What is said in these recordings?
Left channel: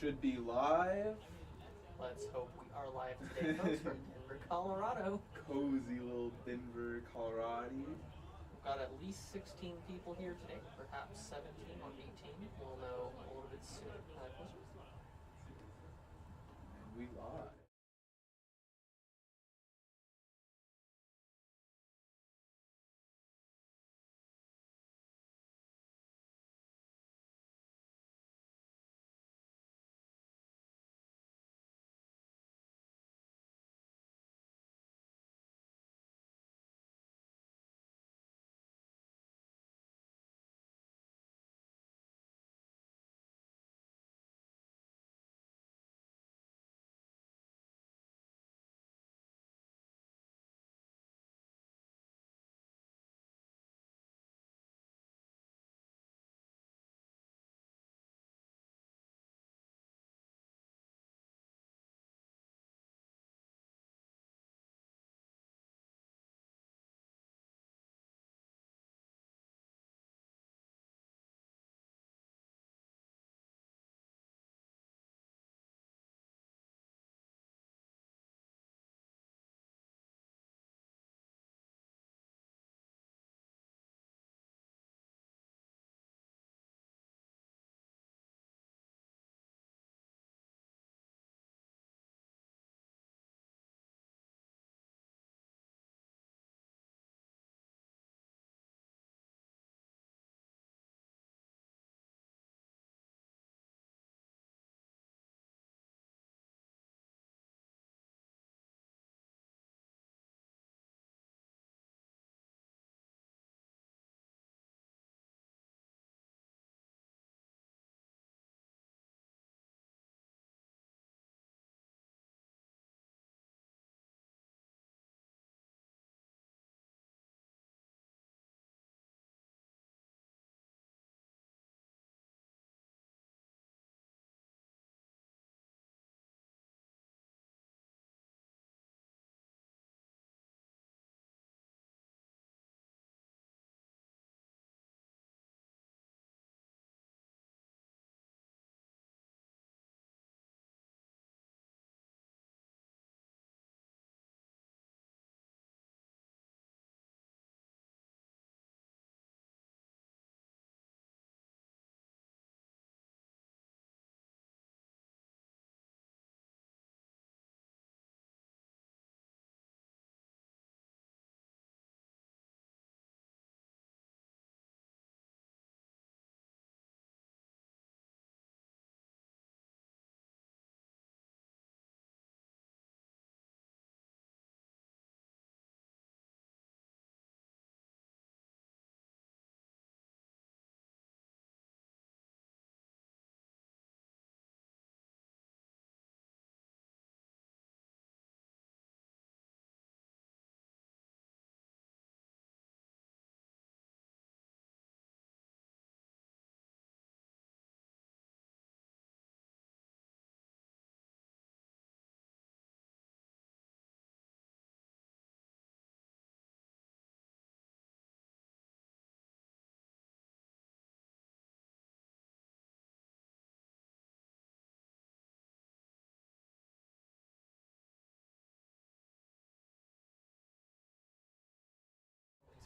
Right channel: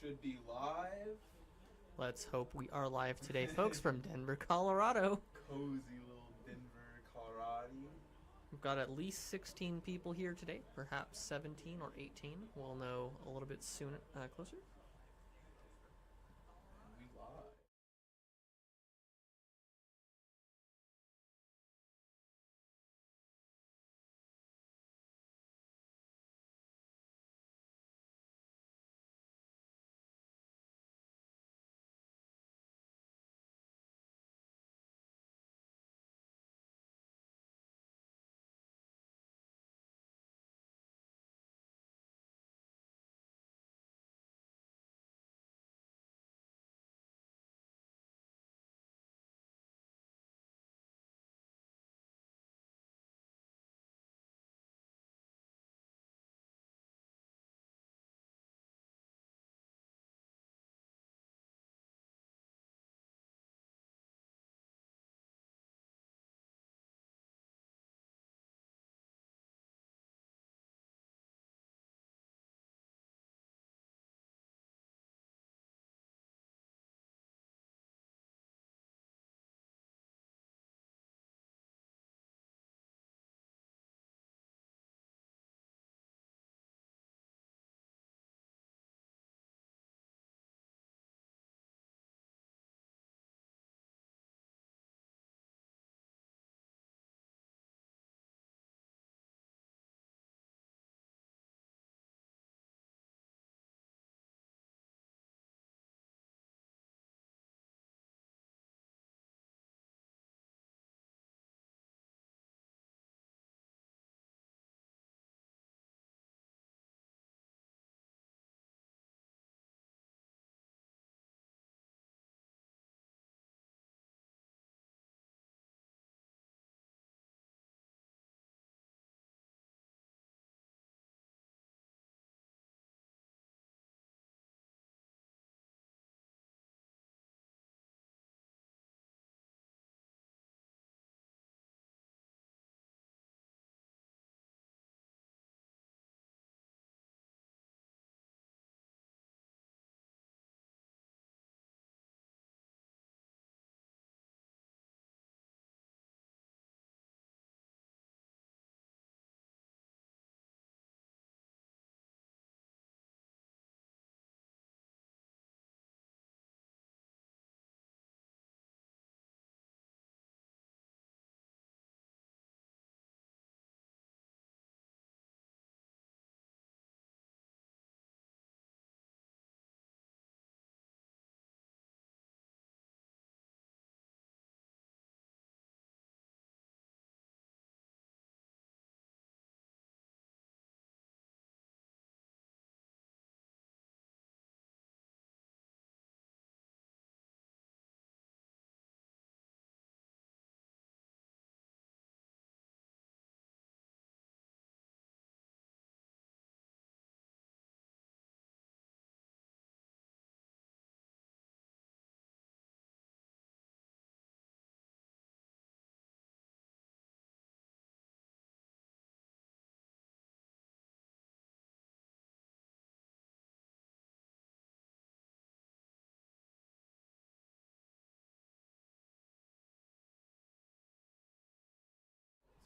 should be live. Let's hope we are live today, folks, from Denver, Colorado. Cozy little Denver, Colorado. We've got at least 16 people here today, perhaps 17 or 18. We'll know a little bit soon, closer. We live.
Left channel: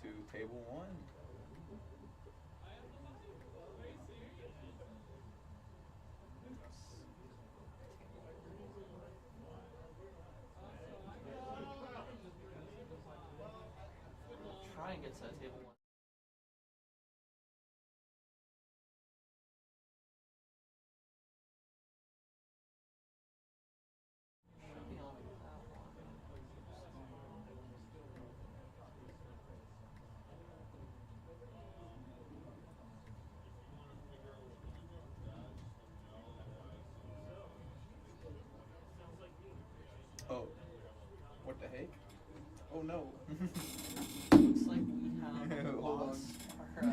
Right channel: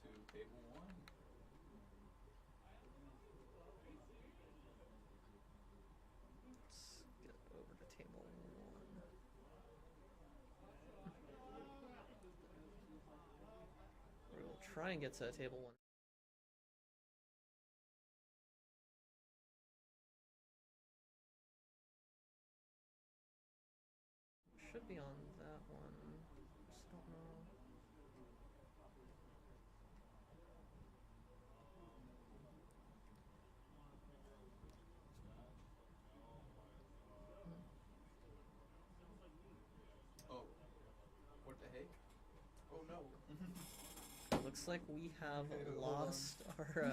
To table one. Try and get to table one. Should be on that one. Oh. What the heck? Oh no. Looks like we have lost our.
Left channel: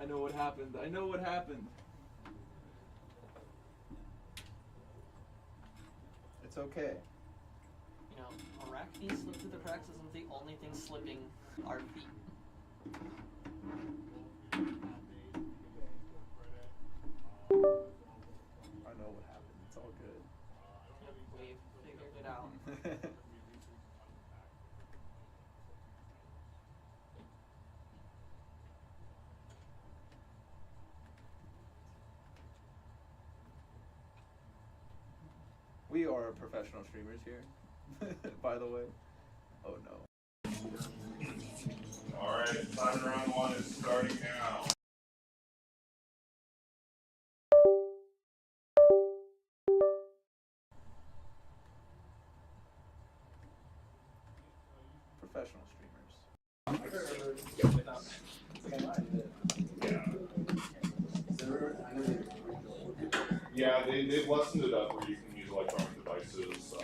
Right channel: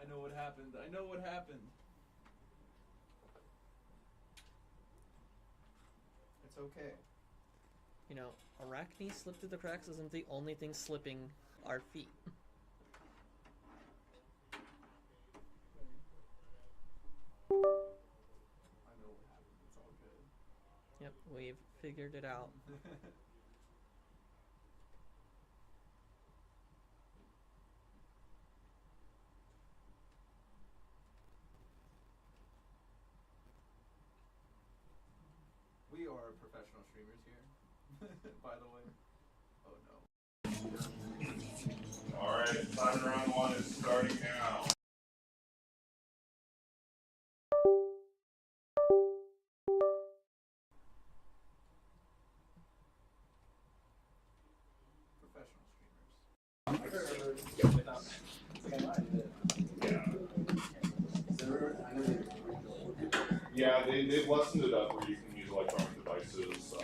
I know what happened. I know what happened. It's okay. You know, Arachne slip through the cracks isn't the only thing slipping our feet. I we've figured it out. We are professional streamers here, by the way. Oh no. Alright, time round 1 is starting now. Professional streamers. Yeah, they've lessened it up where you can use electronic devices,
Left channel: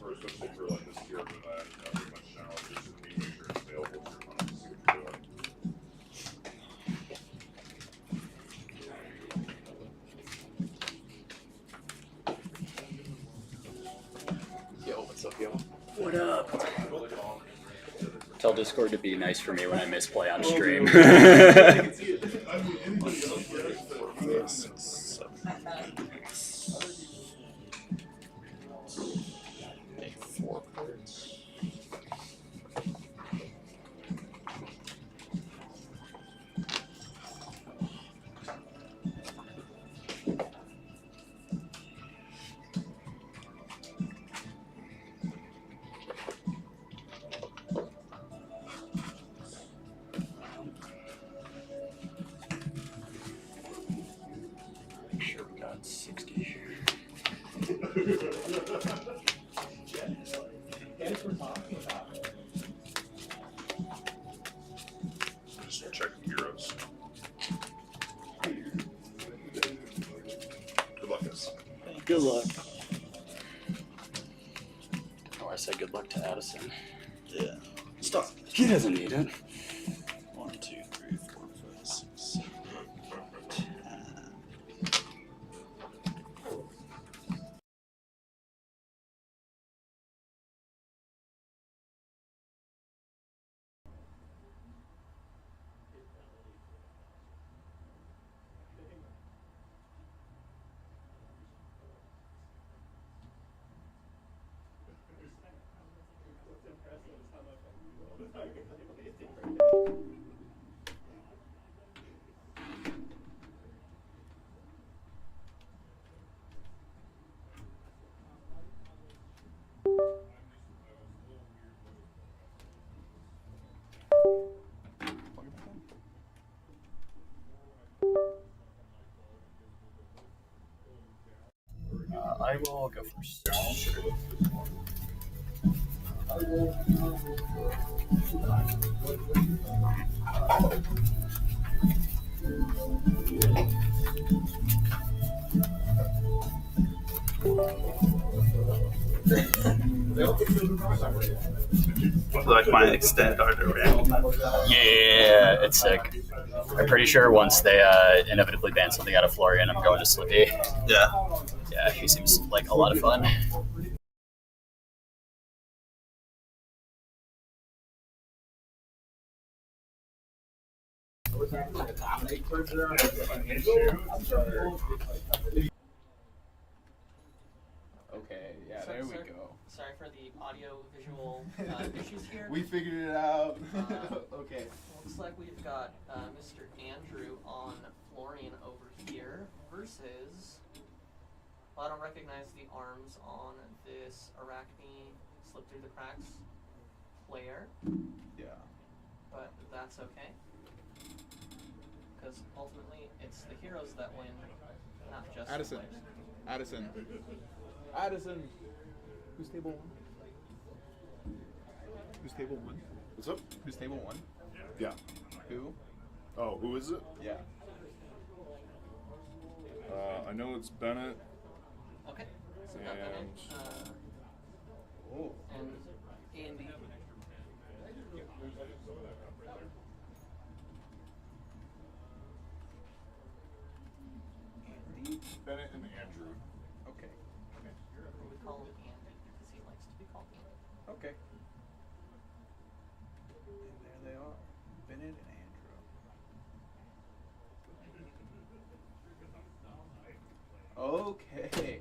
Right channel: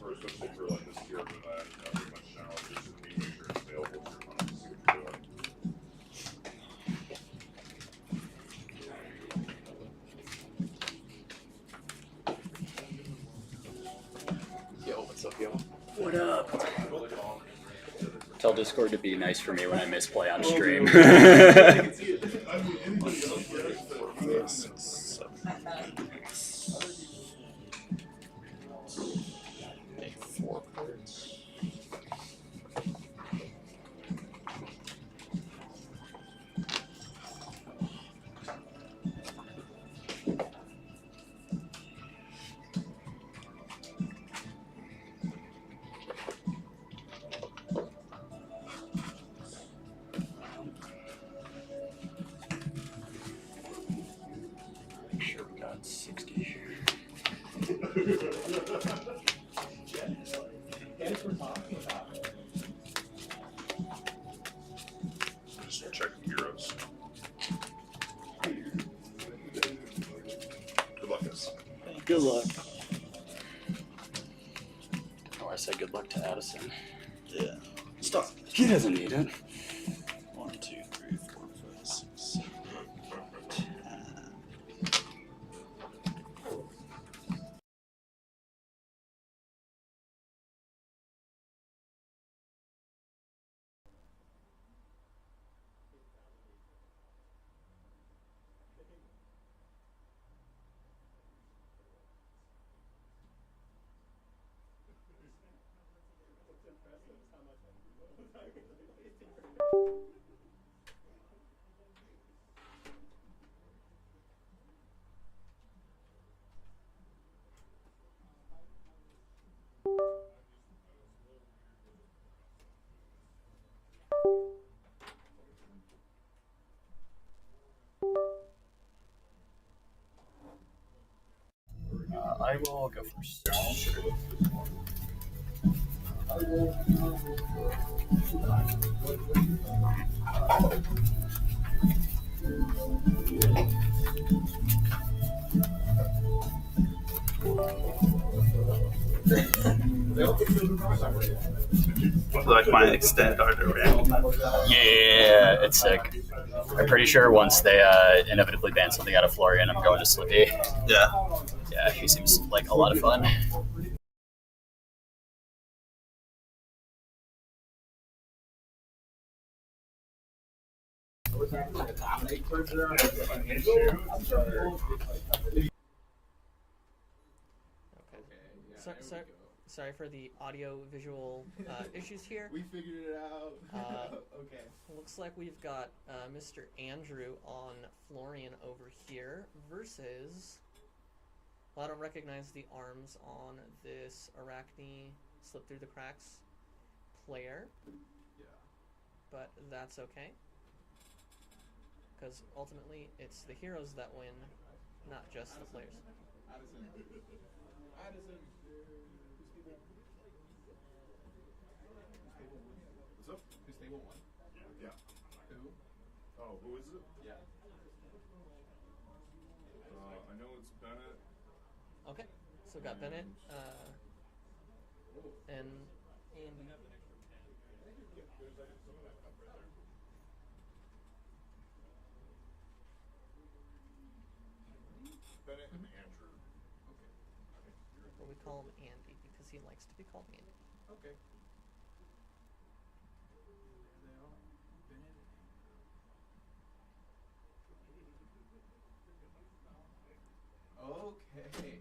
for especially for like this tier, but not very much challenges, and you make sure it's available to your phone to see what you're doing. Yo, what's up, yo? What up? Tell Discord to be nice for me when I misplay on stream. Take 4 cards. Make sure we got 60. Just checking heroes. Good luck, guys. Good luck. Oh, I said good luck to Addison. Yeah. Stop. He doesn't need it. 1, 2, 3, 4, 5, 6, 7, 8, 10. I will go first. Like my extended art around. Yeah, it's sick. I'm pretty sure once they inevitably ban something out of Florian, I'm going to Slippy. Yeah. Yeah, he seems like a lot of fun. Okay, yeah, So- there we so- go. Sorry for the audio-visual issues here. We figured it out. Okay. Looks like we've got Mr. Andrew on Florian over here versus. Well, I don't recognize the arms on this Arachne slip through the cracks player, Yeah. but that's okay. Because ultimately, it's the heroes that win, not just Addison. the players. Addison. Addison. Who's table 1? Who's table 1? What's up? Who's table 1? Yeah. Who? Oh, who is it? Yeah. I know it's Bennett. Okay, so we've got Bennett Oh. and Andy. Andy? Bennett and Andrew. Okay. Or we call him Andy because he likes to be called Andy. Okay. And there they are. Bennett and Andrew. Okay.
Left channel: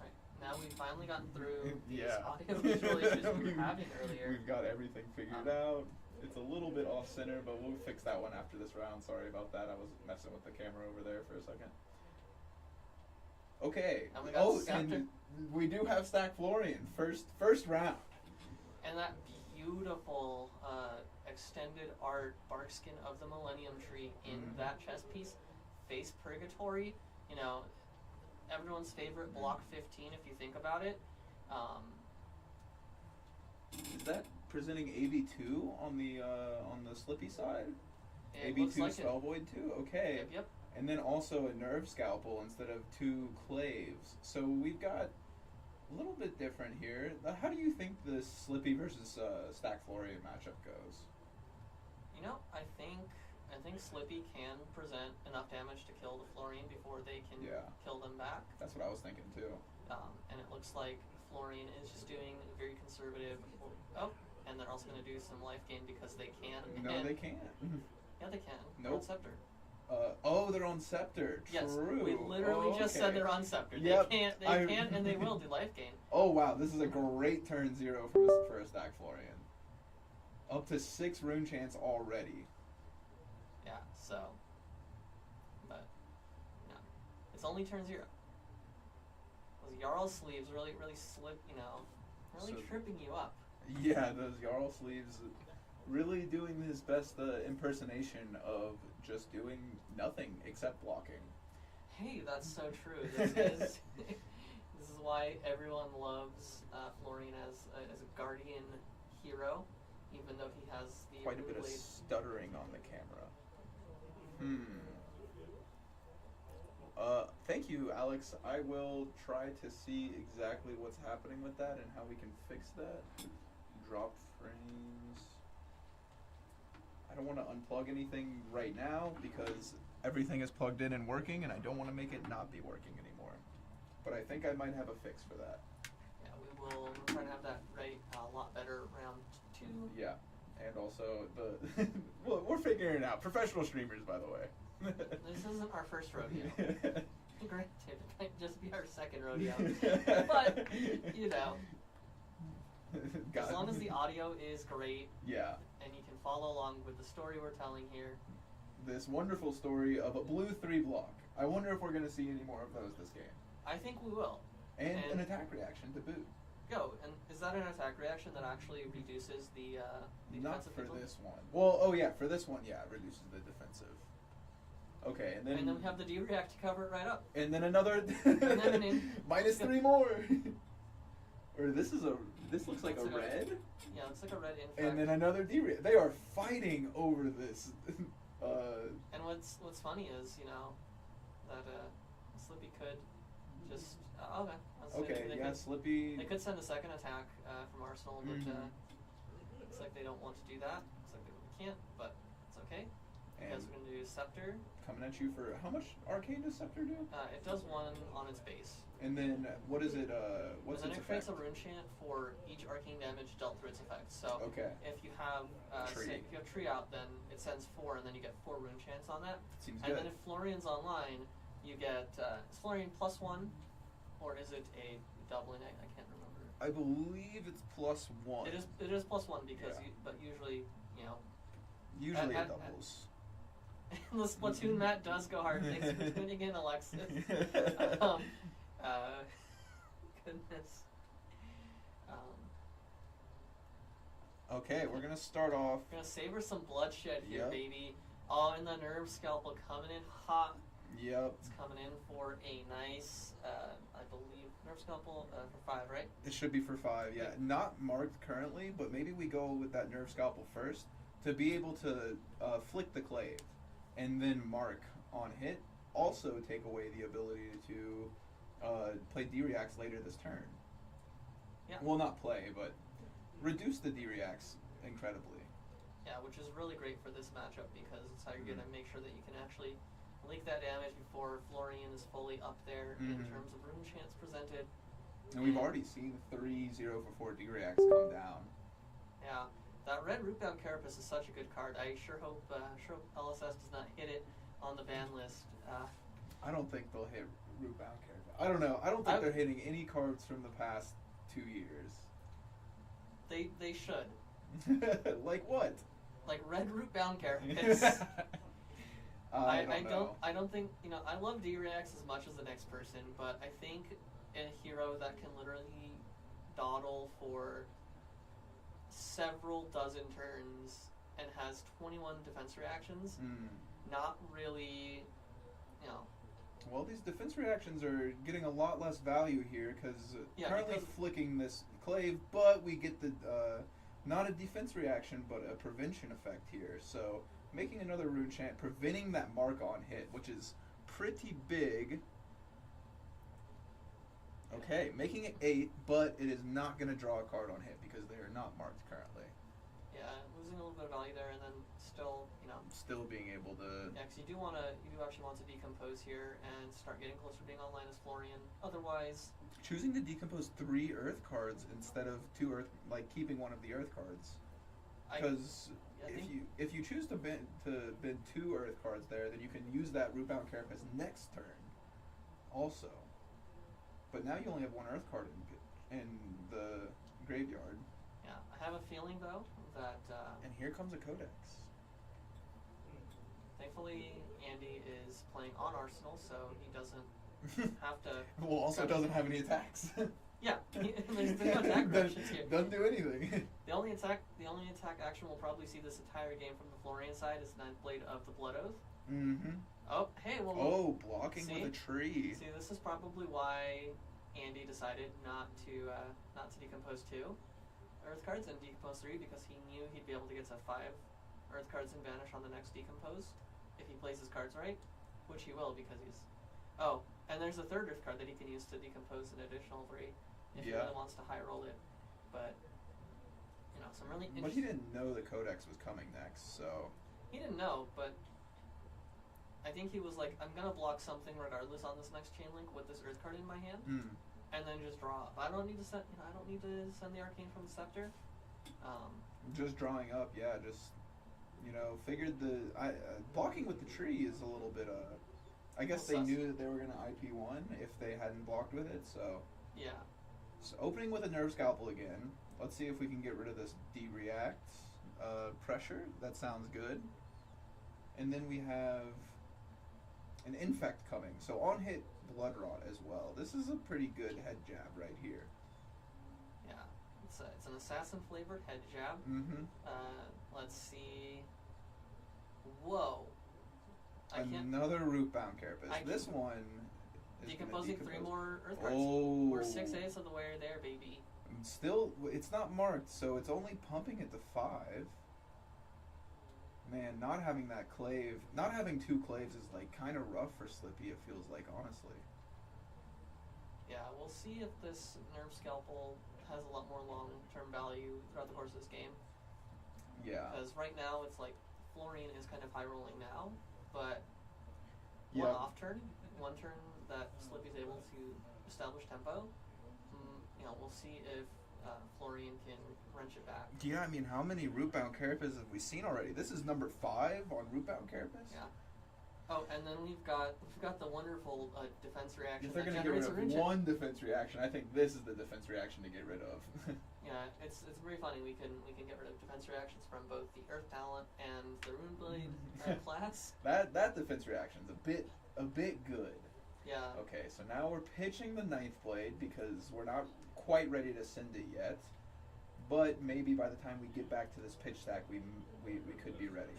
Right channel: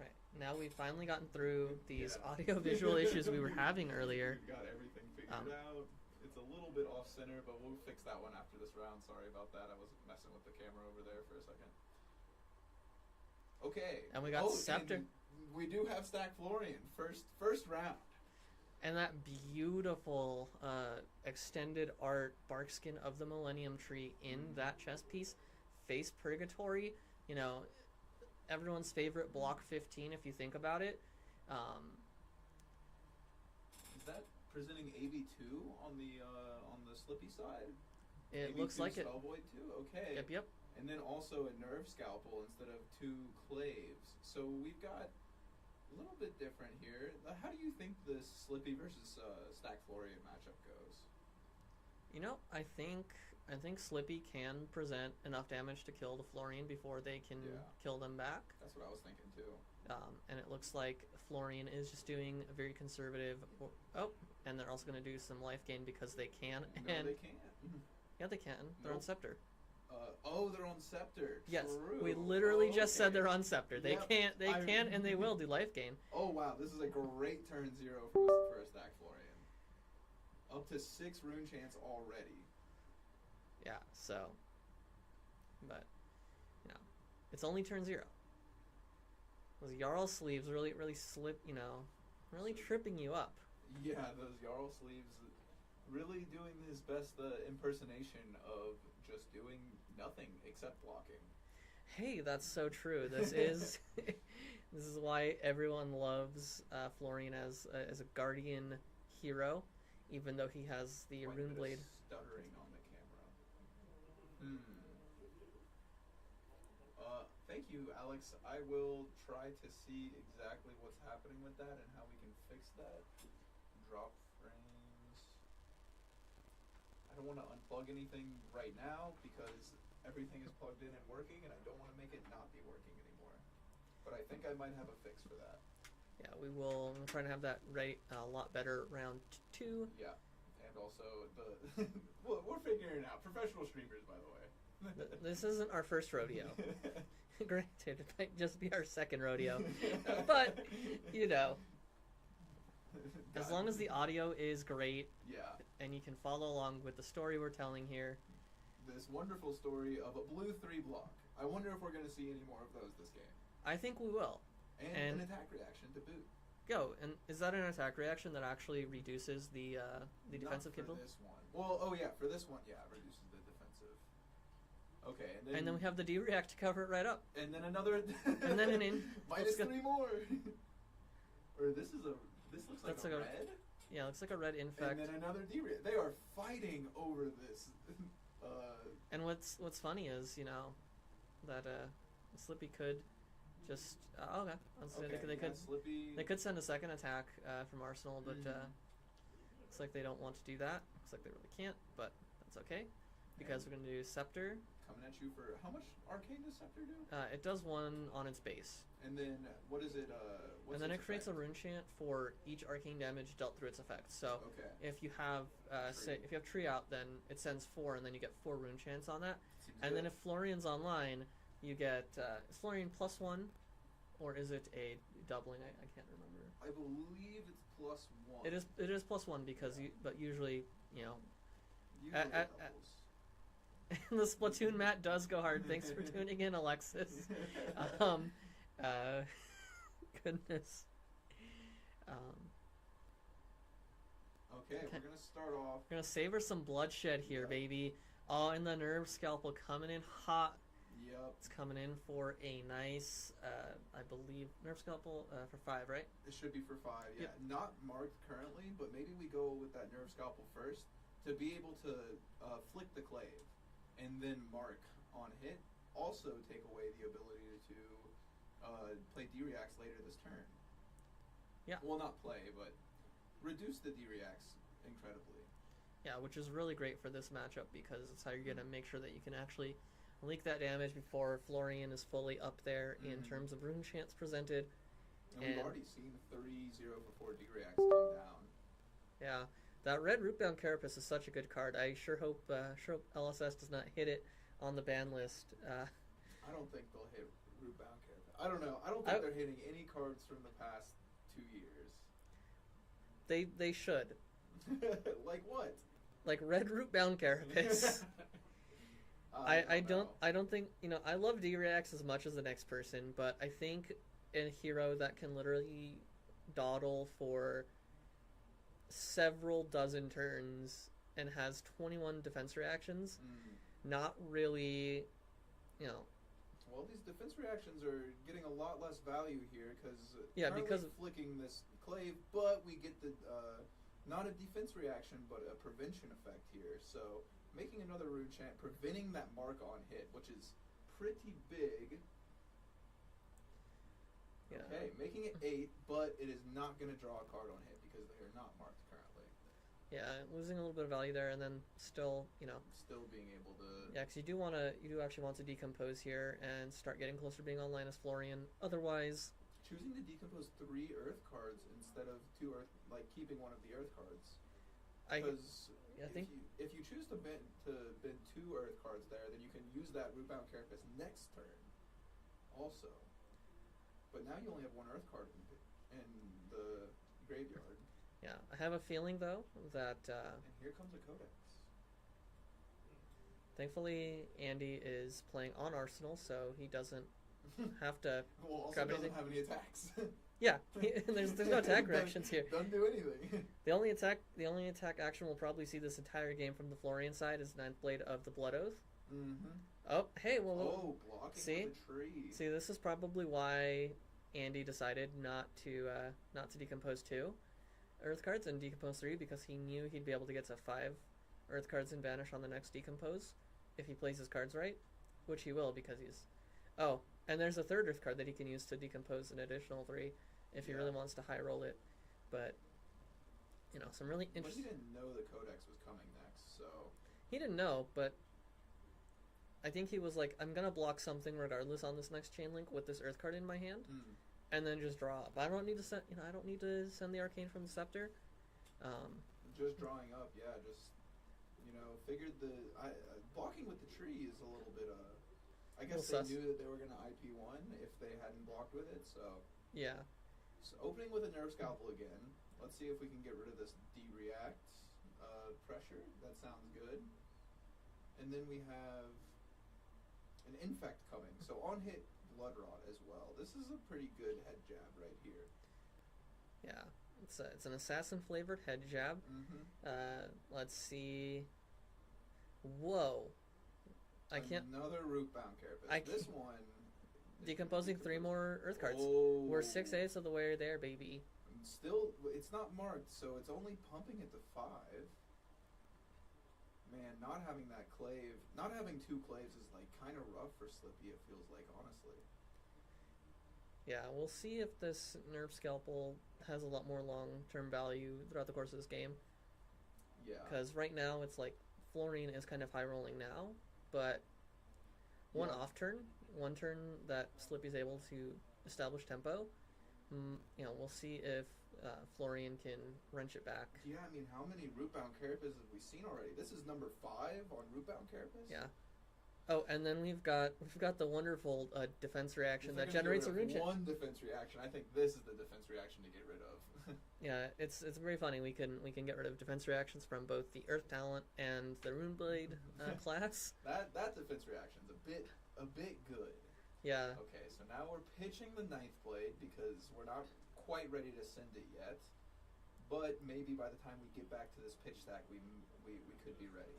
Right, now we've finally gotten through these Yeah. audio-visual issues we were having earlier. We've got everything figured out. It's a little bit off center, but we'll fix that one after this round. Sorry about that. I was messing with the camera over there for a second. Okay. And we got Scepter. And we do have Stack Florian. First round. And that beautiful extended art barkskin of the Millennium Tree in that chess piece, Face Purgatory, you know, everyone's favorite block 15 if you think about it. Is that presenting AB2 on the Slippy side? It AB2 looks like it. Spellvoid 2? Okay. Yep. And then also a Nerve Scalpel instead of 2 Claves. So we've got a little bit different here. How do you think the Slippy versus Stack Florian matchup goes? You know, I think Slippy can present enough damage to kill the Florian before they can kill them back. That's what I was thinking too. And it looks like Florian is just doing a very conservative. And they're also going to do some life gain because they can. No, they can't. Yeah, they can. They're on Nope. Scepter. They're on Scepter. Yes, True. we literally just said okay. they're on Scepter. They Yep, can and they will do life gain. Oh wow, this is a great turn 0 for a Stack Florian. Up to 6 rune chance already. Yeah, so. But, yeah. It's only turn 0. Those Jarl sleeves really slip, you know, really So- tripping you up. Yeah, those Jarl sleeves really doing his best impersonation of just doing nothing except blocking. Hey, that's so true. This is this is why everyone loves Florian as a guardian hero, even though he has the Quite a rune bit blade. of stuttering on the camera. Thank you, Alex. I will try to see exactly what's happening with that and how we can fix that. Drop frames. I don't want to unplug anything right now because everything is plugged in and working, and I don't want to make it not be working anymore. But I think I might have a fix for that. Yeah, we'll try to have that right a lot better round 2. Yeah, and also well, we're figuring it out. Professional streamers, by the way. This isn't our first rodeo. Granted, it might just be our second rodeo. But, you know, as long as the audio is great, yeah, and you can follow along with the story we're telling here. this wonderful story of a blue 3 block. I wonder if we're going to see any more of those this game. I think we will. And an attack reaction to boot. Go, and is that an attack reaction that actually reduces the Not defensive for vigil? this one. Well, for this one, yeah, it reduces the defensive. Okay, and then we have the D-react to cover it right up. and then another And then an in. minus 3 more. Or this looks like Looks a like a- red. Yeah, looks like a red infect. And then another D-react. They are fighting over this. And what's funny is, you know, that Slippy could just okay. They yeah, could, Slippy. They could send a second attack from Arsenal, but looks like they don't want to do that. Looks like they really can't, but that's okay because we're gonna do Scepter. Coming at you for how much arcane does Scepter do? It does 1 on its base. And then what is it? What's and then its it creates a effect? rune chant for each arcane damage dealt through its effect. So Okay. if you have Tree. if you have Tree out, then it sends 4, and then you get 4 rune chants on that. Seems And good. then if Florian's online, you get is Florian +1, or is it a doubling? I can't remember. I believe it's +1. It is +1 because but usually Usually at- it doubles. the Splatoon mat does go hard. Thanks for tuning in, Alexis. Goodness. Okay, we're gonna start off. We're gonna savor some bloodshed here, Yep. baby. Oh, and the Nerve Scalpel coming in hot. Yep. It's coming in for a nice, I believe, Nerve Scalpel for 5, right? It should be for 5. Yeah, not marked currently, but maybe we go with that Nerve Scalpel first to be able to flick the clave, and then mark on hit. Also take away the ability to play D-reacts later this turn. Yeah. Well, not play, but reduce the D-reacts incredibly. Yeah, which is really great for this matchup because it's how you're going to make sure that you can actually leak that damage before Florian is fully up there in terms of rune chants presented. And we've already seen 3 0-for-4 D-reacts come down. Yeah, that red Rootbound Carapace is such a good card. I sure hope LSS does not hit it on the ban list. I don't think they'll hit Rootbound Carapace. I don't know. I don't think they're hitting any cards from the past 2 years. They should. Like what? Like red Rootbound Carapace. I don't think, I love D-Reacts as much as the next person, but I think a hero that can literally dawdle for several dozen turns and has 21 defense reactions, not really, Well, these defense reactions are getting a lot less value here currently flicking this clave, but we get the not a defense reaction, but a prevention effect here. So making another rune chant, preventing that mark on hit, which is pretty big. Okay, making it 8, but it is not going to draw a card on hit because they are not marked currently. Yeah, losing a little bit of value there, and then still, still being able to. Yeah, because you do actually want to decompose here and start getting closer to being online as Florian. Otherwise, choosing to decompose 3 Earth cards instead of 2 Earth, like keeping one of the Earth cards. Because if you choose to bend 2 Earth cards there, then you can use that Rootbound Carapace next turn, also. But now you only have 1 Earth card in the graveyard. Yeah, I have a feeling though that. And here comes a Codex. Thankfully, Andy is playing on Arsenal, so he doesn't have to. Well, also doesn't have any attacks. Yeah, there's no attack reactions here. Doesn't do anything. The only attack action we'll probably see this entire game from the Florian side is Ninth Blade of the Blood Oath. Mm-hmm. Oh, hey, well. Oh, blocking with a tree. See, this is probably why Andy decided not to decompose 2 Earth cards and decompose 3, because he knew he'd be able to get to 5 Earth cards and vanish on the next decompose if he plays his cards right, which he will because he's. Oh, and there's a 3rd Earth card that he can use to decompose an additional 3 if he really wants to high roll it, but some really interesting. But he didn't know the Codex was coming next, so. He didn't know, but I think he was like, I'm gonna block something regardless on this next chain link with this Earth card in my hand, and then just draw up. I don't need to send. I don't need to send the Arcane from the Scepter. Just drawing up, yeah. Just figured blocking with the tree is a little bit. I guess they knew that they were gonna IP1 if they hadn't blocked with it. So yeah. So opening with a Nerve Scalpel again. Let's see if we can get rid of this D-React pressure. That sounds good. And then we have an Infect coming. So on hit Blood Rot as well. This is a pretty good head jab right here. Yeah, it's an assassin flavored head jab. Mm-hmm. Let's see. Whoa. Another Rootbound Carapace. This one. Decomposing 3 more Earth cards. Oh. We're 6/8 of the way there, baby. Still, it's not marked, so it's only pumping it to 5. Man, not having that clave, not having 2 claves is like kind of rough for Slippy. It feels like, honestly. Yeah, we'll see if this Nerve Scalpel has a lot more long-term value throughout the course of this game. Yeah. Because right now it's like Florian is kind of high rolling now, but one turn that Slippy's able to establish tempo. We'll see if Florian can wrench it back. Yeah, I mean, how many Rootbound Carapaces have we seen already? This is number 5 on Rootbound Carapace. Yeah. Oh, and then we've got the wonderful defense reaction that generates a rune chant. One defense reaction. I think this is the defense reaction to get rid of. Yeah, it's very funny. We can get rid of defense reactions from both the Earth Talent and the Rune Blade class. That defense reaction's a bit good. Yeah. Okay, so now we're pitching the Ninth Blade because we're not quite ready to send it yet, but maybe by the time we get back to this pitch stack, we could be ready.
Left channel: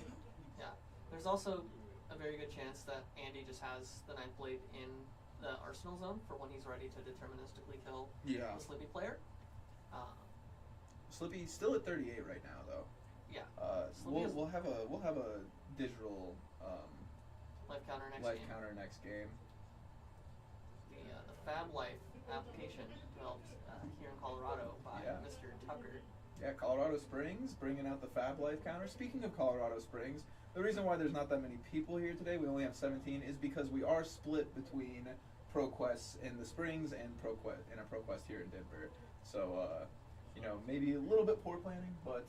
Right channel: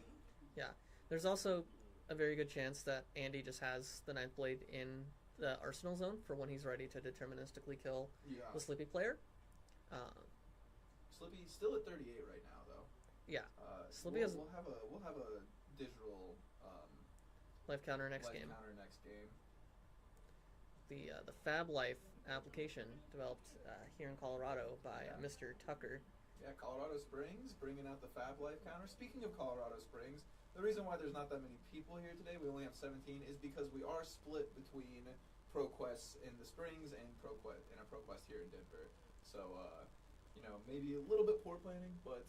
Yeah. There's also a very good chance that Andy just has the Ninth Blade in the Arsenal zone for when he's ready to deterministically kill the Slippy player. Slippy's still at 38 right now, though. Yeah. We'll have a digital life counter next game. The Fab Life application developed here in Colorado by Mr. Tucker. Yeah, Colorado Springs bringing out the Fab Life counter. Speaking of Colorado Springs, the reason why there's not that many people here today, we only have 17, is because we are split between Proquest in the Springs and a Proquest here in Denver. So, maybe a little bit poor planning, but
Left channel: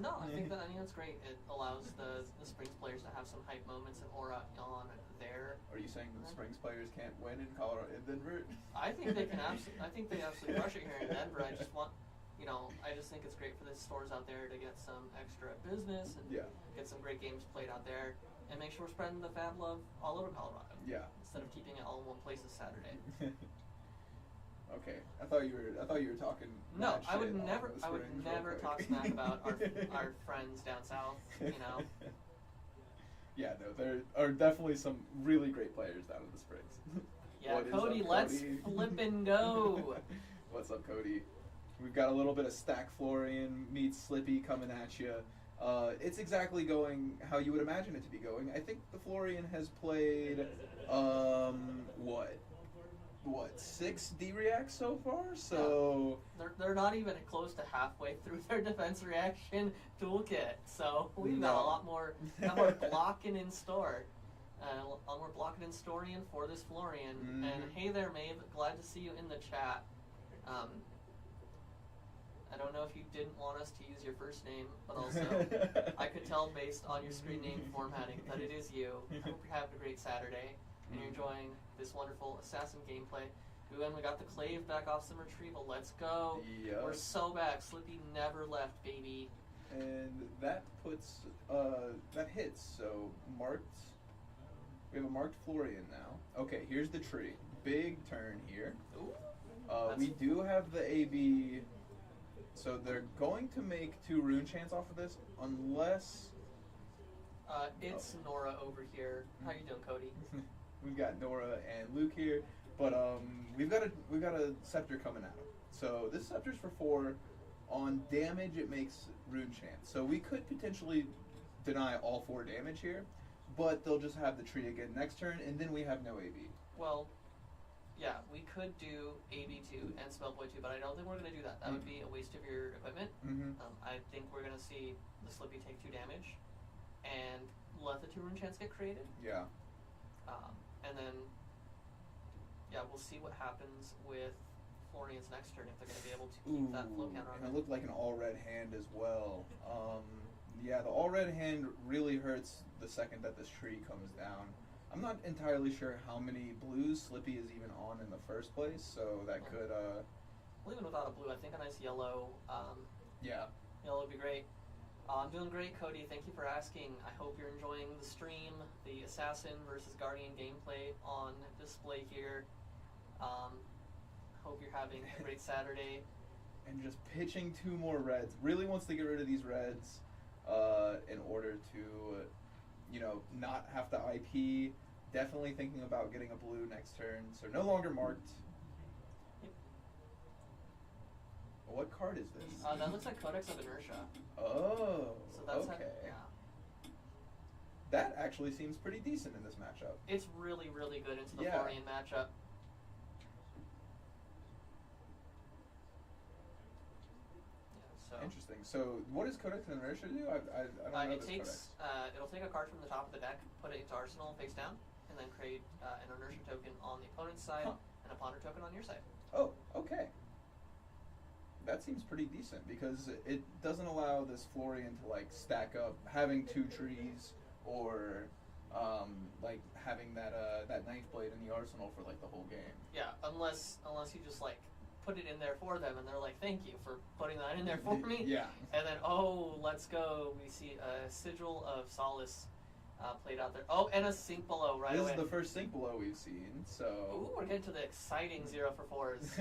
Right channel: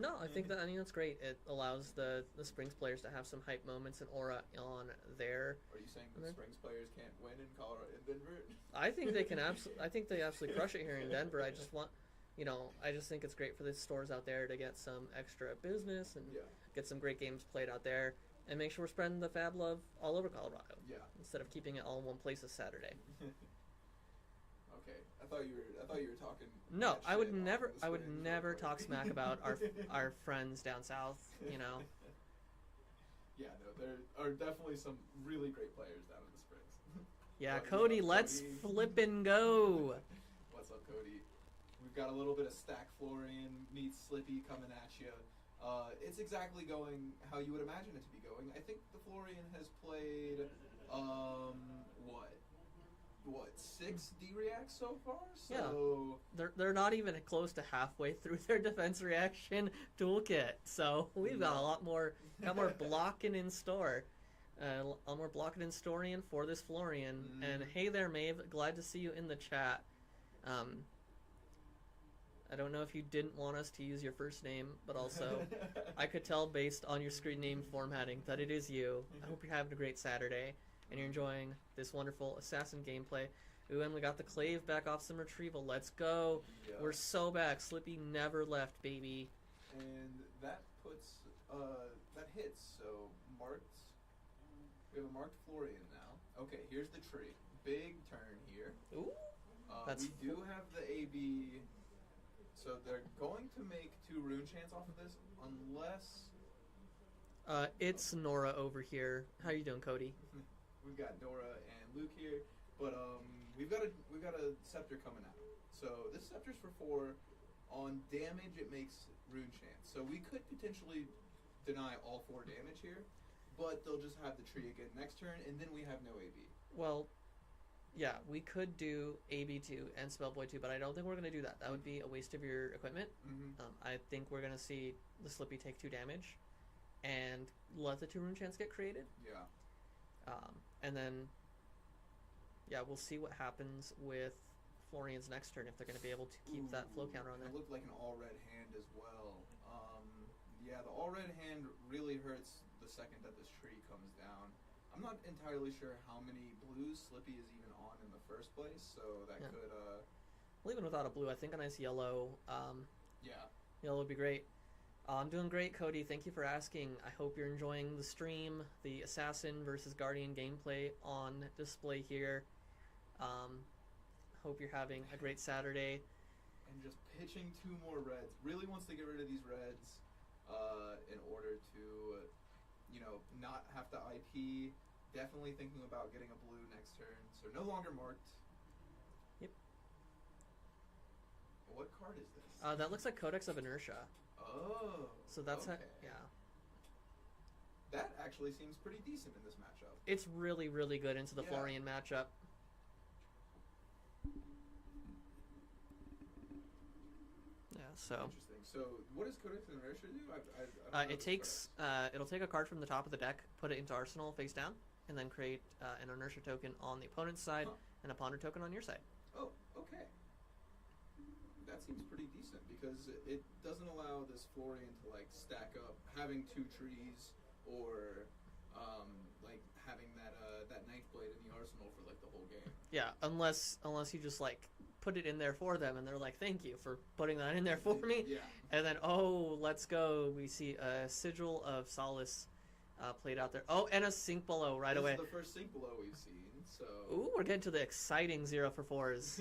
No, I think that's great. It allows the Springs players to have some hype moments and aura on there. Are you saying the Springs players can't win in Colorado, in Denver? I think they can I think they absolutely crush it here in Denver. I just want, I just think it's great for the stores out there to get some extra business and get some great games played out there, and make sure we're spreading the Fab love all over Colorado. Yeah. Instead of keeping it all in one place this Saturday. Okay, I thought you were talking. No, mad I would shit on never. the I would Springs never real quick. talk smack about our friends down south. Yeah, no, there are definitely some really great players down in the Springs. Yeah, What is Cody, up, let's Cody? flip and go. What's up, Cody? We've got a little bit of Stack Florian meets Slippy coming at you. It's exactly going how you would imagine it to be going. I think the Florian has played, what, 6 D-reacts so far? So They're not even close to halfway through their defense reaction toolkit, so we've got a lot more blocking in store. A lot more blocking in Storian for this Florian. Mm-hmm. And hey there, Maeve, glad to see you in the chat. I don't know if you didn't want us to use your first name, but also I could tell based on your screen name formatting that it is you. I hope you're having a great Saturday and you're enjoying this wonderful assassin gameplay. Ooh, and we got the Clave back off some retrieval. Let's go. Yep. We're so back. Slippy never left, baby. And that puts, that hits, so marked, we have a marked Florian now. Okay, here's the tree. Big turn here. Ooh. We do have the AB, so they're going to make 2 rune chants off of this, unless... It's Nora over here. How you doing, Cody? We've got Nora and Luke here, but we've got a scepter coming at him. So this scepter's for 4. On damage, it makes rune chants. So we could potentially deny all 4 damage here, but they'll just have the tree again next turn, and then we have no AB. Well, yeah, we could do AB2 and Spellboy 2, but I don't think we're going to do that. That would be a waste of your equipment. Mm-hmm. I think we're going to see the Slippy take 2 damage and let the 2 rune chants get created. Yeah. And then, we'll see what happens with Florian's next turn, if they're going to be able to keep that flow counter on It him. looked like an all-red hand as well. The all-red hand really hurts the second that this tree comes down. I'm not entirely sure how many blues Slippy is even on in the first place, so that could... Well, even without a blue, I think a nice yellow, yeah. yellow would be great. I'm doing great, Cody. Thank you for asking. I hope you're enjoying the stream, the Assassin versus Guardian gameplay on display here. Hope you're having a great Saturday. And just pitching 2 more reds. Really wants to get rid of these reds in order to, not have to IP. Definitely thinking about getting a blue next turn. So no longer marked. Yep. What card is this? That looks like Codex of Inertia. Oh. So that's okay. yeah. That actually seems pretty decent in this matchup. It's really, really good into the Florian matchup. Yeah, so Interesting. So what does Codex of Inertia do? I don't know it this takes it'll take a card from the top of the deck, put it into Arsenal face down, and then create an Inertia token on the opponent's side and a Ponder token on your side. Oh, okay. That seems pretty decent because it doesn't allow this Florian to stack up having 2 trees or having that ninth blade in the arsenal for the whole game. Yeah, unless you just put it in there for them and they're like, thank you for putting that in there for me. Yeah. And then let's go. We see a Sigil of Solace played out there. Oh, and a Sink Below right away. This is the first Sink Below we've seen. So. Ooh, we're getting to the exciting 0-for-4s.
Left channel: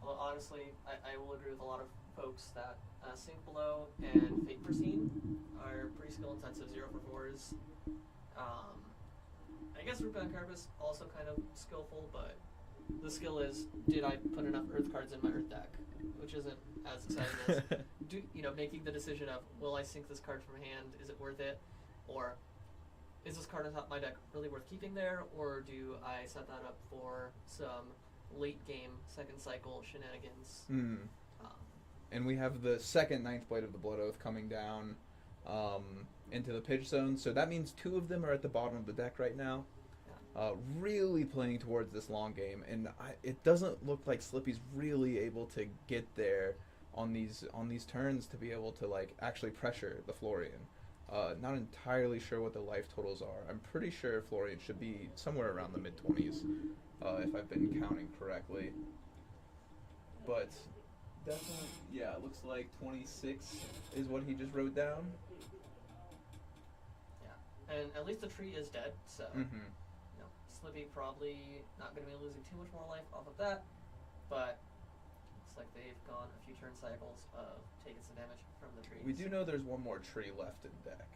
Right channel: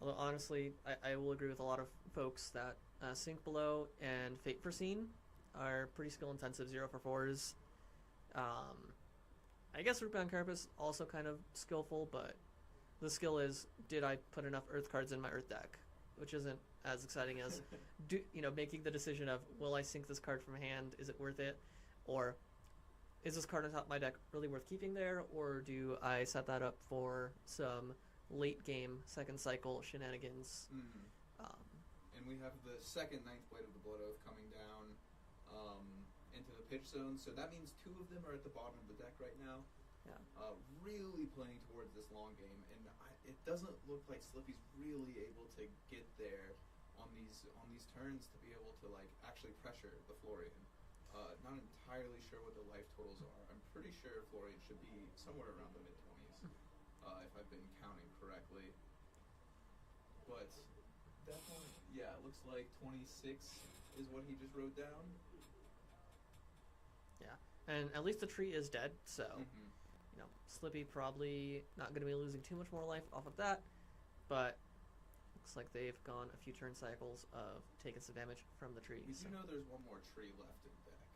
Well, honestly, I will agree with a lot of folks that Sink Below and Fate Foreseen are pretty skill intensive 0-for-4s. I guess Rootbound Carapace also kind of skillful, but the skill is, did I put enough Earth cards in my Earth deck? Which isn't as exciting as making the decision of, will I sink this card from hand? Is it worth it? Or is this card on top of my deck really worth keeping there? Or do I set that up for some late game, second cycle shenanigans? And we have the second ninth blade of the Blood Oath coming down into the pitch zone. So that means 2 of them are at the bottom of the deck right now. really playing towards this long game, and it doesn't look like Slippy's really able to get there on these turns to be able to like actually pressure the Florian. Not entirely sure what the life totals are. I'm pretty sure Florian should be somewhere around the mid-20s, if I've been counting correctly. But definitely, yeah, it looks like 26 is what he just wrote down. Yeah, and at least the tree is dead, so Mm-hmm. you know, Slippy probably not going to be losing too much more life off of that, but looks like they've gone a few turn cycles of taking some damage from the trees. We do know there's one more tree left in deck.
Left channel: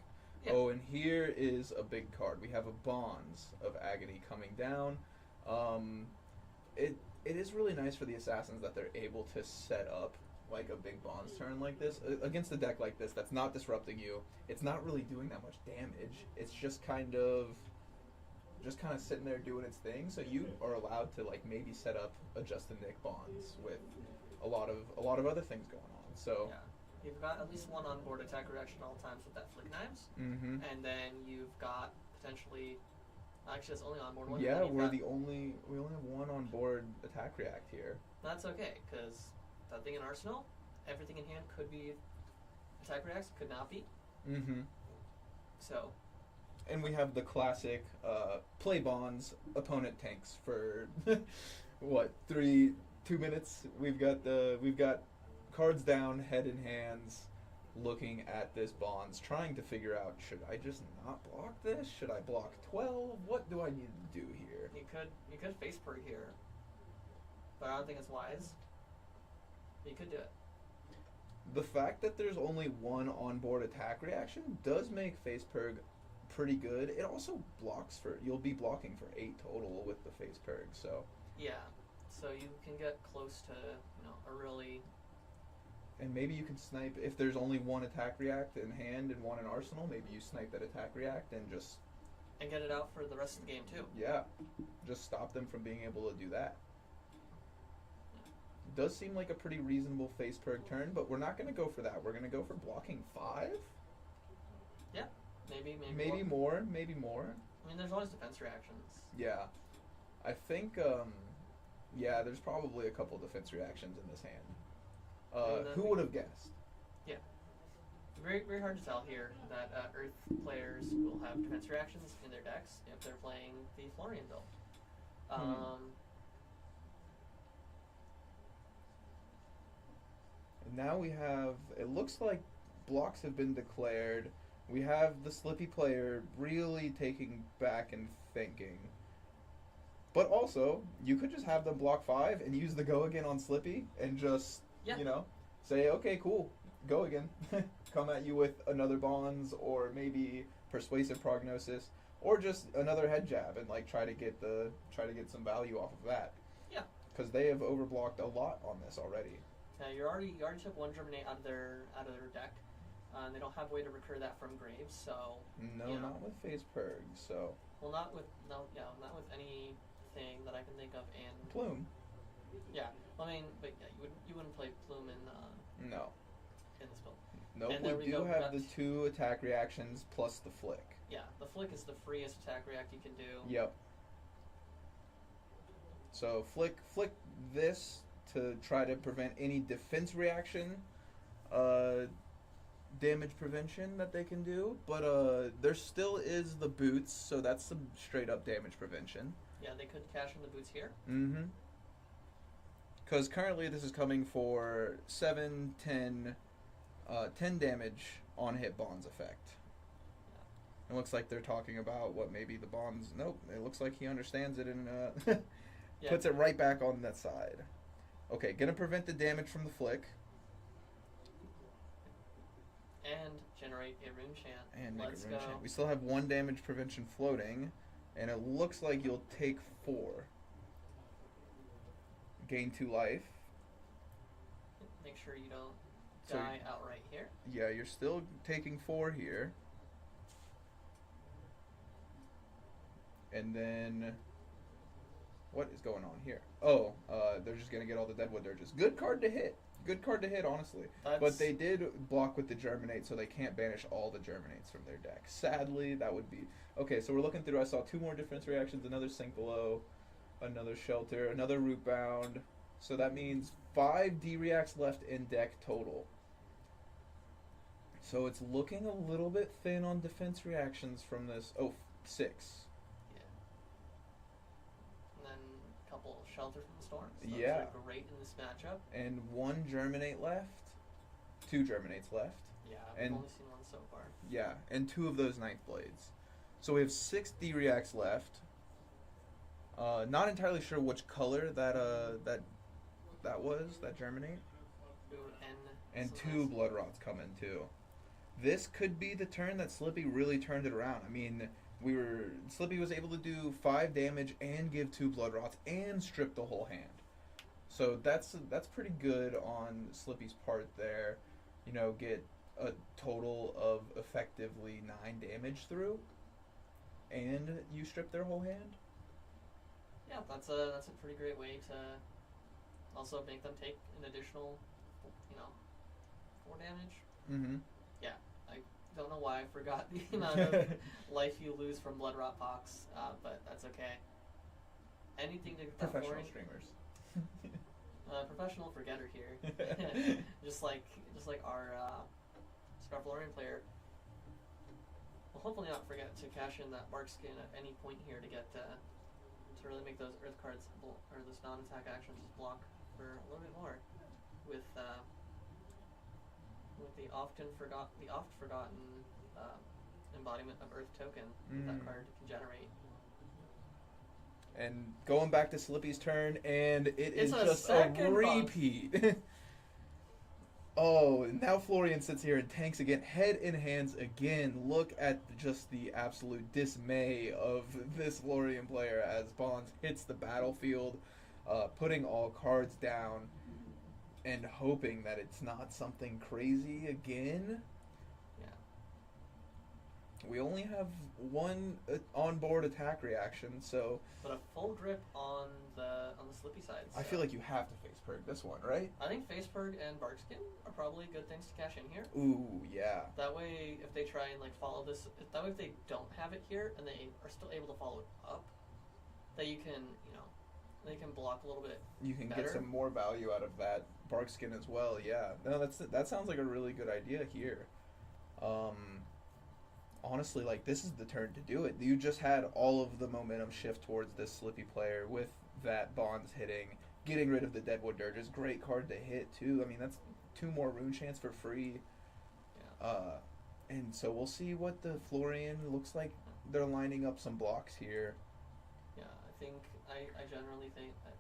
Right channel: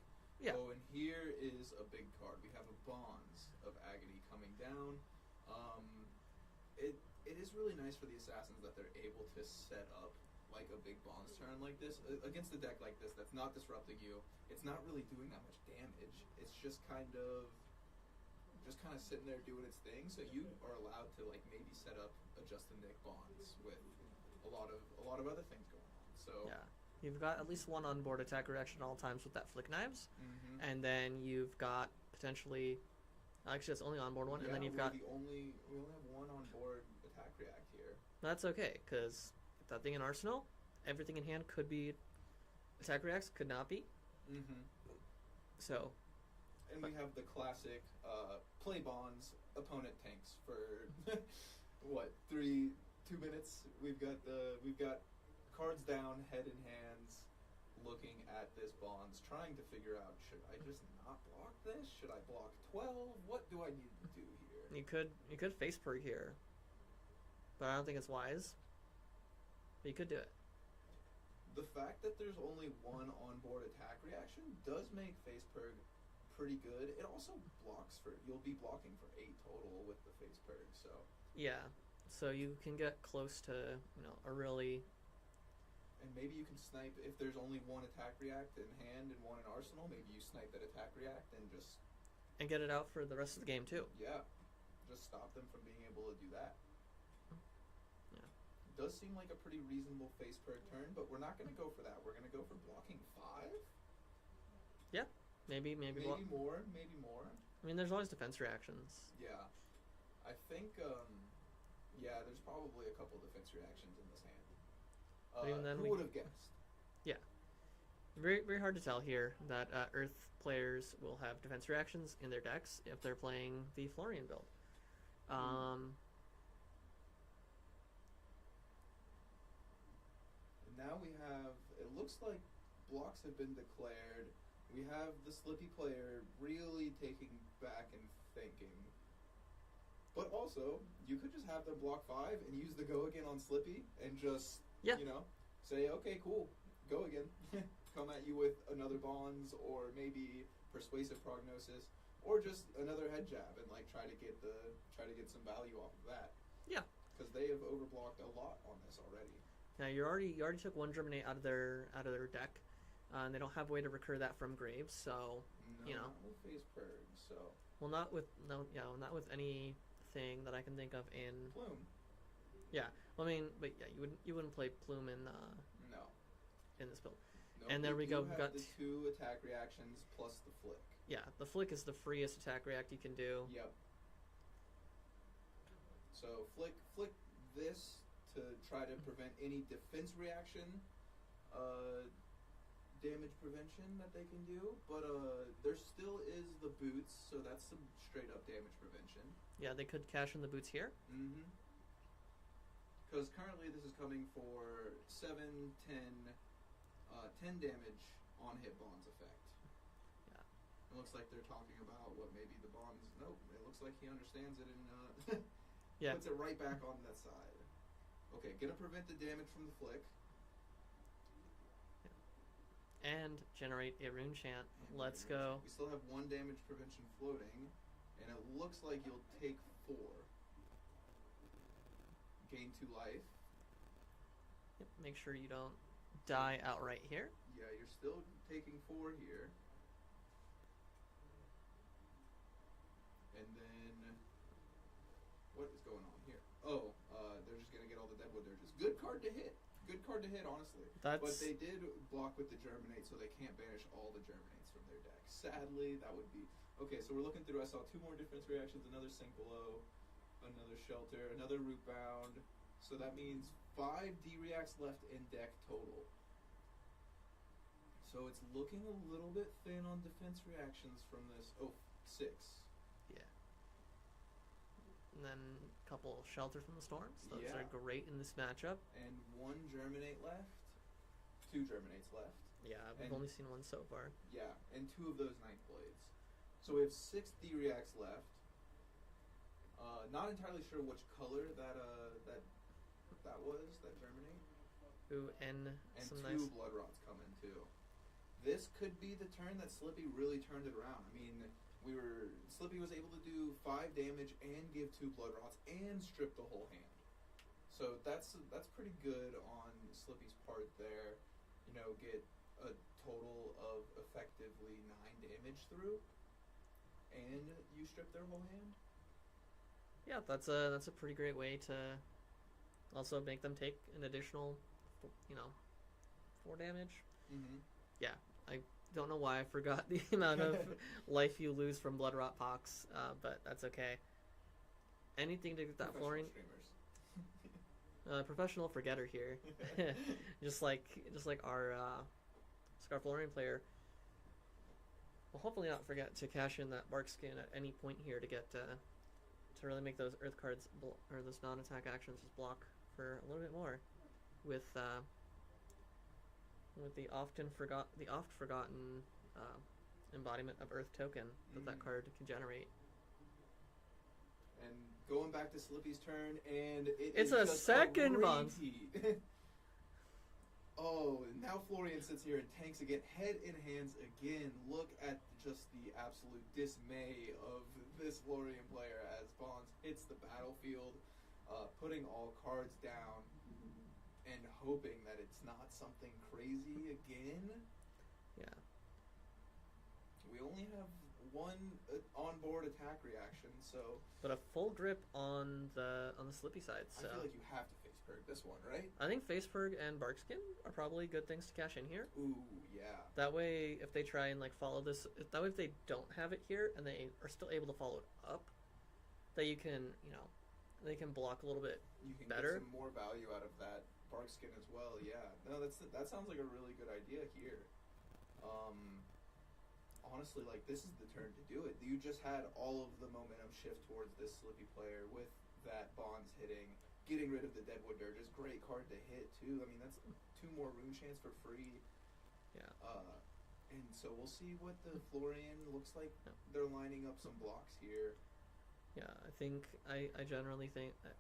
Yeah. Oh, and here is a big card. We have a Bonds of Agony coming down. It is really nice for the assassins that they're able to set up like a big Bonds turn like this against a deck like this that's not disrupting you. It's not really doing that much damage. It's just kind of sitting there doing its thing. So you are allowed to like maybe set up a Justin Nick Bonds with a lot of other things going on. So yeah. You've got at least one onboard attack reaction all times with that flick knives, mm-hmm. and then you've got potentially, actually it's only onboard one. Yeah, and then we only have one on board attack react here. That's okay, because that thing in Arsenal, everything in hand could be attack reacts, could not be. Mm-hmm. So. And we have the classic play Bonds, opponent tanks for what 2 minutes. We've got cards down, head in hands, looking at this Bonds, trying to figure out, should I just not block this? Should I block 12? What do I need to do here? You could face per here, but I don't think it's wise. But you could do it. The fact that there's only one onboard attack reaction does make face perg pretty good. It also blocks you'll be blocking for 8 total with the face perg, so. Yeah, so you can get close to, a really. And maybe you can snipe, if there's only one attack react in hand and one in arsenal, maybe you snipe that attack react and just. And get it out for the rest of the game too. Yeah, just stop them from being able to do that. Yeah. Does seem like a pretty reasonable face perg turn, but we're not going to go for that. We're going to go for blocking 5? Yeah. Maybe more. I mean, there's always defense reactions. Yeah. I think, there's probably a couple defense reactions in this hand. Who would have guessed? Yeah. Very, very hard to tell here that Earth players will have defense reactions in their decks if they're playing the Florian build. And now we have, it looks like blocks have been declared. We have the Slippy player really taking back and thinking. But also, you could just have them block 5 and use the go again on Slippy and just, say, okay, cool, go again. Come at you with another Bonds or maybe Persuasive Prognosis or just another head jab and like try to get some value off of that. Yeah. Because they have overblocked a lot on this already. Now you already took one Germinate out of their deck. They don't have a way to recur that from graves, so not with phase purg. So not with anything that I can think of in Plume. Yeah, I mean, but yeah, you wouldn't play Plume in this build. No, and there we do go. have the 2 attack reactions plus the flick. Yeah, the flick is the freest attack react you can do. Yep. So flick this to try to prevent any defense reaction. Damage prevention that they can do, but there still is the boots, so that's some straight up damage prevention. Yeah, they could cash in the boots here. Mm-hmm. Because currently this is coming for 7, 10 damage on hit Bonds effect. Yeah. It looks like they're talking about what maybe the Bonds. Nope, it looks like he understands it and puts it right back on that side. Okay, gonna prevent the damage from the flick. And generate a rune chant. And let's go. We still have 1 damage prevention floating, and it looks like you'll take 4. Gain 2 life. Make sure you don't die outright here. Yeah, you're still taking 4 here. And then, what is going on here? Oh, they're just gonna get all the Deadwood Dirges. Good card to hit. good card to hit, honestly. But they did block with the Germinate, so they can't banish all the Germinates from their deck. Sadly, that would be... Okay, so we're looking through. I saw 2 more defense reactions, another Sink Below, another Shelter, another Root Bound. So that means 5 D-Reacts left in deck total. So it's looking a little bit thin on defense reactions from this. Oh, 6. Yeah. And then a couple Shelter from the Storms. Those Yeah. are great in this matchup. And 1 Germinate left. 2 Germinates left. Yeah, I've only seen 1 so far. Yeah, and 2 of those Ninth Blades. So we have 6 D-Reacts left. Not entirely sure which color that was, that Germinate. Ooh, And some 2 nice... Blood Rots come in too. This could be the turn that Slippy really turned it around. I mean, Slippy was able to do 5 damage and give 2 Blood Rots and strip the whole hand. So that's pretty good on Slippy's part there. You know, get a total of effectively 9 damage through, and you strip their whole hand. Yeah, that's a pretty great way to also make them take an additional, 4 damage. Mm-hmm. Yeah, I don't know why I forgot the amount of life you lose from Blood Rot Pox, but that's okay. Anything to get that Professional Florian... streamers. Professional forgetter here. just like our Scar Florian player. Will hopefully not forget to cash in that Bark Skin at any point here to get to really make those Earth cards or those non-attack actions just block for a little bit more with the oft forgotten embodiment of Earth token that that card can generate. And going back to Slippy's turn, and It's is a just second a repeat. Oh, and now Florian sits here and tanks again, head in hands again. Look at just the absolute dismay of this Florian player as Bonds hits the battlefield, putting all cards down and hoping that it's not something crazy again. Yeah. We only have 1 onboard attack reaction, so... But a full grip on the Slippy side. So. I feel like you have to face Purg this one, right? I think Face Purg and Barkskin are probably good things to cash in here. Ooh, yeah. That way, if they try and follow this, that way if they don't have it here and they are still able to follow it up, that you can, they can block a little bit. You can better. get some more value out of that Barkskin as well. Yeah. No, that sounds like a really good idea here. Honestly, this is the turn to do it. You just had all of the momentum shift towards this Slippy player with that Bonds hitting, getting rid of the Deadwood Dirges. Great card to hit too. I mean, that's 2 more rune chance for free. Yeah. And so we'll see what the Florian looks like. They're lining up some blocks here. Yeah, I genuinely think that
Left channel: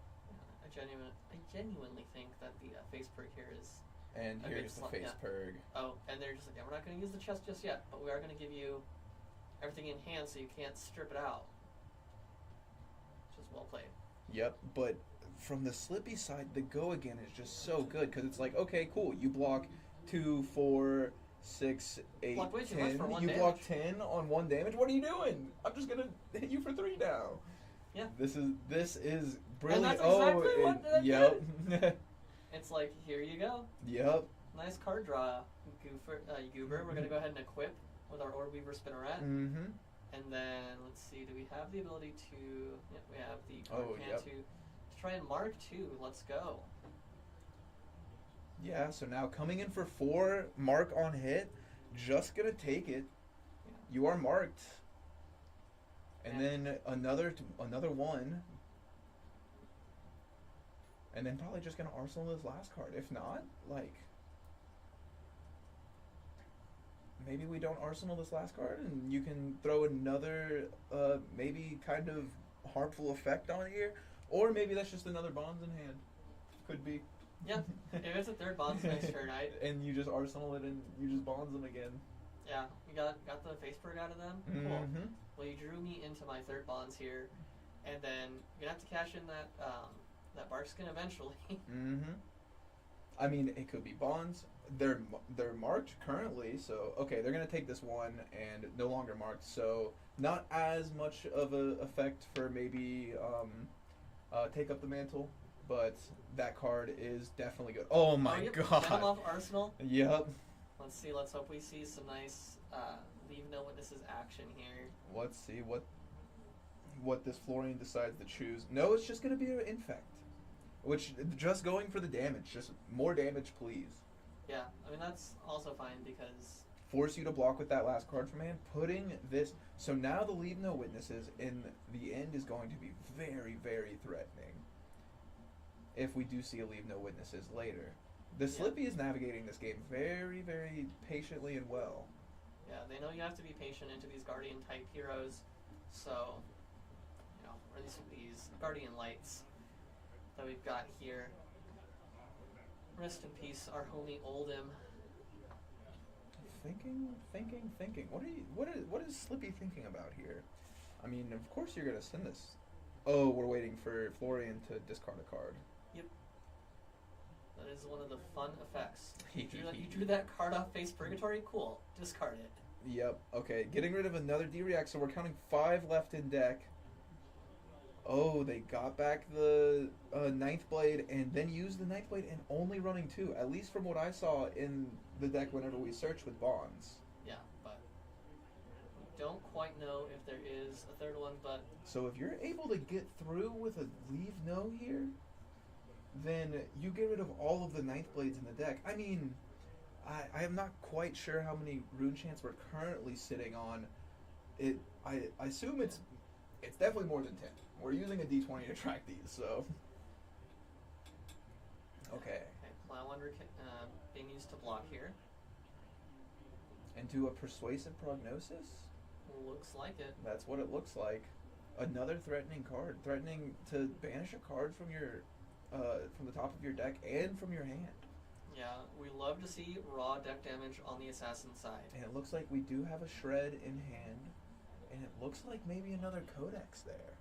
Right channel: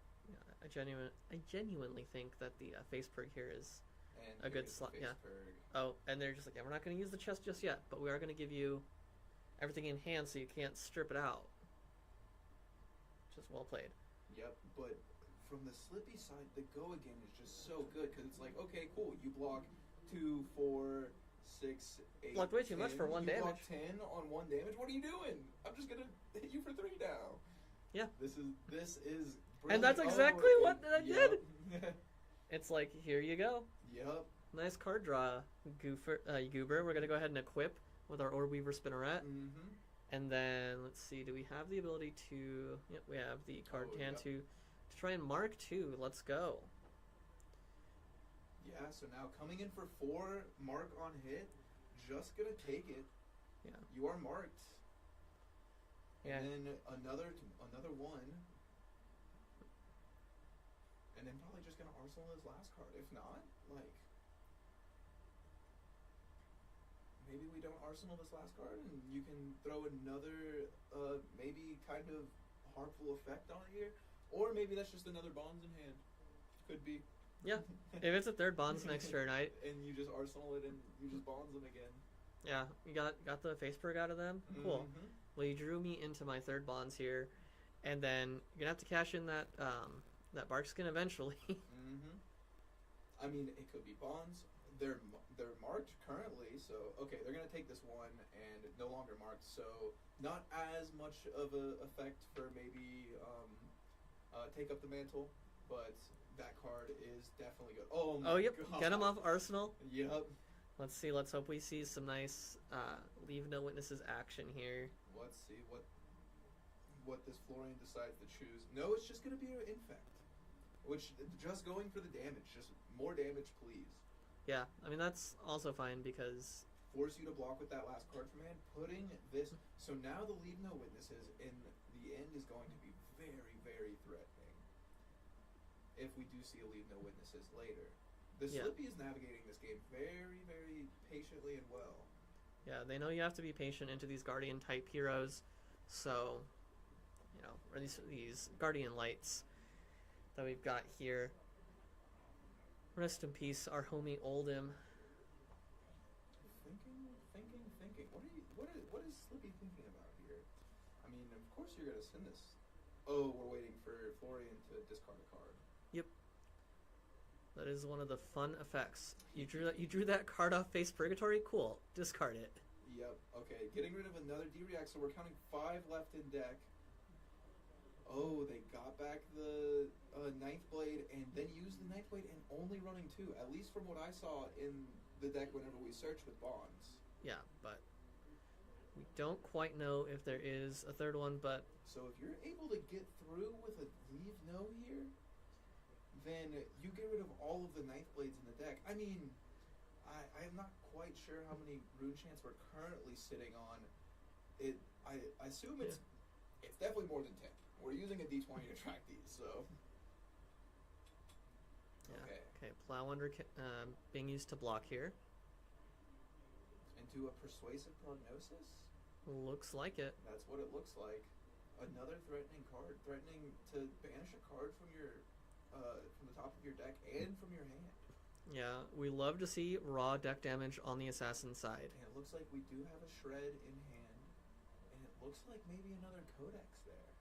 I genuinely think that the Face Purg here is. And a here's good the face yeah. Purg. Oh, and they're just we're not going to use the chest just yet, but we are going to give you everything in hand so you can't strip it out. Just well played. Yep, but from the Slippy side, the go again is just so good because it's okay, cool. You block 2, 4, 6, 8, block way too 10. much for 1 you damage. block 10 on 1 damage. What are you doing? I'm just gonna hit you for 3 now. Yeah. This is brilliant. And that's exactly what I yep. did. It's here you go. Yep. Nice card draw, Goober. We're going to go ahead and equip with our Orb Weaver Spinneret. Mm-hmm. And then, let's see, do we have the ability to... Yep, we have the card can yep. to try and mark 2. Let's go. Yeah, so now coming in for 4, mark on hit, just going to take it. Yeah. You are marked. And And- then another 1. And then probably just gonna arsenal his last card. If not, maybe we don't arsenal this last card and you can throw another maybe kind of harmful effect on here. Or maybe that's just another Bonds in hand. Could be. Yeah, if it's a 3rd Bonds next turn, and you just arsenal it and you just Bonds them again. Yeah, you got the Face Purg out of them? Cool. Mm-hmm. Well, you drew me into my 3rd Bonds here, and then you're going to have to cash in that Bark Skin eventually. Mm-hmm. I mean, it could be Bonds. They're marked currently, so okay, they're gonna take this 1 and no longer marked. So not as much of a effect for maybe take up the mantle, but that card is definitely good. Oh my yep. god. Get him off Arsenal. Yep. Let's see. Let's hope we see some nice leave no witnesses action here. Let's see what this Florian decides to choose. No, it's just going to be an infect. Which, just going for the damage. Just more damage, please. Yeah, I mean, that's also fine because... Force you to block with that last card from hand. Putting this... So now the leave no witnesses in the end is going to be very, very threatening. If we do see a leave no witnesses later. The Slippy is navigating this game very, very patiently and well. Yeah, they know you have to be patient into these Guardian-type heroes. So, you know, or these Guardian Lights that we've got here. Rest in peace, our homie Oldham. Thinking. What is Slippy thinking about here? I mean, of course you're gonna send this. Oh, we're waiting for Florian to discard a card. Yep. That is one of the fun effects. You drew that card off Face Purgatory? Cool. Discard it. Yep. Okay. Getting rid of another D-React, so we're counting 5 left in deck. Oh, they got back the Ninth Blade and then used the Ninth Blade and only running 2, at least from what I saw in the deck whenever we searched with Bonds. Yeah, but we don't quite know if there is a third one, but... So if you're able to get through with a leave no here, then you get rid of all of the Ninth Blades in the deck. I mean, I am not quite sure how many rune chants we're currently sitting on. I assume it's definitely more than 10. We're using a D20 to track these, so... Okay. Okay, Plow Under being used to block here. And do a Persuasive Prognosis? Looks like it. That's what it looks like. Another threatening card. Threatening to banish a card from your... from the top of your deck and from your hand. Yeah, we love to see raw deck damage on the assassin side. And it looks like we do have a Shred in hand. And it looks like maybe another Codex there.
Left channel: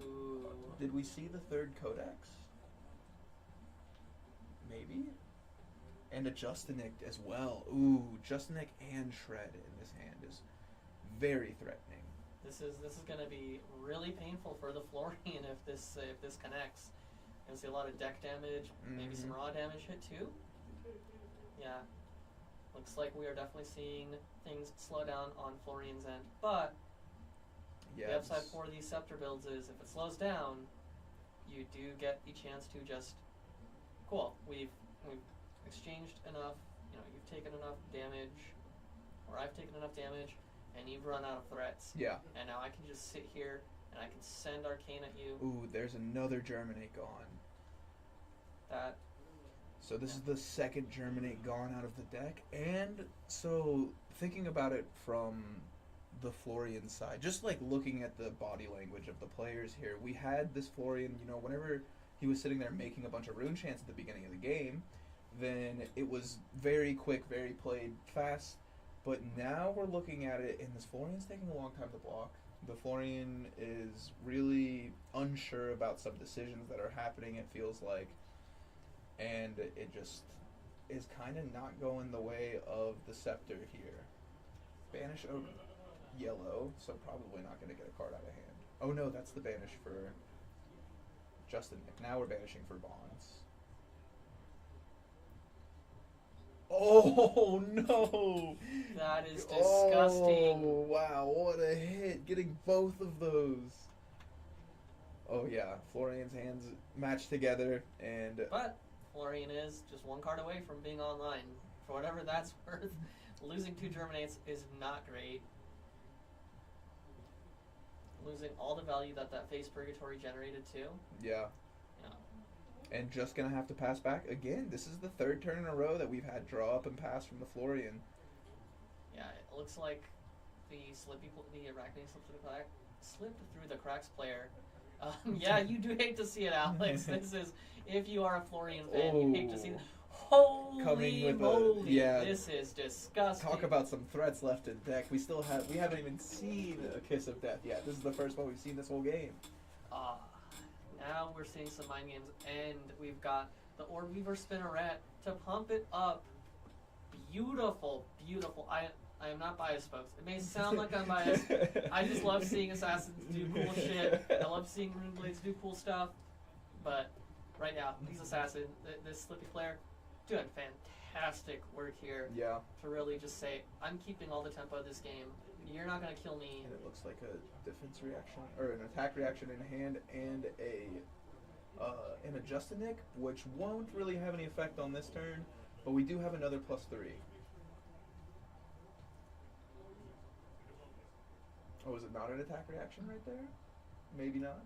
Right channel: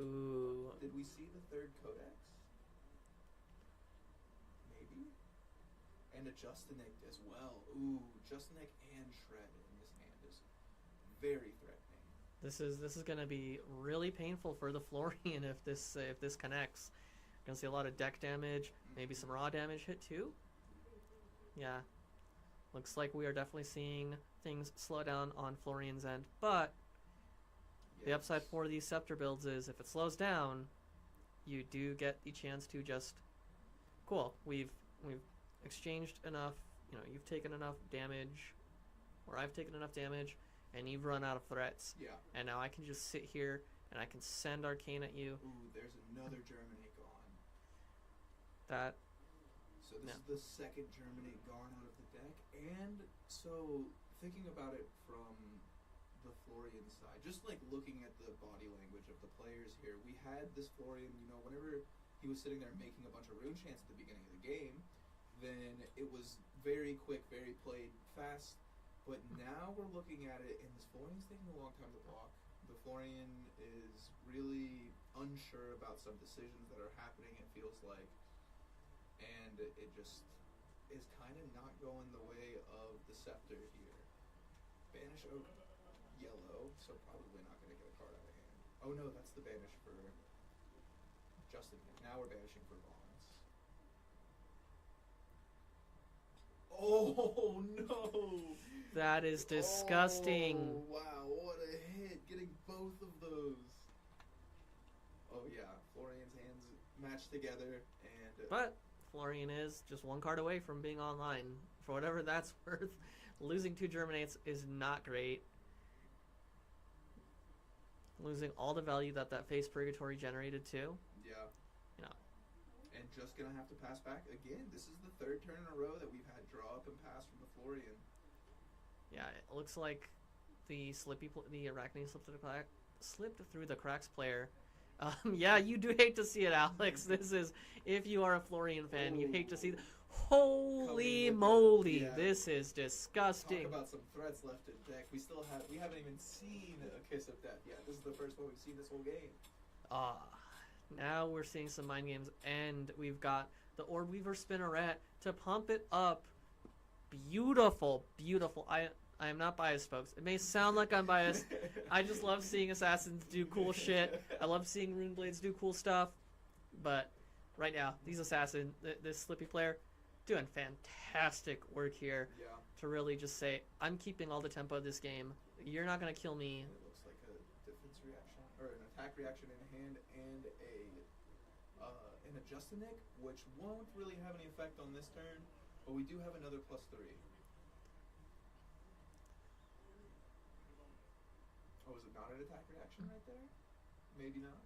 Ooh. Did we see the third Codex? Maybe? And a Justinic as well. Ooh, Justinic and Shred in this hand is very threatening. This is going to be really painful for the Florian if this connects. Gonna see a lot of deck damage, maybe some raw damage hit too. Yeah, looks like we are definitely seeing things slow down on Florian's end. But the upside for these Scepter builds is if it slows down, you do get the chance to just cool. We've exchanged enough. You know, you've taken enough damage, or I've taken enough damage, and you've run out of threats. Yeah. And now I can just sit here and I can send Arcane at you. Ooh, there's another Germinate gone. So this is the second Germinate gone out of the deck. And so thinking about it from the Florian side, just like looking at the body language of the players here, we had this Florian, you know, whenever he was sitting there making a bunch of rune chants at the beginning of the game, then it was very quick, very played fast. But now we're looking at it, and this Florian's taking a long time to block. The Florian is really unsure about some decisions that are happening, it feels like. And it just is kind of not going the way of the Scepter here. Banish Oak yellow, so probably not going to get a card out of hand. Oh no, that's the banish for Justin. Now we're banishing for Bonds. Oh no! That is disgusting. Oh wow, what a hit. Getting both of those. Oh yeah, Florian's hands matched together, and... But Florian is just one card away from being online. For whatever that's worth, losing 2 Germinates is not great. Losing all the value that Face Purgatory generated too. Yeah. Yeah. And just gonna have to pass back again. This is the 3rd turn in a row that we've had draw up and pass from the Florian. Yeah, it looks like the Arachne slipped through the cracks player. Yeah, you do hate to see it, Alex. This is, if you are a Florian fan, you hate to see it. Holy moly, this is disgusting. Talk about some threats left in deck. We haven't even seen a Kiss of Death yet. This is the first one we've seen this whole game. Now we're seeing some mind games, and we've got the Orb-Weaver Spinneret to pump it up. Beautiful, beautiful. I am not biased, folks. It may sound like I'm biased. I just love seeing assassins do cool shit. I love seeing Rune Blades do cool stuff. But right now. These assassin, this Slippy player, doing fantastic work here Yeah. to really just say, I'm keeping all the tempo of this game. You're not gonna kill me. And it looks like a defense reaction or an attack reaction in hand and an Adjustinic, which won't really have any effect on this turn, but we do have another +3. Oh, is it not an attack reaction right there? Maybe not.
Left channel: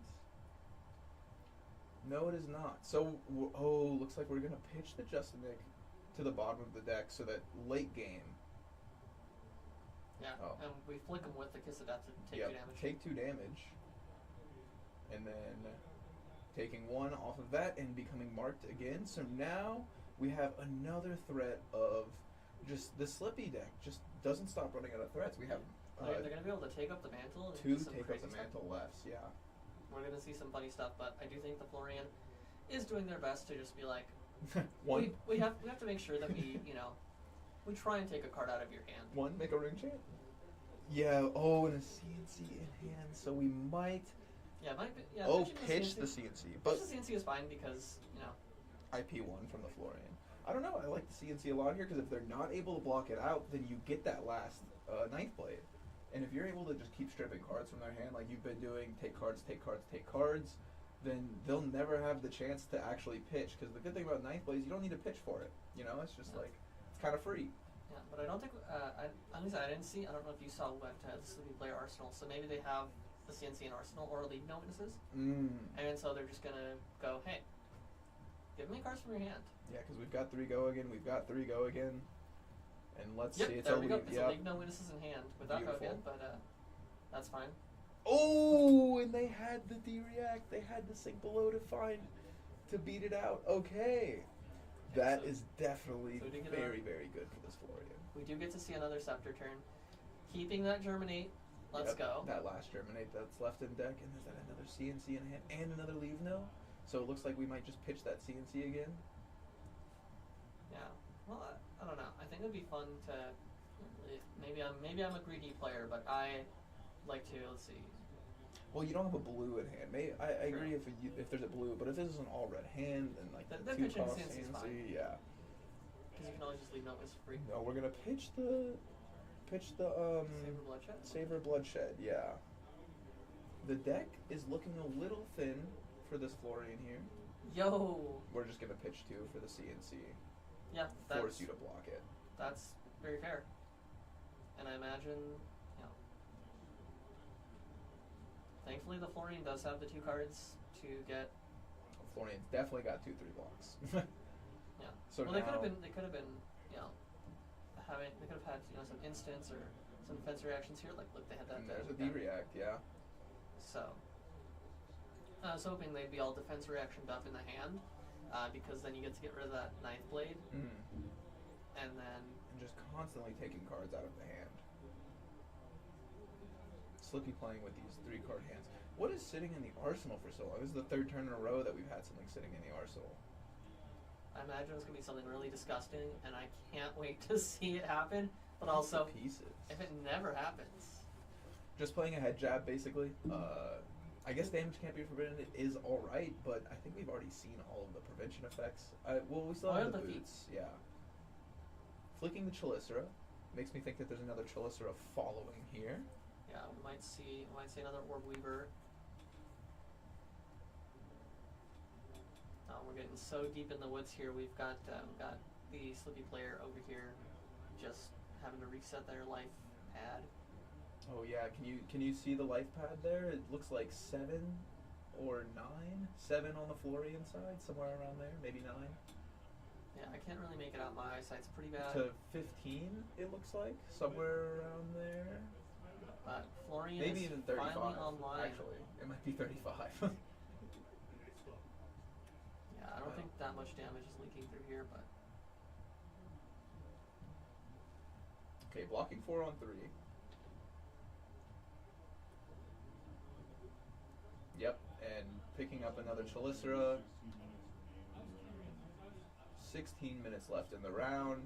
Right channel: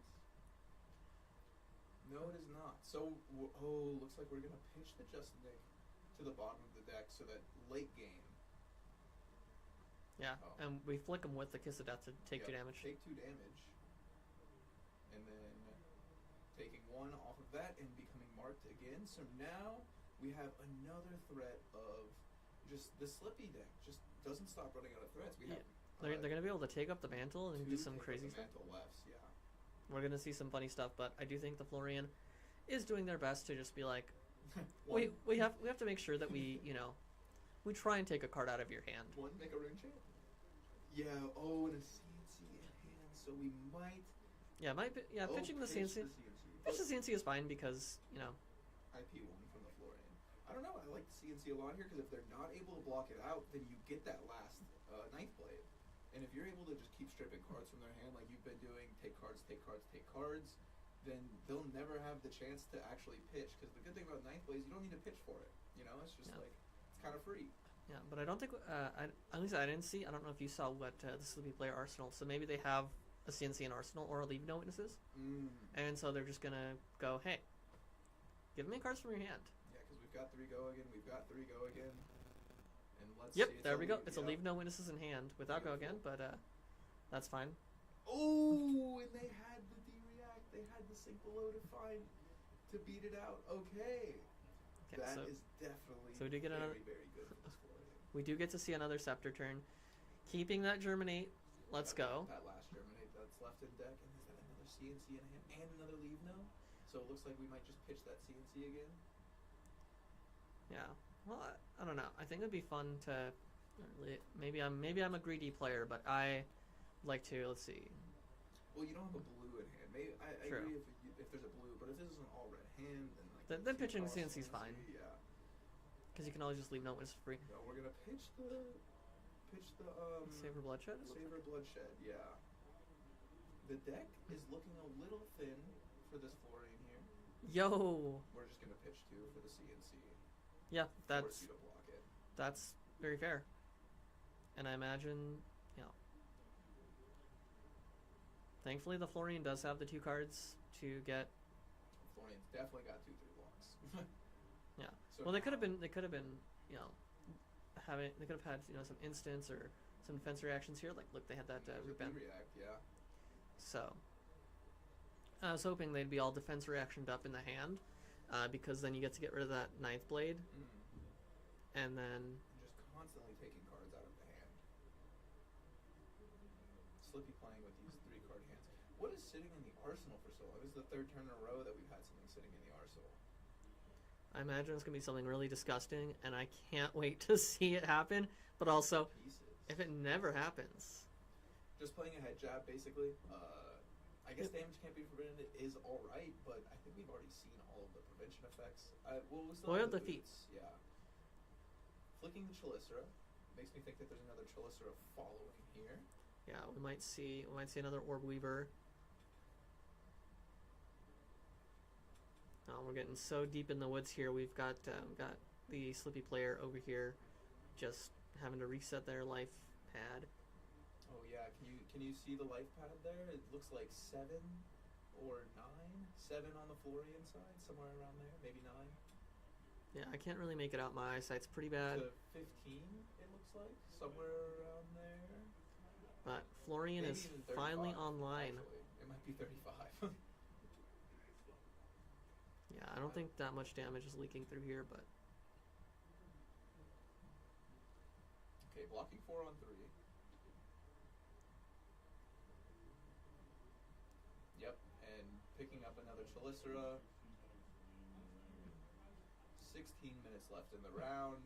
No, it is not. So, looks like we're gonna pitch the Justinic to the bottom of the deck so that late game. Yeah, Oh. and we flick him with the Kiss of Death to take Yep, 2 damage. Take 2 damage. And then taking 1 off of that and becoming marked again. So now we have another threat of just the Slippy deck just doesn't stop running out of threats. We have They're going to be able to take up the mantle and 2 do some take crazy up the stuff. mantle lefts, yeah. We're going to see some funny stuff, but I do think the Florian is doing their best to just be like, One, we have to make sure that we, we try and take a card out of your hand. make a ring chant. Yeah, and a CNC in hand, so we might Yeah, pitching pitch the the CNC. CNC. But Pitch the CNC is fine because, IP1 from the Florian. I don't know, I like the CNC a lot here because if they're not able to block it out, then you get that last 9th blade. And if you're able to just keep stripping cards from their hand like you've been doing, take cards, then they'll never have the chance to actually pitch. Because the good thing about 9th blade is you don't need to pitch for it. It's just like, it's kind of free. yeah, but I don't think, at least I didn't see, I don't know if you saw what the Slippy player Arsenal, so maybe they have the CNC in Arsenal or leave no witnesses. And so they're just going to go, hey, give me cards from your hand. Yeah, because we've got 3 go again, and let's Yep, see. It's there a we go. leave, It's yep. a leave no witnesses in hand without go again, Beautiful. but that's fine. Oh, and they had the D-React. They had the sink below to beat it out. Okay. That so- is definitely so we did get very, very good for this Florian. We do get to see another Scepter turn. Keeping that Germinate, let's Yep, go. That last Germinate that's left in deck, and is that another CNC in hand and another leave no? So it looks like we might just pitch that CNC again. Yeah. Well, I don't know. I think it'd be fun to maybe I'm a greedy player, but I like to let's see. Well, you don't have a blue in hand. Maybe I True. agree if there's a blue, but if this is an all red hand, then like Then the pitching 2-cost CNC is fine. Yeah. Because you can always just leave no witness free. No, we're gonna pitch the Saber Bloodshed. Saber Bloodshed, yeah. The deck is looking a little thin for this Florian here. Yo. We're just gonna pitch 2 for the CNC. Yeah, Force you to block it. that's very fair. And I imagine, thankfully the Florian does have the 2 cards to get. Florian's definitely got 2-3 blocks. Yeah. So Well, they could have now- been, they could have had, some instance or some defense reactions here. Like, look, they had that. And there's a that- D-React, yeah. So, I was hoping they'd be all defense reactioned up in the hand, because then you get to get rid of that 9th blade, and then And just constantly taking cards out of the hand. Slippy playing with these 3-card hands. What is sitting in the arsenal for so long? This is the 3rd turn in a row that we've had something sitting in the arsenal. I imagine it's gonna be something really disgusting, and I can't wait to see it happen. But also, Pieces. if it never happens, Just playing a head jab, basically. I guess damage can't be forbidden. It is alright, but I think we've already seen all of the prevention effects. We still have Boiled the the feet. boots. Yeah. Flicking the Chelicera makes me think that there's another Chelicera following here. yeah, we might see another Orb Weaver. We're getting so deep in the woods here. We've got the Slippy player over here, just having to reset their life pad. Oh yeah, can you see the life pad there? It looks like 7 or 9. 7 on the Florian side, somewhere around there, maybe 9. Yeah, I can't really make it out. My eyesight's pretty bad. To 15, it looks like, somewhere around there. But Florian Maybe is even 35. finally online. Actually, it might be 35. Yeah, I don't think that much damage is leaking through here, but Okay, blocking 4 on 3. Yep, and picking up another Chelicera. 16 minutes left in the round.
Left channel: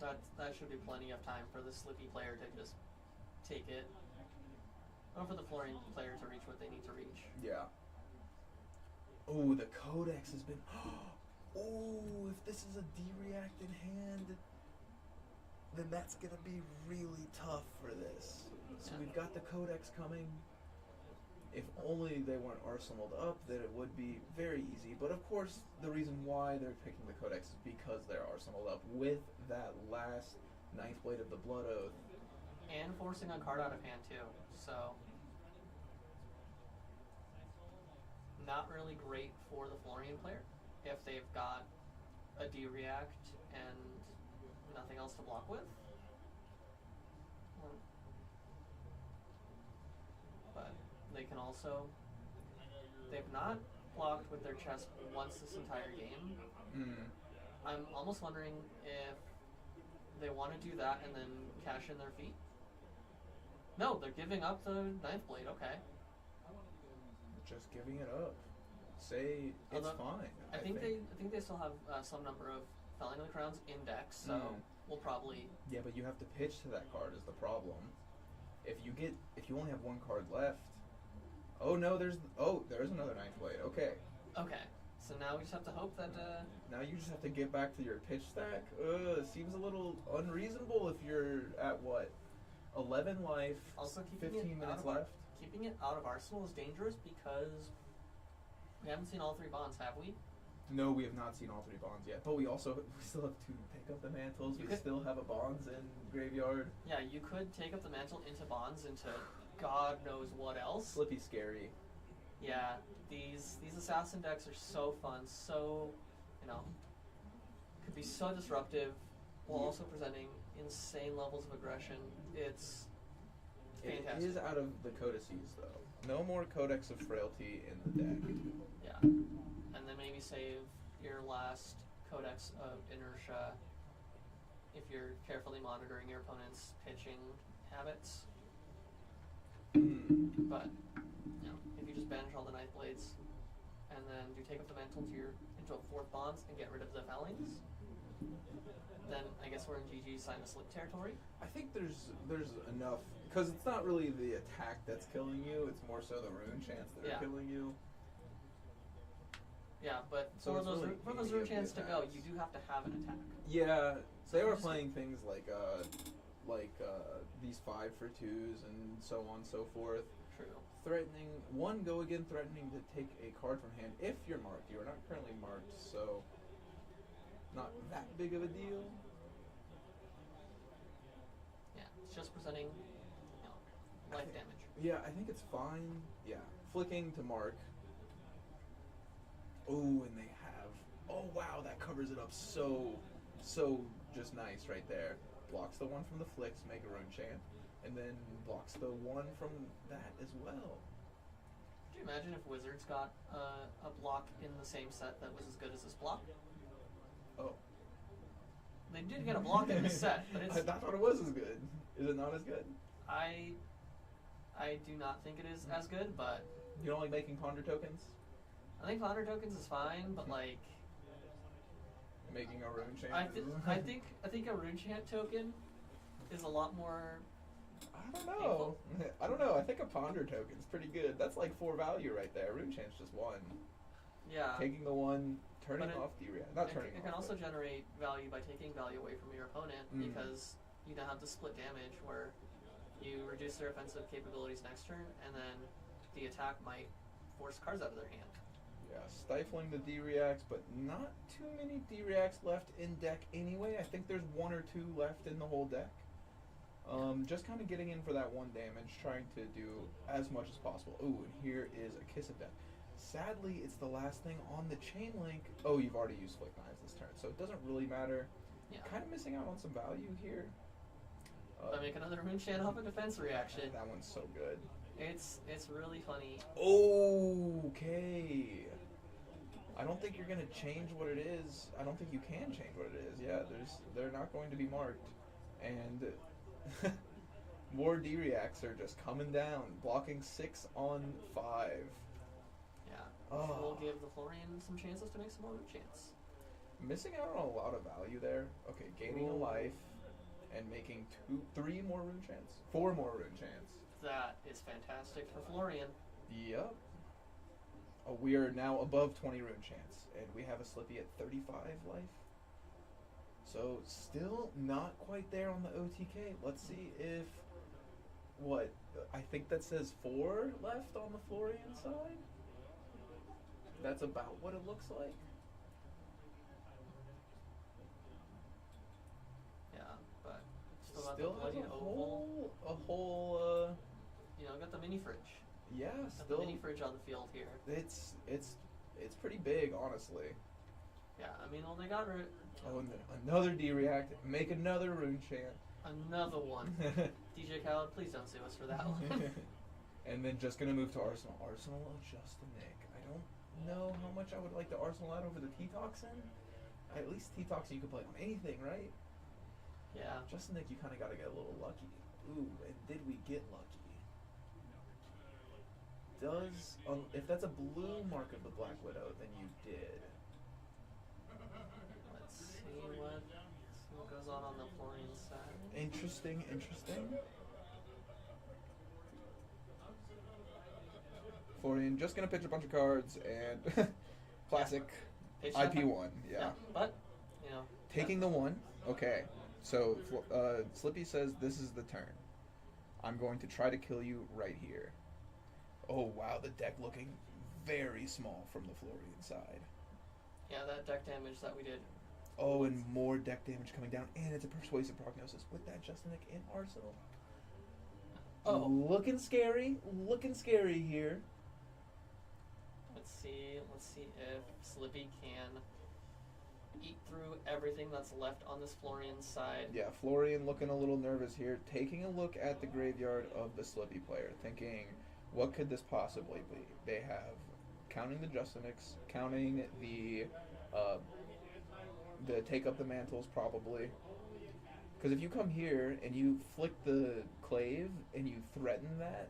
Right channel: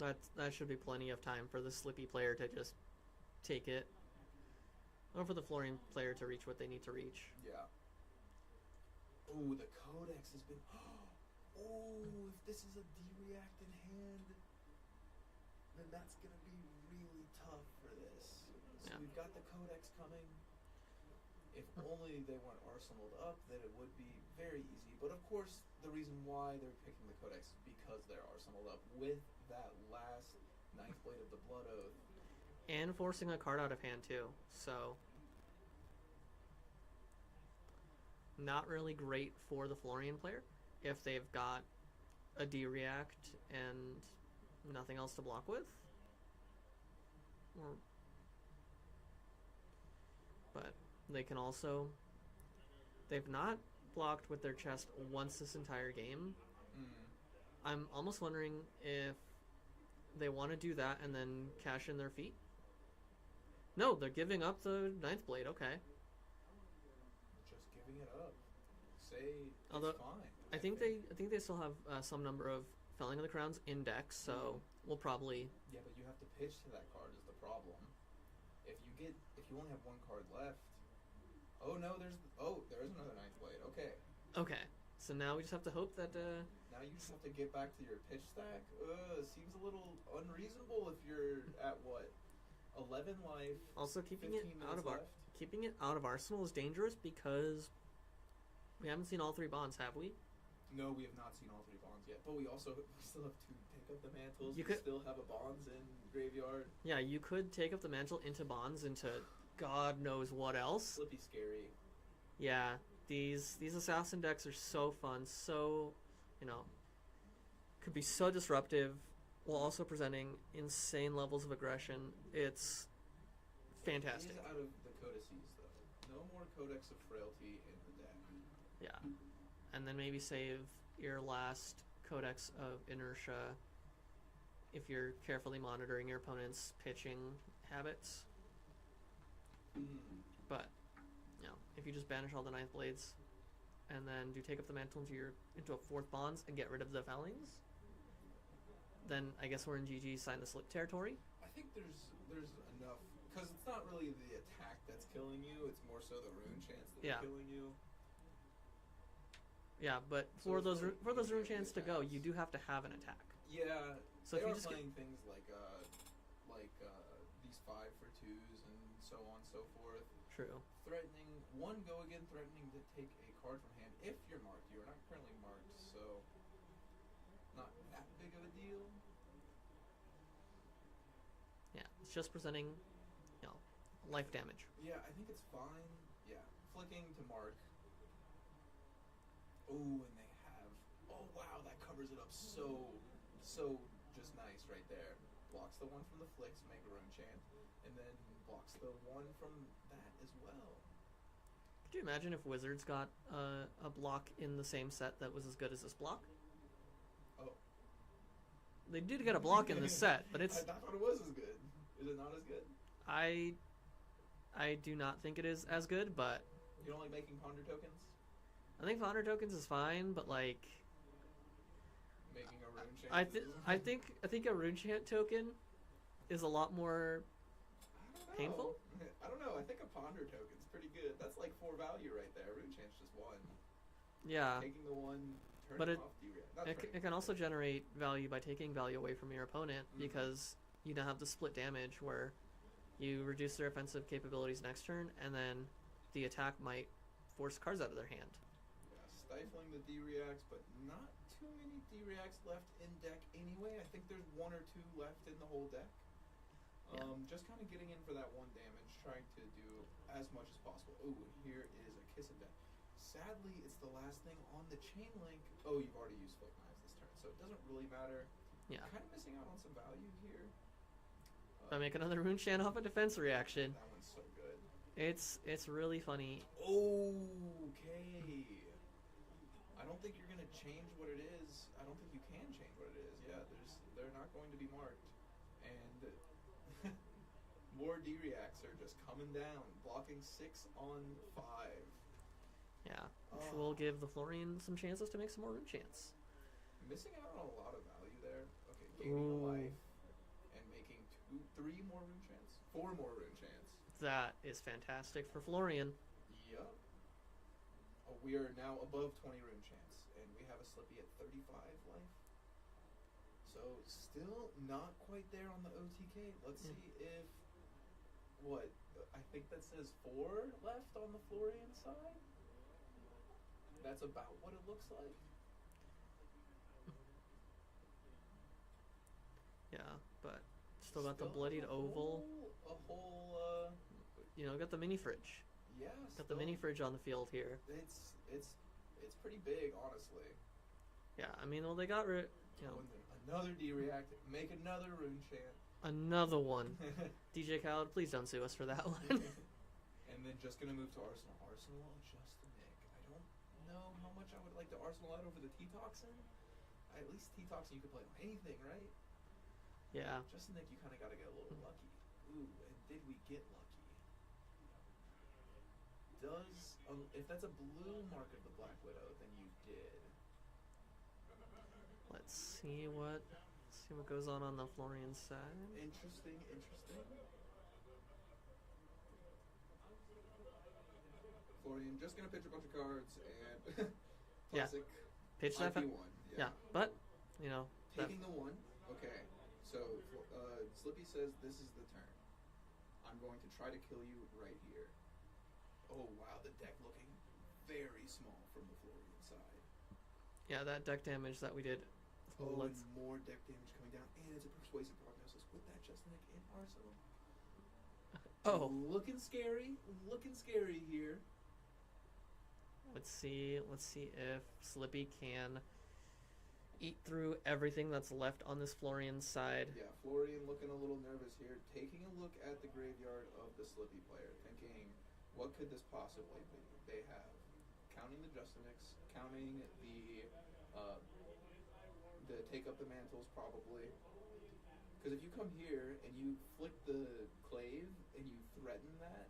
that should be plenty of time for the Slippy player to just take it. Or for the Florian player to reach what they need to reach. Yeah. Oh, the Codex has been. Oh, if this is a D-React in hand, then that's gonna be really tough for this. So we've got the Codex coming. If only they weren't arsenaled up, then it would be very easy. But of course, the reason why they're picking the Codex is because they're arsenaled up with that last Ninth Blade of the Blood Oath. And forcing a card out of hand too. So not really great for the Florian player if they've got a D-React and nothing else to block with. But they can also... They've not blocked with their chest once this entire game. I'm almost wondering if they want to do that and then cash in their feet. No, they're giving up the Ninth Blade, okay. Just giving it up. Say it's Although, fine. I think they still have some number of Felling of the Crowns in decks, so we'll probably... Yeah, but you have to pitch to that card is the problem. If you only have one card left... Oh no, there is another Ninth Blade, okay. Okay, so now we just have to hope that... Now you just have to get back to your pitch stack? Seems a little unreasonable if you're at what? 11 life, also keeping 15 it out minutes of left? keeping it out of Arsenal is dangerous because we haven't seen all three bonds, have we? No, we have not seen all three bonds yet. But we still have to take up the mantles. We still have a bonds in graveyard. Yeah, you could take up the mantle into bonds, into God knows what else. Slippy scary. Yeah, these assassin decks are so fun, so, could be so disruptive, while also presenting insane levels of aggression. It's fantastic. It is out of the codices, though. No more Codex of Frailty in the deck. Yeah. And then maybe save your last Codex of Inertia if you're carefully monitoring your opponent's pitching habits. But, if you just banish all the Ninth Blades and then do take up the mantle into a fourth bonds and get rid of the Fellings, then I guess we're in GG sign the slip territory. I think there's enough, because it's not really the attack that's killing you, it's more so the rune chants that are killing you. Yeah, but So for it's those really rune easy chants to of the go, attacks. you do have to have an attack. Yeah, So they if you are just- playing things like these 5-for-2s and so on and so forth. True. Go again threatening to take a card from hand if you're marked. You are not currently marked, so not that big of a deal. Yeah, it's just presenting, life damage. Yeah, I think it's fine. Yeah, flicking to mark. Oh, and they have. Oh wow, that covers it up so just nice right there. Blocks the one from the flicks, make a rune chant, and then blocks the one from that as well. Could you imagine if Wizards got a block in the same set that was as good as this block? Oh. They did get a block in the set, but it's... I thought it was as good. Is it not as good? I do not think it is as good, but... You don't like making ponder tokens? I think Ponder Tokens is fine, but like... Making a rune chant? I think a rune chant token is a lot more... I don't know. painful. I don't know. I think a ponder token's pretty good. That's like 4 value right there. Rune chant's just 1. Yeah. Taking the 1, turning But it- off D-React. Not turning It off, can also but- generate value by taking value away from your opponent because you don't have to split damage where you reduce their offensive capabilities next turn and then the attack might force cards out of their hand. Yeah, stifling the D-Reacts, but not too many D-Reacts left in deck anyway. I think there's 1 or 2 left in the whole deck. Just kind of getting in for that 1 damage, trying to do as much as possible. Ooh, and here is a Kiss of Death. Sadly, it's the last thing on the chain link. Oh, you've already used Flick Knives this turn, so it doesn't really matter. Yeah. Kind of missing out on some value here. If I make another rune chant off a defense reaction, That one's so good. it's really funny. Okay. I don't think you're gonna change what it is. I don't think you can change what it is. Yeah, they're not going to be marked, and more D-Reacts are just coming down, blocking 6 on 5. Yeah. Oh. We'll give the Florian some chances to make some more rune chants. Missing out on a lot of value there. Okay, gaining a life and making 3 more rune chants. 4 more rune chants. That is fantastic for Florian. Yep. We are now above 20 rune chance, and we have a Slippy at 35 life. So still not quite there on the OTK. Let's see if I think that says 4 left on the Florian side. That's about what it looks like. Yeah, but still got the bloodied has oval. A whole Got the mini fridge. yeah, Got the mini fridge on the field here. It's pretty big, honestly. Yeah, I mean, well, they got rid. Oh, and then another D-react. Make another rune chant. Another one. DJ Khaled, please don't sue us for that one. And then just gonna move to Arsenal. Arsenal adjust the Nick. I don't know how much I would like the Arsenal out over the T-Toxin. At least T-Toxin you can play on anything, right? Yeah. Just the Nick, you kind of gotta get a little lucky. Ooh, and did we get lucky? If that's a blue mark of the Black Widow, then you did. Let's see what goes on the Florian side. Interesting. Florian just gonna pitch a bunch of cards and classic Pitch IP1. Yeah. But Taking the 1. Okay. So Slippy says this is the turn. I'm going to try to kill you right here. Oh wow, the deck looking very small from the Florian side. Yeah, that deck damage that we did. Oh, and more deck damage coming down, and it's a persuasive prognosis with that Justinic in Arsenal. Oh, looking scary here. Let's see if Slippy can eat through everything that's left on this Florian side. Yeah, Florian looking a little nervous here, taking a look at the graveyard of the Slippy player, thinking, what could this possibly be? They have, counting the Justinics, counting the take up the mantles probably. Because if you come here and you flick the clave and you threaten that,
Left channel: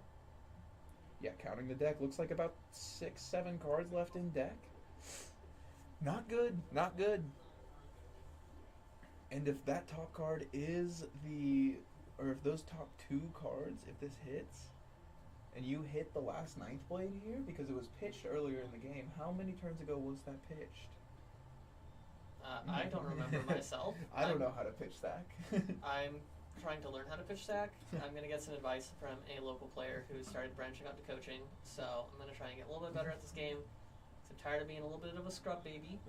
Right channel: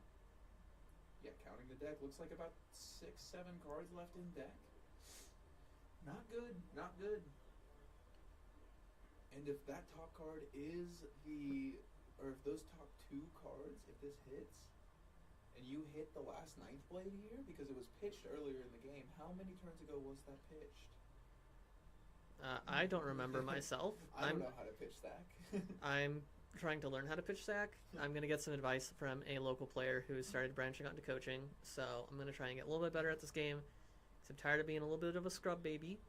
yeah, counting the deck, looks like about 6-7 cards left in deck. Not good. And if that top card is if those top 2 cards, if this hits, and you hit the last Ninth Blade here, because it was pitched earlier in the game, how many turns ago was that pitched? I don't remember myself. I don't know how to pitch stack. I'm trying to learn how to pitch stack. I'm going to get some advice from a local player who started branching out to coaching, so I'm going to try and get a little bit better at this game. I'm tired of being a little bit of a scrub baby,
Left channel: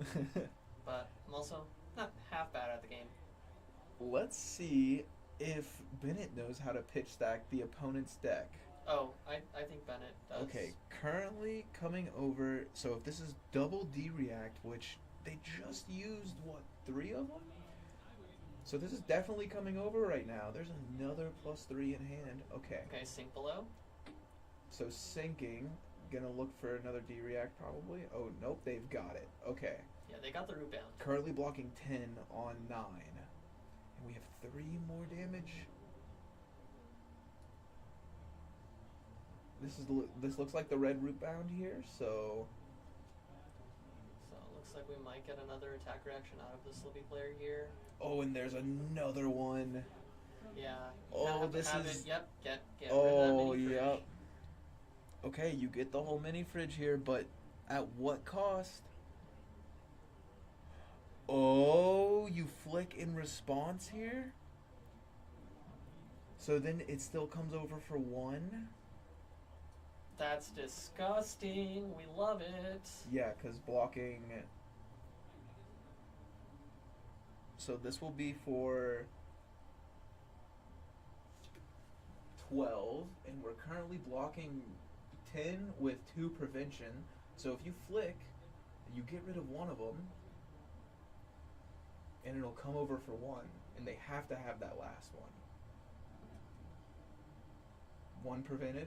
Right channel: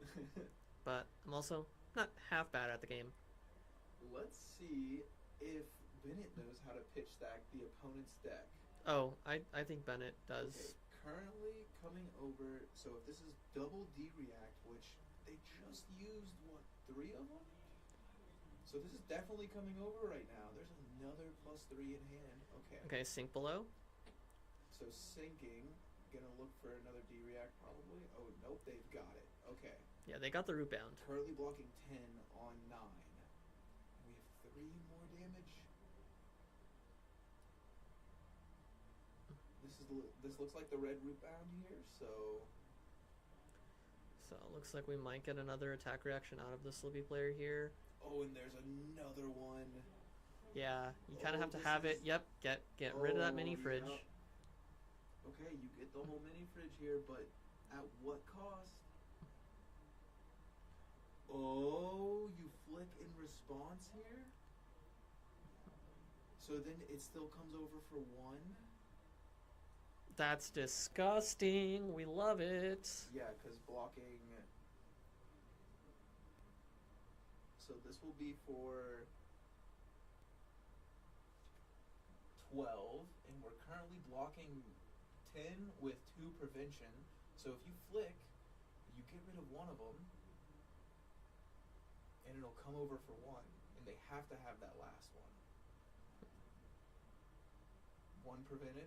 but I'm also not half bad at the game. Let's see if Bennett knows how to pitch stack the opponent's deck. Oh, I think Bennett does. Okay, currently coming over, so if this is double D-react, which they just used, 3 of them? So this is definitely coming over right now. There's another +3 in hand. Okay. Okay, sink below. So sinking, gonna look for another D-react probably. Oh, nope, they've got it. Okay. Yeah, they got the root bound. Currently blocking 10 on 9. And we have 3 more damage. This looks like the red root bound here, so it looks like we might get another attack reaction out of the Slippy player here. Oh, and there's another one. Yeah, you kind of have to have it. Yep, get rid of that mini fridge. Yep. Okay, you get the whole mini fridge here, but at what cost? Oh, you flick in response here? So then it still comes over for 1? That's disgusting. We love it. Yeah, because blocking... So this will be for 12, and we're currently blocking 10 with 2 prevention. So if you flick, you get rid of one of them, and it'll come over for 1, and they have to have that last one. 1 prevented.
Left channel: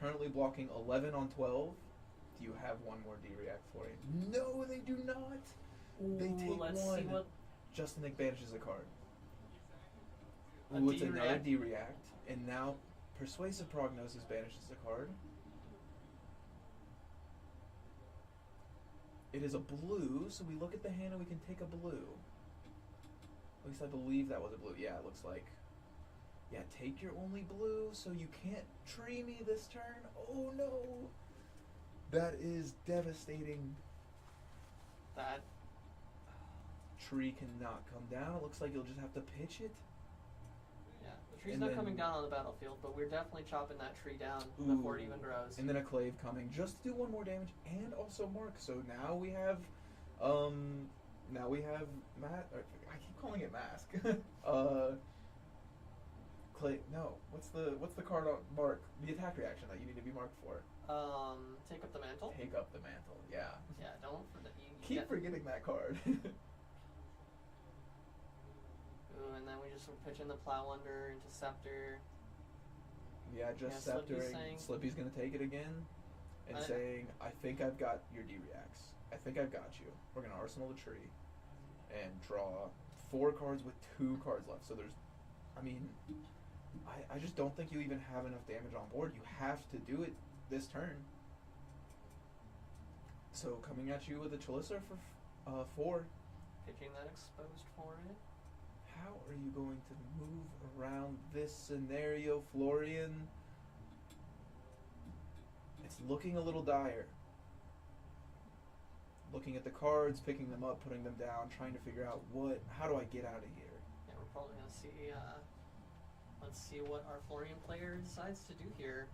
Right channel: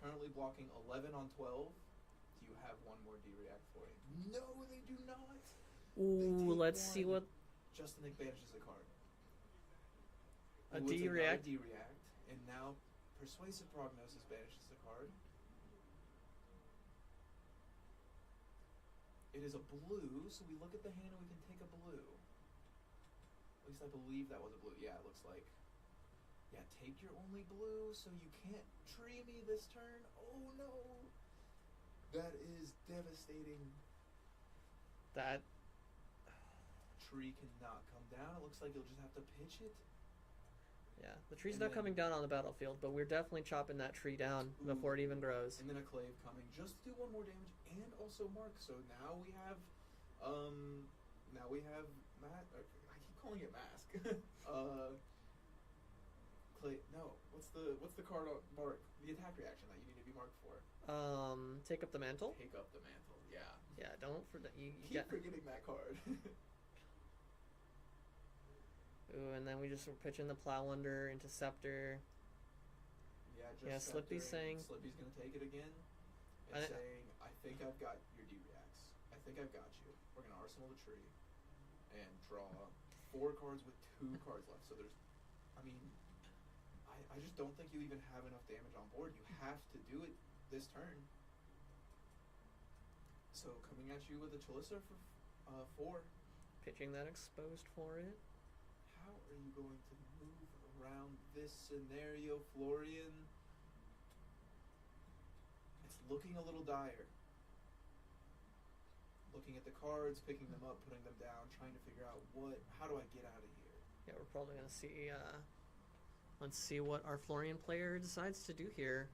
Currently blocking 11 on 12. Do you have 1 more D-react for you? No, they do not. They take let's 1. see what. Justinic banishes a card. A Ooh, it's another D-react. D-react, and now Persuasive Prognosis banishes a card. It is a blue, so we look at the hand and we can take a blue. At least I believe that was a blue. Yeah, it looks like. Yeah, take your only blue, so you can't tree me this turn. Oh no! That is devastating. That Tree cannot come down. It looks like you'll just have to pitch it. Yeah, the tree's And not coming then- down on the battlefield, but we're definitely chopping that tree down before it Ooh. even grows. And then a clave coming just to do 1 more damage and also mark. So now we have I keep calling it mask. No, what's the card on mark? The attack reaction that you need to be marked for. Take up the mantle. Take up the mantle. Yeah. Yeah, don't forget. You Keep forgetting that card. Ooh, and then we just were pitching the plow under into scepter. Yeah, just Yeah, Slippy's sceptering. saying- Slippy's gonna take it again and saying, I think I've got your D-reacts. I think I've got you. We're gonna arsenal the tree and draw 4 cards with 2 cards left. So there's, I just don't think you even have enough damage on board. You have to do it this turn. So coming at you with a Chalissa for 4. Pitching that exposed for it. How are you going to move around this scenario, Florian? It's looking a little dire. Looking at the cards, picking them up, putting them down, trying to figure out how do I get out of here? Yeah, we're probably gonna see. Let's see what our Florian player decides to do here.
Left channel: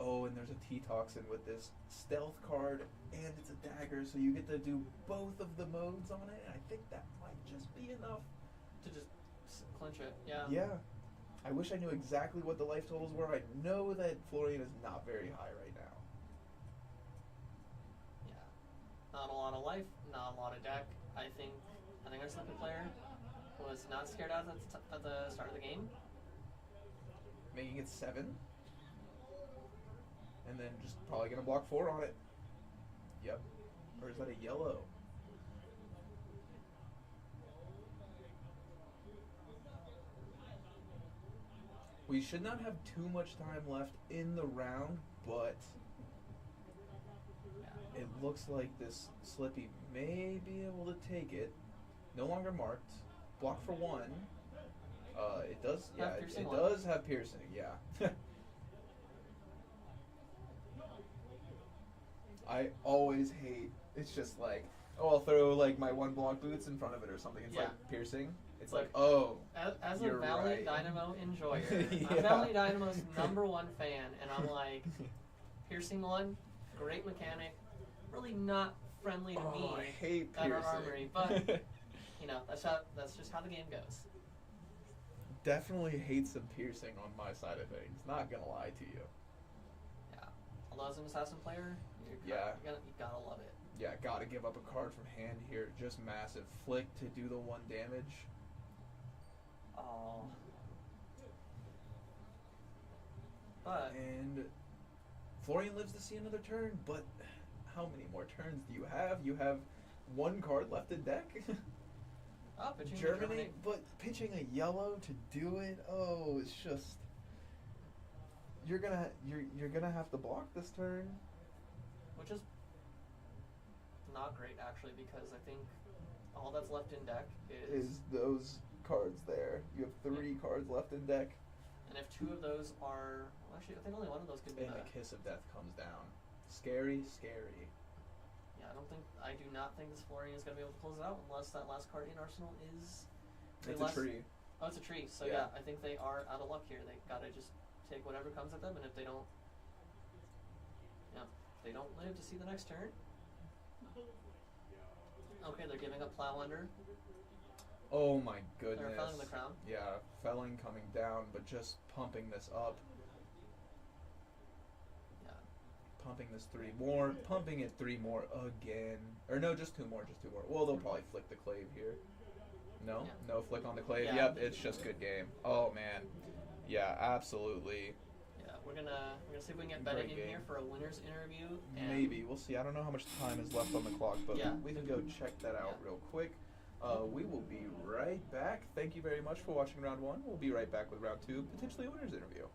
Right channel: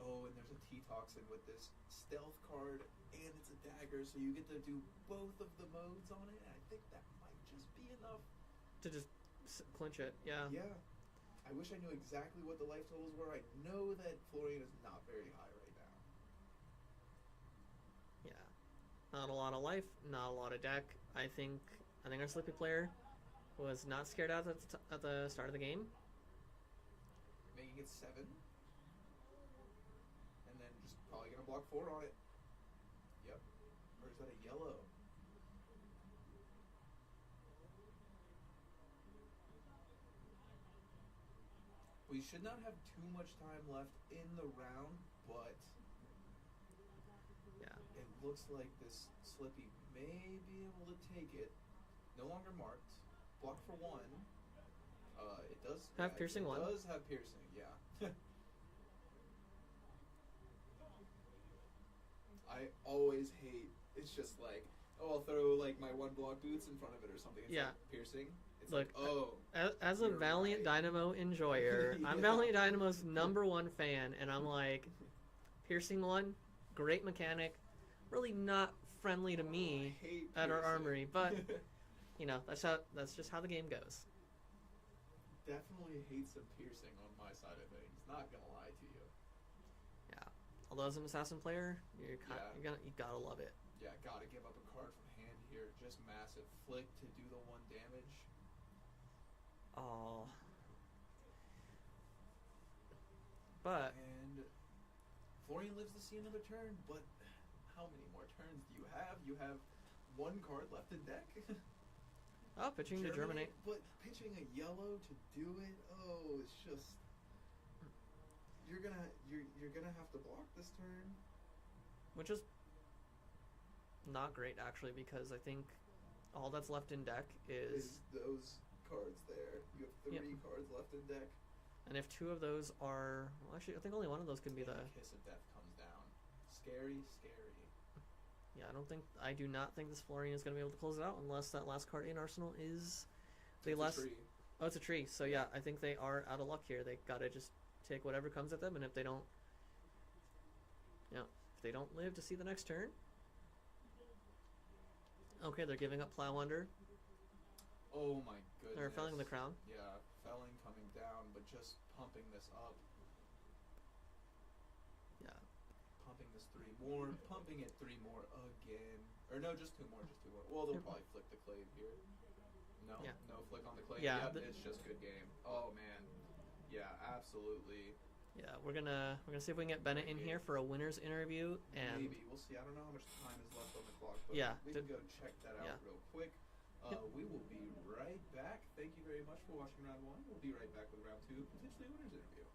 Oh, and there's a T-Toxin with this stealth card, and it's a dagger, so you get to do both of the modes on it. And I think that might just be enough to just clinch it. Yeah. Yeah. I wish I knew exactly what the life totals were. I know that Florian is not very high right now. Yeah. Not a lot of life, not a lot of deck. I think our Slippy player was not scared out at the start of the game. Making it 7. And then just probably going to block 4 on it. Yep. Or is that a yellow? We should not have too much time left in the round, but Yeah. it looks like this Slippy may be able to take it. No longer marked. Block for 1. It does Have piercing it 1. does have piercing, yeah. I always hate, it's just like, oh, I'll throw like my 1 block boots in front of it or something. It's Yeah. like piercing. It's Look, like, oh. As a You're Valiant right. Dynamo enjoyer, I'm Yeah. Valiant Dynamo's #1 fan, and I'm like, piercing 1, great mechanic, really not friendly to Oh, me I hate at our piercing. armory, but you know, that's just how the game goes. Definitely hate some piercing on my side of things. Not gonna lie to you. Yeah. Although as an assassin player, you gotta love it. Yeah, gotta give up a card from hand here. Just massive flick to do the 1 damage. Oh. But And Florian lives to see another turn, but how many more turns do you have? You have 1 card left in deck. pitching to Germany. But pitching a yellow to do it, oh, it's just you're gonna have to block this turn. Which is not great actually, because I think all that's left in deck Is those cards there? You have 3 cards left in deck. and if 2 of those are, well, actually I think only 1 of those could be And the the Kiss of Death comes down. Scary, scary. Yeah, I do not think this Florian is going to be able to close it out unless that last card in Arsenal is the It's last. a tree. Oh, it's a tree. So Yeah. yeah, I think they are out of luck here. They got to just take whatever comes at them, and if they don't, live to see the next turn. Okay, they're giving up plow under. Oh my goodness. They're felling the crown. Yeah, felling coming down, but just pumping this up. Yeah. Pumping this 3 more, pumping it 3 more again. Or no, just 2 more, Well, they'll probably flick the clave here. No? Yeah. No flick on the clave? Yeah, Yep, it's just good game. Oh man. Yeah, absolutely. Yeah, we're gonna see if we can get Bennett Great in game. here for a winner's interview. And Maybe. We'll see. I don't know how much time is left on the clock, but Yeah. we can go check that out Yeah. real quick. We will be right back. Thank you very much for watching round 1. We'll be right back with round 2, potentially a winner's interview.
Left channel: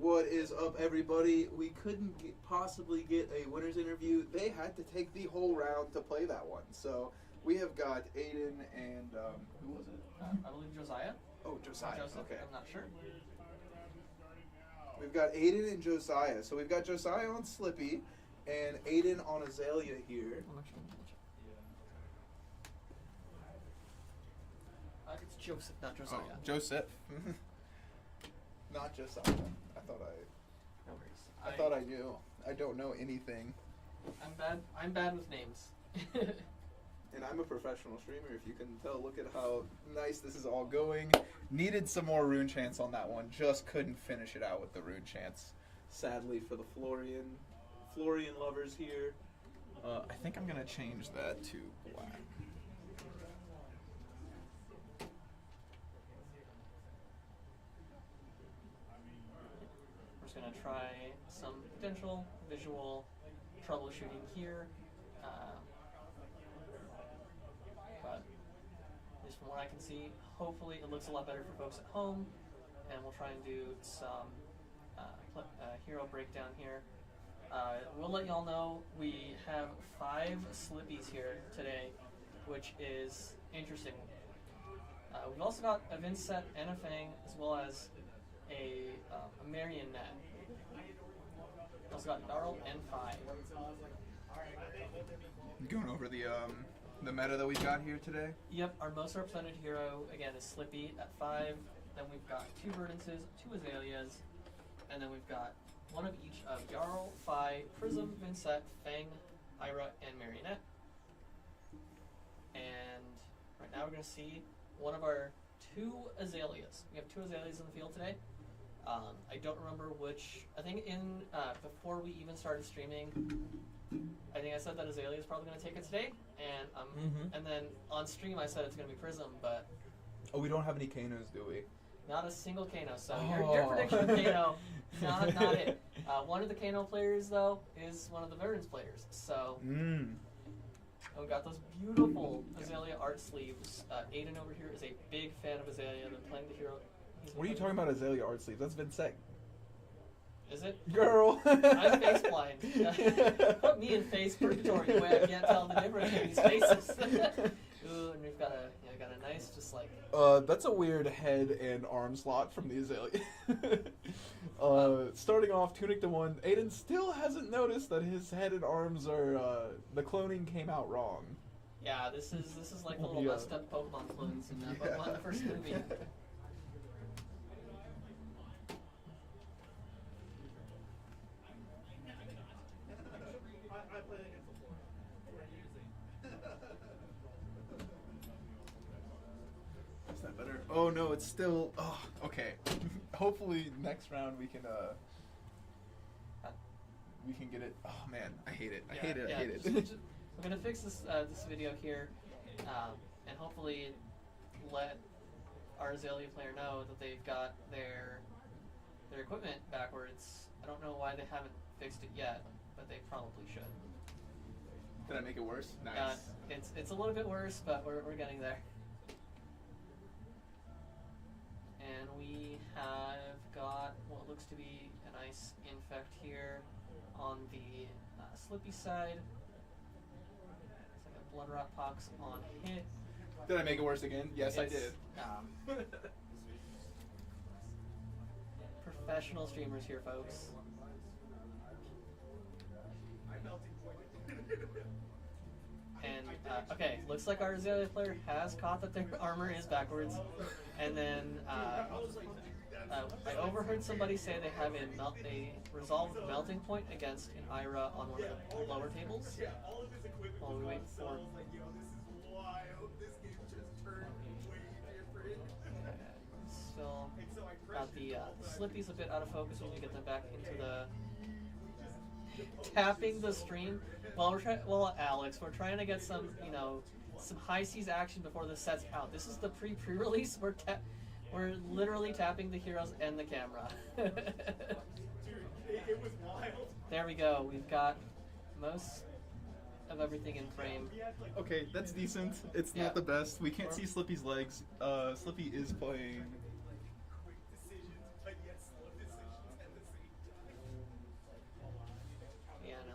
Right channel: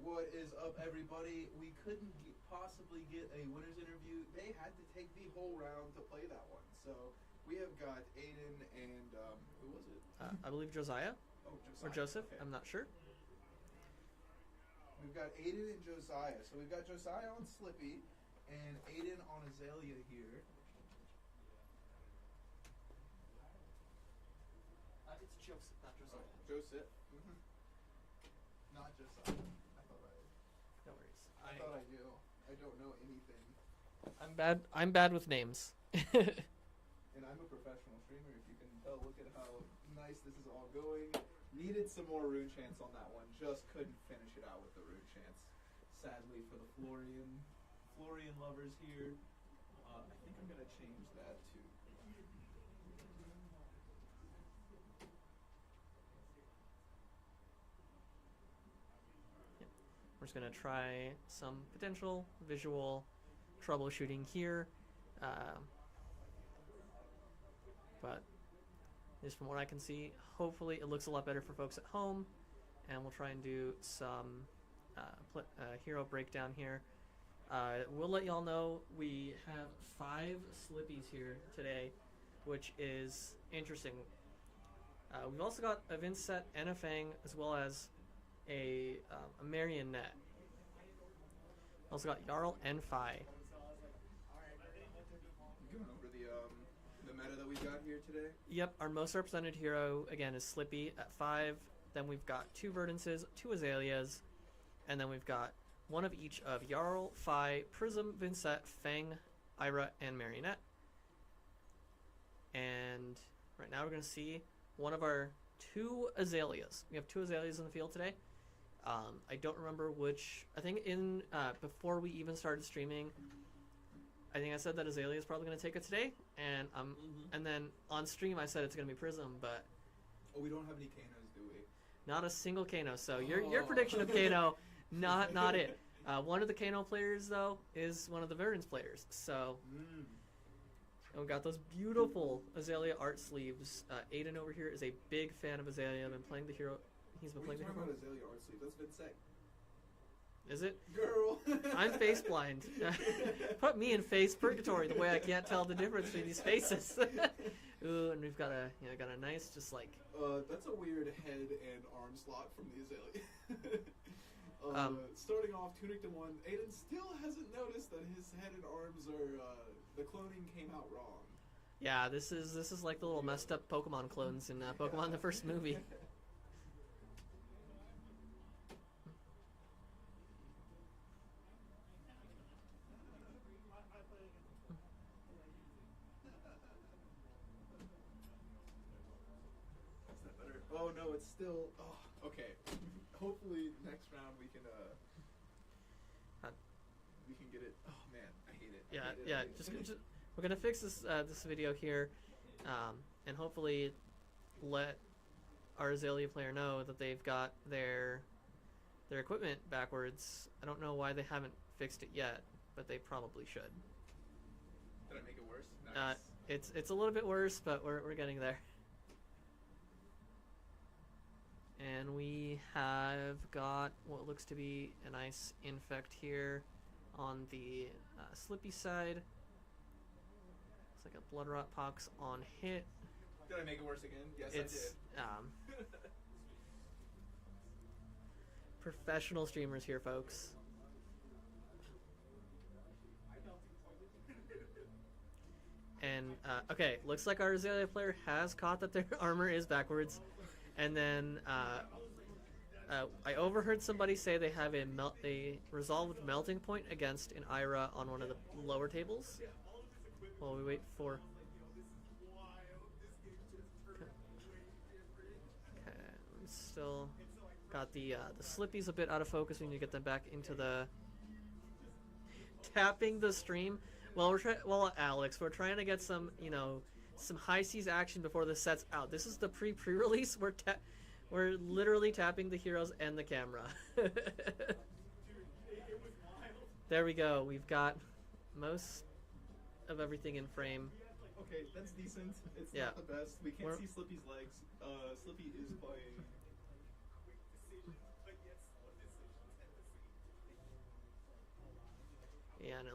What is up, everybody? We couldn't possibly get a winner's interview. They had to take the whole round to play that one. So we have got Aiden and who was it? I believe Josiah Oh, or Josiah. Joseph. Okay. I'm not sure. We've got Aiden and Josiah. So we've got Josiah on Slippy and Aiden on Aelia here. It's Joseph, not Josiah. Oh, Joseph. Not Josiah. I thought No worries. I thought I knew. I don't know anything. I'm bad with names. And I'm a professional streamer, if you can tell. Look at how nice this is all going. Needed some more rune chants on that one. Just couldn't finish it out with the rune chants. Sadly for the Florian lovers here. I think I'm going to change that to black. We're just gonna try some potential visual troubleshooting here, but just from what I can see, hopefully it looks a lot better for folks at home, and we'll try and do some hero breakdown here. We'll let you all know we have 5 Slippies here today, which is interesting. We've also got a Vincent and a Fang, as well as a marionette. Also got Jarl and Phi. Going over the meta that we got here today. Yep, our most represented hero again is Slippy at 5. Then we've got 2 Verdances, 2 Aelias, and then we've got one of each of Jarl, Phi, Prism, Vincent, Fang, Ira, and Marionette. And right now we're going to see one of our 2 Aelias. We have 2 Aelias in the field today. I don't remember which. I think before we even started streaming, I think I said that Aelia is probably going to take it today, and and then on stream I said it's going to be Prism, but Oh, we don't have any Kanos, do we? not a single Kano. So your prediction of Kano, not it. One of the Kano players though is one of the Verdance players. So we've got those beautiful Aelia art sleeves. Aiden over here is a big fan of Aelia. I've been playing the hero. What are you talking about, Aelia art sleeves? That's Vincent. Is it? Girl! I'm face blind. Put me in face purgatory the way I can't tell the difference between these faces. Ooh, and we've got a nice, just like... That's a weird head and arm slot from the Aelia. Starting off, Tunic to 1, Aiden still hasn't noticed that his head and arms are, the cloning came out wrong. Yeah, this is like the little messed up Pokemon clones in Pokemon the first movie. Is that better? Oh no, it's still. Oh, okay. Hopefully next round we can get it. Oh man, I hate it. I hate it. We're gonna fix this this video here, and hopefully let our Aelia player know that they've got their equipment backwards. I don't know why they haven't fixed it yet, but they probably should. Did I make it worse? Nice. It's a little bit worse, but we're getting there. And we have got what looks to be a nice infect here on the Slippy side. It's like a blood rot pox on hit. Did I make it worse again? Yes, I did. Professional streamers here, folks. And, okay, looks like our Aelia player has caught that their armor is backwards. And then, I overheard somebody say they have a resolved melting point against an Ira on one of the lower tables. While we wait for... Still got the Slippies a bit out of focus. We need to get them back into the... Tapping the stream. Well, Alex, we're trying to get some, some high seas action before this sets out. This is the pre-release. We're literally tapping the heroes and the camera. There we go. We've got most of everything in frame. Okay, that's decent. It's not the best. We can't see Slippy's legs. Slippy is playing.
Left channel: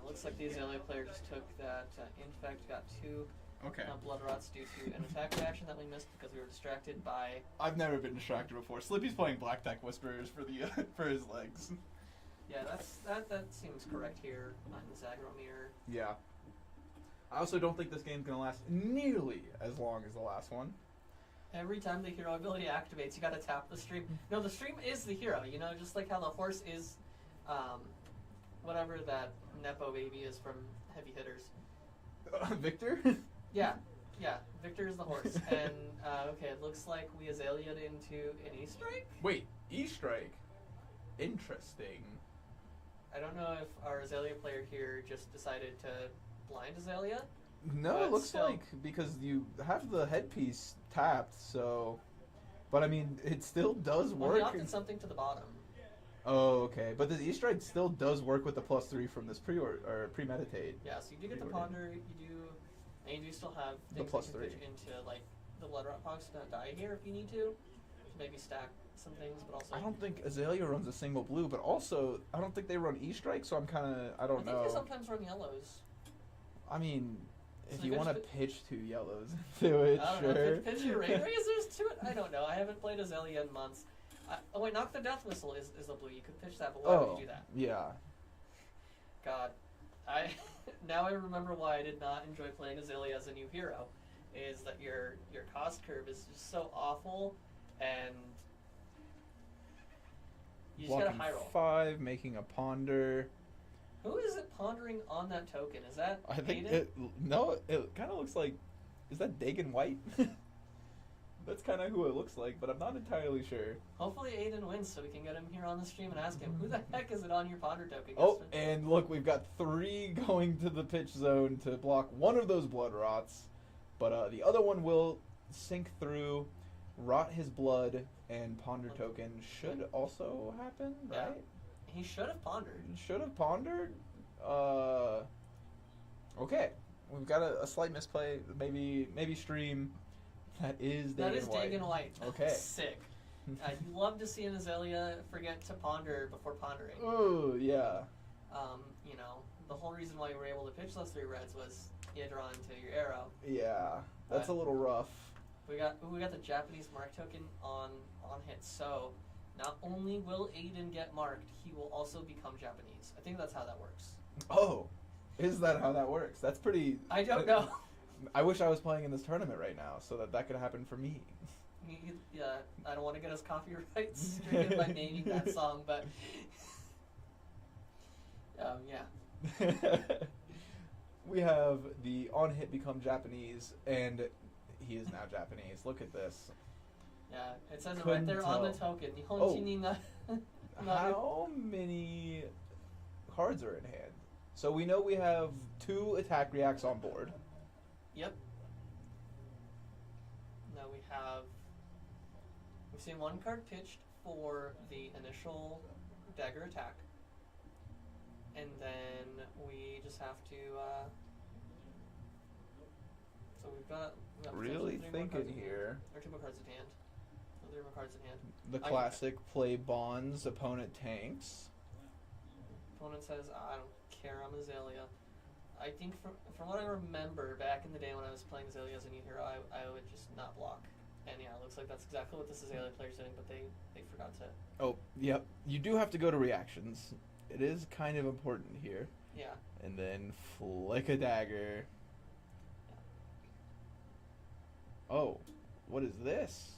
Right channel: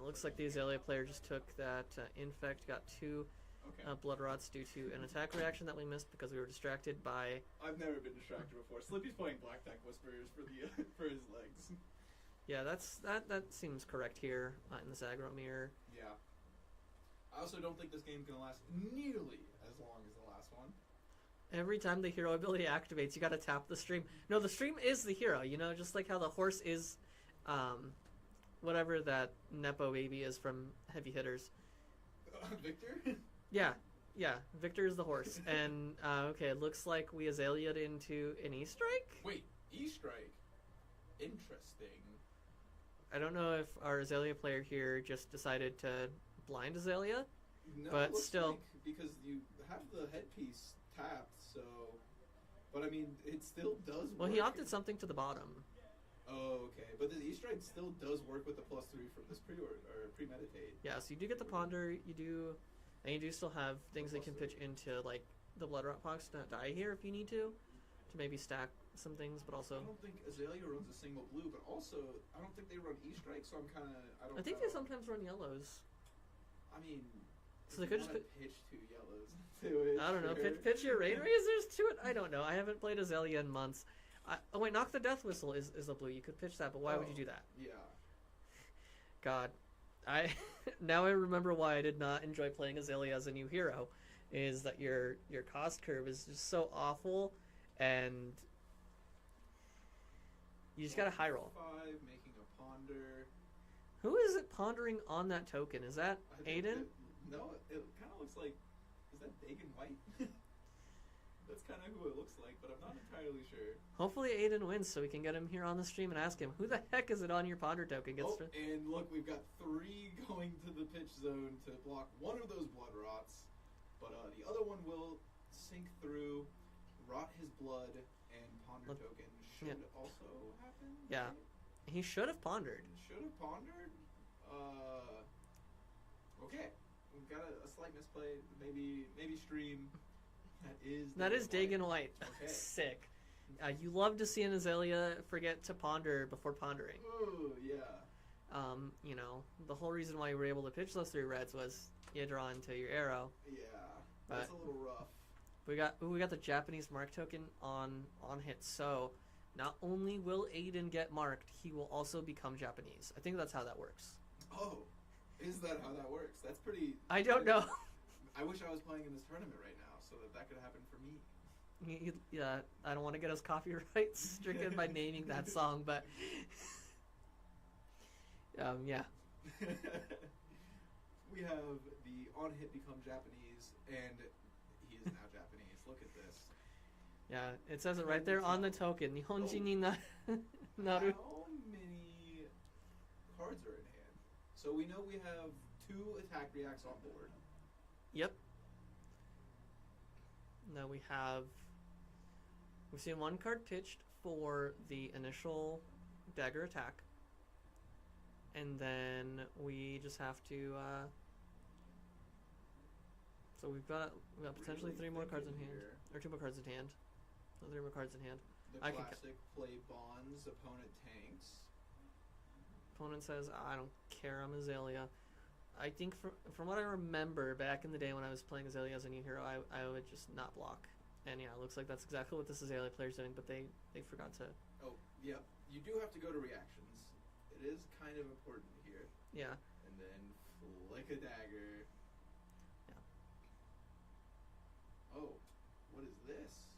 it looks like the Aelia player just took that infect, got 2 Okay. blood rots due to an attack reaction that we missed because we were distracted by. I've never been distracted before. Slippy's playing Black Tech Whisperers for the for his legs. Yeah, that seems correct here in this aggro mirror. Yeah. I also don't think this game's gonna last nearly as long as the last one. Every time the hero ability activates, you gotta tap the stream. No, the stream is the hero. You know, just like how the horse is, whatever that Nepo baby is from Heavy Hitters. Victor? Yeah. Victor is the horse. And okay, it looks like we Azalea'd into an E-Strike. Wait, E-Strike. Interesting. I don't know if our Aelia player here just decided to blind Aelia. No, But it looks still- like because you have the headpiece tapped, so. But I mean, it still does Well, work. he opted something to the bottom. Oh, okay. But the E-Strike still does work with the +3 from this premeditate. Yeah, so you do get the ponder, you do, and you do still have The things that can +3. pitch into like the blood rot pox to die here if you need to maybe stack some things, but also I don't think Aelia runs a single blue, but also I don't think they run E-Strike, so I'm kind of I I don't think know. they sometimes run yellows. I mean, So if they you could want to just pitch 2 yellows into it, I don't sure. know. Pitch your raid razors to it. I don't know. I haven't played Aelia in months. Oh wait, Knock the Death Whistle is a blue. You could pitch that, but why would you do that? Yeah. God, I now I remember why I did not enjoy playing Aelia as a new hero. Is that your cost curve is just so awful, and you just Blocking got a high roll. 5, making a ponder. Who is it pondering on that token? Is that I think Aiden? it kind of looks like. Is that Dagon White? That's kind of who it looks like, but I'm not entirely sure. Hopefully Aiden wins so we can get him here on the stream and ask him, who the heck is it on your ponder token? Oh, and look, we've got 3 going to the pitch zone to block one of those blood rots, but the other one will sink through, rot his blood, and ponder token should also happen, Yeah. right? He should have pondered. Should have pondered. Okay, we've got a slight misplay. Maybe stream. That is Dagon White. Okay. Sick. You love to see an Aelia forget to ponder before pondering. Oh yeah. You know, the whole reason why you were able to pitch those 3 reds was you draw into your arrow. Yeah, that's a little rough. We got the Japanese mark token on hit, so not only will Aiden get marked, he will also become Japanese. I think that's how that works. Oh, is that how that works? That's pretty. I don't know. I wish I was playing in this tournament right now so that could happen for me. Yeah, I don't want to get us copyright stricken by naming that song, but yeah. We have the on hit become Japanese, and he is now Japanese. Look at this. Yeah, it says it Couldn't right there on the tell. token. Oh. Oh. How many cards are in hand? So we know we have 2 attack reacts on board. Yep. Now we've seen 1 card pitched for the initial dagger attack, and then we just have to. So we've got Really 3 more cards thinking in hand, here. or 2 more cards in hand. No, 3 more cards in hand. The I can- classic play bonds, opponent tanks. Opponent says, "I don't care. I'm Aelia." I think from what I remember back in the day when I was playing Aelia as a new hero, I would just not block. And yeah, it looks like that's exactly what this Aelia player's doing, but they forgot to. Oh, yep. You do have to go to reactions. It is kind of important here. Yeah. And then flick a dagger. Oh, what is this?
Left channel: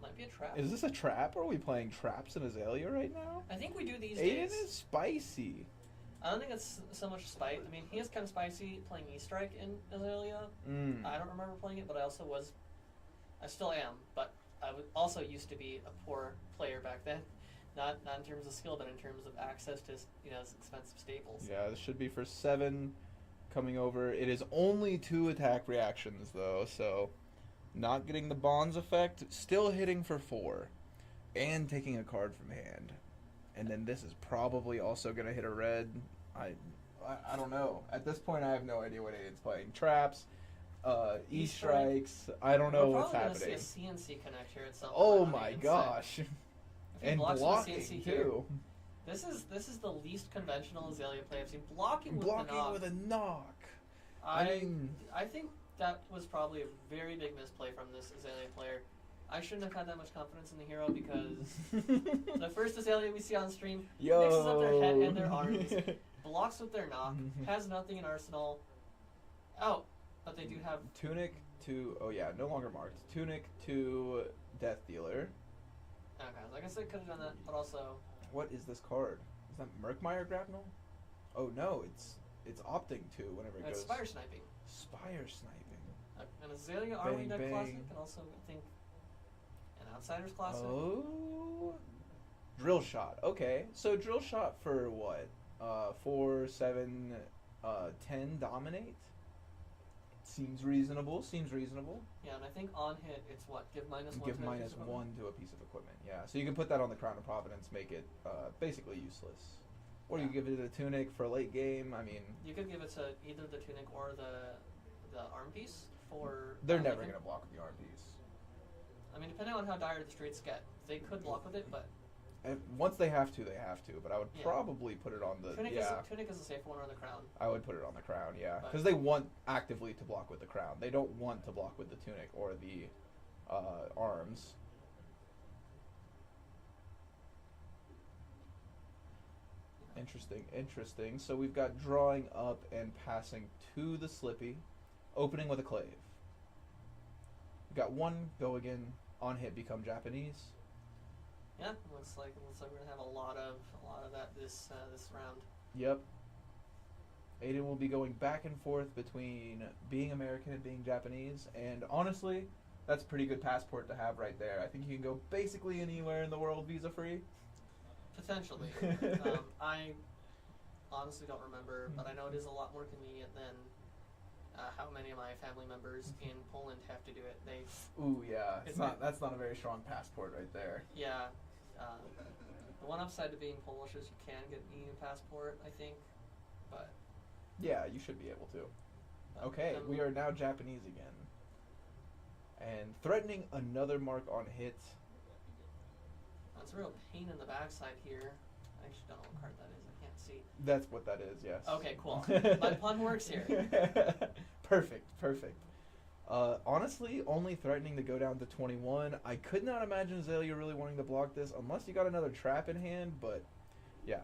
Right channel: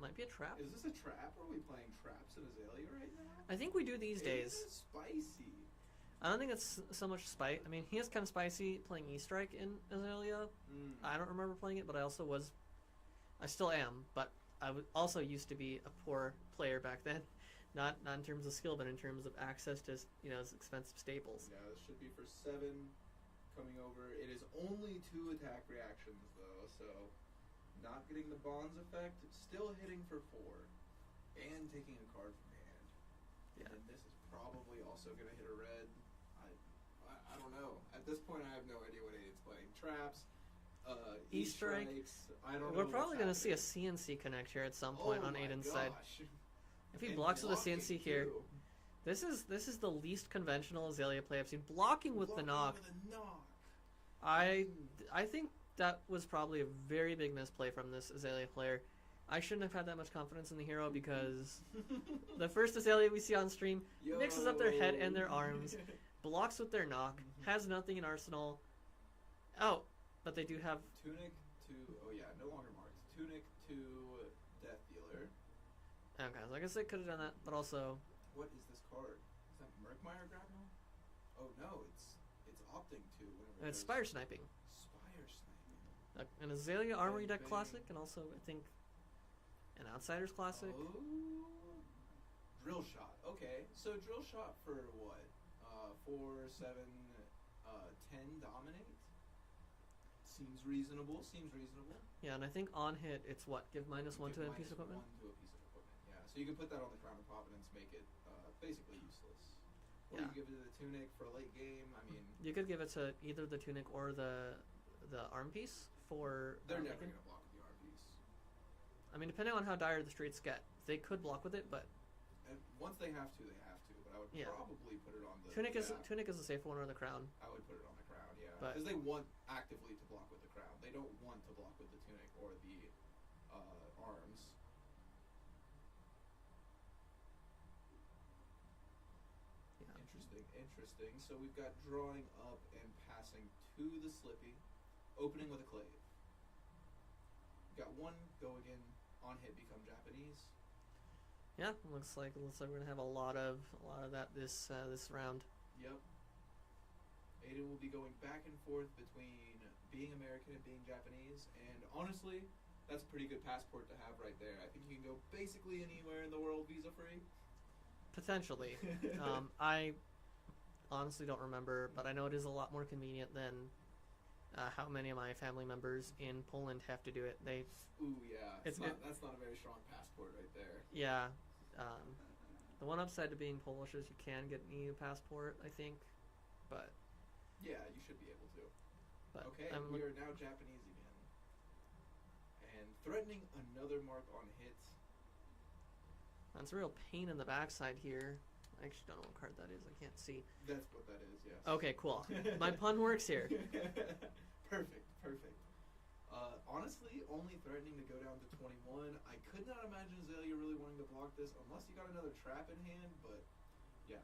Might be a trap. Is this a trap? Are we playing traps in Aelia right now? I think we do these Aiden days. is spicy. I don't think it's so much spite. I mean, he is kind of spicy playing E-Strike in Aelia. I don't remember playing it, but I still am, but I also used to be a poor player back then. Not in terms of skill, but in terms of access to expensive staples. Yeah, this should be for 7 coming over. It is only 2 attack reactions, though, so not getting the bonds effect, still hitting for 4, and taking a card from hand. And then this is probably also going to hit a red. I don't know. At this point, I have no idea what Aiden's playing. Traps, E-strikes. I don't know what's happening. We're probably going to see a CNC connect here at some point. Oh on my Aiden's gosh. side. If he blocks with a CNC here, This is the least conventional Aelia play I've seen. Blocking with the knock. Blocking with a knock. I think that was probably a very big misplay from this Aelia player. I shouldn't have had that much confidence in the hero because the first Aelia we see on stream mixes up their head and their arms, blocks with their knock, has nothing in arsenal. Oh, but they do have Tunic to no longer marked. Tunic to Death Dealer. Okay, so I guess they could have done that, but also What is this card? Is that Murkmire Grapnel? Oh no, it's opting to whenever it it's goes. Spire Sniping. Spire Sniping. An Aelia Armory Bang, deck bang. classic, and also I think an Outsiders classic. Oh, Drill Shot. Okay, so Drill Shot for what? 4, 7, 10 dominate. Seems reasonable. Yeah, and I think on hit it's what? Give -1 Give to a minus piece of equipment? 1 to a piece of equipment. Yeah, so you can put that on the Crown of Providence, make it basically useless. Or you Yeah. give it a Tunic for late game. I mean, You could give it to either the tunic or the arm piece for. they're never Lincoln. gonna block with the arm piece. I mean, depending on how dire the streets get, they could block with it, but And once they have to, they have to. But I would Yeah. probably put it on the tunic is a safe one, or the crown. I would put it on the Crown, yeah, But- because they want actively to block with the Crown. They don't want to block with the Tunic or the arms. Interesting. So we've got drawing up and passing to the Slippy, opening with a clave. We've got one go again, on hit become Japanese. Yeah, looks like we're gonna have a lot of that this round. Yep. Aiden will be going back and forth between being American and being Japanese, and honestly, that's a pretty good passport to have right there. I think you can go basically anywhere in the world visa free. Potentially. I honestly don't remember, but I know it is a lot more convenient than how many of my family members in Poland have to do it. Ooh, yeah. It's That's not a very strong passport right there. Yeah. The one upside to being Polish is you can get an EU passport, I think, but. Yeah, you should be able to. but Okay, we are now Japanese again. And threatening another mark on hit. That's a real pain in the backside here. I actually don't know what card that is. I can't see. That's what that is, yes. Okay, cool. My pun works here. Perfect. Honestly, only threatening to go down to 21. I could not imagine Aelia really wanting to block this unless you got another trap in hand, but yeah.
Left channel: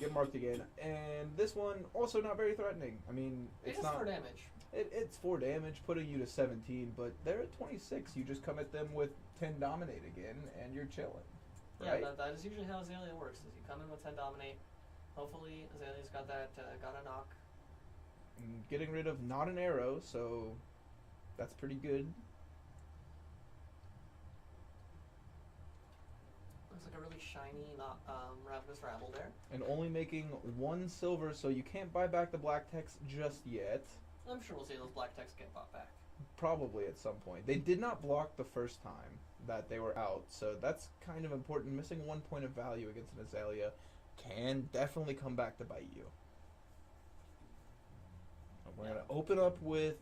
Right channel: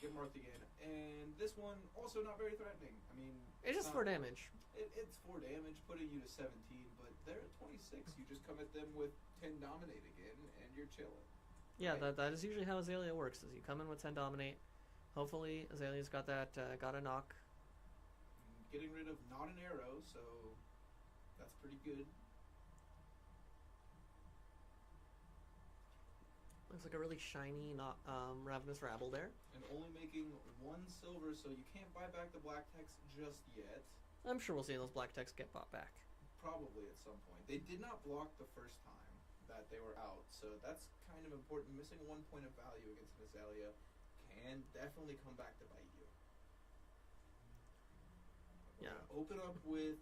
Get marked again. And this one, also not very threatening. I mean, It's just not 4 damage. It's 4 damage, putting you to 17, but they're at 26. You just come at them with 10 dominate again, and you're chilling. Yeah, right? that is usually how Aelia works. Is you come in with 10 dominate. Hopefully, Azalea's got that, got a knock. And getting rid of not an arrow, so that's pretty good. Looks like a really shiny, not Ravenous Rabble there. And only making 1 silver, so you can't buy back the black text just yet. I'm sure we'll see those black texts get bought back. Probably at some point. They did not block the first time that they were out, so that's kind of important. Missing 1 point of value against an Aelia can definitely come back to bite you. And we're going to open up with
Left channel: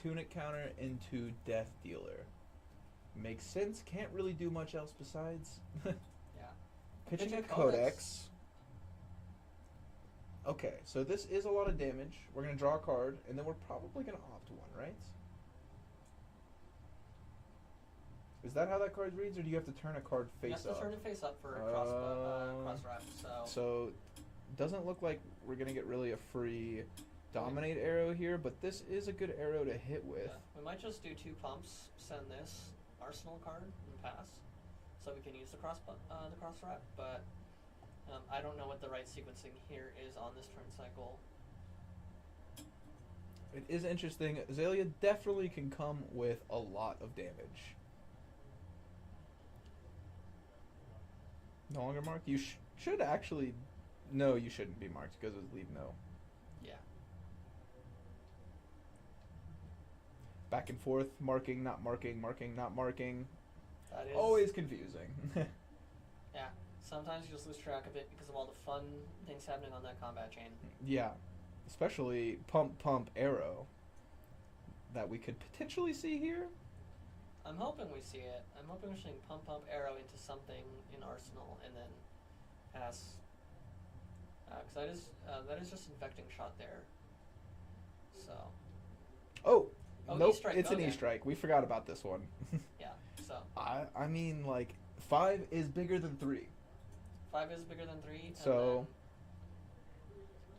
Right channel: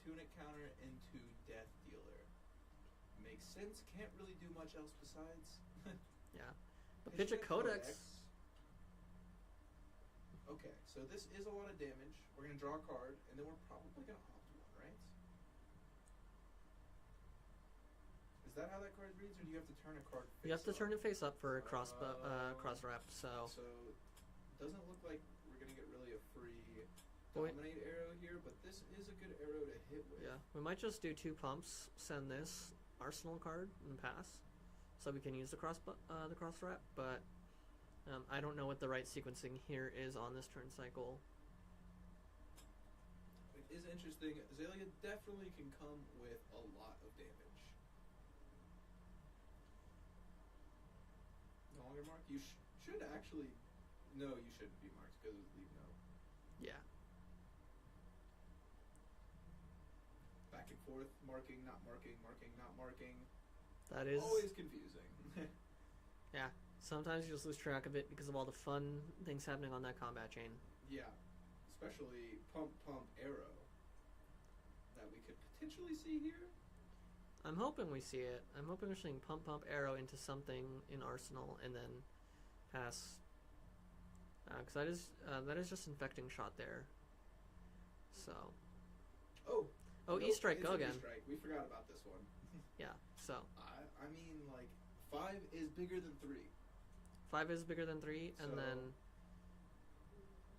Tunic counter into Death Dealer. Makes sense. Can't really do much else besides. Yeah. Pitching a Pitch a Codex. Codex. Okay, so this is a lot of damage. We're going to draw a card, and then we're probably going to opt 1, right? Is that how that card reads, or do you have to turn a card face up? You have to turn it face up for a cross wrap, So, doesn't look like we're going to get really a free dominate arrow here, but this is a good arrow to hit with. Yeah. We might just do 2 pumps, send this arsenal card, and pass. So we can use the cross wrap, but I don't know what the right sequencing here is on this turn cycle. It is interesting. Aelia definitely can come with a lot of damage. No longer marked? You should actually... No, you shouldn't be marked because it's leave no. Yeah. Back and forth, marking, not marking, marking, not marking. That is Always confusing. Yeah. Sometimes you just lose track of it because of all the fun things happening on that combat chain. Yeah. Especially pump, arrow. That we could potentially see here. I'm hoping we see it. I'm hoping we're seeing pump, arrow into something in arsenal, and then Pass. Because that is just infecting shot there. So. Oh, Oh, nope, E-strike, it's go an again. E-strike. We forgot about this one. Yeah. So I mean, like, 5 is bigger than 3. 5 is bigger than 3. So- And then,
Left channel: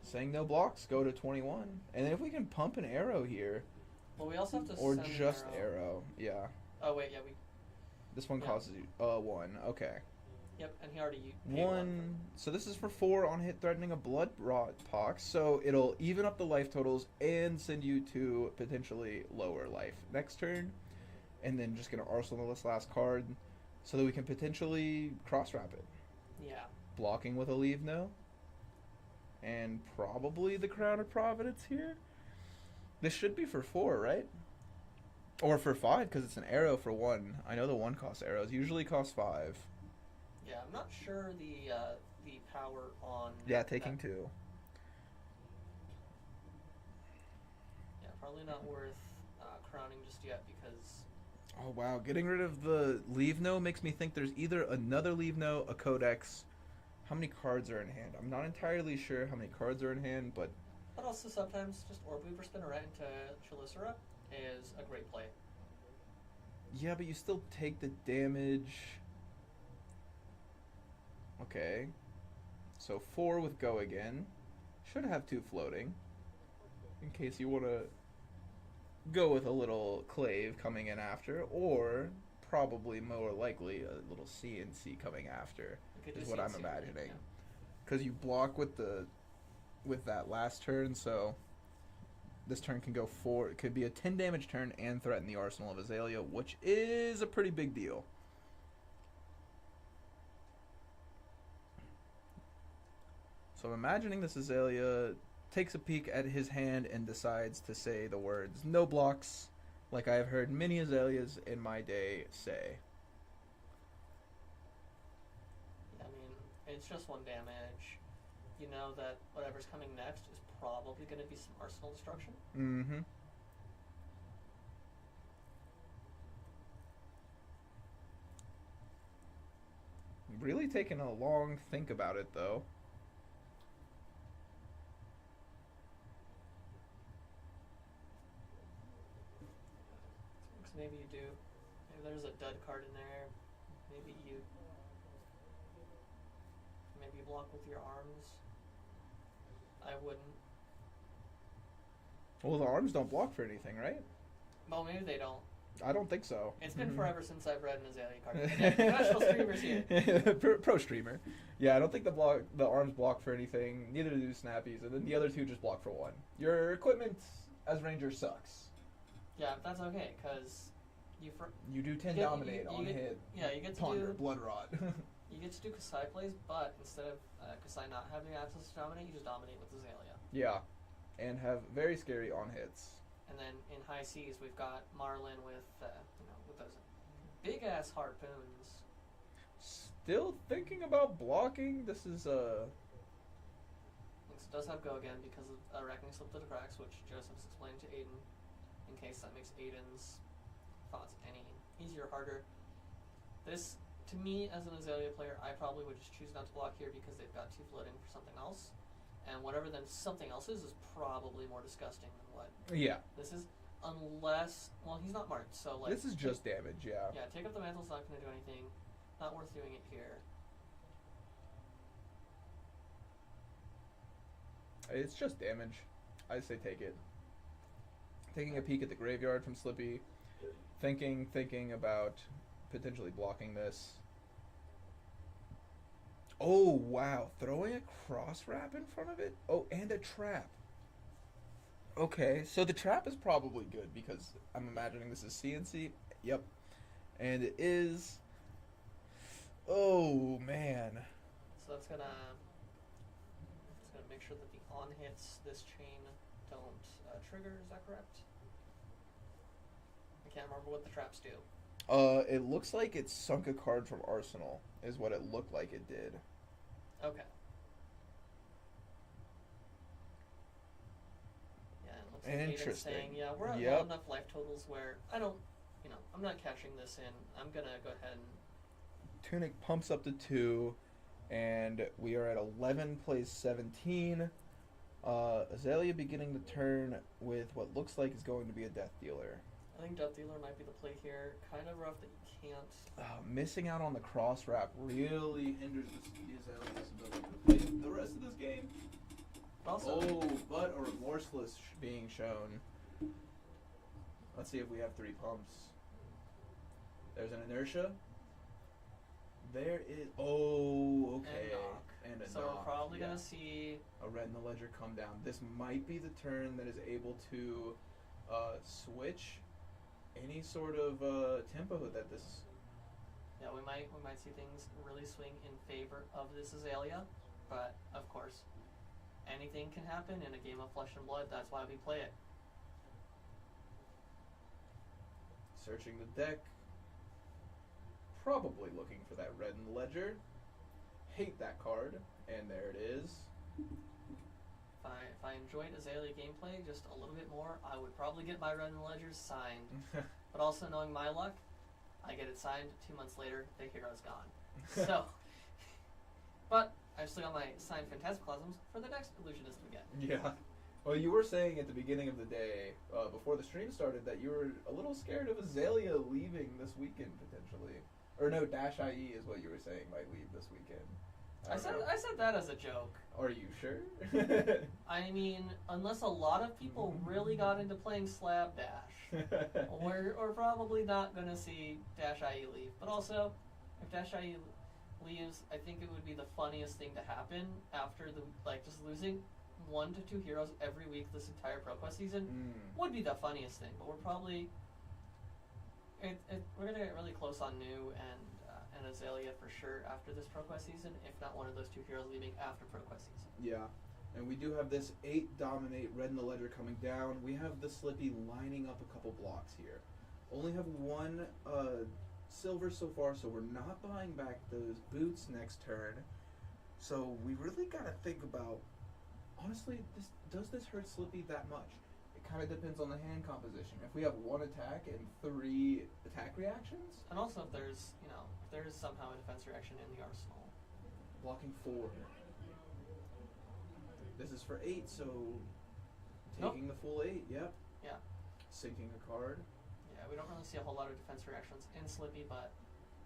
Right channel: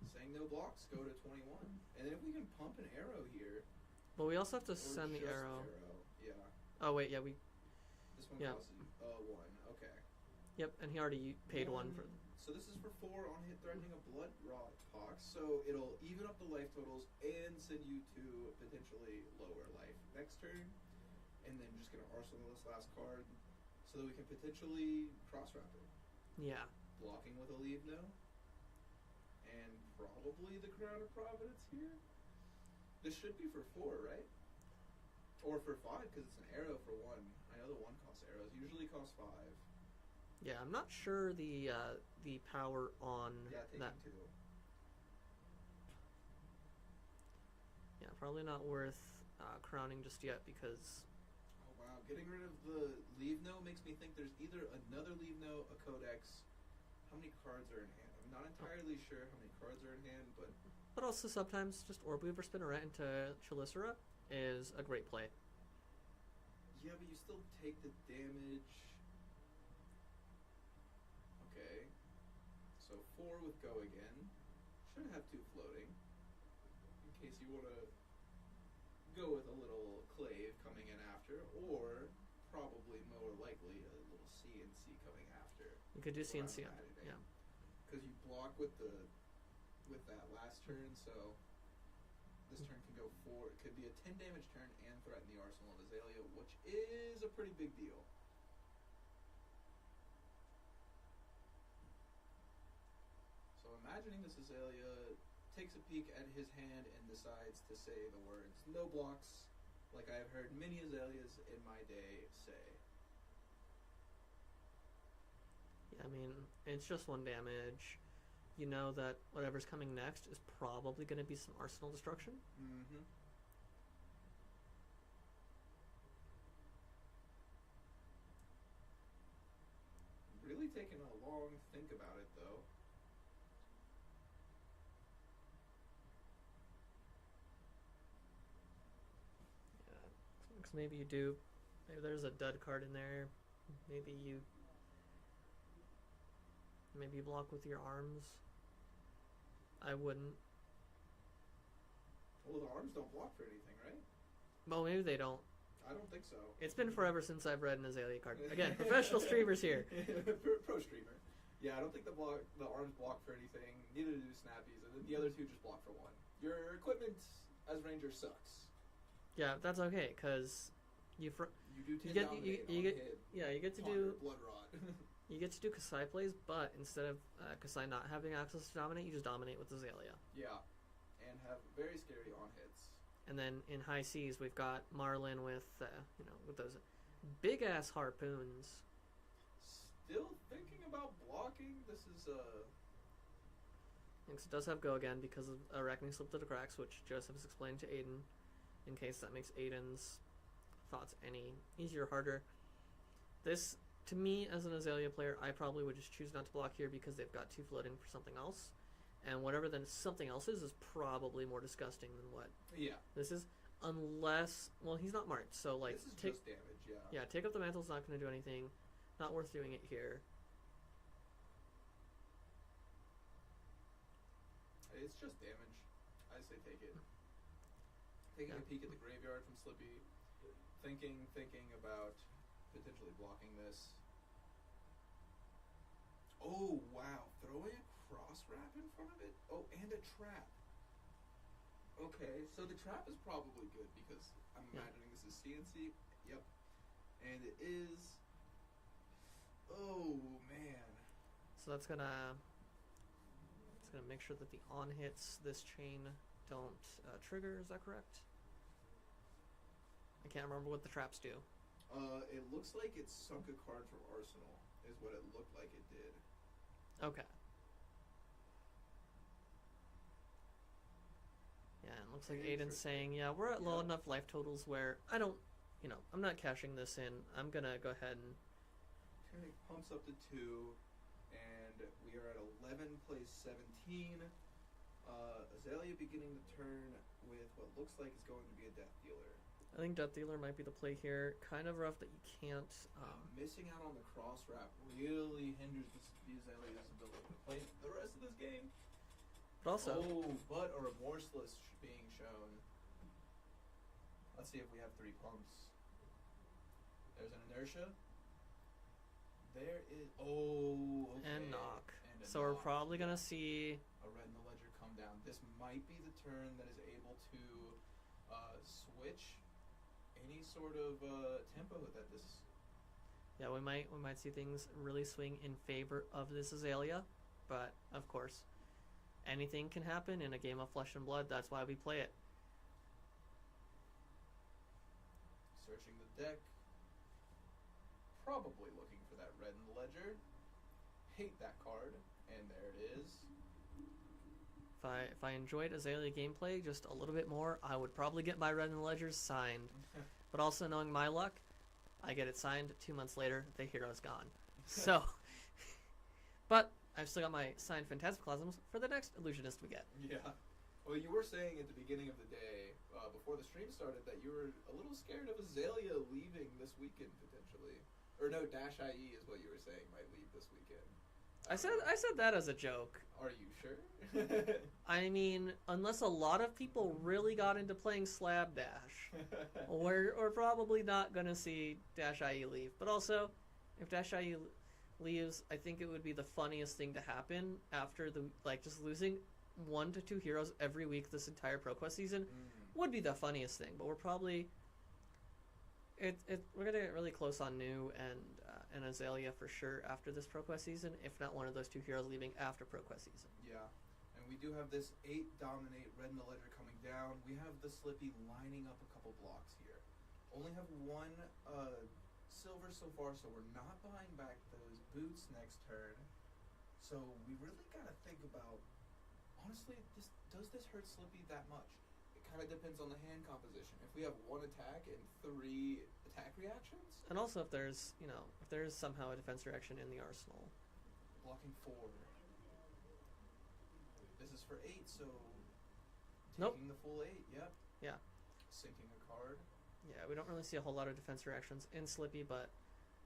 Saying no blocks, go to 21. And then if we can pump an arrow here, well, we also have to or send an just arrow. arrow. Yeah. Oh wait, yeah, we. This one Yeah. causes you 1. Okay. Yep, and he already paid 1. So this is for 4 on hit, threatening a blood rot pox. So it'll even up the life totals and send you to potentially lower life next turn, and then just gonna arsenal this last card, so that we can potentially cross wrap it. Yeah. Blocking with a leave no, and probably the Crown of Providence here. This should be for 4, right? Or for 5, because it's an arrow for 1. I know the 1 cost arrows usually cost 5. Yeah, I'm not sure the power on. Yeah, taking that. 2. Yeah, probably not worth crowning just yet because. Oh wow, getting rid of the leave no makes me think there's either another leave no, a codex. How many cards are in hand? I'm not entirely sure how many cards are in hand, but But also sometimes just Orb Weaver Spinneret into Chelicera is a great play. yeah, but you still take the damage. Okay. So 4 with go again. Should have 2 floating. In case you want to go with a little clave coming in after, or probably more likely a little CNC coming after. You could do Is what I'm CNC, imagining. yeah. Because you block with that last turn, so this turn can go 4. It could be a 10 damage turn and threaten the arsenal of Aelia, which is a pretty big deal. So I'm imagining this Aelia takes a peek at his hand and decides to say the words "no blocks," like I have heard many Azaleas in my day say. I mean, it's just 1 damage. You know that whatever's coming next is probably going to be some arsenal destruction. Mm-hmm. Really taking a long think about it, though. Because maybe you do. Maybe there's a dud card in there. Maybe you block with your arms. I wouldn't. Well, the arms don't block for anything, right? Well, maybe they don't. I don't think so. It's been forever since I've read an Aelia card. Again, professional streamers here. Pro streamer. Yeah, I don't think the arms block for anything. Neither do snappies, and then the other 2 just block for 1. Your equipment as ranger sucks. Yeah, that's okay, because You do 10 get- dominate you on get- hit. yeah, you get to Ponder, do blood rot. you get to do Kasai plays, but instead of Kasai not having access to dominate, you just dominate with Aelia. Yeah, and have very scary on hits. And then in high seas, we've got Marlin with with those big ass harpoons. Still thinking about blocking. This is It does have go again because of Arachne slipped through the cracks, which Joseph has explained to Aiden, in case that makes Aiden's thoughts any easier or harder. This, to me, as an Aelia player, I probably would just choose not to block here because they've got 2 floating for something else. And whatever then something else is probably more disgusting than what yeah. this is. Unless, well, he's not marked, so like... This is just damage, yeah. Yeah, take up the mantle's not going to do anything. Not worth doing it here. It's just damage. I say take it. Taking a peek at the graveyard from Slippy. Thinking about potentially blocking this. Oh, wow. Throwing a cross wrap in front of it? Oh, and a trap. Okay, so the trap is probably good because I'm imagining this is CNC. Yep. And it is... Oh, man. So that's gonna make sure that the on hits this chain don't trigger. Is that correct? I can't remember what the traps do. It looks like it sunk a card from Arsenal, is what it looked like it did. Okay. Yeah, it looks like Aiden's Interesting. saying, yeah, we're at Yep. low enough life totals where I don't, I'm not cashing this in. I'm gonna go ahead and Tunic pumps up to 2. And we are at 11 plays 17. Aelia beginning the turn with what looks like is going to be a Death Dealer. I think Death Dealer might be the play here. Kind of rough that you can't. Missing out on the cross wrap really hinders the Aelia's ability to play the rest of this game. But also, But a Remorseless being shown. Let's see if we have 3 pumps. There's an Inertia. There is. Oh, okay. and knock. And a So we're knock, probably yeah. gonna see. A Red in the Ledger come down. This might be the turn that is able to switch any sort of tempo that this. Yeah, we might see things really swing in favor of this Aelia, but of course, anything can happen in a game of Flesh and Blood. That's why we play it. Searching the deck. Probably looking for that Red in the Ledger. Hate that card, and there it is. If I enjoyed Aelia gameplay just a little bit more, I would probably get my Red and Ledgers signed. But also knowing my luck, I get it signed 2 months later, the hero's gone. So, but I've still got my signed Phantasmaclasms for the next Illusionist we get. Yeah. Well, you were saying at the beginning of the day, before the stream started, that you were a little scared of Aelia leaving this weekend potentially. Or no, Dash IE is what you were saying might leave this weekend. I said that as a joke. Are you sure? I mean, unless a lot of people really got into playing Slab Dash, we're probably not gonna see Dash IE leave. But also, if Dash IE leaves, I think it would be the funniest thing to happen after just losing 1 to 2 heroes every week this entire Proquest season would be the funniest thing. But we're probably we're gonna get really close on New and Aelia for sure after this Proquest season, if not one of those 2 heroes leaving after Proquest season. Yeah. And we do have this 8 Dominate Red in the Ledger coming down. We have the Slippy lining up a couple blocks here. Only have 1 silver so far, so we're not buying back those boots next turn. So we really gotta think about, honestly, does this hurt Slippy that much? It kind of depends on the hand composition. If we have 1 attack and 3 attack reactions, And also if there's somehow a defense reaction in the arsenal. blocking 4. This is for 8, so Nope. taking the full 8. Yep. Yeah. Sinking a card. Yeah, we don't really see a whole lot of defense reactions in Slippy, but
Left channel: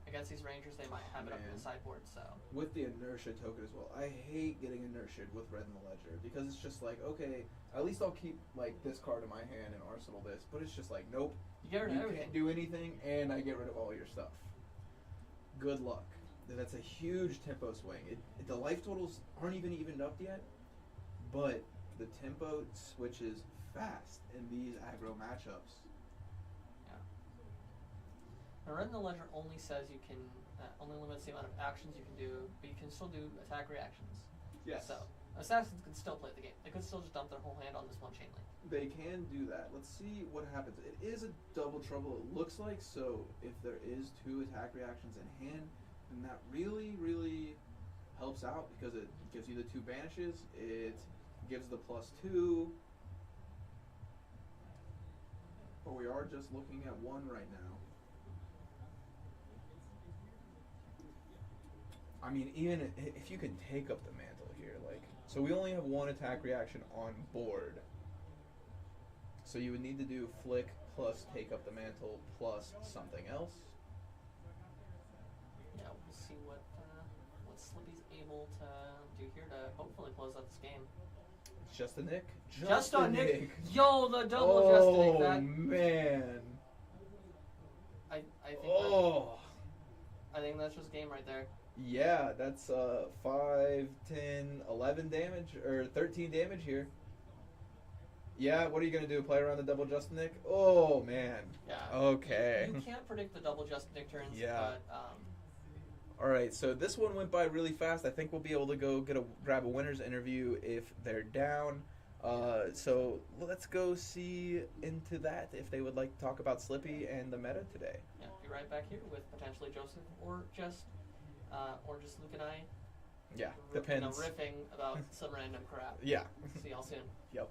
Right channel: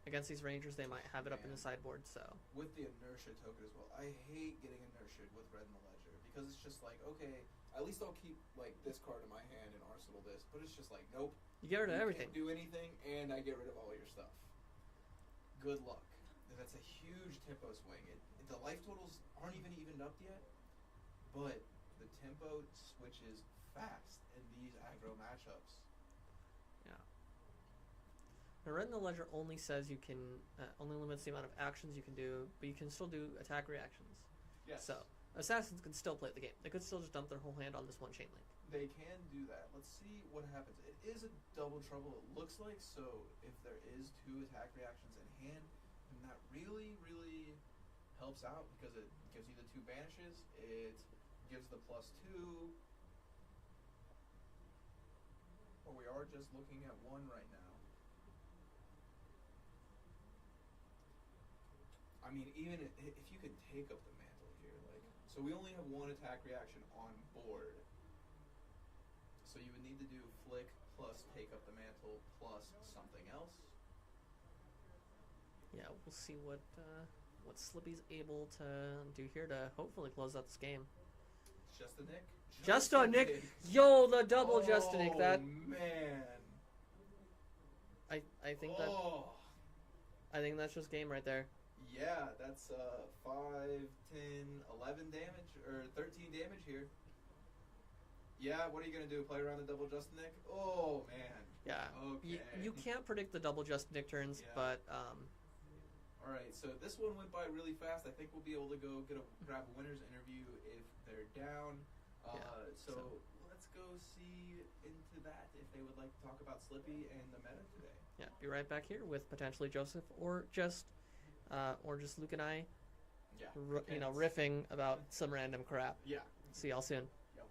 against these Rangers, they might have it up in Man. the sideboard, so. With the inertia token as well. I hate getting inertia with Red in the Ledger because it's just like, okay, at least I'll keep like this card in my hand and arsenal this, but it's just like, nope. You get rid of You everything. can't do anything, and I get rid of all your stuff. Good luck. That's a huge tempo swing. The life totals aren't even evened up yet, but the tempo switches fast in these aggro matchups. Now, Red in the Ledger only says you can, only limits the amount of actions you can do, but you can still do attack reactions. Yes. So, Assassins can still play the game. They could still just dump their whole hand on this 1 chain link. They can do that. Let's see what happens. It is a double trouble, it looks like, so if there is 2 attack reactions in hand, then that really, really helps out because it gives you the 2 banishes, it gives the +2, but we are just looking at 1 right now. I mean, even if you can take up the mantle here, like, so we only have 1 attack reaction on board. So you would need to do flick plus take up the mantle plus something else. Yeah, we'll see what Slippy's able to do here to hopefully close out this game. Just a Nick? Just a Nick! Yo, the double Just a Nick! That, man. I think that's just game right there. Yeah, that's 5, 10, 11 damage, or 13 damage here. Yeah, what are you going to do? Play around the double Just Nick? Oh, man. Yeah. Okay. You can't predict the double Just Nick turns, Yeah. but... All right, so this one went by really fast. I think we'll be able to go grab a winner's interview if they're down. So let's go see into that if they would like to talk about Slippy and the meta today. Yeah, be right back here with potentially Joseph or just Luke and I. Yeah, depends. Riffing about some random crap. Yeah. See y'all soon. Yep.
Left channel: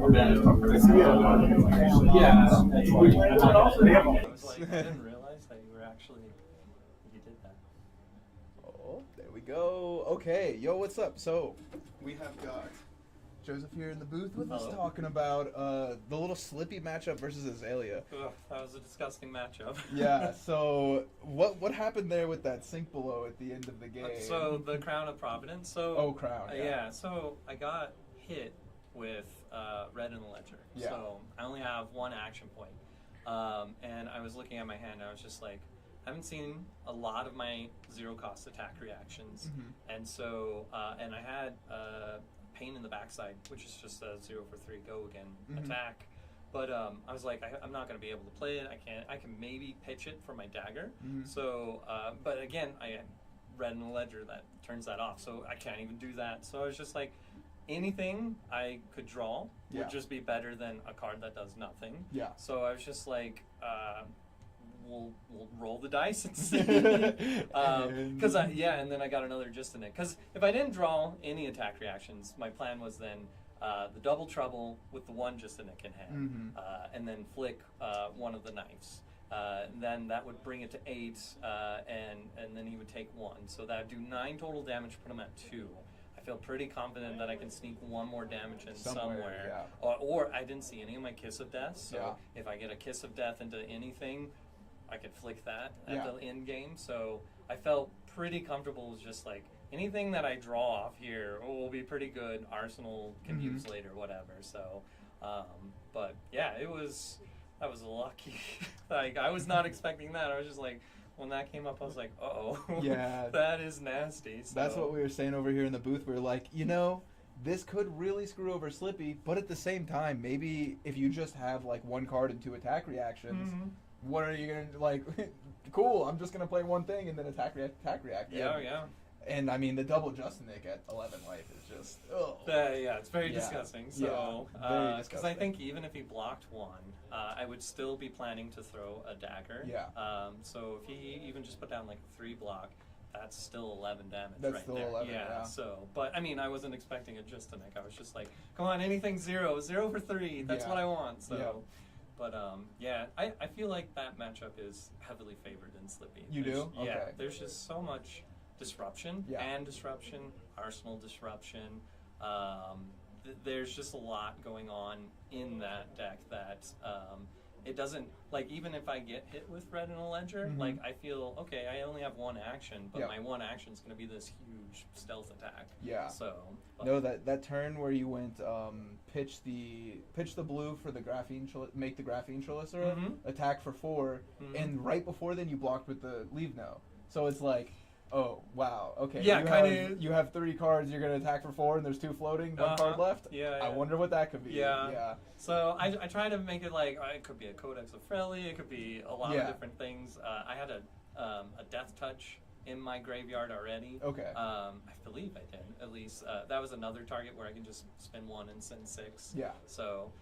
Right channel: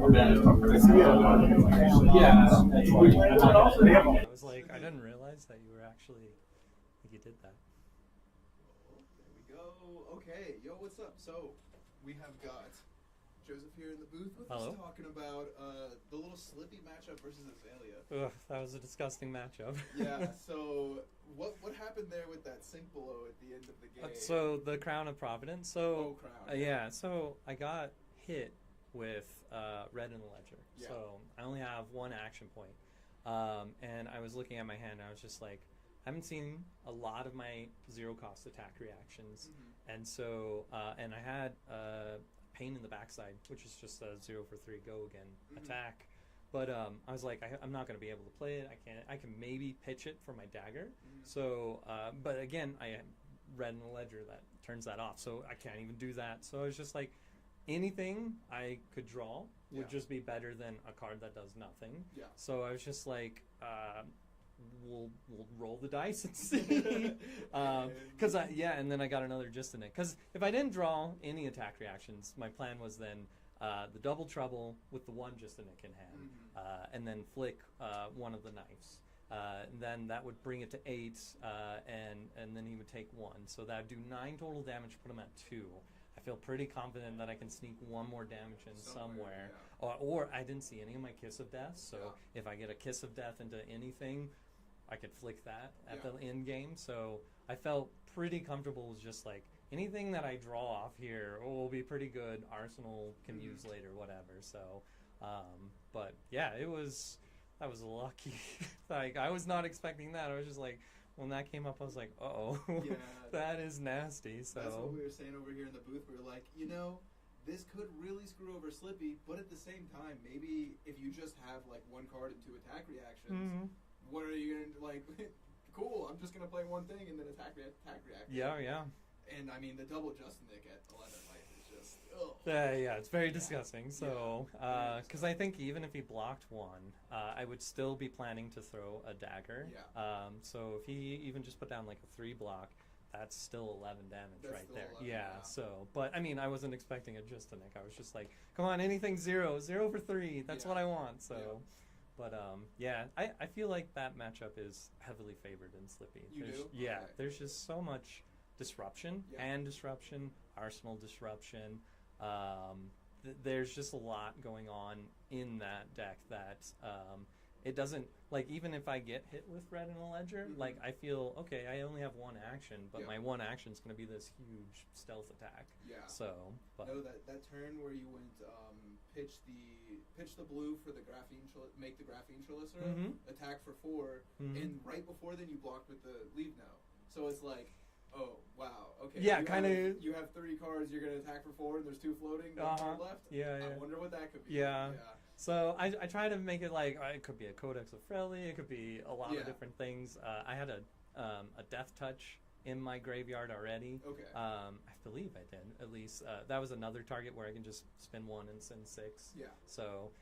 was like, I didn't realize that you were actually, you did that. Oh, there we go. Okay, yo, what's up? So, we have got Joseph here in the booth with us Hello. talking about the little Slippy matchup versus Aelia. Ugh, that was a disgusting matchup. Yeah, so what happened there with that sink below at the end of the game? So the Crown of Providence. So Crown. yeah. So I got hit with red in the ledger. Yeah. So I only have one action point. And I was looking at my hand and I was just like, I haven't seen a lot of my zero cost attack reactions. Mhm. And so, and I had pain in the backside, which is just a 0 for 3 go again Mhm. attack. But I was like, I'm not going to be able to play it. I can maybe pitch it for my dagger. Mhm. So, but again, I read in the ledger that turns that off. So I can't even do that. So I was just like, anything I could draw Yeah. would just be better than a card that does nothing. Yeah. So I was just like, we'll roll the dice and see. Because and then I got another just in it. Because if I didn't draw any attack reactions, my plan was then the double trouble with the one just in it in hand, Mhm. and then flick one of the knives. Then that would bring it to 8, and then he would take 1. So that would do 9 total damage, put him at 2. I feel pretty confident that I can sneak one more damage in somewhere. Yeah. Or I didn't see any of my Kiss of Death, so Yeah. if I get a Kiss of Death into anything, I could flick that at Yeah. the end game. So I felt pretty comfortable with just like anything that I draw off here will be pretty good. Arsenal can Mhm. use later, whatever. So, but yeah, that was lucky. Like I was not expecting that. I was just like, when that came up, I was like, uh-oh. Yeah. That is nasty. So. That's what we were saying over here in the booth. We were like, this could really screw over Slippy, but at the same time, maybe if you just have like one card and 2 attack reactions, Mhm. what are you gonna like? Cool, I'm just gonna play one thing and then attack react. Yeah. And I mean, the double Justinic at 11 life is just Yeah, it's very Yeah. disgusting. So, Yeah, very because I disgusting. think even if he blocked one, I would still be planning to throw a dagger. Yeah. So if he even just put down like a 3 block, that's still 11 damage That's right still there. 11, yeah. So, but I mean, I wasn't expecting a Justinic. I was just like, come on, anything 0 for 3. That's Yeah. what I want. So. Yeah. But I feel like that matchup is heavily favored in Slippy. You There's- do? Yeah, Okay. there's just so much disruption, Yeah. and disruption, Arsenal disruption. There's just a lot going on in that deck that it doesn't, like, even if I get hit with red in a ledger, Mhm. like, I feel, okay, I only have one action, but Yeah. my one action is going to be this huge stealth attack. Yeah. So, but, No, that turn where you went pitch the blue for the make the graphene Chelicera, Mhm. attack for 4, Mhm. and right before then you blocked with the leave no. So it's like, oh wow, okay. Yeah, kinda- You have 3 cards. You're gonna attack for 4, and there's 2 floating, 1 card Uh-huh. left. Yeah, I yeah. wonder what that could be. Yeah. Yeah. So I try to make it like it could be a Codex of Frelly, it could be a lot Yeah. of different things. I had a Death Touch in my graveyard already. Okay. I believe I did, at least. That was another target where I can just spin 1 and send 6. Yeah. So,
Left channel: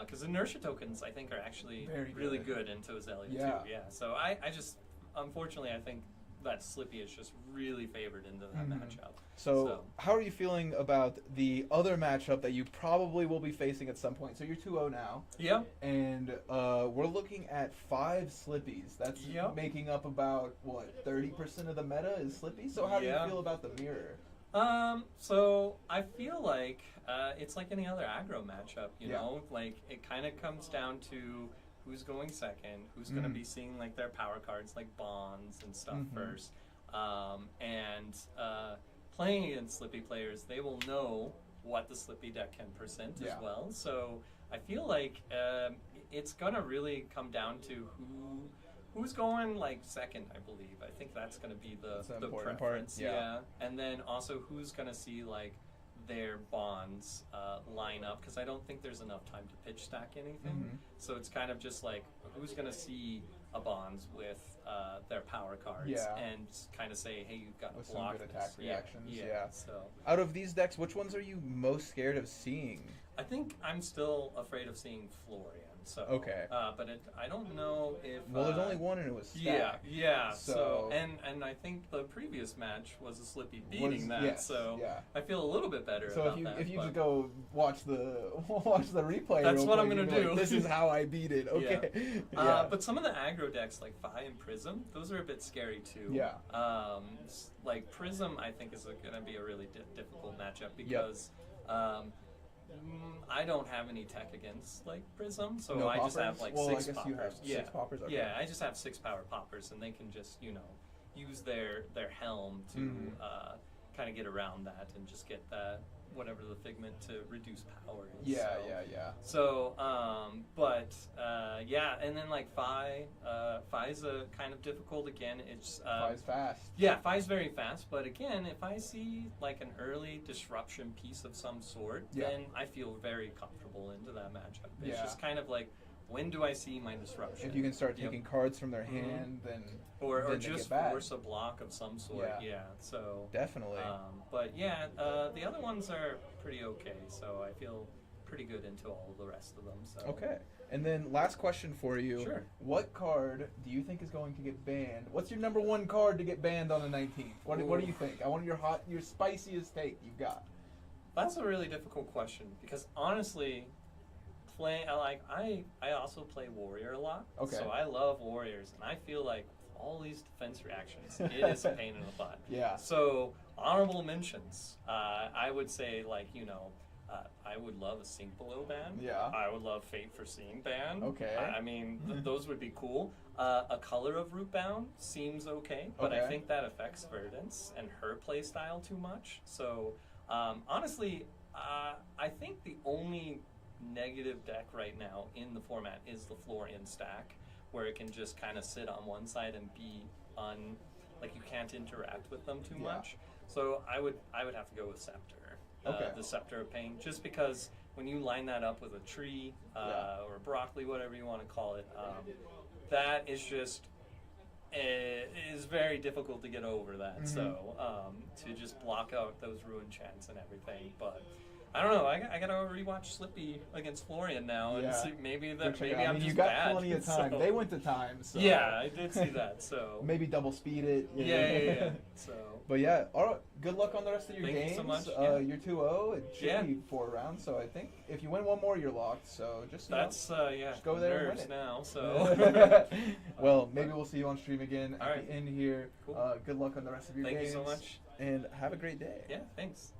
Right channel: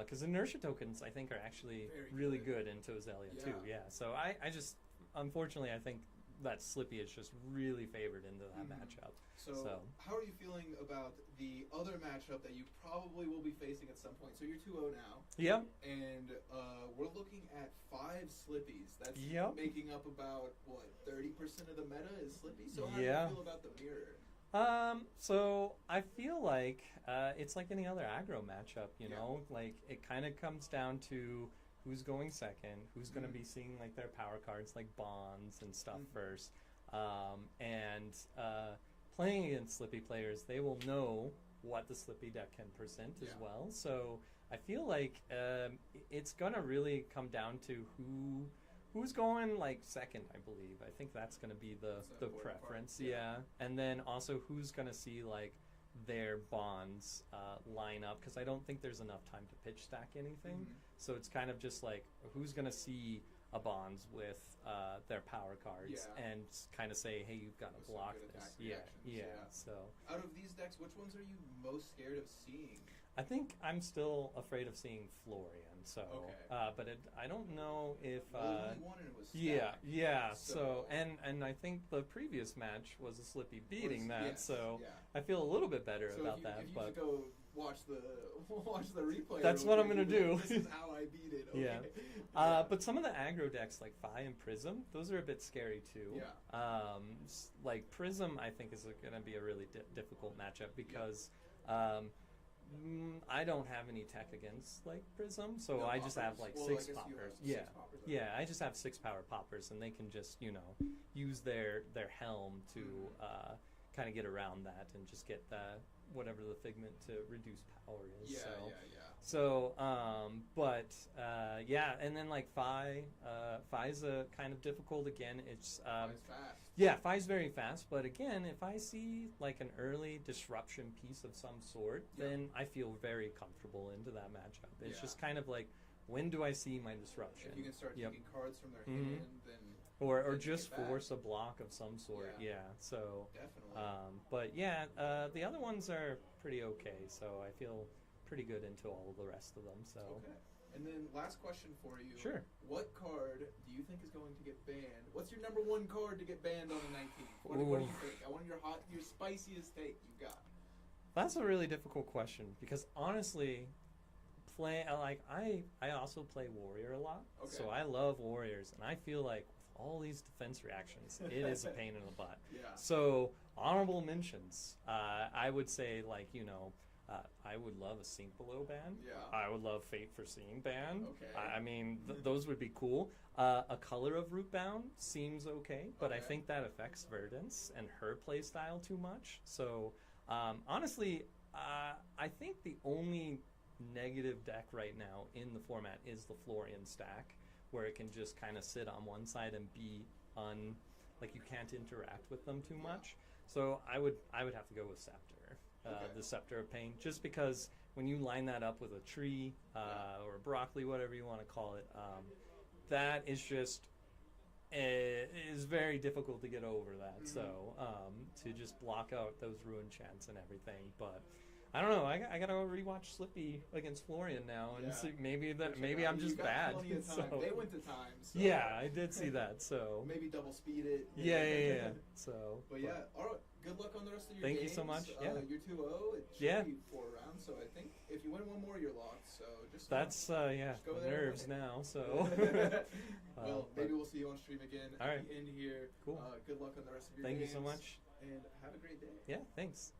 because inertia tokens I think are actually Very really good. good into Aelia Yeah. too. Yeah. So I just, unfortunately, I think that Slippy is just really favored into that Mhm. matchup. So, how are you feeling about the other matchup that you probably will be facing at some point? So you're 2-0 now, Yeah. and we're looking at 5 Slippies. That's Yep. making up about, 30% of the meta is Slippy? So how do Yeah. you feel about the mirror? So I feel like it's like any other aggro matchup, you Yeah. know? Like, it kind of comes down to who's going second, who's going to Mhm. be seeing, like, their power cards, like bonds and stuff Mhm. first. And playing against Slippy players, they will know what the Slippy deck can present Yeah. as well. So I feel like it's going to really come down to who's going, like, second, I believe. I think that's going to be That's the the important part, preference. yeah. And then also who's going to see, like, their bonds line up, because I don't think there's enough time to pitch stack anything. Mhm. So it's kind of just like who's going to see a bonds with their power cards Yeah. and kind of say, hey, you've got With to some block good this. attack reactions, yeah. So Out of these decks, which ones are you most scared of seeing? I think I'm still afraid of seeing Florian. So Okay. But I don't know if. Well, there's only one and it was stacked. Yeah. So So- and I think the previous match was a Slippy beating that. Yes, so yeah. I feel a little bit better So about if you that. if you but just go watch the replay, That's real what I'm quick, gonna you'll be like, do. this is how I beat it. Okay. But some of the aggro decks like Fi and Prism, those are a bit scary too. Yeah. Like Prism, I think is going to be a really difficult matchup because I don't have any tech against like Prism, so No I just poppers? have like Well, 6 I guess poppers. you have yeah. 6 poppers. Okay. Yeah, I just have 6 power poppers, and they can just use their helm to kind of get around that and just get whatever the figment to reduce power is. Yeah, so. yeah. So, and then like Fi's a kind of difficult again. It's Fi's fast. yeah, Fi's very fast, but again, if I see like an early disruption piece of some sort, then I feel very comfortable into that matchup. It's just kind of like, when do I see my disruption? If you can start taking cards from their Mhm. hand, then or then they just get bad. force a block of some sort. Yeah. So Definitely. but yeah, the other ones are pretty okay. So I feel pretty good into all the rest of them. So Okay. And then last question for you. Sure. What card do you think is going to get banned? What's your number 1 card to get banned on the 19th? What do you think? I want your spiciest take you've got. That's a really difficult question because honestly, I also play Warrior a lot. Okay. So I love Warriors, and I feel like all these defense reactions, it is a pain in the butt. Yeah. So honorable mentions, I would say I would love a Sink Below ban. Yeah. I would love Fate for Seeing ban. Okay. I mean, those would be cool. A Color of Root bound seems okay, but I Okay. think that affects Verdance and her play style too much. So honestly, I think the only negative deck right now in the format is the Florian stack, where it can just kind of sit on one side and be like you can't interact with them too much. So I would have to go with Scepter. The Scepter of Pain, just because when you line that up with a tree or a broccoli, whatever you want to call it, that is just is very difficult to get over that. So to just block out those ruin chants and everything, but I don't know. I gotta rewatch Slippy against Florian now and see maybe I'm just you got bad. plenty of time. So. They went to time. So. Yeah, I did see that. So maybe double speed it. Yeah. So. But yeah, all right. Good luck on the rest of your games. Thank you so much. You're 2-0. It should be 4 rounds. So I think if you win one more, you're locked. So just just go there nerves and win it. now. So. Well, maybe we'll see you on stream again All at right. the end here. Cool. Good luck on the rest of your games. Thank you so much. And have a great day. Yeah. Thanks.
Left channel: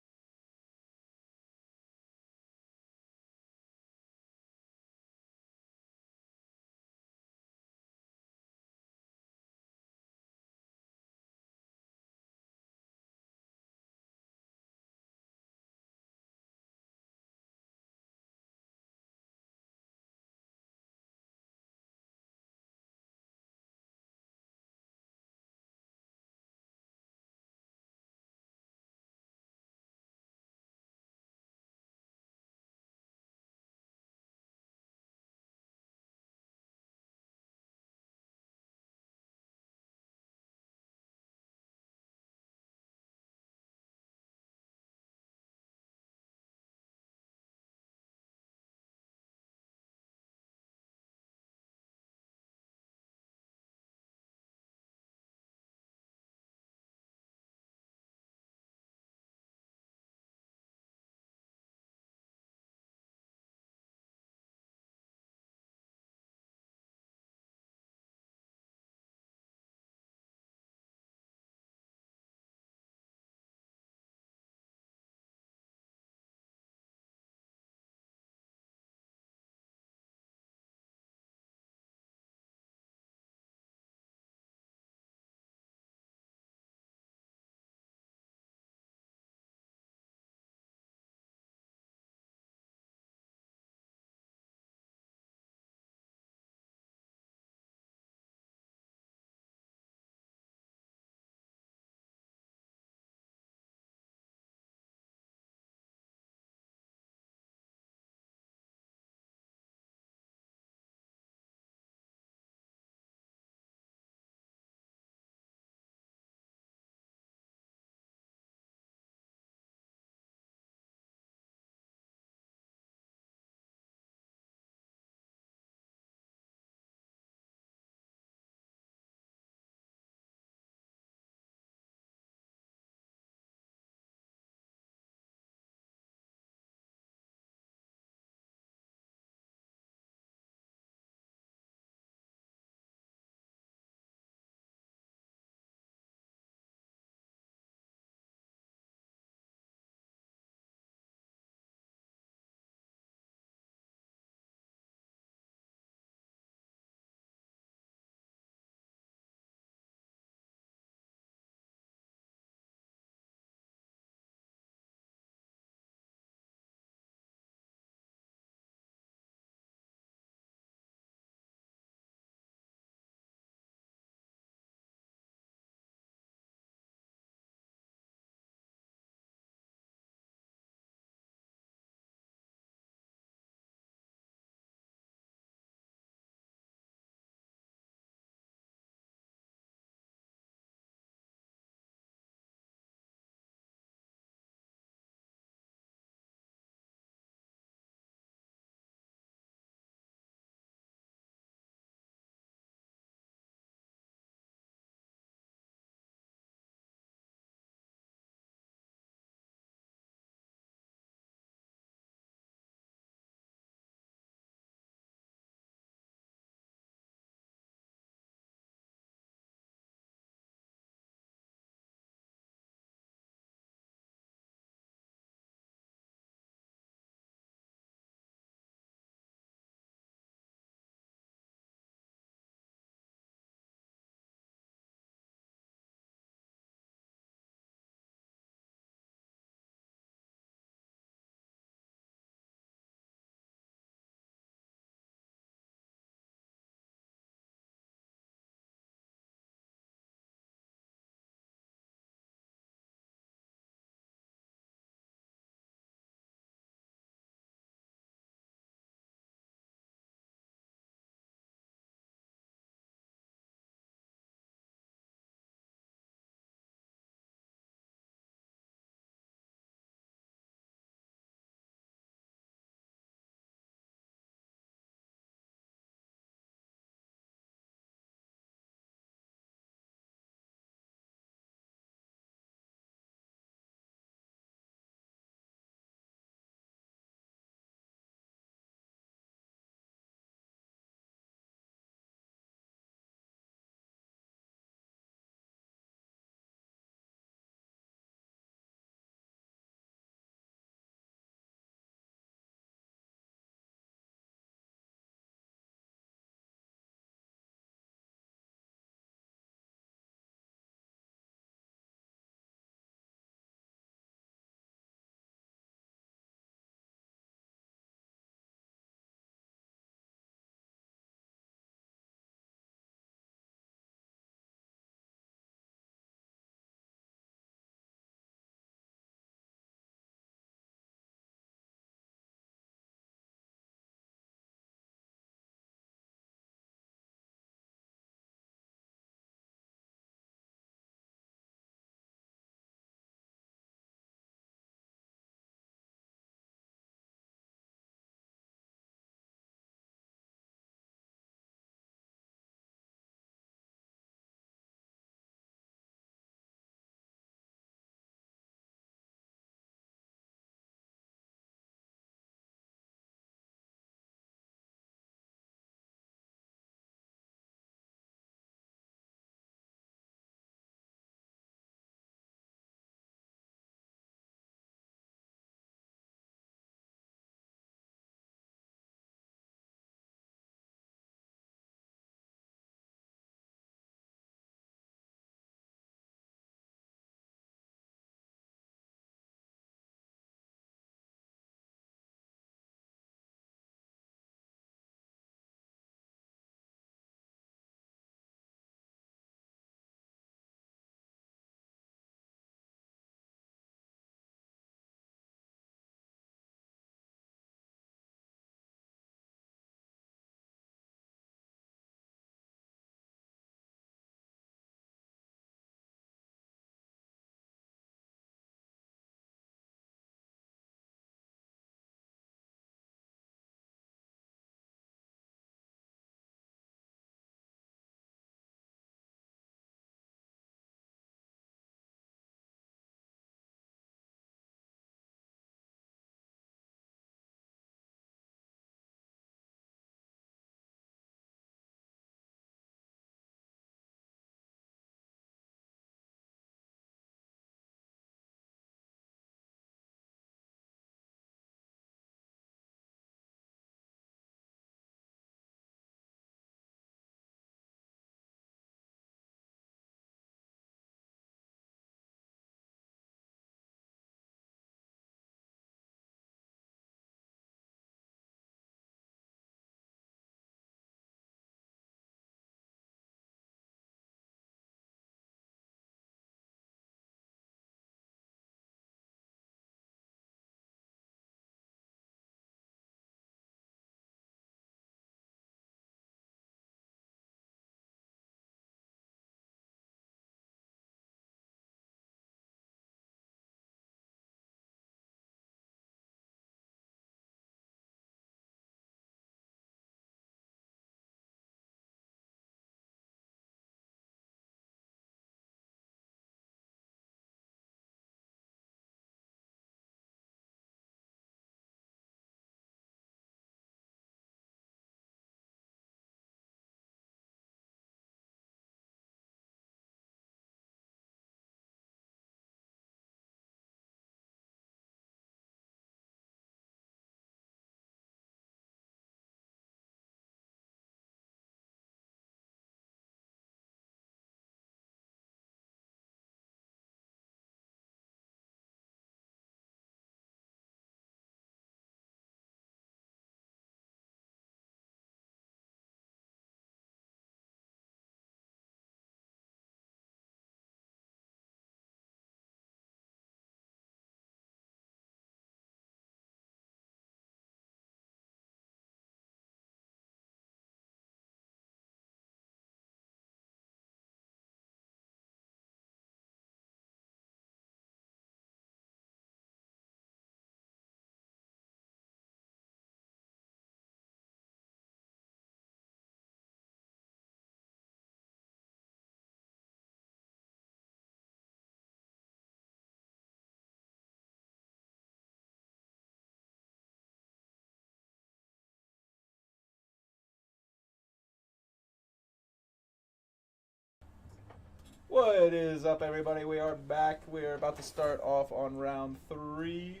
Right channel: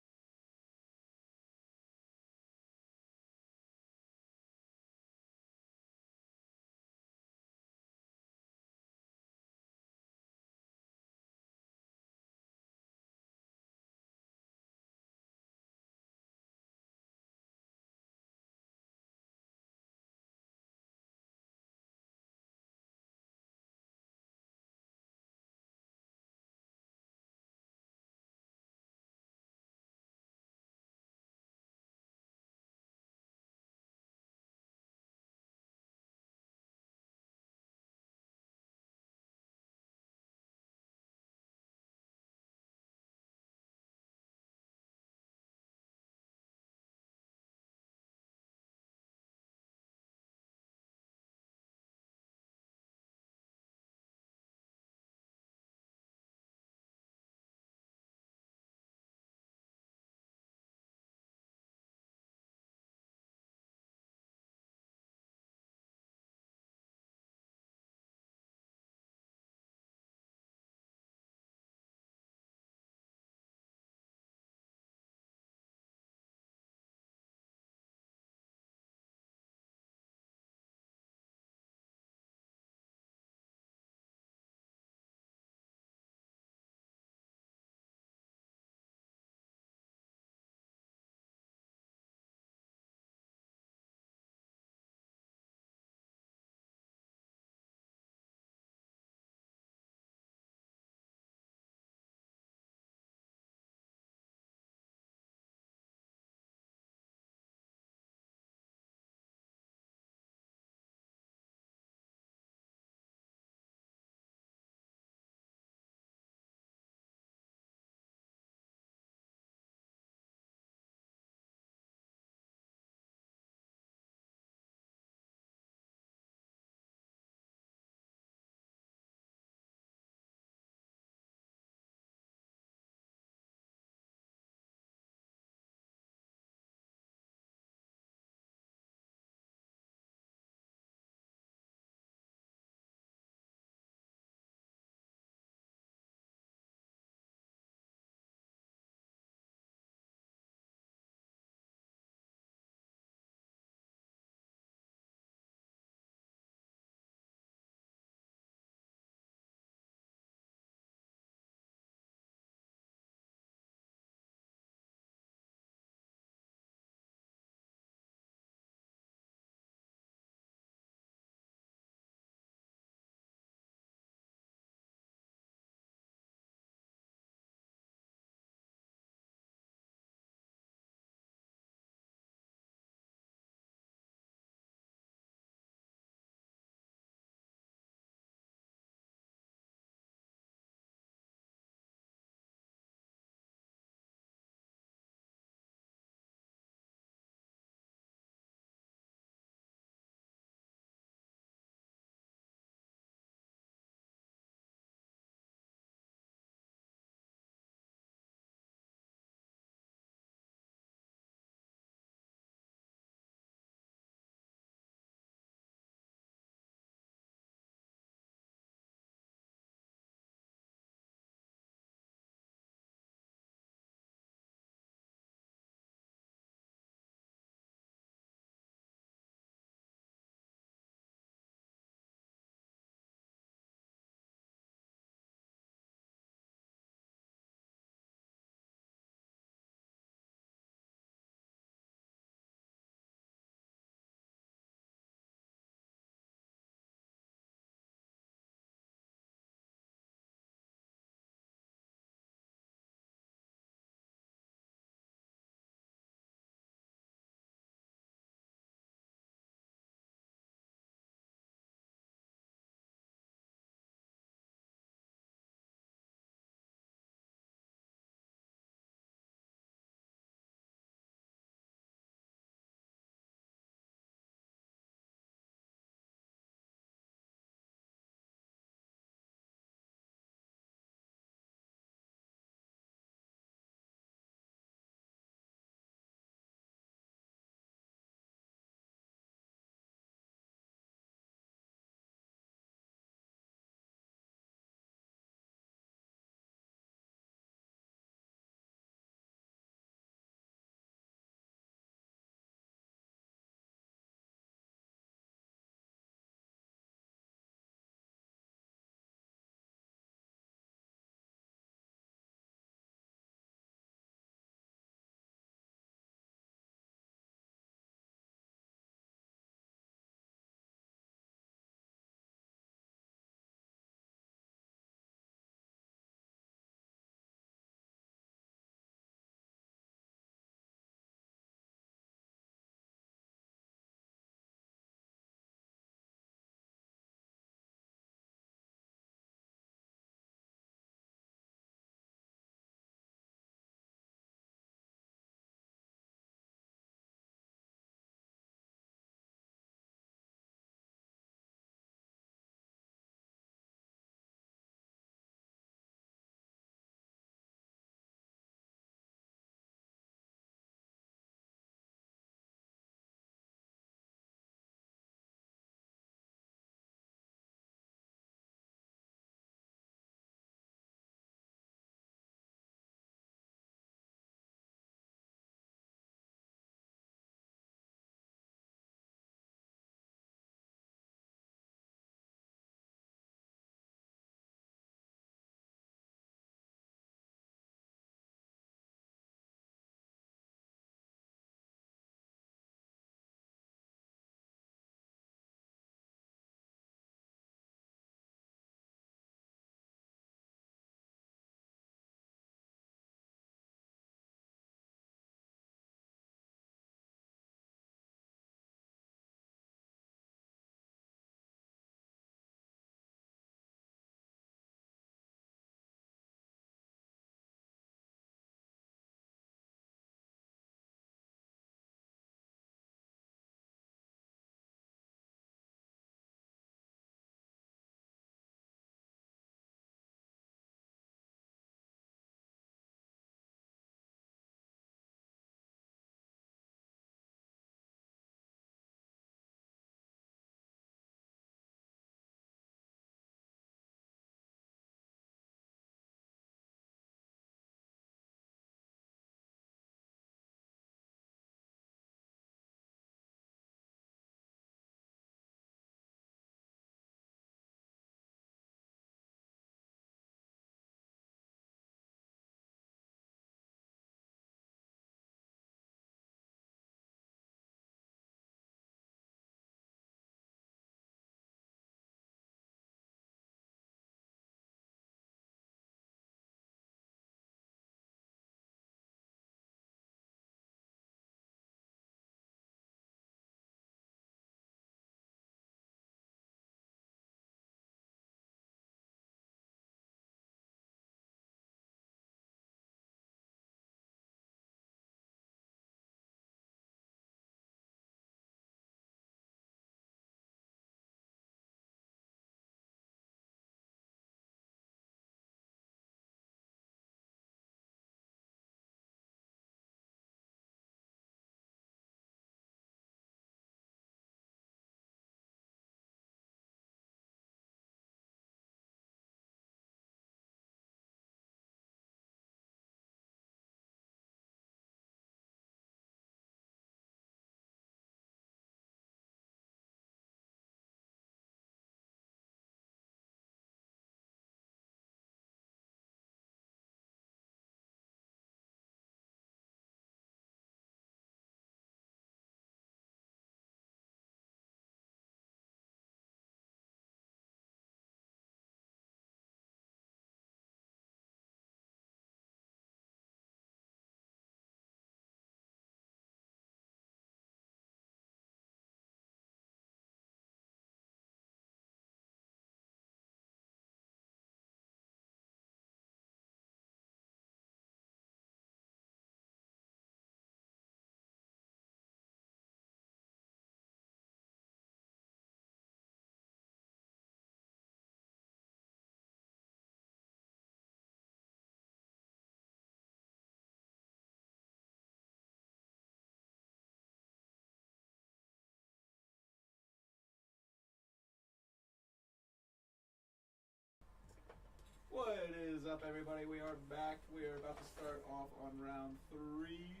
What is up, everybody? We are back. We are about to start off on round 3.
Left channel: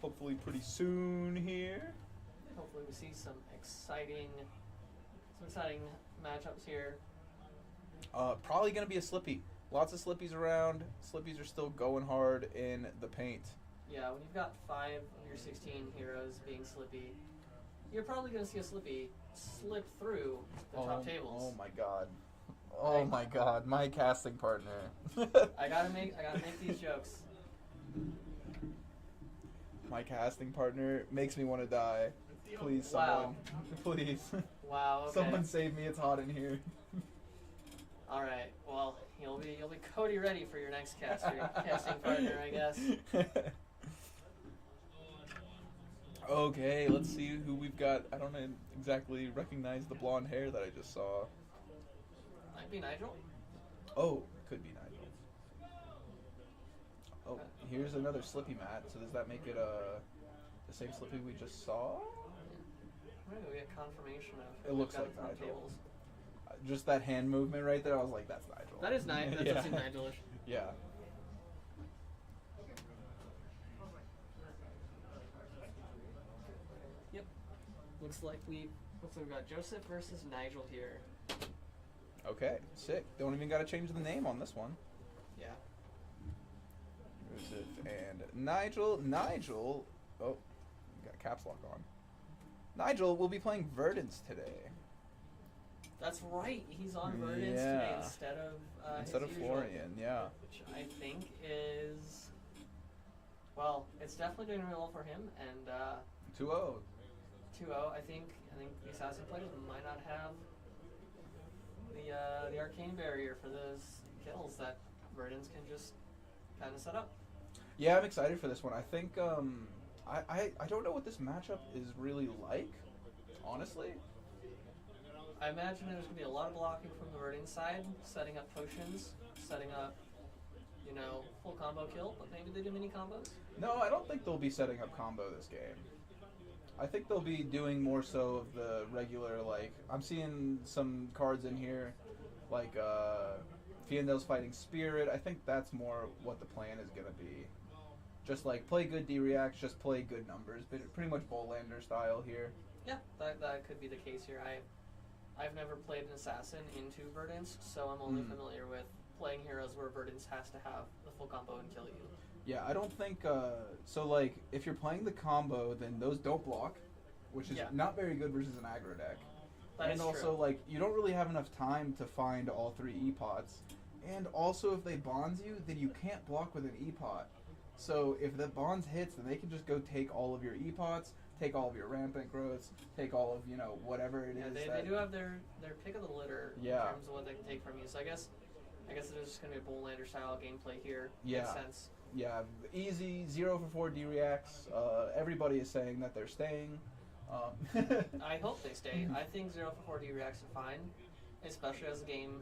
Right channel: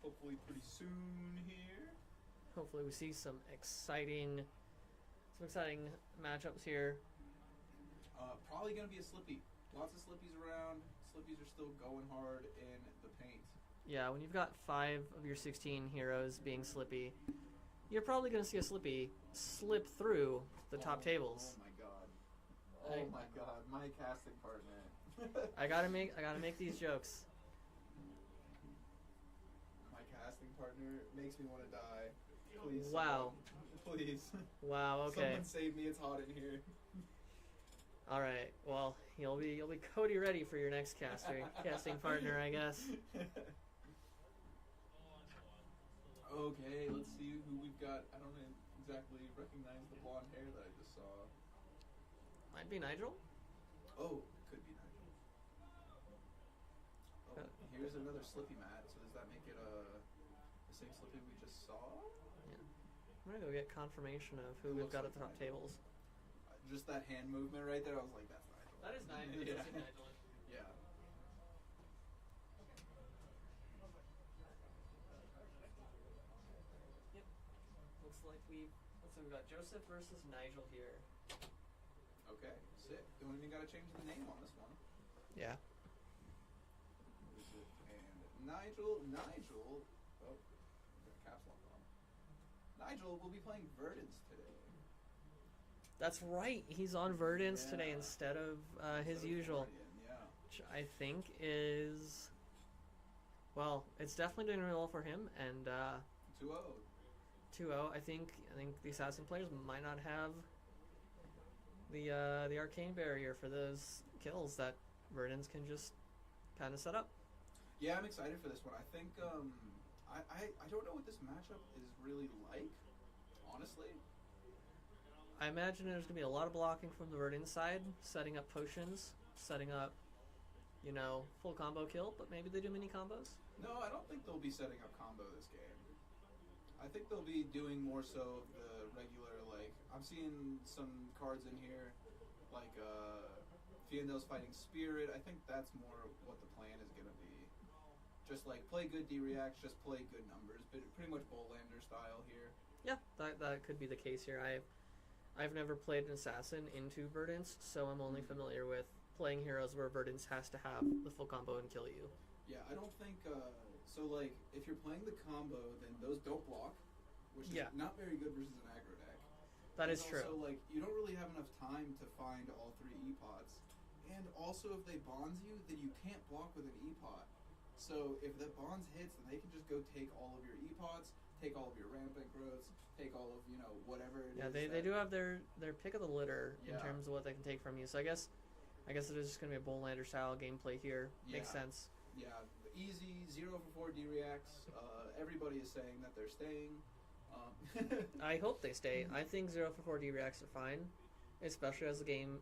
Hopefully pretty soon here. Hopefully we see some exciting matchups here. Probably going to be a Slippy. Lots of Slippies around. Slippies are still going hard in the paint. Yeah, when you've got 5 of your 16 heroes being Slippy, you're probably going to see a Slippy slip through the top tables. Oh my god. Oh my god, my casting partner. I gotta make these jokes. My casting partner makes me want to die. Please, Wow. someone. Please. Wow. Okay. Someone save me. It's hot in here. All right. Well, you'll be Cody ready for your next casting partner, I guess. Okay, let's see who we've got. I don't exactly recognize the blonde hair that I just saw. Might be Nigel. Oh, could be Nigel. Oh, here's another Slippy mat. So does that make it the same Slippy we just saw? I'm gonna go get confirmation of It who we've looks got like at the top Nigel. tables. Just that hand movement right there, I was like, that's Nigel. That is nice. That Yeah. does seem Nigelish. Yeah. Yep. Looks like we've got Joseph versus Nigel here. Okay, sick. Don't even got to change the name on this one. Yeah. Joseph and Nigel. Nigel. Oh, got caps lock on. Nigel will be playing Verdance today. That's right. He's on Verdance today Yeah. instead of Instead his of usual, Florian, yeah. which I think is, well, it's definitely doing really well for him. And 2-0. 2-0. I think the assassin players might not have the arcane barrier for those kills that Verdance can just kind of set up. Yeah, I'm excited for this one. I think I don't know what this matchup is really like, honestly. I imagine there's going to be a lot of blocking from the Verdance side, setting up potions, setting up, full combo kill, but maybe they do mini combos. No, I don't think they'll be setting up combo this game. I think they'll be doing more so of the regular, like, I'm seeing some cards in here, like Fiendel's Fighting Spirit. I think that's more what the plan is going to be. Just like, play good D-reacts, just play good numbers. But pretty much Bowlander style here. Yeah, that could be the case here. I've never played an assassin into Verdance, so I'm only familiar with playing heroes where Verdance has to have the full combo and kill you. Yeah, I don't think, so like, if you're playing the combo, then those don't block, which is not very good versus an aggro deck. That is true. And also, like, you don't really have enough time to find all 3 E-pots. And also, if they bonds you, then you can't block with an E-pot. So if the bonds hits, then they can just go take all of your E-pots, take all of your rampant growths, take all of, whatever it is. They do have their pick of the litter in Yeah. terms of what they can take from you. So I guess it is just going to be a Bowlander style gameplay here. Yeah. Makes sense. Yeah, easy, 0 for 4 D-reacts. Everybody is saying that they're staying. I hope they stay. I think 0 for 4 D-reacts are fine, especially as the game,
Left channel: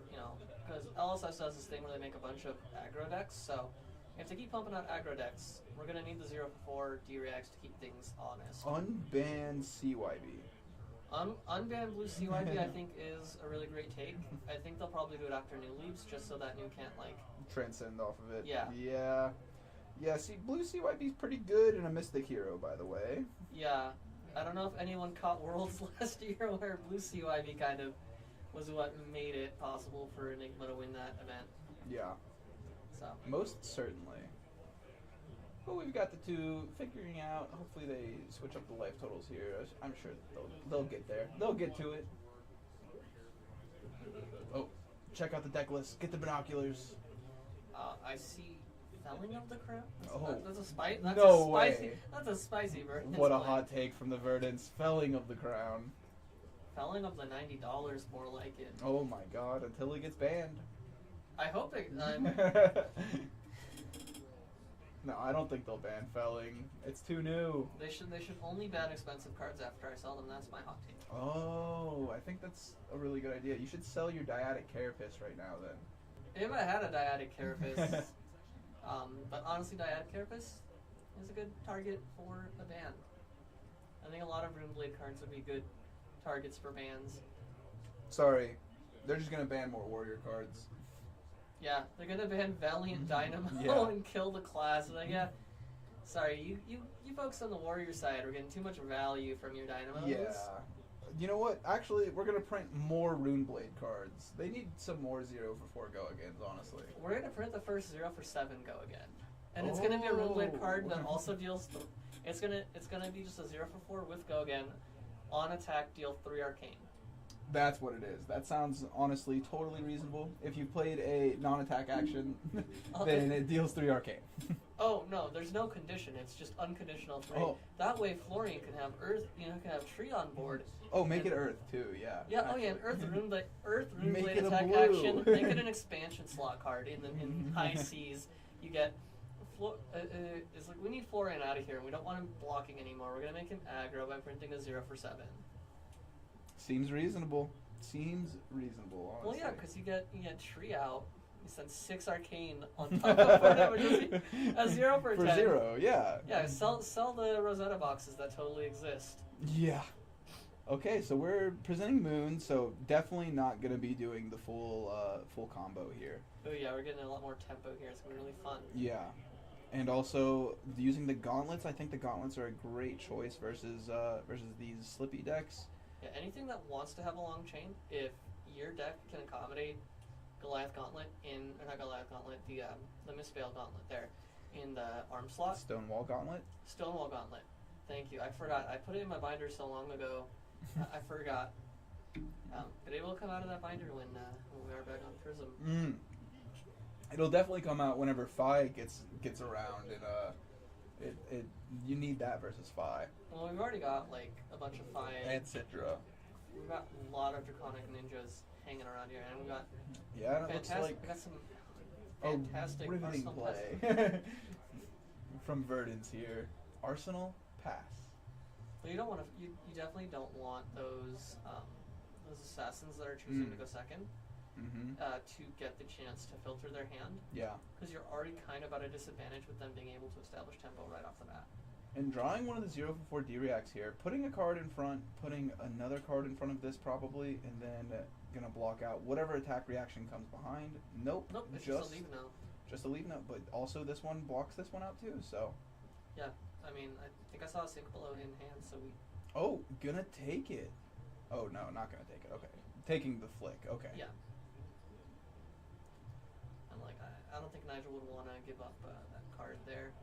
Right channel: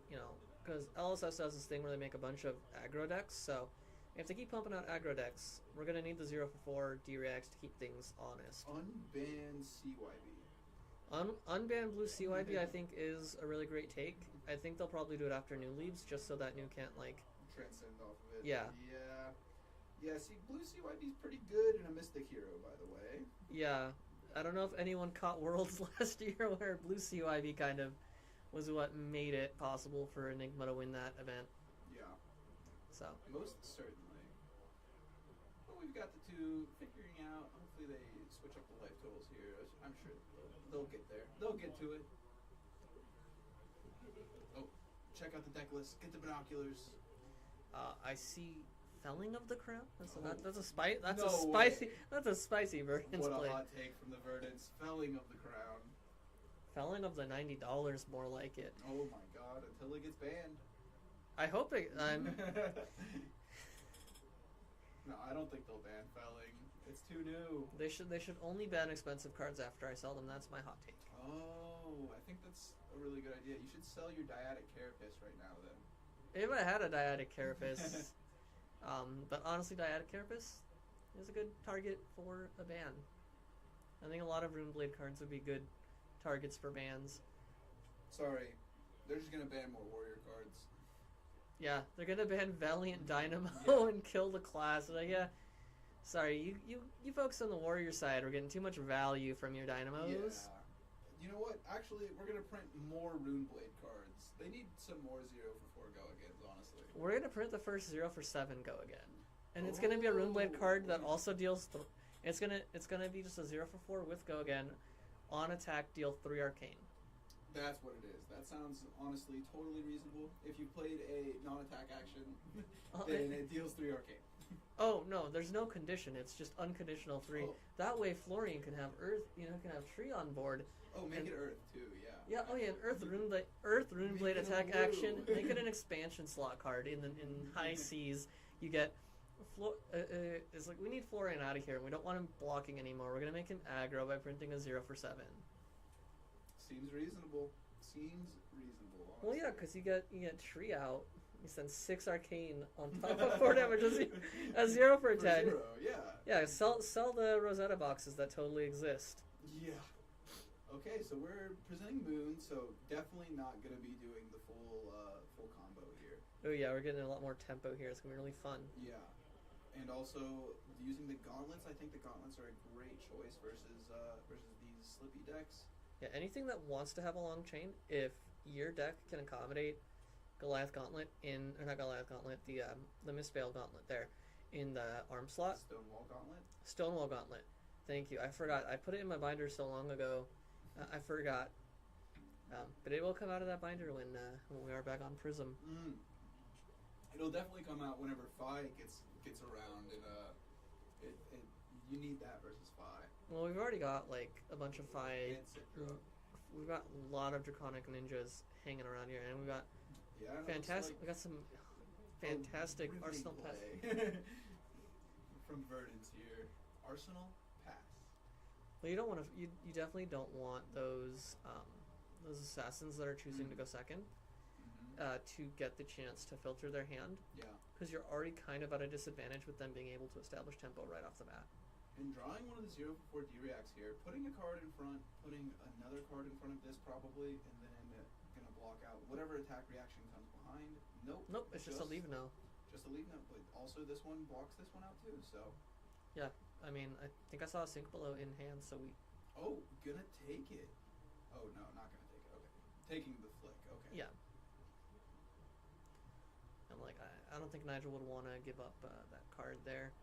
because LSS does this thing where they make a bunch of aggro decks, so if they keep pumping out aggro decks, we're going to need the 0 for 4 D-reacts to keep things honest. Unban CYB. Unban blue CYB I think is a really great take. I think they'll probably do it after New leaves, just so that New can't, Transcend off of it. Yeah. Yeah, see, blue CYB is pretty good and a Mystic hero, by the way. Yeah. I don't know if anyone caught Worlds last year where blue CYB kind of was what made it possible for Enigma to win that event. Yeah. So. Most certainly. But we've got the 2 figuring out. Hopefully they switch up the life totals here. I'm sure they'll get there. They'll get to it. Oh, check out the deck list. Get the binoculars. I see Felling of the Crown. That's a spicy Verdance What a play. hot take from the Verdance. Felling of the Crown. Felling of the $90, more like it. Oh my god, until it gets banned. I hope it. No, I don't think they'll ban Felling. It's too new. They should only ban expensive cards after I sell them. That's my hot take. Oh, I think that's a really good idea. You should sell your Dyadic Carapace right now then. If I had a Dyadic Carapace, but honestly, Dyadic Carapace is a good target for a ban. I think a lot of Runeblade cards would be good targets for bans. Sorry, they're just gonna ban more warrior cards. Yeah, they're gonna ban Valiant Dynamo Yeah. and kill the class. Like, yeah, sorry, you folks on the warrior side are getting too much value from your Dynamos. Yeah. You know what? Actually, we're gonna print more Runeblade cards. They need some more 0 for 4 go agains, honestly. We're gonna print the first 0 for 7 go again, and it's gonna be a Runeblade card that also deals. It's gonna be just a 0 for 4 with go again, on attack deal 3 arcane. That's what it is. That sounds honestly totally reasonable. If you played a non-attack action, then it deals 3 arcane. Oh no, there's no condition. It's just unconditional 3. Oh. That way, Florian can have Earth. Can have Tree on board. Oh, make it Earth too. Yeah. Yeah. Oh yeah, an Earth Make Runeblade it a attack blue. action. Make it an expansion slot card. In high seas, you get. It's like we need Florian out of here. We don't want him blocking anymore. We're gonna make him aggro by printing a 0 for 7. Seems reasonable. Seems reasonable. Honestly. Well, yeah, because you get Tree out. You send 6 arcane on top of 4 damage. A 0 for 10. For 0, yeah. Yeah, sell the Rosetta boxes that totally exist. Yeah. Okay, so we're presenting Moon, so definitely not gonna be doing the full combo here. Oh yeah, we're getting a lot more tempo here. It's gonna be really fun. Yeah, and also using the gauntlets. I think the gauntlets are a great choice versus these Slippy decks. Yeah, anything that wants to have a long chain, if your deck can accommodate Goliath Gauntlet or not Goliath Gauntlet, the Mistveil Gauntlet there in the arm slot. Stonewall Gauntlet. Stonewall Gauntlet. Thank you. I forgot. I put it in my binder so long ago. I forgot. But it will come out of that binder when we are back on Prism. It'll definitely come out whenever Phi gets around, and you need that versus Phi. Well, we've already got like a bunch of Phi. And Citra. We've got a lot of Draconic Ninjas hanging around here, and we got Yeah, and it looks fantastic. like We got some fantastic riveting Arsenal play from Verdance here. Arsenal pass. Well, you don't want to. You definitely don't want those assassins that are choosing to go second to get the chance to filter their hand. Yeah. Because you're already kind of at a disadvantage with them being able to establish tempo right off the bat. And drawing one of the 0 for 4 D-reacts here, putting a card in front, putting another card in front of this probably, and then gonna block out whatever attack reaction comes behind. Nope. It's just a leave now. Just a leave note, but also this one blocks this one out too, so. Yeah, I mean, I think I saw a Sync Below in hand, so we... Oh, gonna take it. Oh, no, not gonna take it, okay. Taking the flick, okay. Yeah. I'm like, I don't think Nigel would want to give up that card there.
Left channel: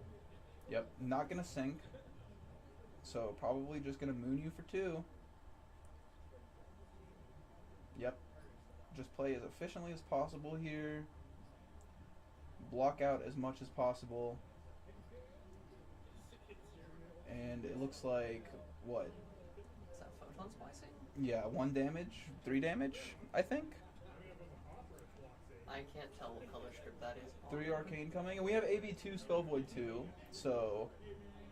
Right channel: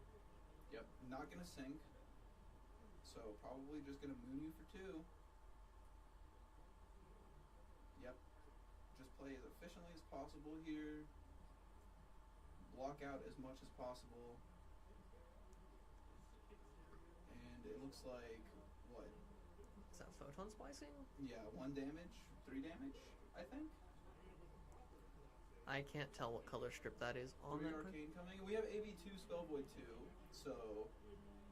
Yep, not gonna sink. So probably just gonna moon you for 2. Yep. Just play as efficiently as possible here. Block out as much as possible. And it looks like, what? Is that Photon Splicing? Yeah, 1 damage, 3 damage, I think. I can't tell what color script that is. 3 arcane coming, and we have AB2 Spell Void 2, so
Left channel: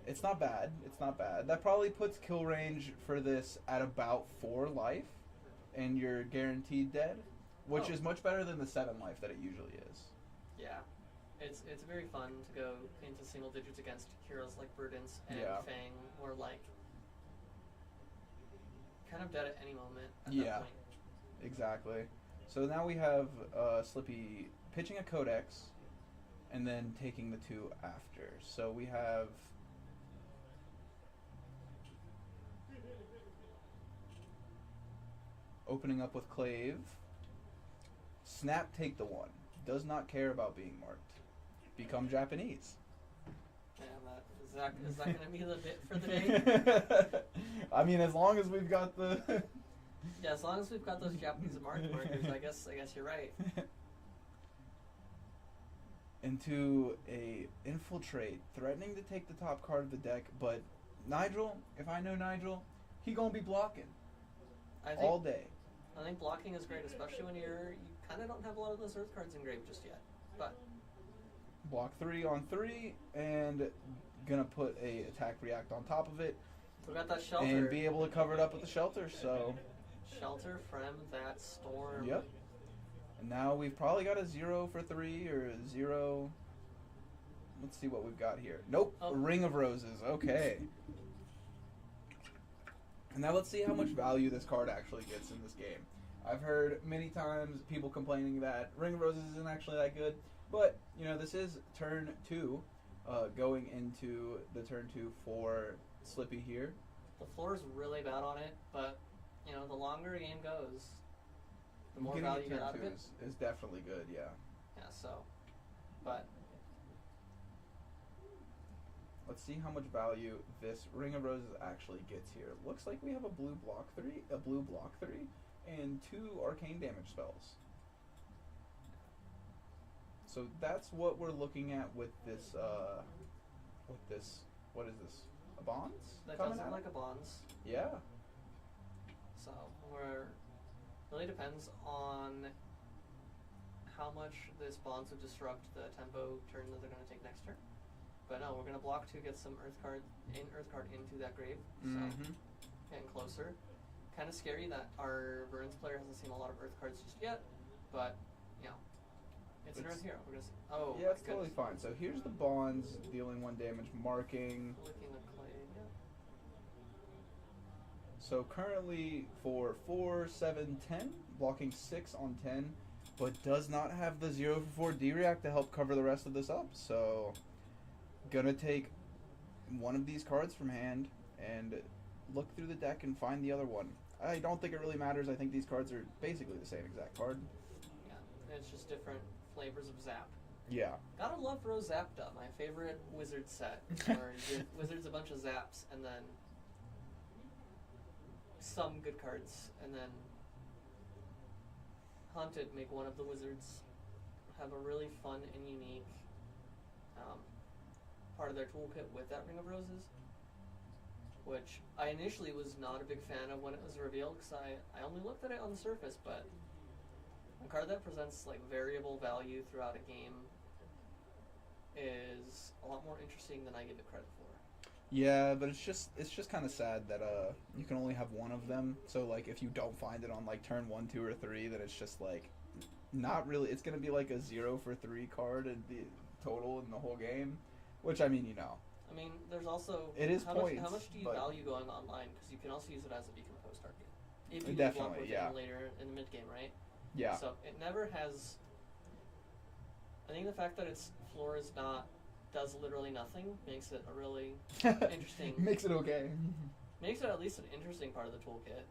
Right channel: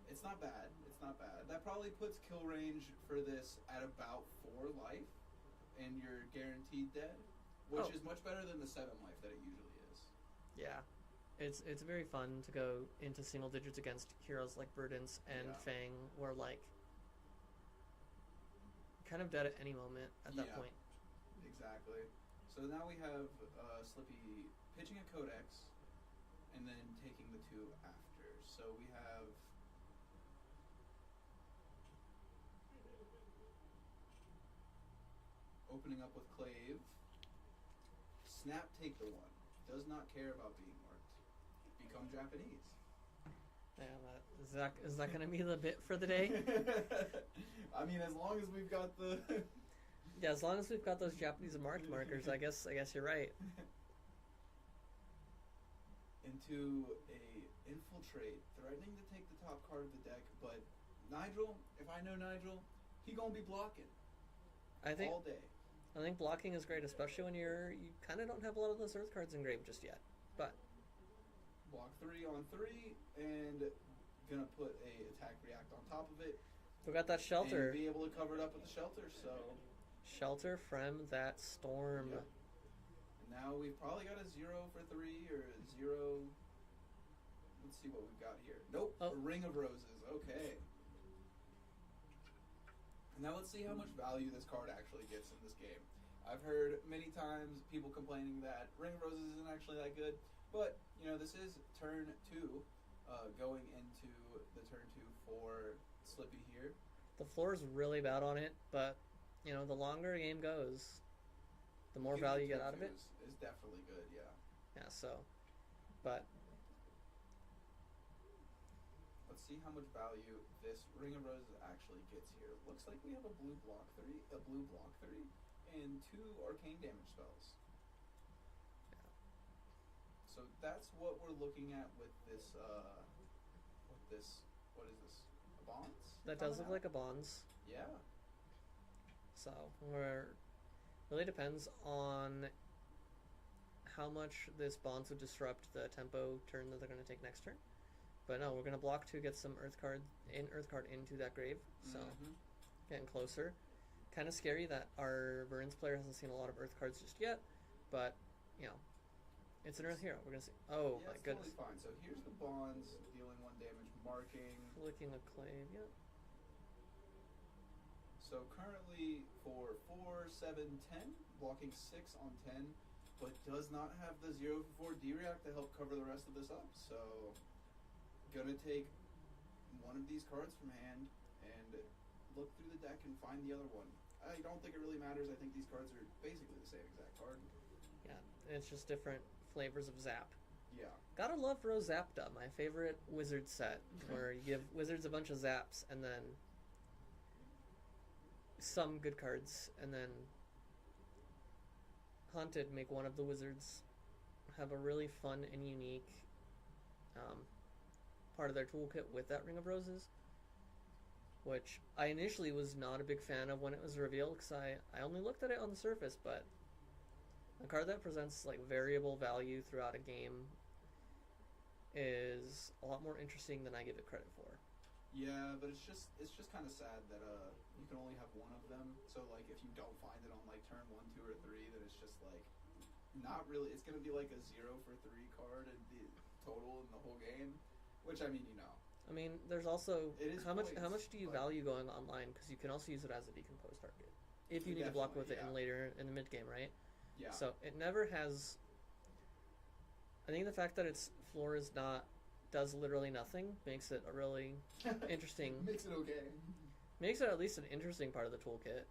it's not bad. It's not bad. That probably puts kill range for this at about 4 life, and you're guaranteed dead, which is much better than the 7 life that it usually is. Yeah. It's very fun to go into single digits against heroes like Verdance and Fang, who are like kind of dead at any moment at that point. Exactly. So now we have Slippy pitching a Codex and then taking the 2 after. So we have opening up with Clave. Snap, take the 1. Does not care about being marked. Become Japanese. Yeah, is that going to be the bit for the day? I mean, as long as we've got the... Yeah, as long as we've got those Japanese markers, I guess you're right. Into a infiltrate, threatening to take the top card of the deck, but Nigel, if I know Nigel, he gonna be blocking all day. I think blocking is great, especially when you kind of don't have a lot of those Earth cards engraved just yet. But block 3 on 3, and gonna put a attack react on top of it. We got that shelter. And be able to cover it up with the shelter, so... Shelter from that storm. Yep. And now we've probably got a 0 for 3, or a 0... Let's see what we've got here. Nope, a Ring of Roses, okay. And now let's see how much value this card actually gets in this game. I've heard many times people complaining that Ring of Roses isn't actually that good, but you know this is turn 2, going into the turn 2 for Slippy here. The floor is really bad on it, but you know the longer the game goes, the more value you get out of it. Is definitely good, yeah. Yeah. So, but let's see how much value this Ring of Roses actually gets here. Looks like we have a blue block 3, and 2 arcane damage spells. So that's what we're looking at with this. What is this? A bonds? that coming does look out? like a bonds. Yeah. So really depends on how much this bonds would disrupt the tempo turn that they're going to take next turn. But no, we're going to block 2, get some Earth card into that grave. So getting closer. Kind of scary that our Verdance player hasn't seen a lot of Earth cards just yet, but you know, it's an Earth hero. We're gonna see. Oh, Yeah, my it's totally goodness. fine. So here's the bonds dealing 1 damage, marking. Licking the clay. Yeah. So currently for 4, 7, 10, blocking 6 on 10, but does not have the 0 for 4 D-React to help cover the rest of this up. So gonna take one of these cards from hand and look through the deck and find the other one. I don't think it really matters. I think these cards are basically the same exact card. Yeah. It's just different flavors of Zap. Yeah. Gotta love Rose Zapda, my favorite wizard set, where you give wizards a bunch of zaps and then some good cards, and then Haunted make one of the wizards have a really fun and unique part of their toolkit with that Ring of Roses, which I initially was not a big fan of when it was revealed because I only looked at it on the surface, but a card that presents like variable value throughout a game is a lot more interesting than I give it credit for. Yeah, but it's just kind of sad that you can only have one of them. So like if you don't find it on like turn 1, 2, or 3, then it's just like not really. It's gonna be like a 0 for 3 card in the total in the whole game, which I mean, you know. I mean, there's also It is how points, much do you but- value going online, because you can also use it as a decomposed target if you need to block with Definitely, yeah. it later in the mid game, right? Yeah. So it never has. I think the fact that its floor is not does literally nothing makes it a really interesting. Makes it okay. Makes it at least an interesting part of the toolkit.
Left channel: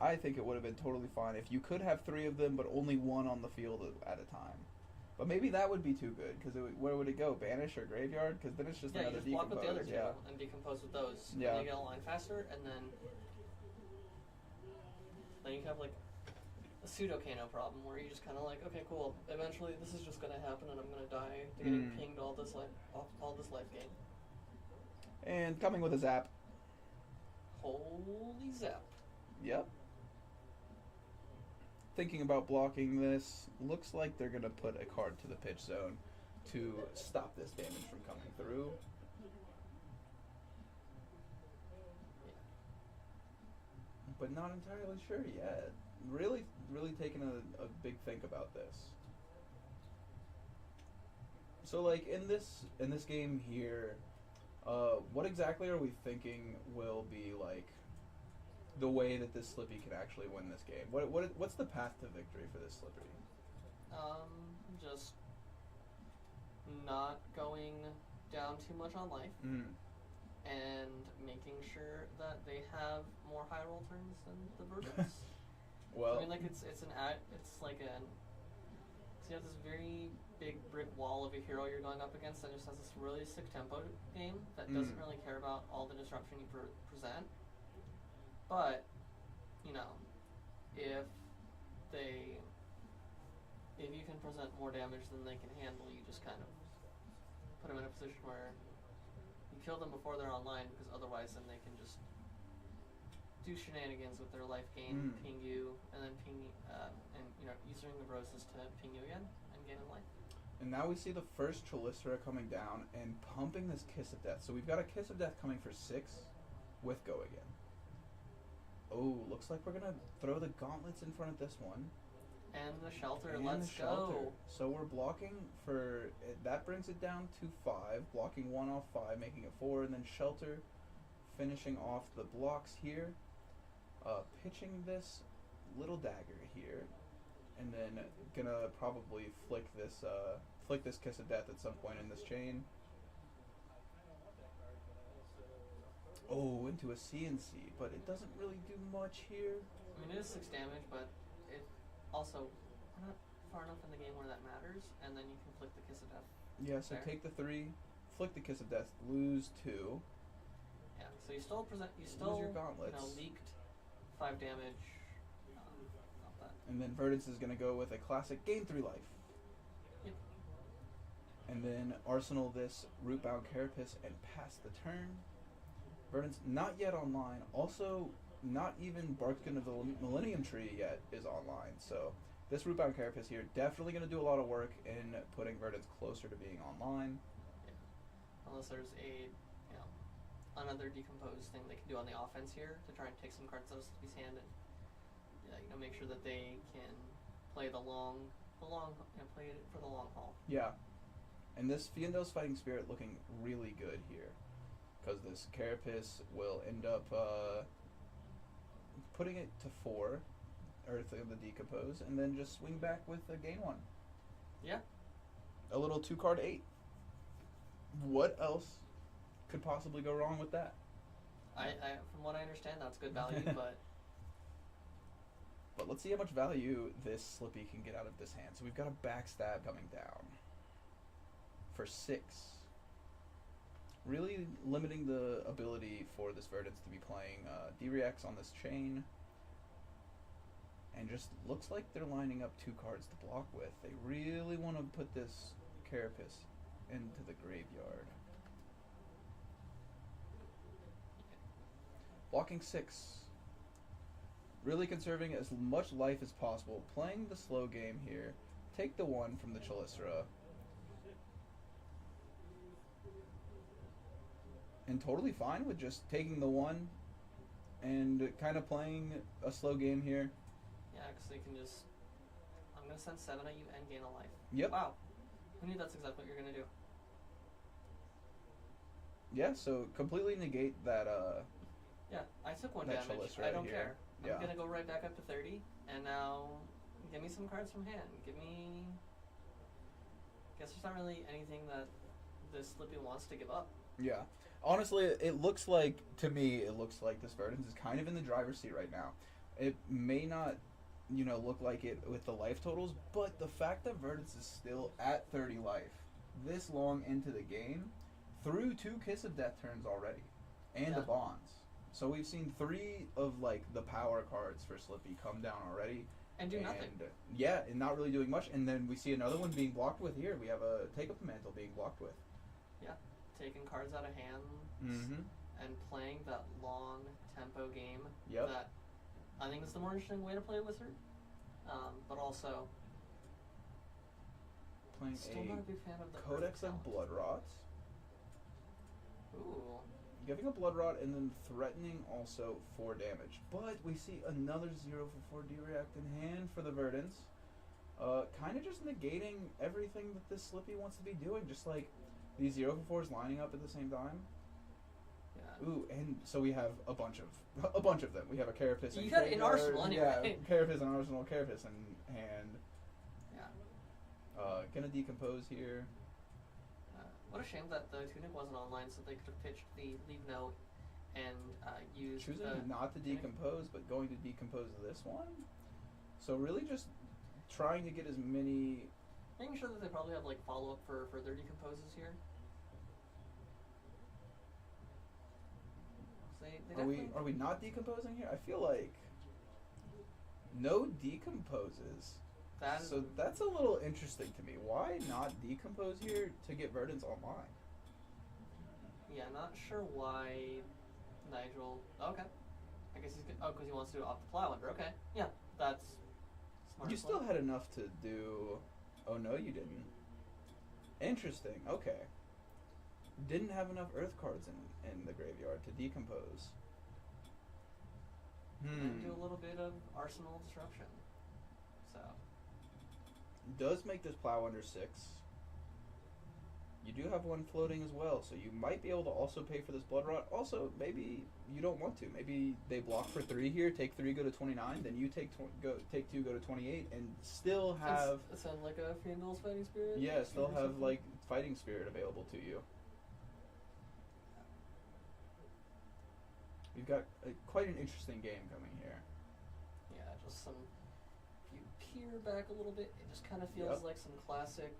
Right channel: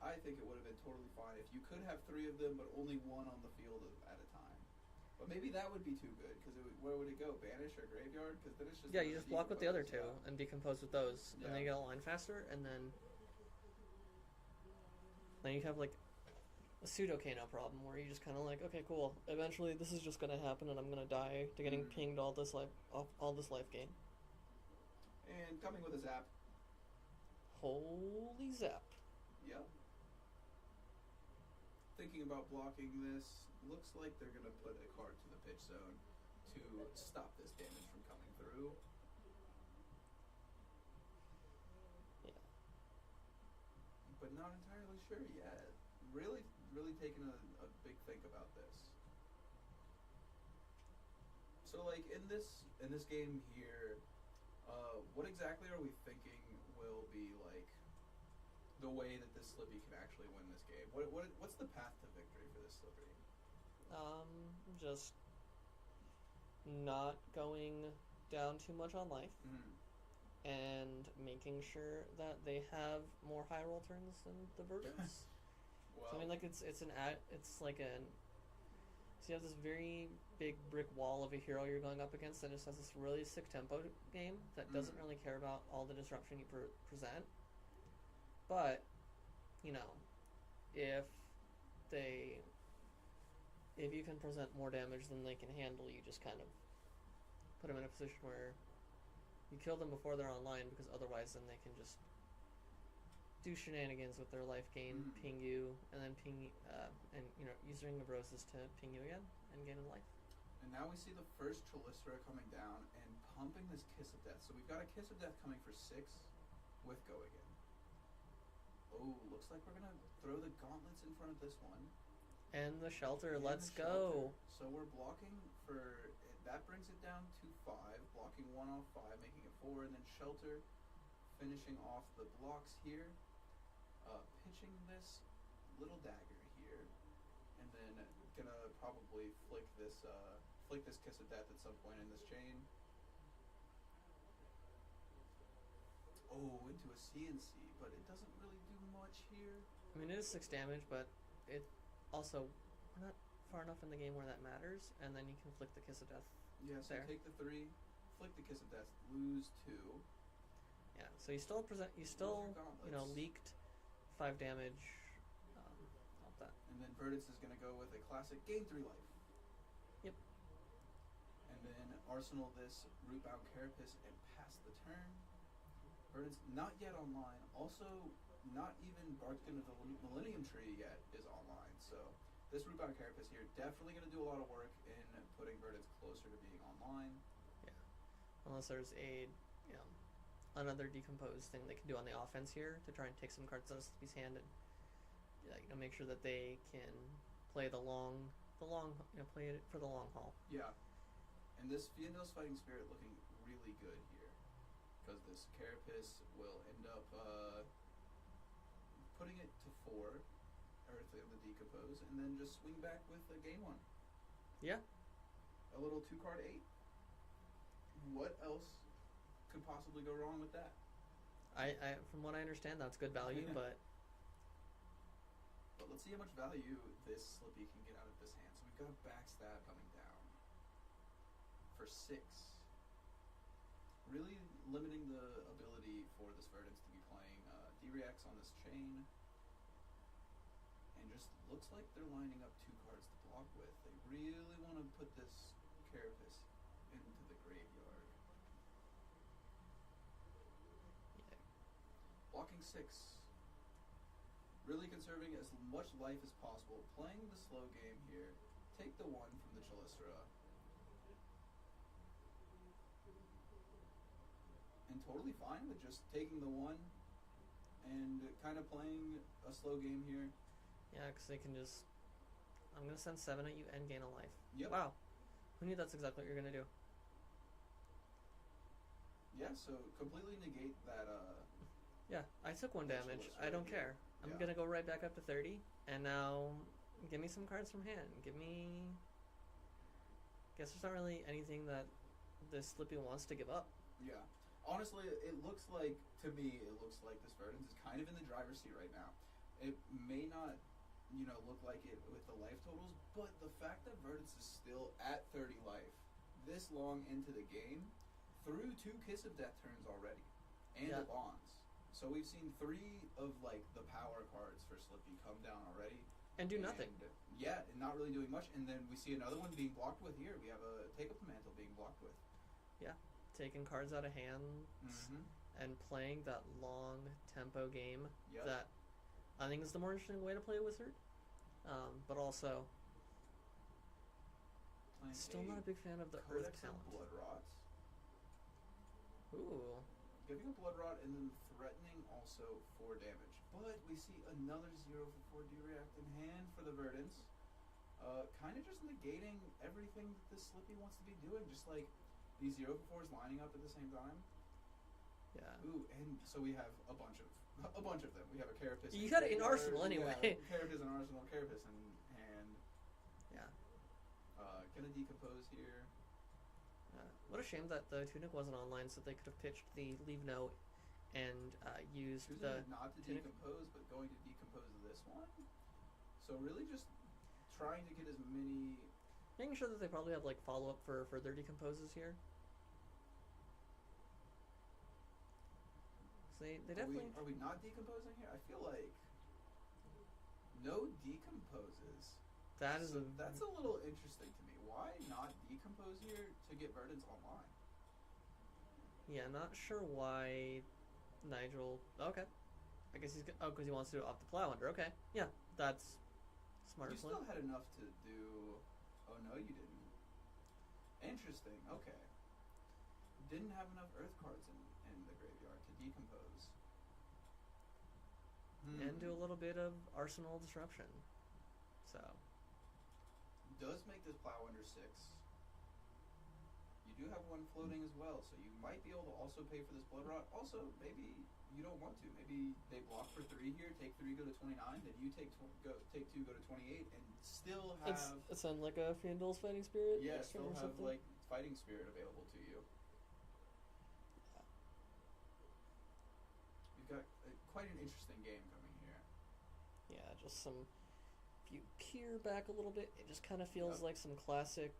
I think it would have been totally fine if you could have 3 of them, but only 1 on the field at a time. But maybe that would be too good, because where would it go? Banish or Graveyard? Because then it's just Yeah, you another just block with the other 2 decompose, and decompose with those. Yeah. And then you get a line faster, and then you have like a pseudo Kano problem where you just kind of like, okay, cool. Eventually, this is just gonna happen, and I'm gonna die to getting pinged all this life gain. And coming with a zap. Holy zap! Yep. Thinking about blocking this, looks like they're gonna put a card to the pitch zone to stop this damage from coming through. But not entirely sure yet. Really taking a big think about this. So like in this game here, what exactly are we thinking will be like the way that this Slippy can actually win this game? What's the path to victory for this Slippy? Just not going down too much on life, and making sure that they have more high roll turns than the Verdance. Well, I mean, like it's like so you have this very big brick wall of a hero you're going up against that just has this really sick tempo game that doesn't really care about all the disruption you present. But, you know, if you can present more damage than they can handle, you just kind of put them in a position where you kill them before they're online, because otherwise then they can just do shenanigans with their life gain, ping you, and then and you know, use Ring of Roses to ping you again and gain a life. and now we see the first Chalicera coming down and pumping this Kiss of Death. So we've got a Kiss of Death coming for 6 with Go Again. Oh, looks like we're gonna throw the gauntlets in front of this one. And the shelter, And let's the shelter. go. So we're blocking that brings it down to 5, blocking 1 off 5, making it 4, and then shelter finishing off the blocks here, pitching this little dagger here, and then gonna probably flick this Kiss of Death at some point in this chain. Oh, into a CNC, but it doesn't really do much here. I mean, it is 6 damage, but it also not far enough in the game where that matters, and then you can flick the Kiss of Death. Yeah, so There. take the 3, flick the Kiss of Death, lose 2. Yeah, so you still your gauntlets. leaked 5 damage. Not that. And then Verdance is gonna go with a classic gain 3 life. Yep. And then Arsenal this Rootbound Carapace and pass the turn. Verdance not yet online. Also, not even Barkskin of the Millennium Tree yet is online. So this Rootbound Carapace here definitely going to do a lot of work in putting Verdance closer to being online. Yeah. Unless there's another decomposed thing they can do on the offense here to try and take some cards out of Slippy's hand and make sure that they can play play it for the long haul. Yeah. And this Fiendo's Fighting Spirit looking really good here. Because this Carapace will end up putting it to 4, Earth of the Decompose, and then just swing back with a gain 1. Yeah. A little 2-card 8. What else could possibly go wrong with that? I from what I understand, that's good value, but But let's see how much value this Slippy can get out of this hand. So we've got a backstab coming down for 6. Really limiting the ability for this Verdance to be playing D-Reacts on this chain. And just looks like they're lining up 2 cards to block with. They really want to put this Carapace into the graveyard. Blocking 6. Really conserving as much life as possible. Playing the slow game here. Take the 1 from the Chalisra. And totally fine with just taking the 1 and kind of playing a slow game here. yeah, because they can just. I'm gonna send 7 at you and gain a life. Yep. Wow. Who knew that's exactly what you're gonna do? Yeah, so completely negate that, Yeah, I took 1 That damage. Chalice I right don't here. care. I'm Yeah. gonna go right back up to 30, and now give me some cards from hand. Give me. Guess there's not really anything that this Slippy wants to give up. Yeah. Honestly, it looks like, to me, it looks like this Verdance is kind of in the driver's seat right now. It may not, look like it with the life totals, but the fact that Verdance is still at 30 life this long into the game, through 2 Kiss of Death turns already, and Yeah. the Bonds. So we've seen 3 of, the power cards for Slippy come down already. And do nothing. Yeah, and not really doing much. And then we see another one being blocked with here. We have a Take Up the Mantle being blocked with. Yeah. Taking cards out of hand Mm-hmm. and playing that long tempo game Yep. that I think is the more interesting way to play a Wizard. But also, Playing still not a big fan of the Codex Earth of talent. Blood Rots. Ooh. Giving a Blood Rot and then threatening also 4 damage. But we see another 0 for 4 D-React in hand for the Verdance. Kind of just negating everything that this Slippy wants to be doing. Just like these 0 for 4s lining up at the same time. Yeah. Ooh, and so we have a bunch of them. We have a Carapace You got an Graveyard, arsenal anyway. Yeah, Carapace and Arsenal, Carapace in hand. Yeah. Gonna decompose here. What a shame that the Tunic wasn't online, so they could have pitched the Leave Note and used Choosing the not to Tunic. decompose, but going to decompose this one. So really just trying to get as many. Making sure that they probably have follow up for further decomposes here. So they definitely. Are we not decomposing here? I feel like no decomposes. That is So that's a little interesting to me. Why not decompose here to get Verdance online? Yeah, not sure why Nigel. Okay, I guess he's because he wants to do it off the plow under. Okay, yeah, that's smart. You still had enough to do. Oh no, you didn't. Interesting. Okay. Didn't have enough Earth cards in the graveyard to decompose. and do a little bit of arsenal disruption. So Does make this plow under 6. you do have one floating as well, so you might be able to also pay for this blood rot. Also, maybe you don't want to. Maybe they block for 3 here, take 3, go to 29, then you take 2, go to 28, and still have It sounds like a Fandol's Fighting Spirit. yeah, still or have something. like fighting spirit available to you. We've got quite an interesting game coming here. Yeah, just some. If you peer back a little bit, it just kind of feels Yep. like some classic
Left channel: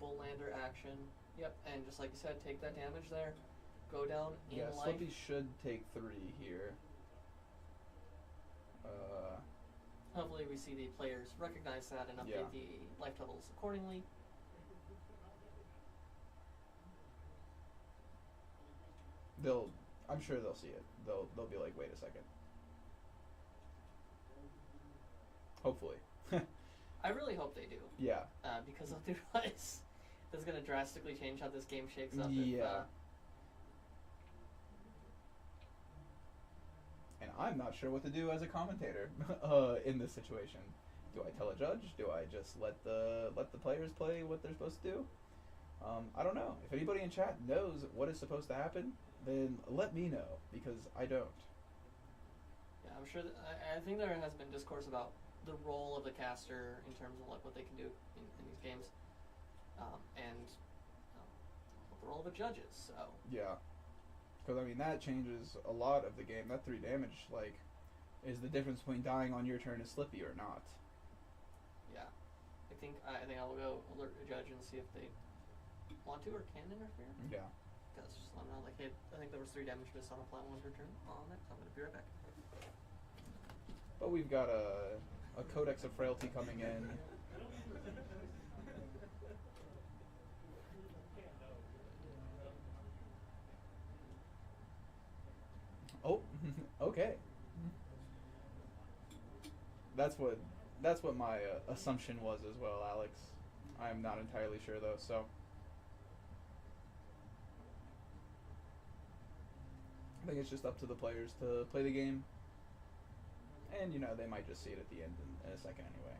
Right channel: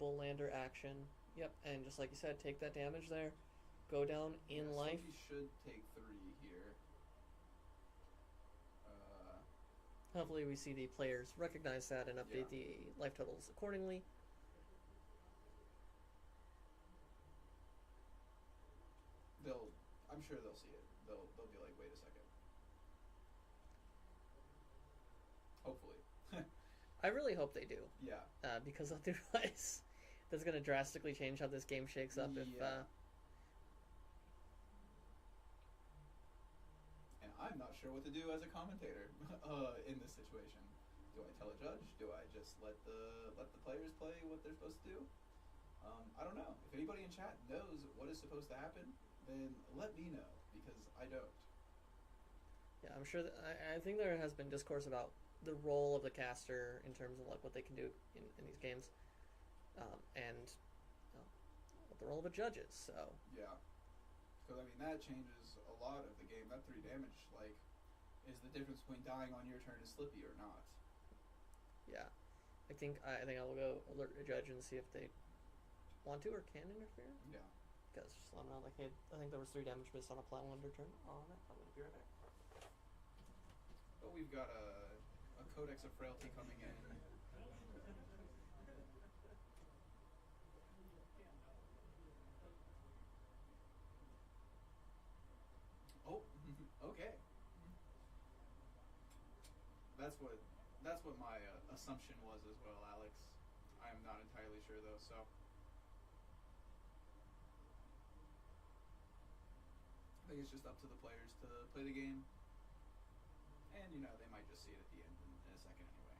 Bullander action. Yep, and just like you said, take that damage there, go down in Yeah, life. Slippy should take 3 here. Hopefully, we see the players recognize that and update Yeah. the life totals accordingly. I'm sure they'll see it. They'll be like, wait a second. Hopefully. I really hope they do, Yeah. because I realize that's going to drastically change how this game shakes up. Yeah. And I'm not sure what to do as a commentator in this situation. Do I tell a judge? Do I just let the players play what they're supposed to do? I don't know. If anybody in chat knows what is supposed to happen, then let me know, because I don't. Yeah, I'm sure that I think there has been discourse about the role of the caster in terms of like what they can do in these games, and what the role of a judge is. So Yeah. Because, I mean, that changes a lot of the game. That 3 damage, like, is the difference between dying on your turn as Slippy or not. yeah, I think I will go alert the judge and see if they want to or can interfere. Yeah. Because just let them know, like, hey, I think there was 3 damage missed on a plat 1 turn on it. So I'm gonna be right back. But we've got a Codex of Frailty coming in. Oh, okay. That's what my assumption was as well, Alex. I'm not entirely sure though, so. I think it's just up to the players to play the game. And, you know, they might just see it at the end in a second anyway.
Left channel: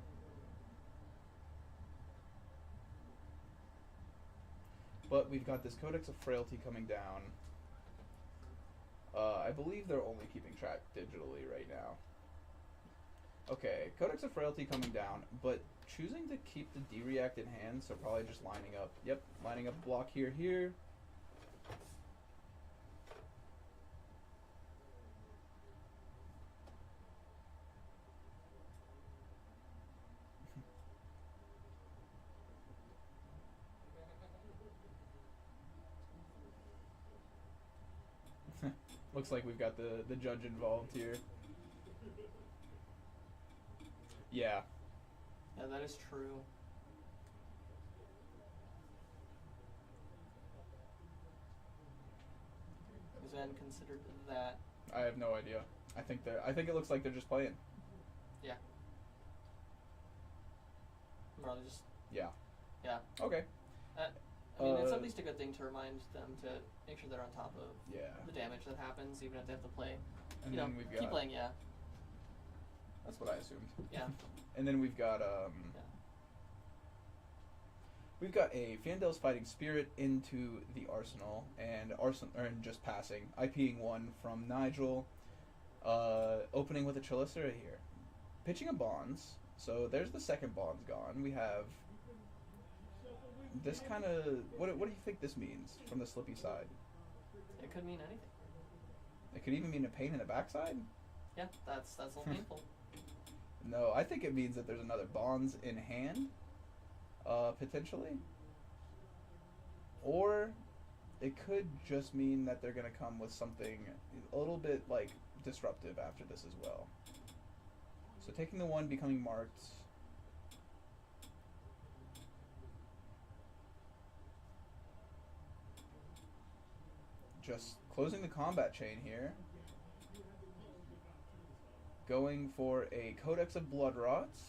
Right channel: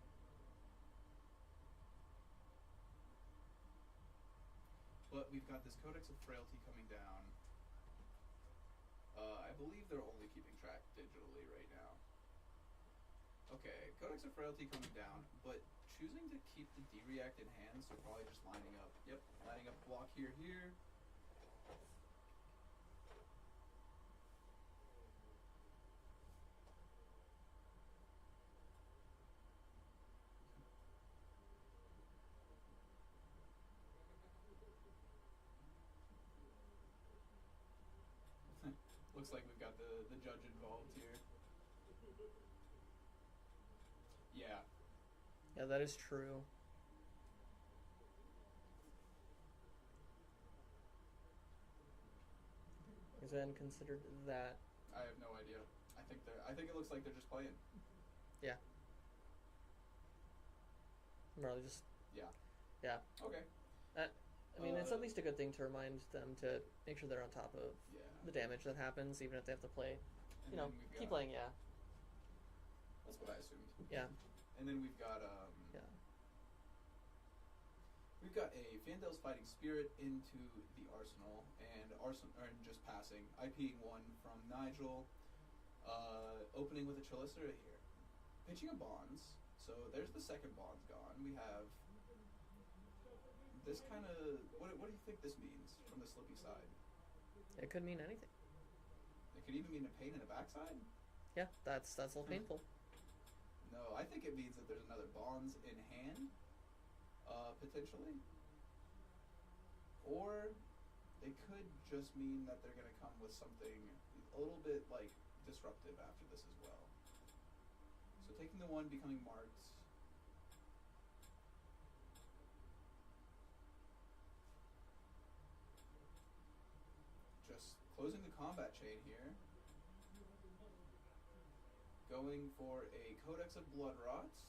But we've got this Codex of Frailty coming down. I believe they're only keeping track digitally right now. Okay, Codex of Frailty coming down, but choosing to keep the D-React in hand, so probably just lining up. Yep, lining up block here. Looks like we've got the judge involved here. Yeah. Yeah, that is true. Is that considered that? I have no idea. I think it looks like they're just playing. Yeah. Probably just. Yeah. Yeah. Okay. I mean, it's at least a good thing to remind them to make sure they're on top of Yeah. the damage that happens, even if they have to play. And You then know, we've got. keep playing, yeah. That's what I assumed. Yeah. And then we've got Yeah. We've got a Fandel's Fighting Spirit into the Arsenal, and just passing. IPing 1 from Nigel, opening with a Chelicera here. Pitching a Bonds, so there's the second Bonds gone. We have this kind of... What do you think this means from the Slippy side? It could mean anything. It could even mean a pain in the backside? Yeah, that's a little painful. No, I think it means that there's another Bonds in hand, potentially. Or it could just mean that they're going to come with something a little bit, like, disruptive after this as well. So taking the 1, becoming marked. Just closing the combat chain here. Going for a Codex of Blood Rots.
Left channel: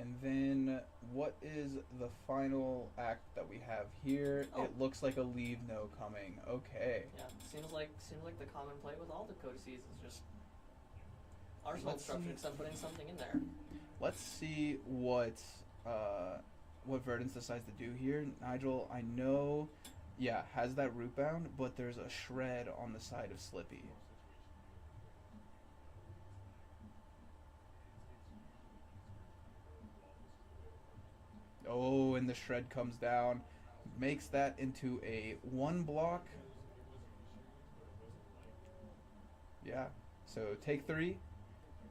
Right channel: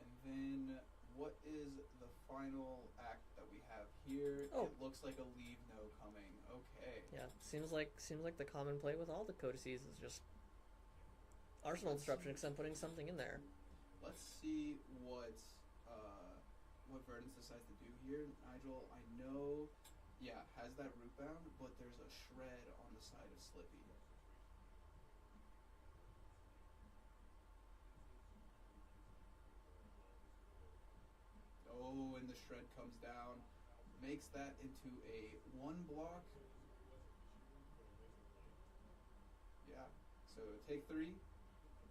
And then, what is the final act that we have here? Oh. It looks like a leave no coming. Okay. Yeah, seems like the common play with all the codices is just arsenal Let's disruption, see. except putting something in there. Let's see what what Verdance decides to do here. Nigel, I know, yeah, has that root bound, but there's a shred on the side of Slippy. Oh, and the shred comes down, makes that into a 1 block. Yeah, so take 3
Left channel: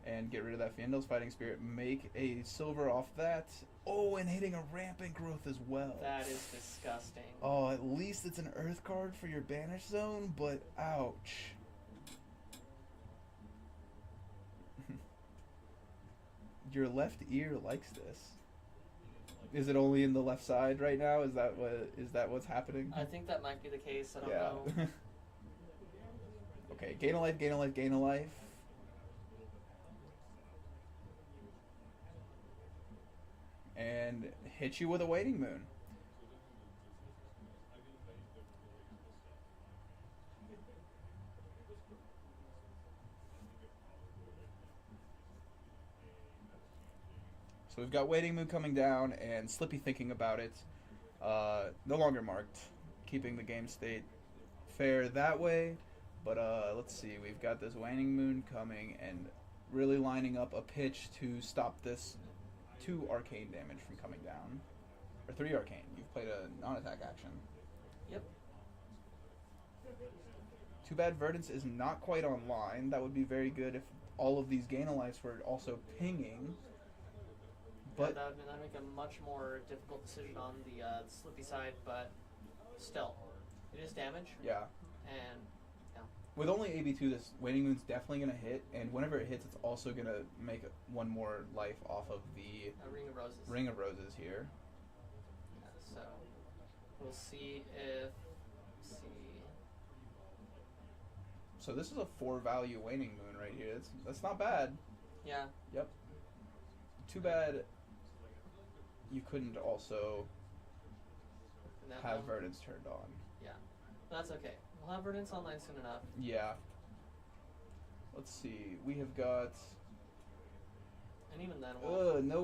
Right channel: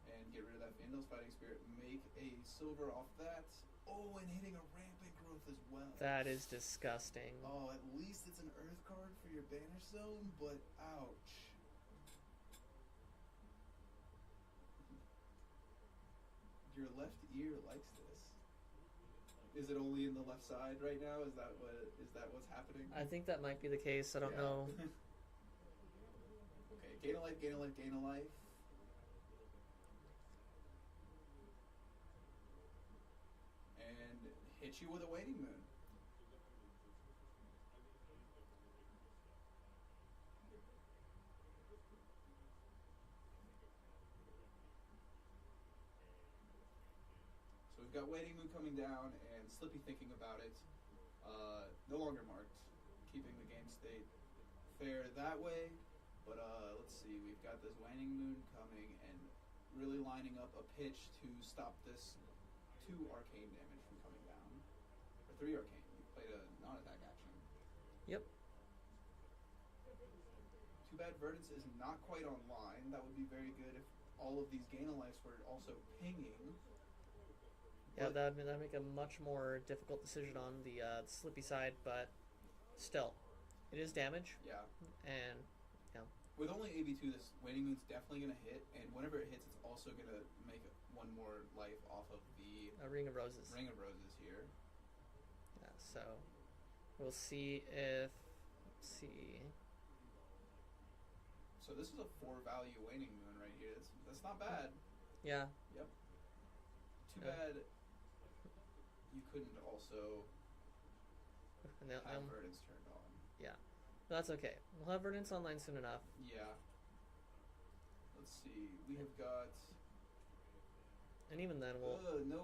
and get rid of that Fyendal's Fighting Spirit. Make a silver off that. Oh, and hitting a Rampant Growth as well. That is disgusting. Oh, at least it's an Earth card for your Banish Zone, but ouch. Your left ear likes this. Is it only in the left side right now? Is that what's happening? I think that might be the case. I don't Yeah. know. Okay, gain a life, gain a life, gain a life. And hit you with a Waning Moon. So we've got Waning Moon coming down and Slippy thinking about it. No longer marked, keeping the game state fair that way. But let's see, we've got this Waning Moon coming and really lining up a pitch to stop this 2 arcane damage from coming down. Or 3 arcane. You've played a non-attack action. Yep. Too bad Verdance is not quite online. That would be very good if all of these gain a lives were also pinging. Yeah, But that'd make a much more difficult decision on the Slippy side, but still, it is damage, yeah. and With only AB2, this Waning Moon's definitely going to hit, and whenever it hits, it's also going to make 1 more life off of the a Ring of Roses. Ring of Roses here. Yeah, so we'll see if. Let's see. So this is a 4 value Waning Moon right here. That's not bad. Yeah. Yep. Too bad you couldn't also And have Verdance turned on. That's okay. We'll have Verdance online soon enough. Yeah. Let's see. We have got And even then, we'll. no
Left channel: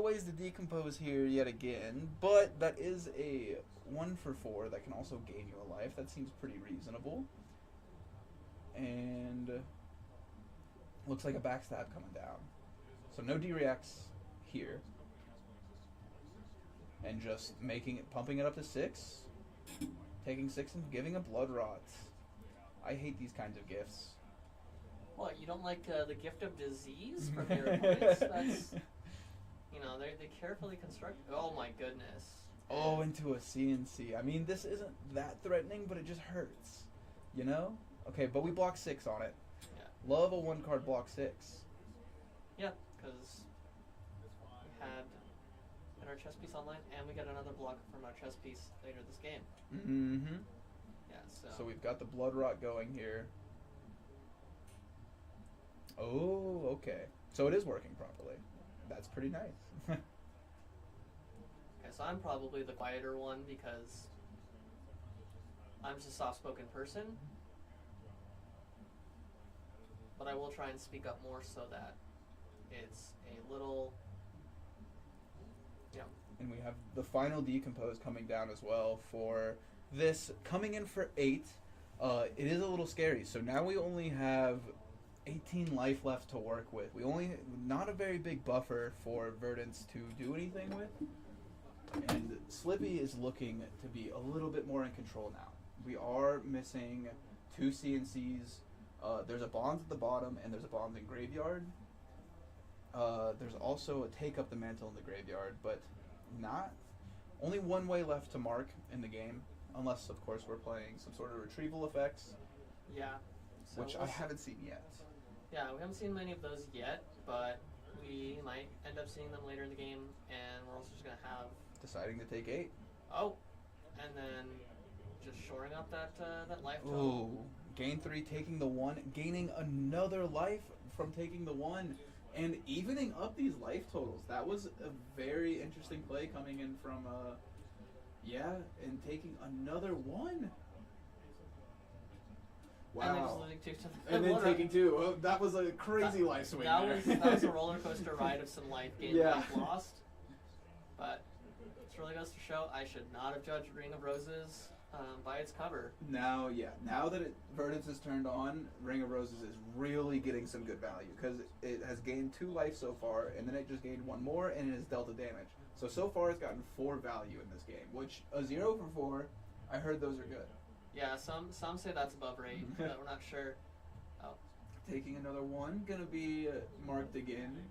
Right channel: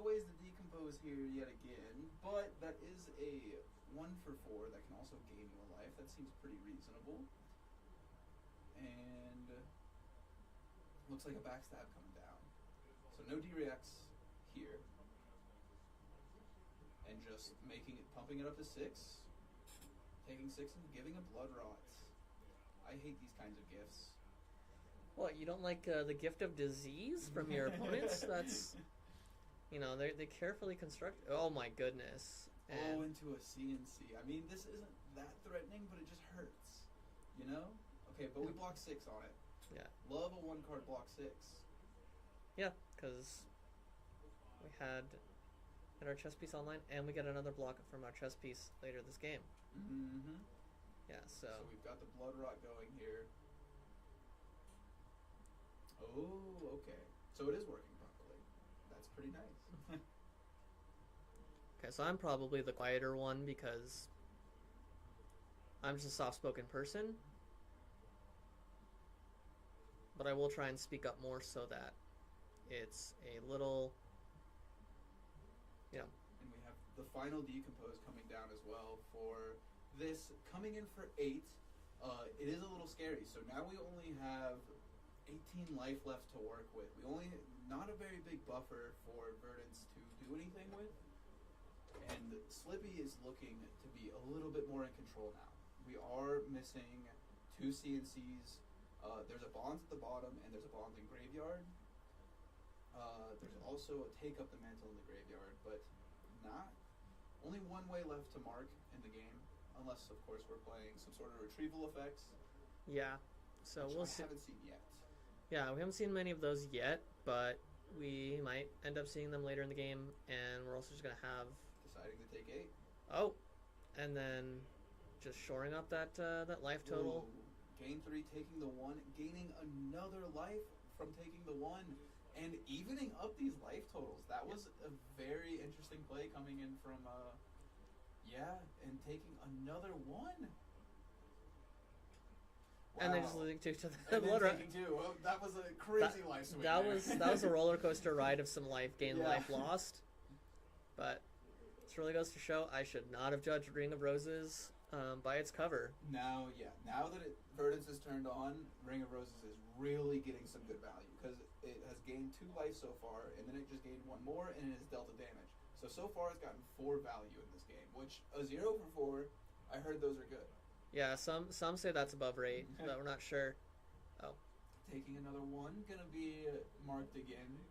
ways to decompose here yet again. But that is a 1 for 4 that can also gain you a life. That seems pretty reasonable. And looks like a backstab coming down. So no D-reacts here. And just pumping it up to 6. Taking 6 and giving a Blood Rot. I hate these kinds of gifts. What, you don't like the gift of disease from your opponents? That's, they carefully construct. Oh my goodness. Oh, into a CNC. I mean, this isn't that threatening, but it just hurts. You know? Okay, but we block 6 on it. Yeah. Love a 1-card block 6. Yeah, because we had our chess piece online, and we got another block from our chess piece later this game. Mm-hmm. Yeah, So we've got the Blood Rot going here. Oh, okay. So it is working properly. That's pretty nice. Okay, so I'm probably the quieter one because I'm just a soft-spoken person. But I will try and speak up more so that it's a little, And we have the final Decompose coming down as well for this. Coming in for 8. It is a little scary. So now we only have 18 life left to work with. Not a very big buffer for Verdance to do anything with. And Slippy is looking to be a little bit more in control now. We are missing 2 CNCs. There's a Bonds at the bottom, and there's a Bonds in Graveyard. There's also a Take Up the Mantle in the Graveyard, but only 1 way left to mark in the game, unless, of course, we're playing some sort of retrieval effects, yeah. So which we'll I see. haven't seen yet. Yeah, we haven't seen many of those yet, but we might end up seeing them later in the game, and we're also just going to have... Deciding to take 8. Oh! And then just shoring up that life total. Ooh. Gain 3, taking the 1, gaining another life from taking the 1, and evening up these life totals. That was a very interesting play coming in from, and taking another 1. Wow. And then just losing 2 to the And then Blood taking Rot. 2. Oh, that was a crazy life swing. That there. was that was a roller coaster ride of some life gain, Yeah. life lost. But this really goes to show I should not have judged Ring of Roses by its cover. Now that Verdance is turned on, Ring of Roses is really getting some good value because it has gained 2 life so far, and then it just gained 1 more, and it has dealt a damage. So far it's gotten 4 value in this game, which a 0 for 4, I heard those are good. Yeah, some say that's above rate, but we're not sure. Oh. Taking another 1, gonna be marked again.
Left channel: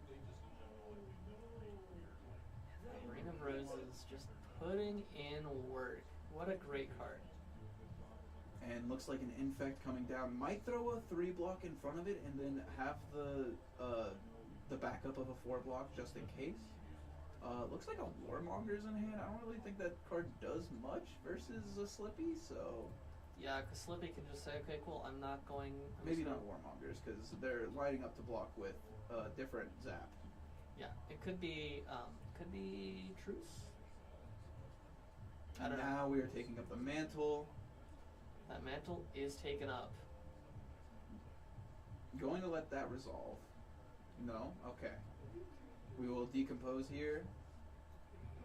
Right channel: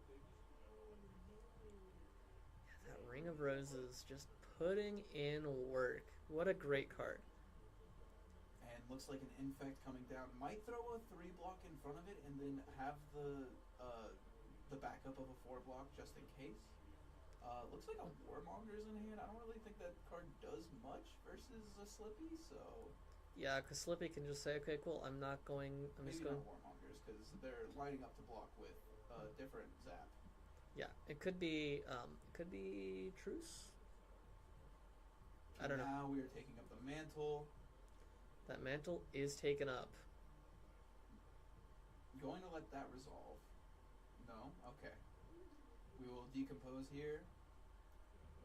That Ring of Roses just putting in work. What a great card. And looks like an Infect coming down. Might throw a 3 block in front of it and then have the backup of a 4 block just in case. Looks like a Warmonger's in hand. I don't really think that card does much versus a Slippy, so... Yeah, because Slippy can just say, okay, cool, I'm not going... Maybe not Warmongers, because they're lining up to block with a different zap. Yeah, it could be Truce? I don't know. Now we are taking up the mantle. That mantle is taken up. Going to let that resolve. No? Okay. We will decompose here.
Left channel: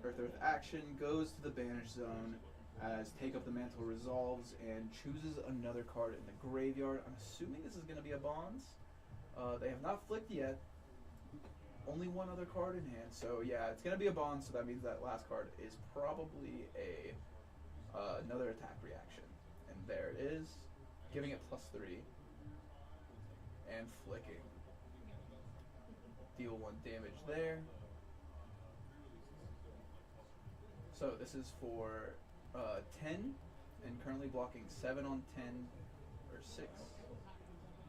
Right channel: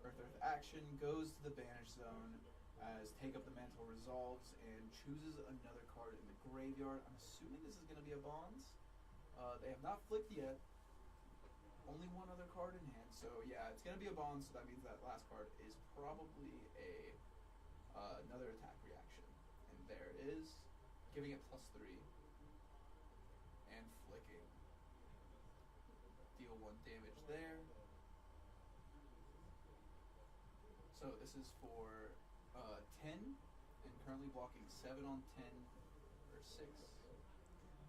Earth action goes to the banish zone as Take Up the Mantle resolves and chooses another card in the graveyard. I'm assuming this is going to be a Bonds. They have not flicked yet. Only 1 other card in hand. So yeah, it's going to be a Bonds, so that means that last card is probably another attack reaction. And there it is. Giving it +3. And flicking. Deal 1 damage there. So this is for 10, and currently blocking 7 on 10, or 6.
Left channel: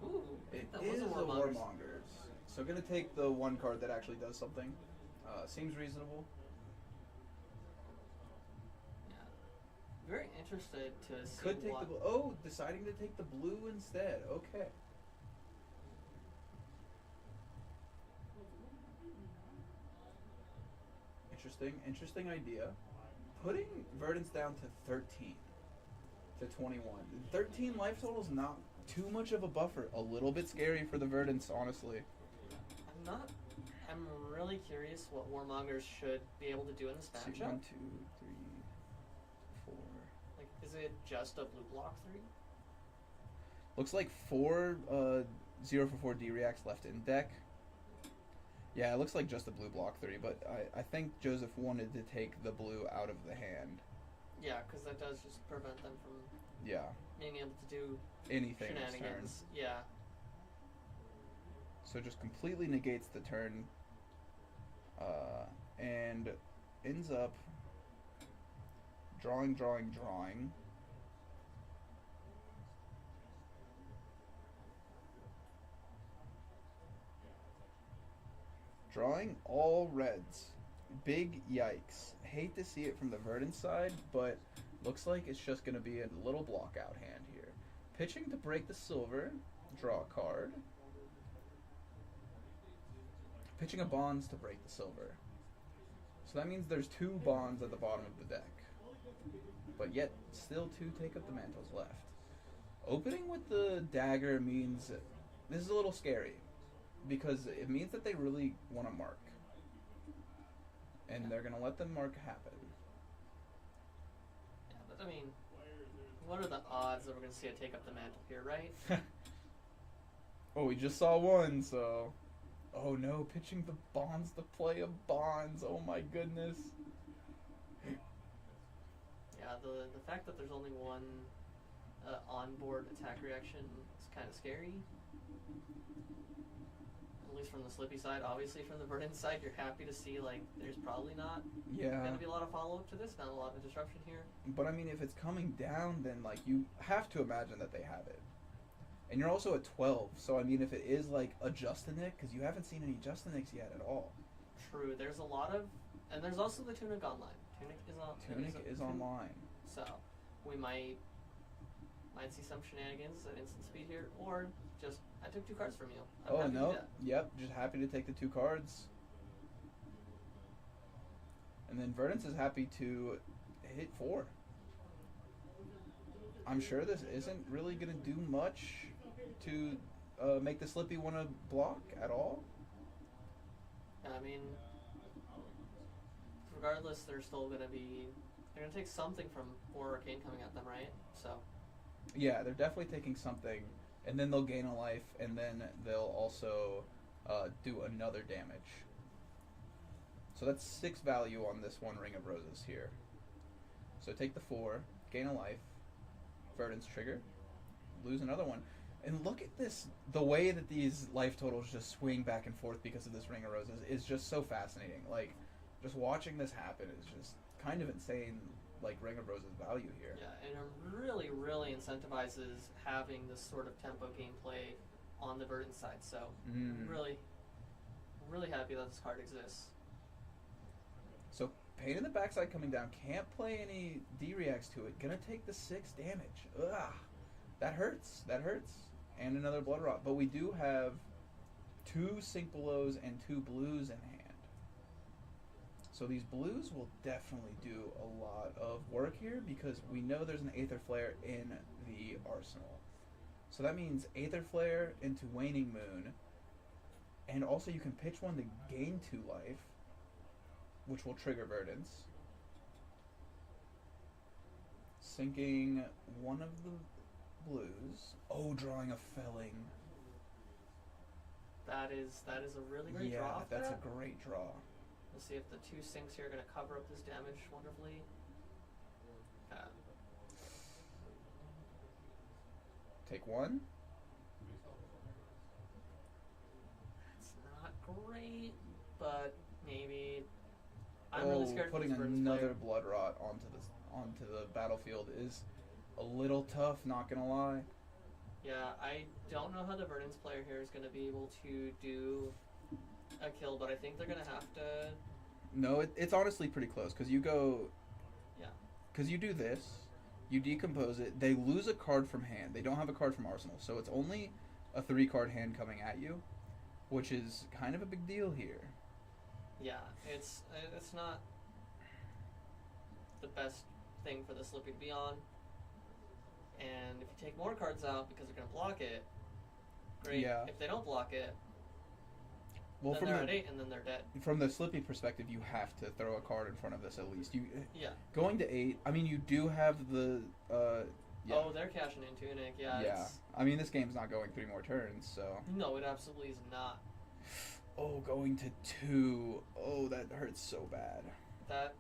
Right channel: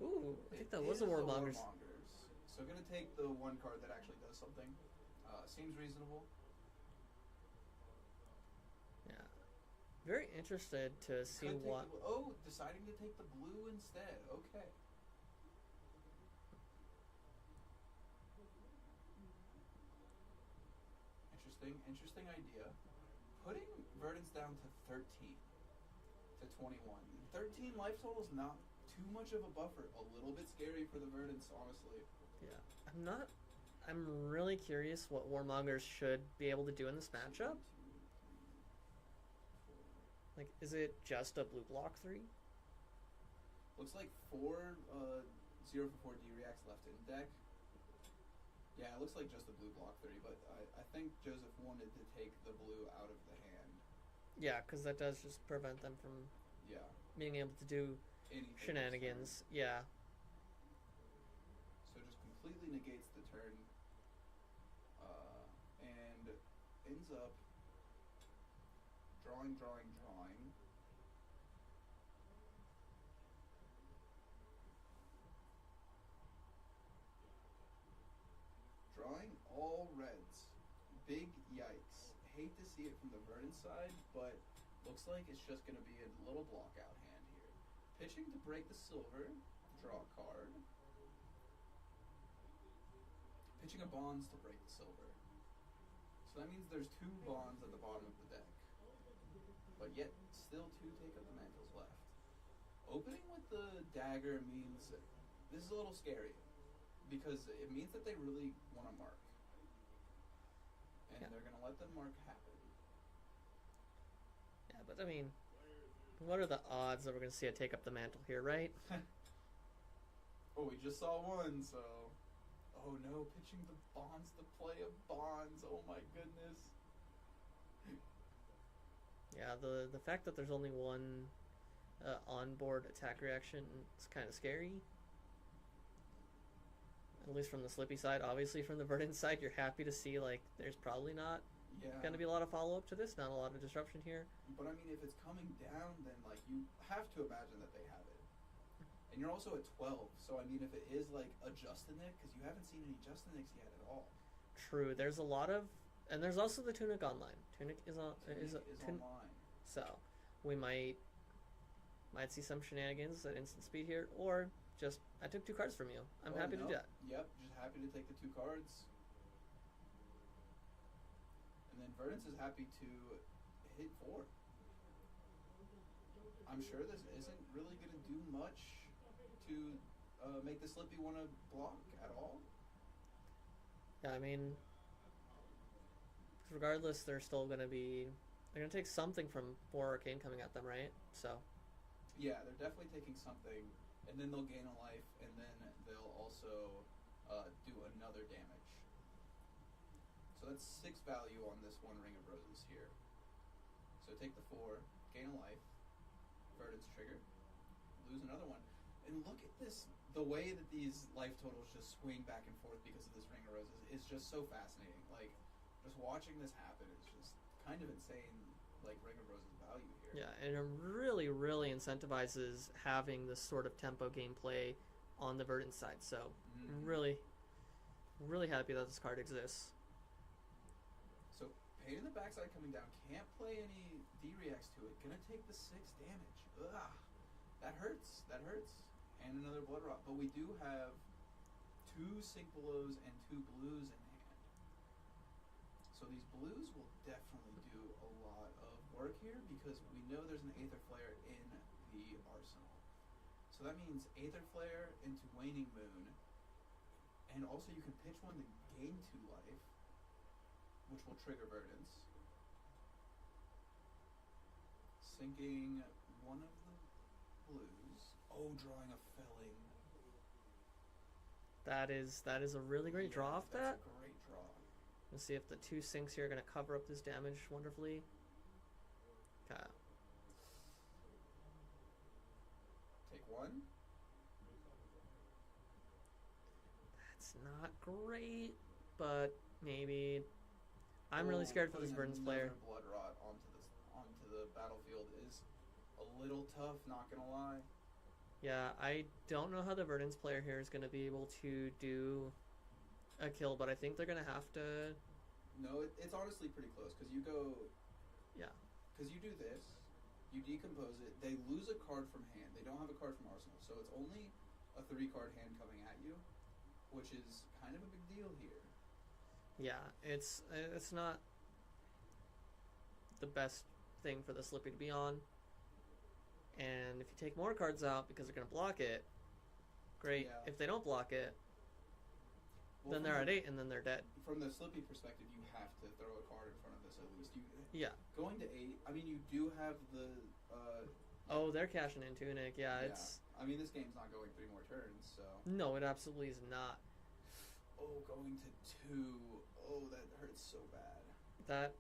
Ooh, I think that was is a Warmongers. Warmongers. So gonna take the 1 card that actually does something. Seems reasonable. Yeah. Very interested to see Could take what... deciding to take the blue instead. Okay. Interesting idea. Putting Verdance down to 13 to 21. 13 life total is not too much of a buffer. A little bit scary for the Verdance, honestly. I'm really curious what Warmongers should be able to do in this See, matchup. 1, 2, 3, 4. Like, is it just a blue block 3? Looks like 4 0 for 4 D-Reacts left in deck. Yeah, it looks like just a blue block 3, but I think Joseph wanted to take the blue out of the hand. Yeah, because that does just prevent them from being able to do anything shenanigans. Yeah. So just completely negates the turn, and ends up drawing. Drawing all reds. Big yikes. Hate to see it from the Verdance side, but looks like it's just going to be a little block out hand here. Pitching to break the silver. Draw a card. Pitching a Bonds to break the silver. So that means there's 2 Bonds at the bottom of the deck. But yet, still 2 Take Up the Mantles left. Opening with the dagger means this is a little scary. Because it means that they really want to mark. And they're going to let them mark happen. Yeah, but I mean, what are the odds that we're going to see it take up the mantle here, right? Oh, we just saw 1, so... Oh no, pitching the Bonds to play a Bonds. Oh my goodness. Yeah, the fact that there's only 1 onboard attack reaction is kind of scary. At least from the Slippy side. Obviously from the Verdance side, you're happy to see, like, there's probably not going to be a lot of follow-up to this, not a lot of disruption here. But I mean, if it's coming down, then, like, you have to imagine that they have it. And you're also at 12, so I mean, if it is, like, a Justinic, because you haven't seen any Justinics yet at all. True, there's a lot of... And there's also the Tunic online. Tunic is online. So, we might see some shenanigans at instant speed here, or just, I took 2 cards from you. I'm happy to do that. Yep, just happy to take the 2 cards. And then Verdance is happy to hit 4. I'm sure this isn't really going to do much to make the Slippy want to block at all. Yeah, I mean, regardless, they're gonna take something from 4 arcane coming at them, right? So. Yeah, they're definitely taking something, and then they'll gain a life, and then they'll also do another damage. So that's 6 value on this one Ring of Roses here. So take the 4, gain a life, Verdance trigger, lose another one. And look at this, the way that these life totals just swing back and forth because of this Ring of Roses is just so fascinating. Like, just watching this happen is just kind of insane, like, Ring of Roses value here. Yeah, and it really, really incentivizes having this sort of tempo gameplay on the Verdance side. So, really, really happy that this card exists. So, Pain in the Backside coming down, can't play any D-reacts to it, gonna take the 6 damage. Ugh, that hurts, and another Blood Rot. But we do have 2 Sink Belows and 2 Blues in hand. So these Blues will definitely do a lot of work here because we know there's an Aether Flare in the arsenal. So that means Aether Flare into Waning Moon, and also you can pitch one to gain 2 life, which will trigger Verdance. Sinking one of the Blues. Oh, drawing a Felling. That is a really great draw off that's that. a great draw. We'll see if the 2 sinks here are going to cover up this damage wonderfully. Take 1. That's not great, but maybe. I'm really scared for putting this Verdance another player. Blood Rot onto the battlefield is a little tough, not gonna lie. Yeah, I don't know how the Verdance player here is going to be able to do a kill, but I think they're going to have to. No, it's honestly pretty close because you go. Yeah. Because you do this, you decompose it. They lose a card from hand. They don't have a card from arsenal, so it's only a 3-card hand coming at you, which is kind of a big deal here. Yeah, it's not the best thing for the Slippy to be on. And if you take more cards out because they're going to block it, great. Yeah. If they don't block it, Well, then they're at 8 and then they're dead. From the Slippy perspective, you have to throw a card in front of this at least. Yeah. Going to 8, I mean, you do have the. Yeah. Oh, they're cashing in Tunic. Yeah. Yeah. I mean, this game's not going 3 more turns, so. No, it absolutely is not. Oh, going to 2. Oh, that hurts so bad. That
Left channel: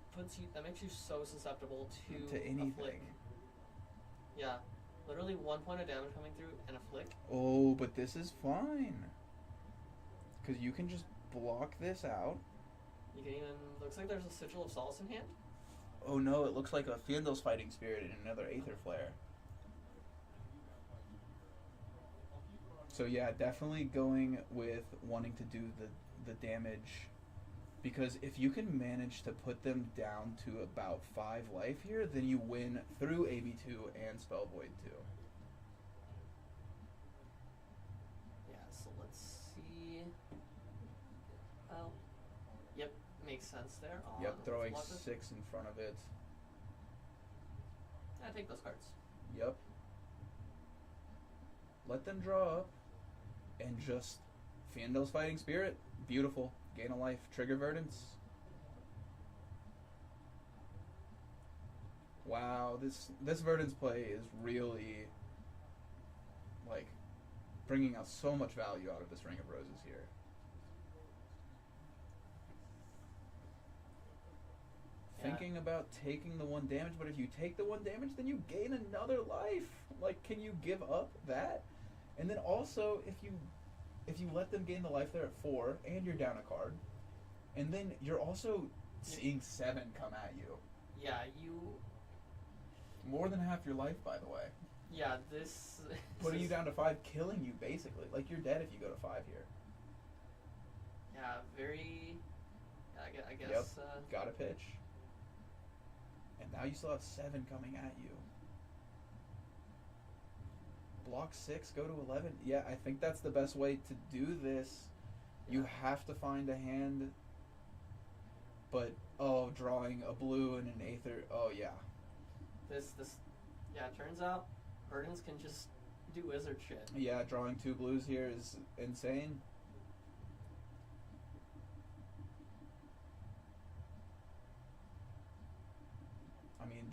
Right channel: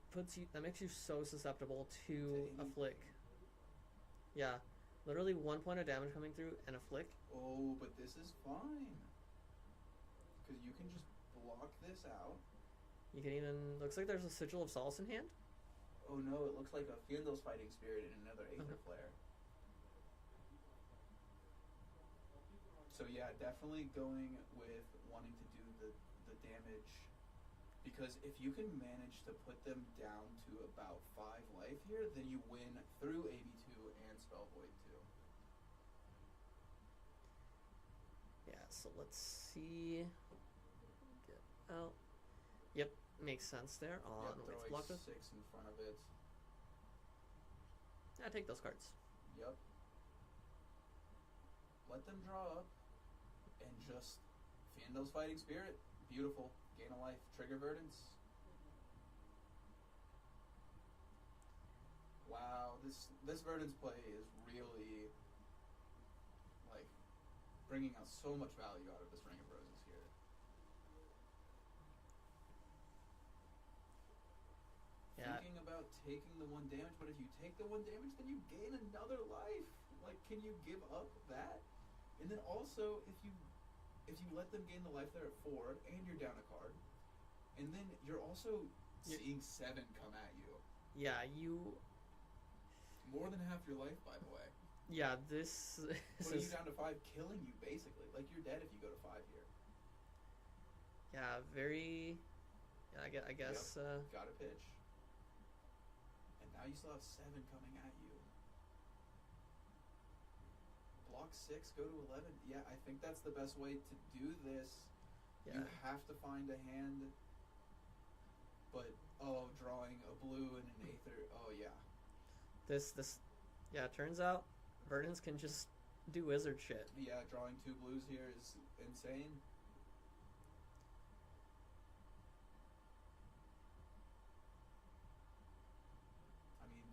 makes you so susceptible to anything. a flick. Yeah. Literally 1 point of damage coming through and a flick. Oh, but this is fine. Because you can just block this out. You can even. Looks like there's a Sigil of Solace in hand. Oh no, it looks like a Fyendal's Fighting Spirit and another Aether Flare. So yeah, definitely going with wanting to do the damage, because if you can manage to put them down to about 5 life here, then you win through AB2 and Spell Void 2. Yeah, so let's see. Oh, yep, makes sense there. Yep, throwing let's 6 in front of it. I take those cards. Yep. Let them draw up, and just Fyendal's Fighting Spirit. Beautiful. Gain a life. Trigger Verdance. Wow, this Verdance play is really, like, bringing out so much value out of this Ring of Roses here. Yeah. Thinking about taking the 1 damage, but if you take the 1 damage, then you gain another life. Like, can you give up that? And then also, if you let them gain the life there at 4, and you're down a card, and then you're also seeing 7 come at you. Yeah, you. More than half your life, by the way. Yeah, this. Putting you down to 5, killing you basically. Like, you're dead if you go to 5 here. Yeah, very. Yeah, I guess. Yep. Gotta pitch. And now you still have 7 coming at you. Block 6, go to 11. Yeah, I think that's the best way to do this. Yeah. You have to find a hand. But, drawing a blue and an Aether. Oh, yeah. Yeah, turns out Verdance can just do wizard shit. Yeah, drawing 2 blues here is insane.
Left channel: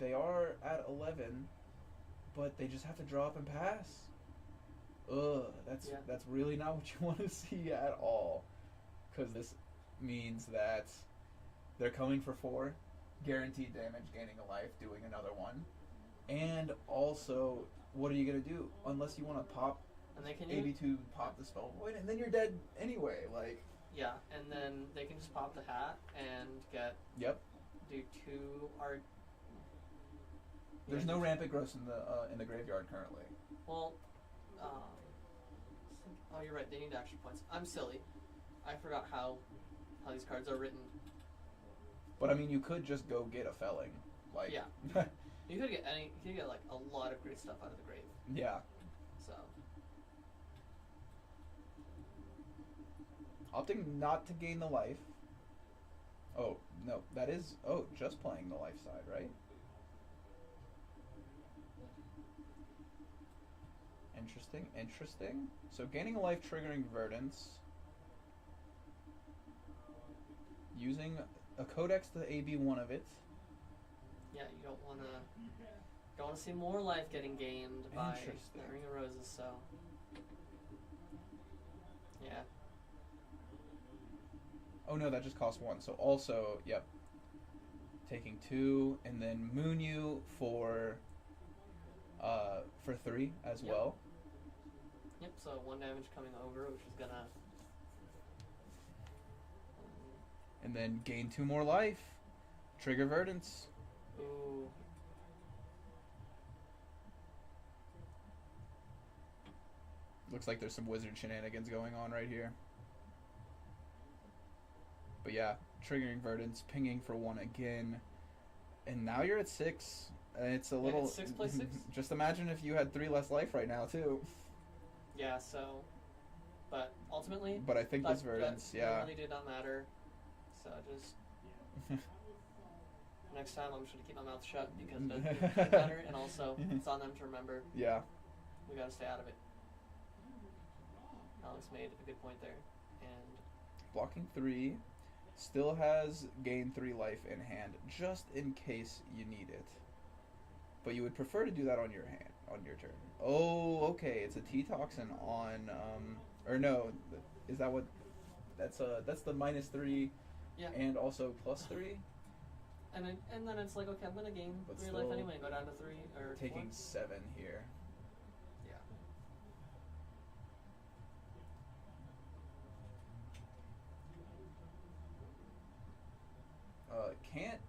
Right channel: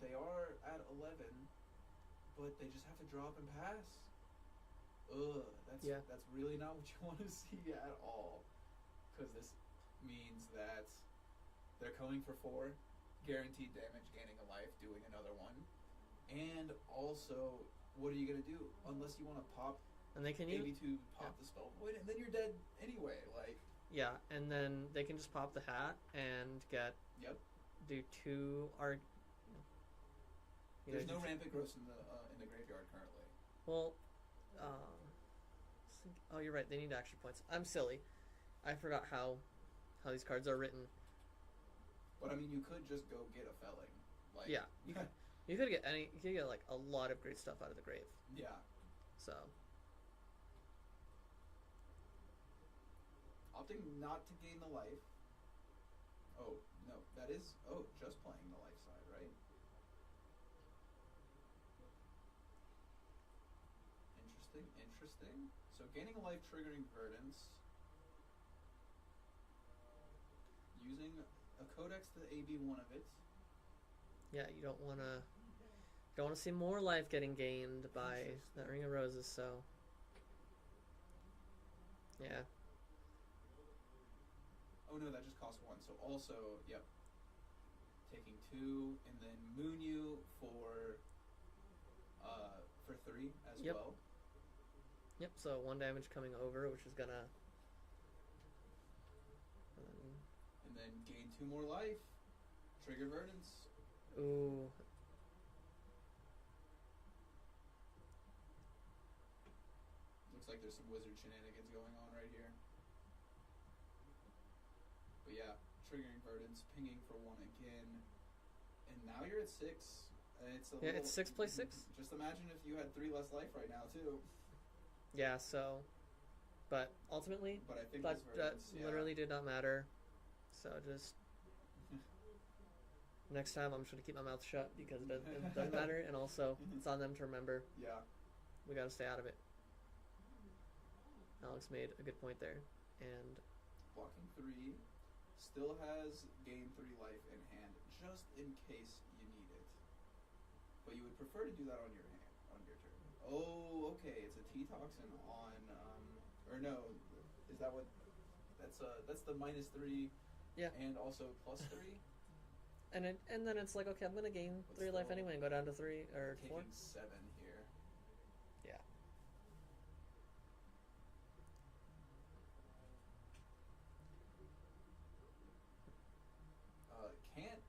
they are at 11, but they just have to drop and pass. Ugh, that's really not what you want to see at all. Because this means that they're coming for 4, guaranteed damage, gaining a life, doing another one. And also, what are you going to do? Unless you want to pop And they can AB2, pop the spell void, and then you're dead anyway. Like, yeah, and then they can just pop the hat and get do 2 art. There's no rampant growth in the graveyard currently. Well, oh, you're right. They need action points. I'm silly. I forgot how these cards are written. But I mean, you could just go get a felling. Like, yeah, you could get like a lot of great stuff out of the grave. Yeah. So. Opting not to gain the life. Oh no, that is just playing the life side, right? Interesting. So gaining a life, triggering Verdance. Using a codex to AB one of it. Yeah, you don't want to see more life getting gained by that Ring of Roses. So. Yeah. Oh no, that just costs 1. So also, yep. Taking 2 and then Moon you for 3 as well. Yep, so 1 damage coming over, which is gonna... and then gain 2 more life. Trigger Verdance. Ooh. Looks like there's some wizard shenanigans going on right here. But yeah, triggering Verdance, pinging for 1 again. And now you're at 6. It's a little... It's 6 play 6. Just imagine if you had 3 less life right now, too. Yeah, so... But ultimately... But I think this Verdance, that really did not matter. So just... Next time I'm just going to keep my mouth shut because it doesn't matter. And also, it's on them to remember. Yeah. We got to stay out of it. Alex made a good point there. And... Blocking 3... Still has gain 3 life in hand, just in case you need it. But you would prefer to do that on your turn. Oh, okay. It's a T-Toxin on, or no, is that what? That's the -3. Yeah. And also +3. And then it's like, okay, I'm gonna gain But 3 life anyway and go down to 3 or taking 4. 7 here. Yeah. Can't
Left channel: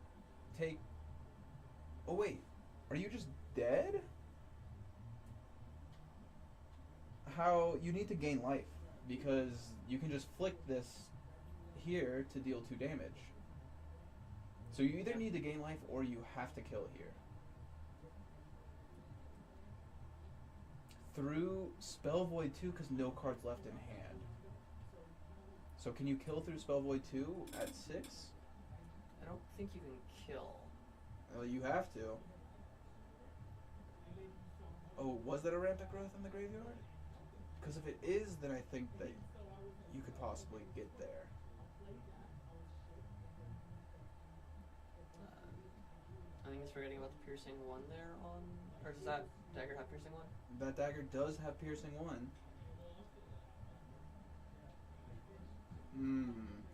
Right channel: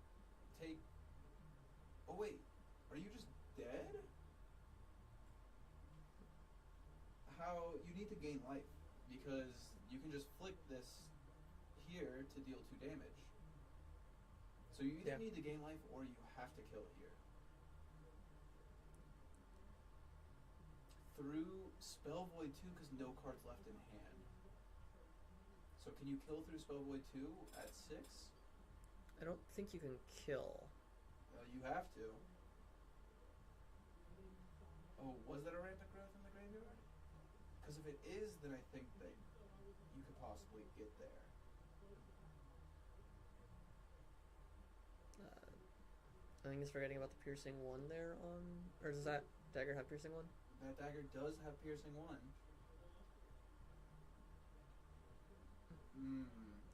take... Oh, wait. Are you just dead? How... You need to gain life. Because you can just flick this here to deal 2 damage. So you either need to gain life or you have to kill here. Through Spell Void 2 because no cards left in hand. So can you kill through Spell Void 2 at 6? I don't think you can kill. Well, you have to. Oh, was that a rampant growth in the graveyard? Because if it is, then I think that you could possibly get there. I think it's forgetting about the piercing 1 there on... Or does that dagger have piercing 1? That dagger does have piercing 1.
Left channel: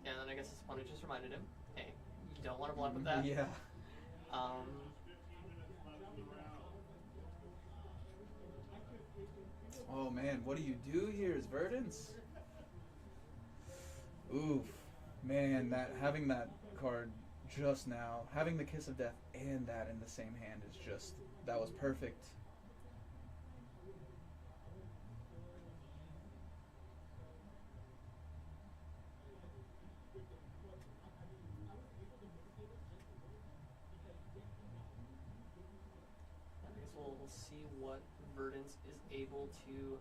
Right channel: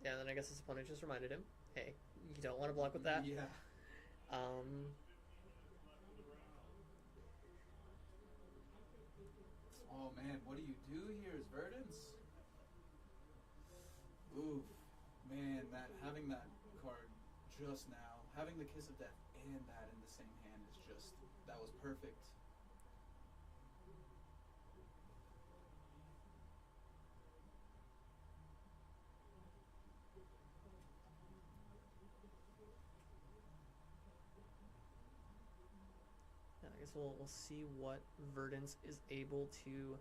Yeah, and then I guess his opponent just reminded him, hey, you don't want to block with that. Yeah. Oh man, what do you do here is Verdance? Oof. Man, having that card just now, having the Kiss of Death and that in the same hand is just, that was perfect. We'll see what Verdance is able to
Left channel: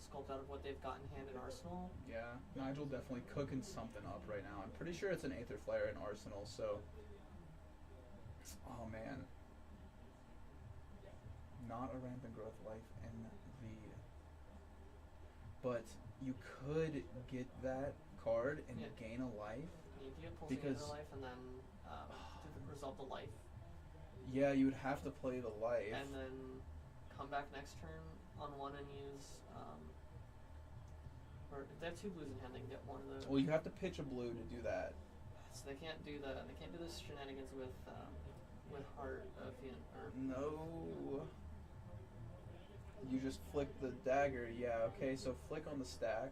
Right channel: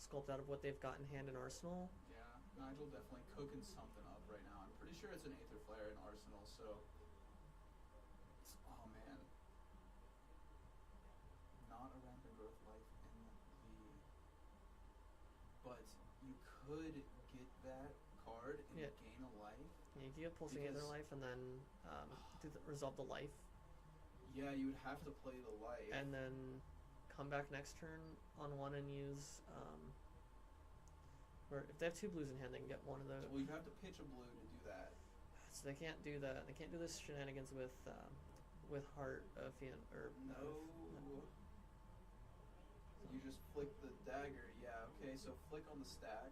sculpt out of what they've got in hand in Arsenal. Yeah, Nigel definitely cooking something up right now. I'm pretty sure it's an Aether Flare in Arsenal, so... Oh man. Not a Rampant Growth life in the... But you could get that card and gain a life. Yeah, if you get Pulsing Aether Life and then resolve the life. Yeah, you would have to play the life. and then come back next turn on one and use. Or if they have 2 blues in hand, they can get one of the. Well, you have to pitch a blue to do that. So they can't do the this shenanigans with Heart of Fiend or No. You just flick the dagger. Yeah, okay, so flick on the stack.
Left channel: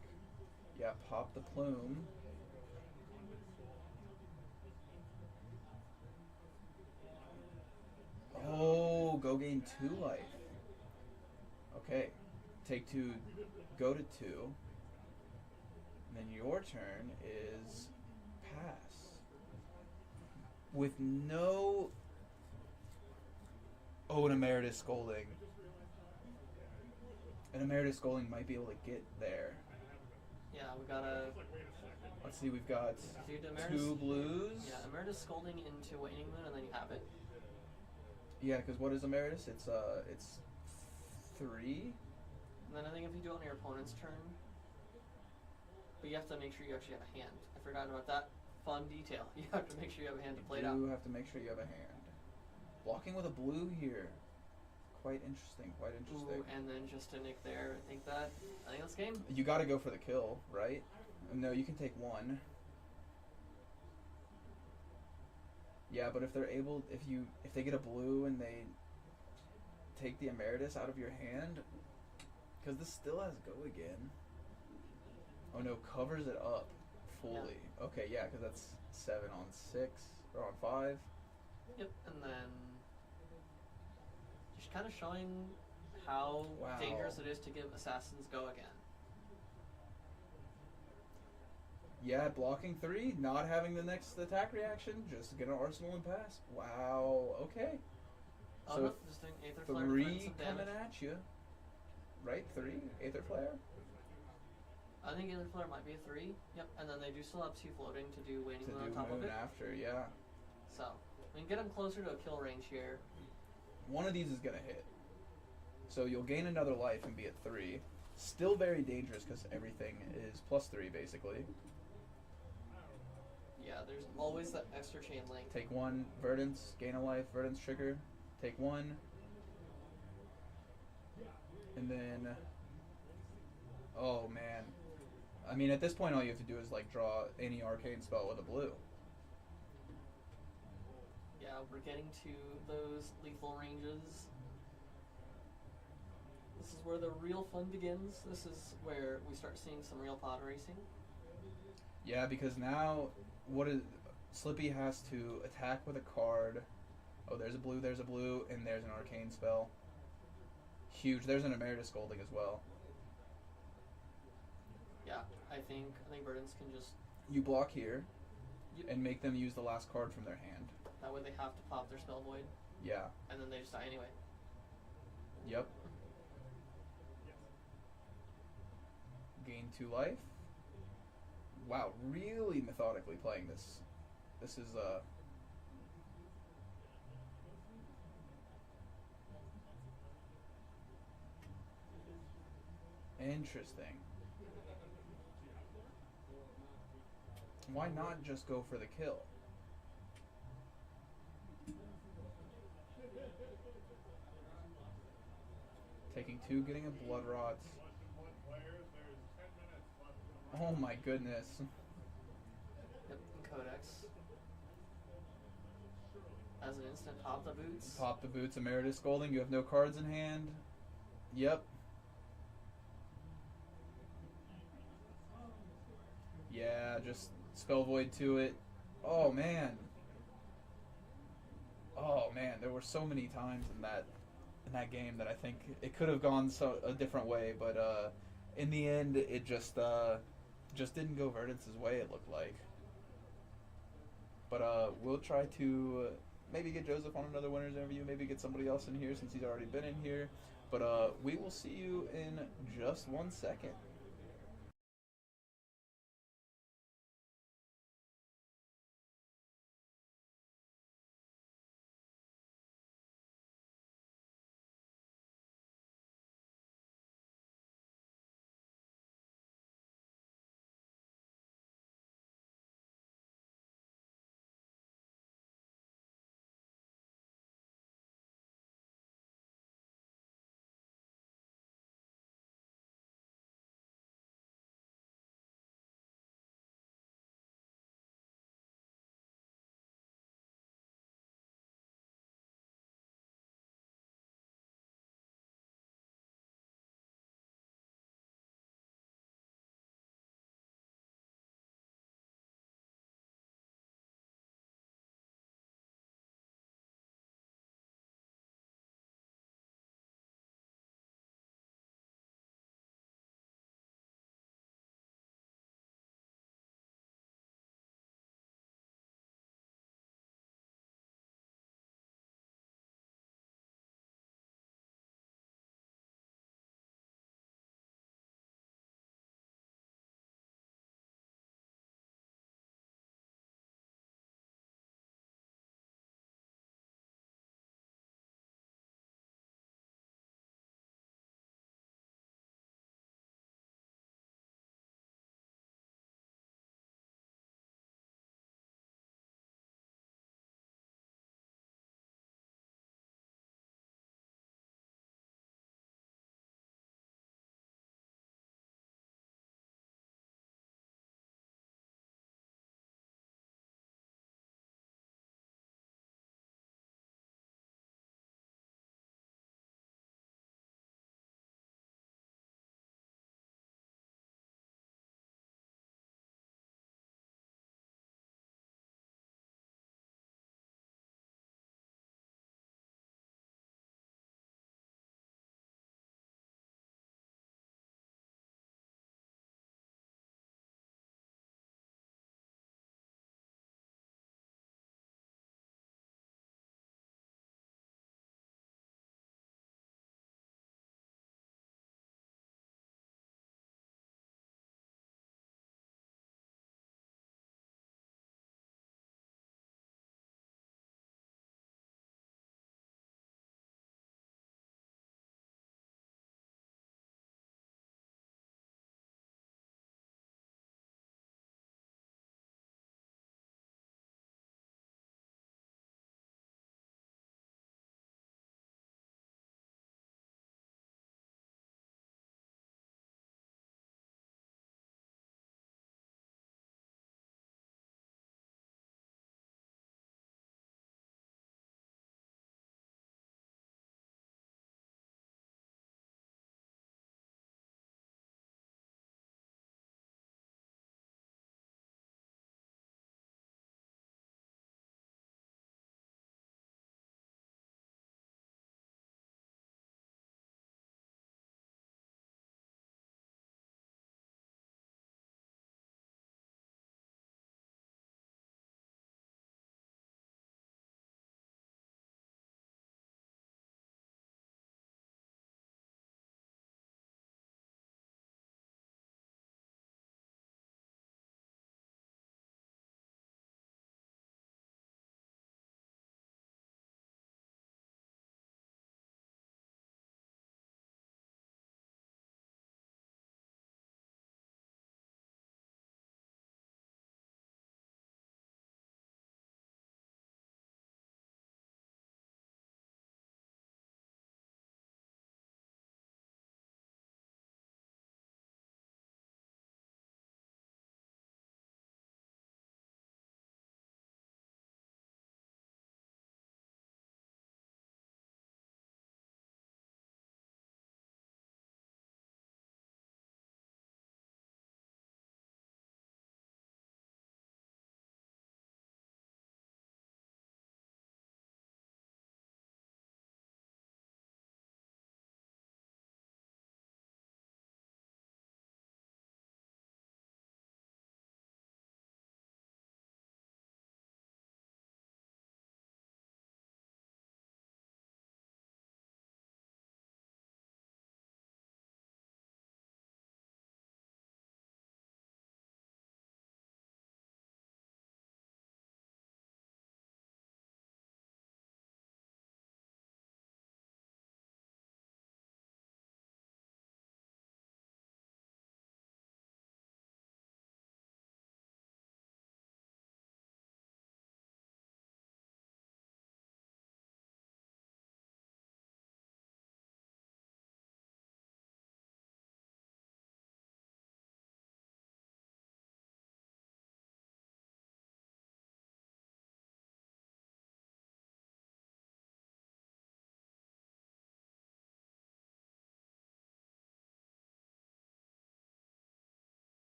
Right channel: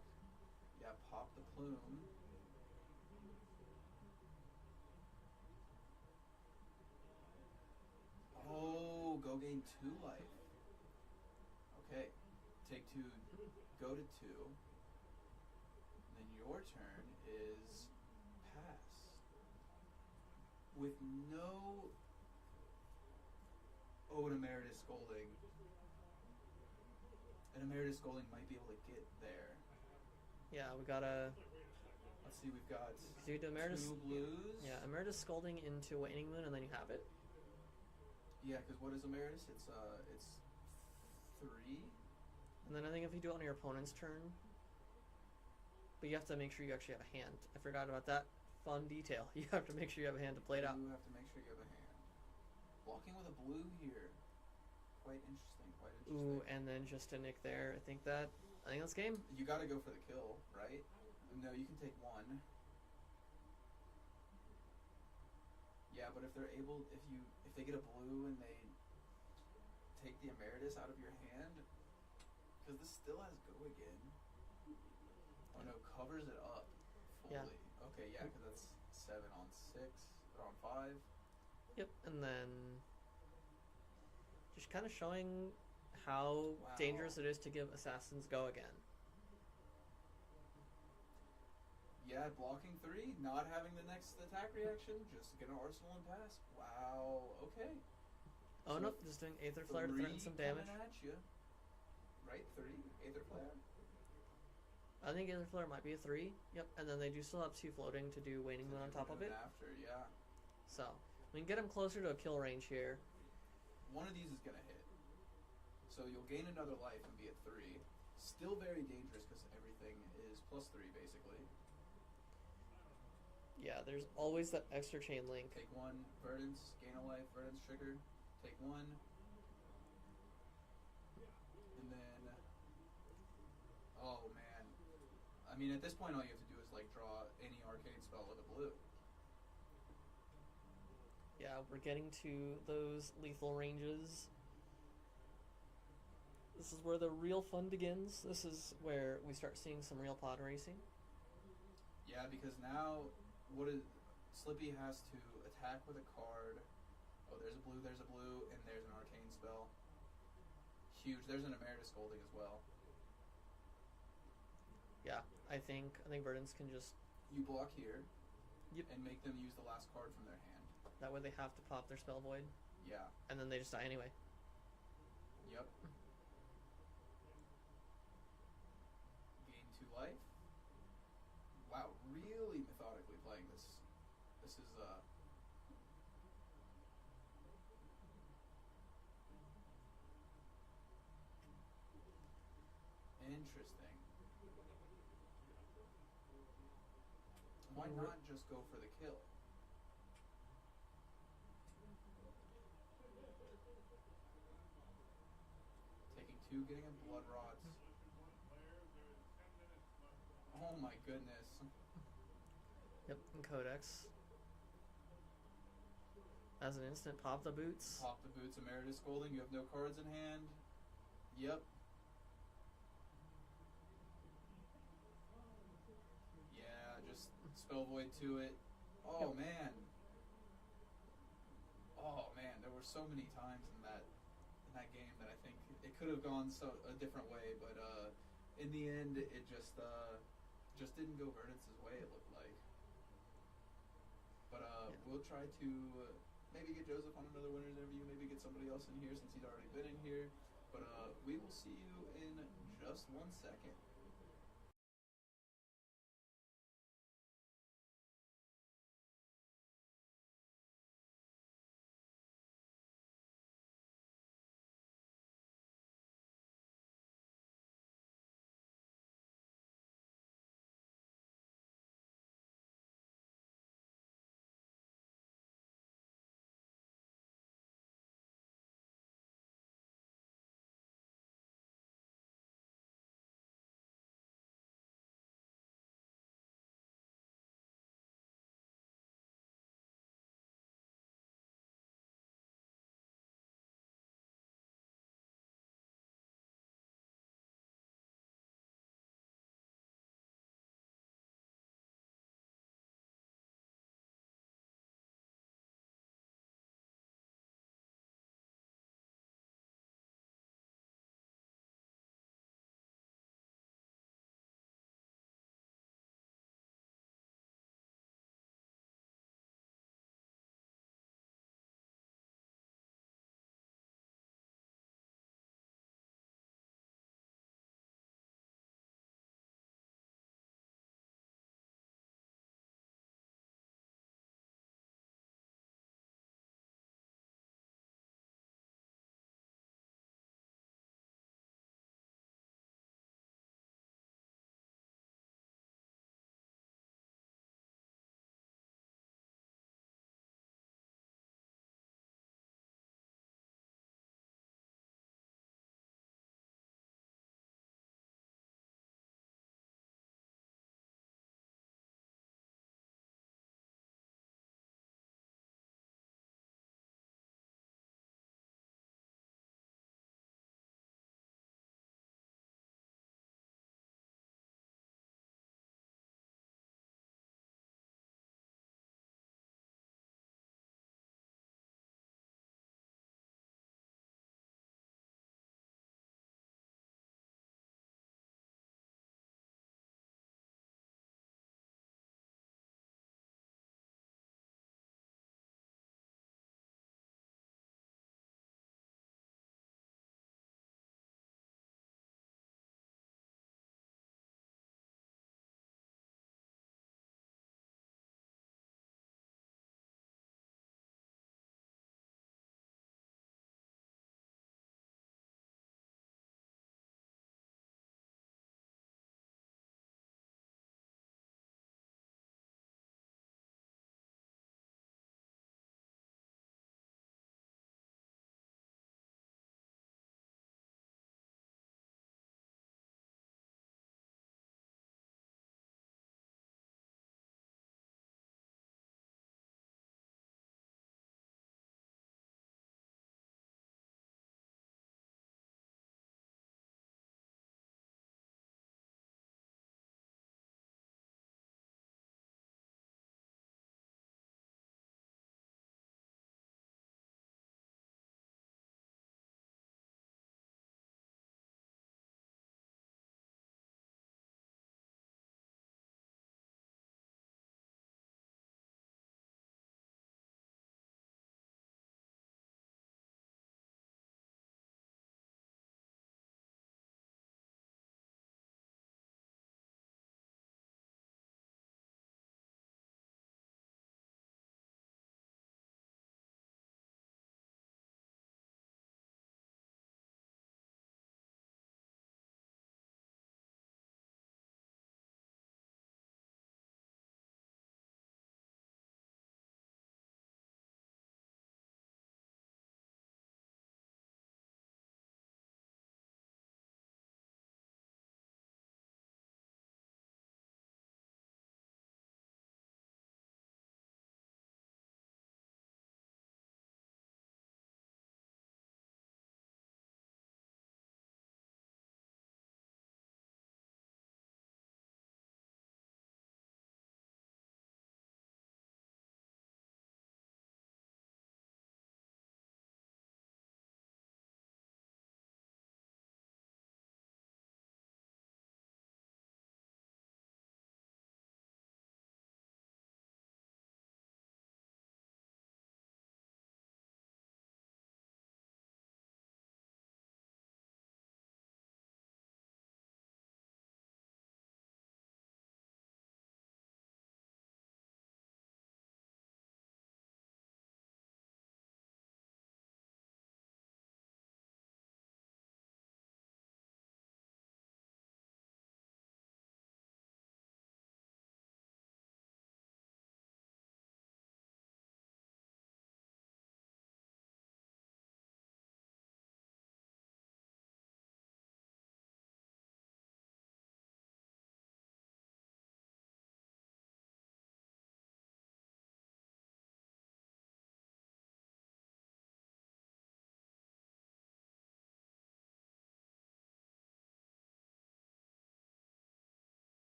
Yeah, pop the plume. Oh, go gain 2 life. Okay. Take 2, go to 2. And then your turn is pass. With no... Oh, an Emeritus Scolding. An Emeritus Scolding might be able to get there. yeah, we gotta Let's see, we've got do the Emeritus. 2 blues. Yeah, Emeritus Scolding into Waning Moon, and then you have it. Yeah, because what is Emeritus? It's 3. And then I think if you do it on your opponent's turn, but you have to make sure you actually have a hand. I forgot about that fun detail. You have to make sure you have a hand to play it out. You have to make sure you have a hand. Blocking with a blue here. Quite interesting, quite interesting. Ooh, and then just to nick there, I think that's game. You got to go for the kill, right? No, you can take 1. Yeah, but if they're able, if they get a blue and they take the Emeritus out of your hand, because this still has go again. Oh no, covers it up fully. Yeah. Okay, yeah, because that's 7 on 6 or on 5. Yep, and then just kind of showing how dangerous it is to give assassins go again. Yeah, blocking 3, not having the next attack reaction, just get an arsenal and pass. Wow, okay. Oh so no, just doing Aether Flare to prevent 3 some damage. coming at you. Right, 3? Aether Flare? I think Aether Flare might be a 3. Yep, and then they do still have 2 floating to do Waning Moon on top of it. After, yeah. So, we can get them closer to a kill range here. One of these is going to hit. So you'll gain another life and be at 3. Still very dangerous because everything is +3 basically. Yeah, there's always that extra chain link. Take 1, Verdance, gain a life, Verdance trigger. Take 1. And then... Oh, man. I mean, at this point all you have to do is, like, draw any arcane spell with a blue. Yeah, we're getting to those lethal ranges. This is where the real fun begins. This is where we start seeing some real pod racing. Yeah, because now... Slippy has to attack with a card. Oh, there's a blue, and there's an arcane spell. Huge. There's an Emeritus Scolding as well. Yeah, I think Verdance can just... You block here, Yep. and make them use the last card from their hand. That way they have to pop their Spell Void. Yeah. And then they just die anyway. Yep. Gain 2 life. Wow, really methodically playing this. This is interesting. Why not just go for the kill? Taking 2, getting a Blood Rot. Oh my goodness. Yep, and Codex. As an instant, pop the boots. Pop the boots, Emeritus Scolding. You have no cards in hand. Yep. Yeah, just Spell Void to it. Oh man. Oh man, there were so many times in that game that I think it could have gone a different way, but in the end it just didn't go Verdance's way, it looked like. But we'll try to maybe get Joseph on another winner's interview, maybe get somebody else in here since he's already been in here. But we will see you in just 1 second.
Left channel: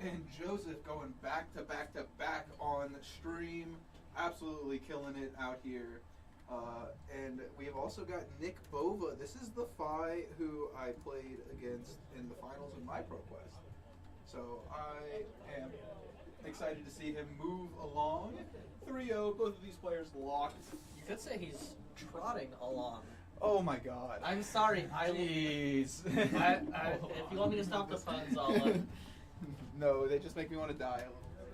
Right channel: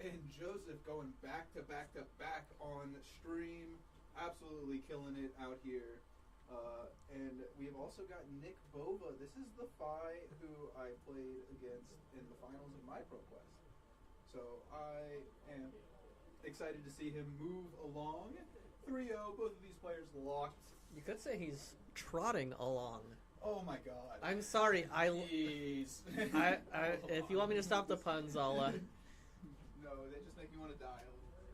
and Joseph going back to back to back on stream, absolutely killing it out here. And we have also got Nick Bova. This is the Phi who I played against in the finals of my Proquest. So I am excited to see him move along. 3-0, both of these players locked. You could say he's trotting along. Oh my god. I'm sorry. Jeez. If you want me to stop the puns, I'll. No, they just make me want to die a little bit.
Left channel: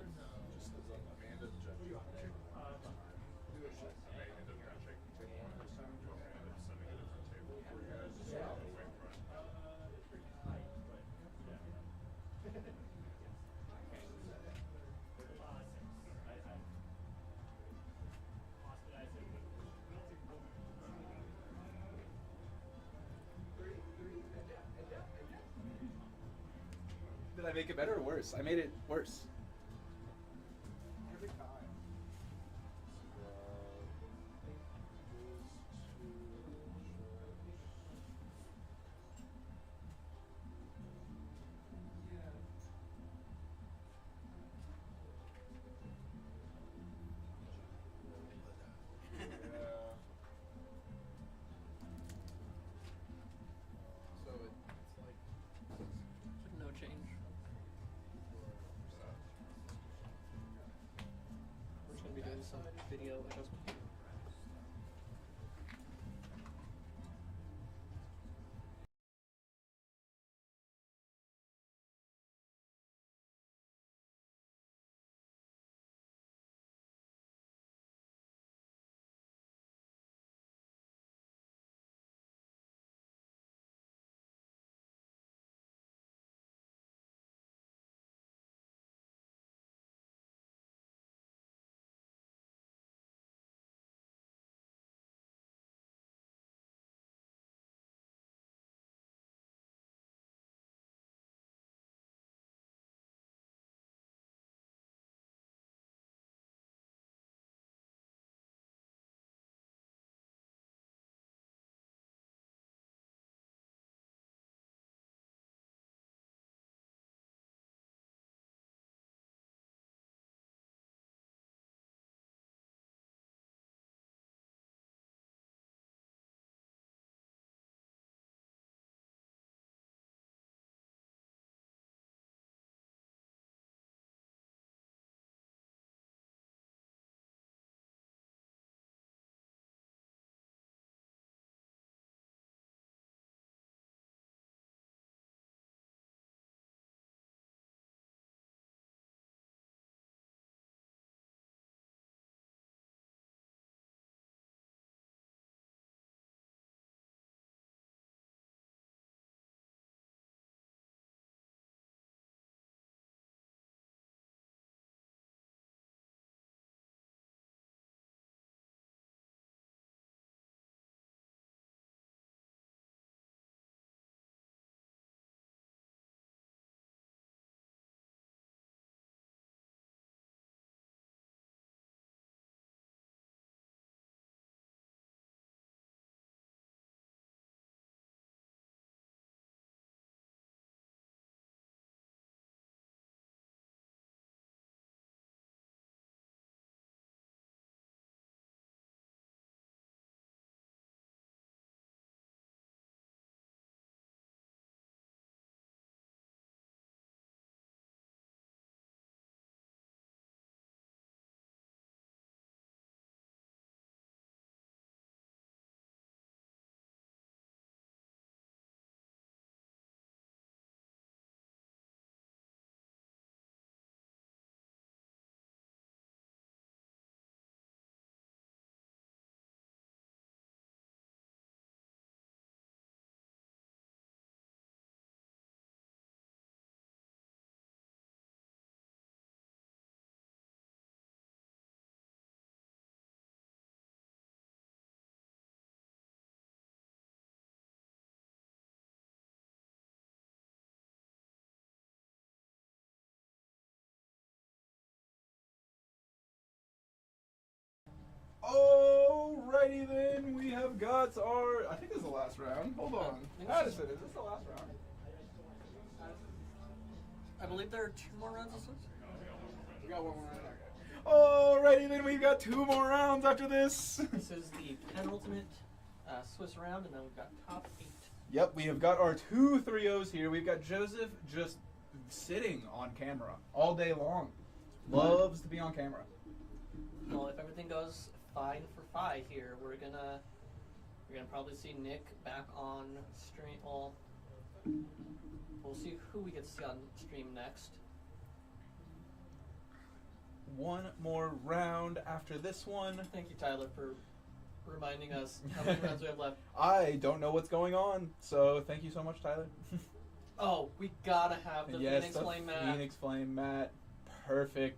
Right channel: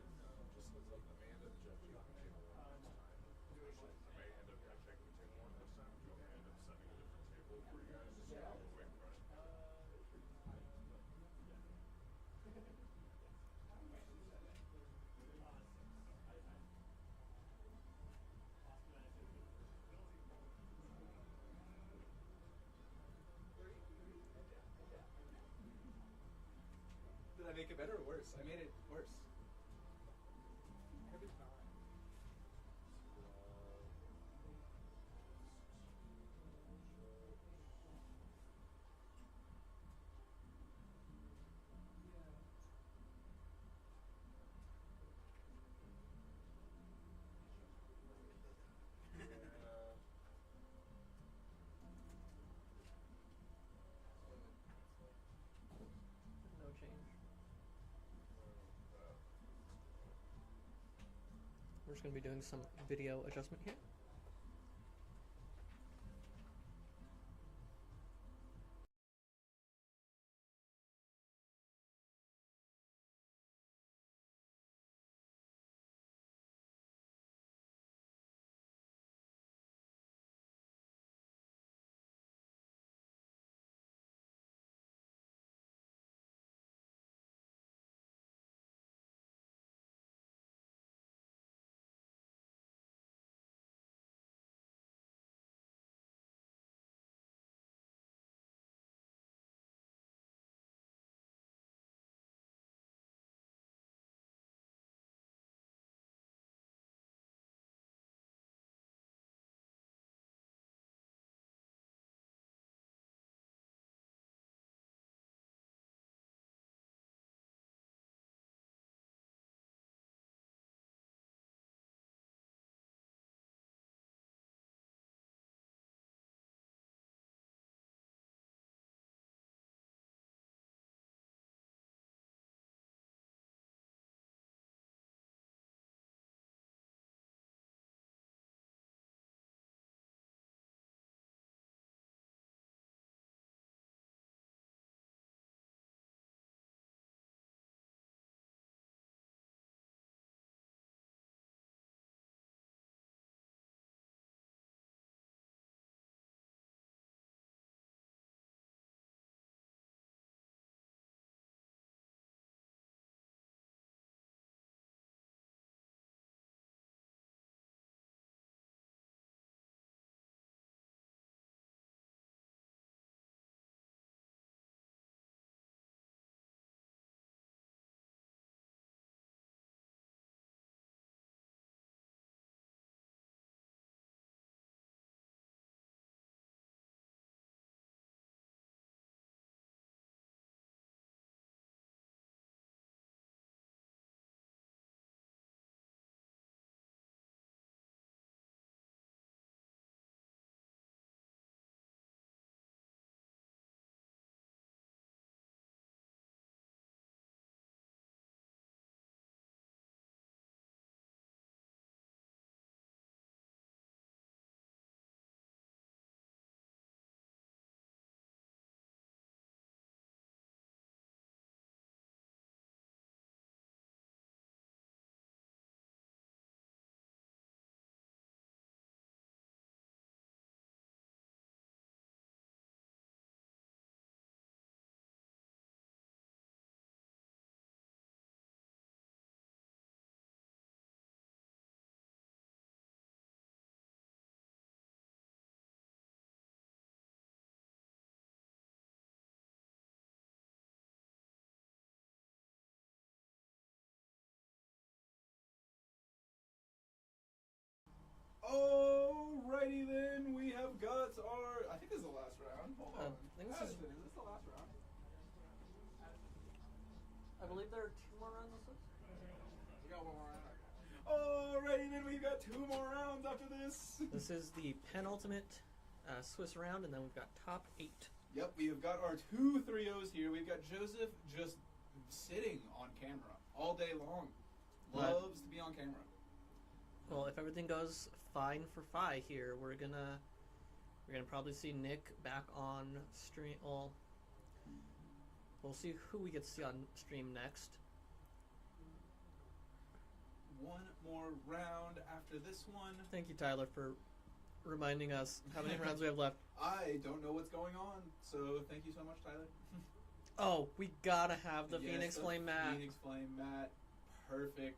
Did I make it better or worse? I made it worse. Every time. So it's like No change. We're just gonna be doing some video adjustment here. Alrighty then, we have got our. I think this is the last round. Hold on. I think this is- Addison, is this the last round? I believe there are 2 more rounds of Swiss. We got one more round. Alrighty, then we've got 2 more rounds after this. This is the penultimate Swiss round, and then we've got top 8. Yep, we have got our 2 3-0s here. We've got Joseph just sitting on camera all day long. Loves to be on camera. Well, if everything goes fine for Phi here, we're gonna probably see Nick back on stream. Well, we'll see who we get to see on stream next. One more round after this one. Thank you, Tyler, for reminding us how many rounds we have left. I don't know what's going on, so thank you so much, Tyler. Oh, we gotta have the Yes, Phoenix the Flame mat. Phoenix Flame mat. Perfect.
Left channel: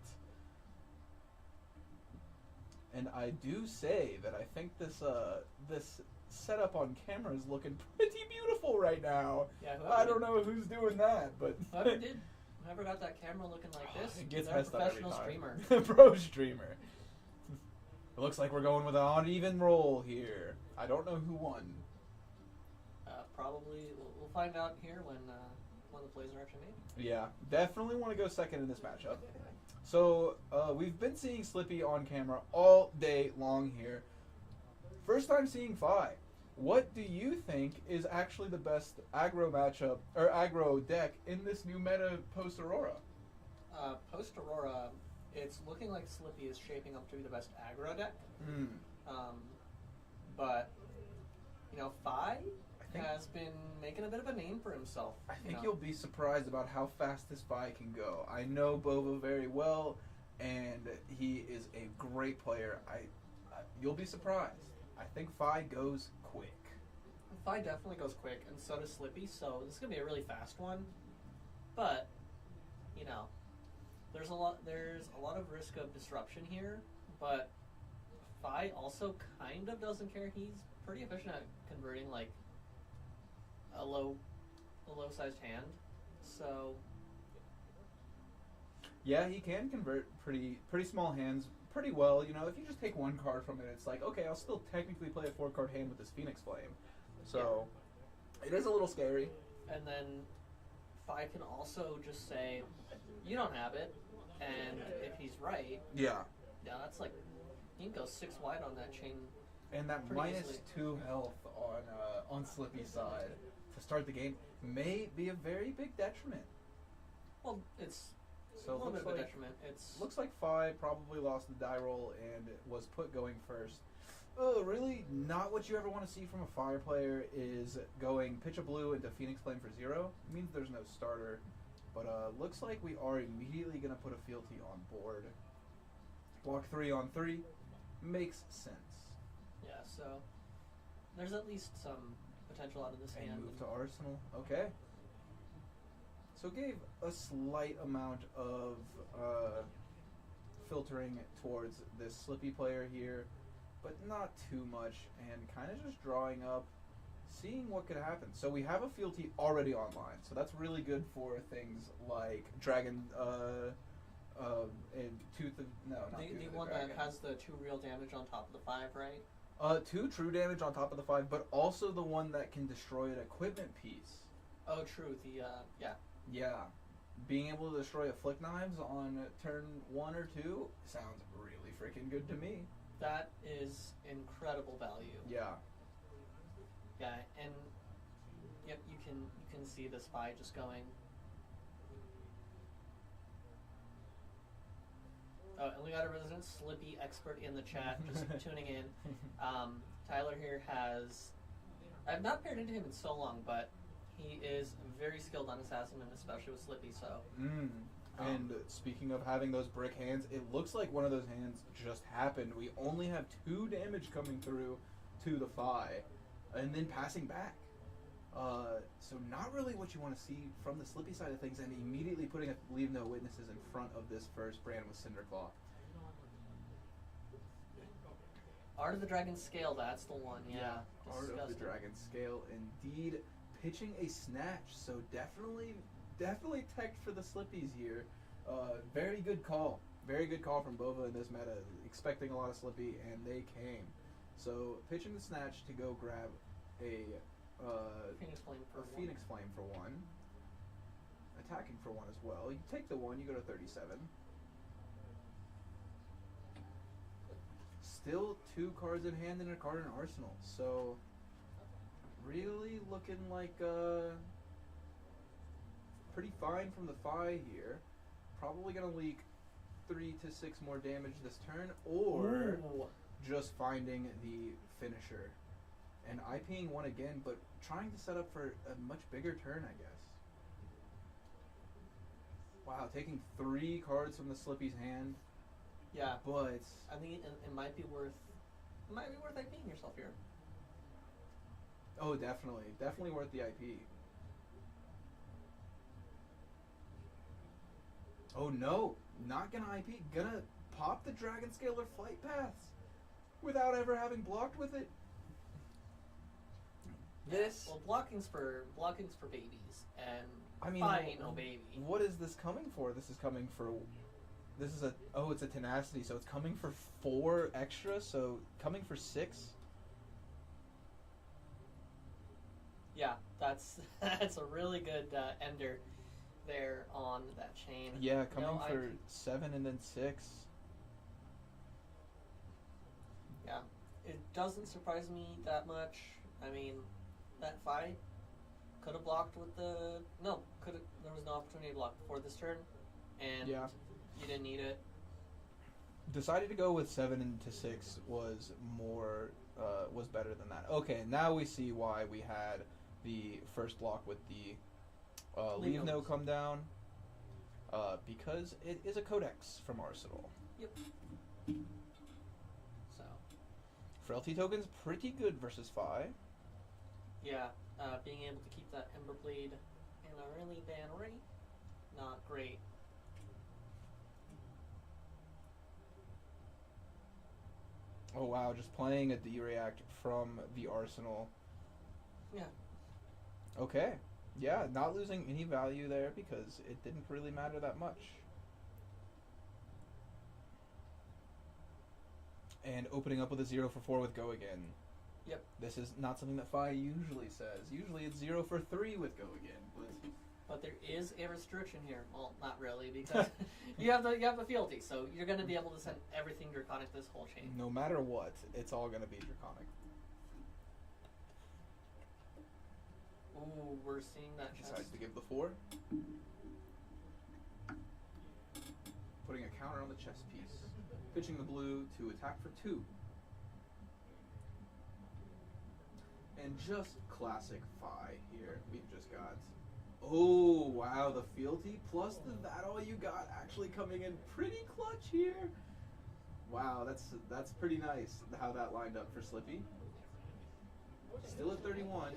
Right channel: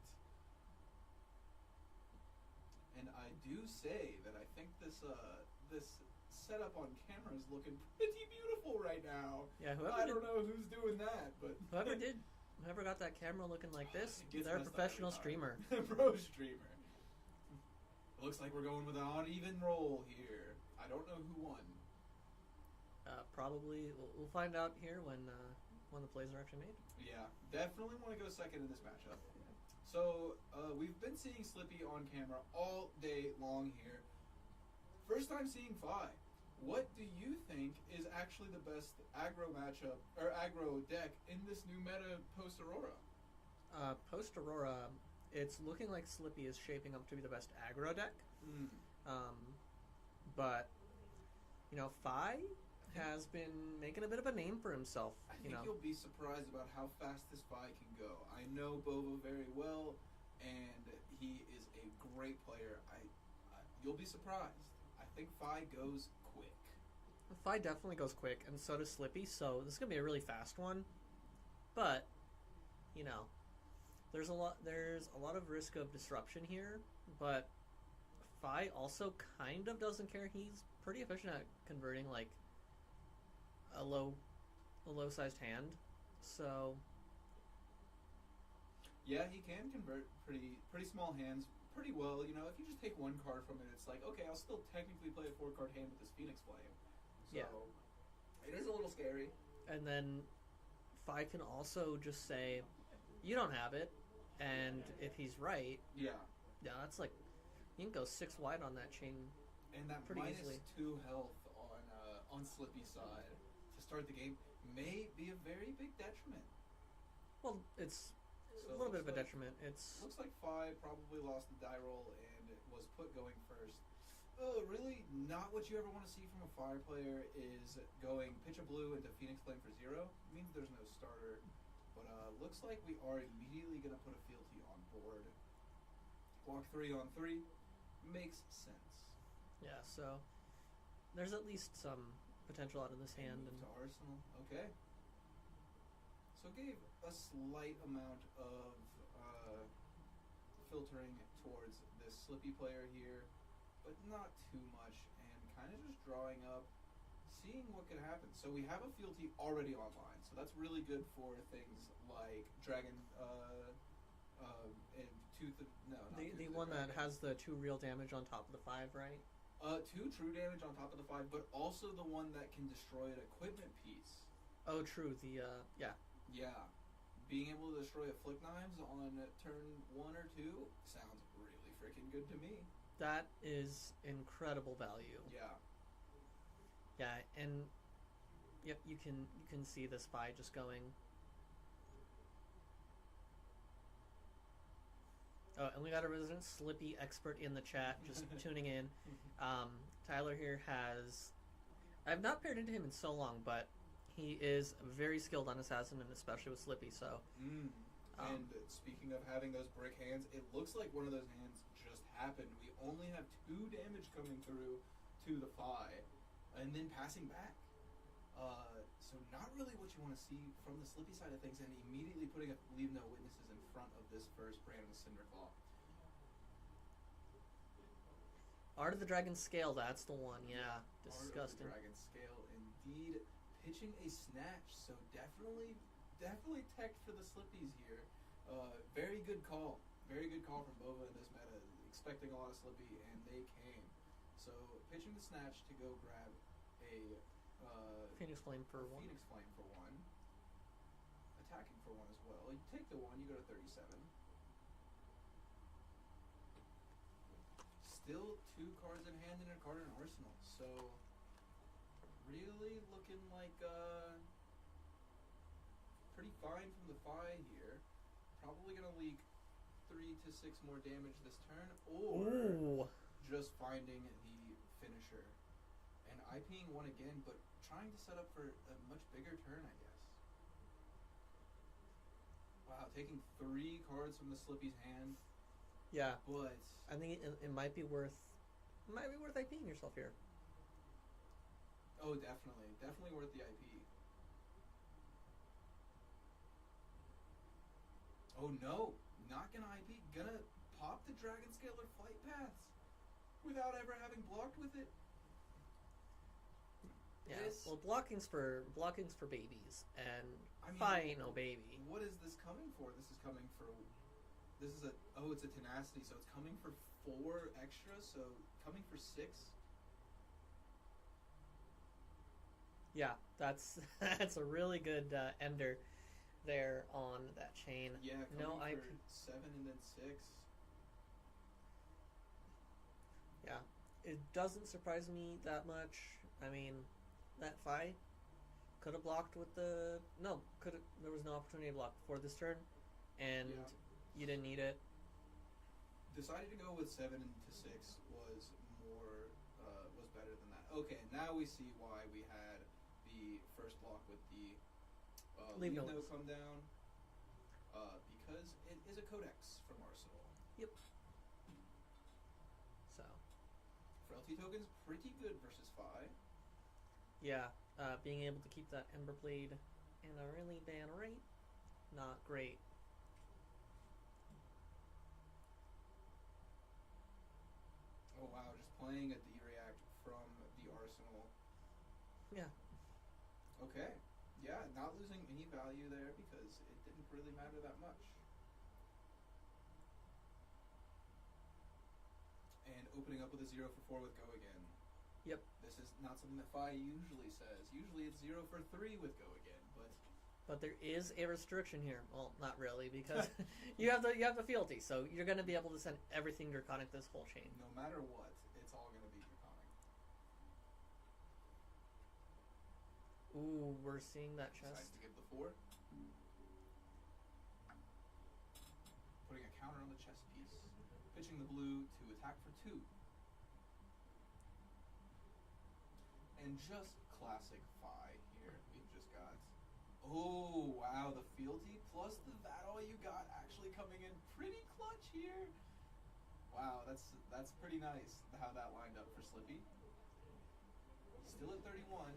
And I do say that I think this setup on camera is looking pretty beautiful right now. Yeah, I don't know who's doing that, but whoever got that camera looking like this, it gets they're a messed up every professional time. streamer. Pro streamer. It looks like we're going with an uneven roll here. I don't know who won. Probably we'll find out here when the plays are actually made. Yeah, definitely want to go second in this matchup. So we've been seeing Slippy on camera all day long here. First time seeing Phi. What do you think is actually the best aggro matchup or aggro deck in this new meta post Aurora? Post Aurora, it's looking like Slippy is shaping up to be the best aggro deck. But you know, Phi has been making a bit of a name for himself. I think you'll be surprised about how fast this Phi can go. I know Bova very well, and he is a great player. You'll be surprised. I think Phi goes quick. Phi definitely goes quick, and so does Slippy. So this is gonna be a really fast one. But you know, there's a lot of risk of disruption here. But Phi also kind of doesn't care. He's pretty efficient at converting like a low-sized hand. So yeah, he can convert pretty small hands pretty well. You know, if you just take one card from it, it's like, okay, I'll still technically play a 4-card hand with this Phoenix Flame. So it is a little scary. And then Phi can also just say, you don't have it, and if he's right, that's like, you can go 6 wide on that chain. And that pretty minus easily. 2 health on Slippy's side to start the game may be a very big detriment. Well, it's So a little bit of a like, detriment. It's looks like Phi probably lost the die roll and was put going first. Really, not what you ever want to see from a Fire player is going pitch a blue into Phoenix Flame for 0. It means there's no starter. But looks like we are immediately going to put a fealty on board. Block 3 on 3 makes sense. yeah. So there's at least some potential out of this And hand. move to Arsenal. Okay. So gave a slight amount of filtering towards this Slippy player here, but not too much, and kind of just drawing up, seeing what could happen. So we have a fealty already online, so that's really good for things like Dragon and Tooth of not the Tooth of one Dragon. that has the 2 real damage on top of the 5, right? 2 true damage on top of the 5, but also the one that can destroy an equipment piece. Oh, true. The Yeah. Being able to destroy Afflict Knives on turn 1 or 2 sounds really freaking good to me. that is incredible value. Yeah. Yeah, and yep, you can see the Spy just going. Oh, and we got a resident Slippy expert in the chat, just tuning in. Tyler here has. I've not paired into him in so long, but he is very skilled on Assassin and especially with Slippy. So. And speaking of having those brick hands, it looks like one of those hands just happened. We only have 2 damage coming through to the Phi, and then passing back. So not really what you want to see from the Slippy side of things, and immediately putting a Leave No Witnesses in front of this first brand with Cinderclaw. Art of the Dragon Scale, that's the one. Yeah, Art of the Dragon Scale, indeed. Pitching a snatch, so definitely tech for the Slippies here. Very good call. Very good call from Bova in this meta. Expecting a lot of Slippy, and they came. So pitching the snatch to go grab a Phoenix Flame for Phoenix Flame for 1. attacking for 1 as well. You take the 1, you go to 37. Still 2 cards in hand and a card in arsenal. So, really looking like pretty fine from the Fi here. Probably going to leak 3 to 6 more damage this turn, or just finding the finisher. And IPing 1 again, but trying to set up for a much bigger turn, I guess. Wow, taking 3 cards from the Slippy's hand. Yeah, But I think it might be worth IPing yourself here. oh, definitely worth the IP. Oh no, not gonna IP, gonna pop the Dragon Scalar Flight Paths without ever having blocked with it. This, Well, blocking's for babies, and I mean, I ain't no baby. What is this coming for? This is coming for. This is it's a tenacity, so it's coming for 4 extra, so coming for 6. Yeah, that's a really good ender there on that chain. Yeah, coming No, for 7 and then 6. Yeah, it doesn't surprise me that much. I mean, that fight could have blocked with the there was no opportunity to block before this turn, and Yeah. you didn't need it. Decided to go with 7 into 6 was better than that. Okay, now we see why we had the first block with the Leave No come down, because it is a codex from Arsenal. Yep. So Frailty token's pretty good versus Fi. yeah, being able to keep that Ember Blade in a really bad rate, not great. Oh wow, just playing a D-React from the Arsenal. Yeah. Okay. Yeah, not losing any value there because it didn't really matter that much. And opening up with a 0 for 4 with Go Again. Yep. This is not something that Fi usually says. Usually it's 0 for 3 with Go Again, But there is a restriction here. Well, not really, because you have the fealty, so you're going to be able to send everything Draconic this whole chain. no matter what, it's all going to be Draconic. Ooh, we're seeing that chest. Decides to give the 4. Putting a counter on the chess piece. Pitching the blue to attack for 2. And just classic Fi here. We've just got... Oh, wow, the fealty plus the that all you got actually coming in pretty clutch here. Wow, that's pretty nice how that lined up for Slippy. Still at 31.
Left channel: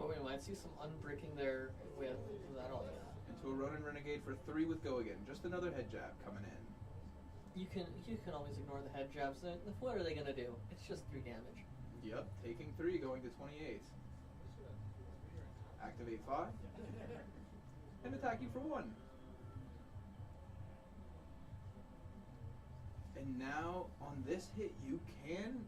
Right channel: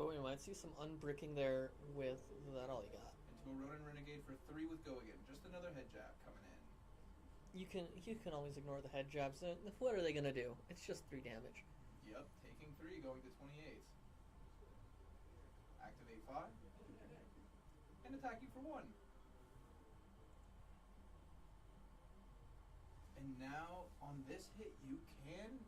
But we might see some unbricking there with that all you got. Into a run and renegade for 3 with Go Again. Just another head jab coming in. You can always ignore the head jabs. What are they gonna do? It's just 3 damage. Yep, taking 3, going to 28. Activate 5. And attacking for 1. And now, on this hit, you can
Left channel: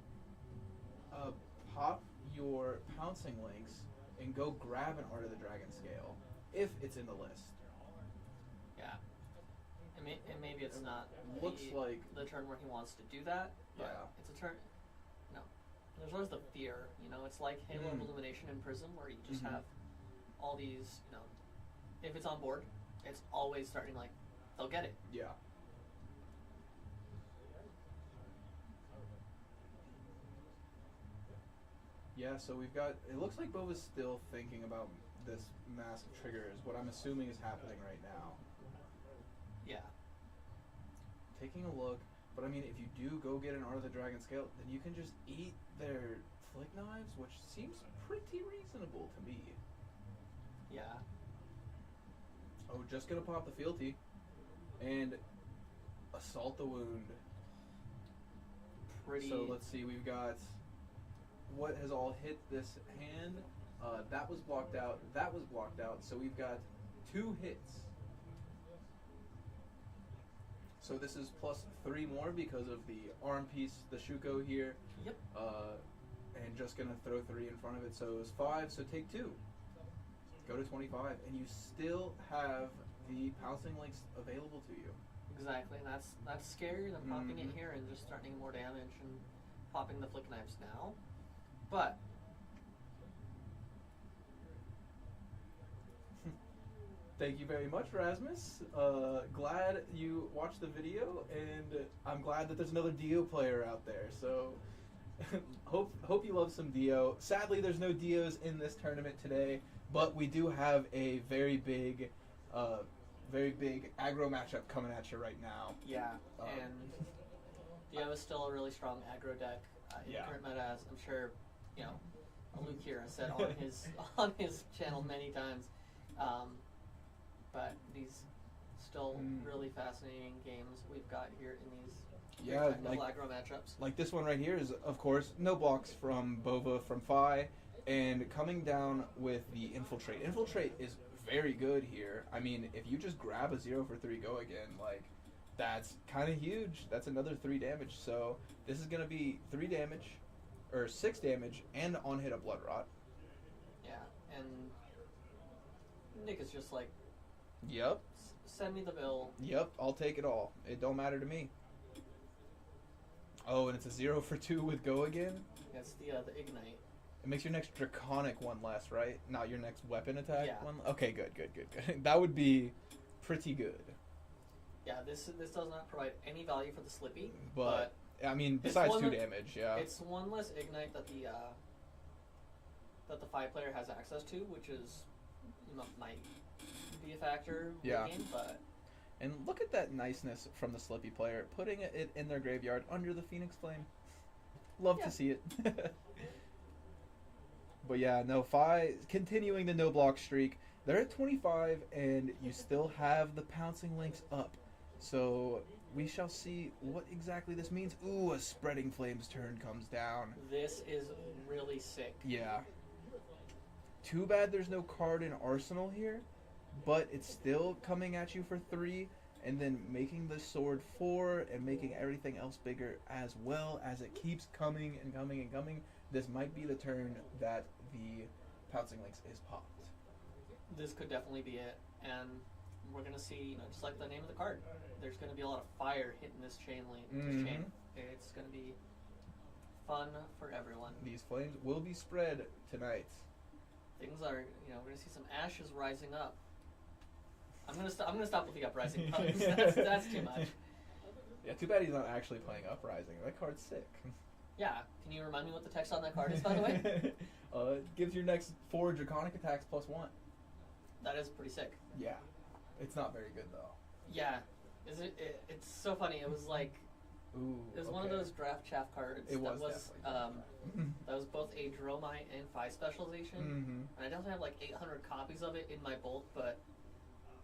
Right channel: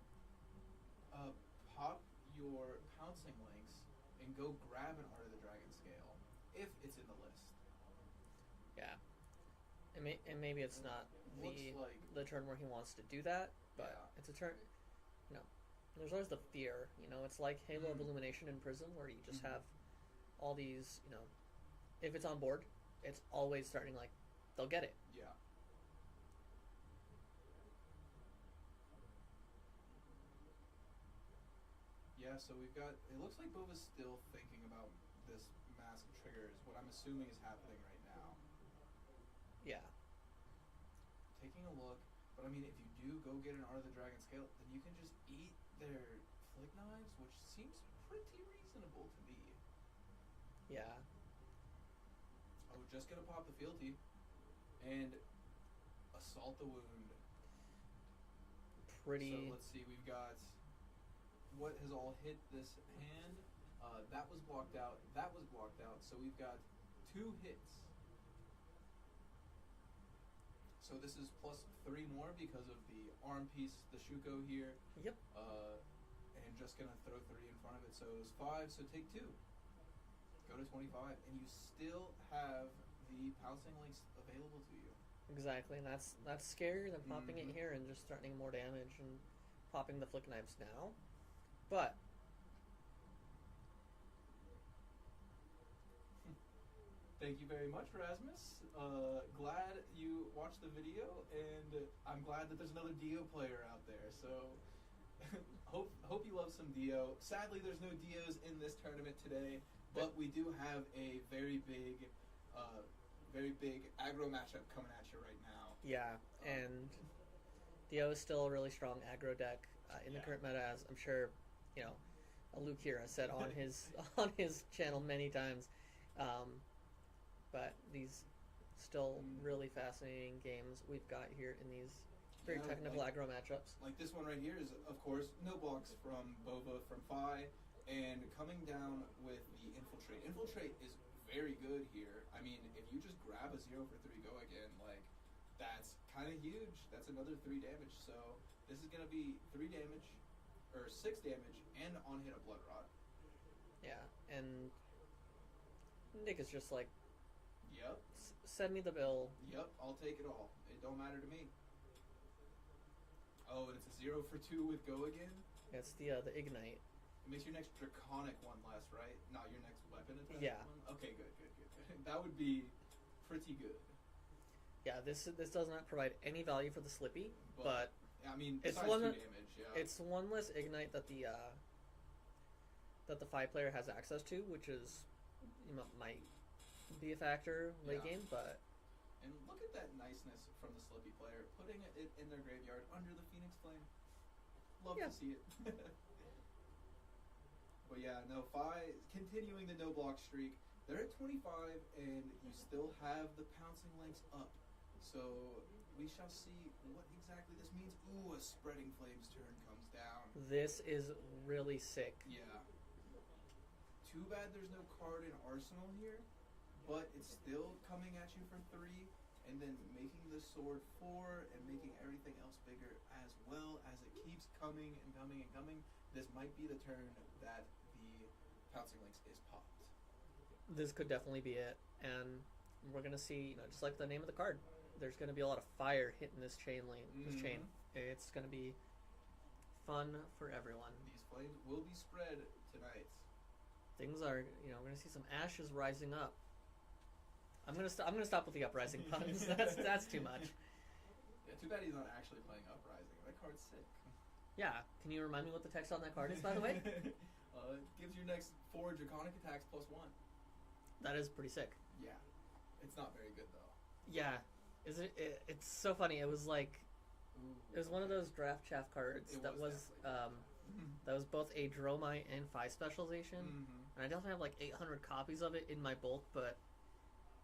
pop your pouncing links and go grab an Art of the Dragon Scale, if it's in the list. Yeah. And maybe it's not Looks like... the turn where he wants to do that, but Yeah. it's a turn... No. There's always the fear, it's like Halo of Illumination in Prism, where you just have all these, if it's on board, it's always starting like, they'll get it. Yeah. Yeah, so we've got... It looks like Bova's still thinking about this massive trigger, is what I'm assuming is happening right now. Yeah. Taking a look, but I mean, if you do go get an Art of the Dragon Scale, then you can just eat their flick knives, which seems pretty reasonable to me. Yeah. Oh, just gonna pop the fealty. And assault the wound. Pretty... So let's see, we've got... What has all hit this hand? That was blocked out. That was blocked out. So we've got 2 hits. So this is plus 3 more because of the arm piece, the Shuko here. Yep. And just gonna throw 3 in front of it. So it's 5. So take 2. go to 25, and you still have the pouncing links available to you. Exactly, and that's scarier than popping it here and just threatening more damage and popping the flick knives now. But thank you very much, Rasmus. Glad you watched the video, and I'm glad that there's another Dio player out there. So hope you love some Dio. Sadly, there's no Dios in this tournament today, but we do have a very big aggro matchup coming at you right now. yeah, and Dio is still a really strong aggro deck in Yeah. the current meta, as I'm sure Luke here has said on his channel many times. But these still really fascinating games we've got here in these very technical aggro matchups. Like this one right here is, of course, no blocks from Bova from Phi, and coming down with the Infiltrate. Infiltrate is very good here. I mean, if you just grab a 0 for 3 go again, like, that's kind of huge. That's another 3 damage. So this is going to be 3 damage, or 6 damage, and on hit a Blood Rot. Yeah, and Nick is just like, Yep. send me the bill. Yep, I'll take it all. It don't matter to me. Oh, and it's a 0 for 2 with go again? It's the Ignite. It makes your next Draconic one less, right? Not your next weapon attack Yeah. one? Okay, good. That would be pretty good. Yeah, this does not provide any value for the Slippy, But I mean, it's besides one 2 that- damage, yeah. it's one less Ignite that the Phi player has access to, which is might be a factor late Yeah. game, but And look at that niceness from the Slippy player, putting it in their graveyard under the Phoenix Flame. Love Yeah. to see it. But yeah, no, Phi continuing the no block streak. They're at 25, and you still have the pouncing links up. So we shall see what exactly this means. Ooh, a Spreading Flames turn comes down. this is really sick. Yeah. Too bad there's no card in Arsenal here, but it's still coming at you for 3, and then making the sword 4, and making everything else bigger as well as it keeps coming and coming and coming. This might be the turn that the pouncing links is popped. This could definitely be it, and we're gonna see, just like the name of the card, there's gonna be a lot of fire hitting this chain link. This chain. It's gonna be fun for everyone. These flames will be spread tonight. Things are, we're gonna see some ashes rising up. I'm gonna stop with the uprising puns. That's too much. Yeah, too bad he's not actually playing Uprising. That card's sick. Yeah, can you remind me what the text on that card is, by the way? It gives your next 4 Draconic attacks +1. That is pretty sick. Yeah. It's not very good, though. Yeah, it's so funny. It was like, Ooh, it was one of okay. those draft chaff cards It that was was definitely. that was both a Dromite and Phi specialization. Mm-hmm. And I definitely have like 800 copies of it in my bulk, but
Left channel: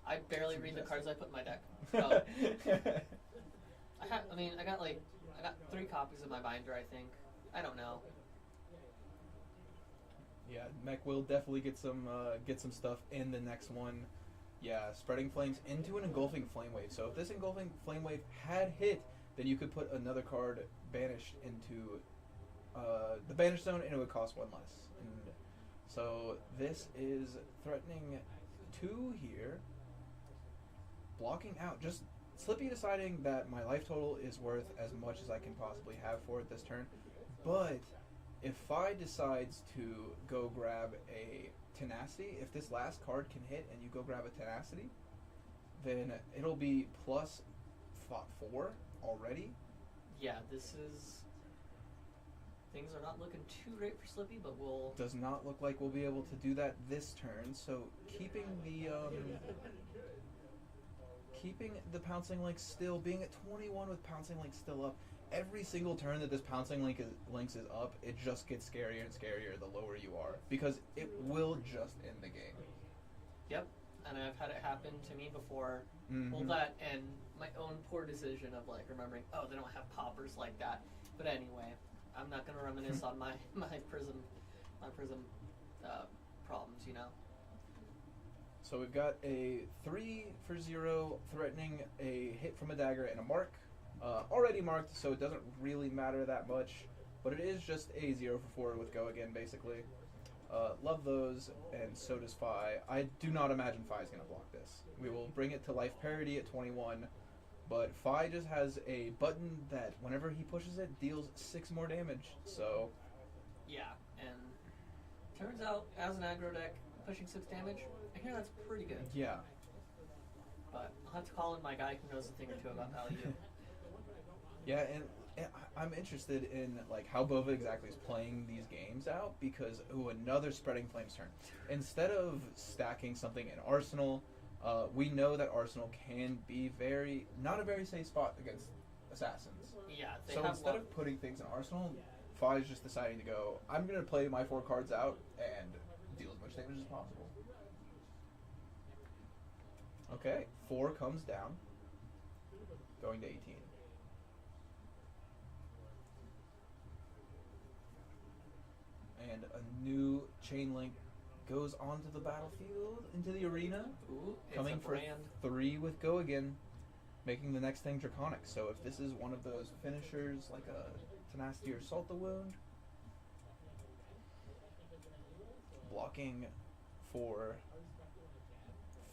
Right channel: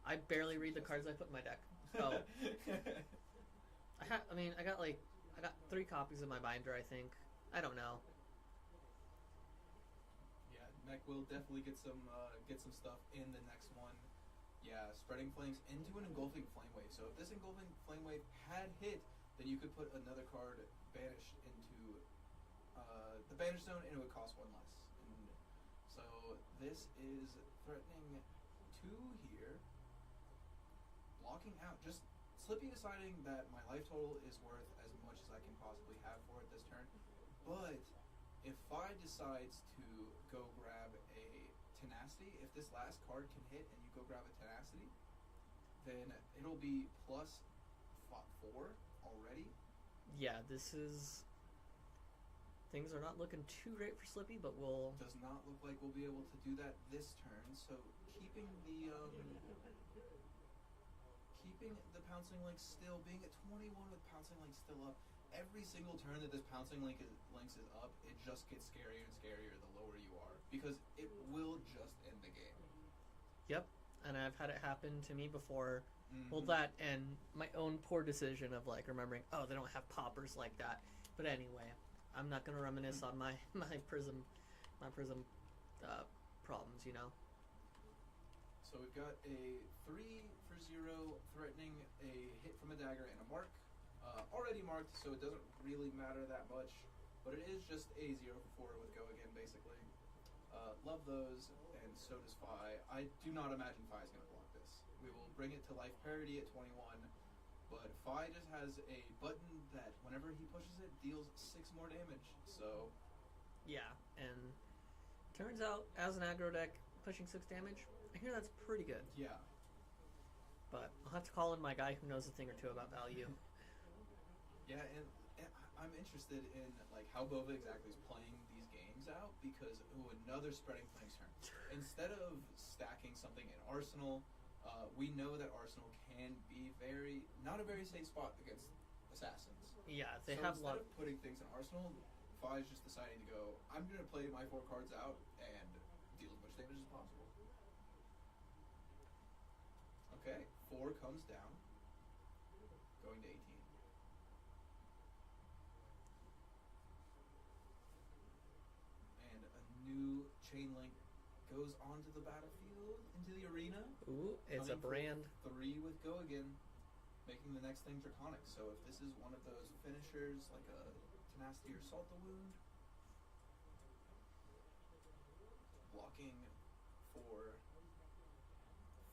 I barely read the cards I put in my deck. So I got 3 copies in my binder, I think. I don't know. Yeah, Mech will definitely get some stuff in the next one. Yeah, Spreading Flames into an Engulfing Flame Wave. So if this Engulfing Flame Wave had hit, then you could put another card banished into the Banish Zone, and it would cost 1 less. And so this is threatening 2 here. Blocking out, just Slippy deciding that my life total is worth as much as I can possibly have for it this turn. But if Phi decides to go grab a Tenacity, if this last card can hit and you go grab a Tenacity, then it'll be plus 4 already. Yeah, things are not looking too great for Slippy, but we'll... Does not look like we'll be able to do that this turn. So keeping the pouncing link still, being at 21 with pouncing link still up, every single turn that this pouncing links is up, it just gets scarier and scarier the lower you are, because it will just end the game. Yep, and I've had it happen to me before. Mm-hmm. Well, that and my own poor decision of like remembering, oh, they don't have poppers like that. But anyway, I'm not gonna reminisce on my prism problems, So we've got a 3 for 0 threatening a hit from a dagger and a mark. Already marked, so it doesn't really matter that much. But it is just a 0 for 4 with go again, basically. Love those, and so does Fi. I do not imagine Fi is going to block this. We will bring it to life parity at 21, but Fi just has a button that whenever he pushes it, deals 6 more damage. So, Yeah, and turns out, as an aggro deck, pushing 6 damage, I hear that's pretty good. yeah. But I'll have to call in my guy who knows a thing or two about value. Yeah, and I'm interested in like how Bova exactly is playing these games out because another Spreading Flames turn. Instead of stacking something in Arsenal, we know that Arsenal can be not a very safe spot against assassins. Yeah, they So have instead of putting things in Arsenal, Fi is just deciding to go, I'm going to play my 4 cards out and deal as much damage as possible. Okay, 4 comes down, going to 18. And a new chain link goes onto the battlefield, into the arena. Ooh, it's Coming a brand. for 3 with Go Again, making the next thing Draconic. So if this is one of those finishers, like a Tenacity or Salt the Wound, blocking for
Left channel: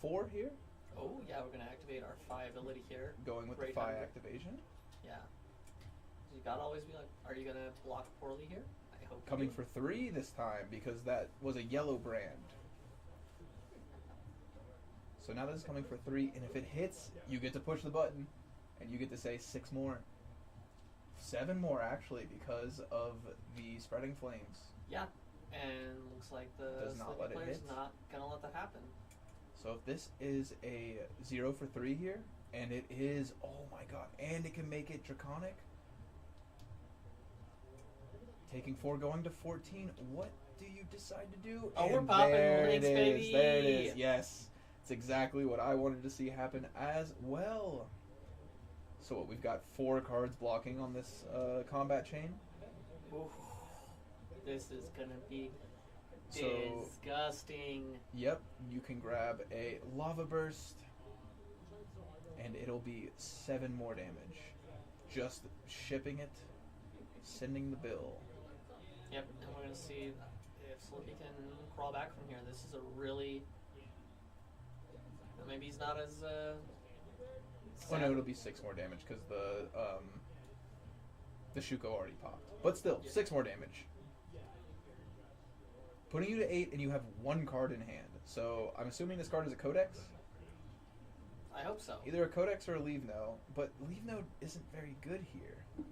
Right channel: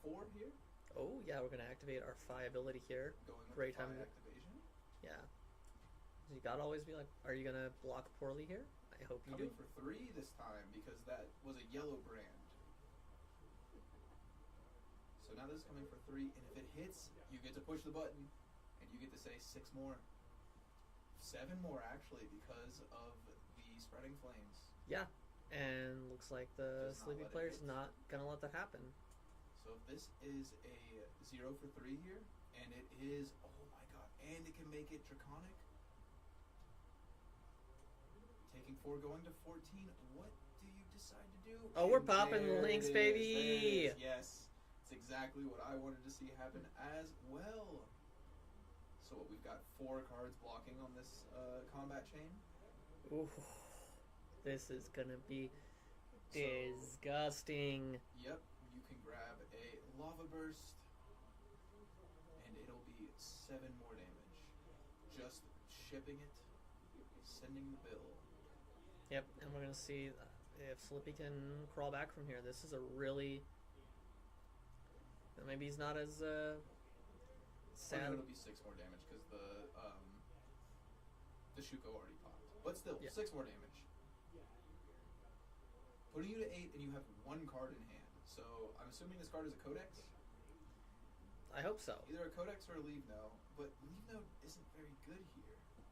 4 here, Oh, yeah, we're going to activate our Phi ability here. going with Great the Phi time. activation. Yeah. You gotta always be like, are you going to block poorly here? I hope you Coming do. for 3 this time because that was a yellow brand. So now this is coming for 3, and if it hits, you get to push the button, and you get to say 6 more. 7 more, actually, because of the Spreading Flames. Yeah, and looks like the Does not Slippy let it player's hit. not going to let that happen. So if this is a 0 for 3 here, and it is, oh my god, and it can make it Draconic. Taking 4, going to 14, what do you decide to do? Oh, we're And popping there links, it is, baby! There it is, yes. It's exactly what I wanted to see happen as well. So what, we've got 4 cards blocking on this combat chain. Ooh, this is going to be So, disgusting. yep, you can grab a Lava Burst, and it'll be 7 more damage. Just shipping it, sending the bill. Yep, and we're going to see if Slippy can crawl back from here. This is a really... Maybe he's not as... Oh no, it'll be 6 more damage because the Shuko already popped. But still, Yeah. 6 more damage. Putting you to 8, and you have 1 card in hand. So I'm assuming this card is a Codex. I hope so. Either a Codex or a Leave No, but Leave No isn't very good here.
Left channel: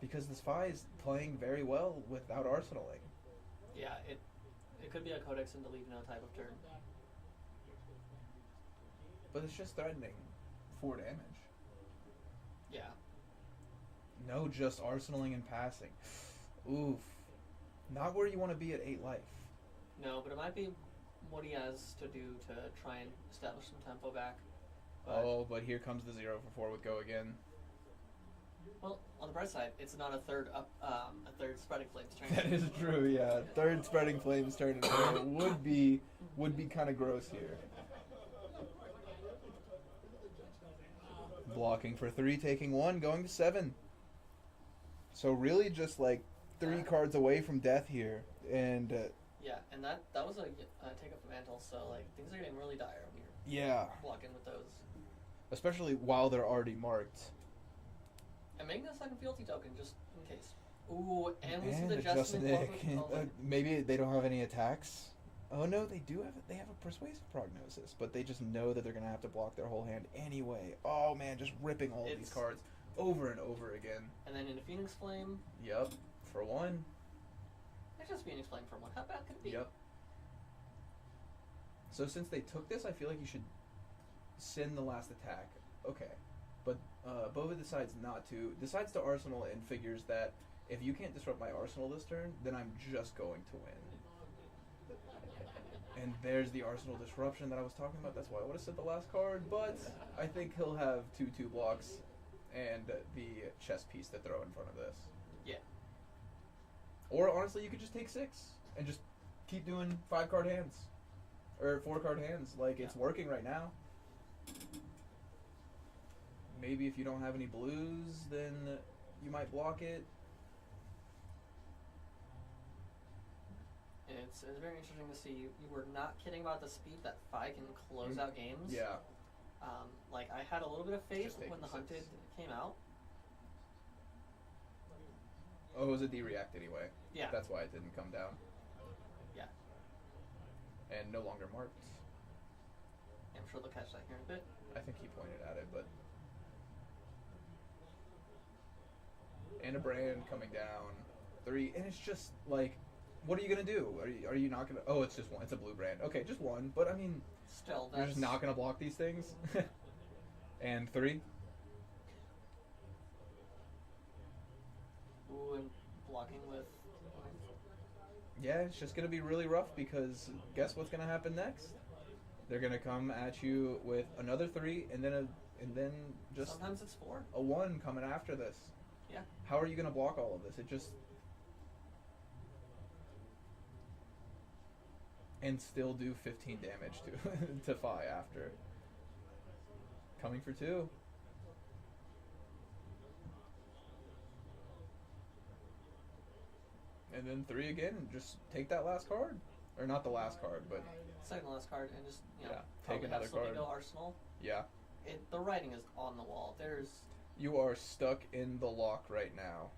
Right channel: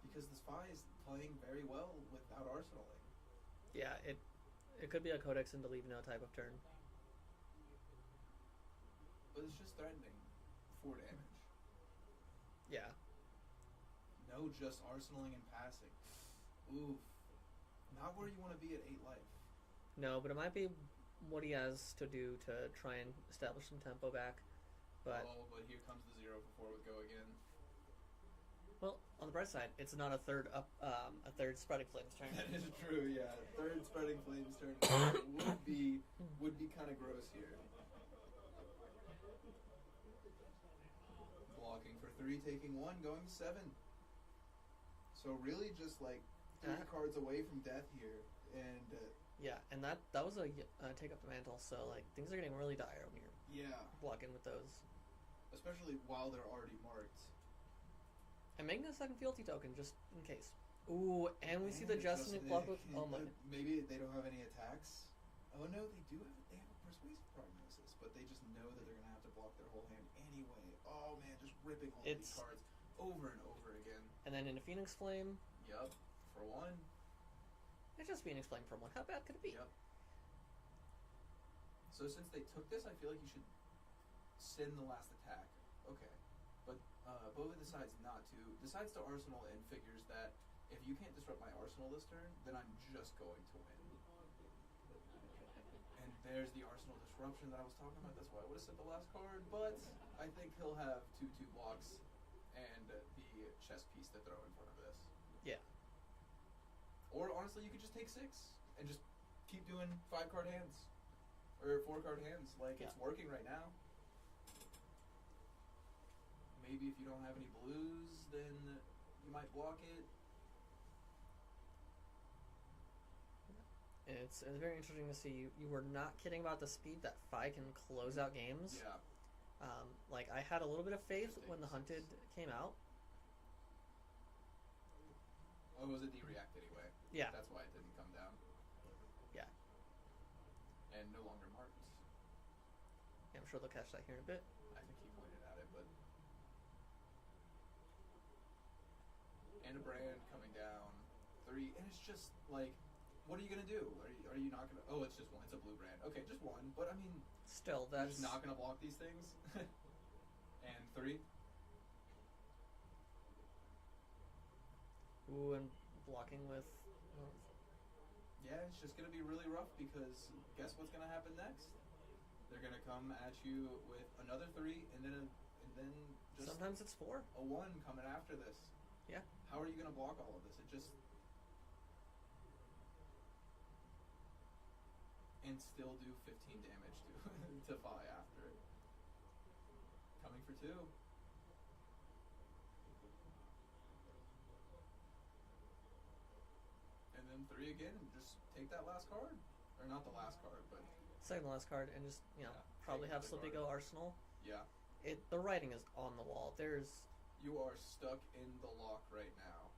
Because this Phi is playing very well without arsenaling. Yeah, it could be a Codex and Leave No type of turn. But it's just threatening 4 damage. Yeah. No, just arsenaling and passing. Oof. Not where you want to be at 8 life. No, but it might be what he has to do to try and establish some tempo back. But, But here comes the 0 for 4 with Go Again. well, on the bright side, it's not a third Spreading Flames turn. That is true, yeah. 3rd Spreading Flames turn in a row would be kind of gross here. Blocking for 3, taking 1, going to 7. So really just like 3 cards away from death here, and Yeah, and that was a take up the mantle, so like things are getting really dire when you're yeah, blocking with those. especially while they're already marked. And making a second fealty token just in case. Ooh, and we see And the Justin Glove. Nick. Oh my. Maybe they don't have any attacks. Oh no, they do have. They have a persuasive prognosis, but they just know that they're gonna have to block their whole hand anyway. Oh man, just ripping all of these It's- cards over and over again. And then in a Phoenix Flame, Yep, for 1. it's just Phoenix Flame for 1. How bad could it be? Yep. So since they took this, I feel like you should send the last attack. Okay, but Bova decides not to. Decides to arsenal and figures that if you can't disrupt my arsenal this turn, then I'm just going to win. And there's the arsenal disruption that I was talking about. That's why I would have said the last card, but I think he'll have 2/2 blocks and the chess piece to throw in front of this. Yeah. Or honestly, you could just take 6 and just keep doing 5-card hands or 4-card hands. Like it's working right now. Maybe if you don't have any blues, then you might block it. And it's very interesting to see you were not kidding about the speed that Phi can close out games. Yeah. Like I had a little bit of faith Just take when the 6. Hunted came out. Oh, it was a D-react anyway. Yeah. That's why it didn't come down. Yeah. And no longer marked. I'm sure they'll catch that here in a bit. I think he pointed at it, but... And a brand coming down. 3, and it's just, like... What are you gonna do? Are you not gonna... Oh, it's just one. It's a blue brand. Okay, just one. But, I mean... Still, You're that's... just not gonna block these things? And 3. Ooh, and blocking with... Yeah, it's just gonna be really rough because guess what's gonna happen next? They're gonna come at you with another 3 and then just Sometimes it's 4. a 1 coming after this. Yeah. How are you gonna block all of this? It just... And still do 15 damage to Phi after. Coming for 2. And then 3 again, and just take that last card. Or not the last card, but Second to last card, and just, you know, Yeah, probably take have another Slippy card. go Arsenal. yeah. The writing is on the wall. There's... You are stuck in the lock right now.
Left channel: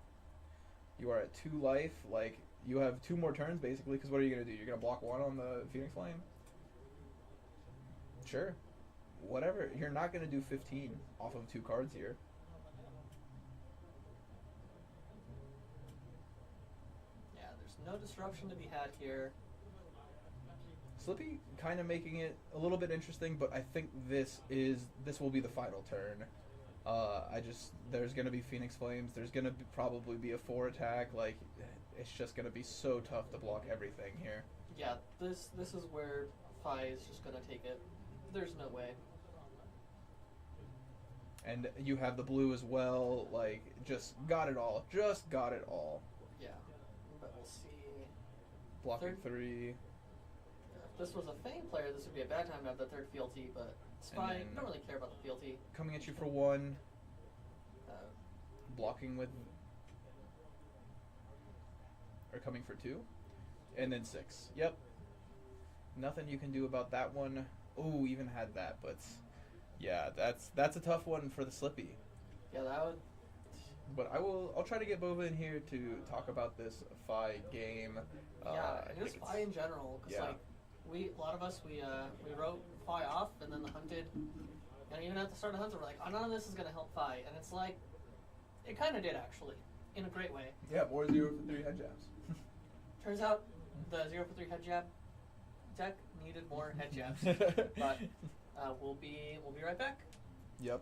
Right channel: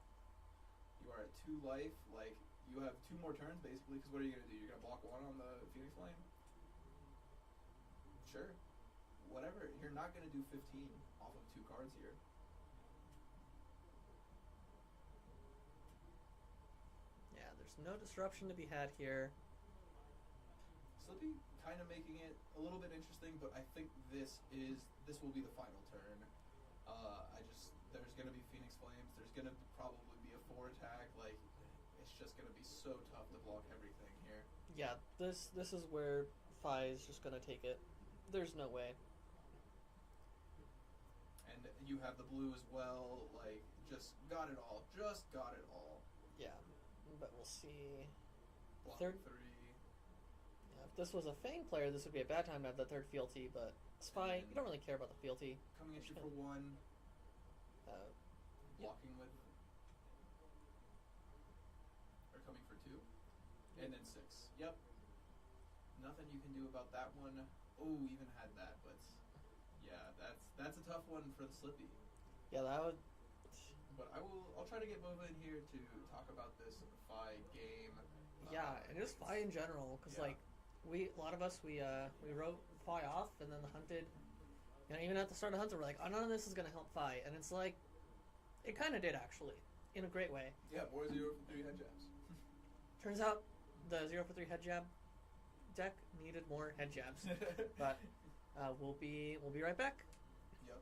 You are at 2 life, like, you have 2 more turns basically, because what are you going to do? You're going to block 1 on the Phoenix Flame? Sure. Whatever. You're not going to do 15 off of 2 cards here. Yeah, there's no disruption to be had here. Slippy kind of making it a little bit interesting, but I think this will be the final turn. There's going to be Phoenix Flames. There's going to probably be a 4 attack. Like, it's just going to be so tough to block everything here. Yeah, this is where Phi is just gonna take it. There's no way. And you have the blue as well. Like, just got it all. Just got it all. Yeah, but we'll see. Blocking Third- 3. If this was a Fang player, this would be a bad time to have the 3rd fealty, but it's And fine. then- You don't really care about the fealty. Coming at you for 1. Uh, Blocking with... Or coming for 2. And then 6. Yep. Nothing you can do about that one. Oh, even had that, but... Yeah, that's a tough one for the Slippy. yeah, that would... But I'll try to get Bova in here to talk about this Phi game. Yeah, and just like Phi in general, because yeah. like a lot of us we wrote Phi off, and then the Hunted, and even at the start of the Hunted, we're like, oh, none of this is gonna help Phi, and it's like, it kind of did actually, in a great way. Yeah, more 0 for 3 head jabs. Turns out the 0 for 3 head jab deck needed more head jabs, but we'll be right back. Yep.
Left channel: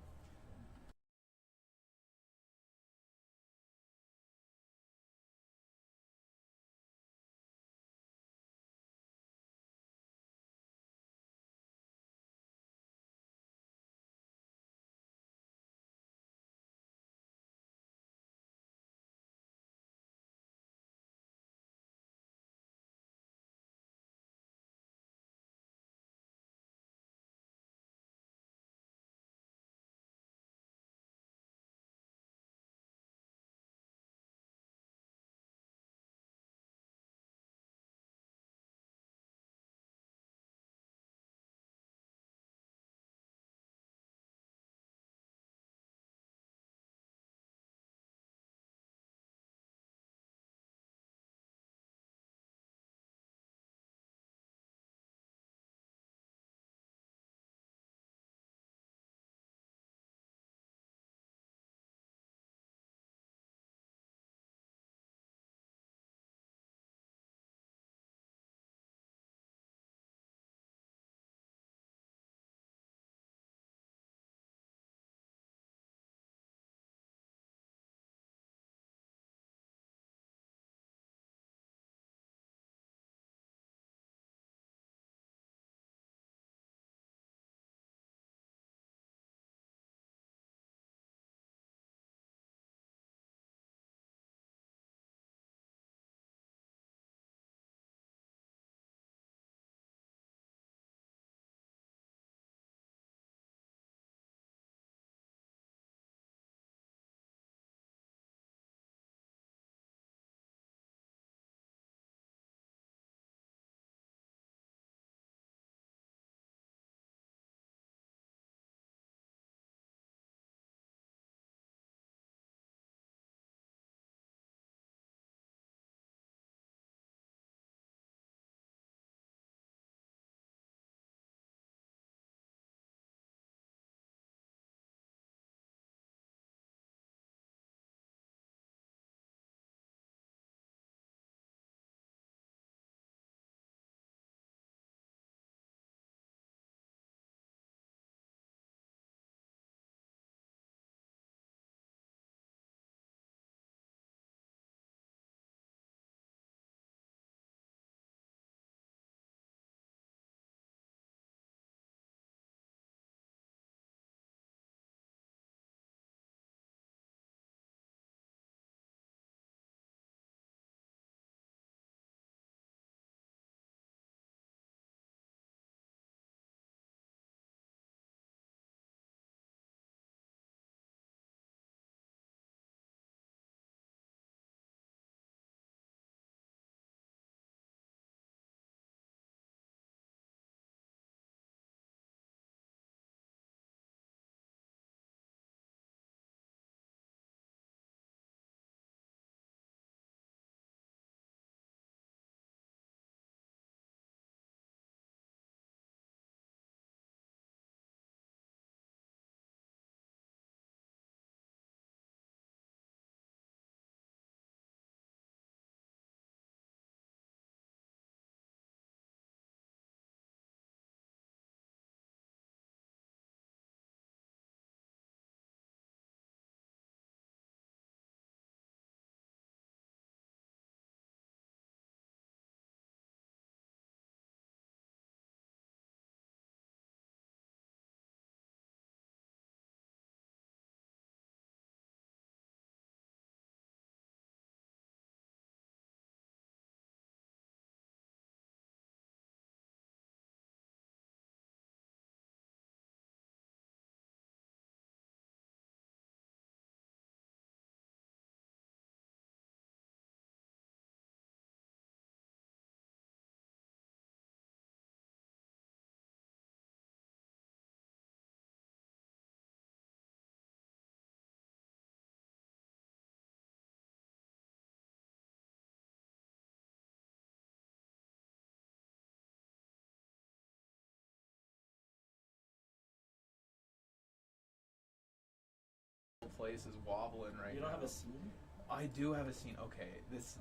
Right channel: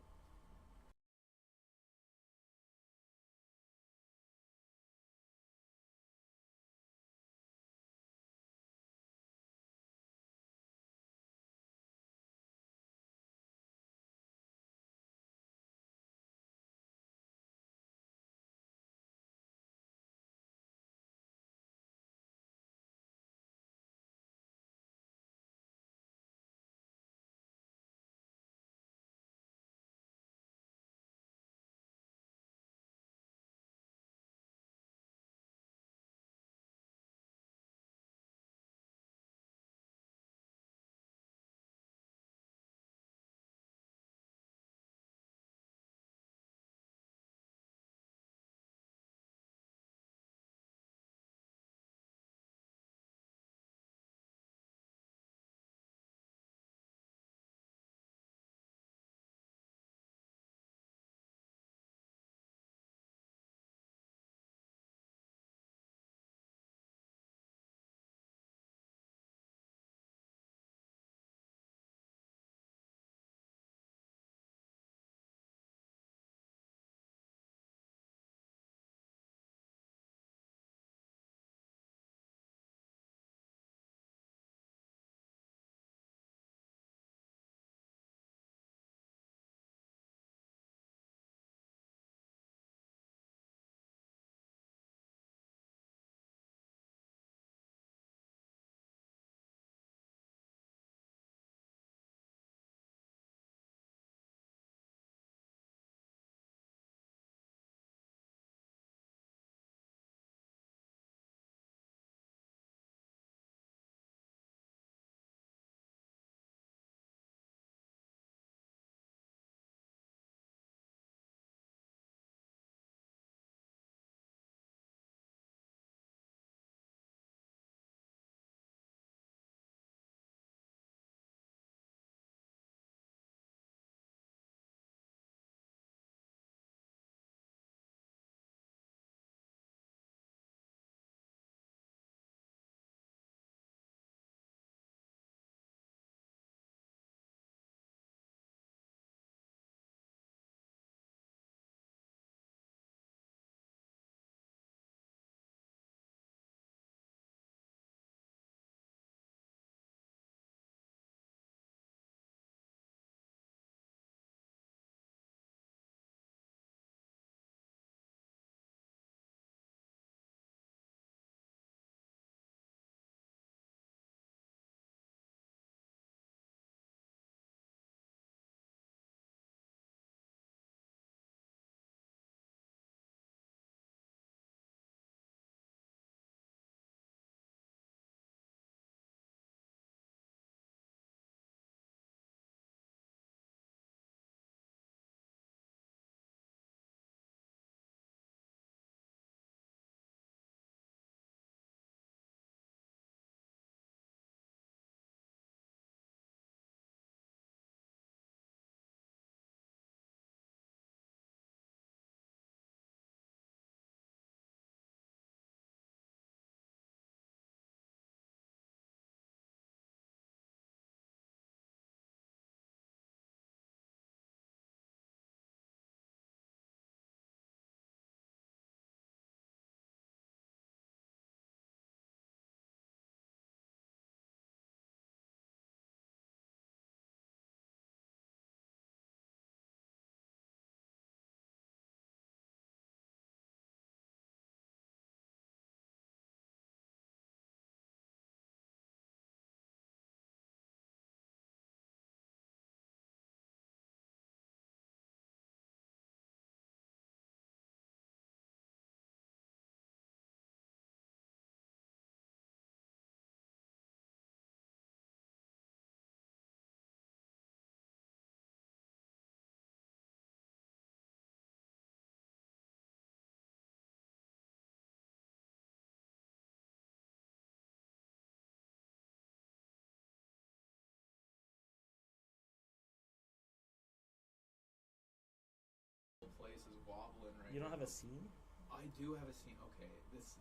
place is wobbling right now. You don't have a scene? I do have a scene. Okay, it's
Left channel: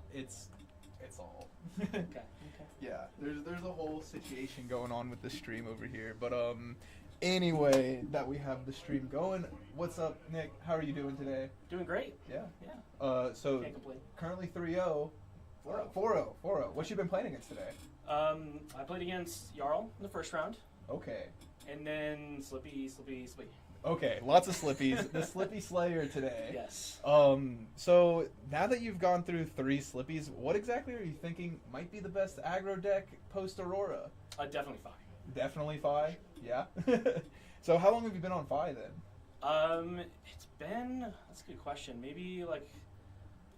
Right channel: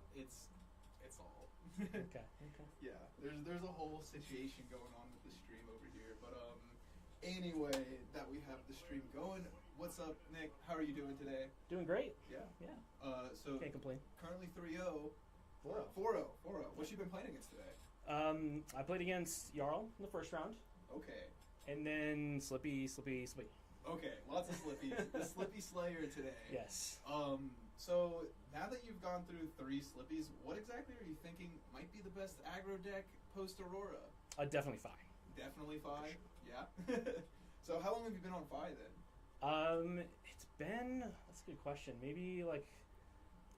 all. Okay. Yeah, there's a whole situation going on with the stream over here, but anyway, that we have the stream going. What's up, Nick? How are you doing today? Doing great. Yeah. Yeah. So Can't complain. currently 3-0. 4-0. What you been playing against today? I played against Jarl in the first round, Okay. and then Slippy. Okay, lots of Slippies. The Slippy Slayer today. Yes. So now that you've gone through 3 Slippies, what exactly are you thinking might be the best aggro deck post Aurora? Definitely Fi. Definitely Fi. Yeah. So how long have you been on Fi then? It's been, that's a good question. Maybe like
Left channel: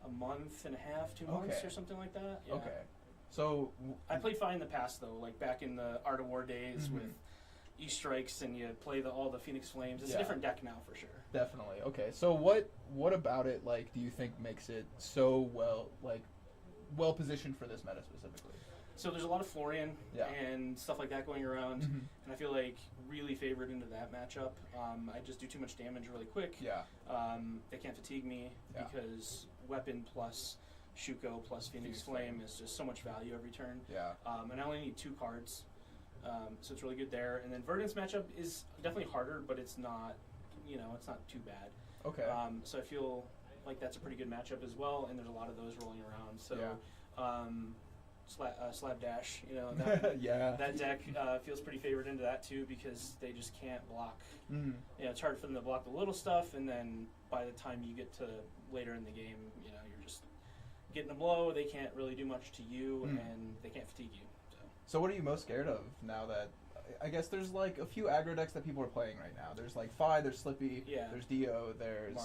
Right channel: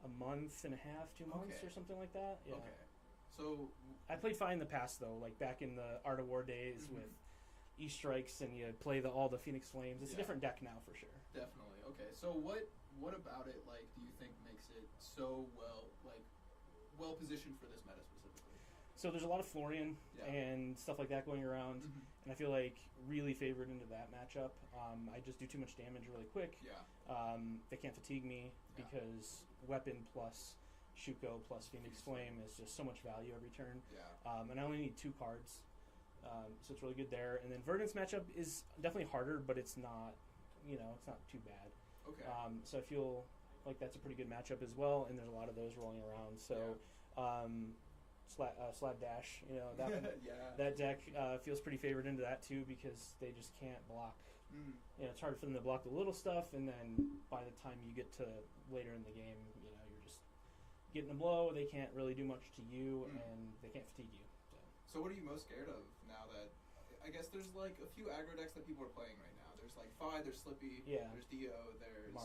a month and a half, 2 months Okay. or something like that. Yeah. Okay. So I played Fi in the past though, like back in the Art of War days Mhm. with E-Strikes, and you play all the Phoenix Flames. It's Yeah. a different deck now for sure. definitely. Okay. So what about it do you think makes it so well positioned for this meta specifically? So there's a lot of Florian Yeah. and stuff like that going around, Mhm. and I feel like really favored into that matchup. I just do too much damage really quick. Yeah. They can't fatigue me Yeah. because weapon plus Shuko plus Phoenix Flame is just so much value every turn. Yeah. And I only need 2 cards, so it's really good there. And then Verdance matchup is definitely harder, but it's not, it's not too bad. Okay. So I feel like that's a pretty good matchup as well, and there's a lot of those rolling around. So, Slapdash, that, Yeah. that deck feels pretty favored into that too because they just can't block. Mm. It's hard for them to block the little stuff, and then by the time you get to later in the game, you're just getting them low. They can't really do much to you, and they can't fatigue you. So what are you most scared of now that I guess there's like a few aggro decks that people are playing right now. There's like Fi, there's Slippy, Yeah. there's Dio, there's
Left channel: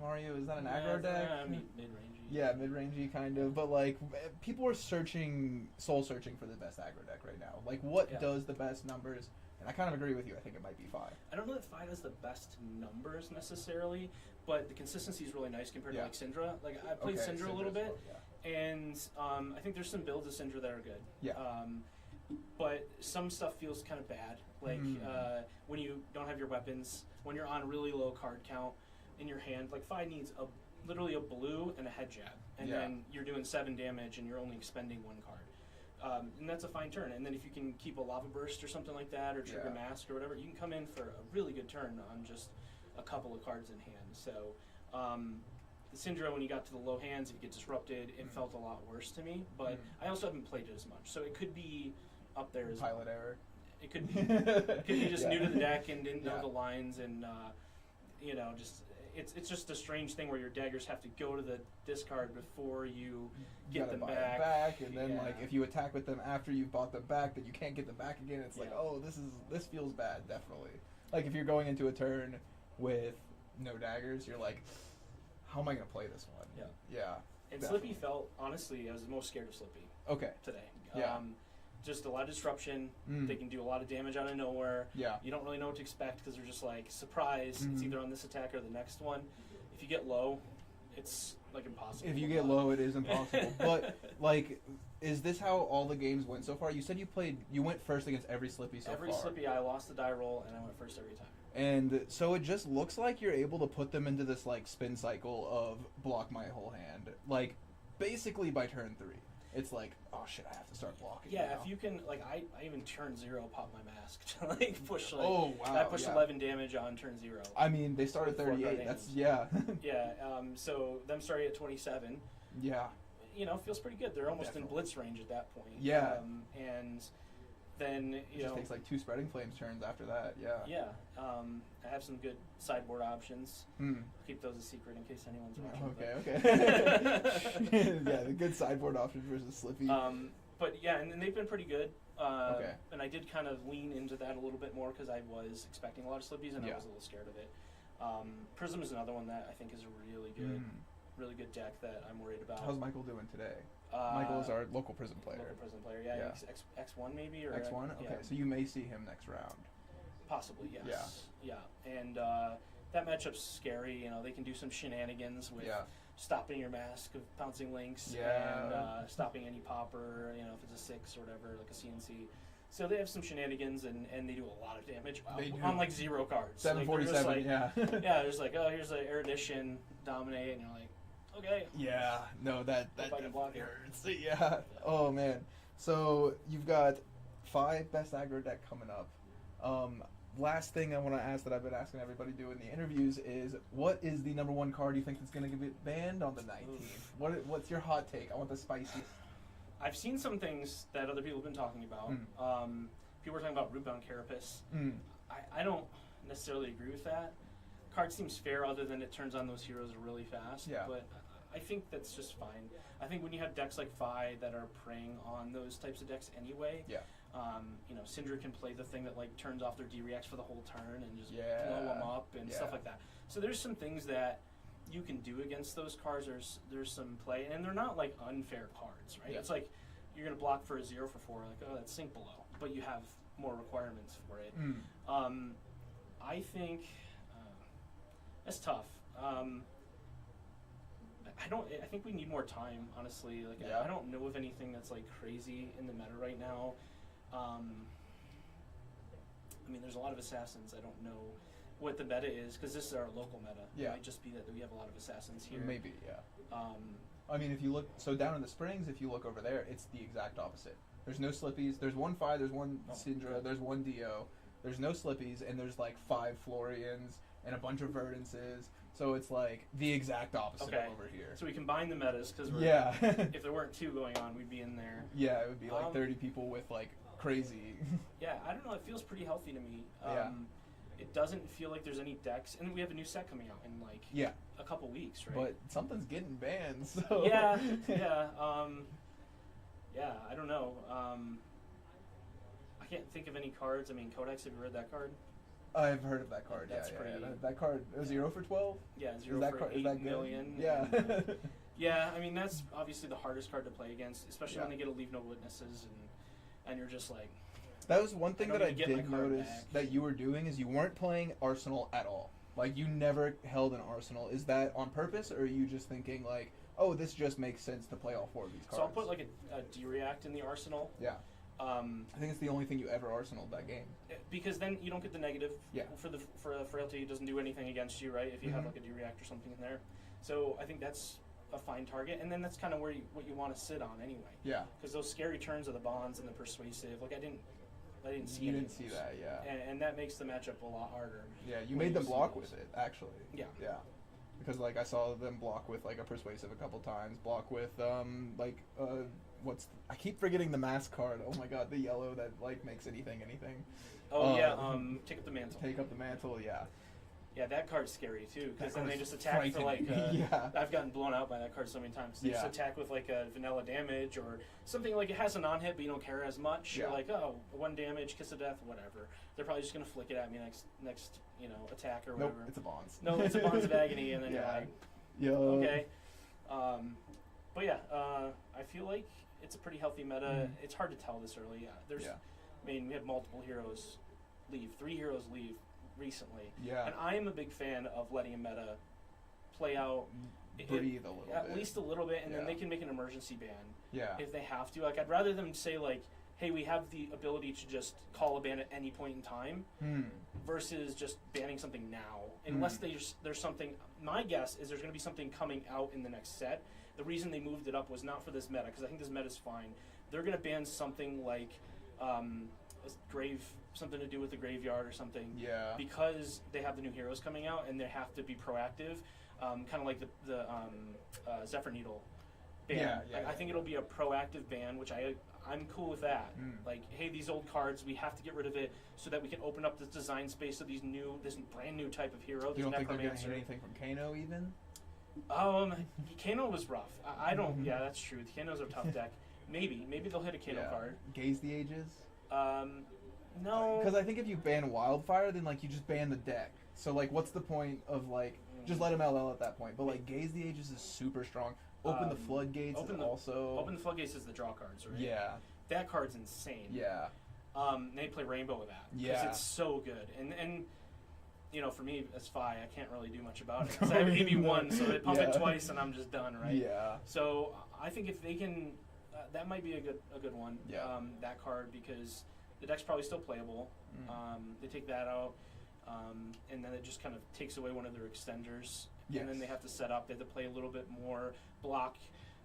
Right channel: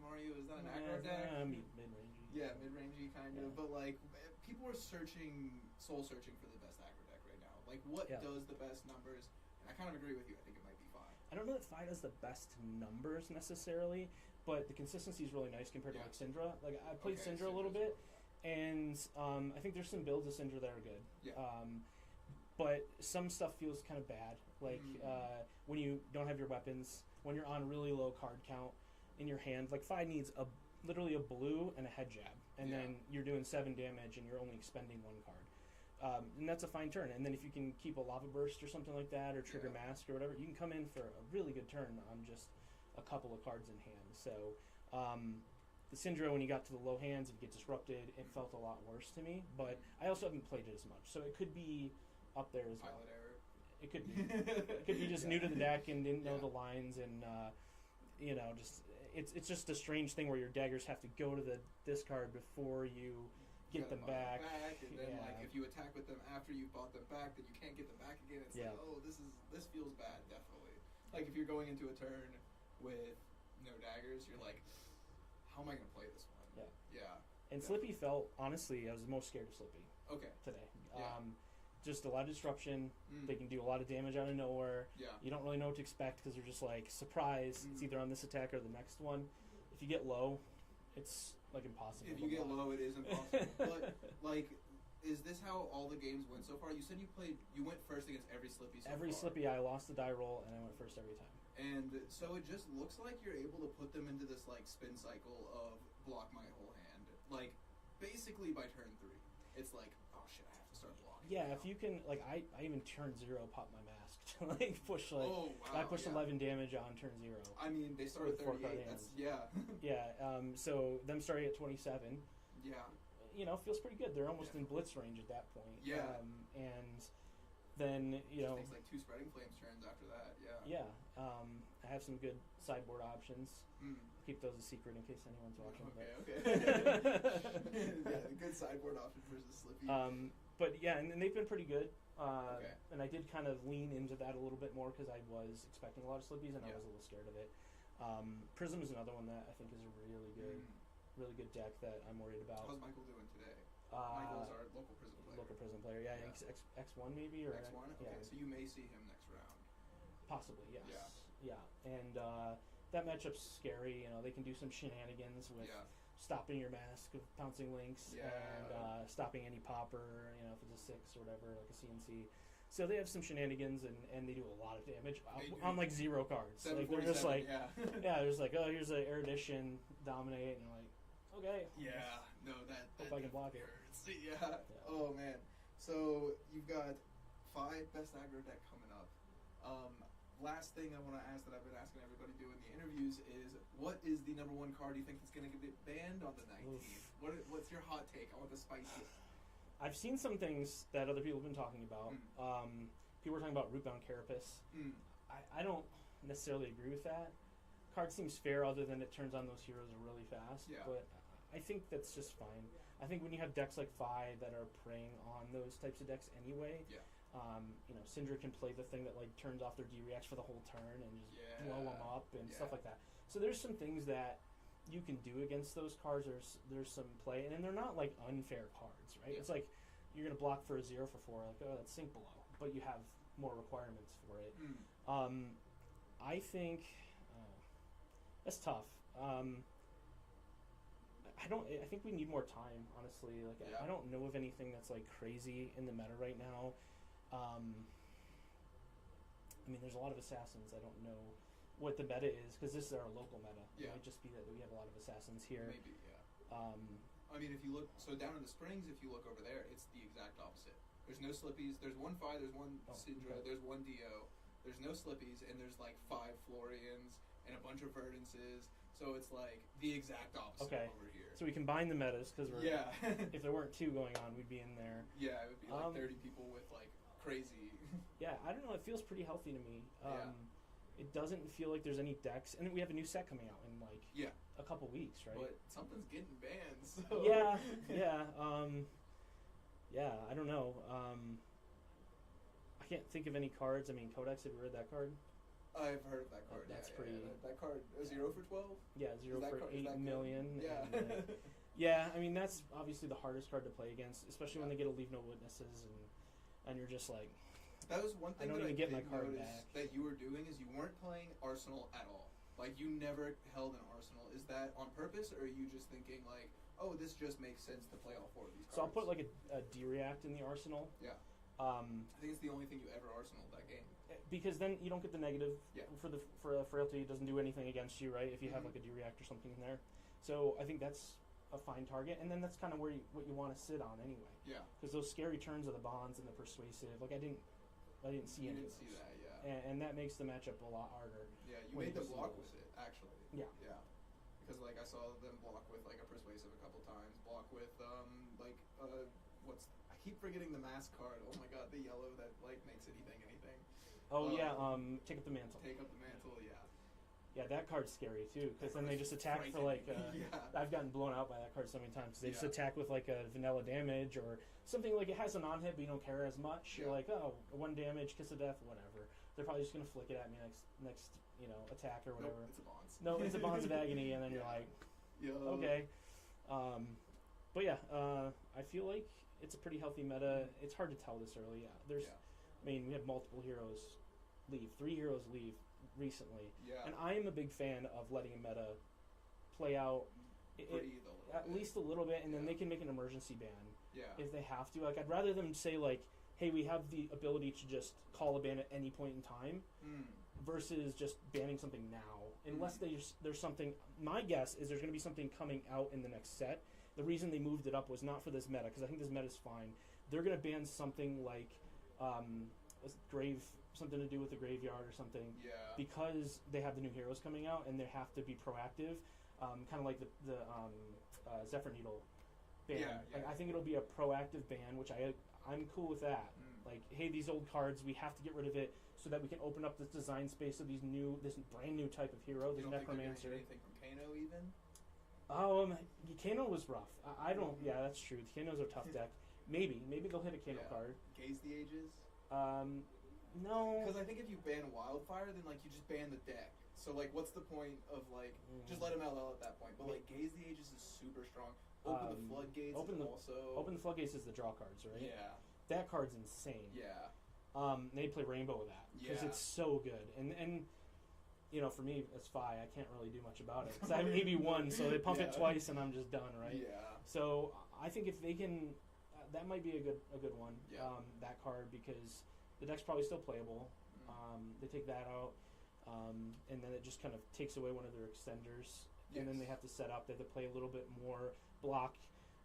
Mario. Is that an aggro deck? Mid-rangey. Yeah, mid-rangey kind of. But like people are soul searching for the best aggro deck right now. Like what Yeah. does the best numbers? And I kind of agree with you. I think it might be Fi. I don't know that Fi does the best numbers necessarily, but the consistency is really nice compared Yeah. to like Syndra. Like I played Okay, Syndra a little Syndra's bit, well, yeah. and I think there's some builds of Syndra that are good. Yeah. But some stuff feels kind of bad. Like when you don't have your weapons, when you're on really low card count in your hand. Like Fi needs literally a blue and a head jab, and Yeah. then you're doing 7 damage and you're only expending 1 card. And that's a fine turn. And then if you can keep a Lava Burst or something like that, or Trigger Yeah. Mask or whatever, you can come in for a really good turn on just a couple of cards in hand. So the Syndra, when you got to the low hands, if you get disrupted, it felt a lot worse to me. But I also haven't played it as much, so it could be up there as Pilot error. It could be. It could be just Yeah. new to the deck and didn't know Yeah. the lines, and just it's just a strange thing where your daggers have to go to the discard before you get gotta them buy back. it back, and then Yeah. like if you attack with them after you've bought them back, then you can't get them back again. It's like, Yeah. oh, this feels bad, definitely. Like if you're going into a turn with no daggers, you're like, how am I gonna play this one? Yeah. Yeah. And definitely. Slippy felt, honestly, I was the most scared of Slippy Okay. today. Yeah. Just a lot of disruption. Mm. They can do a lot of damage out of nowhere. Yeah. You don't really know what to expect because they're just like, surprise, it's Mhm. either on this attack or the next one. If you get low, it's like impossible. If you to get block. low, it is impossible. But like, is this how all the games went so far? You said you went first against every Slippy so Every far. Slippy, I lost the die roll and I went first every time. And so it just looks like you're able to put them into this like spin cycle of block my whole hand, like basically by turn 3. It's like, oh shit, I have to start blocking. Yeah, now. if you can, like, I even turn 0 pop my mask to like push like. Oh wow. I pushed yeah. 11 damage on turn 0. I mean, they start at With 4 card 38. That's names. yeah. Yeah. So them starting at 27, Yeah. feels pretty good. They're almost Definitely. in blitz range at that point. Yeah. And then It just takes like 2 spreading flames turns after that. Yeah. Yeah. I have some good sideboard options. Hmm. Keep those a secret in case anyone's watching. Okay. Yeah, the good sideboard options versus Slippy. But yeah, and they've been pretty good. Okay. And I did kind of lean into that a little bit more because I was expecting a lot of Slippies and I Yeah. was a little scared of it. Prism is another one that I think is a really good deck that I'm worried about. How's Michael doing today? Michael is our local prison player. Local prison player, yeah. Yeah. He's X1 maybe or X1? Okay, yeah. so you may see him next round. Possibly, yes. Yeah. And that matchup's scary. They can do some shenanigans with Yeah. stopping your mask of pouncing links Yeah. and stopping any popper. If it's a 6 or whatever, like a CNC. So they have some shenanigans and they do a lot of damage They do. on like 0 cards. 747. Like, Yeah. yeah, there's like, oh, here's an erudition, dominate, and you're like, okay. Yeah. No, that Hope I can block definitely it. hurts. Yeah. Oh man. So you've got 5 best aggro deck coming up. Last thing I want to ask that I've been asking everybody to do in the interviews is, what is the number 1 card you think that's going to get banned on the 19th? What's your hot take? I want the spiciest. I've seen some things that other people have been talking about. People were talking about Rootbound Carapace. I don't necessarily agree with that. Card seems fair other than it turns on those heroes really fast. Yeah. But I think that's just fine. I think when you have decks like Phi that are preying on those types of decks anyway, Syndra can play the thing that like turns off their D-reacts for the whole turn and just blow them up and stuff like that. So there's some things that you can do against those cards. There's some play, and they're not like unfair cards, right? Yeah. It's like you're gonna block for a 0 for 4, like, oh, that's sink below, but you have more requirements for it. I think it's tough. I think we need more time, honestly. Like, I don't know of anything that's like crazy in the meta right now. I mean, there's a lot of assassins. I don't know what the meta is, because this is our local meta. Yeah. It might just be that we have a lot of assassins here. Maybe, yeah. I mean, if you look, so down in the Springs, if you look over there, it's the exact opposite. There's no Slippies. There's 1 Phi, there's 1 Syndra, there's 1 Dio. There's no Slippies, and there's like 5 Florians and a bunch of Verdances. So it's like the exact opposite over here. So we combine the metas, because if there weren't 2 going on, we'd be in there. Yeah, it would be like 30 people with like crazy. Yeah, I don't know. It feels pretty healthy to me. Yeah. It doesn't feel like there's any decks, and we have a new set coming out in like a couple weeks, right? But something's getting banned, so yeah. I don't know. I can't think of any cards. I mean, Codex. Have you read that card? I've heard of that card. That's pretty. That card 0 for 12. Yeah, 0 for 8 million. Yeah. And, yeah, I mean that's obviously the hardest card to play against, especially when they get to leave no witnesses, and you're just like. That was one thing that I did notice back. that you were doing, is you weren't playing Arsenal at all. Like, you never held an Arsenal. Is that on purpose, or are you just thinking like, oh, this just makes sense to play all 4 of these cards? So I'll put like a D-react in the Arsenal. Yeah. I think it's the only thing you ever Arsenaled that game. Because then you don't get the negative. Yeah. For frailty, it doesn't do anything against you, right? If you have like a D-react or something in there. So I think that's a fine target, and then that's kind of where what you want to sit on anyway. Yeah. Because those scary turns of the bonds and the persuasive, like I didn't see. You didn't see that, yeah. And that makes the matchup a lot harder. Yeah, you made them block with it, actually. Yeah. Yeah. Because like I saw them block with like a persuasive a couple times. Block with I keep forgetting the mask card. Oh my god, the yellow that like makes anything. Oh take up the mantle. Take up the mantle, yeah. Yeah, that card's scary too, because then they just attack for like. I've gotten blown out by that card so many times. They just attack with like a vanilla damage or something like it has a non-hit, but you don't care as much. You're like, oh, 1 damage, kiss of death, whatever. They're probably just gonna flick it at me next attack or whatever. Nope, it's a bonds. No, it's a bonds of agony, and then you're like, okay. But yeah, I feel like it's a pretty healthy meta. It's hard to tell this early. I mean, we have multiple heroes leave. 3 heroes leave recently. Yeah. And I am a big fan of letting a meta play out. Breathe a little bit. At least a little bit, and then they can make an emergency ban. Yeah. If they have to. Like, I'd rather them say, like, hey, we have the ability to just call a ban at any point in time versus just banning something now. Unless there's something. My guess is there's going to be something coming out in the next set. The reason they moved it up was not for this meta, because I think this meta's fine. They're going to ban something like something to do with the graveyard or something. Yeah. Because they have the new heroes coming out and they have to be proactive, kind of like the Zephyr Needle ban. I think it'll be a proactive ban, which I'm cool with that. Like, hey, these old cards, we have to get rid of it so that we can open up this design space of this brand new type of hero. You don't think they're going to hit anything from Kano even? Kano was rough. I don't. Yeah, that's true. Kano's a tough deck. Maybe they'll hit a Kano card. Gaze the Ages? No. Because I think if you ban Wildfire, then like you just ban the deck. So like, what's the point of like just let him LL at that point? But like Gaze the Ages is super strong. Open the Floodgates Open the Floodgates is the draw cards, right? Yeah. That card's insane. Yeah. They play Rainbow with that. Yeah. Because it's so good. And you know, for me as Phi, I can't really do much about it. Because I have AB1, so they pump it twice and I'm just done, right? Yeah. So I think if they can, that might be a good one. Yeah. That card, because the deck's probably still playable. Mm. They take that out, and then it just kind of takes away one of their extenders. And then they have to set up. They have to play a little bit more block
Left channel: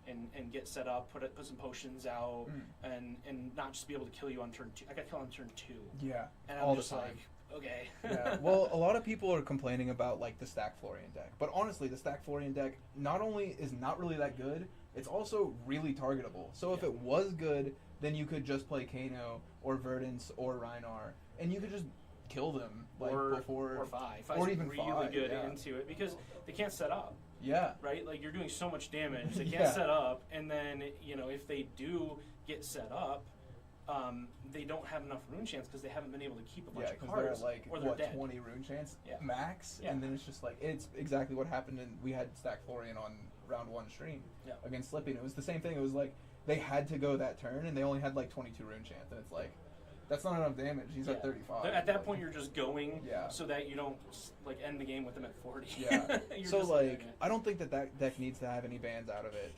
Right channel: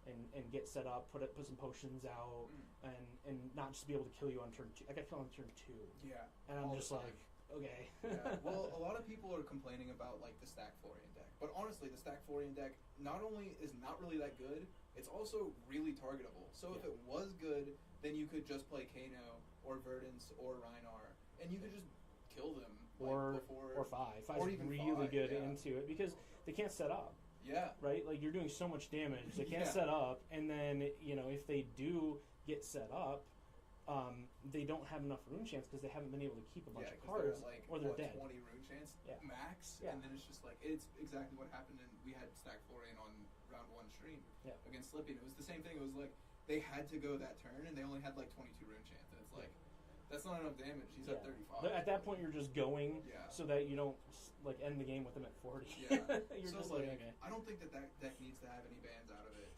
and get set up, put some potions out, and not just be able to kill you on turn 2. I got killed on turn 2. Yeah, and all I'm the just time. like, okay. Yeah. Well, a lot of people are complaining about like the stack Florian deck, but honestly, the stack Florian deck not only is not really that good, it's also really targetable. So if it was good, then you could just play Kano or Verdance or Rhinar, and you could just kill them like before or five. or Five's even really five, good yeah. into it because they can't set up. Yeah. Right? Like, you're doing so much damage. They can't set up, and then, if they do get set up, they don't have enough rune chance because they haven't been able to keep a bunch of cards, they're like, or they're dead. 20 rune chance max, Yeah. and then it's just like, it's exactly what happened, and we had stack Florian on round 1 stream against Slippy, and it was the same thing. It was like, they had to go that turn, and they only had like 22 rune chance, and it's like, that's not enough damage. He's at 35. At that point, you're just going Yeah. so that you don't like end the game with him at 40. Yeah. You're So just like, okay. I don't think that deck needs to have any bans out of it.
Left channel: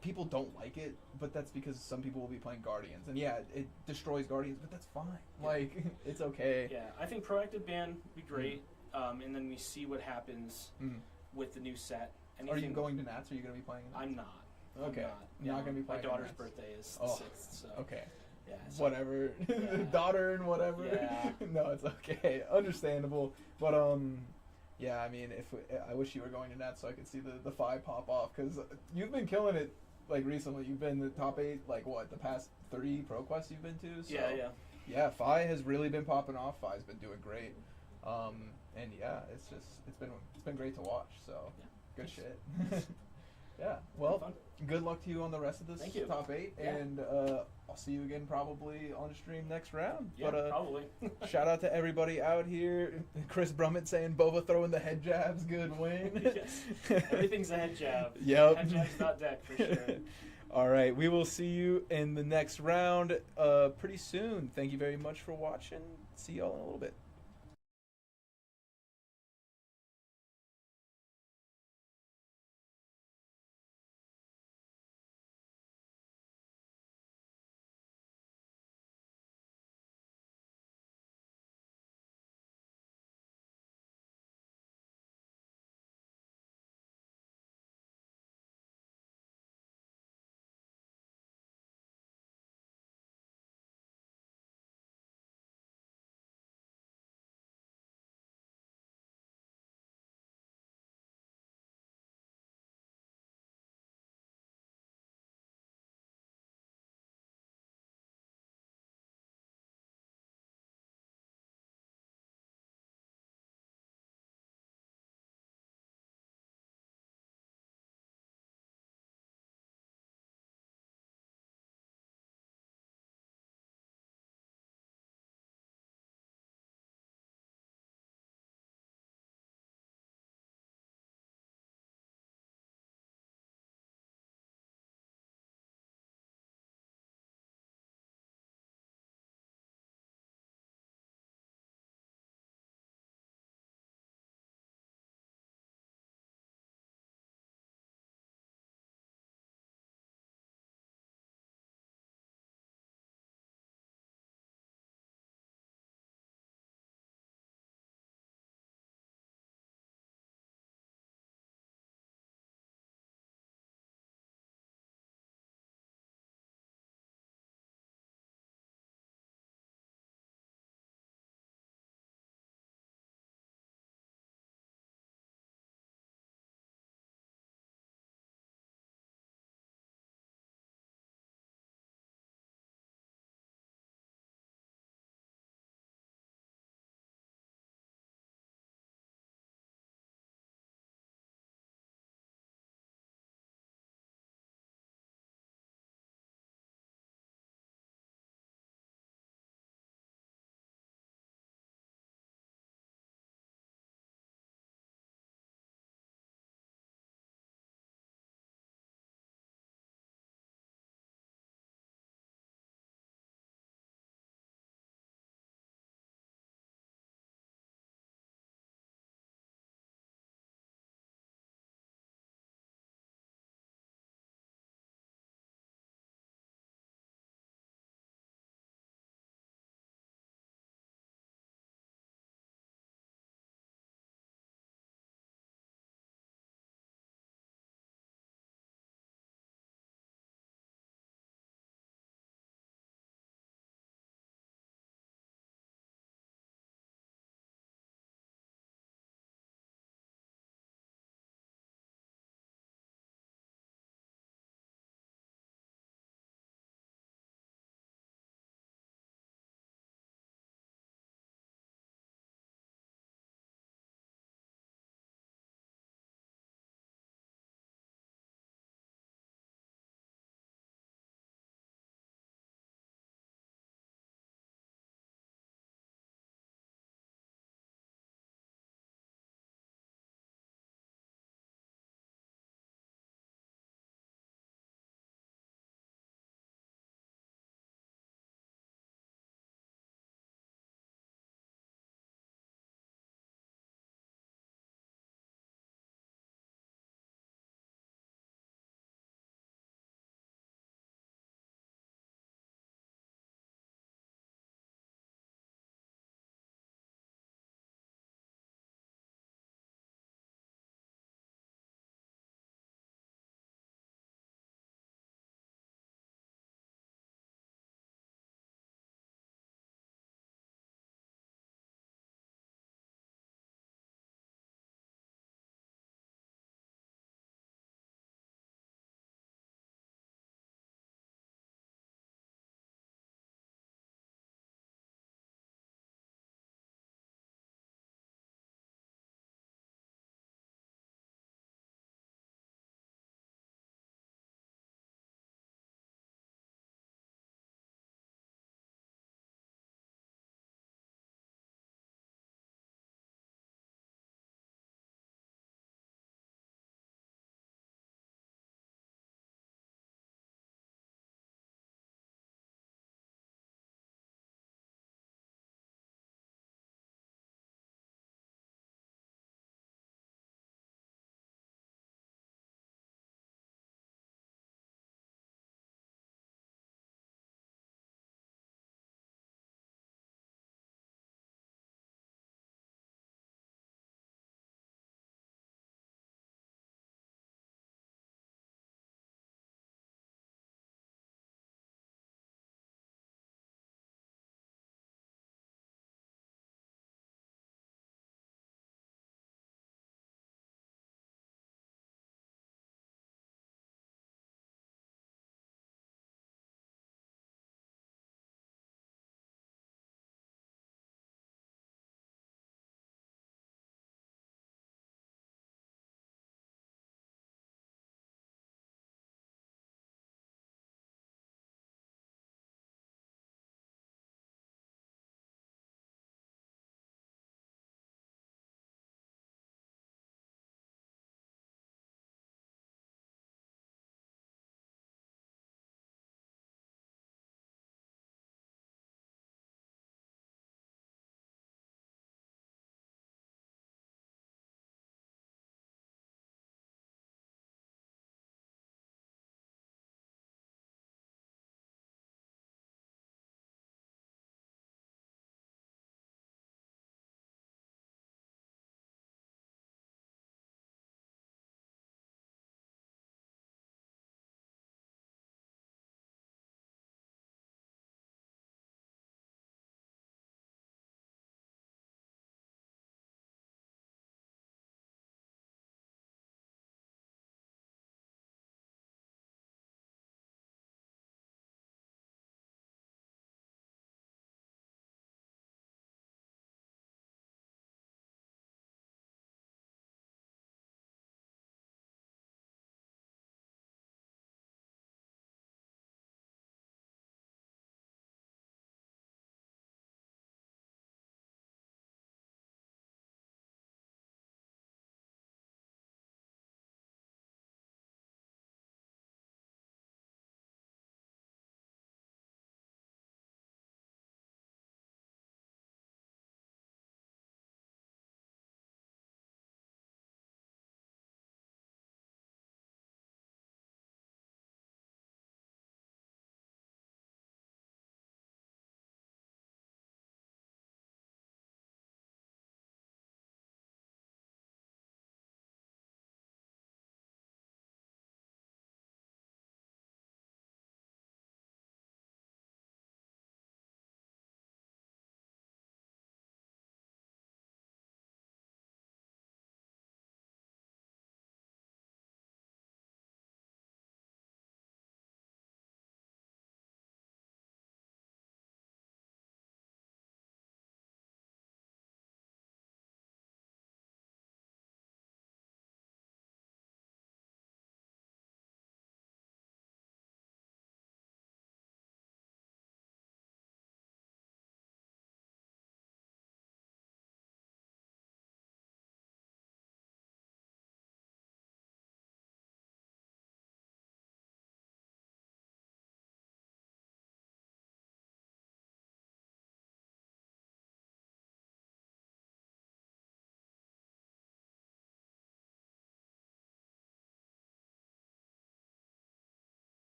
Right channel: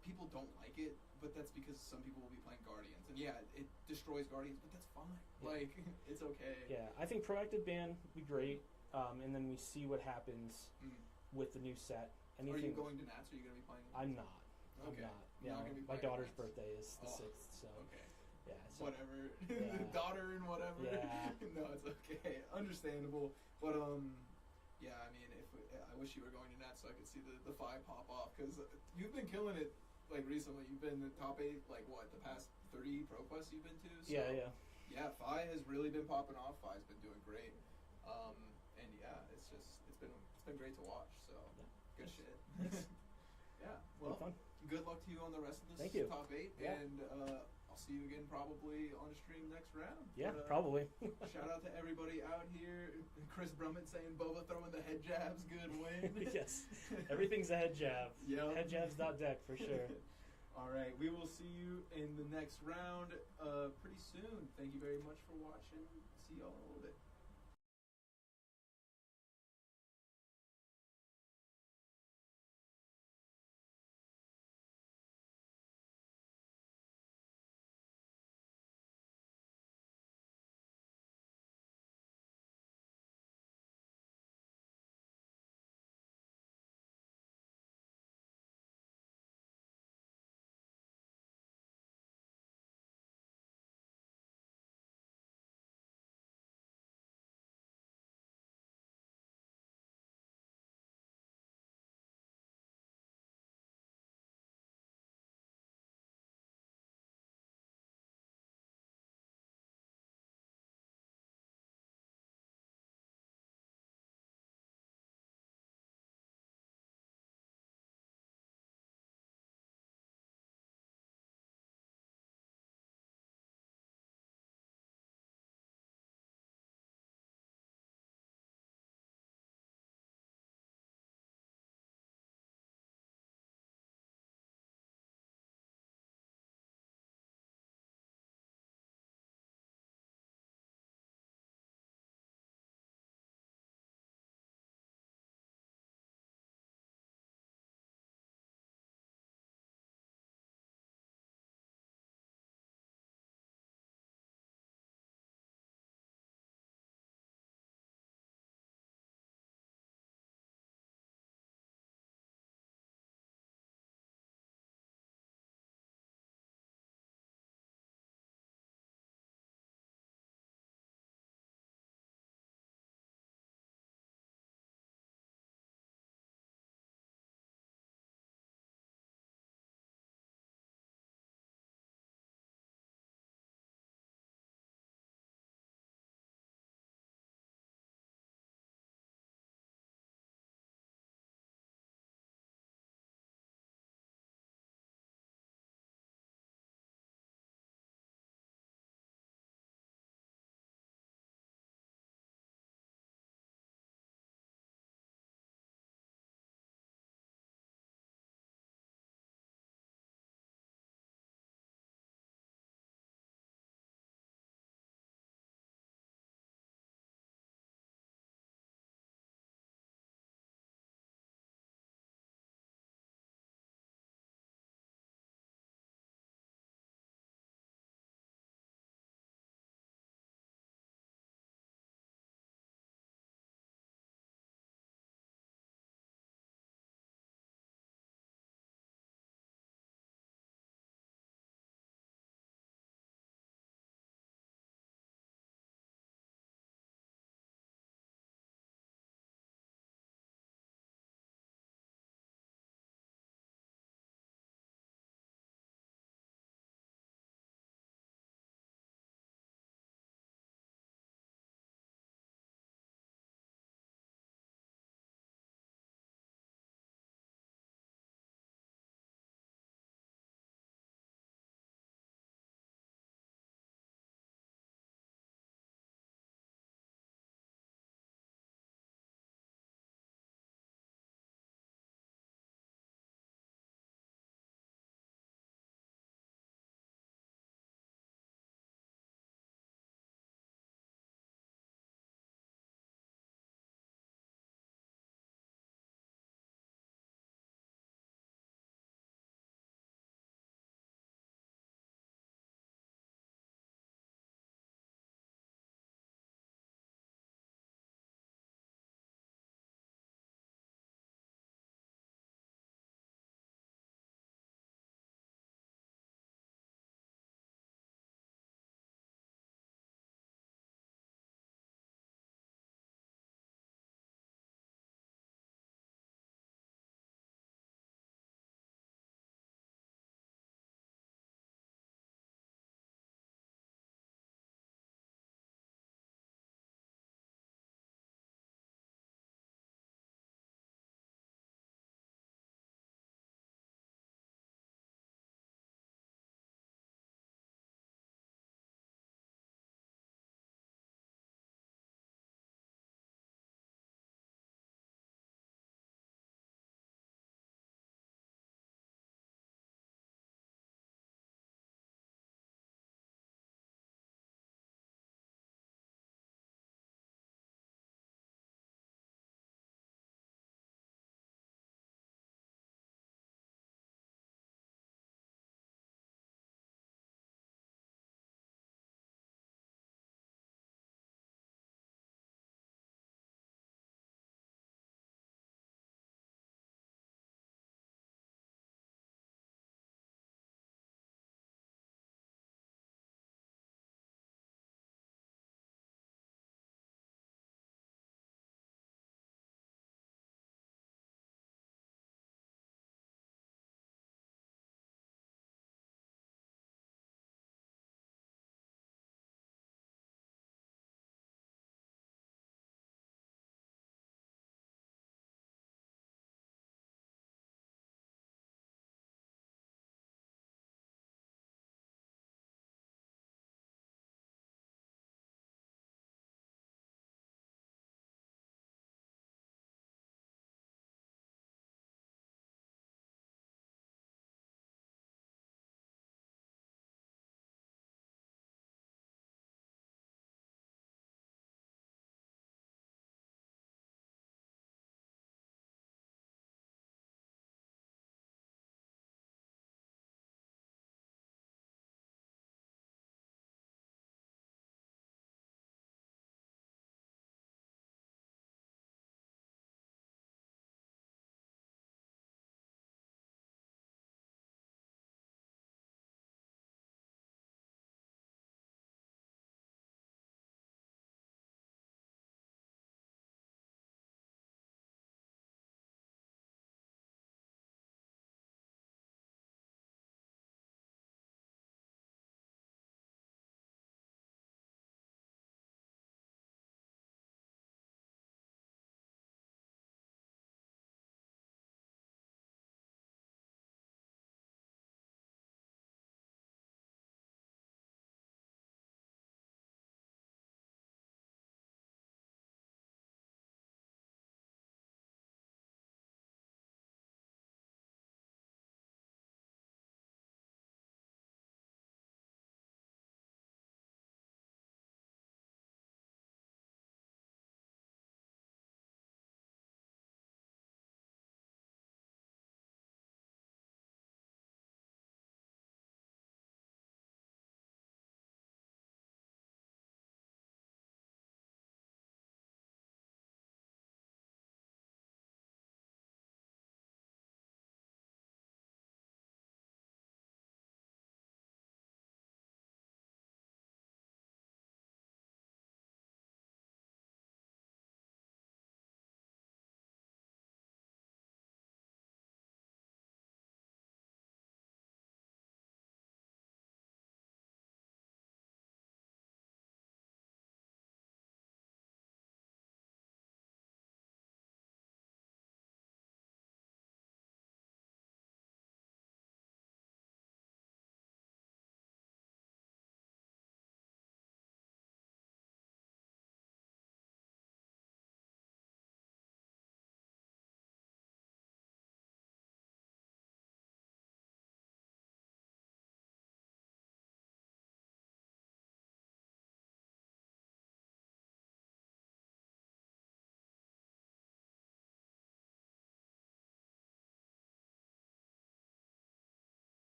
People don't like it, but that's because some people will be playing Guardians, and yeah, it destroys Guardians, but that's fine. Like, it's okay. Yeah, I think proactive ban would be great, and then we see what happens with the new set. Are you going to Nats? Are you going to be playing? I'm not. Okay. I'm You're not going to be playing. My daughter's Nats? birthday is the 6th, so. Okay. Yeah. So, Whatever. Yeah. Daughter and whatever. Yeah. No, it's okay. Understandable. But yeah, I mean, I wish you were going to Nats so I could see the 5 pop off, because you've been killing it like recently. You've been the top 8 like what, the past 3 ProQuests you've been to. So, yeah. Fi has really been popping off. Fi's been doing great. And yeah, it's been great to watch. So good shit. Yeah. Well, good luck to you on the rest of this top 8, and I'll see you again probably on stream next round. Yeah, but, probably. Shout out to everybody out here. Chris Brummett saying Boba throwing the head jabs, good win. Yes. Everything's a head jab. Yep. Head jab's not deck for sure. All right, we will see you in the next round pretty soon. Thank you very much for watching. See y'all in a little bit.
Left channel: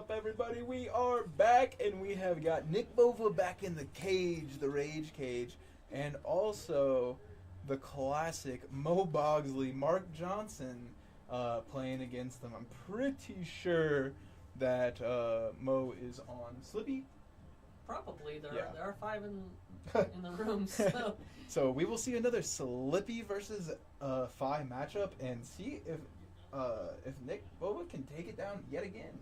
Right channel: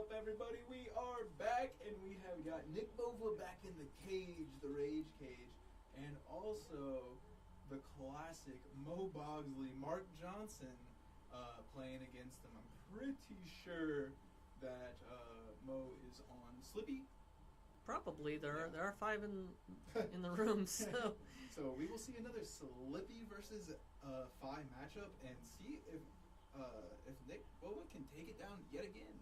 up, everybody? We are back, and we have got Nick Bova back in the cage, the Rage Cage, and also the classic Mo Bogsley, Mark Johnson, playing against them. I'm pretty sure that Mo is on Slippy. Probably. There Yeah. are 5 in the room, so... So we will see another Slippy versus Phi matchup and see if Nick Bova can take it down yet again.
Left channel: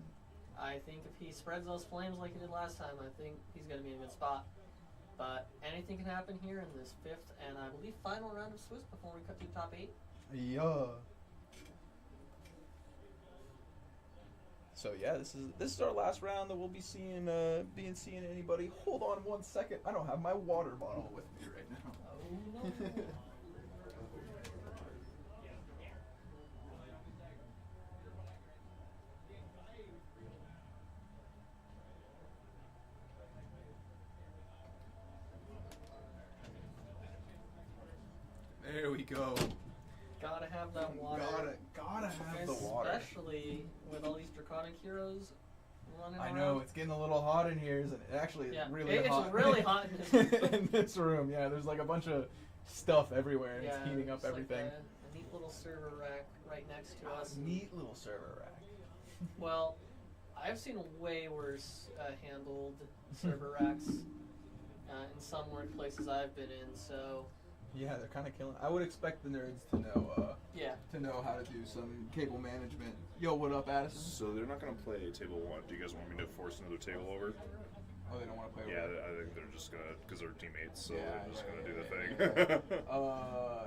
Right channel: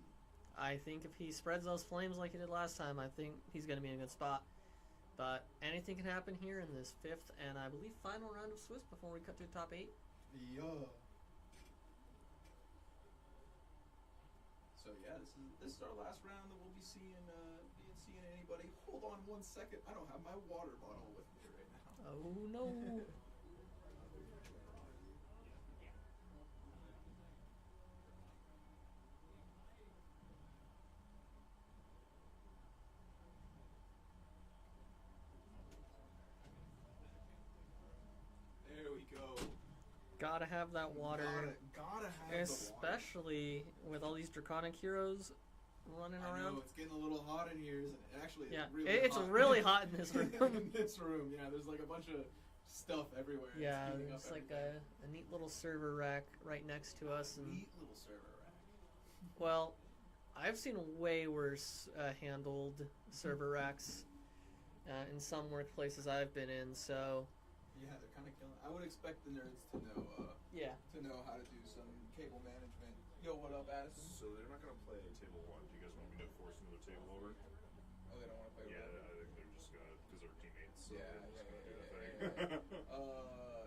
I think if he spreads those flames like he did last time, I think he's going to be in a good spot. But anything can happen here in this 5th and I believe final round of Swiss before we cut to the top 8. Yeah. So yeah, this is our last round that we'll be seeing anybody. Hold on 1 second. I don't have my water bottle with me right now. Oh no. There we go. Gotta have that water. Gotta have the water. Especially with all these draconic heroes running I around. know, it's getting a little hot in here, isn't it? Actually, Yeah, it's really it's hot. really hot in this room. In this room, yeah. There's like a bunch of stuff everywhere, and it's heating up there's everything. Like a neat little server rack right next to us. and- Neat little server rack. Well, I've seen way worse handled server racks in some workplaces I've been in, so... Yeah, they're kind of killing. I would expect the nerds to know how to do some cable management. Yo, what up, Addison? So they're not going to play table 1. Do you guys want me to force another table over? Oh, they don't want to play. Yeah, over. I think they're just going to, because they're teammates, so Yeah, they're just going to do the thing.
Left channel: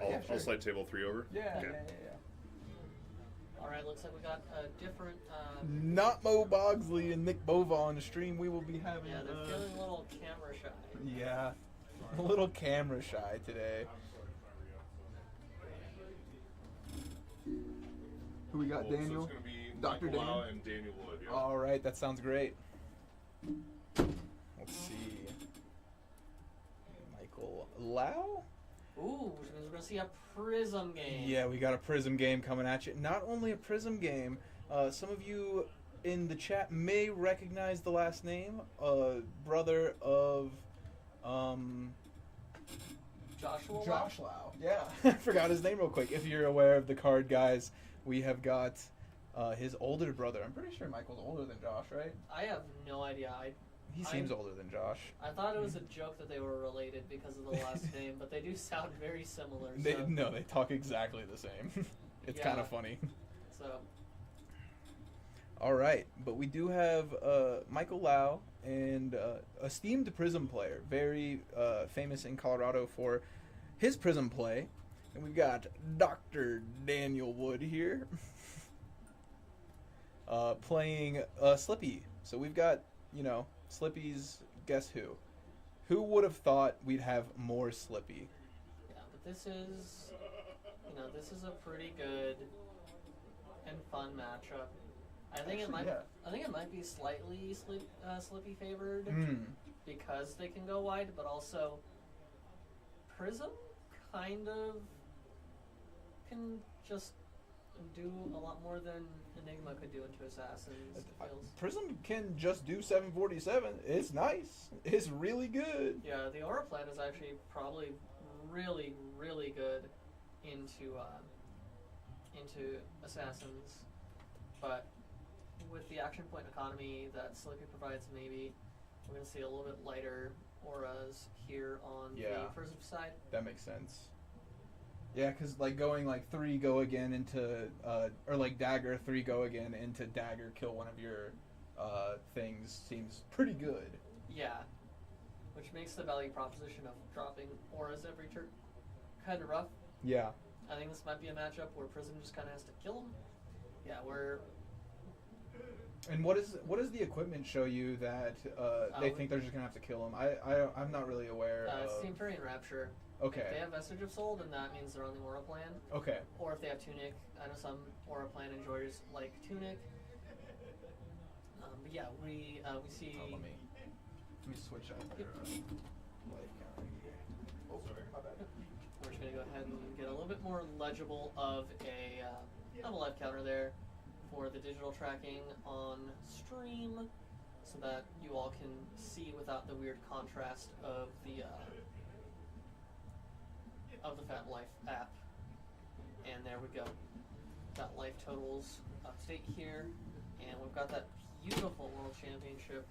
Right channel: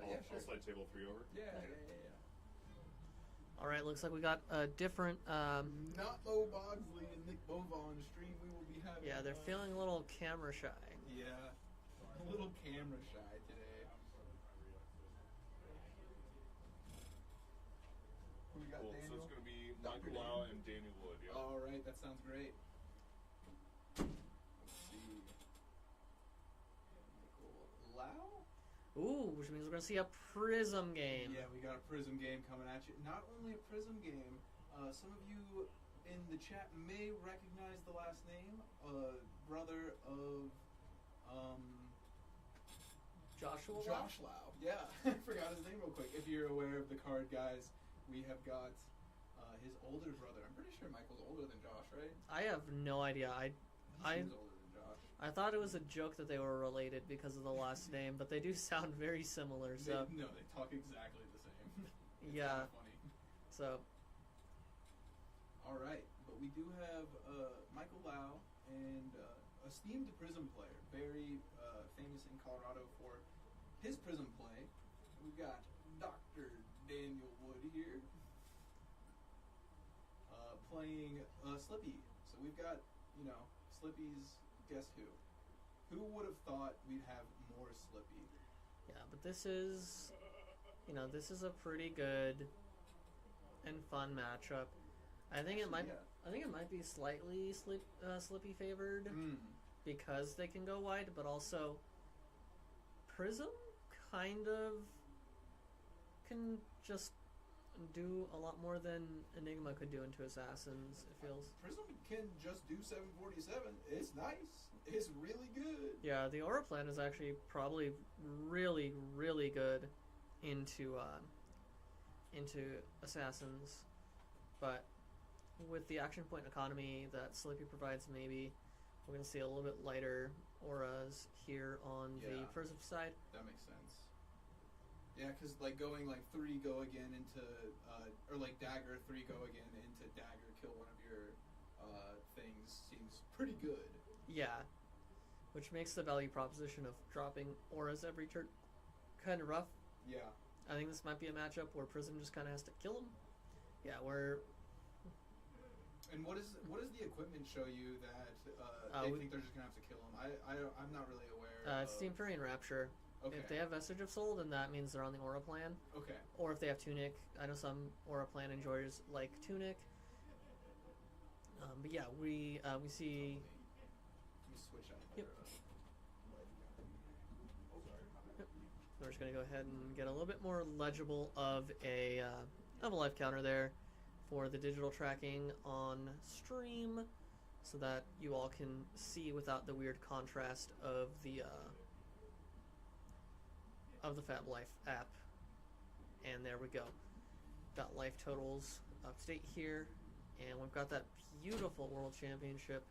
Yeah, sure. I'll slide table 3 over. Yeah, Okay. yeah. All right, looks like we got a different... Not Mo Bogsley and Nick Bova on the stream. We will be having. yeah, they're feeling a little camera shy. Yeah, a little camera shy today. Who we got, Cool. Daniel? So it's going to be Dr. Michael Lau Daniel? and Daniel Wood. Yeah. All right, that sounds great. Let's see. Michael Lau? Ooh, which means we're going to see a Prism game. Yeah, we got a Prism game coming at you. Not only a Prism game, some of you in the chat may recognize the last name. Brother of Joshua Lau? Josh Lau. Yeah, I forgot his name real quick. If you're aware of the card, guys, we have got his older brother. I'm pretty sure Michael's older than Josh, right? I have no idea. He seems older than Josh. I thought it was a joke that they were related because of the last name, but they do sound very similar. They, So, no, they talk exactly the same. It's Yeah. kind of funny. so All right, but we do have Michael Lau, and esteemed Prism player, very famous in Colorado for his Prism play. And we've got Dr. Daniel Wood here playing Slippy. So we've got, Slippy's Guess Who. Who would have thought we'd have more Slippy? yeah, but this is, this is a pretty good and fun matchup. I think it might. Yeah. I think it might be slightly Slippy favored Mm. because they can go wide, but also Prism kind of can just do a lot more than Enigma could do into Assassins. It feels. Prism can just do 747. It's nice. It's really good. Yeah, the Aura plan is actually probably really, really good into Assassins, but with the action point economy that Slippy provides, maybe we're gonna see a little bit lighter auras here on the Prism side. That makes sense. Yeah, because going 3 go again into or dagger 3 go again into dagger kill one of your things seems pretty good. Yeah, which makes the value proposition of dropping auras every turn kind of rough. Yeah. I think this might be a matchup where Prism just kind of has to kill him. Yeah, we're. And what does the equipment show you that they think they're just gonna have to kill him? I'm not really aware. It's the Empyrean Rapture. Okay. If they have Vestige of Soul, then that means they're on the Aura plan. Okay. Or if they have Tunic. I know some Aura plan enjoyers like Tunic. But yeah, we see. Oh, let me switch out their life counter. Oh, sorry, my bad. We're just gonna go ahead and get a little bit more legible of a life counter there for the digital tracking on stream, so that you all can see without the weird contrast of the Fab Life app. And there we go. Got life totals up to date here, and we've got that beautiful World Championship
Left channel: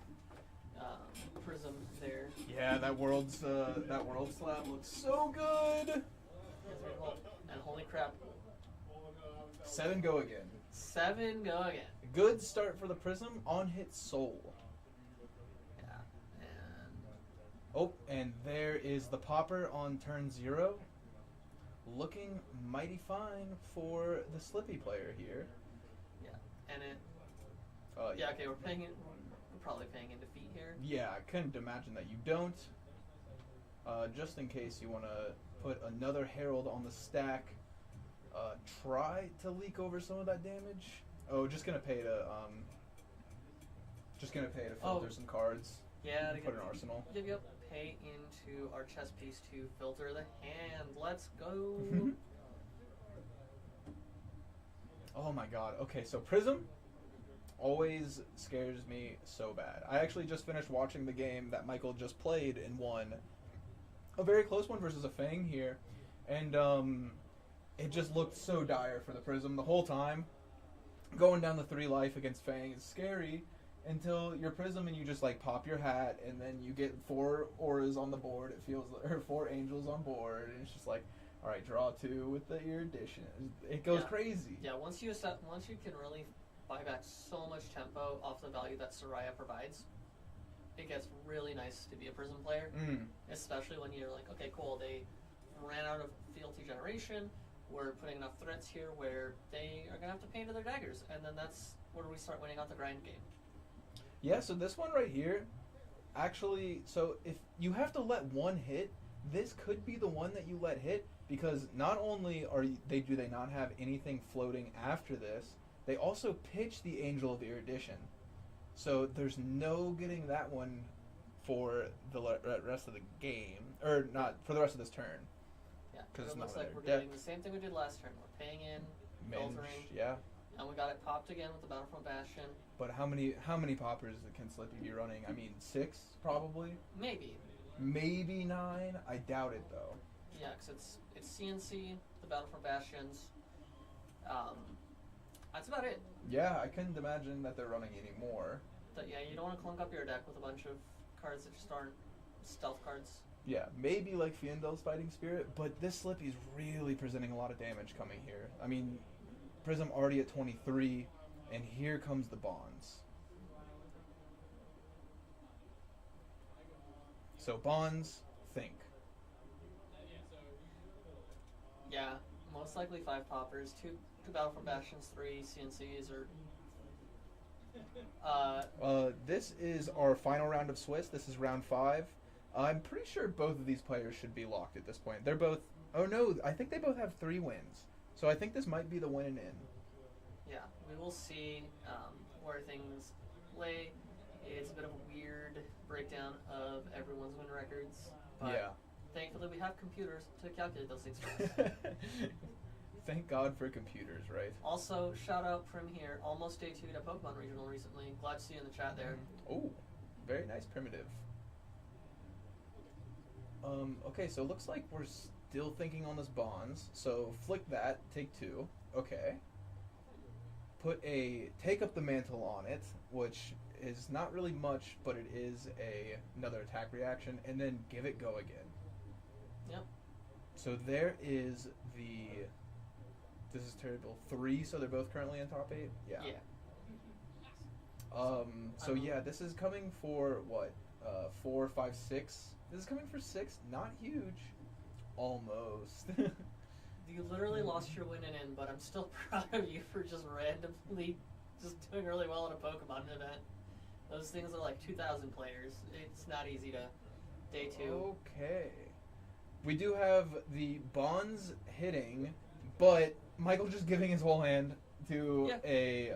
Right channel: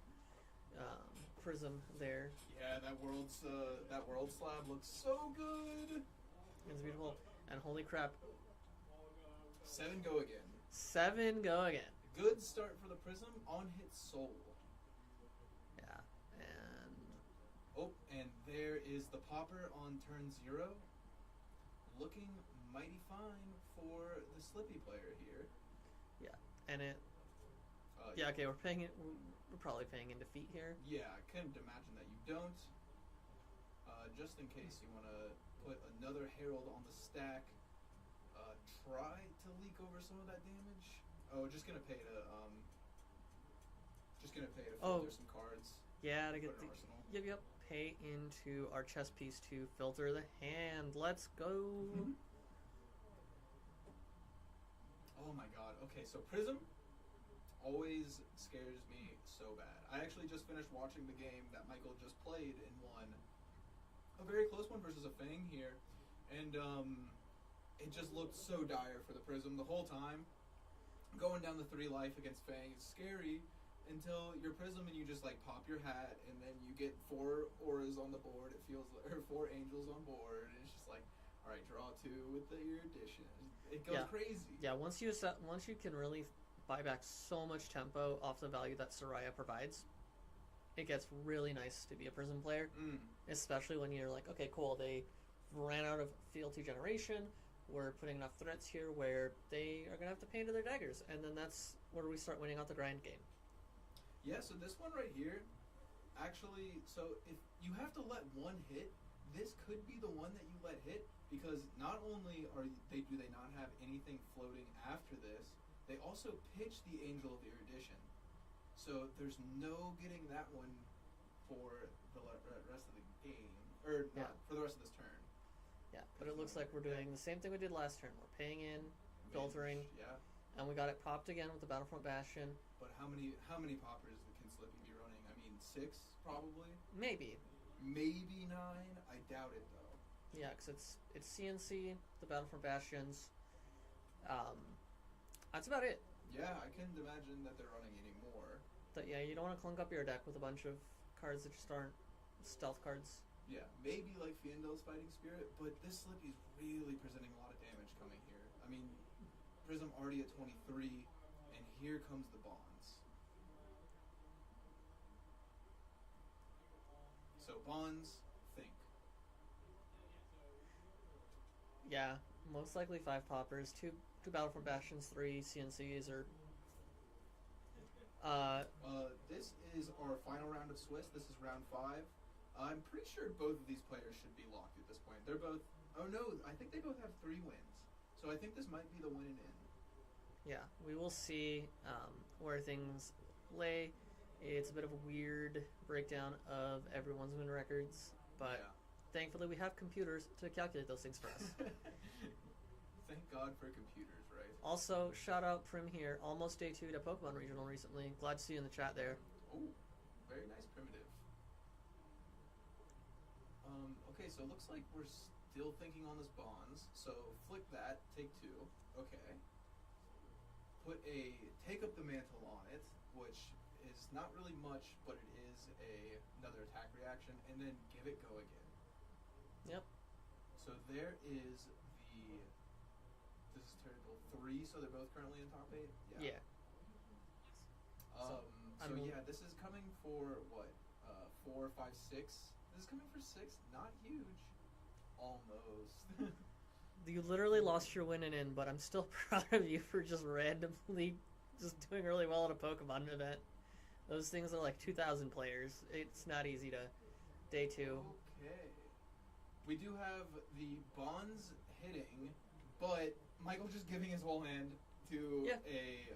prism there. Yeah, that world slab looks so good. It's beautiful. And holy crap, 7 go again. 7 go again. Good start for the prism on hit soul. Yeah, and Oh, and there is the popper on turn 0. Looking mighty fine for the Slippy player here. and it. Yeah, okay, we're probably paying in defeat here. Yeah, I couldn't imagine that you don't. Just in case you want to put another Herald on the stack, try to leak over some of that damage. Oh, just gonna pay to filter some cards. Yeah, to put get an arsenal. Yep. Pay into our chess piece to filter the hand. Let's go. Oh my god. Okay, so Prism always scares me so bad. I actually just finished watching the game that Michael just played and won. A very close one versus a Fang here. And it just looked so dire for the Prism the whole time. Going down the 3 life against Fang is scary until you're Prism and you just like pop your hat and then you get 4 auras on the board. It feels like, or 4 angels on board, and it's just like, all right, draw 2 with the erudition. It goes crazy. Yeah, once you can really buy back so much tempo off the value that Soraya provides, it gets really nice to be a Prism player. Especially when you're like, okay, cool, they ran out of fealty generation. We're putting enough threats here where they are gonna have to pay into their daggers, and then that's where we start winning out the grind game. Yeah, so this one right here, actually, so if you have to let one hit, this could be the one that you let hit, because not only do they not have anything floating after this, they also pitch the Angel of Erudition. So there's no getting that one for the rest of the game, or not for the rest of this turn. Yeah, because it looks like we're doing the same thing we did last turn. We're paying in, filtering, and we got it popped again with the Battlefront Bastion. But how many poppers can Slippy be running? I mean, 6 probably. Maybe 9. I doubt it though. Yeah, because it's CNC, the Battlefront Bastions. That's about it. Yeah, I couldn't imagine that they're running any more. But yeah, you don't want to clunk up your deck with a bunch of cards that just aren't stealth cards. Yeah, maybe like Fiendel's Fighting Spirit, but this Slippy's really presenting a lot of damage coming here. I mean, Prism already at 23, and here comes the Bonds. So Bonds, think. Yeah, most likely 5 poppers, 2 Battlefront Bastions, 3 CNCs, or... this is our final round of Swiss. This is round 5. I'm pretty sure both of these players should be locked at this point. They're both... Oh no, I think they both have 3 wins. So I think this might be the win and in. Yeah, we will see where things lay. It's a bit of a weird breakdown of everyone's win records. But thankfully we have computers to calculate those things for us. Thank God for computers, right? Also, shout out from here, almost day 2 to Pokemon Regional recently. Glad to see you in the chat there. Oh, very nice primitive. Okay, so it looks like we're still thinking on this Bonds. So flick that, take 2. Okay. Take up the mantle on it, which is not really much, but it is another attack reaction, and then give it go again. Yep. So there is the... This is terrible. 3, so they're both currently in top 8? Yeah. So yeah, this is coming for what? 4, 5, 6? This is coming for 6? Not huge. Almost. You literally lost your win and in, but I'm still proud of you for just randomly just doing really well at a Pokemon event. Those things are like 2,000 players. It's not easy to day 2. Okay. We do have the Bonds hitting, but Michael just giving his whole hand to an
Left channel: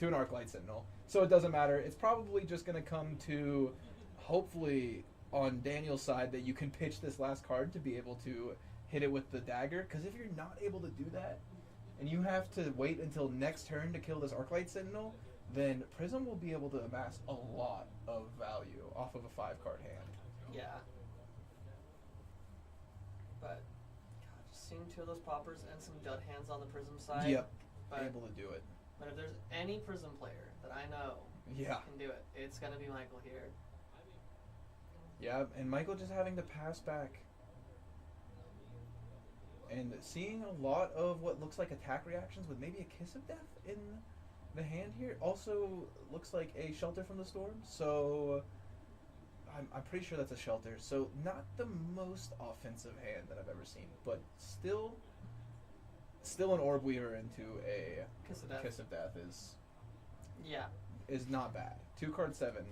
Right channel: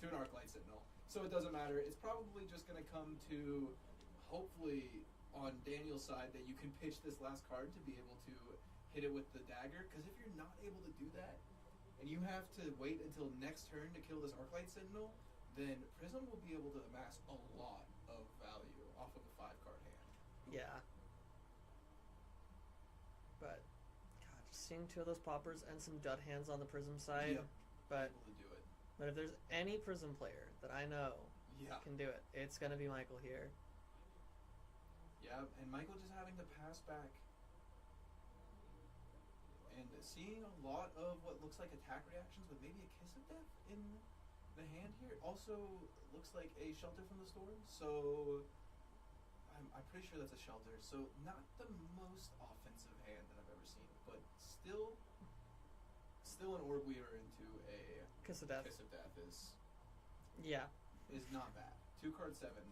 Arclight Sentinel. So it doesn't matter. It's probably just going to come to, hopefully, on Daniel's side, that you can pitch this last card to be able to hit it with the dagger. Because if you're not able to do that, and you have to wait until next turn to kill this Arclight Sentinel, then Prism will be able to amass a lot of value off of a 5-card hand. Yeah. But, God, just seeing 2 of those poppers and some dud hands on the Prism side. Yep, But, able to do it. but if there's any Prism player that I know Yeah. can do it, it's going to be Michael here. Yeah, and Michael just having to pass back. And seeing a lot of what looks like attack reactions with maybe a Kiss of Death in the hand here. Also looks like a Shelter from the Storm. So I'm pretty sure that's a Shelter. So not the most offensive hand that I've ever seen. But still an Orb Weaver into a Kiss of Death. Kiss of Death Yeah. is not bad. 2-card 7.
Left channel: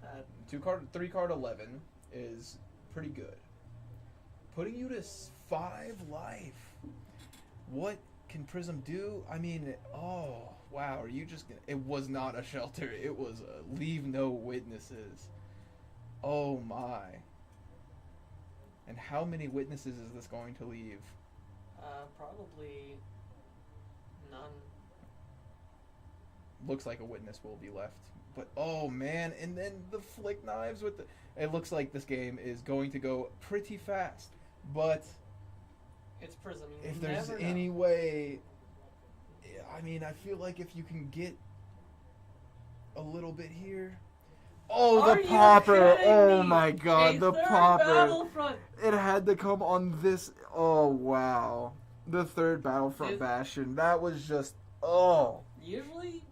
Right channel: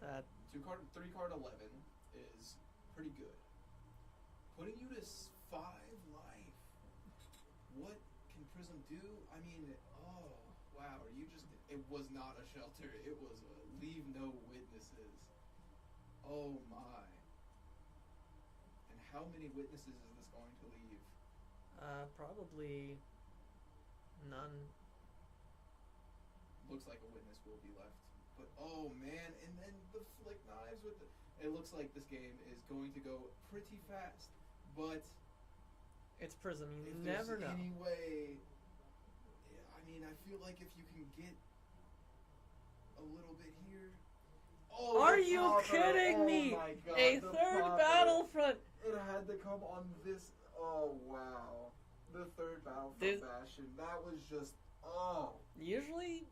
That 3-card 11 is pretty good. Putting you to 5 life. What can Prism do? I mean, oh wow, are you just gonna? It was not a Shelter. It was a Leave No Witnesses. Oh my. And how many witnesses is this going to leave? probably none. Looks like a witness will be left. But oh man, and then the flick knives with the... It looks like this game is going to go pretty fast. But It's Prism. You if there's never know. any way... I mean, I feel like if you can get a little bit here... Oh, Are the you popper! kidding Oh me? my god, A the third popper! Battlefront. It had to come on this... Oh, wow. The third Battlefront Dude. Bastion. That was just... Oh. Usually,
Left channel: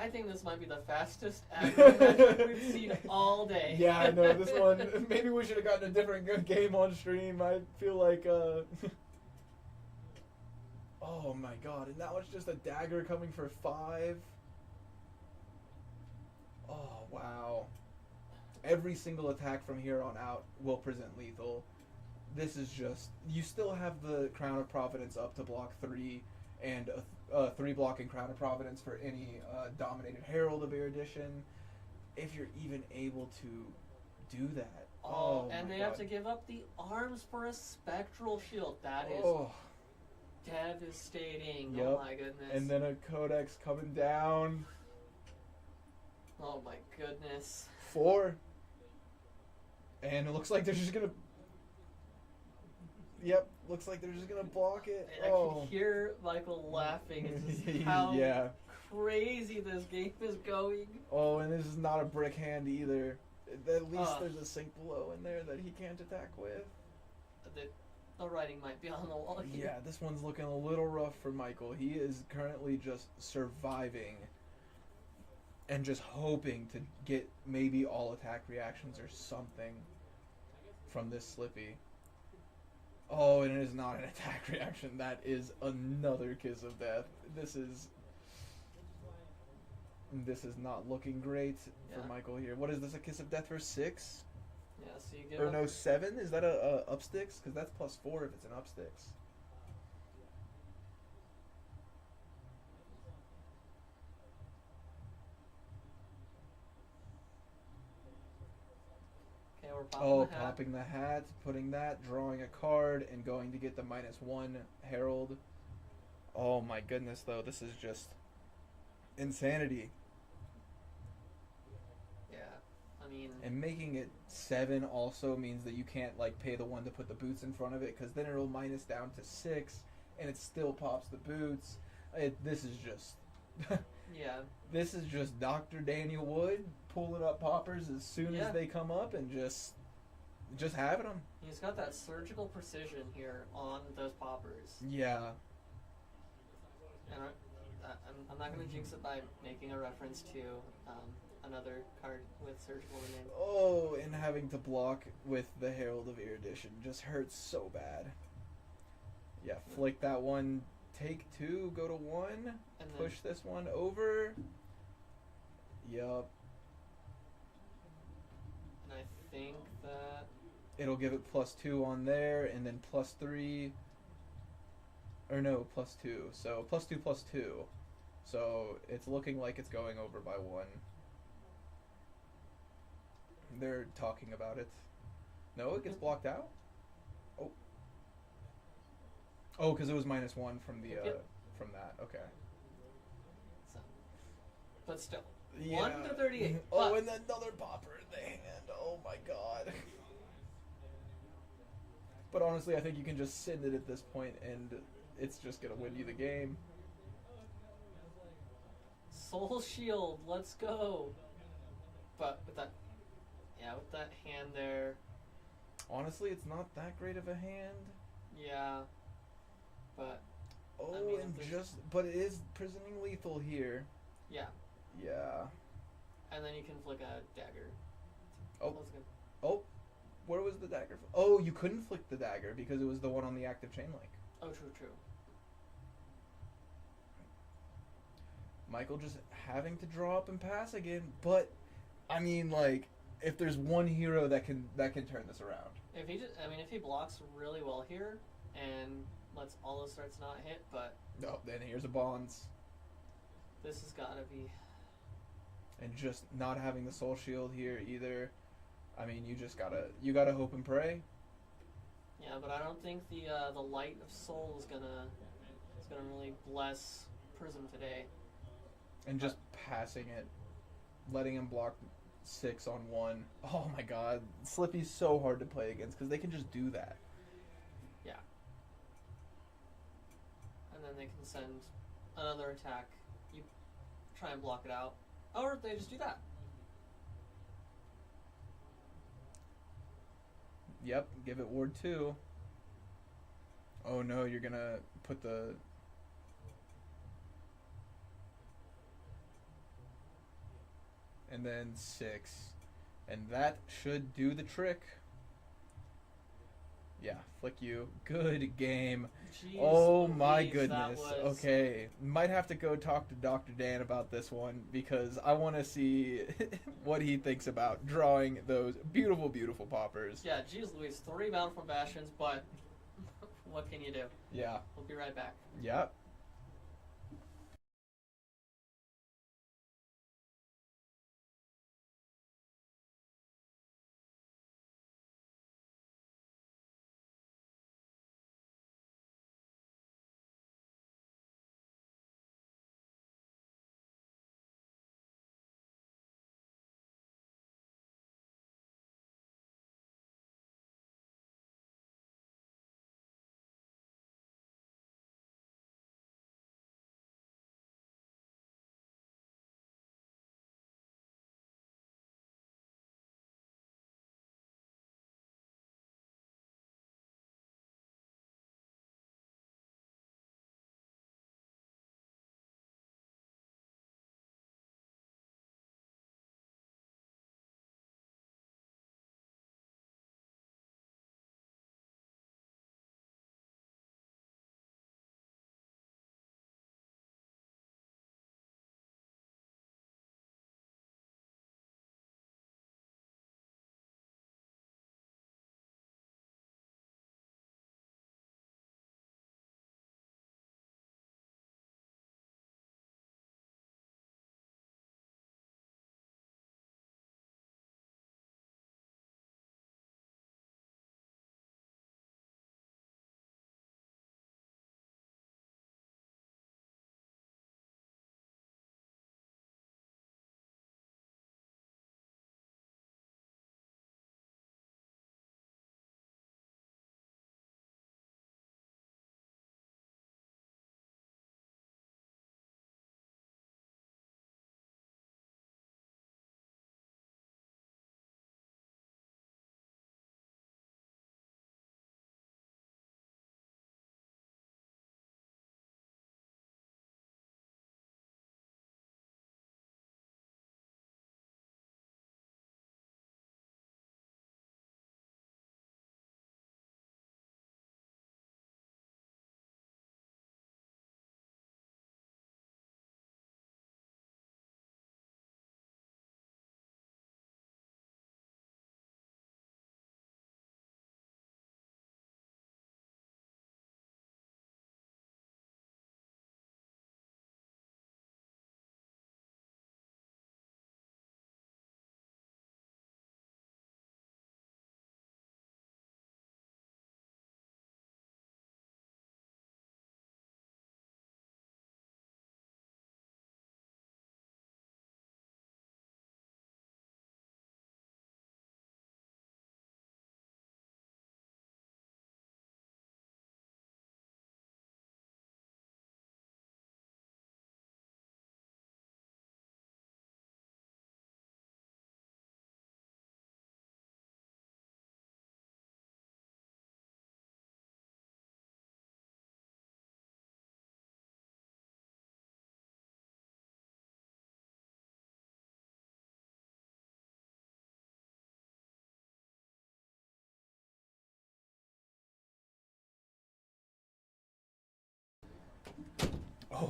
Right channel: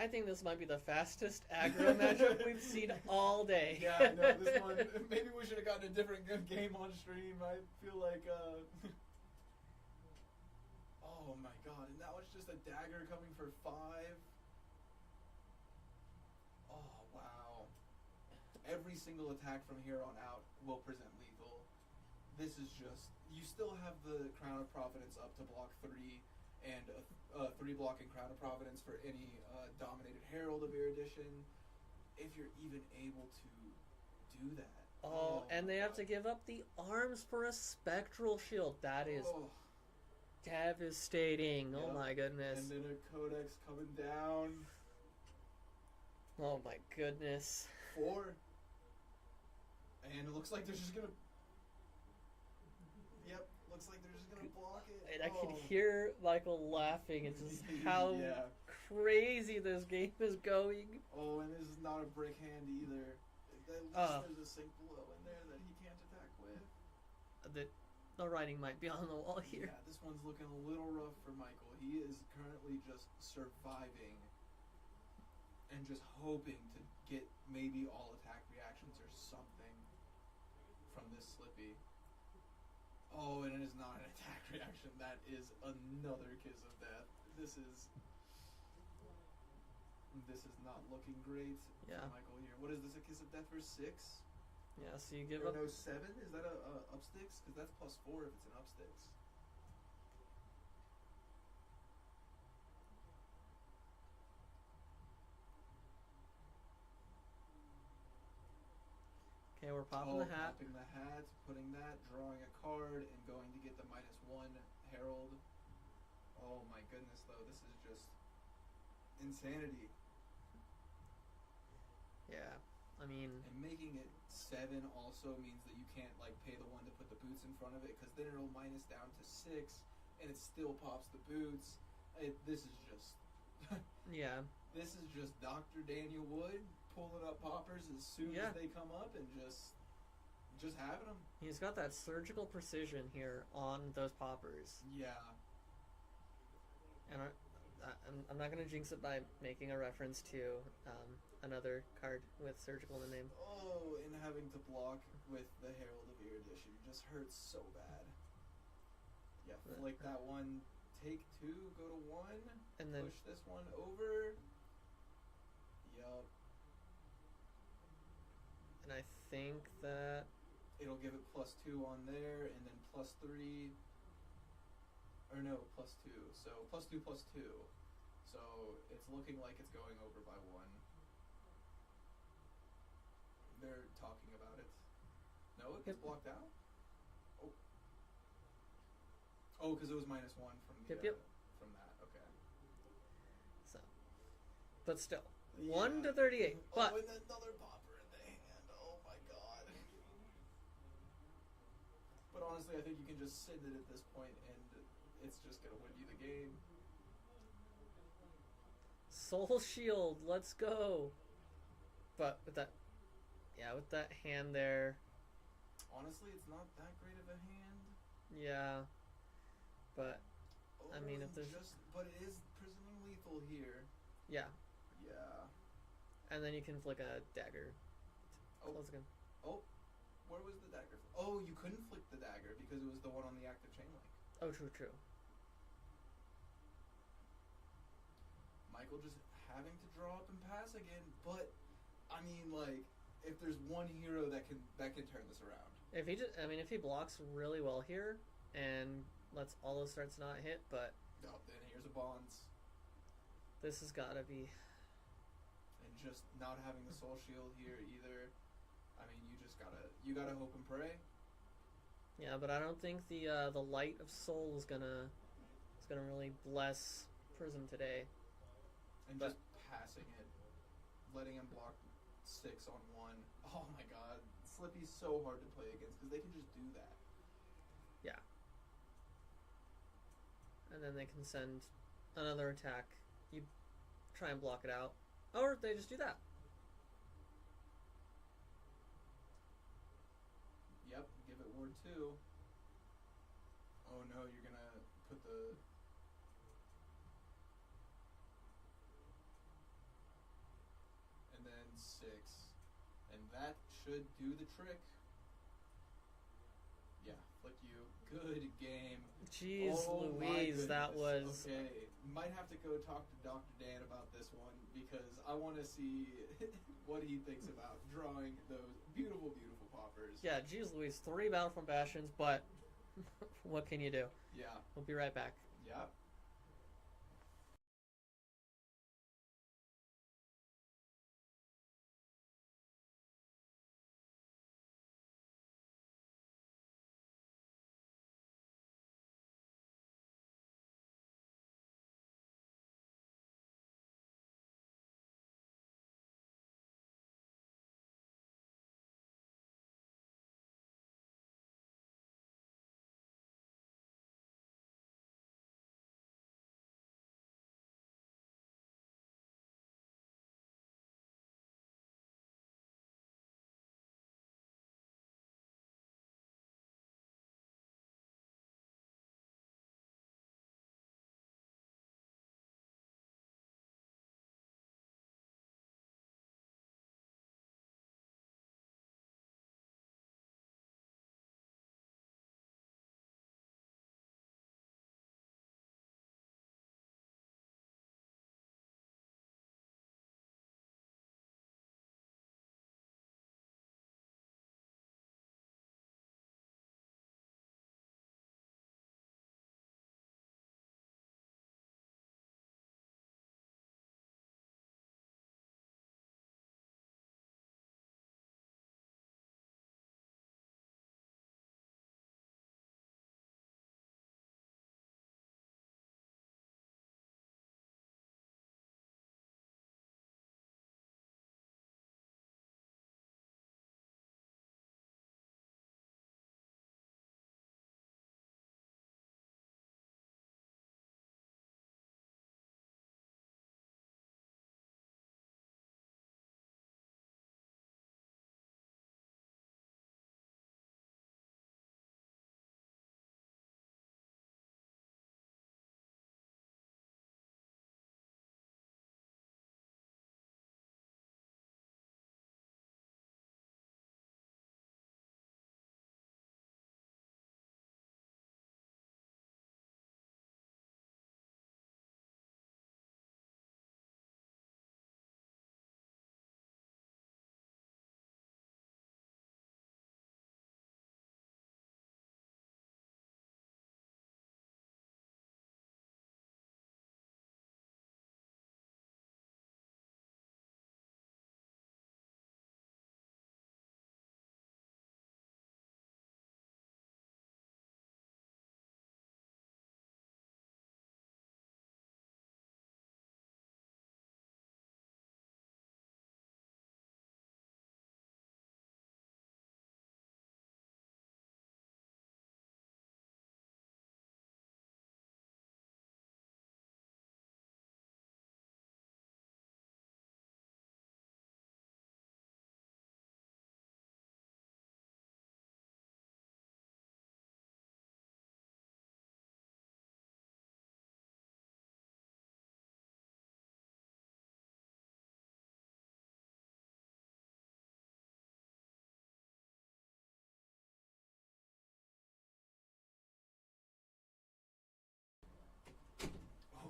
I think this might be the fastest aggro match we've seen all day. Yeah, I know, this one... Maybe we should have gotten a different good game on stream. I feel like, Oh my god, and now it's just a dagger coming for 5. Oh, wow. Every single attack from here on out will present lethal. This is just... You still have the Crown of Providence up to block 3, and 3 blocking Crown of Providence for any Dominated Herald of Erudition. If you're even able to do that. Oh, and my they have God. to give up the arms for a Spectral Shield. That is Oh. devastating. Yep. Oh my goodness. And then a Codex coming down. Oh my goodness. 4. And it looks like they're just gonna... Yep, looks like they're just gonna block it. And I can hear Michael laughing at just how Yeah. crazy this game is going. Oh, and this is not a brick hand either. At least Ah. there's a sink below in there that he can't attack with. The writing might be on the wall here. Yeah, this one's looking a little rough for Michael. He is currently just surviving and just hoping to get maybe all attack reactions or something from this Slippy. Oh, and it is not an attack reaction. That is another Kiss of Death. This is not looking great Yeah. for Michael here. What is this, a Kiss of Death for 6? Yeah, so you give Or up. no, 7? Is that a upsticks? Because that's +4 if it's an upsticks. Okay, we're popping Oh, the hat. popping the hat, putting that, drawing a card, and going to get the -1 Herald. Oh my goodness, though, this is just insanity. Yeah, I mean, And making it 7 also means that you can't like pay the 1 to put the boots in front of it, because then it'll minus down to 6, and it still pops the boots. This is just... yeah. This is just Dr. Daniel Wood pulling up poppers as soon Yeah. as they come up and just having them. He's got that surgical precision here on those poppers. Yeah. And I'm not going to jinx it by making a reference to another card with surgical in the name. Oh, and having to block with the Herald of Erudition just hurts so bad. Yeah, flick that one, take 2, go to 1, And then push this one over. Yup. and I think that It'll give it +2 on there, and then +3. Or no, +2. So +2/+2. So it's looking like it's going over by 1. They're talking about it. No, it gets blocked out? Oh. Oh, because it was -1 from the Yep, yep. from that. Okay. So, but still, Yeah. 1 to 38. Oh, But and then another popper in the hand. Oh my god. But honestly, I think you can just send it at this point, and it's just gonna win you the game. Soul Shield, let's go. But with that, with that hand there, Honestly, it's not that great of a hand. yeah. But Oh, I mean, and if there's- but it is prisoning lethal here. yeah, Yeah. and then you can flick a dagger. Oh. Let's go. Oh, where was the dagger? Oh, you couldn't flick the dagger because it was the one on the active chain link. Oh, true. Michael just having to draw up and pass again, but I mean, like, if there's one hero that can turn this around. If he blocks really well here and lets all those starts not hit, but No, then here's a bonds, this has got to be. and just not having the soul shield here either. I mean, you gotta hope and pray. Yeah, but I don't think the light of soul is gonna really bless Prism today. And just passing it, letting him block 6 on 1. Oh my god, Slippy's so hard to play against because they can just do that. Yeah. And then they can send another attack. You try and block it out, or they just do that. Yep, give it ward 2. Oh no, you're gonna put the... And then 6. And that should do the trick. Yeah, flick you. Good game. Jeez Oh my Louise, goodness. that was... Okay, might have to go talk to Dr. Dan about this one because I want to see what he thinks about drawing those beautiful, beautiful poppers. Yeah, geez Louise, 3 bound from Bastions, but what can you do? Yeah. We'll be right back. Yep.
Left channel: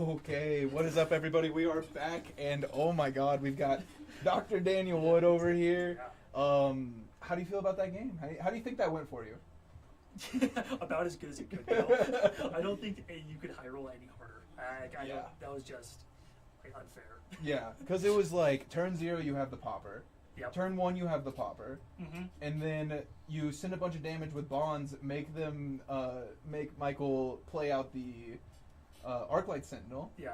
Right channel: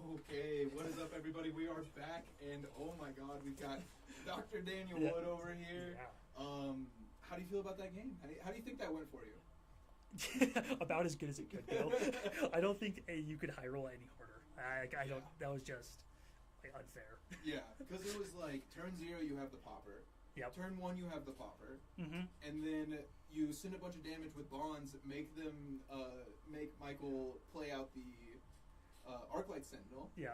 Okay, what is up, everybody? We are back, and oh my God, we've got Dr. Daniel Wood over here. How do you feel about that game? How do you think that went for you? About as good as it could go. I don't think you could high roll any harder. I don't, that was just unfair. Yeah, because it was like turn 0 you have the popper. Yep. Turn 1 you have the popper. Mm-hmm. And then you send a bunch of damage with bonds, make Michael play out the Arclight Sentinel. Yeah.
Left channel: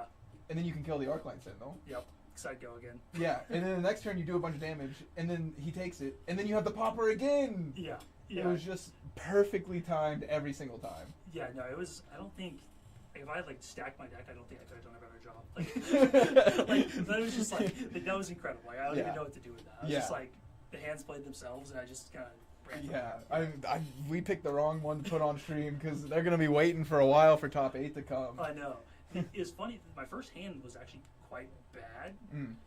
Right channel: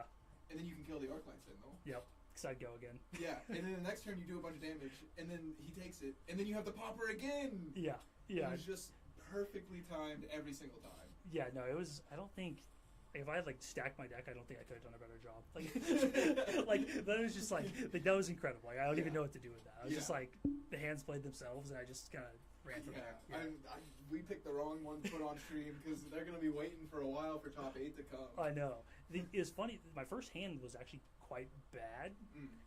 And then you can kill the Arclight Sentinel. Yep. Because I'd go again. Yeah, and then the next turn you do a bunch of damage, and then he takes it, and then you have the popper again. Yeah. Yeah. It was just perfectly timed every single time. Yeah, no, it was. I don't think if I like stacked my deck, I don't think I could have done a better job. Like that was just like that was incredible. Like I don't even know what to do with that. I was just like the hands played themselves, and I just kind of ran. Yeah, we picked the wrong one to put on stream because they're gonna be waiting for a while for top 8 to come. I know. It was funny. My first hand was actually quite bad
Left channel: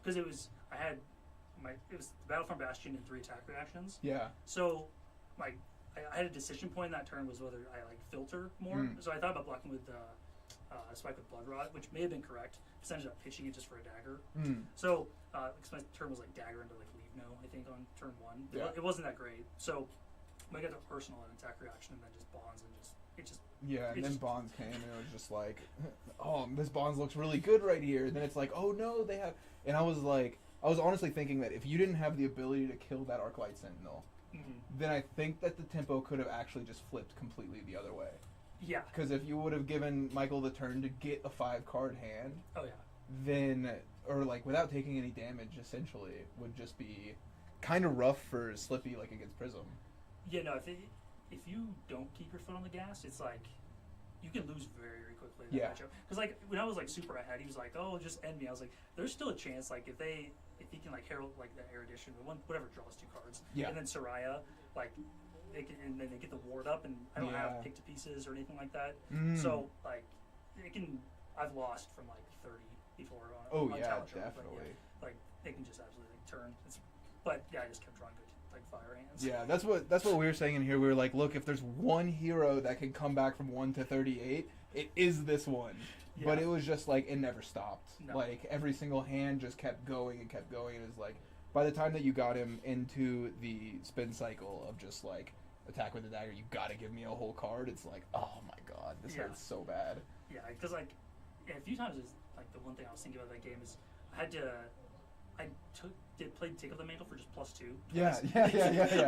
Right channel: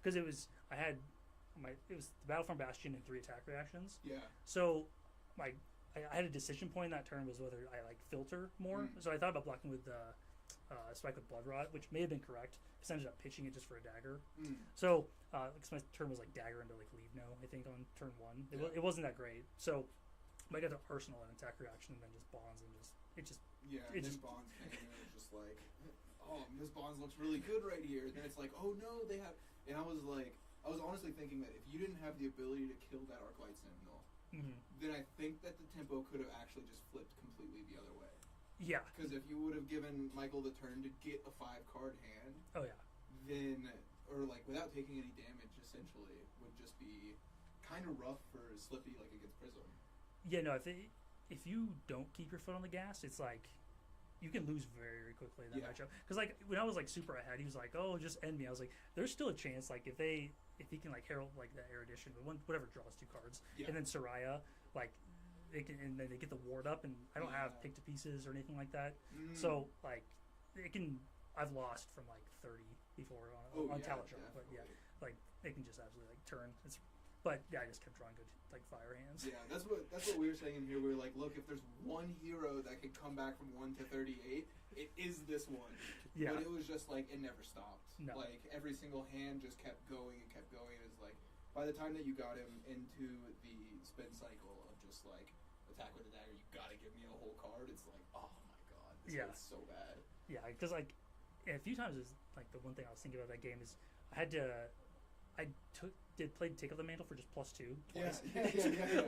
because it was Battlefront Bastion and 3 attack reactions. Yeah. So, like, I had a decision point in that turn was whether I like filter more. So I thought about blocking with Spike with Blood Rot, which may have been correct. Because I ended up pitching it just for a dagger. So because my turn was like dagger into like leave no, I think on turn 1. It wasn't that great. So I got the Arsenal and attack reaction, and then just bonds and just. Yeah, and then Bonds came, and it was just like, oh, this Bonds looks really good right here. And then it's like, oh no, they have. And I was honestly thinking that if you didn't have the ability to kill that Arclight Sentinel, then I think that the tempo could have actually just flipped completely the other way. Yeah. Because if you would have given Michael the turn to get a 5-card hand, then, or like without taking any damage, essentially, would just be kind of rough for Slippy, like against Prism. Yeah, no, if you don't keep your foot on the gas, it's like you can lose very, very quickly in that matchup. Because like when I was like super ahead, he was like, "Oh, just end me." I was like, "There's still a chance. Like if he can like herald like the Erudition, but whatever draws 2 cards, and then Soraya, like they can, and then they get the ward up, and I don't have pick to pieces or anything like that. So like it can. I've lost from like 30 before on Talent Show, definitely. But, like they can just absolutely like turn. But I just kept drawing good like fire hands. Yeah, that's what we were saying in here. We were like, look, if there's one hero that can come back from 1 to 38, it is this one. Yeah. But it was just like it never stopped. No. Like every single hand just kept going and kept going. It was like by the time that you got him into the spin cycle of just like attack with the dagger, you gotta give me a whole card. It's like, oh my god, this hurts so bad. Yeah, because like a few times is like the one thing I was thinking about that game is I played Tickle the Mantle for just +2. Yeah.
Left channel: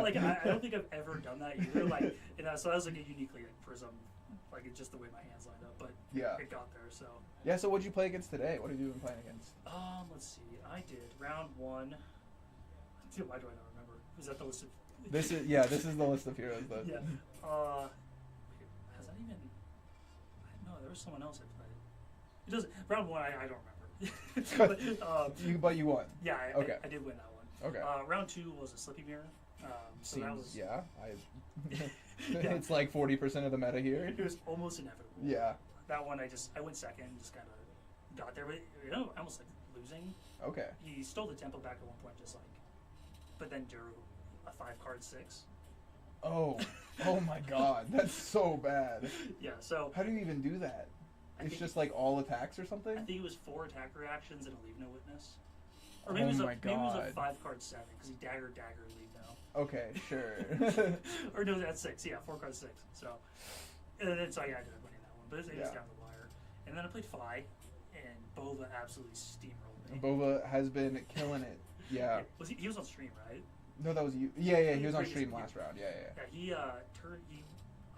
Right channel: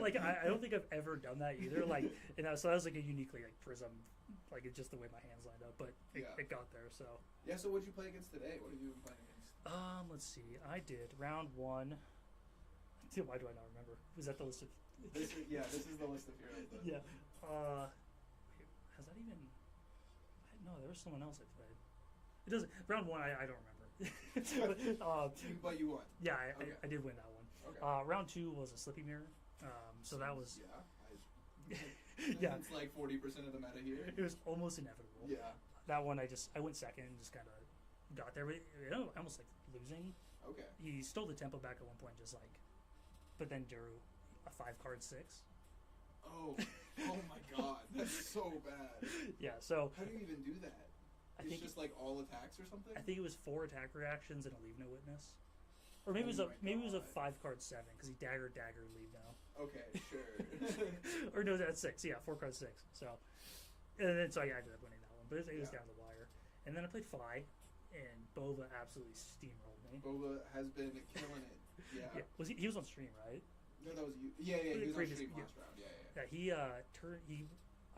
Like I don't think I've ever done that either. Like so that was like a uniquely like Prism, like it's just the way my hands lined up. But it got there. So So what'd you play against today? What have you been playing against? Let's see. I did round 1. Dude, why do I not remember? Is that the list of? This is the list of heroes. That... Yeah. Has that even? No, there was someone else I played. It doesn't. Round 1, I don't remember. But you won. Yeah, I did win that one. Okay. Round 2 was a Slippy mirror. So that was it's like 40% of the meta here. It was almost inevitable. Yeah. That one I went second and just kind of got there. I almost like losing. Okay. He stole the tempo back at one point, just like, but then drew a 5-card 6. Oh my god, that's so bad. Yeah. So how do you even do that? It's just like all attacks or something? I think it was 4 attack reactions and a leave no witness. Or maybe, it was a 5-card 7 because he dagger, leave no. Okay, sure. Or no, that's 6. Yeah, 4-card 6. So, and then I ended up winning that one, but it was down the wire. And then I played Fi, and Bova absolutely steamrolled me. Bova has been killing it. Yeah. He was on stream, right? No, that was you. Yeah, he was on stream last round. Yeah.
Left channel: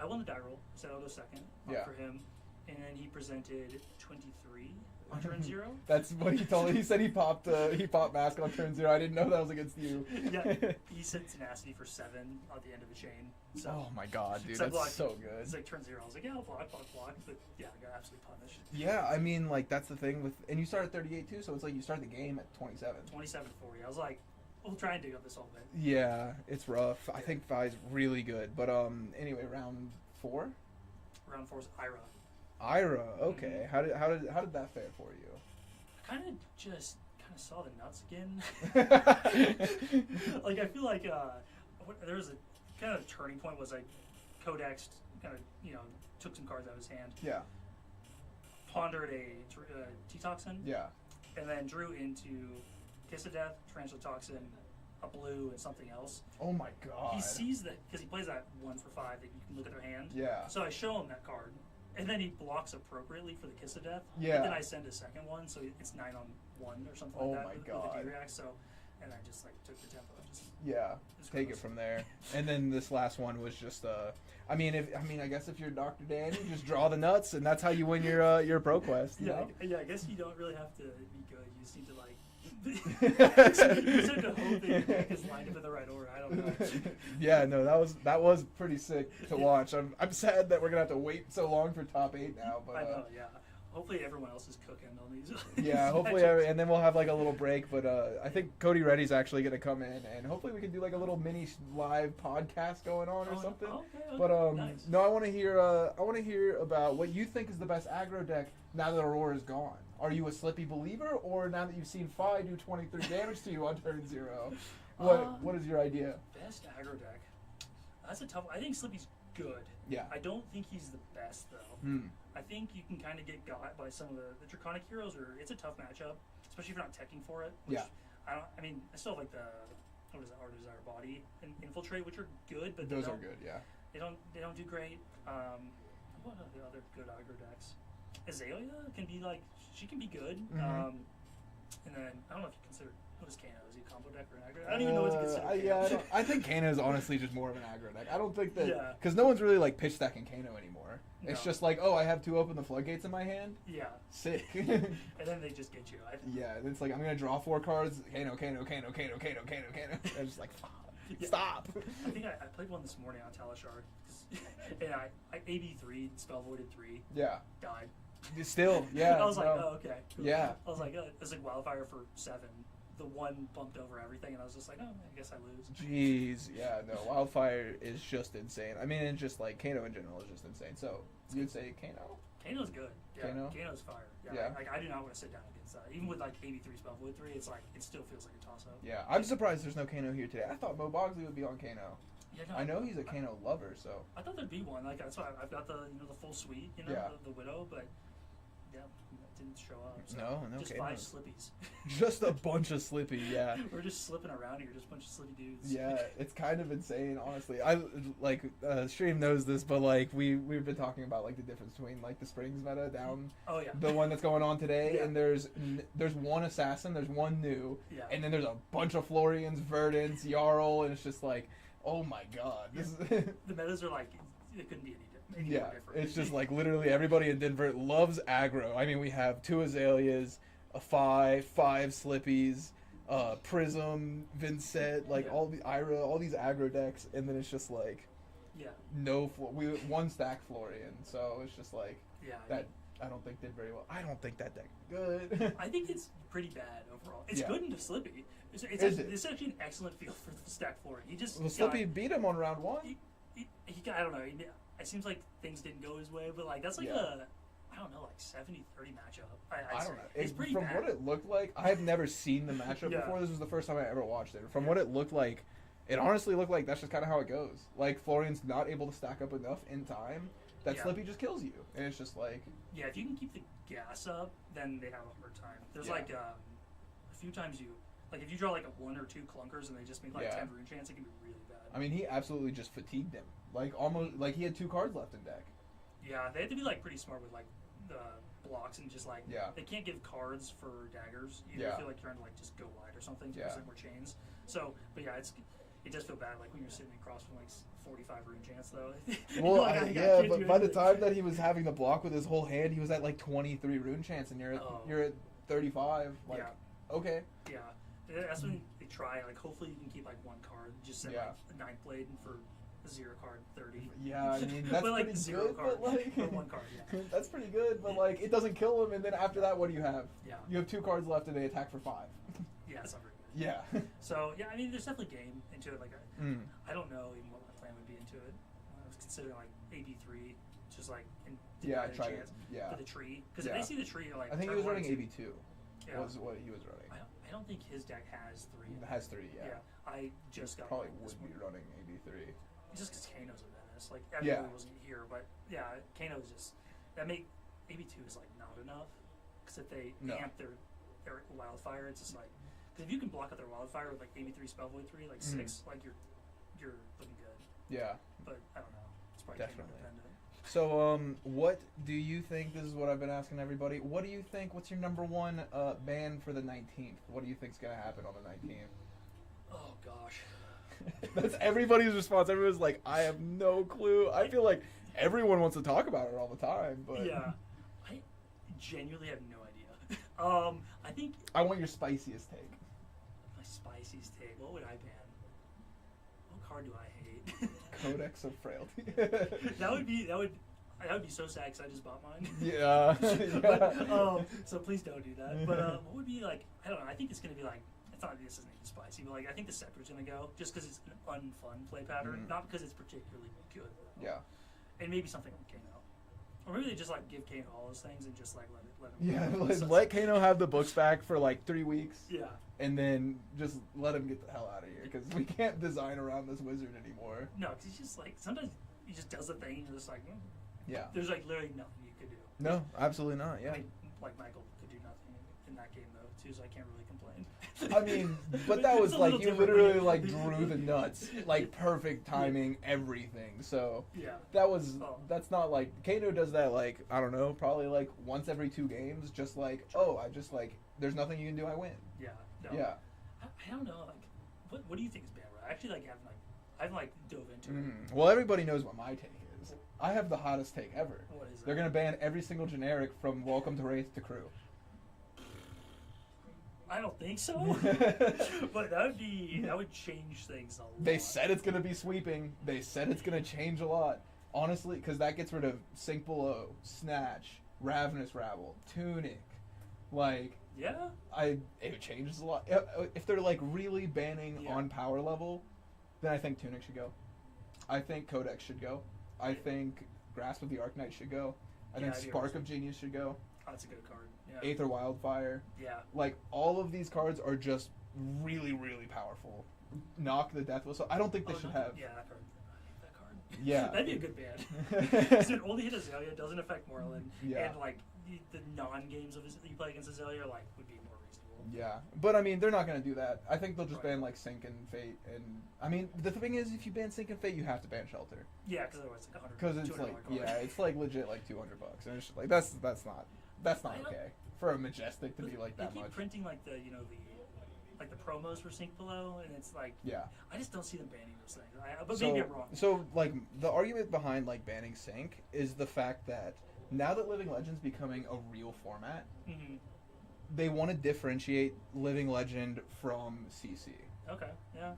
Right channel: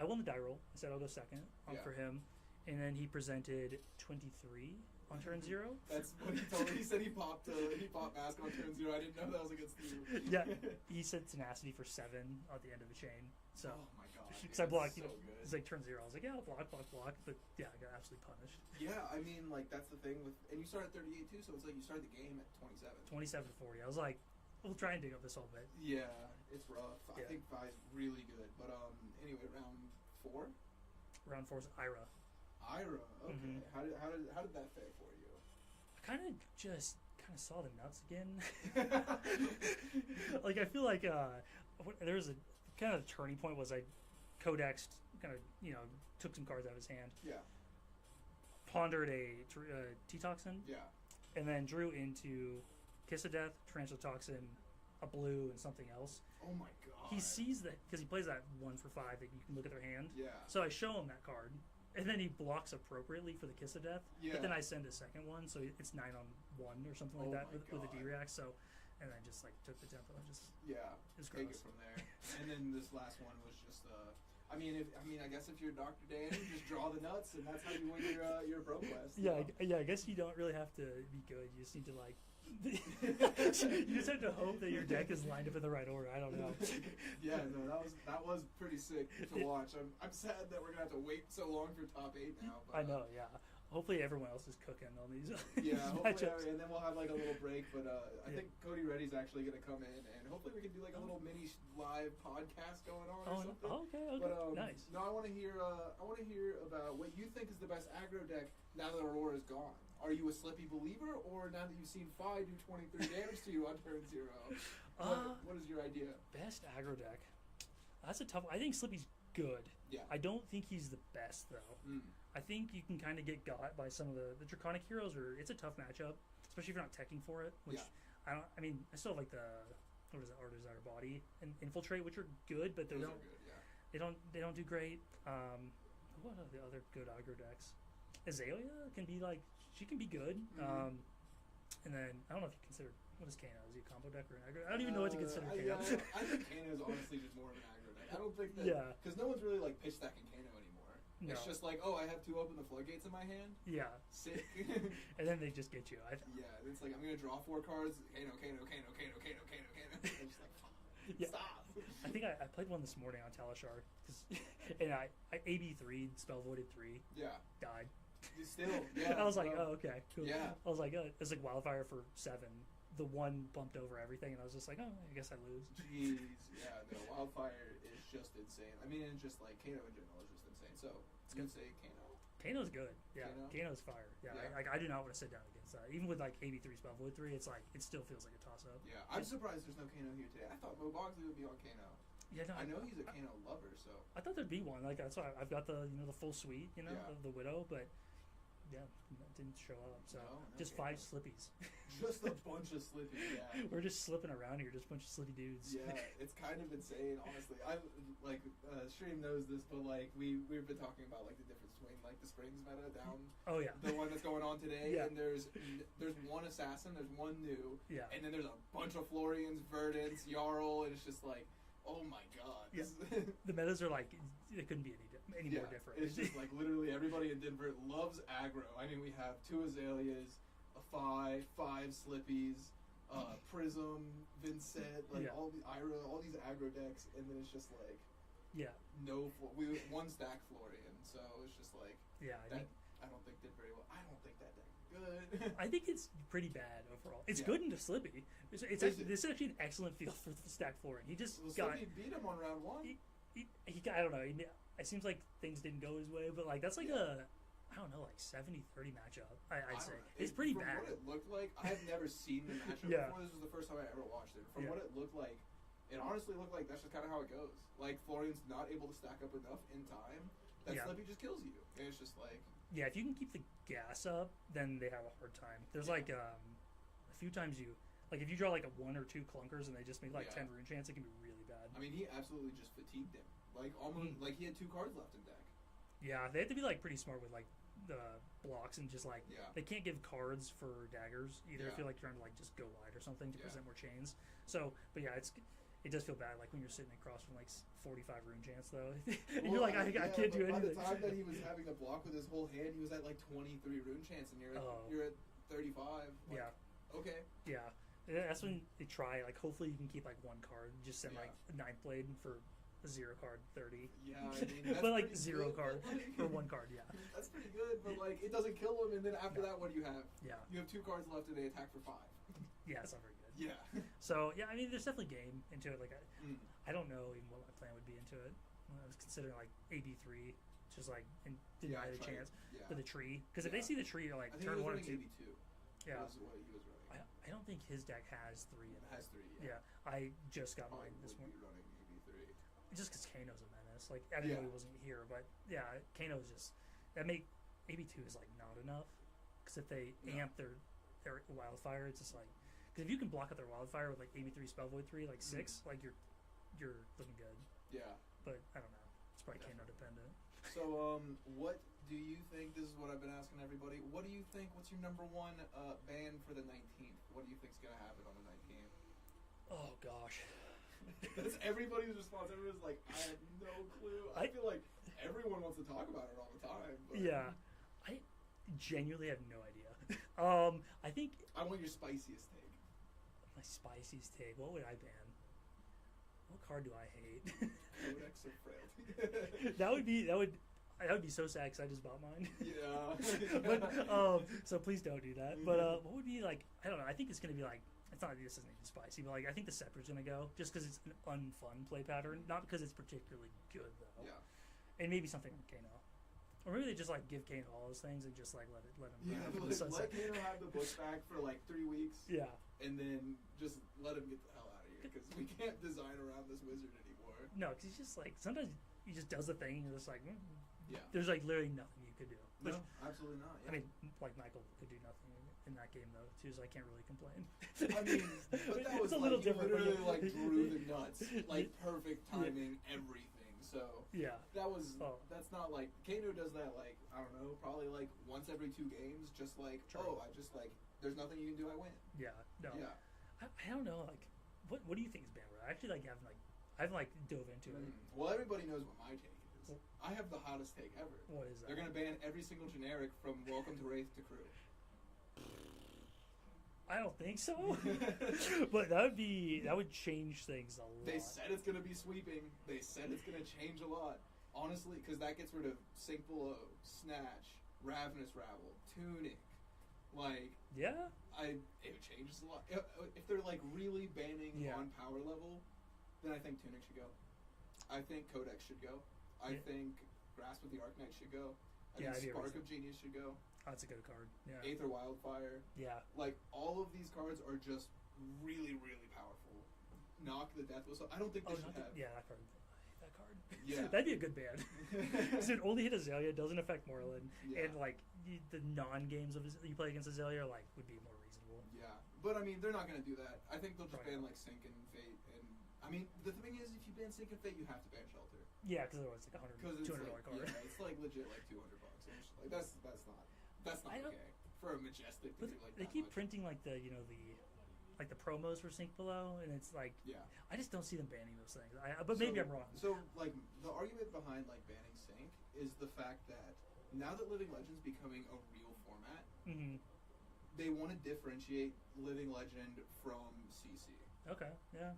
I won the die roll. I said I'll go second for him. And then he presented 23 on turn 0. That's what he told me. He said he popped mask on turn 0. I didn't know that was against you. Yeah, he said tenacity for 7 at the end of the chain. So, oh my god, dude, that's so good. It's like turn 0. I was like, yeah, I'll block. But yeah, I got absolutely punished. Yeah, I mean, like that's the thing with, and you start at 38 too, so it's like you start the game at 27. 27-40. I was like, we'll try and dig up this whole bit. Yeah, it's rough. Yeah. I think Fi's really good, but anyway, round 4. Round 4 is Ira. Okay. How did that fare for you? I kind of saw the nuts again. Like I feel like there was a kind of turning point was like Codexed kind of took some cards out of his hand. Yeah. pondered a T-Toxin, Yeah. and then drew into Kiss of Death, Tarantula Toxin, a blue, and something else. Oh my god. He sees that because he plays that 1 for 5 that you can look at their hand. Yeah. So I show him that card, and then he blocks appropriately for the Kiss of Death. Yeah. And then I send a second one, so it's 9 on 1 or something Oh like that my with god. the D-React. So, and I just like took the tempo and just Yeah. it's Take gross. it from there. And then this last one was just I guess if you're Dr. Dan, you just draw the nuts, and that's how you win your Proquest. Yeah, You know? I guess you don't really have to be good. You just need to like. You just have to hope that your deck is lined up in the right order. I don't know. Yeah, no, that was pretty sick to watch. I'm sad that we're gonna have to wait so long for top 8 now. But I know, yeah. Hopefully everyone else is cooking on these. yeah, hopefully, and then we'll have like a little break. But I think Cody Reddy's actually gonna come in, and hopefully we can do like a little mini live podcast going on or something. Okay. But nice. no, I want to hear about what you think is the best aggro deck now that Aurora's gone. Are you a Slippy believer, or now that you've seen Fi do 23 damage to you on turn 0? What is your idea? Best aggro deck. That's a tough. I think Slippy's good. Yeah. I don't think he's the best though. I think you can kind of get got by some of the Draconic heroes, where it's a tough matchup, especially if you're not teching for it. Which Yeah. I mean, I still like the what is it, Our Desire Body and Infiltrate, which are good, but Those are good. Yeah. They don't do great. What are the other good aggro decks? Aelia can be like, she can be good. And then I don't know if you consider, what is Kano? Is he a combo deck or an aggro? I don't even know what to consider. Kano. I think Kano is honestly just more of an aggro deck. I don't think that because Yeah. no one's really like pitch stacking Kano anymore. It's No. just like, oh, I have 2 open the floodgates in my hand. Yeah. Sick. And then they just get you. Yeah, it's like I'm gonna draw 4 cards. Kano. I'm just like, stop. I think I played one this morning on Talishar, and I AB3, spell voided 3, Yeah. died. Still, yeah. I was like, no. oh, okay, cool. Yeah. I was like, it was like Wildfire for 7. The 1 bumped over everything, and I was just like, oh, I guess I lose. Jeez, yeah, no, Wildfire is just insane. I mean, it's just like Kano in general is just insane. So you'd say Kano? Kano's good. Yeah, Kano? Kano's fire. Yeah. Like I do not want to sit down against that. Even with like AB3 spell void 3, it's like it still feels like a toss up. Yeah, I'm surprised there's no Kano here today. I thought Mo Bogsley would be on Kano. Yeah, no, I know he's a Kano lover, so. I thought there'd be one. Like that's why I've got the the full suite, Yeah. the Widow, but yeah, that didn't show up. So No just Kano. 5 Slippies. Just a bunch of Slippy, yeah. We're just slipping around here, just a bunch of Slippy dudes. Yeah, it's kind of insane, honestly. I like Stream knows this, but like we've been talking about like the difference between like the Springs meta down Oh yeah. the one that's going on today, Yeah. and there's 1 assassin, there's 1 new, Yeah. and then there's a bunch of Florians, Verdance, Jarl, and it's just like, oh my god, this is The metas are like it couldn't be any yeah, more different. it's just like literally everybody in Denver loves aggro. I mean, we have 2 Azaleas, a 5 Slippies, Prism, Vincent, like Yeah. all the Ira, all these aggro decks, and then it's just like yeah. we 1 stack Florian, so it's just like Yeah. that. I don't think did very well. I don't think that deck good. I think it's pretty bad overall. It's Yeah. good into Slippy. It's Is it? it's actually an excellent field for the stack floor. He just Well, got, Slippy beat him on round 1. he got, I don't know. It seems like things didn't go his way, but like that's like Yeah. I don't know, like 70-30 matchup. I I'd say. don't know. It's pretty from bad. what it looked like, I've never seen the matchup Yeah. before. This was the first time I ever watched it. From Yeah. what it looked like, it honestly looked like that's just kind of how it goes. Like Florian's not able to stack up enough in time that Yeah. Slippy just kills you, and it's just like Yeah, if you can keep the gas up, then they have a hard time. There's Yeah. like a few times if you draw like a 1 or 2 clunkers and they just make like Yeah. 10 rune chance, it can be really bad. I mean, he absolutely just fatigued him. Like almost like he had 2 cards left in deck. Yeah, they have to be like pretty smart with like the blocks and just like Yeah. they can't give cards for daggers. You Yeah. feel like you're trying to like just go wide or something to Yeah. present more chains. So, but yeah, it does feel bad like when you're sitting across from like 45 rune chance though. You're Well, like, I yeah, can't but do by the anything. time that he was having the block with his whole hand, he was at like 23 rune chance, and Oh. you're at 35. Like, Yeah. okay. Yeah, that's when they try. Like, hopefully you can keep like 1 card. Just send Yeah. like 9th blade for a 0 card 30. Yeah, I mean that's but like pretty 0 good, card but, like, or 1 card. Yeah, that's pretty good, but like it doesn't kill him, and then after that, what do you have? yeah, You have 2 cards left, and they attack for 5. yeah. It's not very good. Yeah. So yeah, I mean, there's definitely game into it. Like, Mm. I don't know even what my plan would be into it. I was considering like AB3, just like Yeah, I deny the tried it. chance Yeah. for the tree. Because Yeah. if they see the tree, like I think he turn was 1 running and 2 AB2. Yeah. Was what he was running. I don't think his deck has 3. It has 3. Yeah. Yeah, I just got Probably this would be one. running AB3. Just because Kano's a menace. Like, Yeah. Aelia wasn't here, but yeah, Kano's just that make AB2 is like not enough because if they No. amp their wildfire, it's just like because if you can block out their wildfire with like AB3 spell void 3 like 6, like you're looking good. Yeah. But I don't know. It's probably kind of Definitely. dependent. So, what do you think? This is what I've been asking everybody. What do you think? What's your number one ban for the 19th? What do you think's gonna happen on the 19th? Oh gosh. That's everybody's response. Everyone's like, I have no clue. I feel like everyone wants to talk about it all the time, but Yeah, I genuinely have no idea. I think I want your spiciest take. my spiciest take. What would I ban? What card do I hate? Codex of Frailty. that would be so sad because I just bought mine. Yeah. So please don't do that. But what would be like? I don't know. I think it's gonna be like. It's not like this isn't even spicy, but like I think the Scepter's gonna go just because it's an unfun play pattern, not because it's particularly good. Though. Yeah. And maybe something like Kano, or maybe they just like give Kano all those things and just like let him. Yeah, go. So it's let Kano have the books back for like 3 weeks. Yeah. And then just let him get the hell out of here because we can't design around this wizard anymore. No, because he's just like sometimes he just does a thing and you're just like, Yeah. There's like literally nothing you could do. No, absolutely not. Yeah. I mean, like Michael could do nothing in that game though too, so I can't really complain. I mean, but that was It's a like little you different, literally but- like drew the nuts, like perfect timing, everything. So Yeah. that was Oh. that's not like Kano does that like I don't know, probably like once every 2 games, just like oh I just like there's nothing you can do, I win. Yeah. No. Yeah. I don't know. Like, what do you think is bad? I actually like haven't dove into it. Well, everybody knows what my take is. I have the hottest take ever. What is They're that? gonna ban every single generic from Welcome to Wraith to Crew. I don't think so. But that would change things a lot. They said it's gonna be sweeping. They said it's gonna change a lot. Honestly, because that gets rid of Sink Below, Snatch, Ravenous Rabble, Tunic. Like, Yeah. it changes a lot. If they're like really banning Yeah. on power level, then I think Tunic should go. I think Codex should go. I think Grasp of the Arknight should go. I think I do Spark also. of Genius should go. Oh, that's a good card. Yeah. Aether Wildfire. Yeah. Like, all of these cards are just really, really powerful. Knock the Death Whistle. I don't think they should have. Yeah, that card. I hate that card. Yeah. That'd be a good ban. Because it only hit Aelia, doesn't affect Moreland, Yeah. and like the non-games of you play against Aelia like would be more reasonable. Yeah, but I mean, they're not going to do that. I think they'll just Right. ban like Sync and Fate, and I mean, the thing is, if you ban Sync and Fate, you have to ban Shelter Yeah, because otherwise it's like because $100, it's $200 like card. it's like legit like $200, and it's just like that's not I don't- okay for a Majestic to But be like they that keep much. printing like the like the promos for Sink Below, and it's like Yeah. I just don't see them banning those things. But So, maybe I'm wrong. so like the argument behind like banning Sync is the fact that now that Living Legend's becoming a real format, Hmm. they want to differentiate Living Legend from CC. Okay, yeah,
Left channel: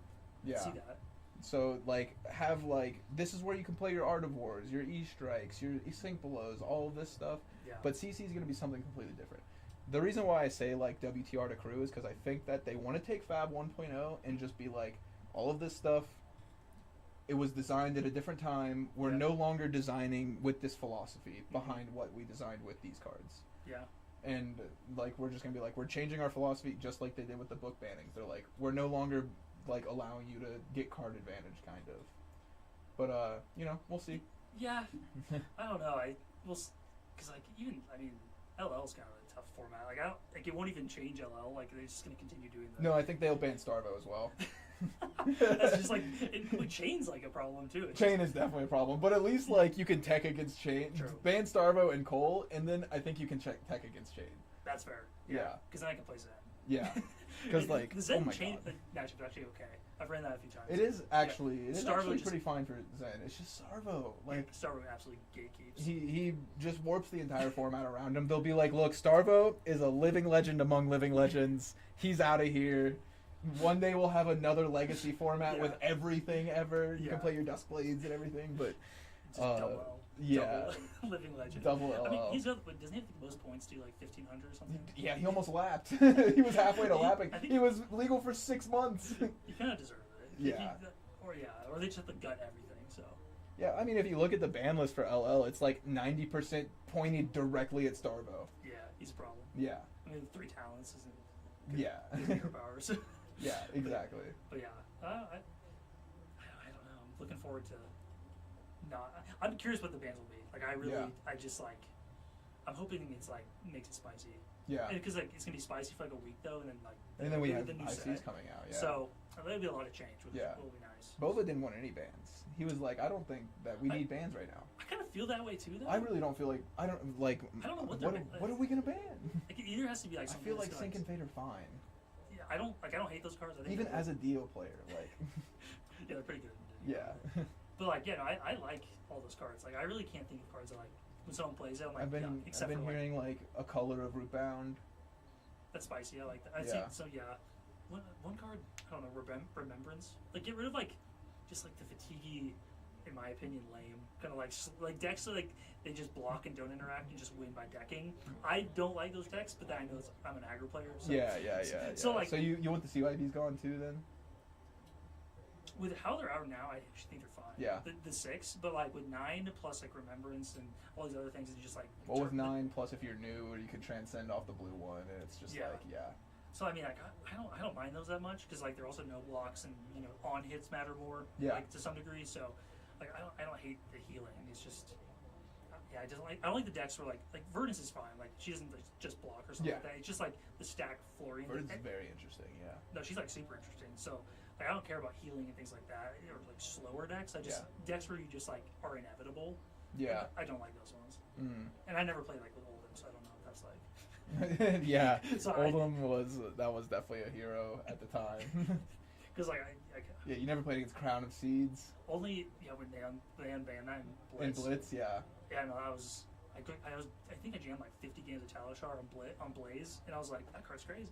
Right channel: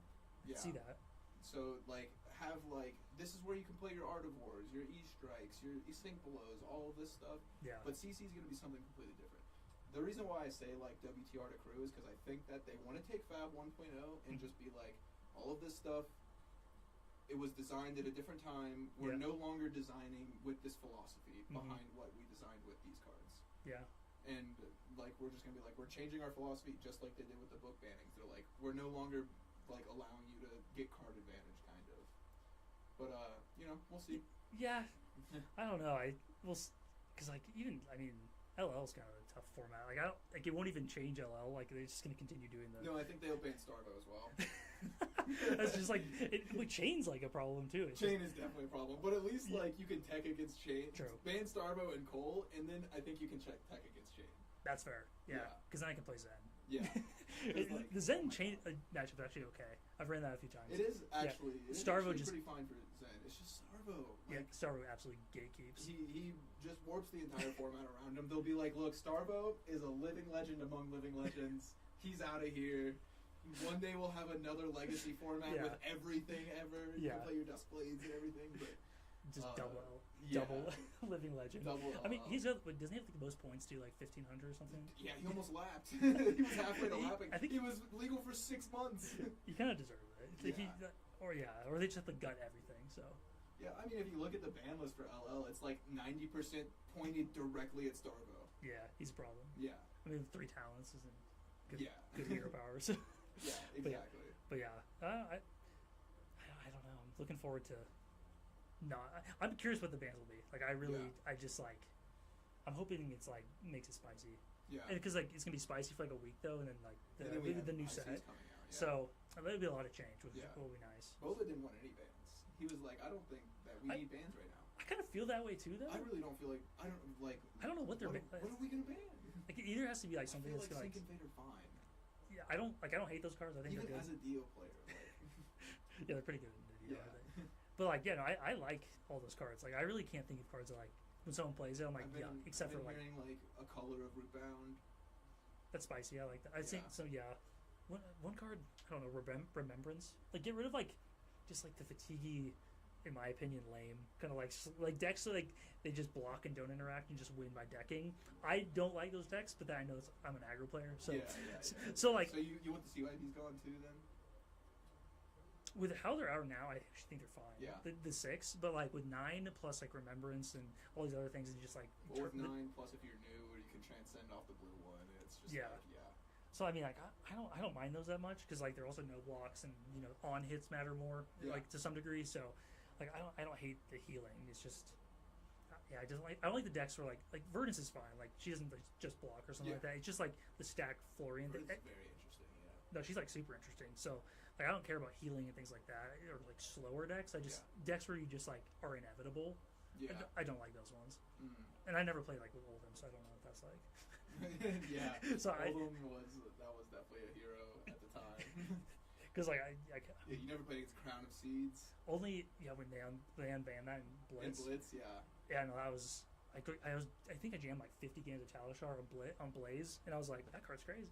Yeah. see that. So like have like this is where you can play your Art of Wars, your E Strikes, your Sync Belows, all of this stuff. Yeah, But CC is going to be something completely different. The reason why I say like WTR to Crew is because I think that they want to take Fab 1.0 and just be like all of this stuff. It was designed at a different time. We're Yeah. no longer designing with this philosophy behind what we designed with these cards. yeah, And like we're just gonna be like we're changing our philosophy just like they did with the book bannings. They're like we're no longer like allowing you to get card advantage kind of. But you know, we'll see. yeah. I don't know. Because like even LL's kind of a tough format. Like I don't like it won't even change LL. Like they're just gonna continue doing that. No, I think they'll ban Starvo as well. That's just like Chain's like a problem too. It's Chain is definitely a problem, but at least like you can tech against Chain, True. ban Starvo and Cole, and then I think you can check tech against Chain. That's fair. Yeah. Because then I can play Zen. Yeah, because like Zen oh my Chain god, matchup is actually okay. I've ran that a few times. it is actually Starvo just- pretty fine for Zen. It's just Starvo, like Starvo absolutely gatekeeps. he just warps the entire format around him. They'll be like, look, Starvo is a living legend among living legends. He's out of here. One day we'll have another legacy format Yeah. with everything ever. You Yeah. can play your Dusk Blades and everything, but Just double L. yeah. Double Living Legend. double LL. I mean, doesn't he have the most points too, like 1,500 or something? Yeah, he almost lapped. He was halfway to lapping. I think- He was legal for 6 months. He kind of deserved it. Yeah. Or they just have to gut everything. So Yeah, I mean, if you look at the ban list for LL, it's like 90% pointed directly at Starvo. yeah, he's a problem. Yeah. I mean, 3 talents isn't good. Yeah. Good hero powers. Yeah, exactly. But yeah, I don't know. I'm looking forward to. I'm curious what the bands will be. Like I really, Yeah. I'm hoping it's like makes it spicy. Yeah. Because like it's gonna be spicy for like a week though, and then like And then we have the new ICs set. coming out. Yeah. So that'll be a lot of change, which Yeah. will be nice. Boba didn't want any bans. He was like, I don't think that we need bans right now. I kind of feel that way too, though. I really don't feel like I don't know what they're what are we gonna ban? Like, it either has to be like I something. feel like that's Sync gonna, and Fate are fine. Yeah, I don't hate those cards. I think Even they're- as a Dio player, like yeah, they're pretty good. yeah. But like, yeah, no, I like all those cards. Like, I really can't think of cards that like when someone plays it, I'm like, I've been yeah, except I've been for hearing like a color of Rootbound. that's spicy. I like that. I'd Yeah. say so. Yeah, one card. I don't know. Remembrance. Like, get rid of like just like the fatiguey, in my opinion, lame kind of like decks that like they just block and don't interact. You just win by decking. I don't like those decks, but then I know I'm an aggro player. So Yeah. So like so you want the CYBs gone too then? with how they're out now, I actually think they're fine. Yeah. The 6, but like with 9 plus like Remembrance and all these other things, and just like Well, with 9 plus if you're new, or you can transcend off the blue one, and it's just Yeah. like yeah. So I mean, like I don't mind those that much because like they're also no blocks and on hits matter more. Yeah. Like to some degree. So like I don't hate the healing. It's just I don't like the decks where like Verdance is fine. Like she doesn't like, just block or something Yeah. like that. It's just like the stacked Florian. Verdance is very interesting. Yeah. No, she's like super interesting. So like I don't care about healing and things like that or like slower decks. I just decks where you just like are inevitable. Yeah. I don't like those ones. Mm. And I never played like with Oldham, so I don't know if that's like. Yeah. So Oldham was definitely a hero at the time. Because like I Yeah, you never played against Crown of Seeds only when they unbanned that in and Blitz. Blitz. Yeah. Yeah, no, I think I jammed like 50 games of Talishar on Blaze, and I was like, that card's crazy.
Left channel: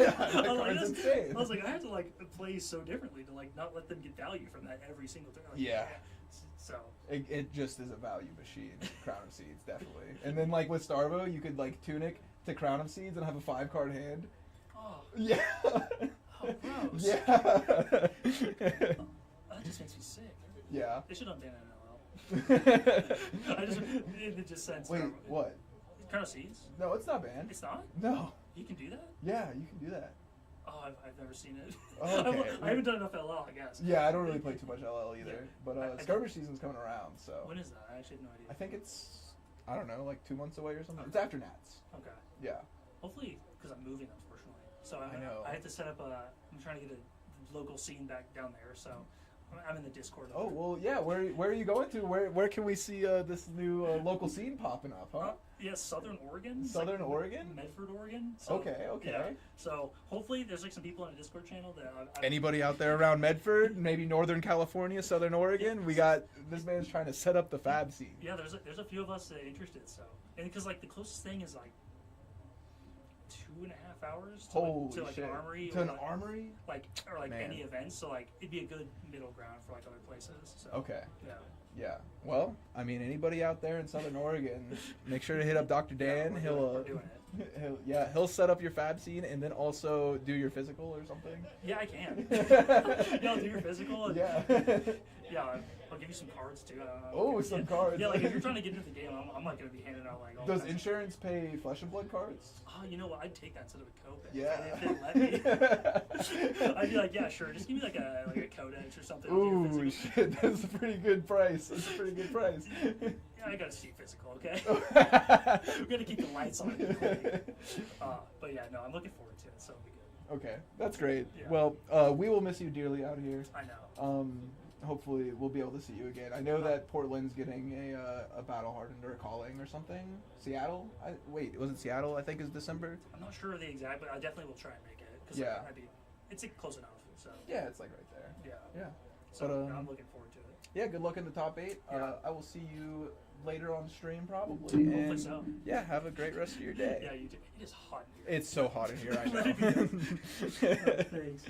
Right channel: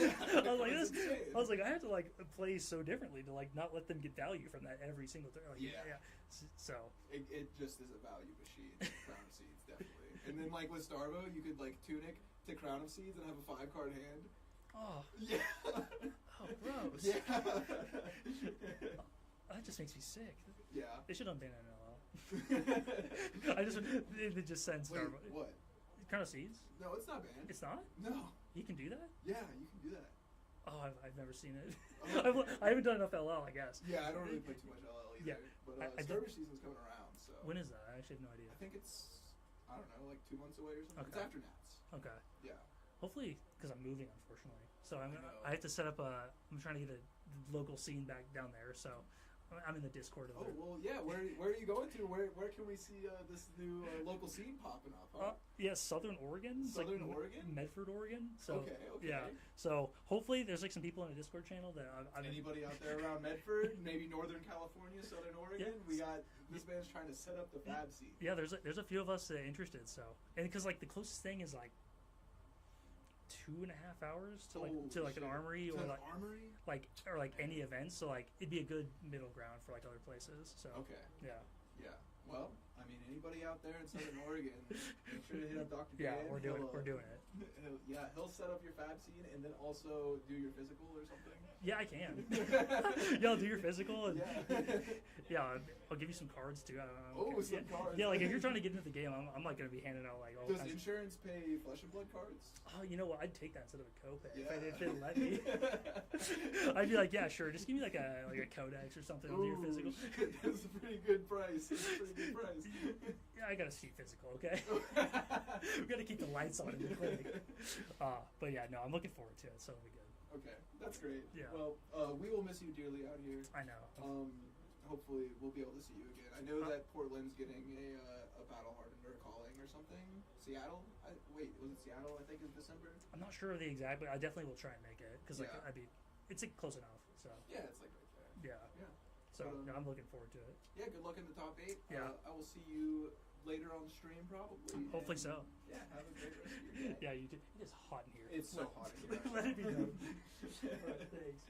Yeah, I, that was like, card's insane. I was like, I have to like play so differently to like not let them get value from that every single turn. Like, Yeah. So It just is a value machine. Crown of Seeds, definitely. And then like with Starvo, you could like Tunic to Crown of Seeds and have a 5-card hand. oh, Yeah. how gross. Yeah. That just makes me sick. Yeah. They should unban NLL. It just sends. Wait, what? Crown of Seeds? No, it's not banned. It's not. No. You can do that. Yeah, you can do that. Oh, I've never seen it. Okay. I haven't done enough LL, I guess. Yeah, I don't really play too much LL either. Yeah. But I skirmish season's coming around, so. When is that? I actually have no idea. I think it's, I don't know, like 2 months away or something. It's after Nats. Okay. Yeah. Hopefully, because I'm moving, unfortunately. So I know. I have to set up I'm trying to get a local scene back down there. So I'm in the Discord. Oh well, yeah. Where are you going to? Where can we see this new local scene popping up? Huh? Yeah, Southern Oregon. It's Southern like Oregon. Medford, Oregon. So, Okay. Yeah. So hopefully there's like some people in the Discord channel that Anybody out there around Medford, maybe Northern California, Southern Oregon? We got this man's trying to set up the fab scene. Yeah, there's a few of us interested. So and because like the closest thing is like 2.5 hours to like an armory To or an like, armory? or like Man. any events. So like it'd be a good middle ground for like other places. So Okay. yeah. Yeah. Well, I mean, anybody out there in Southern Oregon, make sure to hit up Dr. Dan. Yeah, we're he'll doing it. he'll set up your fab scene and then also do your physical or something. Yeah, I can. Yeah, I'll do your physical. And, Yeah. Yeah, I'll give you some cards too. Oh, some cards. Yeah, like if you're trying to get into the game, I'm not gonna be handing out like all. Does kinds of- insurance pay Flesh and Blood cards? Oh, you know what? I'd take that instead of a copay. Yeah. If they let me. I'd be like, yeah, sure. Just give me like a codex or something. I'll do your Ooh, physical. shit, that's a pretty good price. That's a pretty good price. Yeah, I gotta see physical, okay? We're gonna keep the lights on. But yeah, no, I'm looking forward to it. So it'll be good. Okay, that's great. Yeah. Well, we will miss you dearly out here. I know. Hopefully we'll be able to see you again. I know that Portland's getting a battle hardened or a calling or something. Seattle? Wait, was it Seattle? I think is December. I'm not sure of the exact, but I definitely will try and make it because Yeah. it's close enough. So Yeah, it's like right there. yeah. Yeah. So But, I'm looking forward to it. Yeah, good luck in the top 8. Yeah. I will see you later on stream probably. Hopefully and so. Yeah, have a great rest of your day. Yeah, you do. It is hot in here. It's so hot in here, I Let it be know. Thanks.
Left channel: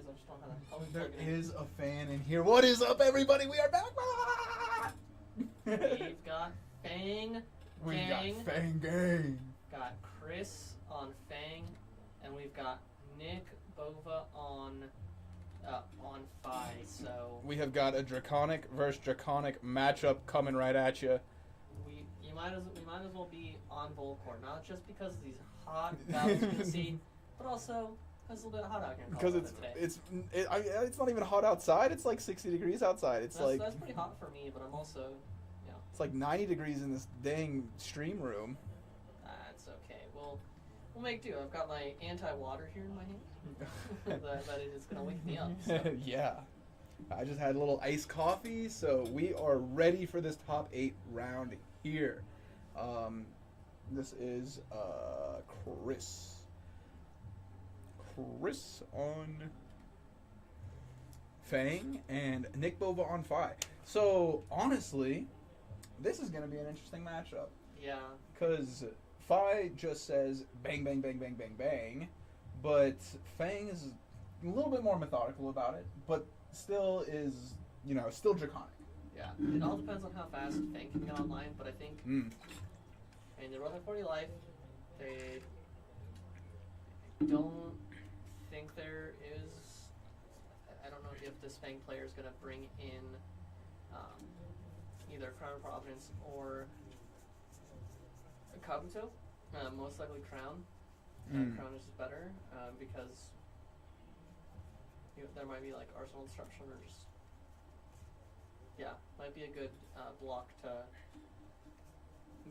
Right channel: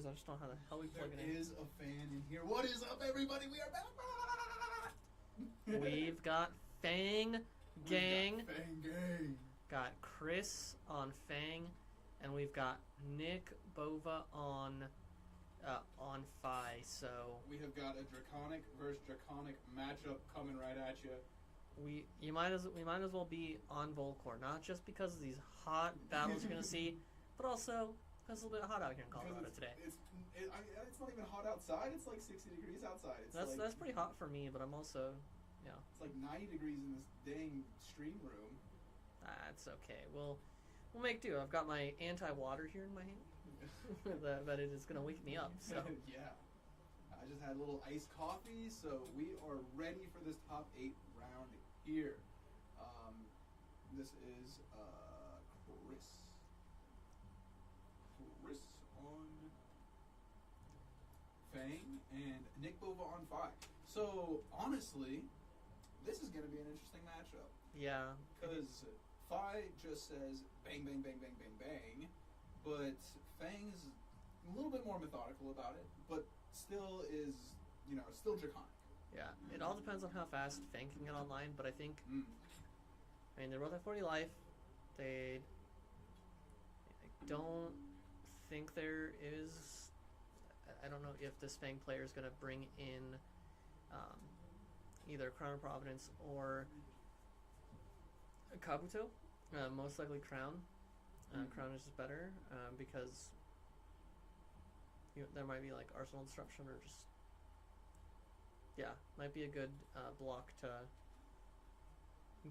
is. I just don't know how the hell we There plug it in. is a fan in here. What is up, everybody? We are back. We've got Fang We Gang. got Fang Gang. Got Chris on Fang, and we've got Nick Bova on Phi. So We have got a draconic versus draconic matchup coming right at you. we might as well be on Volcor, not just because of these hot battles we're gonna see, but also because it's a little bit hot out here in Because Colorado today. it's not even hot outside. It's like 60 degrees outside. It's That's pretty hot for me, but I'm also, it's like 90 degrees in this dang stream room. That's okay. We'll make do. I've got my anti-water here in my hand. that it is gonna wake me up. So. Yeah. I just had a little iced coffee, so we are ready for this top 8 round here. This is Chris. Chris on Fang and Nick Bova on Phi. So honestly, this is going to be an interesting matchup. Yeah. Because Phi just says bang, bang, bang, bang, bang, bang, but Fang is a little bit more methodical about it, but still is, still draconic. Yeah. It all depends on how fast Fang can get online, but I think, they're both at 40 life. I don't think there is. I don't know if this Fang player is going to bring in either Crown of Providence or Kabuto. Most likely Crown. Crown is just better because there might be like Arsenal Disruption or just might be a good block to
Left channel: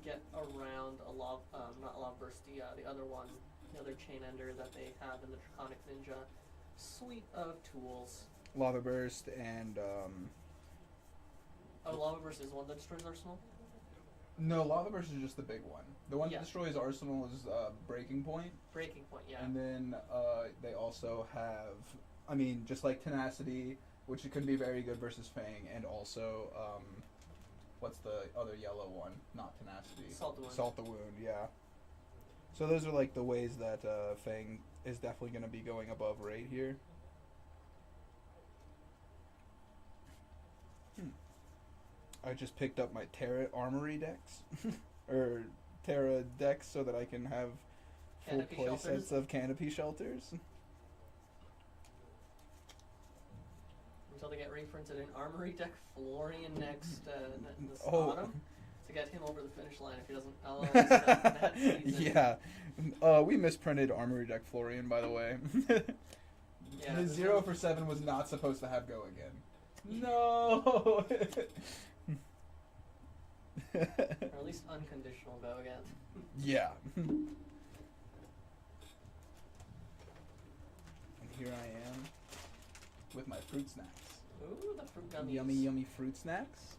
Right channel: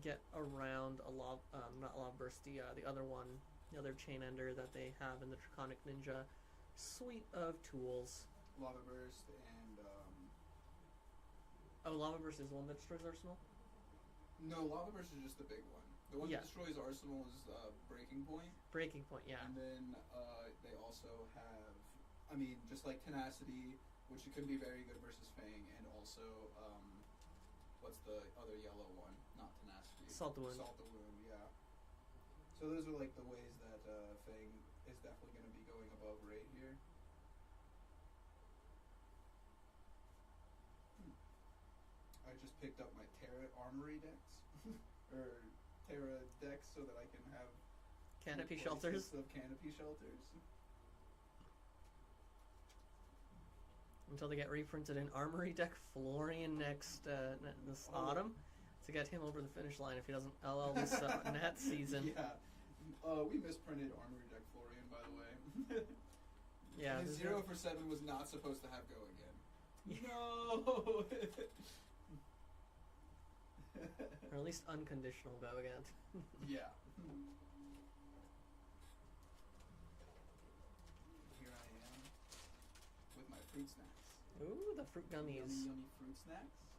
get around not Lava Burst, the other one, the other Chain Ender that they have in the Draconic Ninja suite of tools. Lava Burst and Lava Burst is the one that destroys Arsenal? No, Lava Burst is just the big one. The one Yeah. that destroys Arsenal is Breaking Point. Breaking Point, yeah. And then they also have, just like Tenacity, which it can be very good versus Fang, and also, what's the other yellow one? Not Tenacity. Salt the Wound. Salt the Wound, yeah. So those are like the ways that Fang is definitely going to be going above rate here. I just picked up my Terra Armory decks, or Terra decks, so that I can have Canopy full play shelters. sets of canopy shelters. Until they get reprinted in Armory deck Florian next this Oh. autumn to get him over the finish line if he doesn't LL stuff in that season. Yeah, we misprinted Armory deck Florian, by the way. Yeah, His this 0 is- for 7 was not supposed to have go again. No. Or at least unconditional go again. Yeah. And here I am with my fruit snacks. Ooh, the fruit gummies. Yummy, yummy fruit snacks.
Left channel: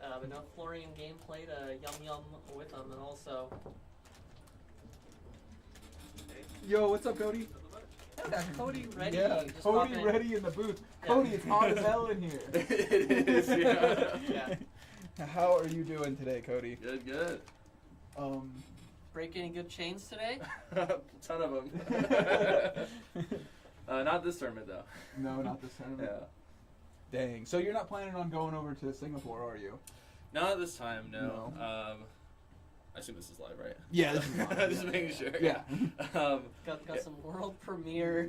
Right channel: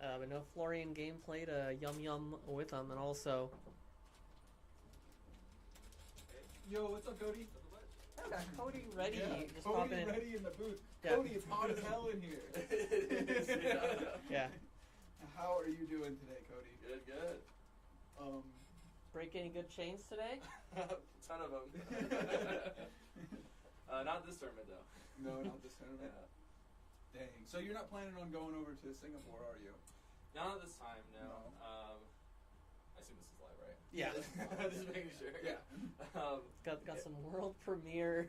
But no Florian game played Yum Yum with them, and also Yo, what's up, Cody? Cody ready. Yeah, just Cody popping in. ready in the booth. Yeah. Cody, it's hot as hell in here. It is, yeah. Yeah. How are you doing today, Cody? Good. Break any good chains today? Ton of them. Not this tournament though. No, not this tournament. Yeah. Dang. So you're not planning on going over to Singapore, are you? Not this time, no. No. I assume this is live, right? Yeah, this is live, Just yeah. making sure. Yeah. Got some world premiere.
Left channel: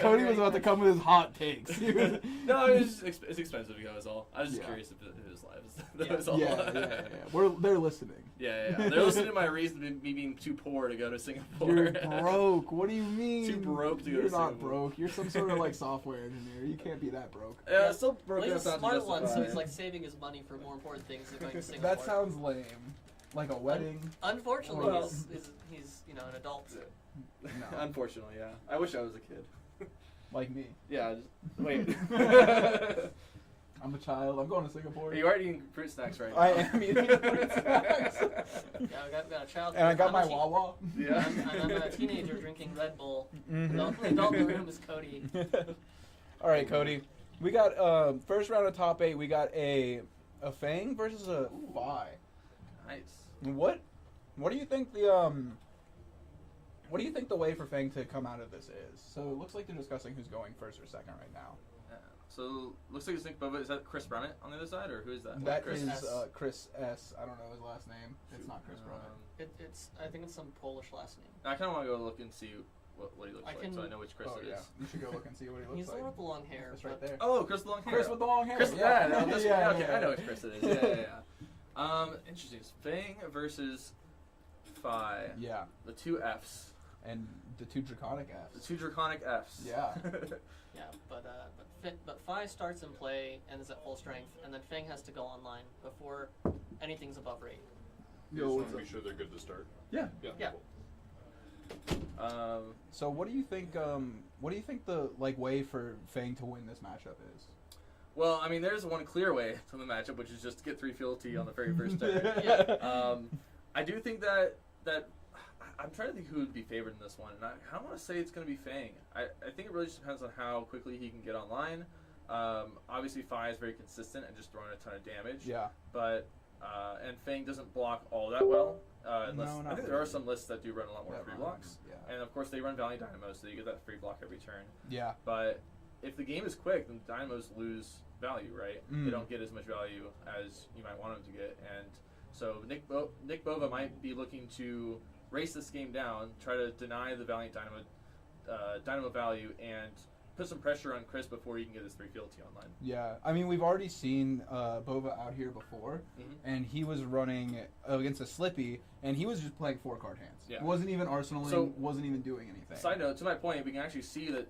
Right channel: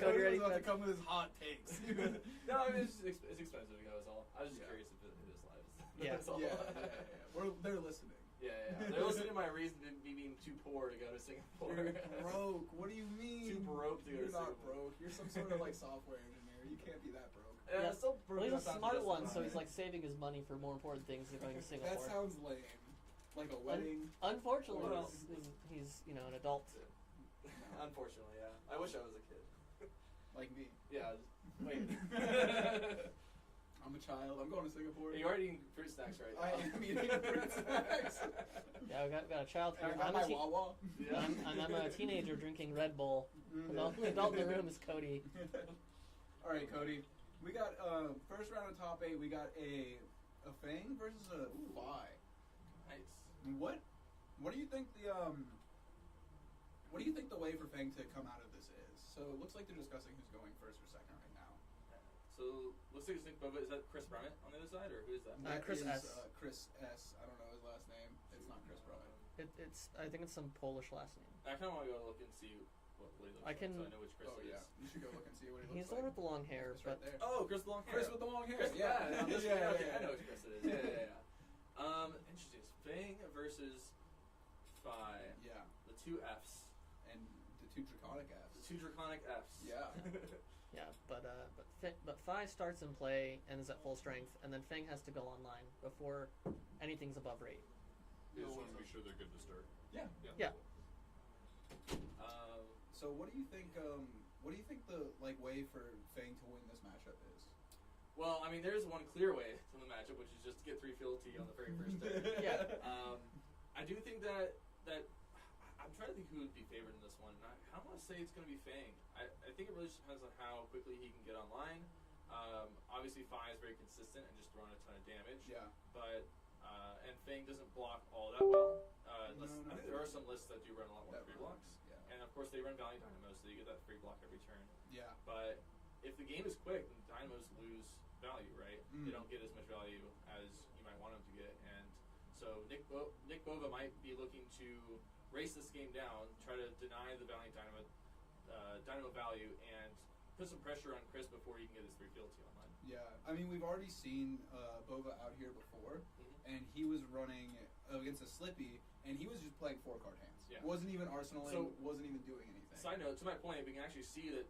Cody was about to come with his hot takes. No, it's expensive to go is all. I was just Yeah. curious if it was live. Yeah. That was all. Yeah. They're listening. Yeah. They're listening to my reason to me being too poor to go to Singapore. You're broke. What do you mean? Too broke to go You're to not Singapore. broke. You're some sort of like software engineer. You can't be that broke. Yeah, still broke Well, he's enough a not to smart one, so justify he's it. like saving his money for more important things than going to Singapore. That sounds lame. Like a wedding. Unfortunately, Well- he's an adult. No. Unfortunately, yeah. I wish I was a kid. Like me. Yeah, just wait. I'm a child. I'm going to Singapore. You are eating fruit snacks right now. I am eating fruit snacks. Yeah, we got a child. And I got I'm my a Wawa. Yeah. I'm a teenager drinking Red Bull. Mhm. The only adult in the room is Cody. All right, Cody. We got first round of top 8. We got a Fang versus a Phi. Nice. What do you think the What do you think the way for Fang to come out of this is? So it looks like they're discussing who's going first or second right now. So looks like it's Nick Bova. Is that Chris Brummett on the other side, or who is that? That Chris is S. Chris S. I don't know his last name. It's not Chris Brummett. I think it's some Polish last name. I kind of want to go look and see what he looks I like, so I know which Chris Oh it yeah, is. you should go look and see what he looks He's like. the one with the long hair. It's right there. Oh, Chris with the long hair. Chris with the long hair. Chris, yeah. no, this Yeah, okay, yeah. I know which Chris it is. Yeah. Interesting. It's Fang versus Phi. Yeah, The two Fs. and the two draconic The Fs. two draconic Fs. Yeah. Yeah, but Phi starts in play and is at full strength, and then Fang has to go online before anything's above rate. You just want to be sure they're good to start. Yeah. Yeah. So what do you think? What do you think the way for Fang to win this matchup is? Well, I mean, there's one clear way to the matchup, which is just to get 3 fealty on the very first turn. Yeah. I do think that I'm trying to think who would be favored in this one, and I want to say it's going to be Fang. I think it really just depends on how quickly he can get online. Obviously, Phi is very consistent and just throwing a ton of damage. Yeah. But and Fang doesn't block all that well. Unless, No, I not think there are really. some lists that do run a lot more Yeah, free run, blocks. yeah. And of course, they run Valiant Dynamo, so you get that free block every turn. Yeah. But if the game is quick, then Dynamos lose value, right? They don't get as much value as you might want them to get. And so Nick Bova might be looking to race this game down, try to deny the Valiant Dynamo value, and put some pressure on Chris before he can get his 3 fealty online. Yeah, I mean, we've already seen Bova out here before, and he was running against a Slippy, and he was just playing 4-card hands. Yeah. Wasn't even arsenaling, So- wasn't even doing anything. Side note, to my point, we can actually see that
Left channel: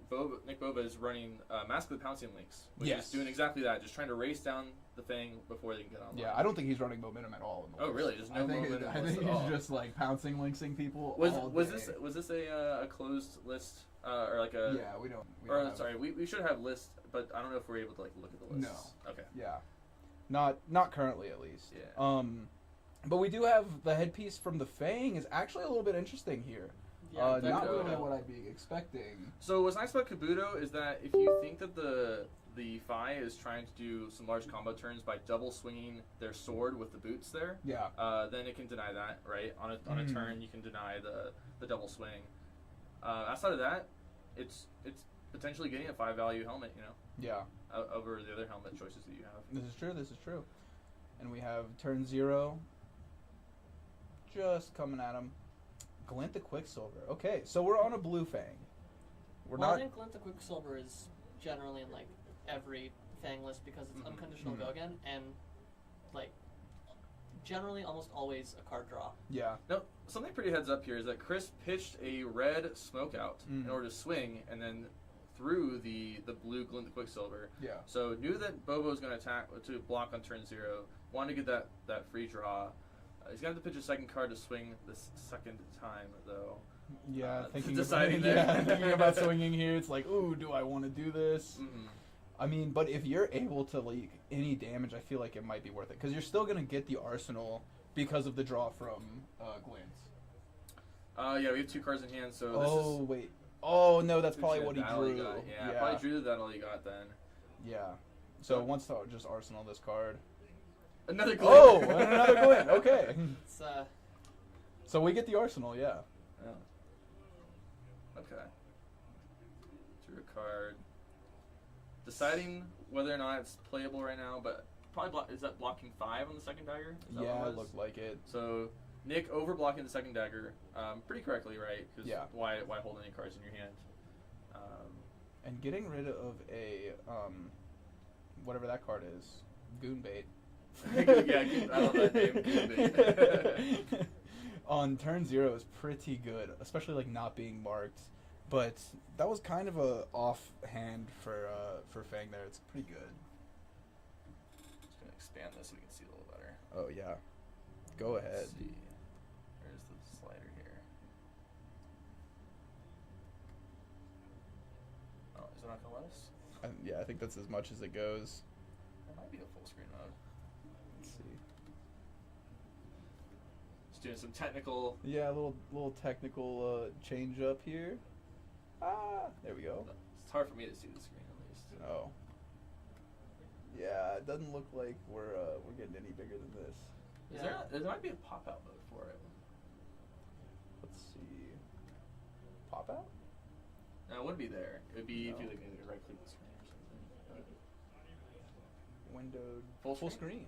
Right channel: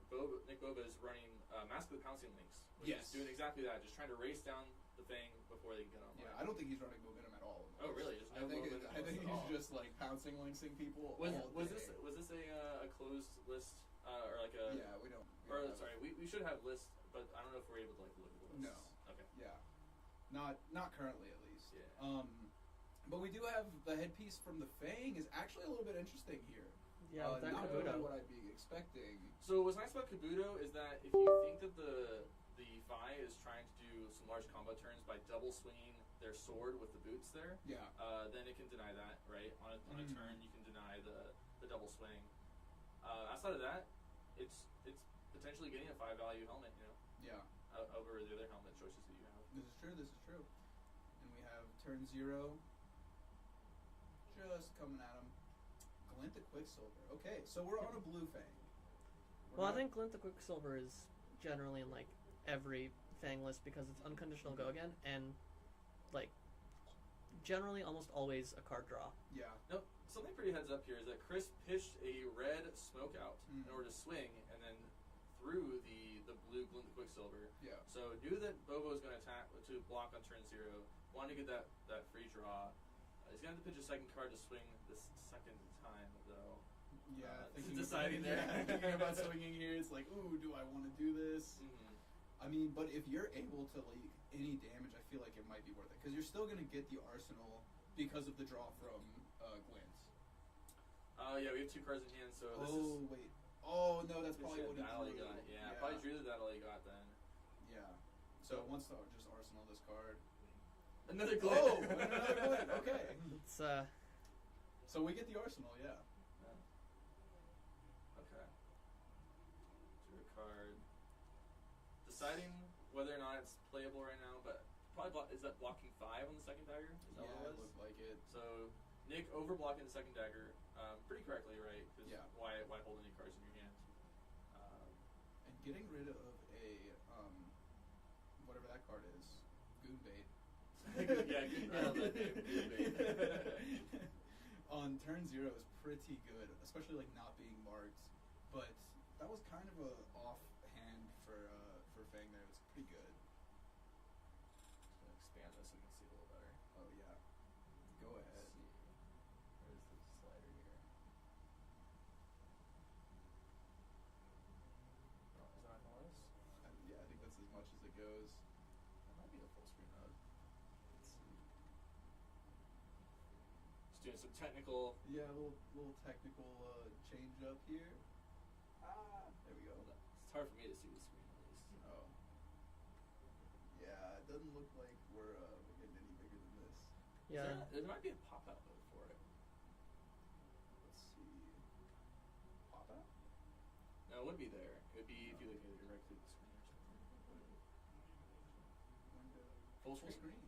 Nick Bova is running Mask of the Pouncing Links, which Yes. is doing exactly that, just trying to race down the Fang before they can get online. Yeah, I don't think he's running momentum at all. In the Oh, list. really? There's no I think momentum I list think at all. he's just like pouncing linksing people. Was all this day. a closed list or like a? Yeah, we don't. We Or don't have- sorry, we should have lists, but I don't know if we're able to look at the lists. No. Okay. Yeah, not currently at least. Yeah. But we do have the headpiece from the Fang is actually a little bit interesting here. Yeah, Not Kabuto. really what I'd be expecting. So what's nice about Kabuto is that if you think that the Phi is trying to do some large combo turns by double swinging their sword with the boots there, Yeah. then it can deny that, right? On a turn, you can deny the double swing. Outside of that, it's potentially getting a 5 value helmet, Yeah. over the other helmet choices that you have. This is true. This is true. And we have turn 0. Just coming at him. Glint the Quicksilver. Okay, so we're on a blue Fang. We're Well, not. I think Glint the Quicksilver is generally in every Fang list because it's unconditional go again and generally almost always a card draw. Yeah. Now, something pretty heads up here is that Chris pitched a red smoke out in order to swing, and then threw the blue Glint the Quicksilver. Yeah. So knew that Bobo was going to attack to block on turn 0. Wanted to get that free draw. He's going to have to pitch a second card to swing this second time, though. Yeah. Thinking deciding about, there. thinking about swinging here, it's like, ooh, do I want to do this? Mm-hmm. I mean, but if you're able to leak any damage, I feel like it might be worth it because you're still gonna get the arsenal because of the draw from Glint. Yeah, we have 2 cards in hand, so Oh this is. wait. Oh no, that's probably Shit, what he that all drew. got. Yeah, probably drew that all you got then. Yeah. So once to just arsenal this card. Another Glint. Oh, and another Glint. Okay. It's So we get the arsenal. Yeah. Yeah. Okay. Drew a card. Deciding whether or not it's playable right now, but probably is that blocking 5 on the second dagger? Is that Yeah, what it was? looked like it. So Nick over blocking the second dagger, pretty correctly, right? Because Yeah. why hold any cards in your hand? And getting rid of a whatever that card is, goon bait. Yeah, I love that name, goon bait. On turn 0 is pretty good, especially not being marked. But that was kind of a off hand for Fang there. It's pretty good. Just gonna expand this so we can see a little better. Oh yeah, go ahead. Let's see. Where's the slider here? Oh, is it not gonna let us? Yeah, I think that's as much as it goes. That might be a full screen mode. Let's see. Just doing some technical. Yeah, a little technical change up here. There we go. It's hard for me to see the screen at least. Oh. Yeah, it doesn't look like we're getting any bigger than this. There might be a pop-out mode for it. Let's see. pop out? No, it wouldn't be there. It would be if you like maybe right click the screen or something. Windowed Full screen.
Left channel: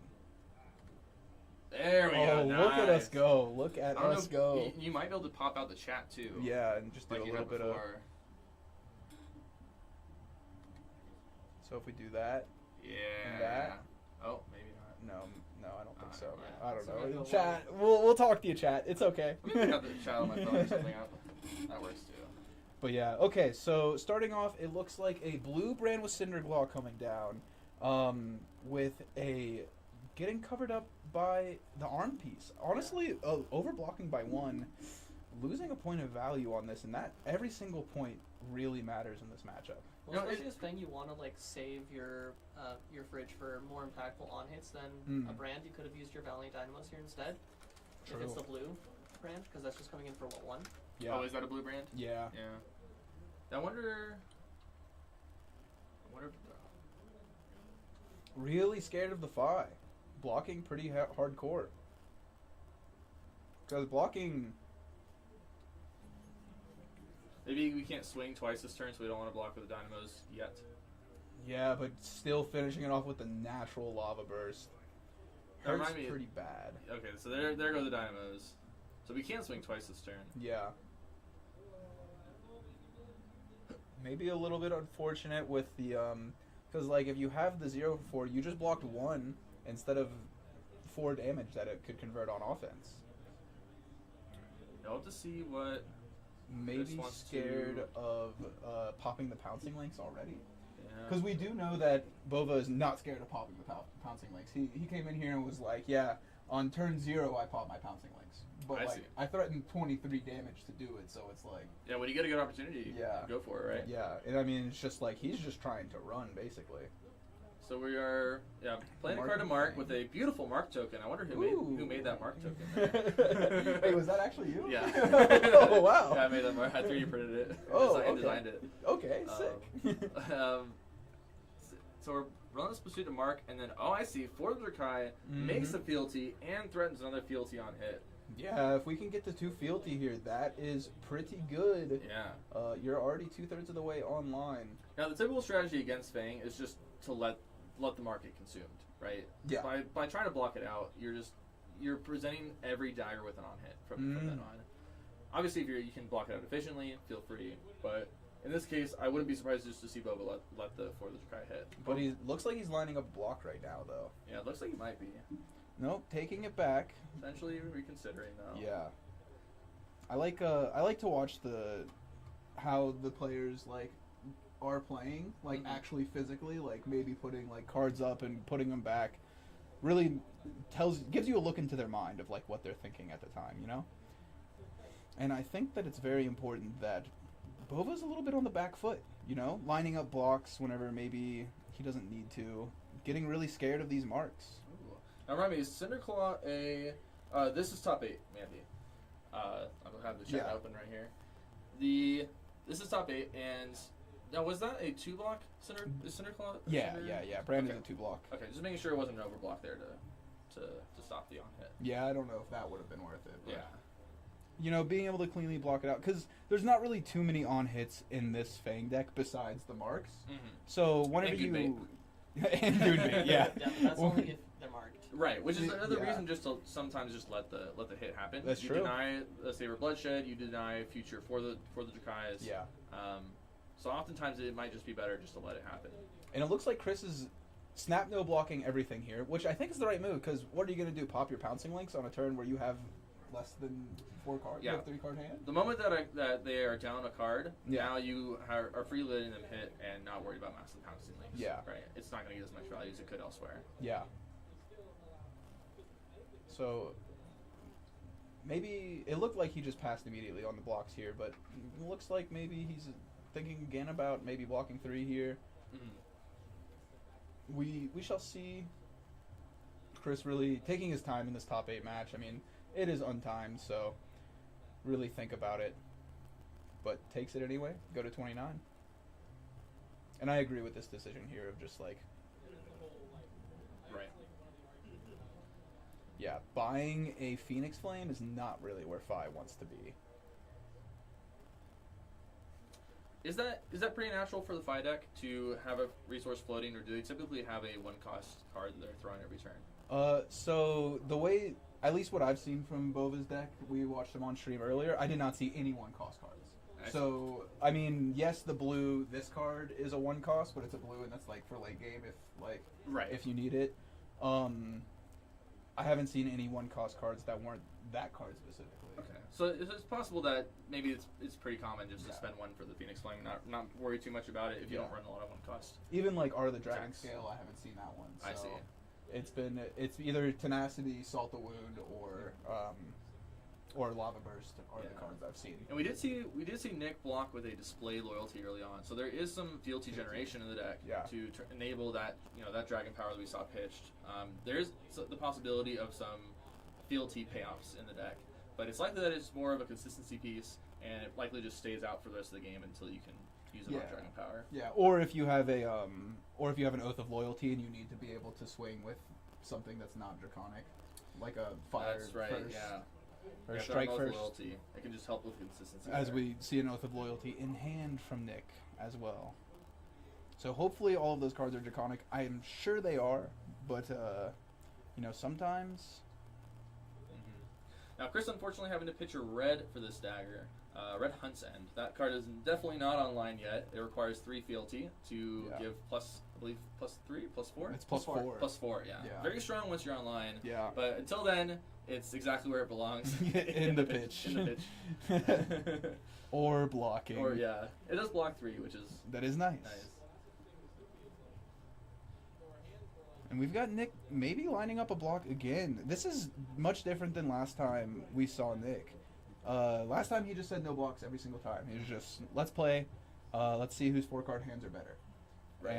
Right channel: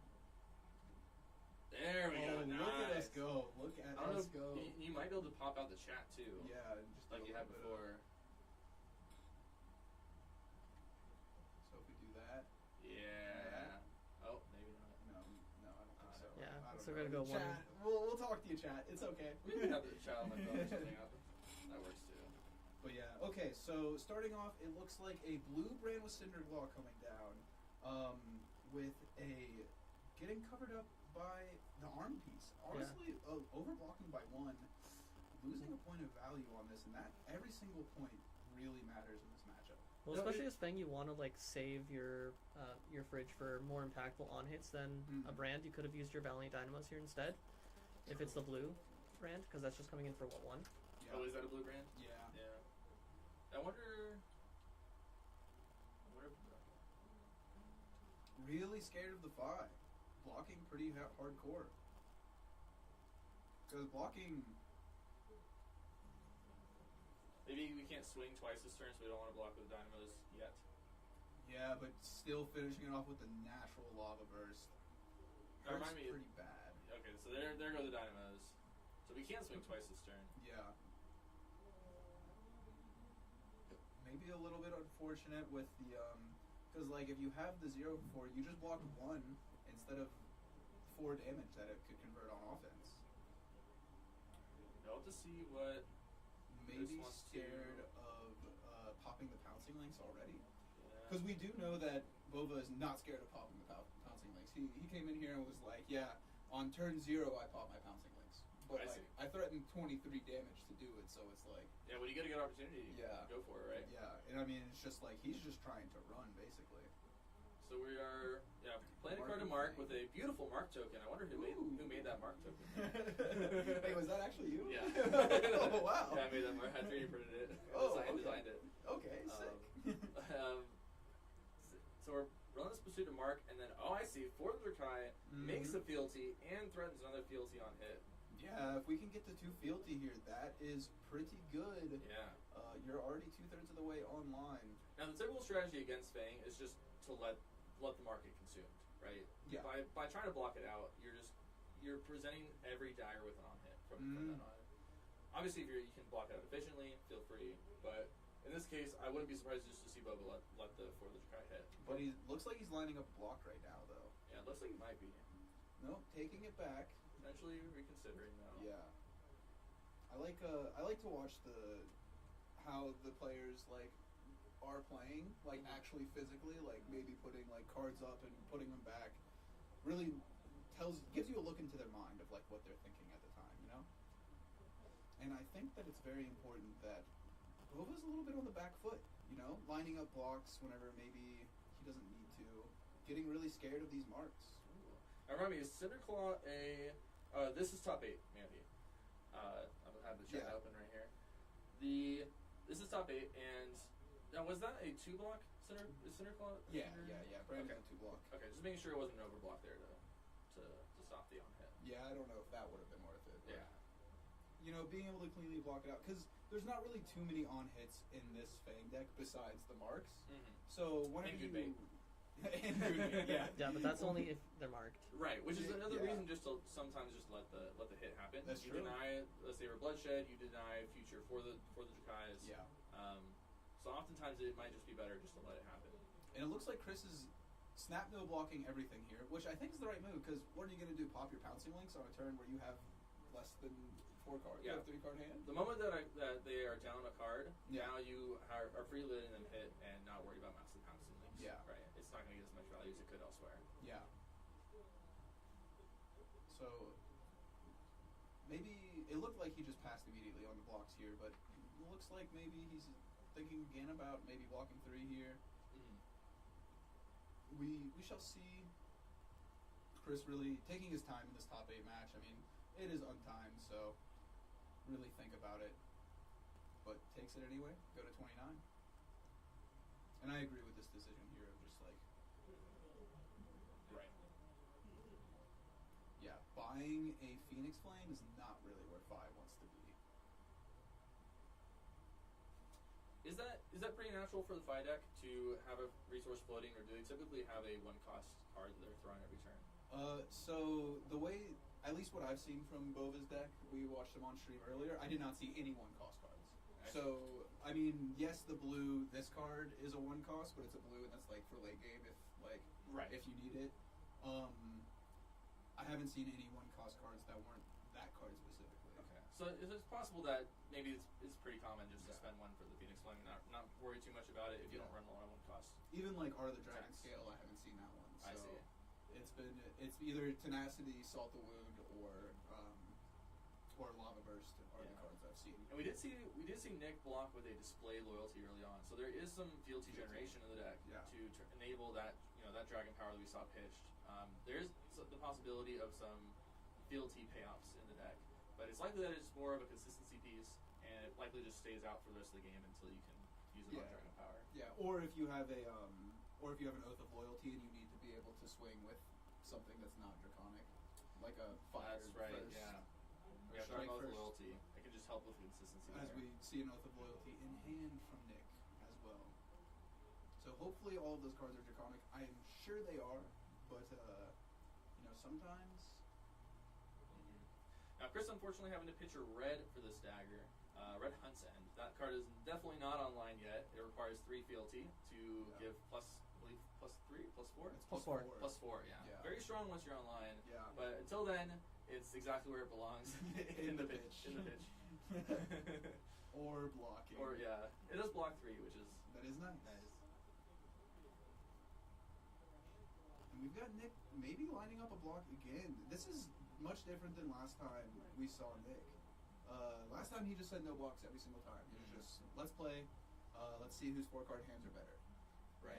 There we go. Oh, look at us nice. go! Look at I don't us know, go! You might be able to pop out the chat too. Yeah, and just do like a you little had bit of. before. So if we do that, Yeah. that. Oh, maybe not. no, I don't think so. yeah. I don't So we're gonna know. go Chat, we'll talk to you, chat. It's okay. Maybe I have the chat on my phone or something. That works too. But yeah, okay. So starting off, it looks like a blue brand with Cinderglaw coming down, with a getting covered up by the arm piece. Honestly, overblocking by 1, losing a point of value on this, and that every single point really matters in this matchup. Well, No, especially this thing, you want to like save your fridge for more impactful on hits than a brand. You could have used your Valiant Dynamos here instead, if it's the blue brand, because that's just coming in for what, 1? Yeah. Oh, is that a blue brand? Yeah. Yeah. I wonder. Really scared of the Fi. Blocking pretty hardcore. Because blocking. Maybe we can't swing twice this turn, so we don't want to block with the Dynamos yet. Yeah, but still finishing it off with the natural lava burst. That Hurts remind me- pretty bad. Okay, so there go the Dynamos. So we can't swing twice this turn. Yeah. Maybe a little bit unfortunate with the because like if you have the 0 for 4, you just blocked 1 instead of 4 damage that it could convert on offense. I'll have to see what. Maybe wants scared to- of popping the pouncing links already. Yeah. Because we do know that Bova is not scared of popping the pouncing links. He came in here and was like, yeah, on turn 0 I pop my pouncing links. But I like see. I threatened 23 damage to do it, so it's like Yeah, when you get a good opportunity, Yeah. go for it, right? yeah, and I mean it's just like he's just trying to run basically. So we are playing a card to mark with a beautiful mark token. I wonder who made that mark token. Wait, was that actually you? Yeah. Oh wow. Yeah, I made that mark. I 3D printed it. Oh, I okay. designed it. Okay, sick. So we're running this pursuit to mark, and then I see for the Drakai makes a fealty and threatens another fealty on hit. Yeah, if we can get the 2 fealty here, that is pretty good. Yeah. You're already 2/3 of the way online. Now the typical strategy against Fang is just to let the mark get consumed, right? Yeah. By trying to block it out, you're presenting every dagger with an on hit from then on. Obviously, if you can block it out efficiently, feel free. But in this case, I wouldn't be surprised just to see Boba let the for the Drakai hit. But he looks like he's lining up block right now, though. Yeah, it looks like he might be. Nope, taking it back. Potentially reconsidering though. Yeah. I like to watch how the players like are playing, like actually physically, like maybe putting like cards up and putting them back. Really gives you a look into their mind of like what they're thinking at the time, you know? And I think that it's very important that Bova's a little bit on the back foot, you know? Lining up blocks whenever maybe he doesn't need to. Getting really scared of these marks. Ooh. Now remind me, is Cinderclaw this is top 8, Mandy. I'll have the chat open right here. This is top 8, and now was that a 2-block Cinderclaw? Yeah. Brandon's Okay. a 2-block. Okay, just making sure it wasn't an overblock there to stop the on hit. Yeah, I don't know if that would have been worth it. But, Yeah. you know, being able to cleanly block it out, because there's not really too many on hits in this Fang deck besides the marks. So whenever And you Goonbait. and Goonbait, yeah. Yeah, but that's only if they're marked. Right, which is another Yeah. reason just to sometimes just let the hit happen. That's you true. deny the Saber Bloodshed, you deny future for the Drakais. Yeah. So oftentimes it might just be better just to let it happen. And it looks like Chris is snap no blocking everything here, which I think is the right move, because what are you going to do? Pop your pouncing links on a turn where you have less than 4 cards? Yeah. You have 3 card hand? The moment that they are down a card, Yeah. now you are free letting them hit and not worried about massive pouncing links. Yeah. Right. It's not going to get as much value as it could elsewhere. Yeah. So maybe it looked like he just passed immediately on the blocks here, but it looks like maybe he's thinking again about maybe blocking 3 here. We shall see. Chris really taking his time in this top 8 match. I mean, it is untimed, so really think about it. But takes it anyway. Go to 29. And I agree with this decision here of just like, Right. yeah, buying a Phoenix Flame is not really where Fi wants to be. Is that pretty natural for the Fi deck to have a resource floating, or do they typically have a 1-cost card that they're throwing every turn? So the way, at least what I've seen from Bova's deck, we watched him on stream earlier. I did not see any 1-cost cards. So I mean, yes, the blue. This card is a 1-cost, but it's a blue, and that's like for late game if you need it. I haven't seen any 1-cost cards that weren't that card specifically. Okay, so it's possible that maybe it's pretty common just to spend 1 for the Phoenix Flame, not worry too much about it if you don't run a lot of 1-cost. Even like Are the Dragon Scale, I haven't seen that one. So I see. It's either Tenacity, Salt the Wound, or Lava Burst are the cards I've seen. And we did see Nick block with a Display Loyalty early on, so there is some fealty generation in the deck to enable that that Dragon Power that we saw pitched. There's the possibility of some fealty payoffs in the deck, but it's likely that it's more of a consistency piece, and it likely just stays out for the rest of the game until you can use it on Dragon Power. Yeah, or if you have an Oath of Loyalty and you need to be able to swing with something that's not draconic, like a fire. That's right. First. Yeah. Or strike first. Loyalty. It can just help with consistency. As we see an Oath of Loyalty in hand from Nick as well. So hopefully all of those cards are draconic. I am sure they are, but sometimes. Now Chris, unfortunately, having to pitch a red for this dagger. Red Hunt's End. That card is definitely not online yet. It requires 3 fealty to give +3, +4. It's +4. +4, yeah. Very strong once you're online. Yeah. But until then, it's exactly where it belongs. in the pitch. In the pitch. Or blocking. Or it does block 3, which is nice. Nice. And we've got Nick maybe lining up a block again. This is much different than last time we saw Nick. Last time he just said no blocks every single time. He was just, let's play, let's see whose 4-card hands are better. Right.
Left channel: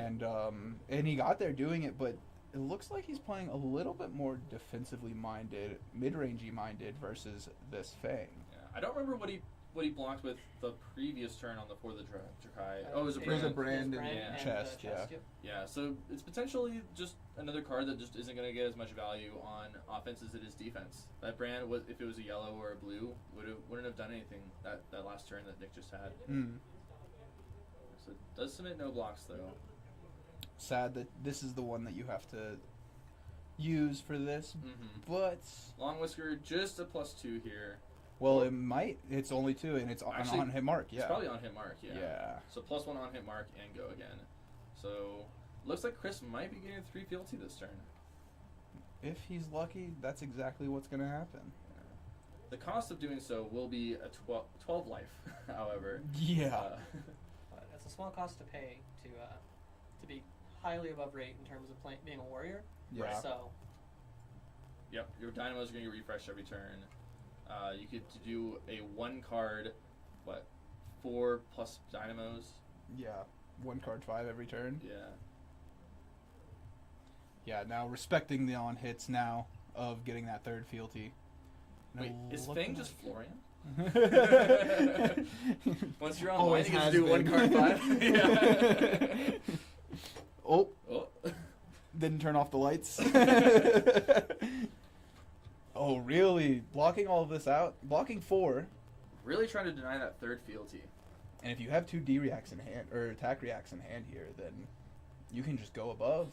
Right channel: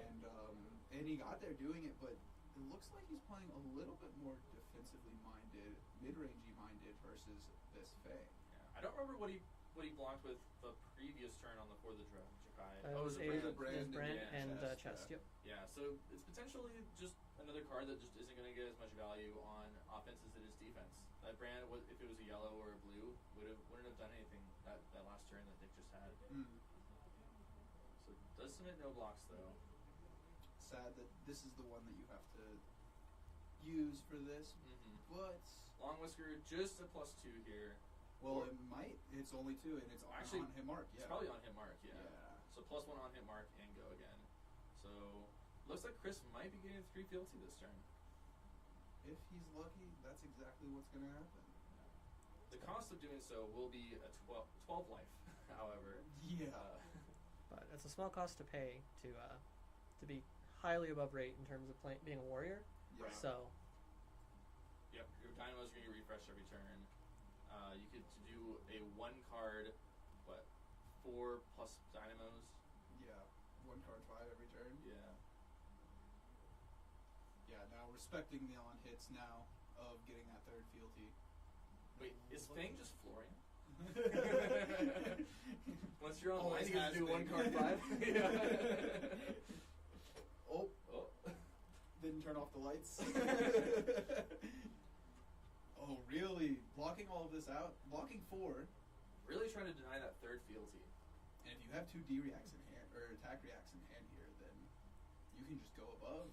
And he got there doing it, but it looks like he's playing a little bit more defensively minded, mid-rangey minded versus this Fang. Yeah. I don't remember what he blocked with the previous turn on the For the Drakai. It was a brand and chest, Yep. Yeah, so it's potentially just another card that just isn't going to get as much value on offense as it is defense. That brand, if it was a yellow or a blue, wouldn't have done anything that last turn that Nick just had. So it does submit no blocks, though. Sad that this is the one that you have to use for this, but... Long Whisker, just a +2 here. Well, it might. It's only 2, and it's on hit mark. Yeah, it's probably on hit mark. Yeah. Yeah. So +1 on hit mark and go again. So looks like Chris might be getting 3 fealty this turn. If he's lucky, that's exactly what's going to happen. The cost of doing so will be a 12 life, however. Yeah. But it's a small cost to pay to be highly above rate in terms of being a warrior. Yeah. So. Yep, your dynamos are going to get refreshed every turn. You could do a 1-card, 4 plus dynamos. Yeah, 1 card 5 every turn. Yeah. Yeah, now respecting the on hits now of getting that 3rd fealty. Wait, is Fang just Florian? Once you're Always online, you can do 1 card 5. Yeah. Oh. Didn't turn off the lights. Oh, really? Blocking all of this out? Blocking 4. Really trying to deny that 3rd fealty. And if you have 2 D reacts in hand, or attack reacts in hand here, then you can just go above.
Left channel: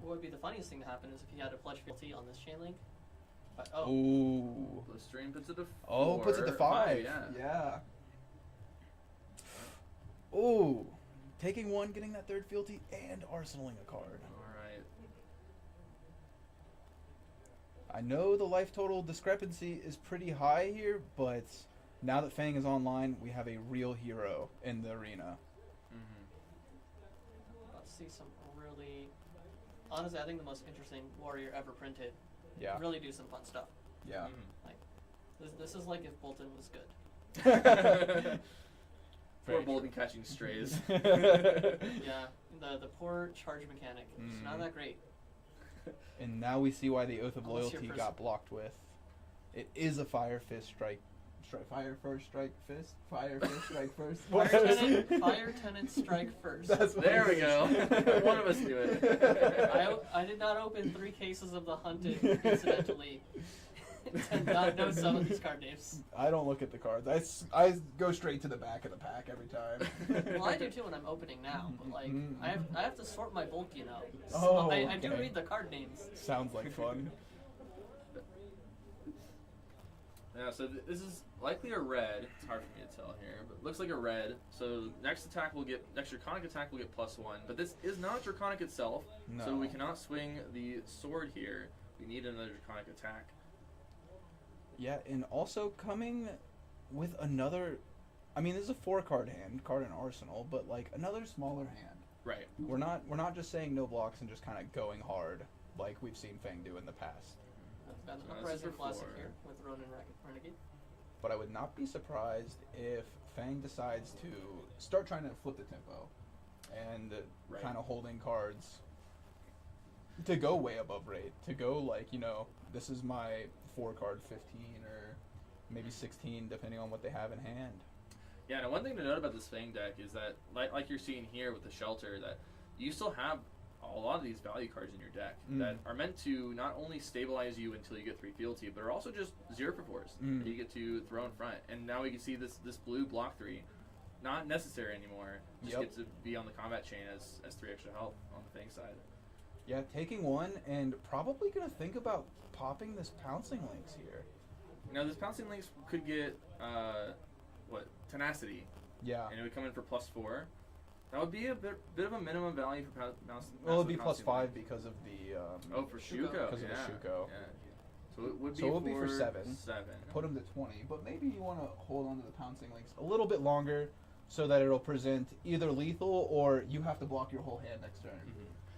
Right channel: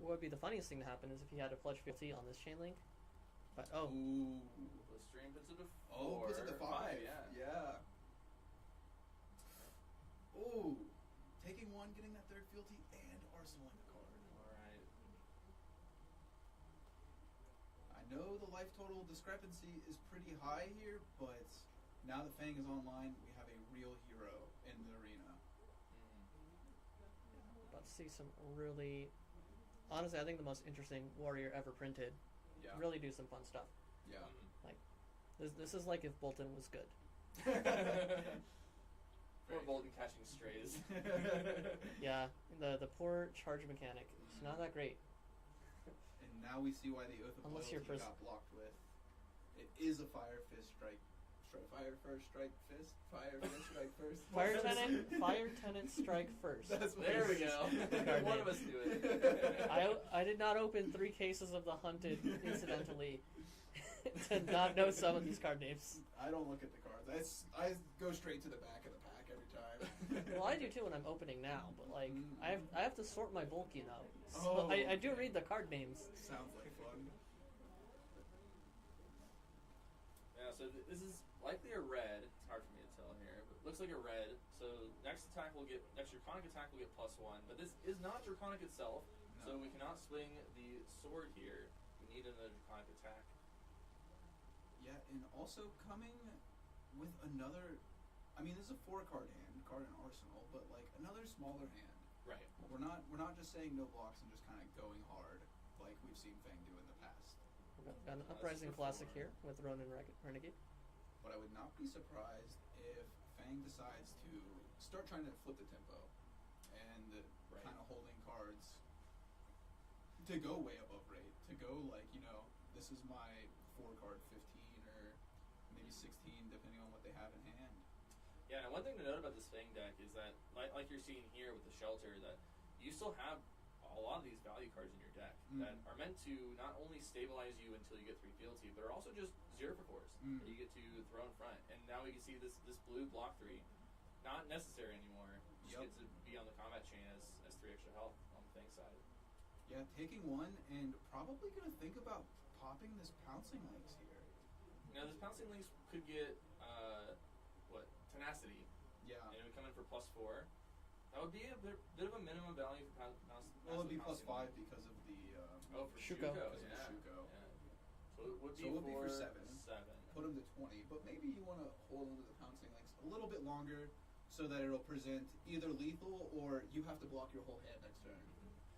What would be the funniest thing to happen is if he had a pledge fealty on this chain link. But, Ooh. Blistering puts it to 4. Oh, puts it to 5. Yeah. Ooh. Taking 1, getting that 3rd fealty, and arsenaling a card. I know the life total discrepancy is pretty high here, but now that Fang is online, we have a real hero in the arena. Let's see some really... Honestly, I think the most interesting warrior ever printed. Yeah. Really do some fun stuff. Yeah. Like, this is like if Bolton was good. Poor Bolton catching strays. Yeah, the poor charge mechanic. It's not that great. And now we see why the Oath of Loyalty got blocked with. It is a Fire Fist strike. Fire first, strike fist. Fire first, strike first. Fire tenant, strike first. There we go. One of us do it. I did not open 3 cases of the hunted, incidentally. to not know some of these card names. I don't look at the cards. I go straight to the back of the pack every time. Well, I do too when I'm opening now, but like Mm. I have to sort my bulk, you know. So Oh, I do okay. read the card names. Sounds like fun. Yeah, so this is likely a red. It's hard for me to tell here, but it looks like a red. So next draconic attack will get +1, but this is not draconic itself, No. so we cannot swing the sword here. We need another draconic attack. Yeah, and also coming with another. I mean, this is a 4-card hand, card in arsenal, but like another smaller hand. Right. We're not just saying no blocks and just kind of going hard like we've seen Fang do in the past. Got an So this is uprising for classic 4. here with Ronin Renegade. But I would not be surprised if Fang decides to start trying to flip the tempo and Right. kind of holding cards to go way above rate, to go like, this is my 4-card 15 or maybe 16 depending on what they have in hand. Yeah, and one thing to note about this Fang deck is that, like you're seeing here with the Shelter, that you still have a lot of these value cards in your deck that are meant to not only stabilize you until you get 3 fealty, but are also just 0 for 4s that you get to throw in front. And now we can see this blue block 3, not necessary anymore. Just get to be on the combat chain as 3 extra health on the Fang side. Yeah, taking 1 and probably going to think about popping this Pouncing Lynx here. Now this Pouncing Lynx could get, Tenacity. Yeah. And it would come in for +4. That would be a bit of a minimum value for Well, it'd be +5 because of the for Shuko. because of the yeah. Shuko. Yeah. So it would be So it would be for 7. 7. Put him to 20, but maybe you want to hold on to the Pouncing Lynx a little bit longer so that it'll present either lethal or you have to block your whole hand next turn.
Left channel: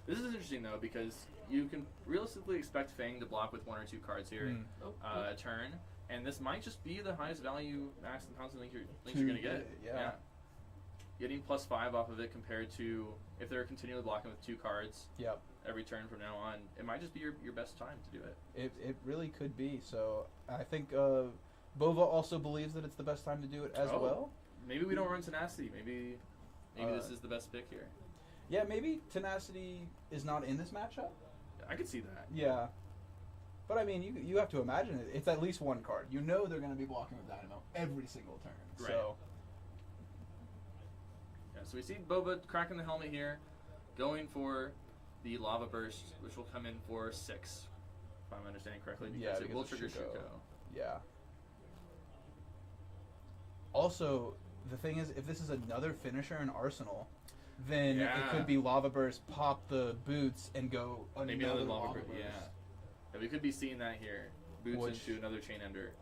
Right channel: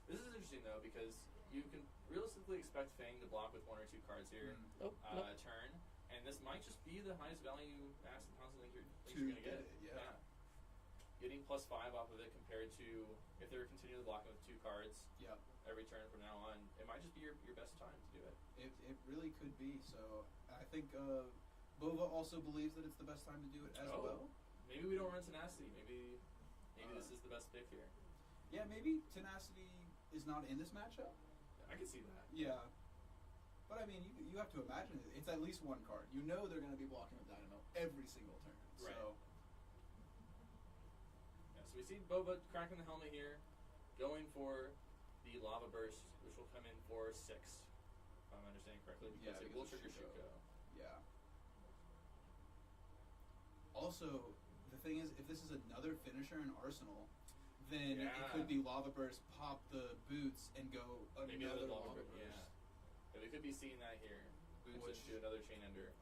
This is interesting though because you can realistically expect Fang to block with 1 or 2 cards here a turn, and this might just be the highest value max and Pouncing Lynx you're gonna get. Yeah. Getting +5 off of it compared to if they're continually blocking with 2 cards Yep. every turn from now on, it might just be your best time to do it. It really could be. So I think Bova also believes that it's the best time to do it as well. Maybe we don't run Tenacity. Maybe this is the best pick here. Yeah, maybe Tenacity is not in this matchup. I could see that. Yeah. But I mean, you have to imagine it. It's at least 1 card. You know they're going to be blocking with Dynamo every single turn. Right. So Yeah, so we see Boba cracking the helmet here, going for the Lava Burst, which will come in for 6, if I'm understanding correctly, because it will of trigger Shuko. Yeah. Also, the thing is, if this is another finisher in Arsenal, then it could be Lava Burst, pop the boots, and go Maybe another another Lava Burst. Burst. Yeah, we could be seeing that here. Boots Which- into another Chain Ender.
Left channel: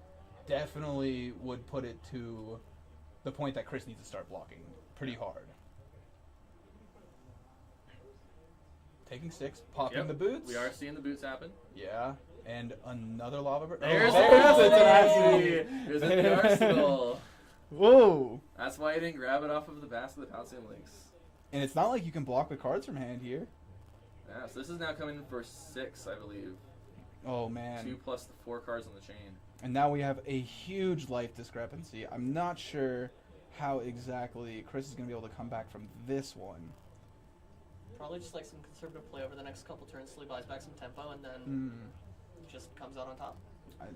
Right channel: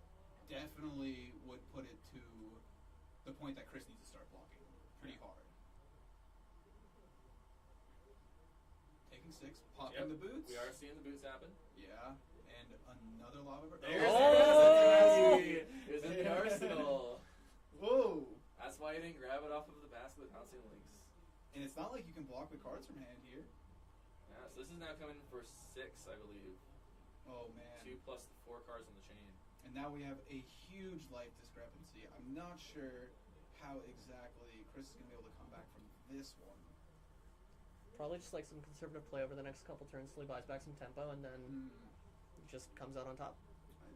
Definitely would put it to the point that Chris needs to start blocking pretty hard. Taking 6, popping the boots. We are seeing the boots happen. Yeah, and another Lava Burst. There's the Tenacity! There's the Arsenal. Whoa! That's why I didn't grab it off of the basket of the Pouncing Lynx. And it's not like you can block with cards from hand here. Yeah, so this is now coming in for 6, I believe. Oh man. 2 plus the 4 cards on the chain. And now we have a huge life discrepancy. I'm not sure how exactly Chris is going to be able to come back from this one. Probably just like some conservative play over the next couple turns till he buys back some tempo and then just comes out on top. I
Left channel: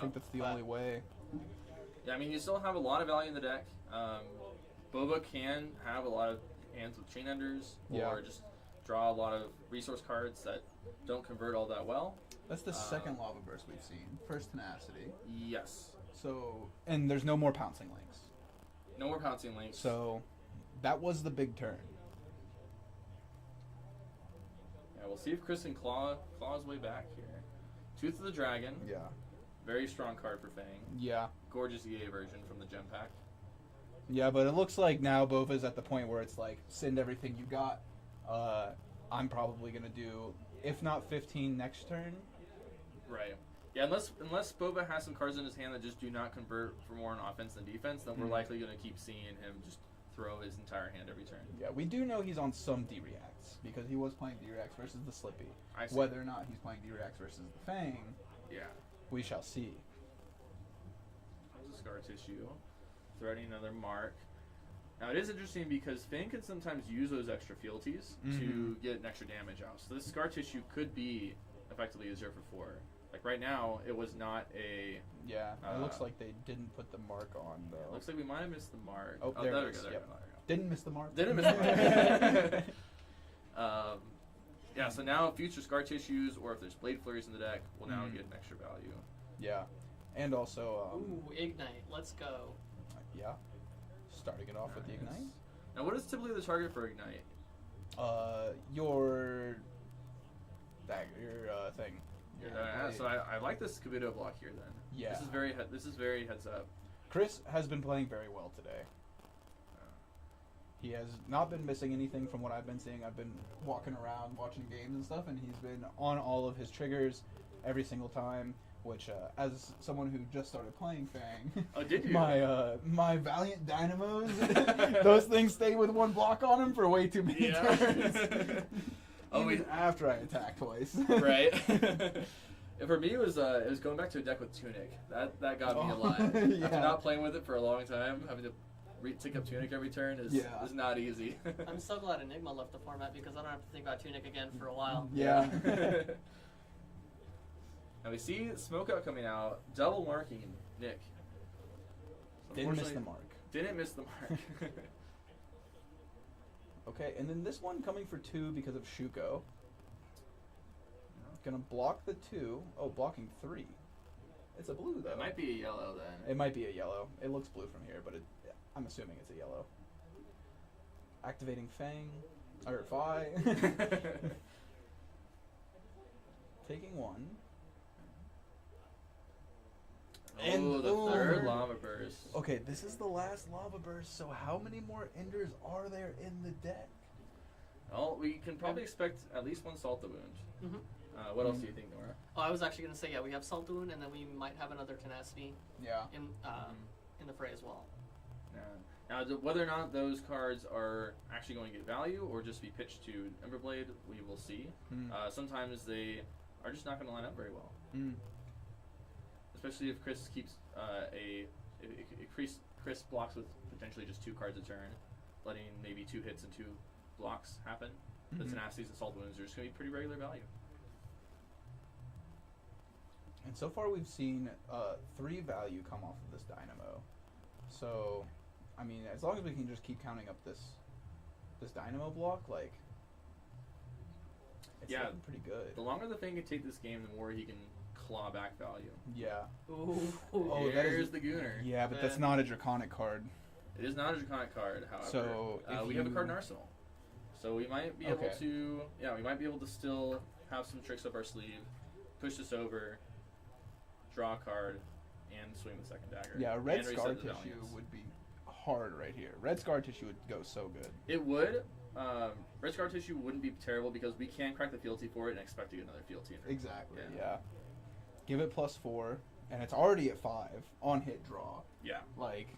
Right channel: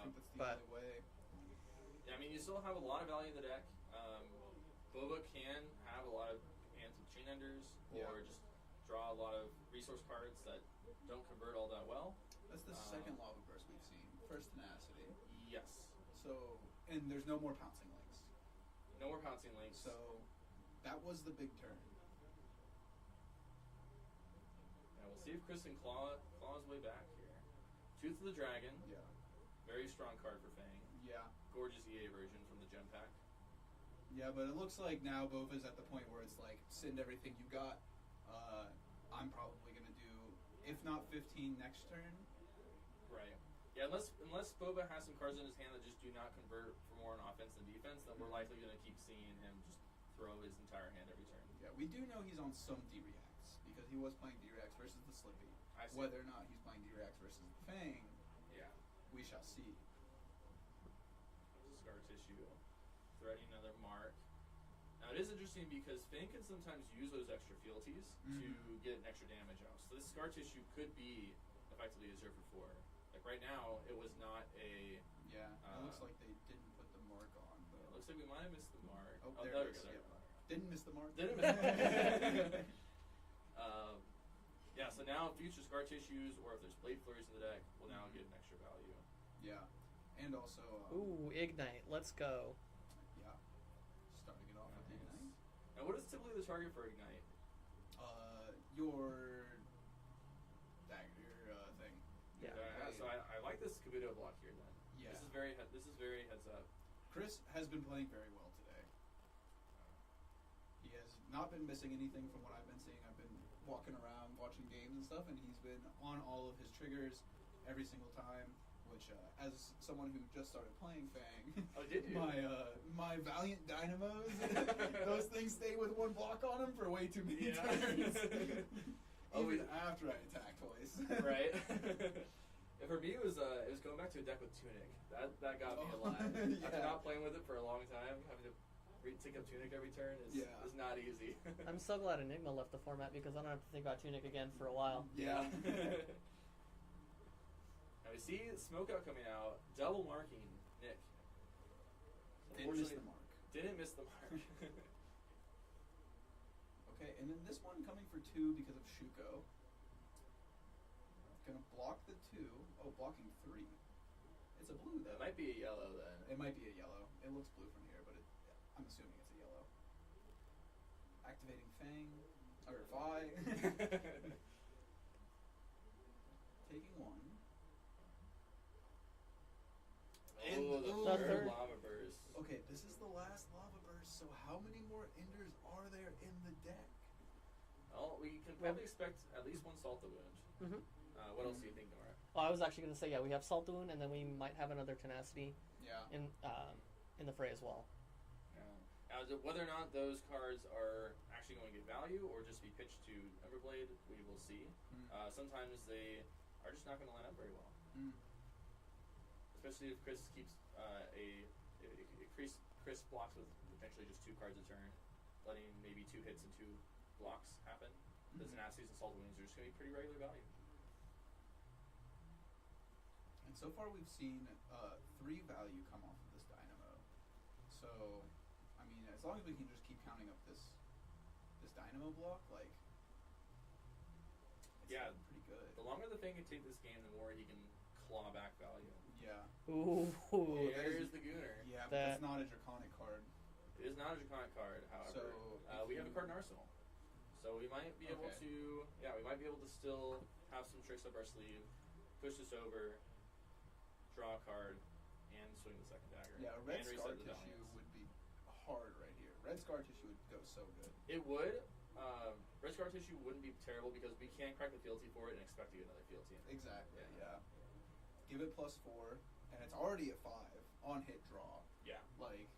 think that's the only way. Yeah, I mean, you still have a lot of value in the deck. Boba can have a lot of hands with Chain Enders, or just draw a lot of resource cards that don't convert all that well. That's the second Lava Burst we've seen. First Tenacity. Yes. So, and there's no more Pouncing Lynx. No more Pouncing Lynx. So, that was the big turn. Yeah, we'll see if Chris can claw his way back here. Tooth of the Dragon. Yeah. Very strong card for Fang. Yeah. Gorgeous EA version from the Gem Pack. Yeah, but it looks like now Bova's at the point where it's like, send everything you got. I'm probably going to do, if not 15 next turn. Right. Yeah, unless Boba has some cards in his hand that just do not convert for more on offense than defense, then we're likely going to keep seeing him just throw his entire hand every turn. Yeah, we do know he's on some D-Reacts, because he was playing D-Reacts versus the Slippy. Whether or not he's playing D-Reacts versus the Fang, we shall see. There's a Scar Tissue. Threading another mark. Now it is interesting because Fang can sometimes use those extra fealties to get an extra damage out. So this Scar Tissue could be effectively a 0 for 4 like right now, it was not a. Yeah, it looks like they didn't put the mark on It though. looks like we might have missed the mark. Oh, there there we it go. is, There yep. we go. Didn't miss the mark. Didn't miss the mark. Yeah, so now future scar tissues, or if there's blade flurries in the deck, will now get an extra value. Yeah, and also. Ooh, Ignite. Let's go. Yeah. Starting it off with the Ignite. Now, what is typically the target for Ignite? Your thing. Your blade. So I like this Kabuto block here then. Yeah. This is very heads up. Chris has been playing very well today. He has not been missing anything from what I've been seeing. I've been walking around watching games and stuff, and he's been on all of his triggers every single time. Which, as someone who just started playing Fang, oh, did you? my Valiant Dynamos, those things stay with one block on them for way too many turns. Even after I attack twice. Right. For me, it was going back to a deck with Tunic. That got me a lot. After not playing with it for a long time, having to take up Tunic every turn is not easy. I'm so glad Enigma left the format because I don't have to think about Tunic again for a while. Yeah. Now we see Smokeout coming out, double marking Nick. Didn't miss the mark. Didn't miss the mark. Okay, and then this one coming for 2 because of Shuko. Gonna block the 2. Oh, blocking 3. It's a blue though. It might be a yellow then. It might be a yellow. It looks blue from here, but I'm assuming it's a yellow. Activating Fang. Or Fi. Taking 1. Oh, the third Lava Burst. Okay, this is the last Lava Burst, so how many more Enders are there in the deck? Well, we can probably expect at least one Salt the Wound. Mm-hmm. What else do you think, Nora? Oh, I was actually going to say, yeah, we have Salt the Wound, and then we might have another Tenacity in the fray as well. Now, whether or not those cards are actually going to get value or just be pitched to Emberblade, we will see. Sometimes they are just not going to line up very well. Especially if Chris keeps Chris blocks with potentially just 2 cards a turn, letting maybe 2 hits and 2 blocks happen. The Tenacities and Salt Wounds are just going to be pretty regular value. And so far we've seen 3 value come off of this Dynamo. So, I mean, as long as we can just keep counting up this Dynamo block, like, it's looking pretty good. The longer the Fang can take this game, the more he can claw back value. Yeah. Ooh. Oh, there's the Gooner. Yeah, but that's not a Draconic card. It is not a Draconic card, however. So we have a card in Arsenal. So we might be able to, we might be able to still have some tricks up our sleeve, push this over, draw a card, and swing the second dagger. Yeah, red and scar reset the tissue valiance. would be hard right here. Red scar tissue would go so good. It would. Red scar tissue wouldn't be terrible because we can crack the fealty for it and expect to get another fealty. Exactly. Yeah. Give it +4, and it's already at 5 on hit draw. Yeah. Like,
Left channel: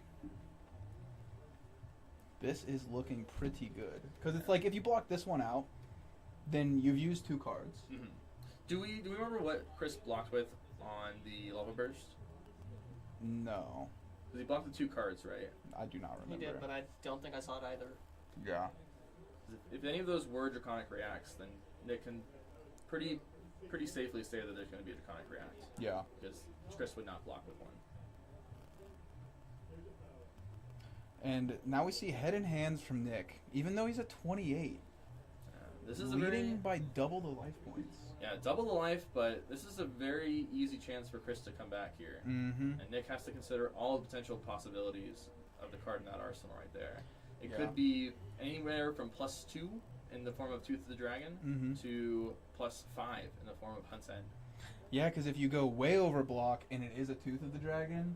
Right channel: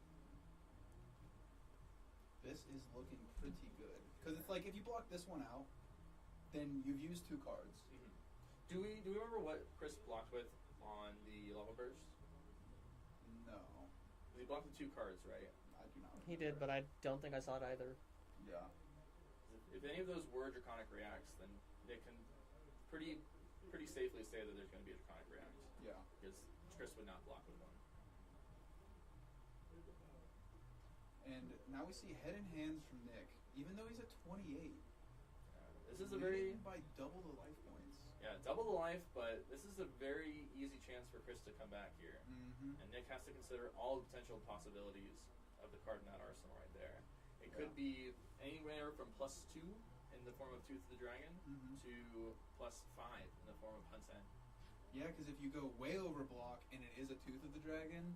this is looking pretty good because it's like if you block this one out, then you've used 2 cards. Do we remember what Chris blocked with on the Lava Burst? No. Because he blocked the 2 cards, right? I do not remember. He did, but I don't think I saw it either. Yeah. If any of those were Draconic Reacts, then Nick can pretty safely say that there's going to be a Draconic React. Yeah. Because Chris would not block with one. And now we see head and hands from Nick, even though he's at 28. This is leading by double the life points. Yeah, double the life, but this is a very easy chance for Chris to come back here. And Nick has to consider all the potential possibilities of the card in that arsenal right there. It could be anywhere from +2 in the form of Tooth of the Dragon to +5 in the form of Hunt's End. Yeah, because if you go way over block and it is a Tooth of the Dragon,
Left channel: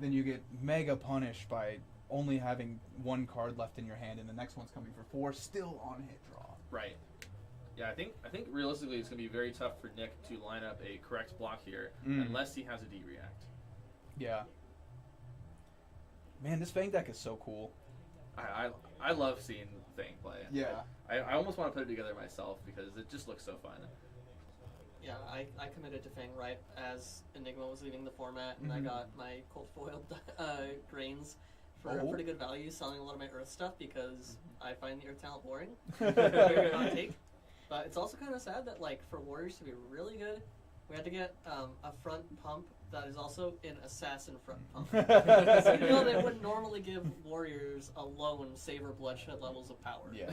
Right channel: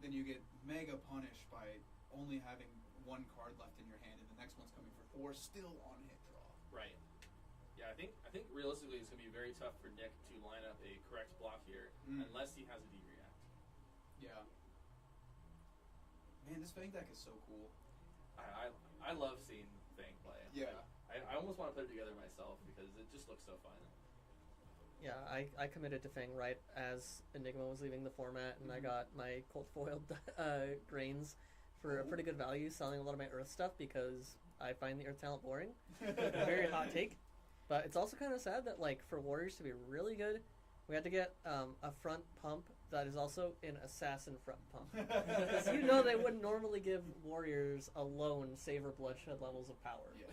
then you get mega punished by only having 1 card left in your hand, and the next one's coming for 4, still on hit draw. Right. Yeah, I think realistically it's going to be very tough for Nick to line up a correct block here unless he has a D-React. Yeah. Man, this Fang deck is so cool. I love seeing Fang play. Yeah. I almost want to put it together myself because it just looks so fun. Yeah, I committed to Fang right as Enigma was leaving the format, and I got my cold foiled grains for a pretty good value, selling a lot of my Earth stuff because I find the Earth talent boring. Very hot take. But it's also kind of sad that, like, for Warriors to be really good, We had to get a front pump that is also an assassin front pump. So you know they wouldn't normally give warriors alone savor bloodshed levels of power. Yeah.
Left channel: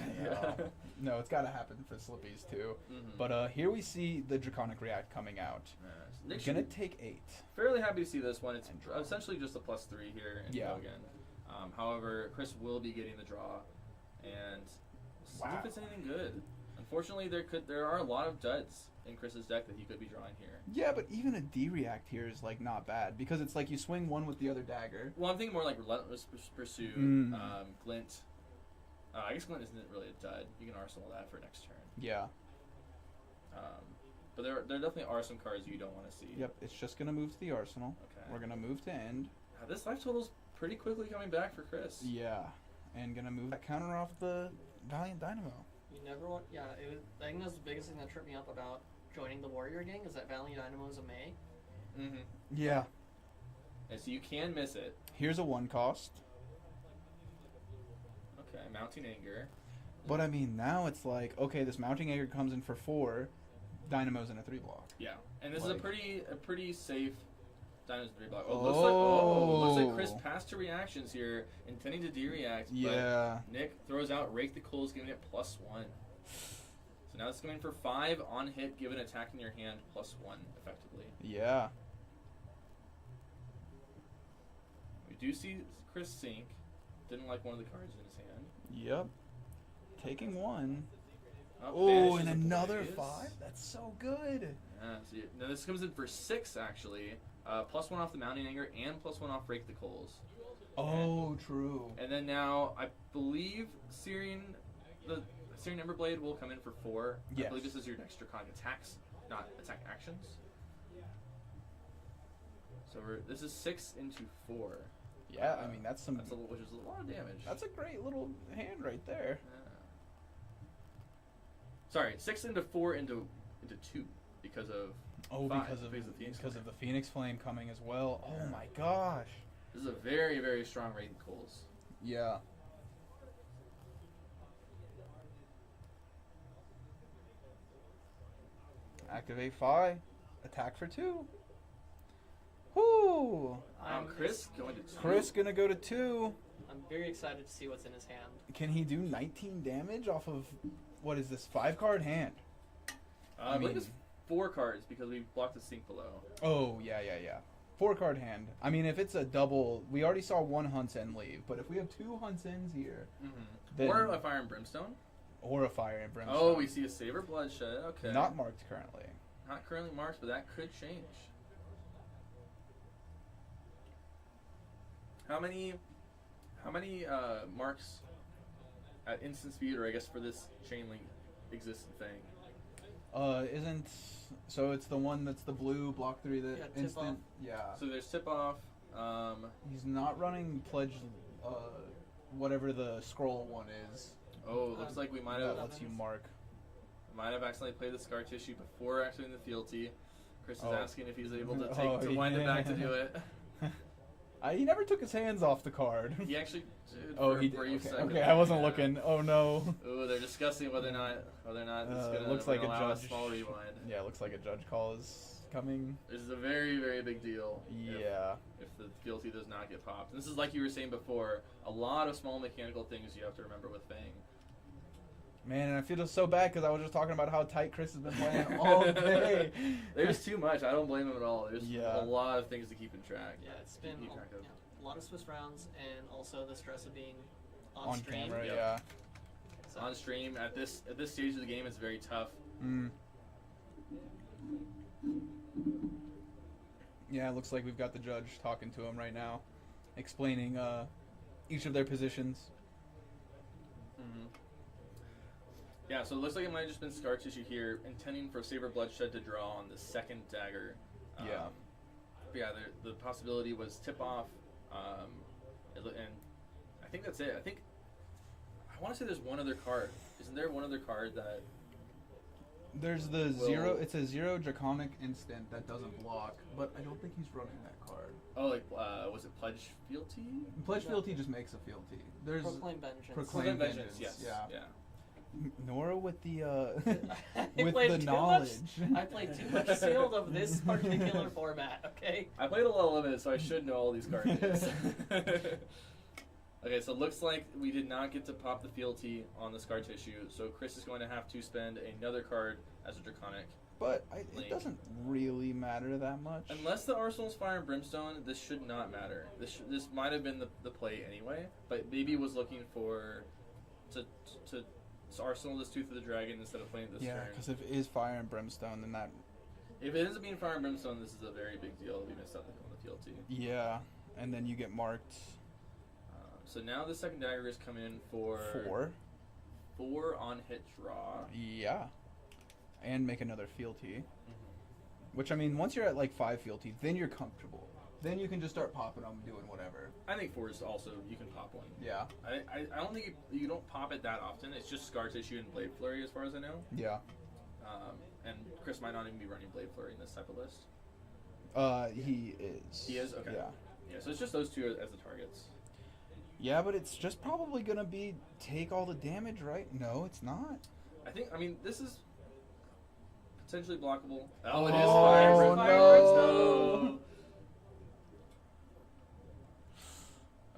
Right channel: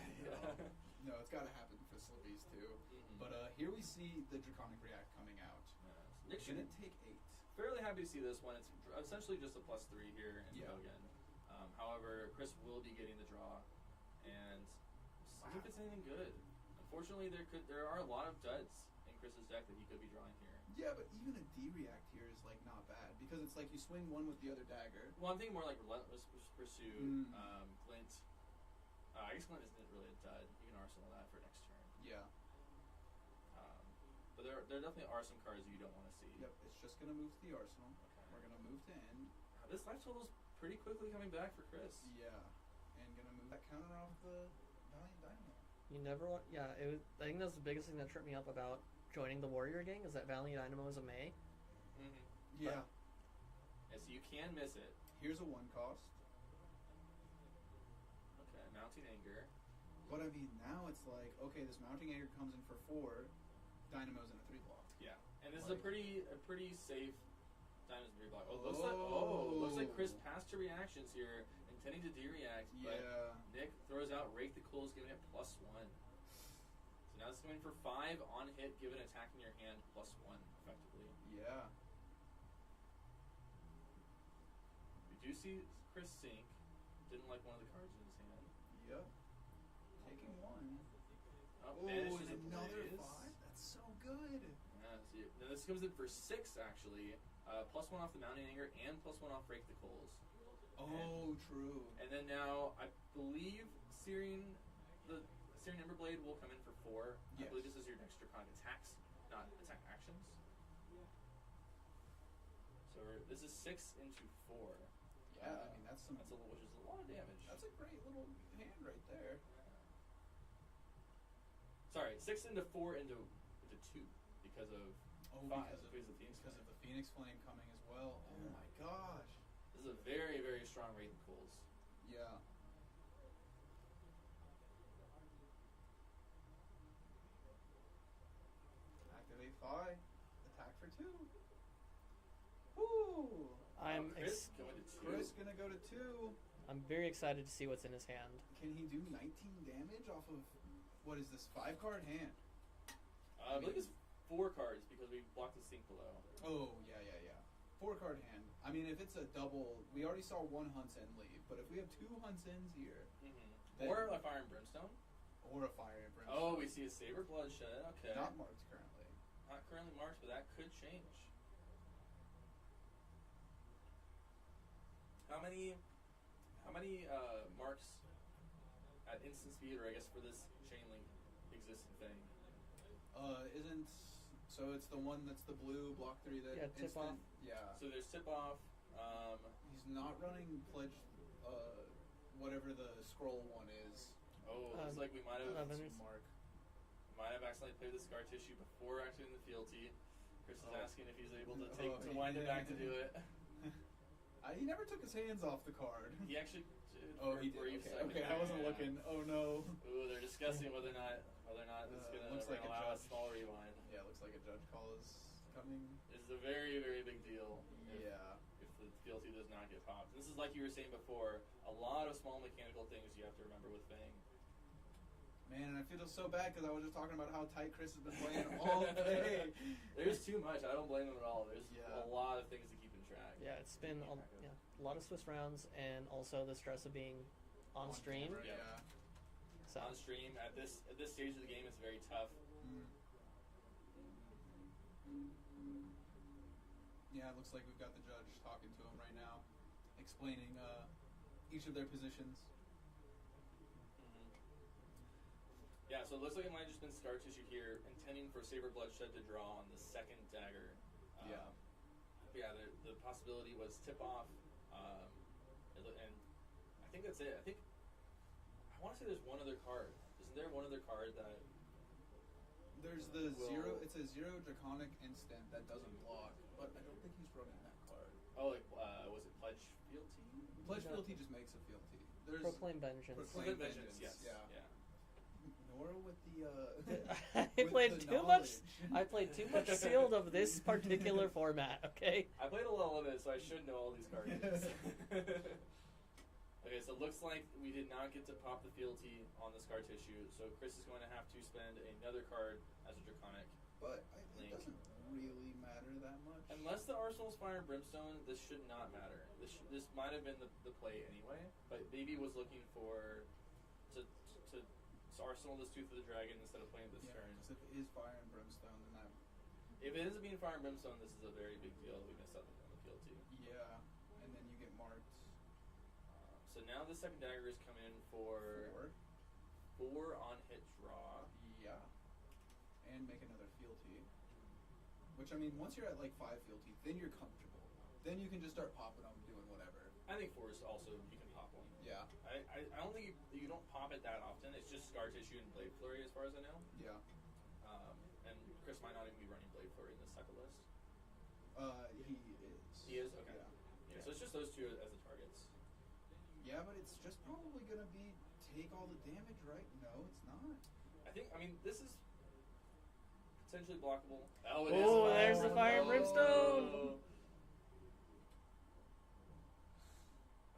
No, it's got to happen for Slippies too. But here we see the Draconic React coming out. Nick Gonna take 8. Fairly happy to see this one. It's essentially just a +3 here in Yeah. Logan. However, Chris will be getting the draw, and see if it's anything good. Unfortunately, there are a lot of duds in Chris's deck that he could be drawing here. Yeah, but even a D-React here is like not bad because it's like you swing one with the other dagger. Well, I'm thinking more like Relentless Pursuit, Glint. I guess Glint isn't really a dud. You can arsenal that for next turn. Yeah. But there definitely are some cards you don't want to see. Yep, it's just gonna move to the arsenal. Okay. We're gonna move to end. This life total's pretty quickly coming back for Chris. Yeah, and gonna move that counter off the Valiant Dynamo. You never want. Yeah, I think that's the biggest thing that tripped me up about joining the Warrior gang is that Valiant Dynamo is a May. Yeah. And so you can miss it. Here's a 1 cost. Okay, Mounting Anger. But I mean, now it's like, okay, this Mounting Anger comes in for 4, Dynamo's in a 3 block. Yeah, and this is a pretty safe Dynamo's 3 block. Oh, looks like Chris passed to reactions here, intending to D-react. Yeah. But Nick throws out Rake the Coals, giving it +1. So now it's going for 5 on hit, given attack in your hand +1 effectively. Yeah. We do see Chris sink. Didn't like one of the cards in his hand. Yep. Taking 1. Oh, and banishes another Blaze. 5? That's so good. Yeah, so now this comes in for 6 actually. +1 off the Mounting Anger and +1 off Rake the Coals. Oh, true. And then now I believe the Searing Emberblade will come in for 4. Yes. I believe this is your next Draconic attacks, not attack actions. So this is 6 into 4. Yeah, I mean that's some. Which is a lot of damage. That's a great little hand right there. Sorry, 6 into 4 into 2 because of because of the Phoenix Flame coming as well. Oh my gosh. This is a very, very strong Rake the Coals. Yeah. Activate Phi. Attack for 2. Whoo! Chris going to 2. Chris gonna go to 2. I'm very excited to see what's in his hand. Can he do 19 damage off of, what is this, 5-card hand? I believe it's 4 cards because we blocked the sink below. Oh, yeah. 4-card hand. I mean, if it's a double, we already saw 1 Hunt's End leave, but if we have 2 Hunt's Ends here, then, or a Fire and Brimstone. Or a Fire and Brimstone. Oh, we see a Savor Bloodshed. Okay. Not marked currently. Not currently marked, but that could change. How many marks at instant speed, or I guess for this chain link existent thing? So it's the one that's the blue block 3 that tip instant. off. Yeah. So there's tip off. He's not running pledge. Whatever the scroll one is. Oh, looks like we might have. That lets you mark. Might have accidentally played the Scar Tissue before activating the fealty. Chris is asking if he's able to wind it back to do it. He never took his hands off the card. He actually did. Oh, for he a did. brief Okay, second. okay, I wasn't looking. Oh no. Oh, they're discussing whether or not this is gonna looks like a allow judge. a small rewind. Yeah, looks like a judge call is coming. This is a very, very big deal. Yeah. If the fealty does not get popped. And this is like you were saying before, a lot of small mechanical things you have to remember with Fang. Man, and I feel so bad because I was just talking about how tight Chris has been playing all day. There's too much. I don't blame him at all. There's a lot of things to keep in track. Yeah, it's been a lot of Swiss rounds and also the stress of being on stream. Camera, yeah. So on stream at this stage of the game, it's very tough. Yeah, it looks like we've got the judge talking to him right now, explaining each of their positions. Yeah, so it looks like it might have just been Scar Tissue here, intending for Saber Bloodshed to draw on the second dagger. The possibility was tip off, and I think that's it. I want to say there's one other card. Isn't there one other card that? There's the 0. It's a 0 Draconic instant that doesn't block, but I don't think he's running that card. Oh, was it Pledge Fealty? Pledge Fealty just makes a fealty. There's Proclaim Vengeance. Proclaim Vengeance. Yes. Yeah. Nora with the I with played the too knowledge. I played too much Sealed of this particular format. Okay. I played a lot of limited, so I should know all these card names. Okay, so it looks like we did not get to pop the fealty on the scar tissue, so Chris is going to have to spend another card as a Draconic. But Link. it doesn't really matter that much. Unless the Arsenal's Fire and Brimstone, this should not matter. This might have been the play anyway, but maybe was looking for to Arsenal this Tooth of the Dragon instead of playing this Yeah, turn. because if it is Fire and Brimstone, then that. If it ends up being Fire and Brimstone, this is a very big deal. We missed out on the fealty. Yeah, and then you get marked. So now the second dagger is coming in for 4 on hit draw. Yeah, and make another fealty. Mm-hmm. Which, I mean, once you're at like 5 fealty, then you're comfortable. Then you can just start popping them, doing whatever. I think 4 is also, you can pop one. Yeah. I don't think you don't pop it that often. It's just Scar Tissue and Blade Flurry as far as I know. Yeah. And Chris might not even be running Blade Flurry in this type of list. He is. He is? Okay. Yeah. Yeah, so it's just those 2 as the targets. Yeah, but it's just probably gonna be take all the damage, right? No, it's not. I mean, this is potentially blockable. Oh, it is no. Fire Brimstone.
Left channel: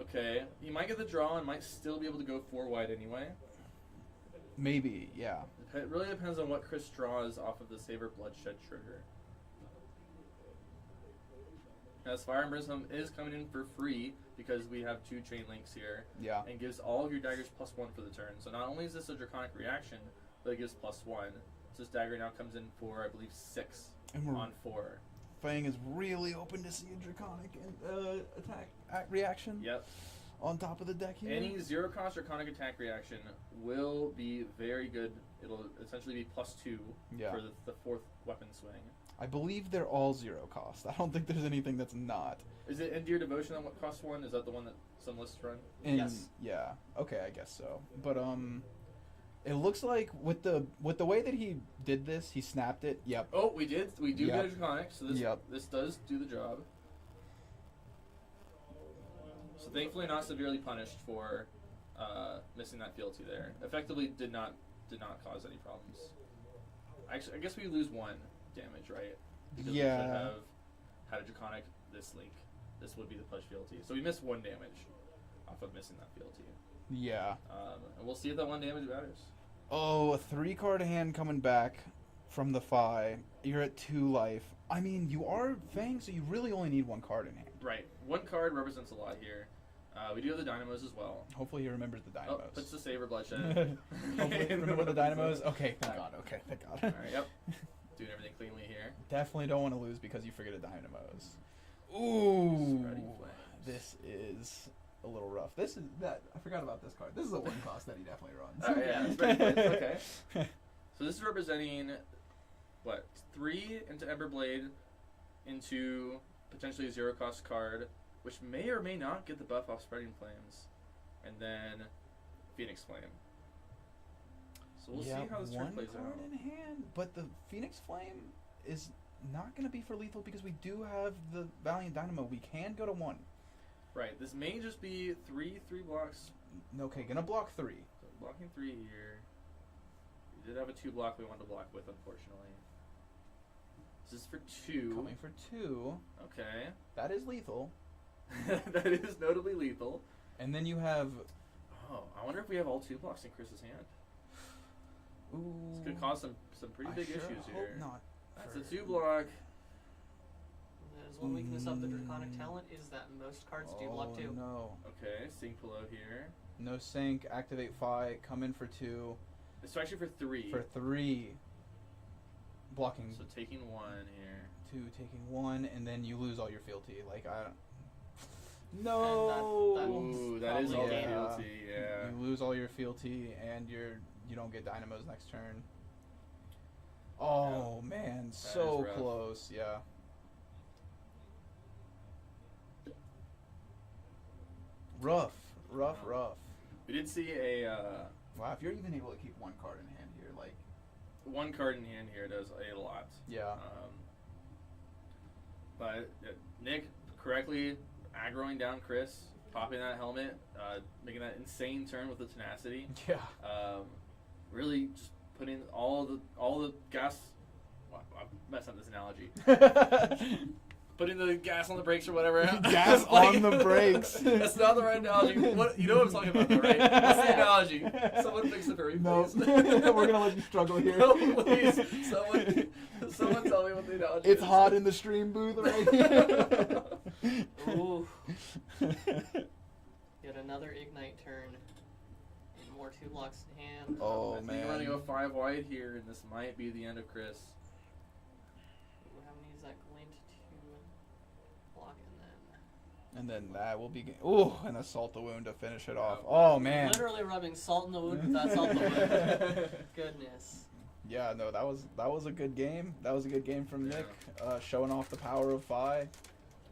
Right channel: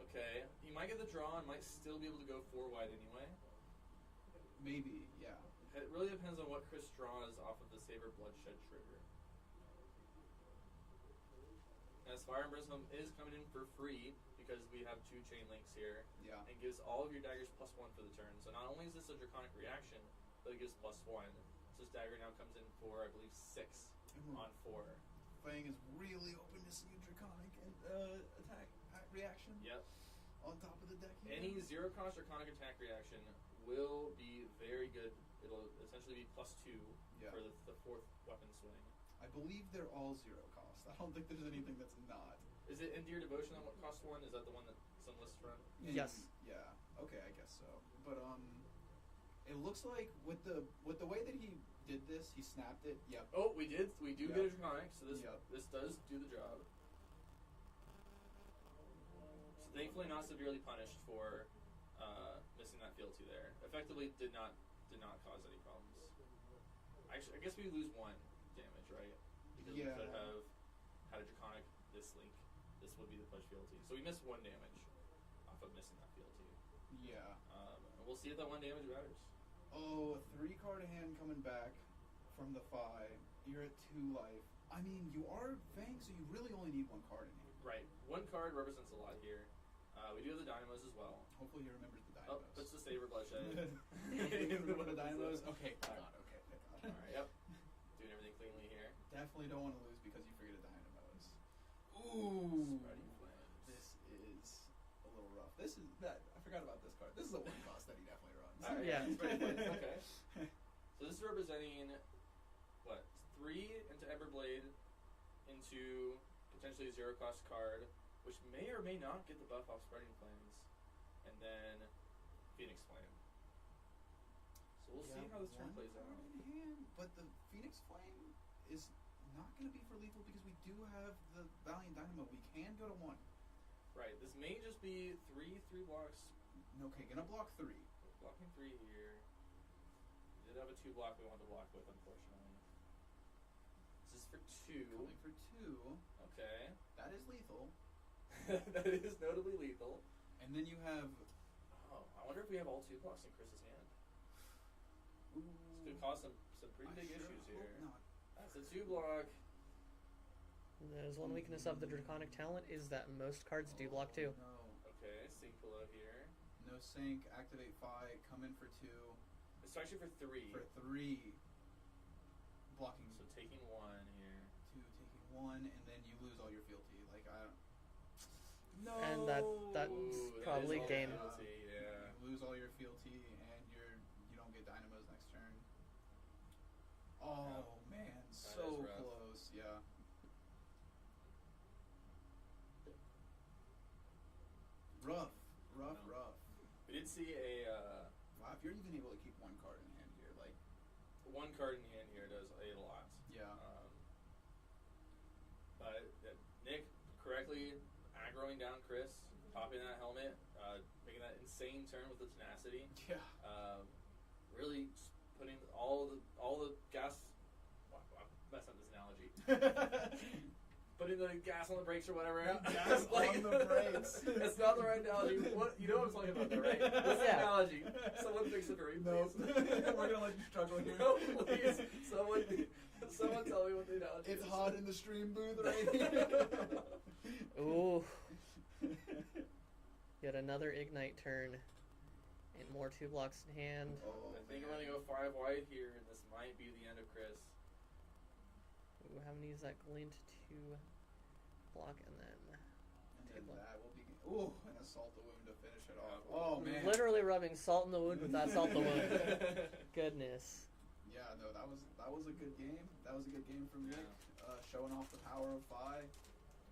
Okay, he might get the draw and might still be able to go 4 wide anyway. Maybe, yeah. It really depends on what Chris draws off of the Saber Bloodshed trigger. As Fire and Brimstone is coming in for free because we have 2 chain links here. Yeah. And gives all of your daggers +1 for the turn. So not only is this a Draconic reaction, but it gives +1. So this dagger now comes in for, I believe, 6 And we're on 4. Fang is really open to see a Draconic and attack reaction. Yep. On top of the deck here. Any 0-cost Draconic attack reaction will be very good. It'll essentially be +2 Yeah. for the 4th weapon swing. I believe they're all 0 cost. I don't think there's anything that's not. Is it Endear Devotion on what costs 1? Is that the one that some lists run? And Yes. Yeah. Okay, I guess so. But it looks like with the way that he did this, he snapped it. Yep. Oh, we do Yep. get a Draconic, so this Yep. this does do the job. So thankfully not severely punished for missing that fealty there. Effectively did not cause any problems. Actually, I guess we lose 1 damage, right? Because we Yeah. could have had a Draconic this link. This would be the pledge fealty. So we missed 1 damage off of missing that fealty. Yeah. And we'll see if that 1 damage matters. Oh, a 3-card hand coming back from the Fi. You're at 2 life. I mean, you are Fang, so you really only need 1 card in hand. Right. 1 card represents a lot here. We do have the Dynamos as well. Hopefully he remembers the Oh, Dynamos. puts the Saber Bloodshed. Hopefully he remember the Dynamos. Okay, thank God. Okay, thank God. Alright, yep. Doing everything cleanly here. Definitely don't want to lose because you forget a Dynamos. Ooh. Spreading Flames. This is a little rough. This is that I forgot about this card. This is a 1 cost that he definitely runs. Yeah, Spreading Flames, okay. So this is representing, what, 3 into Emberblade, into potentially a 0-cost card, which may or may not get the buff off Spreading Flames, and then Phoenix Flame. So we'll see how this turn plays 1 card out. in hand, but the Phoenix Flame is not going to be for lethal because we do have the Valiant Dynamo. We can go to 1. Right, this may just be 3 blocks. Okay, gonna block 3. So blocking 3 here. We did have a 2 block we wanted to block with, unfortunately. This is for 2. Coming for 2. Okay. That is lethal. That is notably lethal. And then you have. Oh, I wonder if we have all 2 blocks in Chris's hand. Ooh. This could cause some pretty big I sure issues hope here. Not. That's a 2 block. That is one weakness of the Draconic talent is that most cards do block 2. No. Okay, Sink Pillow here. No sync. Activate Fi. Come in for 2. It's actually for 3. For 3. Blocking. So taking 1 here. 2, taking 1, and then you lose all your fealty. Like I don't. No. And that will Ooh, that is probably all the gain. fealty, yeah. You lose all your fealty, and you don't get Dynamos next turn. Oh man, so is rough. close. Yeah. Rough. We did see a Wow, if you're even able to keep 1 card in hand here, like. 1 card in hand here does a lot. Yeah. But Nick correctly aggroing down Chris, popping that helmet, making that insane turn with the tenacity. Yeah. really just putting all the gas. I messed up this analogy. Putting the gas on the brakes or whatever. Gas on the brakes. That's not the right analogy. What you know what I'm talking about, though, right? What's the analogy? Someone fix it for me, No, please. we're gonna let you struggle here. No, please. Someone tell me what the analogy is. It's hot in the stream booth right here. Ooh. Get another ignite turn. And more 2 blocks in hand. Oh, I think I'm gonna go 5 wide here, and this might be the end of Chris. Ooh, haven't used that glint to block, And then that will be. Ooh, and a salt the wound to finish it off. Oh man. literally rubbing salt in the wound with that salt in the wound. Goodness. Yeah, no, that was a good game. That was a good game from Nick, showing off the power of Phi.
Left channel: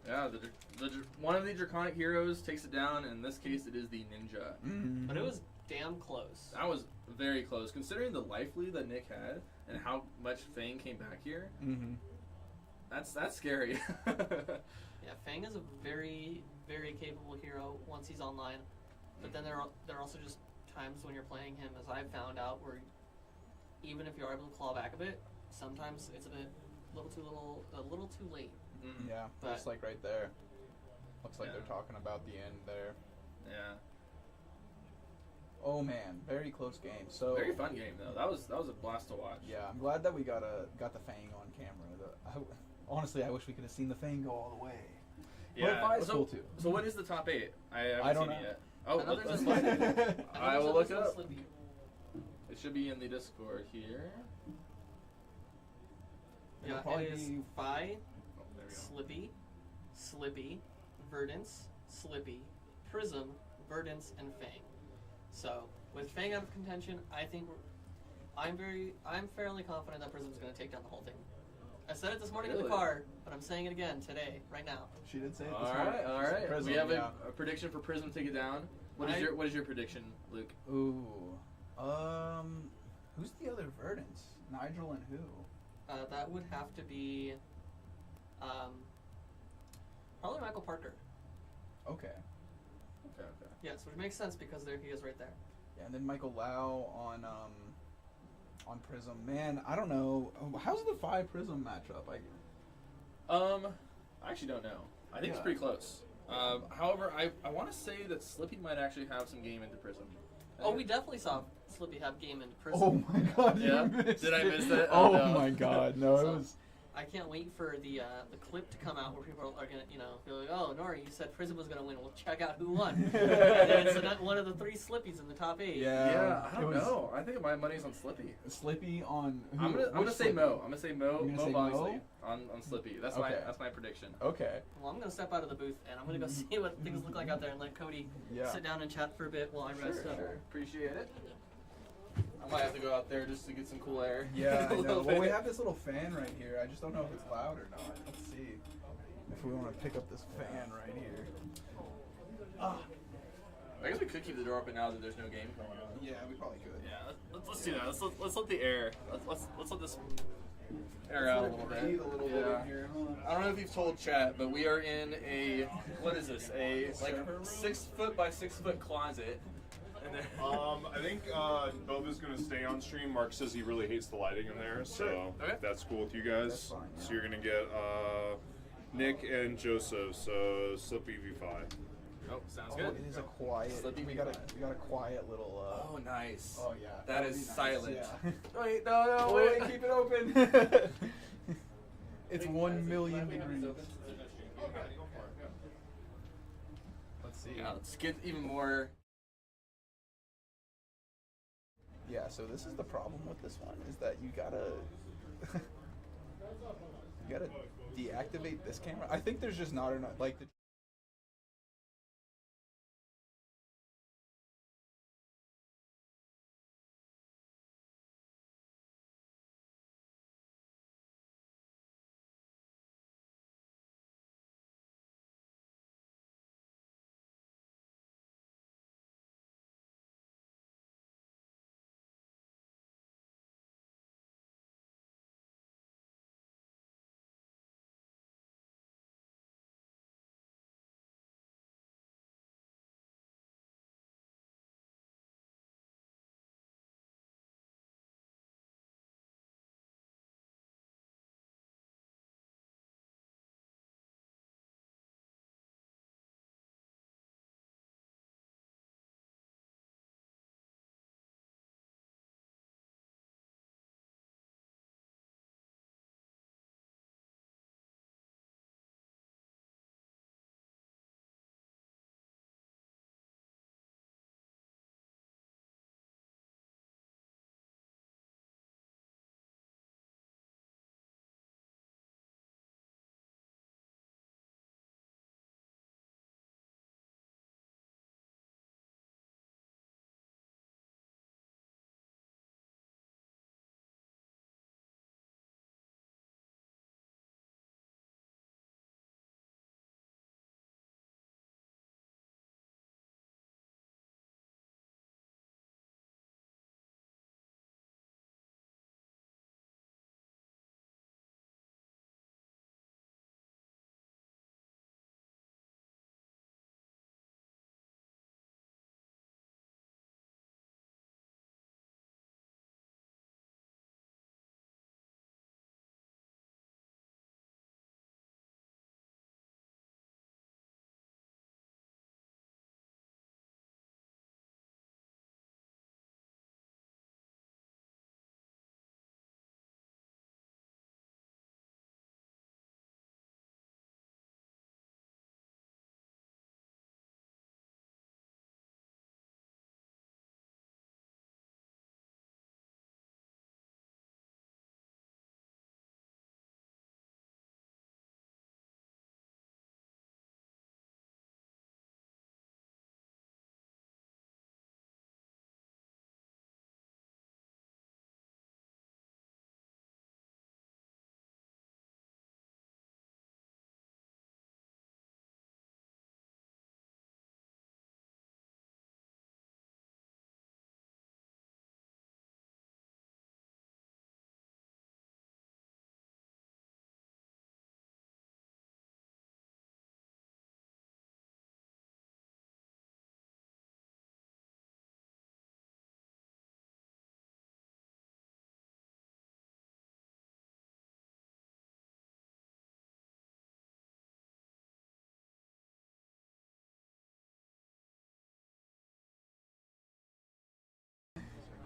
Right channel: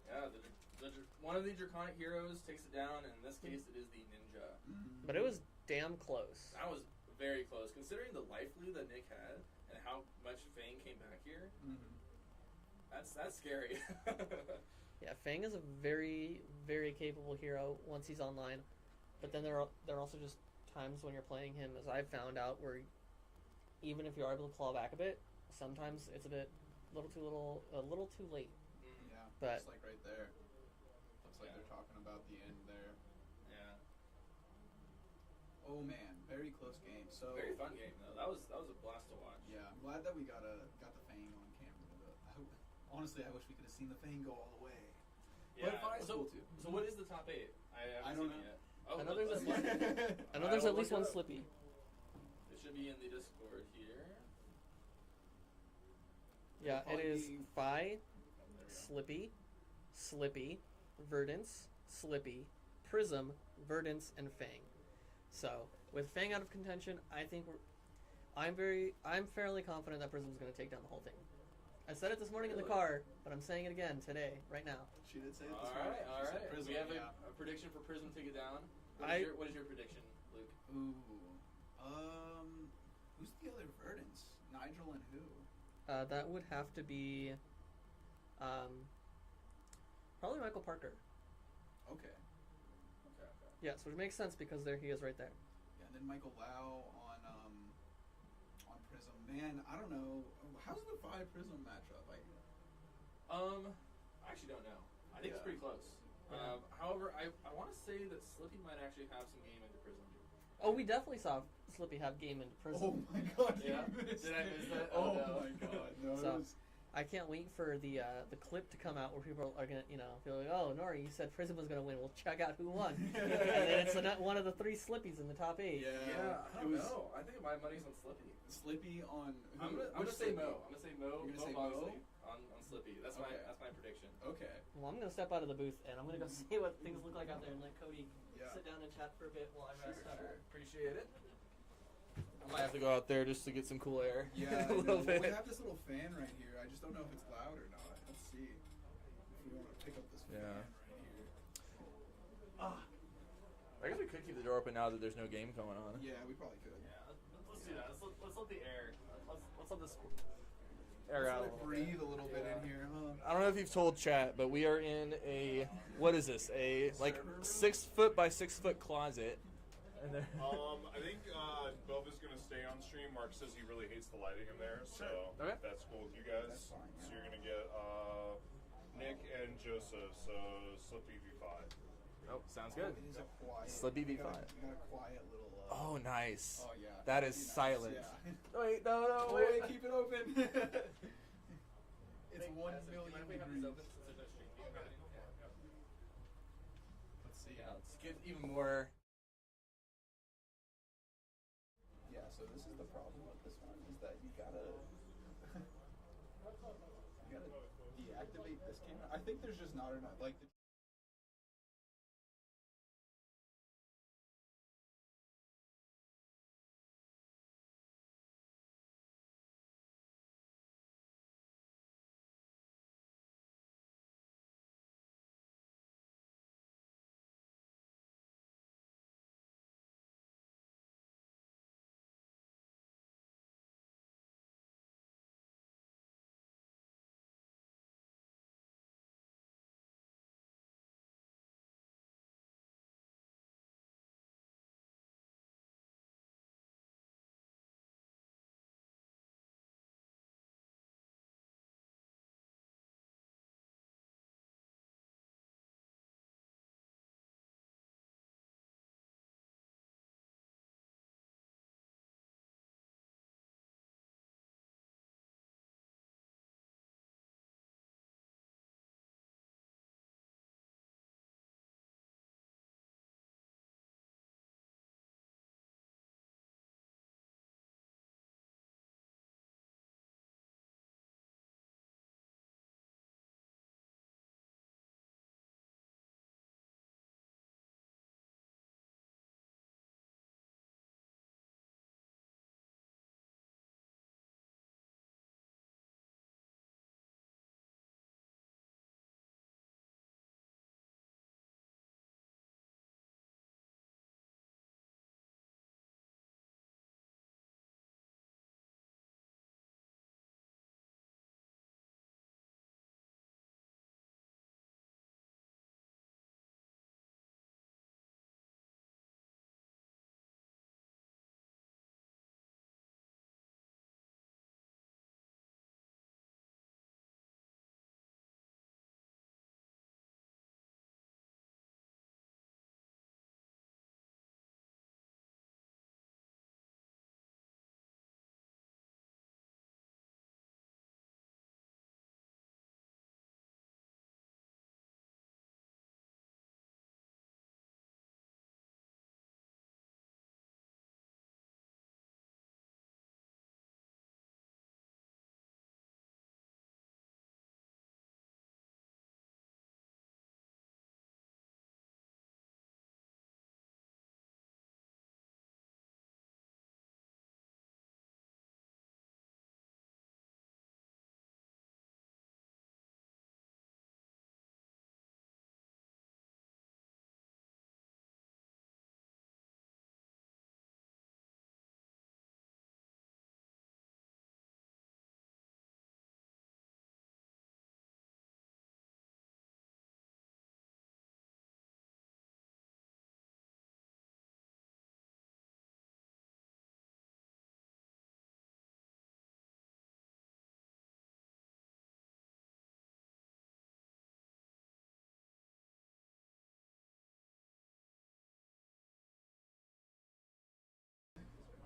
Yeah, one of the draconic heroes takes it down, and in this case, it is the ninja. Mm-hmm. But it was damn close. That was very close, considering the life lead that Nick had and how much Fang came back here. Mm-hmm. That's scary. Yeah, Fang is a very, very capable hero once he's online. But then there are also just times when you're playing him, as I've found out, where even if you're able to claw back a bit, sometimes it's a little too late. Yeah, But- just like right there. Looks like Yeah. they're talking about the end there. Yeah. Oh man, very close game. So Very fun game though. That was a blast to watch. yeah, I'm glad that we got the Fang on camera. Honestly, I wish we could have seen the Fang go all the way. Yeah. But Phi's so, cool too. so what is the top 8? I haven't I don't seen know. it yet. Oh, I know there's let's a look. Slippy. I know I there's will at look least it one up. Slippy. It should be in the Discord here. Yeah, It'll it probably is be- Phi, Oh, there we go. Slippy, Verdance, Slippy, Prism, Verdance, and Fang. So with Fang out of contention, I think I'm fairly confident that Prism's going to take down the whole thing. I said it this morning in the Really? car, but I'm saying it again today, right now. She did say it. All right. Prism, We have yeah. a prediction for Prism to take it down. What is your prediction, Luke? Ooh. Who's the other Verdance? Nigel and who? That would have to be probably Michael Parker. Okay. Okay. Yes, which makes sense because there he is right there. Yeah, and then Michael Lau on Prism. Man, I don't know. How's the Phi Prism matchup? I actually don't know. I think it's Yeah. pretty close. However, I want to say that Slippy might actually have some game into Prism. Oh, we definitely saw Slippy have game into Prism. Oh my god, Yeah? you missed Did I it. miss that? Oh, Oh, no. my god, no, it So- was. I can't wait for the clip to come out where people are gonna, be like, oh, Nori, you said Prism was gonna win. We'll check out who won. And then it's one of the 3 Slippies in the top 8. Yeah, I don't know. I think my money's on Slippy. Slippy on. Who? I'm gonna Which say Slippy? Mo. I'm gonna say Mo. You're gonna Mo say Bogsley Mo? on Slippy. That's Okay. my prediction. Okay. Well, I'm gonna step out of the booth and I'm gonna go see what things look like out there and let Cody Yeah. sit down and chat for a bit while I rest up. Appreciate it. I might have to go out there just to get some cool air. Yeah, A I know. little Well, we bit. have this little fan right here. I just don't know if it's loud or not. Let's see if we want to pick up this fan right here. I guess we could keep the door open now that there's no game going on. Yeah, we probably could. Yeah, let's do that. Let's let the air. Let's let this air out a little bit. Breathe a little bit Yeah. in here, huh? I don't know if you've told chat, but we are in a what is this? A like 6 foot by 6 foot closet. And there. I think Boba's gonna stay on stream. Mark says he really hates the lighting in there, so Okay. if that's cool with you guys. That's fine, So yeah. you're gonna get Nick and Joseph. So Slippy v5. Oh, sounds Oh, good. it is a quiet. Slippy we got V5. a quiet little. Oh, nice. Oh yeah. That that'd is be nice, silent. Yeah. Wait, no, Oh, wait. wait, keep it open. It's 1 million degrees. Let's see. Yeah, let's get even more. Yeah, so this is the problem with this one is that you gotta deactivate this camera. I think there's just not enough like the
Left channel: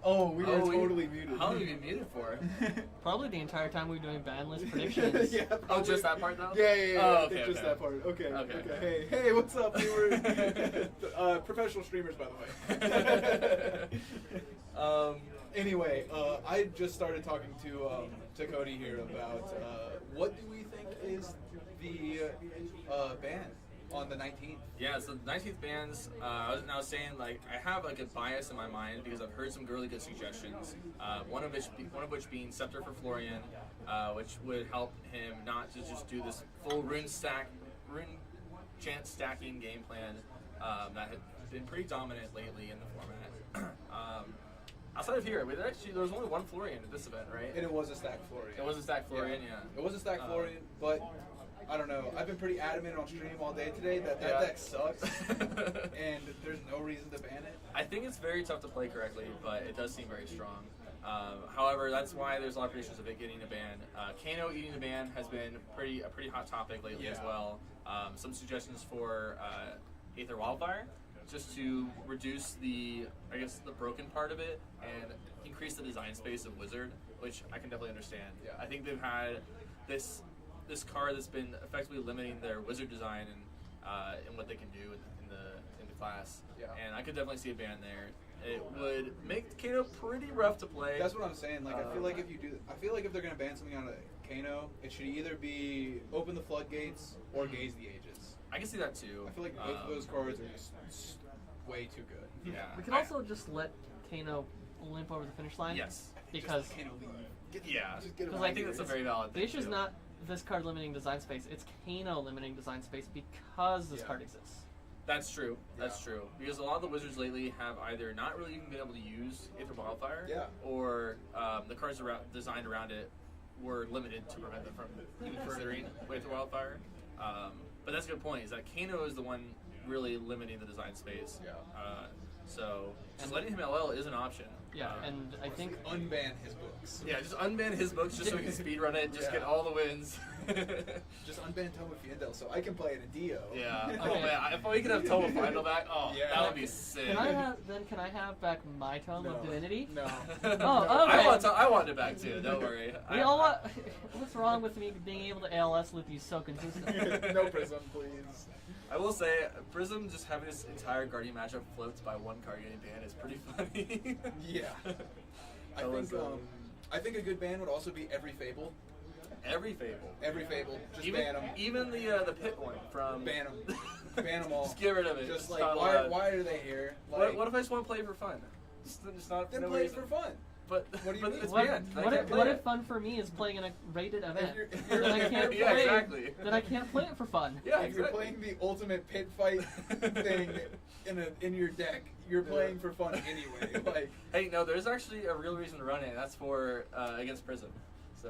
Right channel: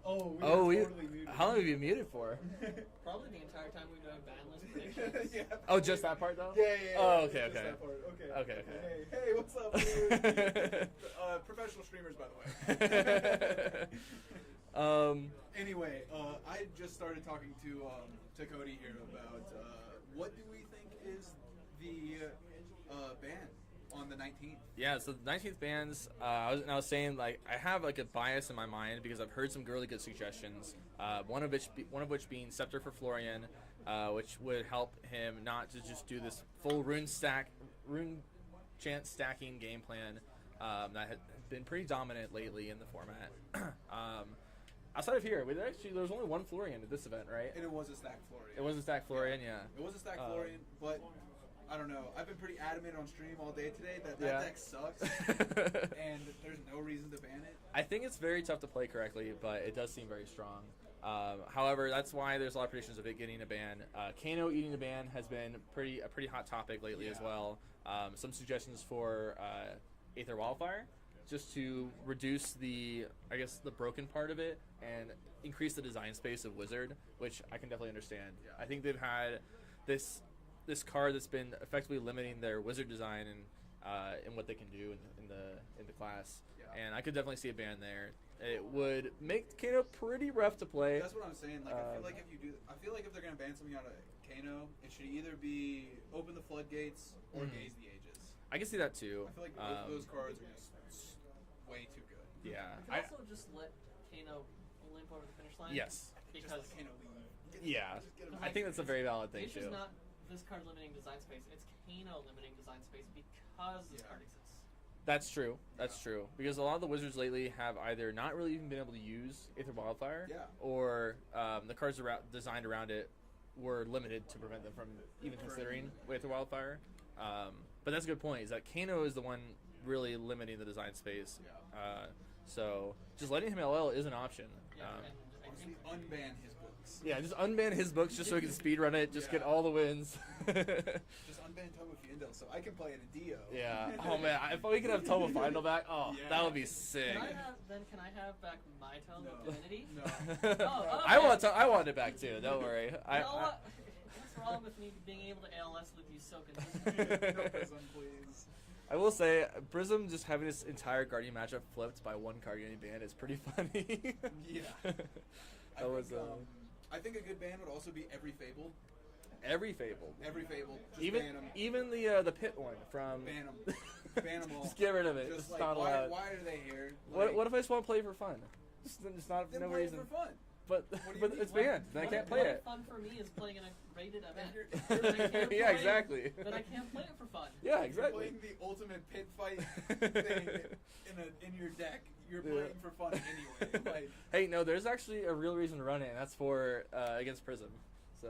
Oh, we Oh, were we- totally muted. How long have you been muted for? Probably the entire time we were doing ban list predictions. Yeah, Oh, just that part though? Yeah. Oh, okay, Just okay. that part. Okay. Okay. Hey, what's up? We were professional streamers, by the way. Anyway, I just started talking to Cody here about what do we think is the ban on the 19th. Yeah, so the 19th bans, I was saying, like, I have, like, a bias in my mind because I've heard some really good suggestions, one of which being Scepter for Florian, which would help him not to just do this full rune chance stacking game plan that had been pretty dominant lately in the format. Outside of here, there was only one Florian at this event, right? And it was a stack Florian. It was a stack Florian, yeah. It was a stack Florian, but I don't know. I've been pretty adamant on stream all day today that deck sucks, and there's no reason to ban it. I think it's very tough to play correctly, but it does seem very strong. However, that's why there's a lot of predictions of it getting a ban. Kano eating the ban has been a pretty hot topic lately as well. Some suggestions for Aether Wildfire, just to reduce the broken part of it and increase the design space of Wizard, which I can definitely understand. Yeah. I think they've had this card that's been effectively limiting their Wizard design and what they can do in the class. Yeah. And I could definitely see a ban there. It would make Kano pretty rough to play. That's what I'm saying. Like, I feel like if they're gonna ban something on a Kano, it should either be open the floodgates or gaze the ages. I can see that too. I feel like both of those cards are just way too good. Yeah. We can also just let Kano limp over the finish line. Yes. Because Just Kano leave. Yeah. Just get him Because I out think of that's a here. very valid the thing. issue's too. not this card limiting design space, it's Kano limiting design space because this Yeah. card exists. That's true. That's Yeah. true. Because a lot of the Wizards lately have either not really even been able to use Aether Wildfire, Yeah. or the cards designed around it were limited to prevent them from even considering Aether Wildfire. But that's a good point, is that Kano is the one really limiting the design space. Yeah. So just letting him LL is an option. Yeah, and I think Unban his books. Yeah, just unban his books just so he can speedrun it, just get all the wins. Just unban Tomo Fiendel so I can play it in Dio. Yeah. Oh Okay. man, if we could have Tomo Final back, Yeah. that would be sick. can I have back my tome of Divinity? No. Oh, I okay. I want it back too. Don't worry. You know what? What's wrong with me being able to ALS loop you so consistently? No Prism, please. I will say, Prism just having this entire Guardian matchup flipped by one card getting banned is pretty funny. Yeah. I think a good ban would also be every Fable. Every Fable. Every Fable. Just Even ban them. even the pit one from. Ban them. Ban them all. Just get rid of it. Just It's like, not why allowed. are they here? Like, What if I just want to play for fun? Just not then no play reason. it for fun. But What do you but mean? it's What, banned. I what, can't if, play what it. if fun for me is playing in a rated event? If you're Then I can't play. Yeah, exactly. Then I can't play it for fun. Yeah, If you're exactly. playing the ultimate pit fight thing in your deck, you're playing for fun anyway. Like, Hey, no, there's actually a real reason to run it. And that's for against Prism. So.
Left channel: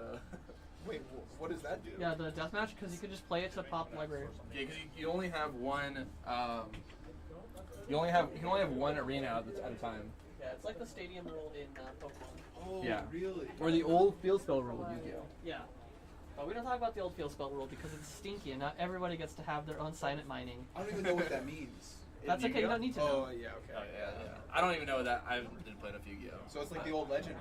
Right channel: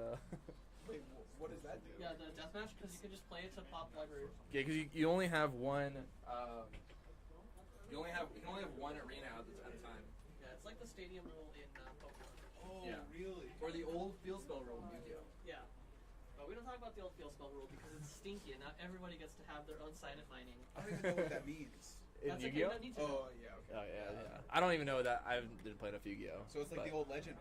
wait, what does that do? Yeah, the deathmatch, because you can just play it to pop library. Yeah, because you only have one. You can only have one arena at a time. Yeah, it's like the stadium rule in Pokemon. Oh, Yeah. really? Or the old field spell rule of Yu-Gi-Oh. Yeah. But we don't talk about the old field spell rule because it's stinky and not everybody gets to have their own silent mining. I don't even know what that means. That's okay, you don't need to know. Oh, yeah, okay. Oh yeah. I don't even know that. I haven't been playing enough Yu-Gi-Oh. So it's like the old legend.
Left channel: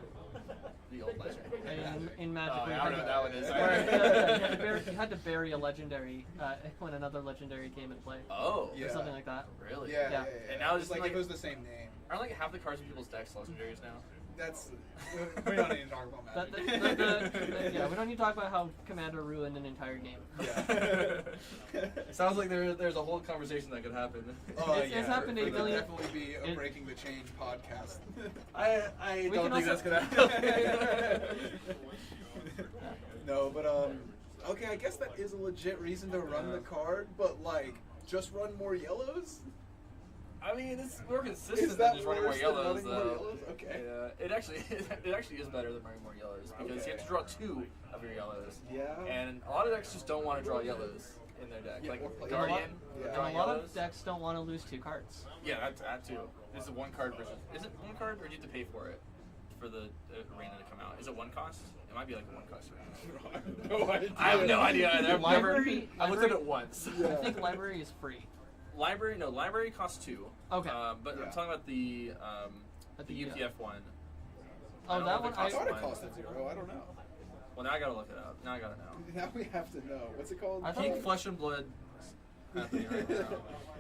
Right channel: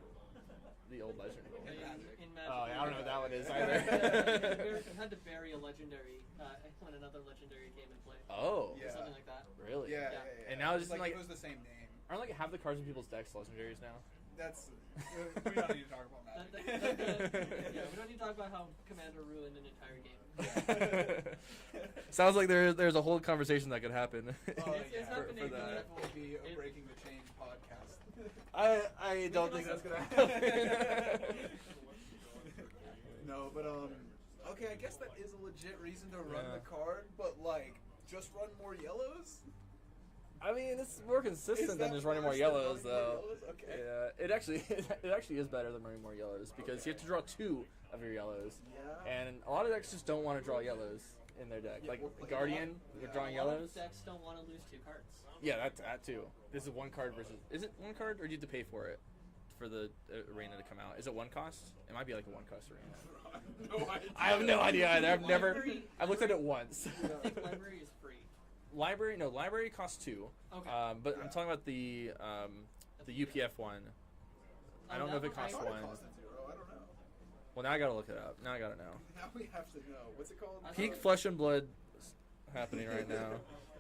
The old legend. In Magic. Oh, we yeah, I don't know what that one is. you had to bury a legendary when another legendary came into play. Oh. Yeah. Or something like that. Really? Yeah. And now it's just like like if it was the same name. aren't like half the cards in people's decks legendaries now? That's we don't need to talk about Magic. Yeah, we don't need to talk about how Commander ruined an entire game. Yeah. Sounds like there's a whole conversation that could happen. It's happened It a could million. definitely be a Breaking the Chain podcast. I We don't can think also- that's gonna happen. No, but okay, I guess that is a legit reason to run the card, but like just run more yellows. I mean, it's more consistent Is than that just running more worse than yellows, running more though. yellows? Okay. Yeah, it actually is better than running more yellows because you have to draw 2 of your yellows. Yeah. And a lot of decks just don't want to draw yellows in their deck. Yeah, Like or play- Guardian, Yeah. drawing A lot yellows. of decks don't want to lose 2 cards. Yeah, that too. This is 1 card versus. Is it 1 card or do you have to pay for it for the arena to come out? Is it 1 cost? It might be like a 1 cost arena. I have no idea either. I've never. I looked at it once. I think library is free. Library costs 2. Okay. But I'm Yeah. talking about the At the, UPF one. Oh, don't that know if one it I thought it one. cost 0. I don't know. Well, now I gotta look it up. Now I gotta know. Now we have to know. What's it called? I thought Pink Flesh and Blood happening right now.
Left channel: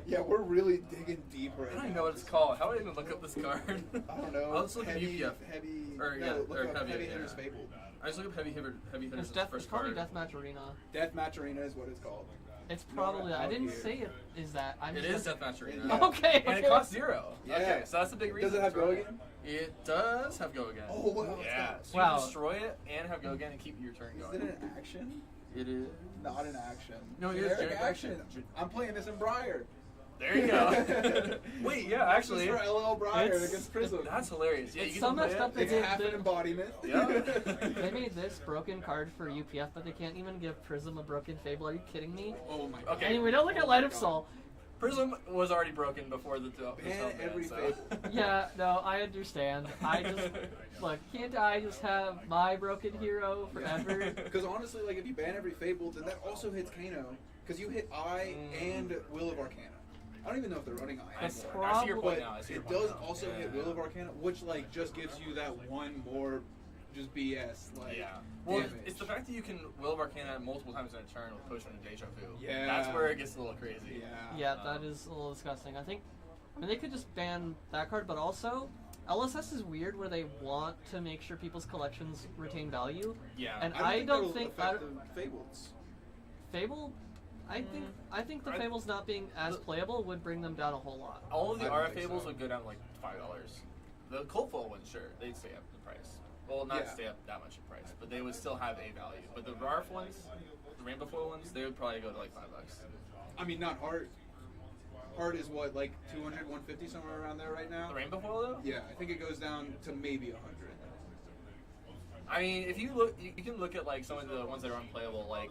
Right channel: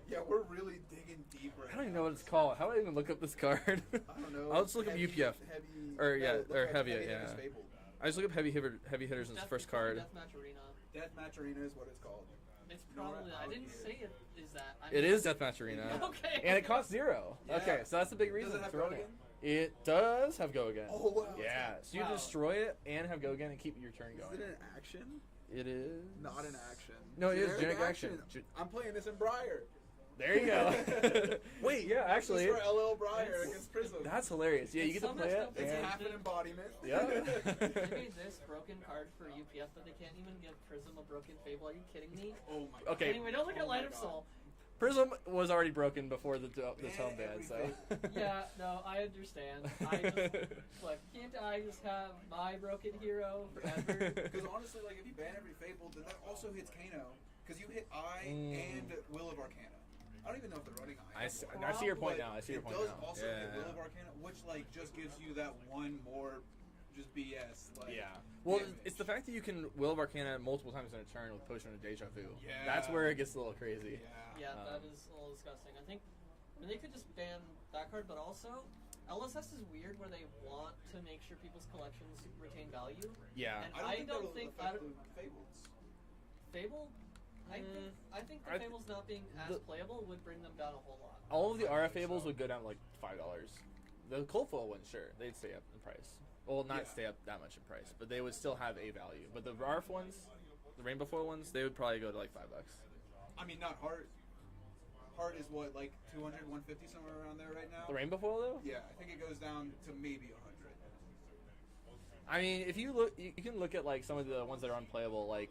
Yeah, we're really digging deep right I now. don't even know what it's called. How do I even look up this card? I don't know. I'll just look at Heavy- UPF. Heavy. Or, yeah, look or up heavy, Heavy yeah. Hitters Fabled. I just look up heavy hitters It's as the first probably card. Deathmatch Arena. Deathmatch Arena is what it's called. It's probably. I out didn't here. say it is that. I'm It just- is Deathmatch Arena. Yeah. Okay. And it costs 0. Yeah. Okay, so that's a big reason. Does it have to go run again? It does have go again. Oh, wow. Yeah. So you Wow. can destroy it and have go again and keep your turn Is going. it an action? It is. Not an action. No, it is generic action. I'm playing this in Briar. There you go. Wait, yeah, actually. This is for LL Briar It's- against Prism. That's hilarious. Yeah, It's you so can play messed up that it. It's they- half an embodiment. Yeah. They made this broken card for UPF, but they can't even give Prism a broken Fable. Are you kidding me? Oh my god. Okay. Anyway, don't look at Light of Soul. Prism was already broken before the Ban ban, every so. Fable. Yeah, no, I understand. I just look. Can't I just have my broken hero forever? Because honestly, like if you ban every Fable, then that also hits Kano. Because you hit I and Will of Arcana. I don't even know if they're running I That's anymore. I see your point But now. I see your it point does now. also Yeah. hit Will of Arcana, which like just gives you that one more, just BS. Like, Yeah. Well, damage. it's the fact that you can Will of Arcana multiple times in a turn with Potion of Deja Vu. Yeah. That's where it gets a little crazy. Yeah. Yeah, that is a little disgusting. I mean, they could just ban that card, but also, LSS is weird where they want to make sure people's collections retain value. Yeah. And I don't don't think affect the Fables. Fable, I think the Fables not being as playable would bring them down a whole lot. All of the I don't RF think Fables so. would go down like $5. The Cold Foil ones, sure, they'd stay up in price. Well, not Yeah. stay up that much in price, but they would still have a value. But the RF ones, the Rainbow Foil ones, they would probably go to like $5. I mean, not Heart. Heart is what, like 200, 150, somewhere around there right now? The Rainbow Foil though? Yeah, I think it goes down to maybe 100. I mean, if you look, you can look at like some of the ones that are unplayable, like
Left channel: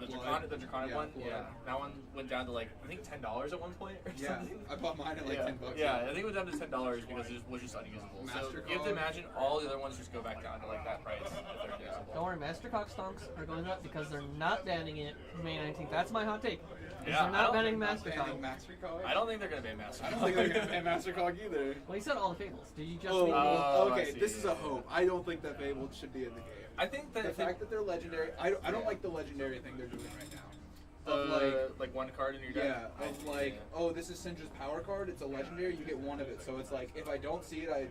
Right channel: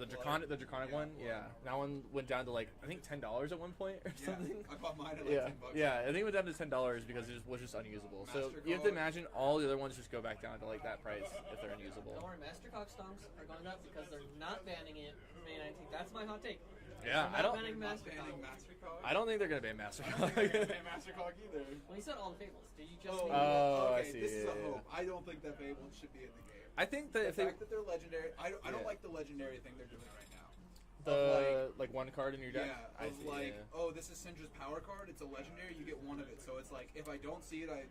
the Draconic Yeah, one. Blood. Yeah, that one went down to like I think $10 at one point or Yeah, something. I bought mine at like yeah, $10. yeah, I think it went down to $10 because it was just unusable. So you have to MasterCard. imagine all the other ones just go back down to like that price if they're unusable. Don't worry, Master Cock Stonks are going up because they're not banning it May 19th. That's my hot take. Yeah, they're I not don't- banning Master Cock. I don't think they're gonna ban Master. I don't think they're gonna ban Mastercog either. Well, you said all the Fables. Did you just Oh, mean? I okay. see, This is yeah, a yeah. hope. I don't think that Fable should be in the game. I think that The if they, fact that they're legendary, I don't like the legendary thing they're doing right now. the like one card in your deck. Yeah, of like, oh, this is Syndra's power card. It's a legendary. You get one of it. So it's like, if I don't see it, I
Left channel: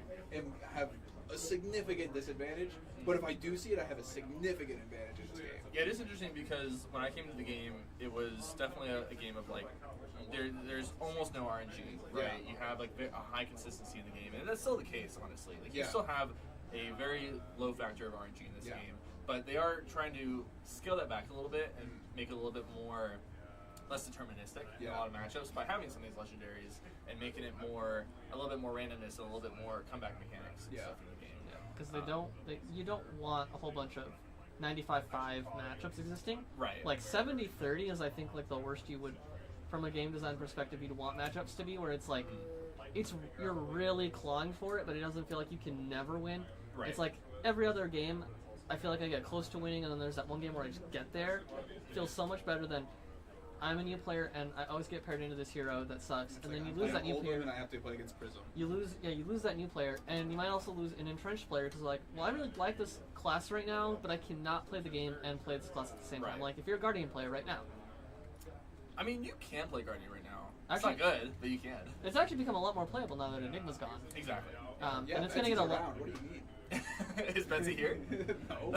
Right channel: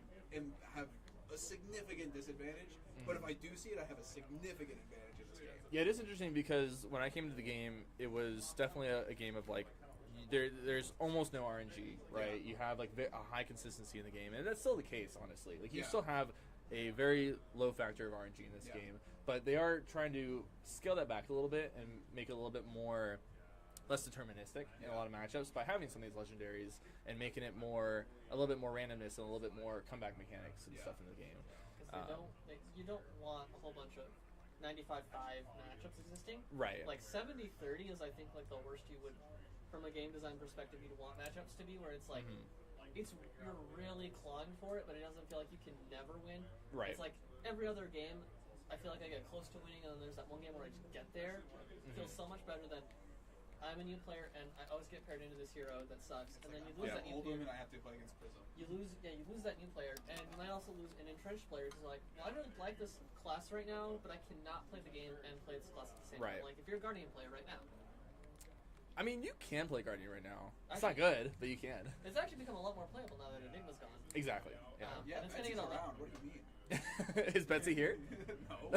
have a significant disadvantage. But if I do see it, I have a significant advantage in this game. Yeah, it is interesting because when I came to the game, it was definitely a game of like, there's almost no RNG, right? Yeah. You have like a high consistency in the game, and that's still the case, honestly. Like you Yeah. still have a very low factor of RNG in this Yeah. game, but they are trying to scale that back a little bit and make it a little bit more less deterministic in a Yeah. lot of matchups by having some of these legendaries and making it a little bit more randomness and a little bit more comeback mechanics and Yeah. stuff in the game. Because you don't want a whole bunch of 95-5 matchups existing. Right. Like 70-30 is, I think, like the worst you would, from a game design perspective, you'd want matchups to be, where it's like, you're really clawing for it, but it doesn't feel like you can never win. Right. It's like every other game, I feel like I get close to winning, and then there's that one game where I just get there. It feels so much better than I'm a new player and I always get paired into this hero that sucks, and then you lose that new player. And I have to play against Prism. You lose that new player, and you might also lose an entrenched player because like, well, I really like this class right now, but I cannot play the game and play this class at the same time. Right. Like if you're a Guardian player right now, I mean, you can play Guardian right now. It's Actually- not good, but you can. it's actually become a lot more playable now that Enigma's gone. Exactly. Yeah, and it's gonna get Betsy's a lot. around. What do you mean? Is Betsy here? No.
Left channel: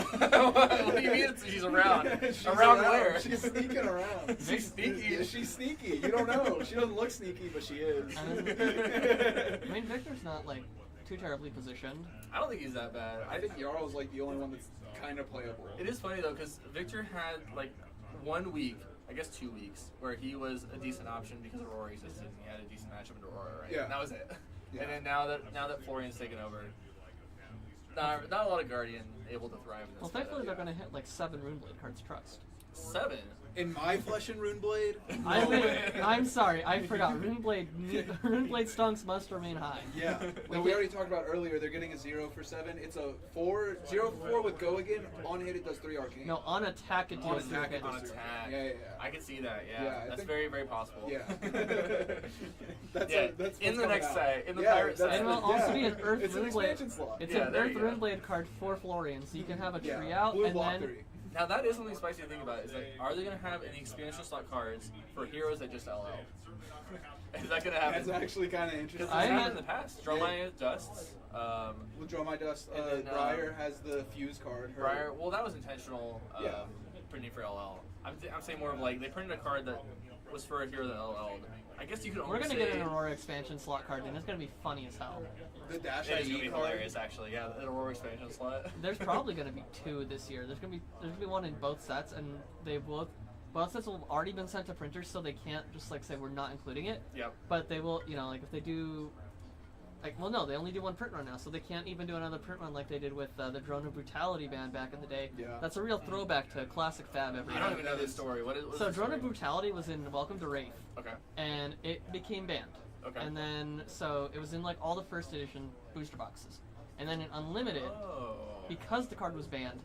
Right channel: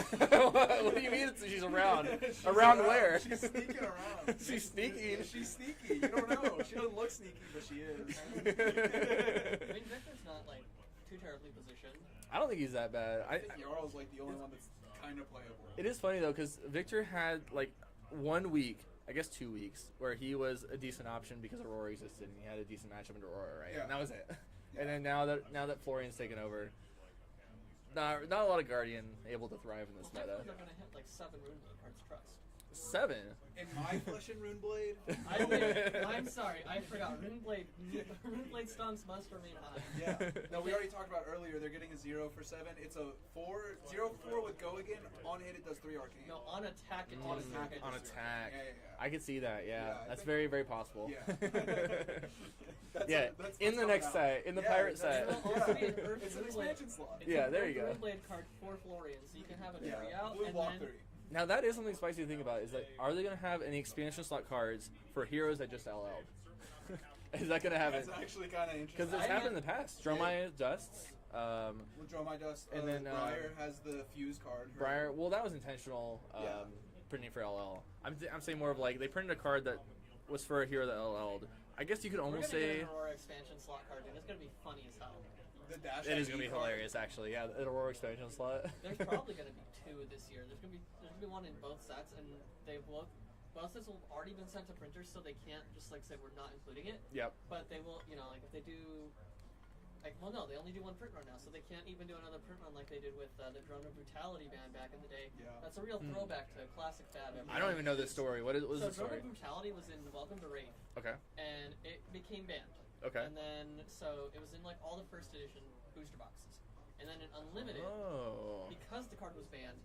What do you mean she's around? She's around where? She's sneaking around. She's sneaky. Yeah, she's sneaky. You don't know. She doesn't look sneaky, but she is. I mean, Victor's not like too terribly positioned. I don't think he's that bad. I think Jarl's like the only one that's kind of playable. It is funny though, because Victor had like 1 week, I guess 2 weeks, where he was a decent option because Aurora existed. He had a decent matchup in Aurora, right? Yeah. And that was it. Yeah. And then now that Florian's taken over, not a lot of Guardian able to thrive in this. Well, meta. thankfully they're gonna hit like 7 Runeblade cards trust. 7. In my Flesh and Rune Blade? I'm sorry, I forgot. Runeblade stonks must remain high. Yeah. Well, we already talked about earlier, they're getting a 0 for 7. It's a 0 for 4 with Go Again. On hit, it does 3 arcane. No, on attack it On deals attack, three. it On does 3 attack. Yeah. I could see that, yeah. Yeah, I That's think- very, very possible. Yeah. That's Yeah, that's in the what's next coming out. side, in the Yeah, pirate that's- side. It will also be an Earth It's an Runeblade. expansion slot. It's Yeah, an there Earth you go. Runeblade card for Florian, so you can have a Yeah. tree out Blue and block then 3. Now that is something spicy to think about. Is like, are they gonna have any expansion slot cards for heroes that just LL? Is that gonna happen? That's actually kind of interesting. Because I it's happened mean- in the past. Dromai Dusts. We'll draw my dust. And then, Briar has the fuse card. Her- Briar. Well, that was intentional. Yeah. Printing for LL. I'm saying more of like they printed a card that was for a hero that LL'd. I guess you could we're only gonna say get an Aurora expansion slot card, and it's gonna be funny as hell. The dash it is gonna ID be card. hilarious, actually. Yeah, an Aurora expansion slot. There's probably gonna be 2 this year. There's gonna be one in both sets, and they both sets will have already been sent to printers, so they can't just like say we're not including it. Yep. But they will, like if they do, well, no, they only do one print run now, so they can't even do another print run like they did with the Drone of Brutality band back in the day. Yeah. That's a real throwback to classic Fab every I year. don't even know this story. What is So the Drone story? of Brutality was in Welcome to Wraith, Okay. and it became banned. Okay. And then, so it was in like all the first edition booster boxes. And then in Unlimited, Oh. because the card was banned,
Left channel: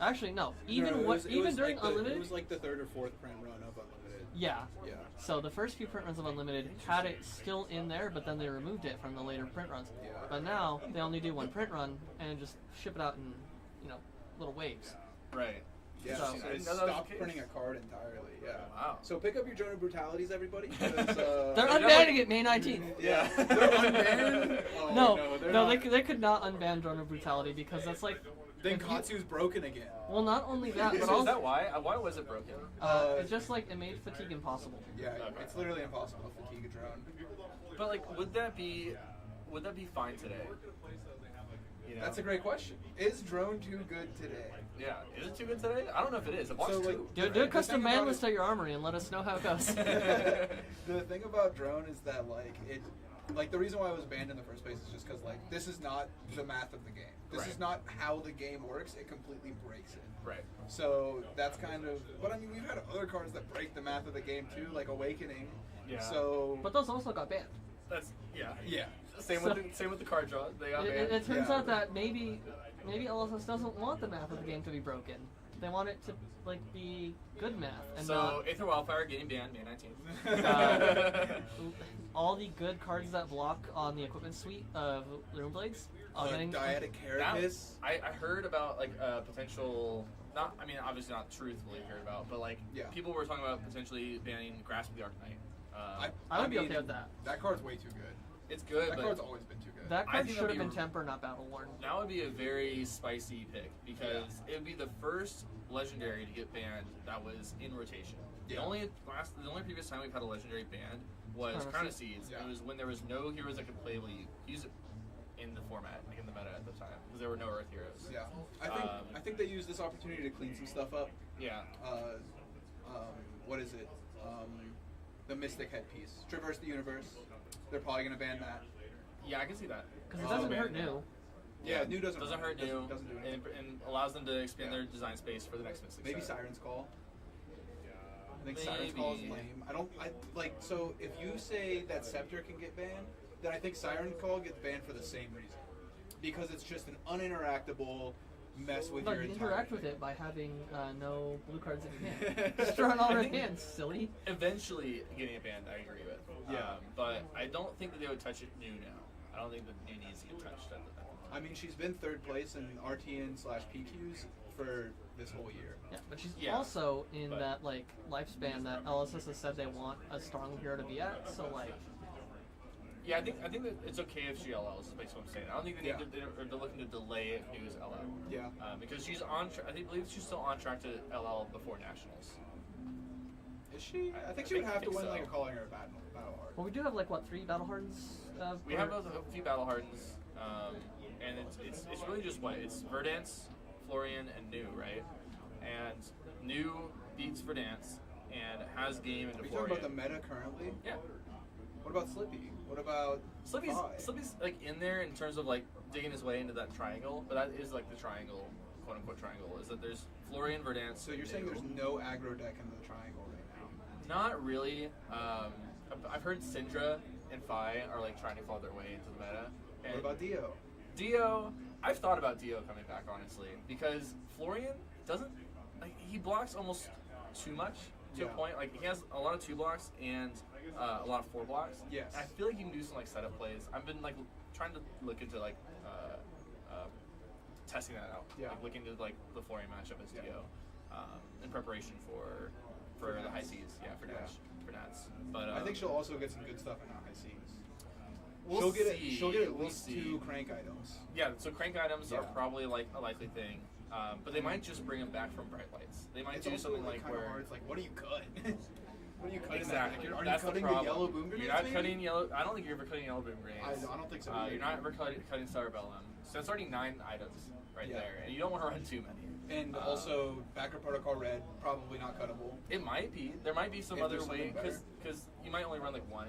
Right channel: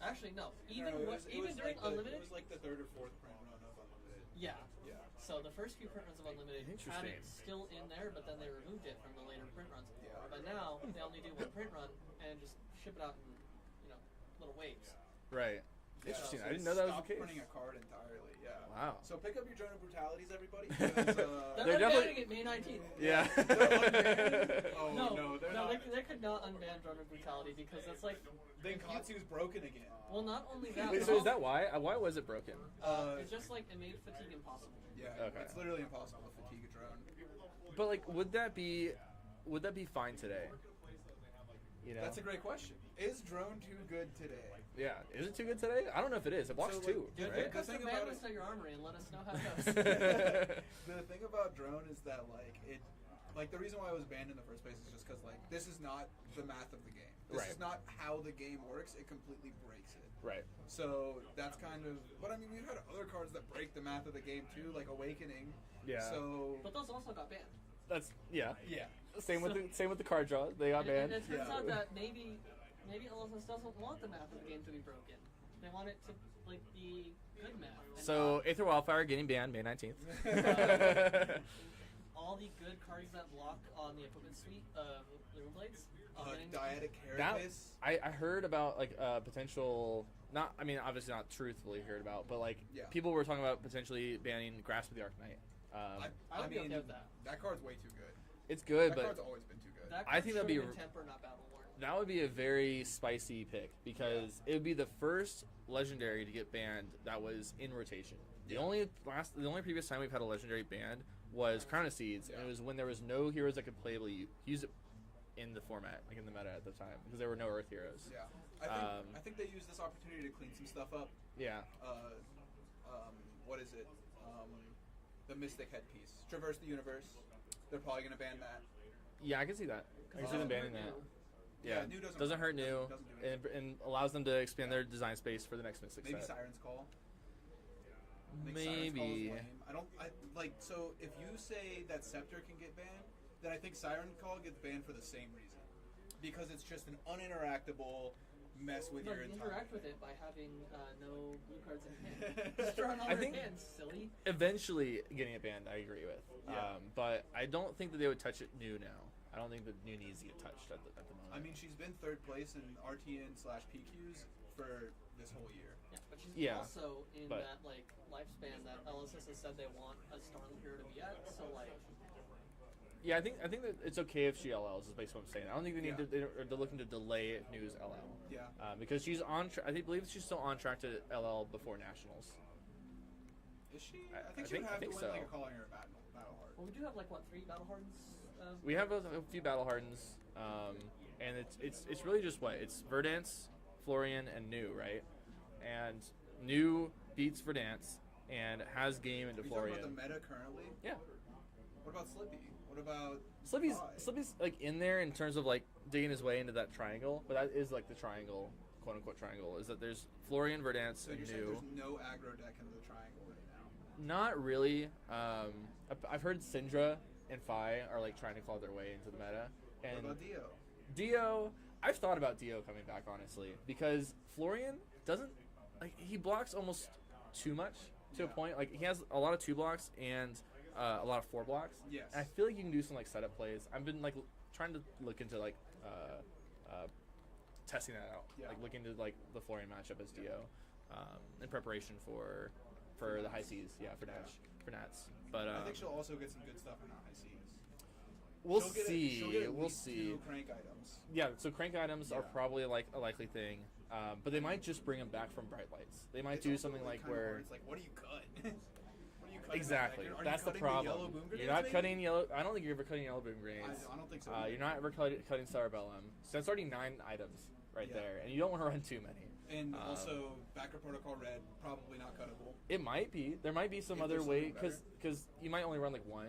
actually no, even No, it was during like Unlimited, it was like the 3rd or 4th print run of Unlimited. yeah. Yeah. So the first few print runs of Unlimited had it still in there, but then they removed it from the later print runs. Yeah. But now they only do one print run and just ship it out in, little waves. Right. Yeah, So- so I they didn't know that was stopped the case. printing a card entirely. Yeah. Wow. So pick up your Drone of Brutalities, everybody. Because, They're They unbanning definitely- it May 19th. Yeah. They're unbanned? Oh, No, they're not. they could not unban Drone of Brutality because that's like, Then if you- Katsu's broken again. well, not only that, but So is also, that why? Why was it broken? it's just like it made fatigue impossible. Yeah, Okay. it's literally impossible to fatigue a drone. But like, would that be fine today? You know? That's a great question. Is drone too good today? Yeah. Is it too good today? I don't know if it is. It blocks So, like, 2. Do The a thing custom about ban it- list at your armory and let us know how it goes. The thing about drone is that the reason why it was banned in the first place is just because this is not the math of the game. This Right. is not how the game works. It completely breaks it. Right. So that's kind of. But I mean, we've had other cards that break the math of the game too, like Awakening. Yeah. So. But those also got banned. That's yeah. Yeah. Same with the card draw. They got banned. It turns Yeah. out that maybe LSS doesn't want the math of the game to be broken. They want it to be good math. And So Aether Wildfire getting banned May 19th. not all the good cards that block on the equipment suite of Runeblades all getting. Dyadic That- Carapace. I heard about potential. Not, I mean, obviously not truthfully heard about, but Yeah. people were talking about potentially banning Grasp of the Arcanite. I would be mean, okay with that. That card's way too good. It's good, That but card's always been too good. That I card think should that'd have be been Temper, not Battle Worn. that would be a very spicy pick because it would be the first legendary to get banned that was in rotation. The Yeah. only previous time we've had a legendary banned was Crown Crown of of Seeds. Yeah. It was when there was no heroes that could playably use it in the format, like in the meta at the time, because there were no Earth heroes. Yeah. I think they used this opportunity to clean some stuff up. Yeah. What is it? The Mystic headpiece. Traverse the universe. They're probably gonna ban that. Yeah, I can see that. Because it It's doesn't banned hurt now. new. Yeah, new doesn't hurt new, Doesn't do anything. and allows them to expand their design space for the next Mystic Maybe set. Siren's Call. I think Siren's Call is Maybe. lame. So if you say that Scepter can get banned, then I think Siren Call gets banned for the same reason. Because it's just an uninteractable mess with No, your you entire interact with it by having no blue cards in hand. Just drawing all I red think- hands, silly. Eventually getting it banned, I agree with. Yeah. But I don't think that they would touch it new now. I don't think that new needs to get touched at the time. I mean, she's been 3rd place in RTN/PQs for this whole year. Yeah, but she's Yeah, also in but- that lifespan that LSS has said they want a strong hero to be at. So Yeah, I think that it's okay if she LLs. Is basically what I'm saying. I don't think they need Yeah. they're looking to delay New's LL. Yeah. Because she's on. I believe she's still on track to LL before nationals. Is she? I think I she would think- have I to think win so. like a calling or a battle hard. well, we do have 3 Battle Hardens. We have a few battle hardens, and it's really just it's Verdance, Florian, and New, right? And New beats Verdance and has game into Are you talking Florian. about the meta currently? Yeah. What about Slippy? What about Slippy's like in there in terms of like digging his way into that triangle, but that is like the triangle, quote unquote triangle. Is that there's Florian, Verdance. So you're saying there's no aggro deck in the triangle right now? Not really. I've heard Syndra and Phi are like trying to claw their way into the meta. And What about Dio? Dio, I've thought about Dio coming back honestly because Florian doesn't like he blocks almost too much to a point. Like he has a lot of 2 blocks and a lot of 4 blocks. Yes. And I feel like you can do some like setup plays. I've been like trying to look into like testing that out. Yeah. Like looking into like the Florian matchup as Dio in preparation for the high seas. Yeah, for Dash, for Nats. But I think she'll also get some good stuff in high seas. We'll she'll see. She'll get at We'll least see. 2 crank items. Yeah, so crank items are Yeah. probably like a likely thing, but they might just bring them back from bright lights. They might It's do also, something like kinda where hard. It's like, what do you cut? What do you cut? exactly Are that's you cutting the problem. yellow boom grenades? You're not maybe? cutting yellow. I don't think you're ever cutting yellow boom grenades. I don't think so. You're not ever cutting Cerebellum. So that's already 9 items right Yeah. there, and you don't want to run too many. And also, Backer Protocol Red, probably not cuttable. It might be. There might be some If other there's way something because you might only run like 1,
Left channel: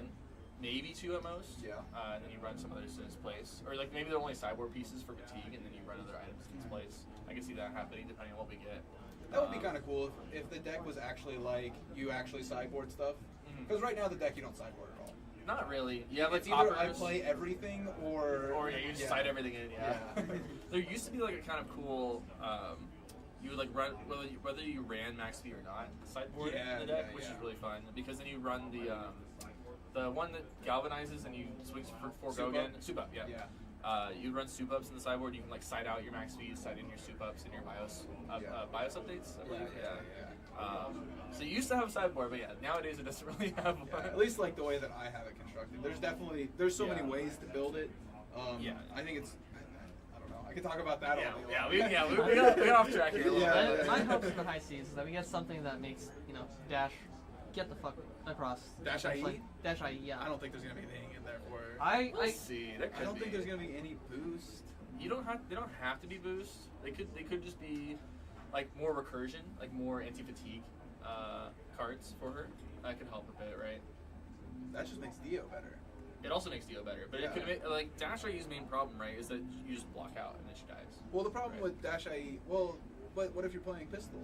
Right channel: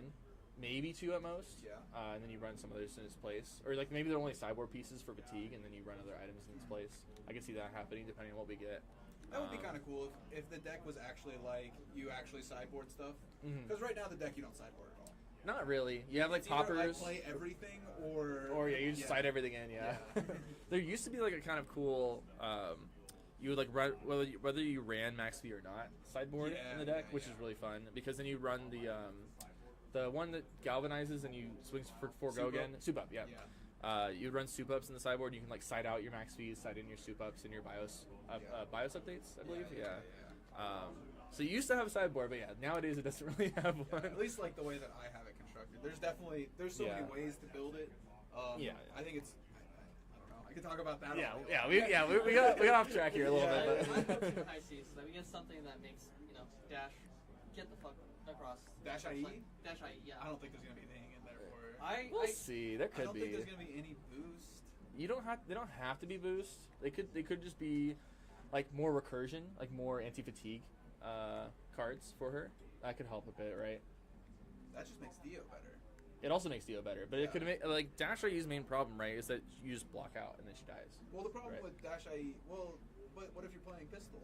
maybe 2 at most. Yeah. And then you run some others in its place, or like maybe they're only sideboard pieces for fatigue, and then you run other items in its place. I can see that happening depending on what we get. That would be kind of cool if the deck was actually like, you actually sideboard stuff. Mhm. Because right now the deck you don't sideboard at all. Not really. You have like It's either I toppers. play everything or Or yeah, you just side everything in. Yeah. There used to be like a kind of cool. You would like run whether you ran Max V or not sideboard Yeah, in the deck, yeah, which yeah. is really fun because then you run the one that galvanizes and you swings for go Soup again. up. Soup up, yeah. Yeah. You run soup ups in the sideboard. You can like side out your Max V's, side in your soup ups and your BIOS BIOS updates. I believe. So you used to have a sideboard, but yeah, nowadays it doesn't really have one. At least like the way that I have it constructed. There's so many Yeah. ways to build it. Yeah. I think it's. I don't know. I could talk about that. Yeah, all day yeah, long. we got off track here a little Yeah. bit. My hopes for high seas is that we get something that makes Dash get the fuck across. Dash IE? Like, Dash IE, yeah. I don't think there's gonna be anything in there for. We'll see. There could I don't be. think there's gonna be any boost. They don't have to be boost. They could just be like more recursion, like more anti-fatigue cards for her. That could help a bit, right? That just makes Dio better. It also makes Dio better, but Yeah. it could make like Dash IE's main problem, right, is that you just block out and then she dies. Well, the problem Right. with Dash IE, but what if you're playing pistol?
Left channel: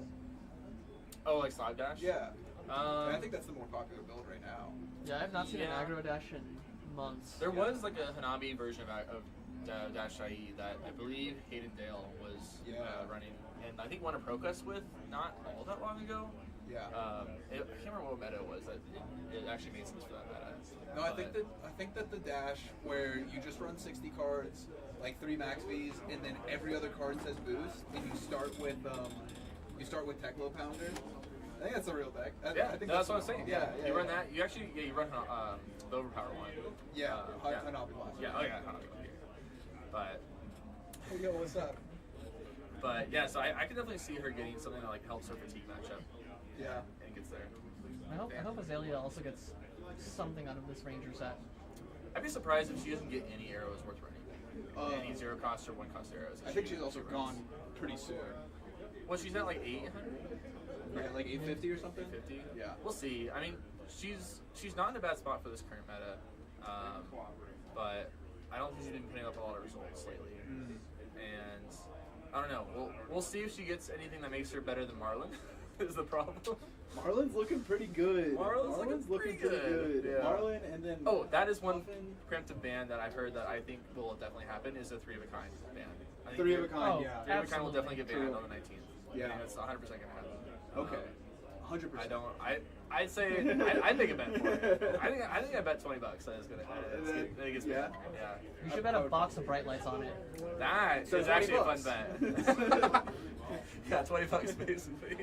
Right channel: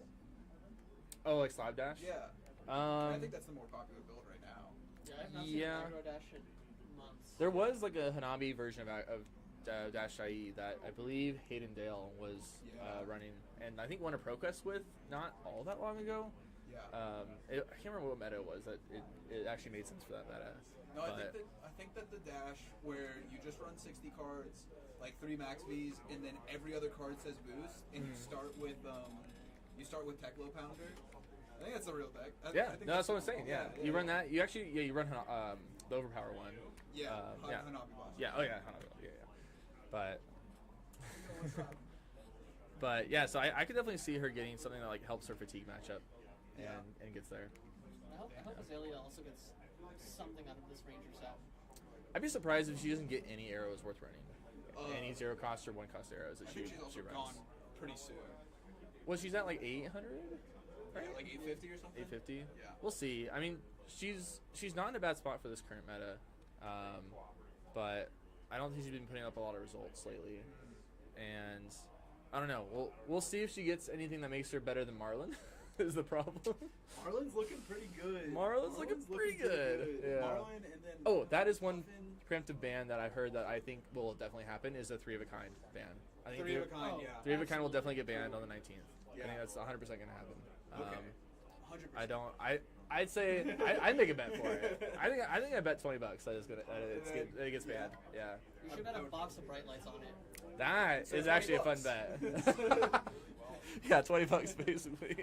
Oh, like Slab Dash? Yeah. I think that's the more popular build right now. Yeah, I've not seen an Yeah. aggro dash in months. There was like a Hanabi version of Dash IE that I believe Hayden Dale was running, and I think won a Proquest with not all that long ago. Yeah. I can't remember what meta it was. It actually made sense for that meta. No, I think that the dash where you just run 60 cards, like 3 Max V's, and then every other card says boost, and you start with Techlo Pounder. I think that's the real deck. I think that's what I'm saying. Yeah, you run that. You actually, you run the overpower one. Yeah, yeah. Hanabi Monster. Yeah. Oh yeah, Hanabi. But. Hey, yo, what's up? But yeah, so I could definitely see her getting something that like helps her fatigue matchup. Yeah. And gets there. I hope Aelia also gets something out of this Ranger set. I'd be surprised if she doesn't get any arrows worth running. Any 0 cost or 1 cost arrows. I think she's also gone pretty soon. Well, she's at like 800. Yeah, like 850 or something. 850. Yeah. We'll see. I mean, she's not in a bad spot for this current meta, but I don't think she's been putting up a lot of results lately. And I don't know. We'll see if she gets anything that makes her better than Marlon. Is the problem? Marlon's looking pretty good. Marlon's looking pretty good. Yeah. Marlon, and then that is one preemptive ban that I've heard that I think will definitely happen is a 3 of a kind ban. I think 3 of a kind, yeah. 3 of a kind will definitely get banned True. on the 19th. Yeah. I think that's 100% gonna happen. Okay. 100%. I'd say I'd make a bet for it. I think I bet $20 that it's gonna it gets banned. Yeah. You should bet a box of bright lights on it. That So is actually a fun $20. bet. Yeah, $20 basically.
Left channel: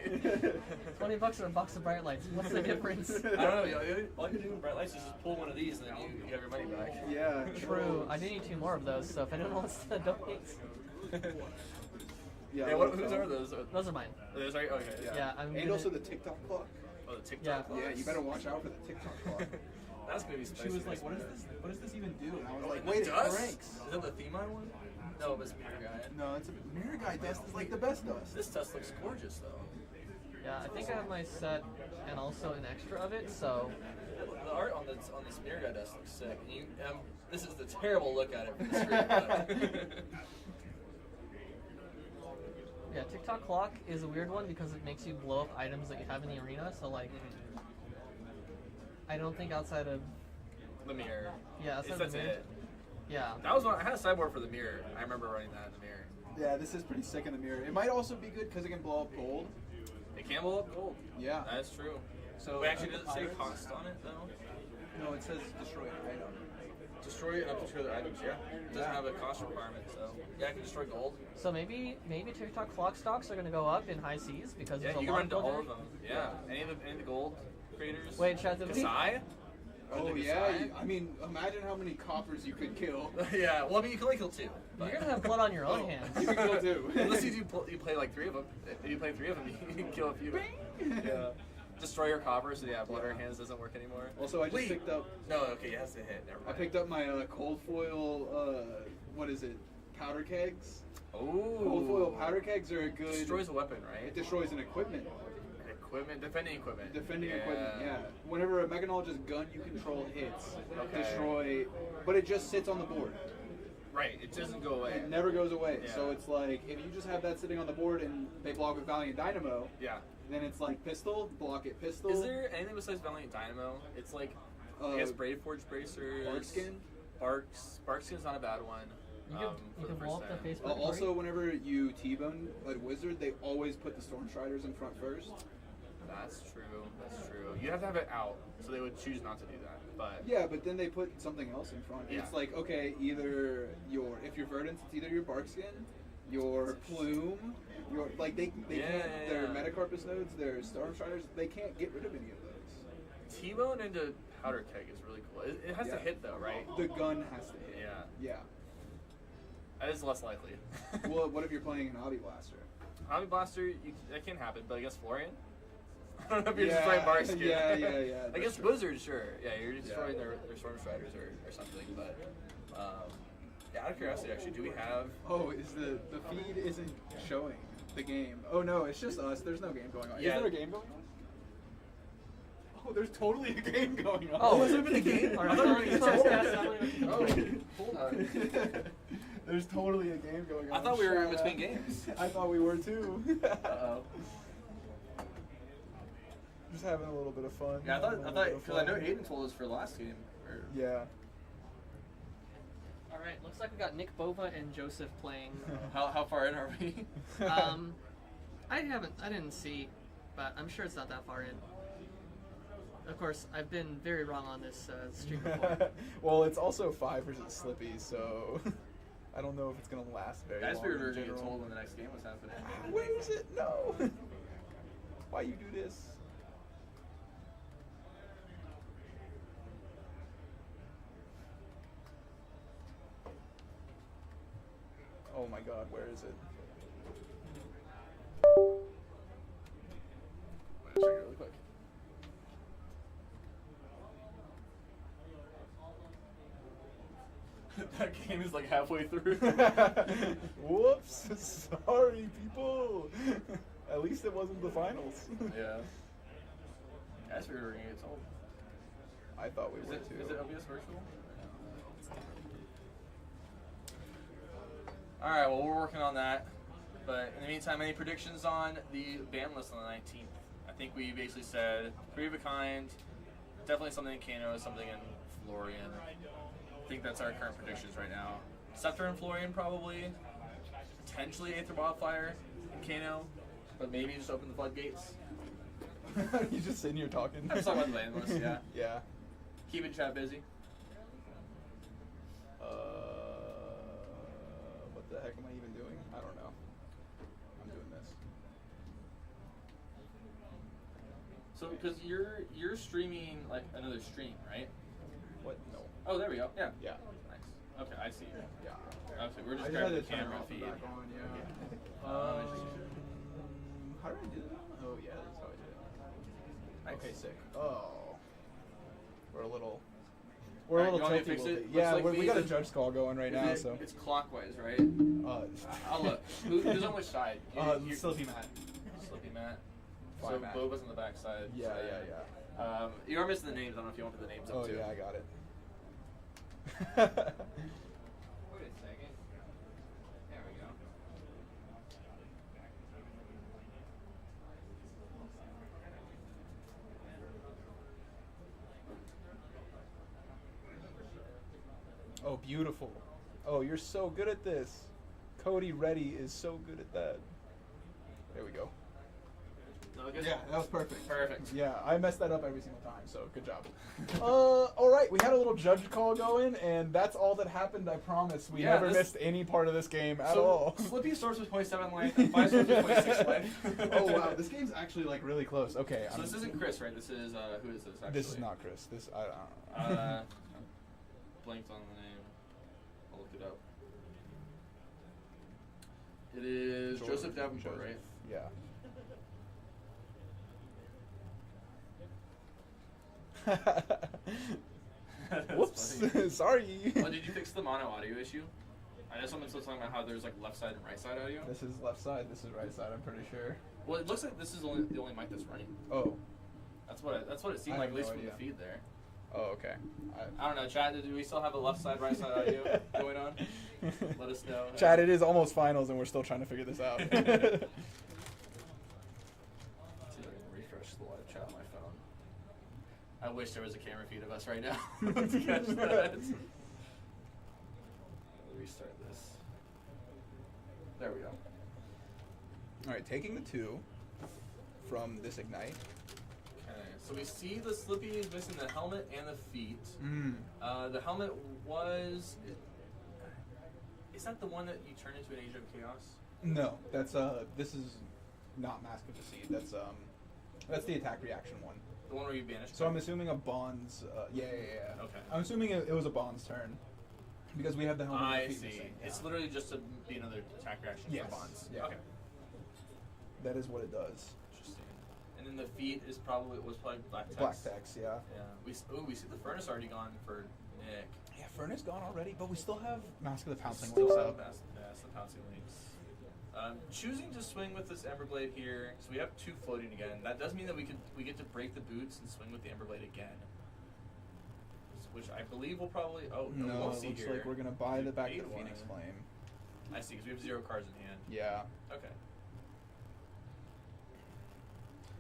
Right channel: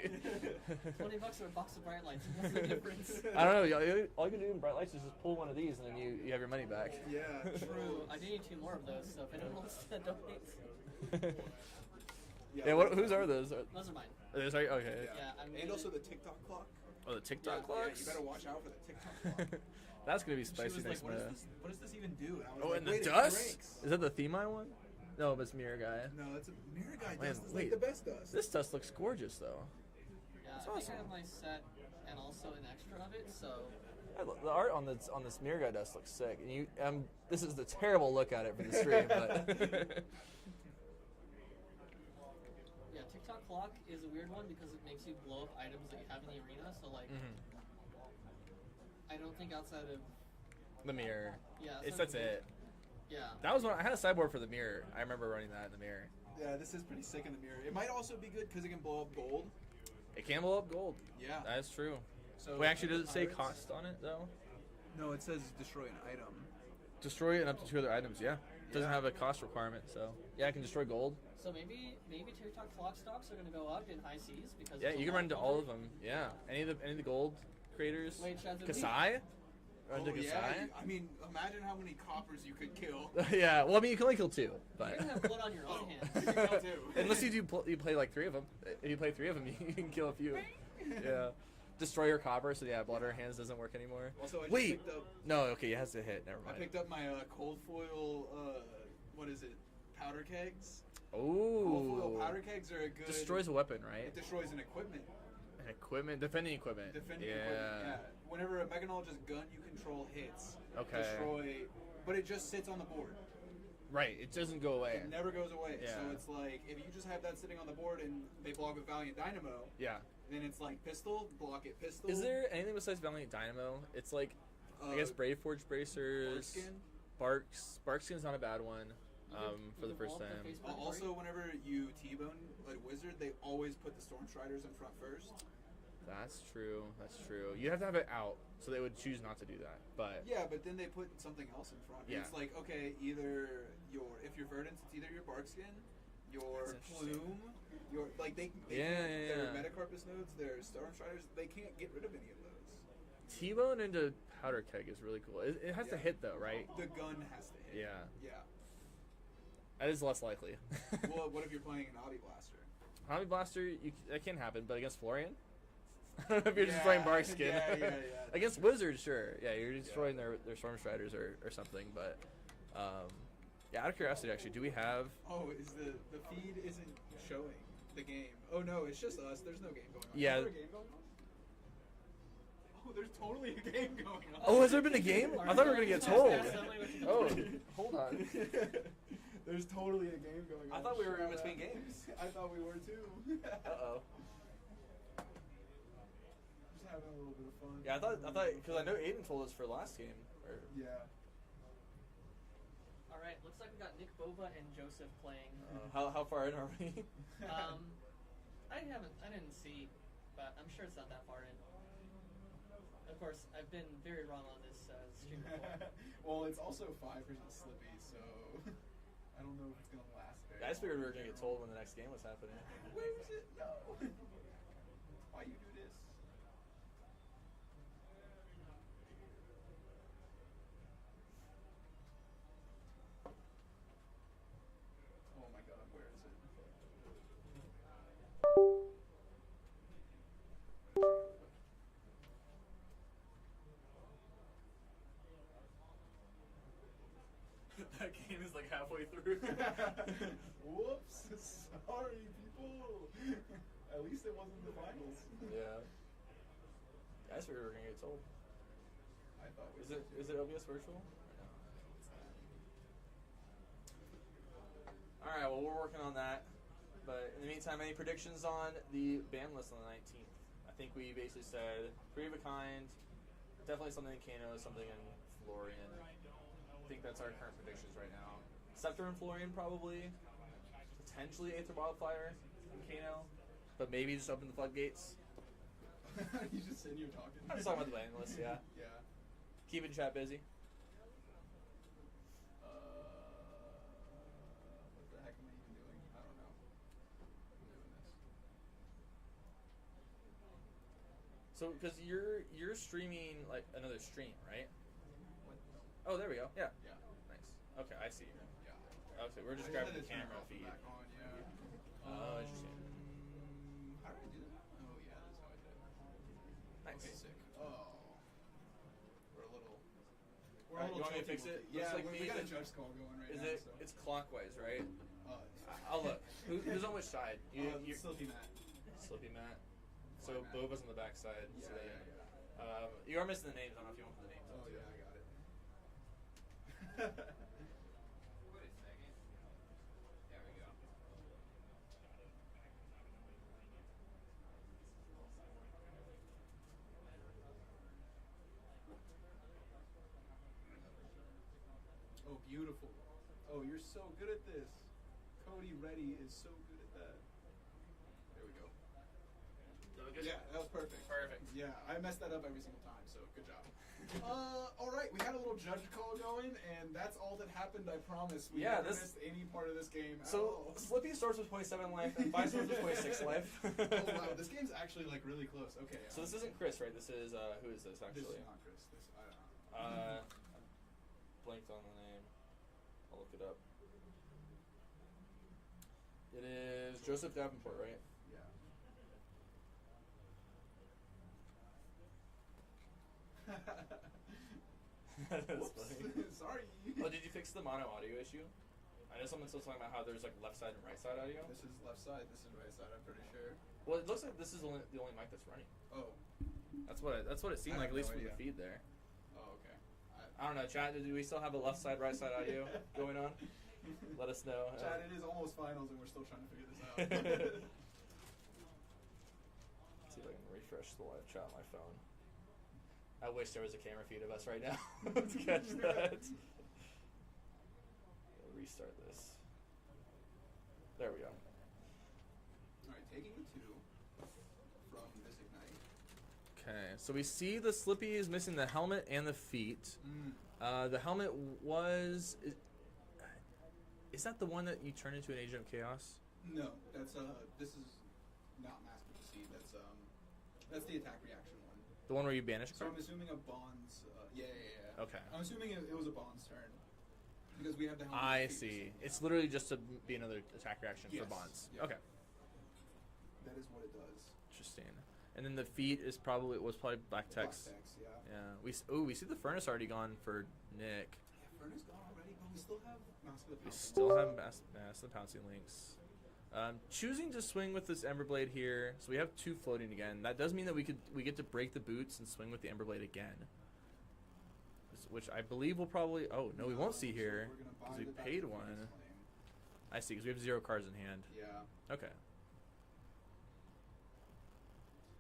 $20 or a box of bright lights. What's the difference? I don't know. All you can do with bright lights is just pull one of these and then you have your money back. Yeah. True. I do need 2 more of those, so if anyone wants to donate. Yeah, whose are those? Those are mine. Those are okay. Yeah, I'm And also the TikTok clock. Oh, the TikTok clock. Yeah, you better watch out for the TikTok clock. That's gonna be spicy. She was like, next "What is minute. this? What does this even do?" And I was Oh, like, and "Wait, the it dust? cranks." Is that the Themai one? No, but it's Mirror Guy. No, it's a Mirror Guy dust. It's like the best dust. This dust looks gorgeous though. Yeah, I think I have my set and also an extra of it, so. The art on this mirror guy does look sick. This is the terrible look at it from the stream. But Yeah, TikTok clock is a weird one because it makes you blow up items that you have in the arena. So like, I don't think outside of the mirror. yeah, outside That's of the it. Yeah. That was I had a sideboard for the mirror. I remember running that in the mirror. Yeah, this is pretty sick in the mirror. It might also be good because it can blow up gold. It can blow up gold. Yeah. That's true. So Wait, actually, does it say cost on it though? No, it says destroy an item. Destroy it and up to 2 other items. Yeah. It doesn't have a cost requirement, so yeah, I can destroy gold. So maybe TikTok clock stocks are gonna go up in high seas because Yeah, there's a you can lot run into gold all there? of them. Yeah. Any of the gold creators. Wait, Chad, did we- Kasai? Oh Run to yeah, Kasai? I mean, imagine how many coppers you could kill. Yeah. Well, I mean, you can only kill 2. But You're gonna have blood on your own hands. You can kill 2. Unless you play like 3 of them. If you play 3 of them, you can kill a few. Yeah. Destroy your copper, so yeah, blood on your hands doesn't work anymore. Also, I just Wait. picked up. No, okay, it has to hit. Never I mind. picked up my cold foil. What is it? Powder kegs. Ooh. Cold foil powder kegs are a good. Destroys a weapon, right? It destroys an equipment. Defending equipment. Defending Yeah. equipment. Yeah. Whenever a mechanologist gun you control hits, Okay. destroy, but it just sits on the board. Right. It doesn't go away. It never goes away. Yeah. So it's like if you just have that sitting on the board and they block with Valiant Dynamo, Yeah. then it's like pistol, block it, pistol. Is there anything besides Valiant Dynamo? It's like I guess Braveforge Bracers. Barkskin? Barkskin's not a bad one. You can, For the you can blow first up the time. Facebook Also, party. whenever you T-bone a wizard, they always put the Storm Striders in front first. That's true. That's true. You have to have it out, so they would choose not to do that. But Yeah, but then they put something else in front. Yeah. It's like, okay, either if you're Verdance, it's either your Barkskin, your Plume, your like they Yeah, can't, their yeah. Metacarpus nodes, their Storm Striders, they can't get rid of any of those. T-bone into powder keg is really cool. It has to Yeah. hit though, right? The gun has to hit. Yeah. Yeah. That is less likely. Well, what if you're playing an Hobby Blaster? Hobby Blaster, that can happen, but against Florian? I don't know if you're Yeah, just playing Barkskin. yeah, that's Against true. Wizards, sure. Yeah, you're destroying their Storm Striders or something, but yeah, out of curiosity actually, do we have Oh, is the feed isn't showing the game? Oh no, it's just us. There's no game going on. Yeah. Is there a game going on? Oh, there's totally a game going on. Oh, has there been a game? All I thought we were right, gonna so get it's told. got- Oh, hold on. There's totally a game going on. I thought we were in Shut between up. games. I thought we were too. Uh-oh. Just having a little bit of fun. Yeah, I having a thought, little bit of because I know fun. Aiden told us for the last game. Or, Yeah. All right, looks like we got Nick Bova and Joseph playing. how far in are we? I didn't see, but I'm sure it's not that far in. Of course, I've been very wrong on this stream before. Well, it's also 5 versus Slippy, so I don't know if it's gonna last very Guys, long. we were in going to get general. told when the next game was happening. Where is it? No. Why you do this? Oh my God, where is it? Check it really quick. That game is like halfway through. Whoops! Sorry, people. At least it wasn't the finals. Yeah. Guys, we were going to get told. I thought we Is were it, too. is it OBS virtual? Alright, well, we're working on that. But in the meantime, any predictions on the ban list on the 19th? I think we basically said 3 of a kind, definitely something in Kano, something in Florian. I think that's our current predictions right now. Scepter and Florian probably. Potentially Aether Wildfire and Kano. But maybe just open the floodgates. You just sitting here talking. I'm just talking about the ban list, yeah. Yeah. Keeping chat busy. What the heck am I even doing? I don't know. I'm doing this. So, because you're streaming like another stream, right? What? No. Oh, there we go. Yeah. Yeah. Nice. Okay, I see. Yeah. Okay, we're just I grabbing had the to turn camera off and feed. back on, yeah. Interesting. How do I do that? Oh yeah, that's how I do it. Nice. Okay, sick. Oh, we're a little Alright, you want me to tilty fix with it? Yeah, Looks like we got a we- judge call going right now, so. It's clockwise, right? I'll look. Who's on which side? You- Slippy Matt. Slippy Matt. So Boba's on the backside. Yeah, so, yeah. You are missing the names. I don't know if you want to put the names up Oh too. yeah, I got it. Wait a second. There we go. Oh, beautiful. Oh, you're so good at this. Cody Reddy is so good at that. There we go. No, good? Yeah, that was perfect. Perfect. Yeah, I messed that up every single time, so good job. All right, we had a little judge call going, and that's all that happened, I promise. We Yeah, never this- missed any part of this game at So all. Slippy starts with 0.7 life, and 5 starts with 0.6 life. Oh, wow, this game's actually, like, really close. Okay. So this isn't Chris, right? This is, who is this, actually? This is not Chris. This, I don't know. Blanked on the name. I'll look it up. It is Joseph Davenport, right? Yeah. Whoops. Sorry. Well, did you fix the mono audio issue? I know someone's still talking about how there's like left side and right side audio. This is left side. This is right side. I'm pretty sure. Well, it looks like this is the only mic that's running. Oh. That's what it seemed I like, have at least no from the idea. feed there. Oh, okay. I don't know, chat. Do we still have a left side, right side audio going on? Let us know. Chad, it is almost finals, and we're still trying to figure this out. Let's see if I can refresh the live chat on my phone. I wish there was a camera feed of us right now to catch that. Restart this. There we go. All right, taking the 2 from this ignite. Okay, so we see the Slippy is missing the helmet and the feet. The helmet was... Is that the one that you turn into an Agent of Chaos? No, that's this is not Mask of Deceit. That's the attack reaction one. The one where you banish? So I'm assuming a Bond's. Yeah. Okay. I'm assuming it was a Bond's turn because we have the helmet. and I the feet see. missing, yeah. It's literally just to be another attack reaction Yes, for bonds. yeah. Okay. That is what it does. Interesting. And then the feet is probably black text. Black text, yeah. Yeah. We see the furnace already gone for Nick. Yeah, Furnace gone already, but we still have Mask of the Pouncing Still Lynx have up. the pouncing links. Choosing to swing with this Emberblade here, so we have 2 floating again. That does mean that we get to break the boots and swing with the Emberblade again. Which I believe we'll probably... Oh, no, we won't see looks here. like we're going to buy We the back to paid the Phoenix one. Flame. I see, because we have 0 cards in hand. Yeah. Okay.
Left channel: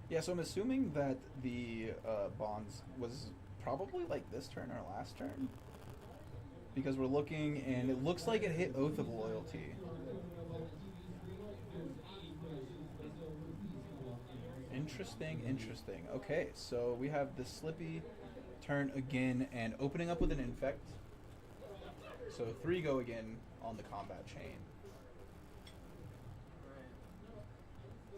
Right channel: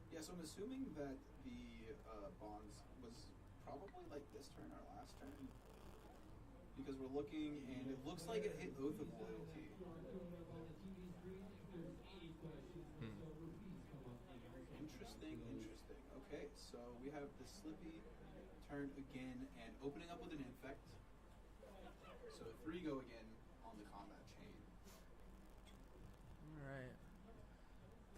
Yeah, so I'm assuming that the Bonds was probably like this turn or last turn. Because we're looking, and it looks like it hit Oath of Loyalty. Interesting. Okay, so we have the Slippy turn again, and opening up with an Infect. So 3 go again on the combat chain. Alright.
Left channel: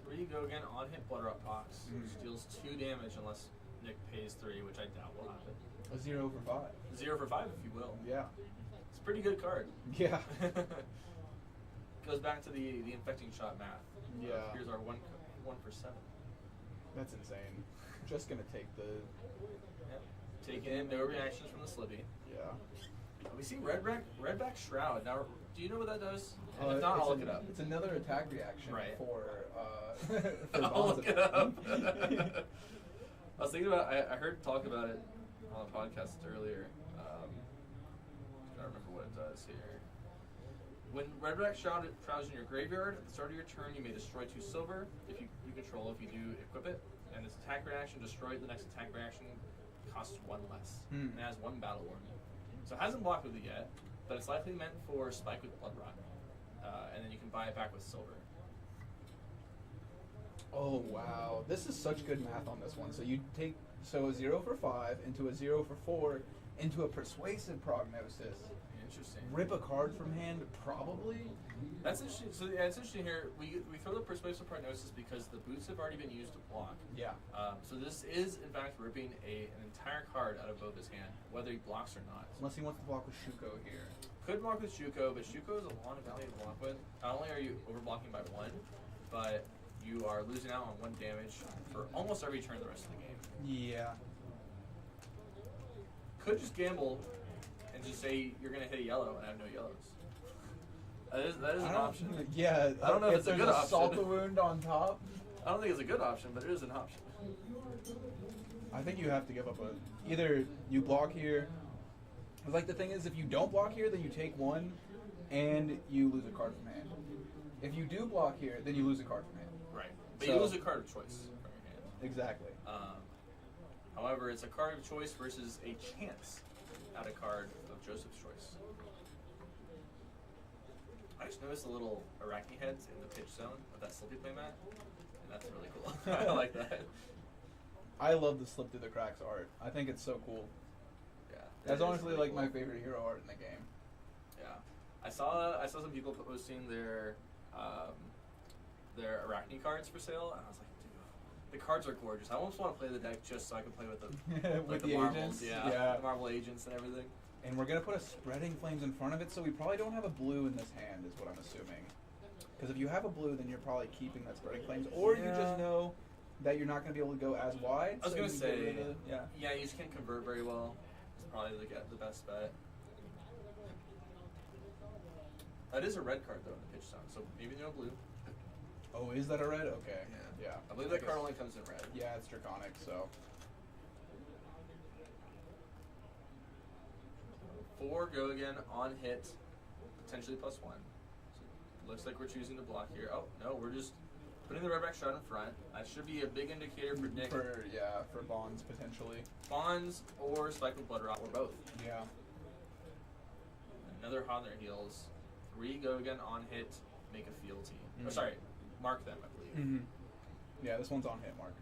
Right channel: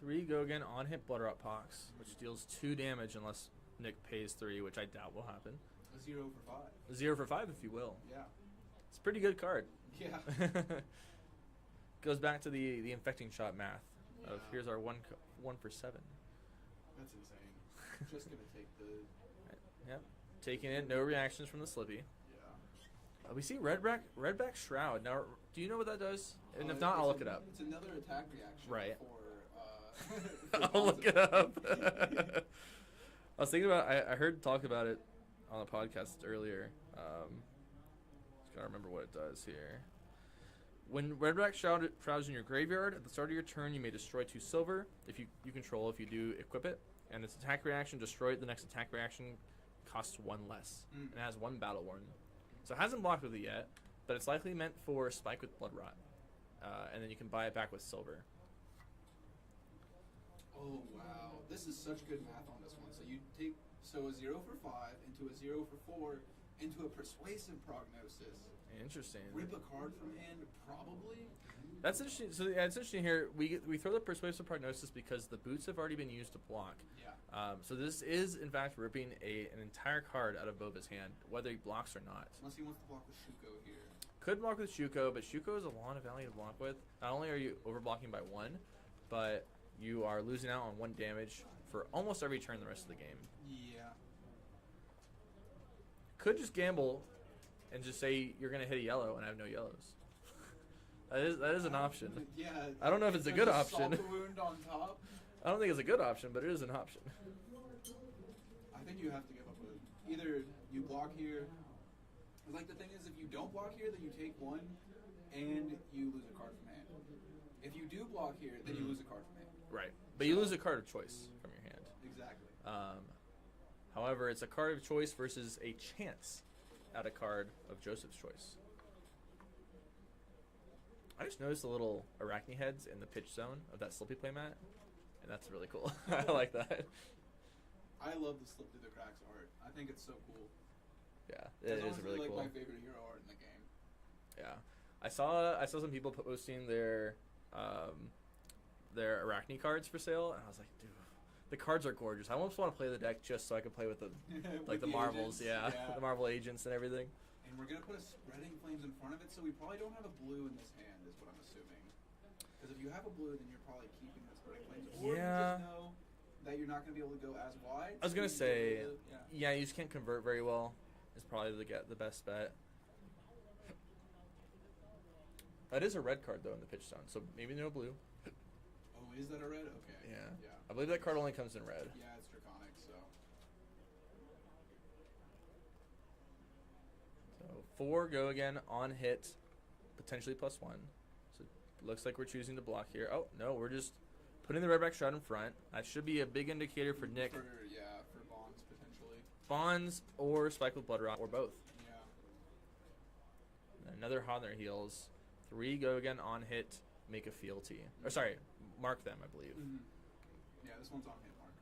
3 go again on hit Blood Rot Pox, which deals 2 damage unless Nick pays 3, which I doubt will happen. A 0 for 5. 0 for 5 if you will. Yeah. It's a pretty good card. Yeah. Goes back to the infecting shot math. Yeah. Here's our 1 for 7. That's insane. Just gonna take the... Yep. Taking in no reactions from the Slippy. Yeah. We see Redback Shroud. Now, do you know what that does? And if not, I'll look it up. It's another attack reaction Right. for I'll Bonds look it up. I was thinking about. I heard talk about it on the podcast earlier. Just gotta remember what it does here. When Redback Shroud is in your graveyard, at the start of your turn, you may destroy 2 silver. If you control, if you do equip it, and its attack reaction, destroy it. The next attack reaction costs 1 less, and it has 1 battle warden. So it hasn't blocked with it yet, but it's likely meant for Spike with Blood Rot, and then you can buy it back with silver. Oh wow, this is such good math on this one. So you take a 0 for 5 into a 0 for 4 into a persuasive prognosis. Interesting. Rip a card from hand, probably. That's interesting. So yeah, it's interesting here. We throw the persuasive prognosis because the boots have already been used to block. Yeah. So this is in fact ripping an entire card out of Boba's hand, whether he blocks or not. Unless he wants to block with Shuko here. Could block with Shuko, but Shuko is a lot of value to block with. Not only are you overblocking by 1, but you are losing out on 1 damage for almost every turn the rest of the game. Yeah. Could just gamble and just say you're going to hit a yellow and have no yellows. That is an option. Yeah. I don't know if it's a good option. Salt the wound on top. I don't think it's a good option, but it is an option. I think you have to give up either you block here. Like the thing is, if you don't block here, then you take one, and you lose a card from hand. If you do block here, then you lose a card from hand. Right, but So- you lose a card of choice from your hand. Exactly. However, it's a card of choice versus a chance at a card of Joseph's choice. I just noticed the little arachne heads in the pitch zone of that Slippy playmat, and that's really cool. I like that. I love the slip through the cracks art. I think it's so cool. Yeah, That's it is honestly really like cool. my favorite hero art in the game. Yeah, I saw some people posting their arachne cards for sale, and I was like, dude, the cards are gorgeous. I almost want to play the deck just so I can play with the With the marbles, agents. the marble agents and everything. And we're gonna put a spreading flames in front of it, so we probably don't have a blue in this hand, is what I'm assuming. Because if you have a blue, then you're probably keeping that spreading flames, or you Yeah. just know that you're not gonna be able to go as wide. I was so gonna you say, get rid of yeah, you just can't convert very well. It's probably the best bet. That is a red card though in the pitch zone, so maybe no blue. Oh, is that a red? Okay. Yeah. Yeah. I believe that card only comes in red. Yeah, it's draconic, so. 4 go again on hit, potentially +1. So looks like we're choosing to block here. Oh no, we're just putting the redback shroud in front. That should be a big indicator for Nick. For bonds potentially. Bonds or Spike with Blood Rot or both. Yeah. Another hot on their heels. 3 go again on hit, make a fealty. Or sorry, mark them, I believe. Mm-hmm. Yeah, this one's on hit mark.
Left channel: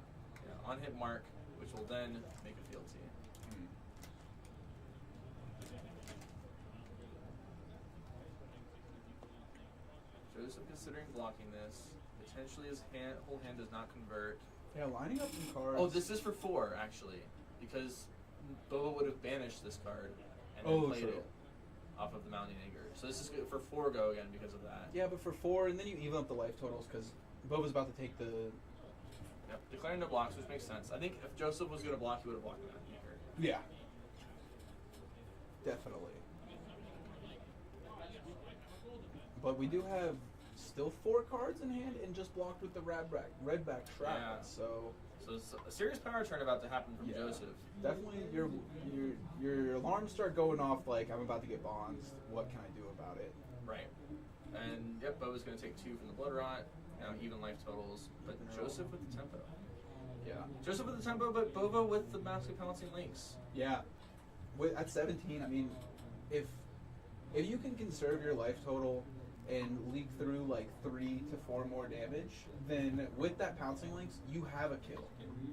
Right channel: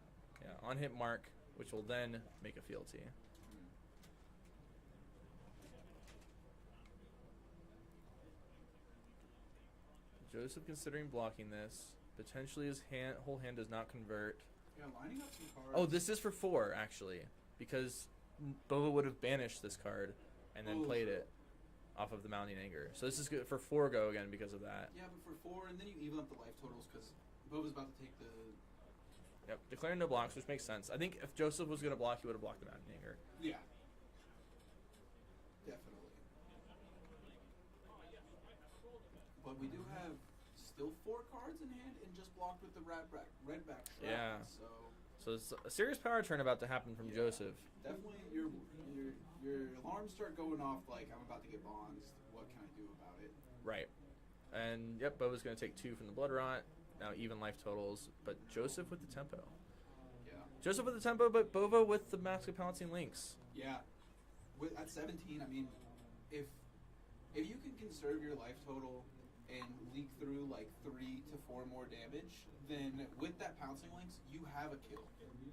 Yeah, on hit mark, which will then make a fealty. Joseph considering blocking this. Potentially his whole hand does not convert. Yeah, lining up some cards. Oh, this is for 4 actually, because Boba would have banished this card and then played true. it off of the Mounting Anger. So this is good for 4 go again because of that. Yeah, but for 4, and then you even up the life totals because Boba's about to take the. Yep, declaring no blocks, which makes sense. I think if Joseph was going to block, he would have blocked the Mounting Anger. Yeah. Definitely. But we do have still 4 cards in hand and just blocked with the redback shroud. Yeah. So it's a serious power turn about to happen from Joseph. Definitely, your alarms start going off like I'm about to get bonds. What can I do about it? Right. And yep, Boba's going to take 2 from the Blood Rot. Now even life totals, but Joseph with the tempo. Yeah. Joseph with the tempo, but Bova with the Mask of Pouncing Links. Yeah. At 17, I mean, if you can conserve your life total and leak through like 3 to 4 more damage, then with that pouncing links, you have a kill.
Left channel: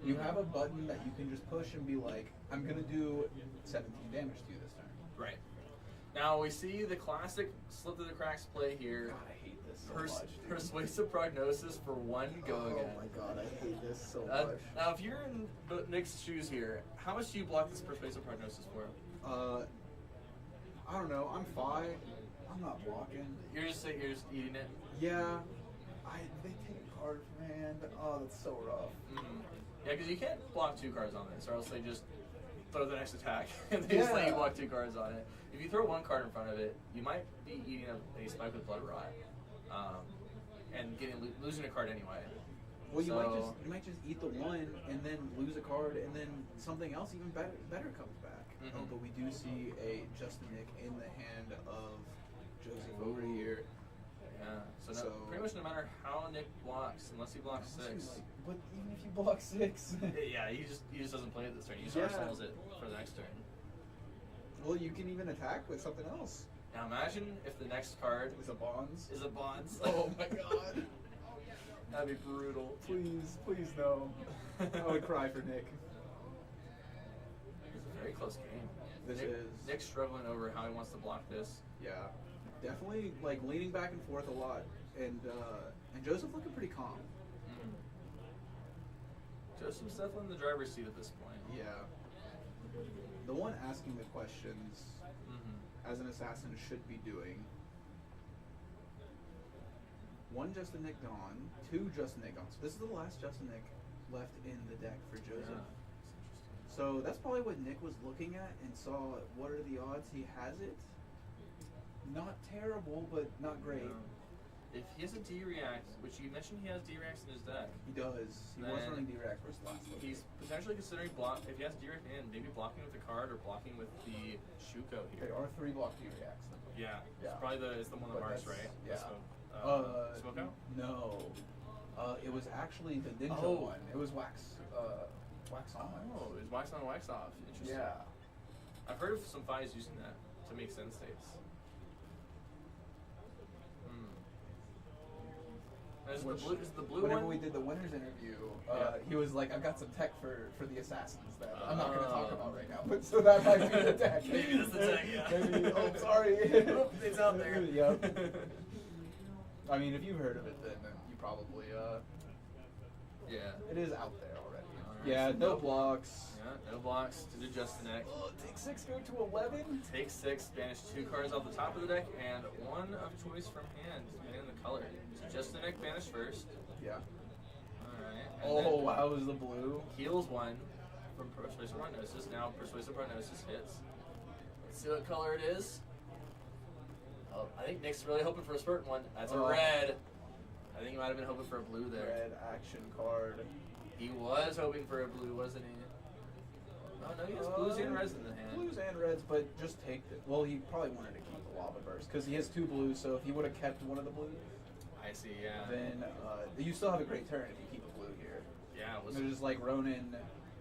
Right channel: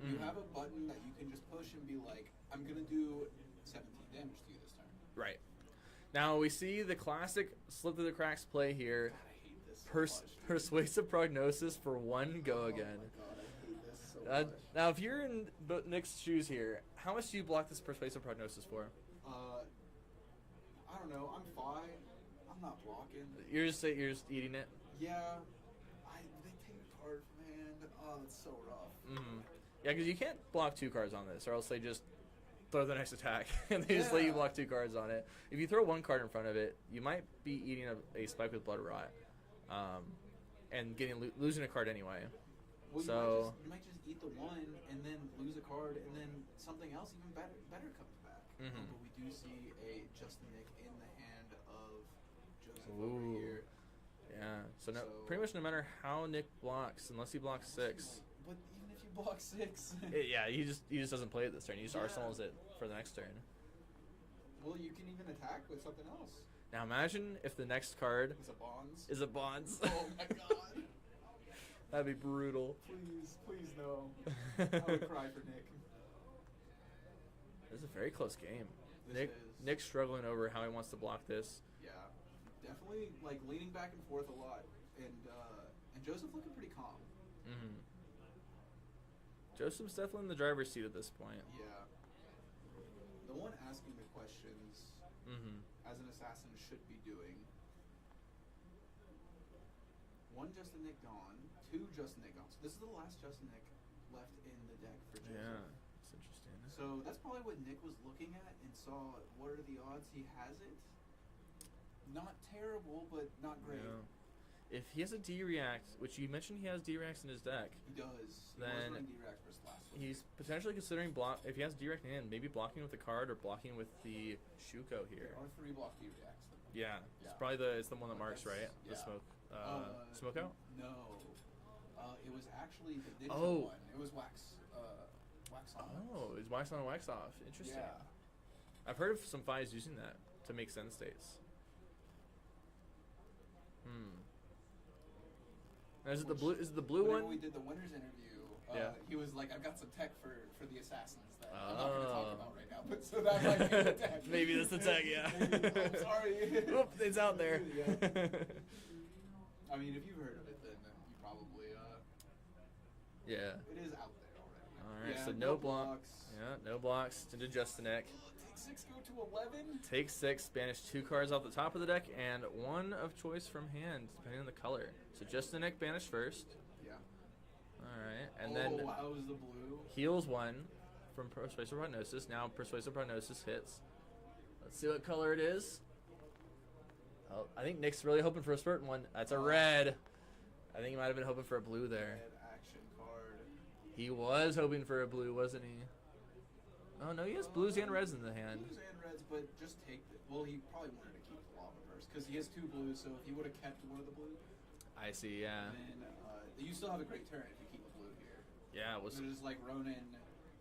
You have a button that you can just push and be like, I'm gonna do 17 damage to you this turn. Right. Now we see the classic slip through the cracks play here. God, I hate this so much. Persuasive Prognosis for 1 go again. Oh my god, I hate this so much. Now if you're in Nick's shoes here, how much do you block this Persuasive Prognosis for? I don't know. I'm 5. I'm not blocking. You're just eating it. Yeah. They take a card from hand. Oh, that's so rough. Mm-hmm. Yeah, because you can't block 2 cards on this, or else they just throw the next attack and they just let you block 2 cards on it. If you throw 1 card in front of it, you might be eating a Spike with Blood Rot, and losing a card anyway. Well, you might just eat the 1 and then lose a card, and then something else even better comes back. Mm-hmm. Oh, but we do see a Justin Nick in the hand of Joseph over here. Yeah. So pretty much no matter how Nick blocks, unless he blocks 6. But even if you block 6. Yeah, he just doesn't play it this turn. He just solves it for the next turn. Well, you can even attack with something else. Now imagine if the next card Is a bonds. is a bonds. Oh my god. That'd be brutal. Please no. I would cry for Nick. This is a very close game. This is. Nick's struggling over how he wants to block this. Yeah. Definitely like leaning back and forth a lot, and Joseph looking pretty calm. Mm-hmm. Joseph's definitely in the driver's seat at this point. Yeah. The one asking the questions, as an assassin should be doing. 1 Justin Nick gone, 2 Justin Nick gone. So this is the last Justin Nick left in the deck for Joseph. Yeah, that's interesting. So that's probably what Nick was looking at and saw what are the odds he has it. Not terrible, but not great. If he has a D-React, which you mentioned he has D-Reacts in his deck, He does. He was Then running D-Rex versus last week. he's potentially considering if he has D-React in, maybe blocking with the card or blocking with the Shuko here. There are 3 block D-Reacts. Yeah, Yeah. it's probably it's the one that But marks, that's- right? yeah. The smoke out? No. It was actually the ninja Oh. one. It was wax on. Oh, it's wax on, wax off. Interesting. Yeah. I've heard of some fives using that to make send states. Is it the blue? Is it the blue Whenever one? we did the winners interview, Yeah. he was like, "I've got some tech for the assassins that I'm not going to talk about right now." But so that might be the tech. Maybe that's the tech, yeah. Maybe. Oh, sorry. Oh, it's out there. Yep. I mean, if you've heard of it, then you probably Yeah. it is out there already. Alright, Yeah, so no blocks. Yeah, no blocks. To adjust the neck. Take 6, go to 11. Take 6, banish 2 cards off the top of the deck, and 1 of choice from hand, depending on the color. So just the neck banish first. Yeah. Alright. And Oh then wow, it was the blue. heals 1 from Persuasive Prognosis. Now Persuasive Prognosis hits. Let's see what color it is. Oh, I think Nick's really hoping for a certain one. That's a red. I think he might have been hoping for a blue there. Red action card. He was hoping for a blue, wasn't he? Oh no, he has blues and reds in the hand. Blues and reds, but just take the. Well, he probably wanted to keep the lava burst because he has 2 blues. So if he would have kept one of the blues, I see, yeah. then you still have a great turn if you keep a blue here. Yeah, it was They're just like Ronin,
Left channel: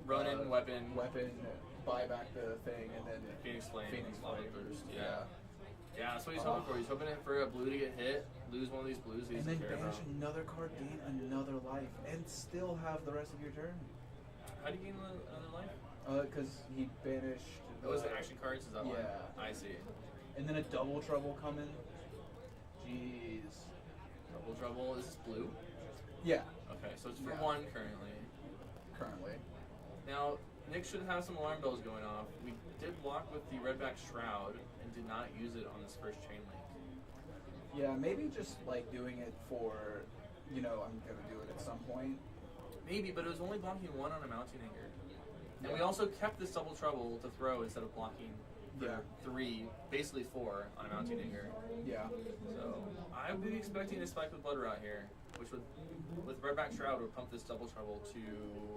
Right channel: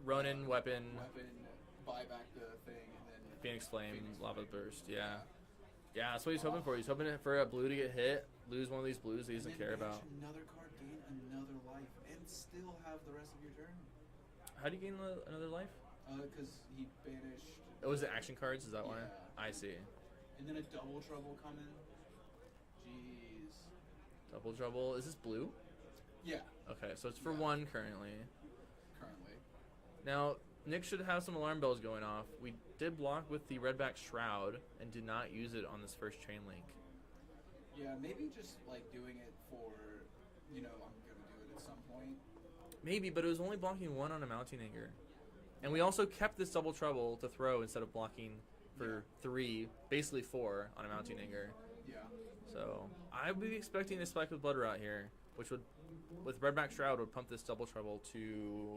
weapon, buy back the thing, and then Phoenix Flame, Lava Flame. Burst, yeah. Yeah, that's what he's hoping for. He's hoping for a blue to get hit, lose one of these blues that he And doesn't then care about. banish another card, gain another life, and still have the rest of your turn. How do you gain another life? Because he banished. Oh, was it action cards? Is that why? Yeah. I see. And then a double trouble coming. Jeez. Double Trouble. Is this blue? Yeah. Okay, so it's for Yeah. 1 currently. Currently. Now, Nick should have some alarm bells going off. We did block with the Redback Shroud and did not use it on this first chain link. Yeah, maybe just like doing it for, I'm gonna do it at some point. Maybe, but it was only blocking 1 on a Mounting Anger. And we also kept this Double Trouble to throw instead of blocking for 3, basically 4 on a Mounting Anger. Yeah. So I would be expecting a spike with Blood Rot here, which would, with Redback Shroud, would pump this Double Trouble to,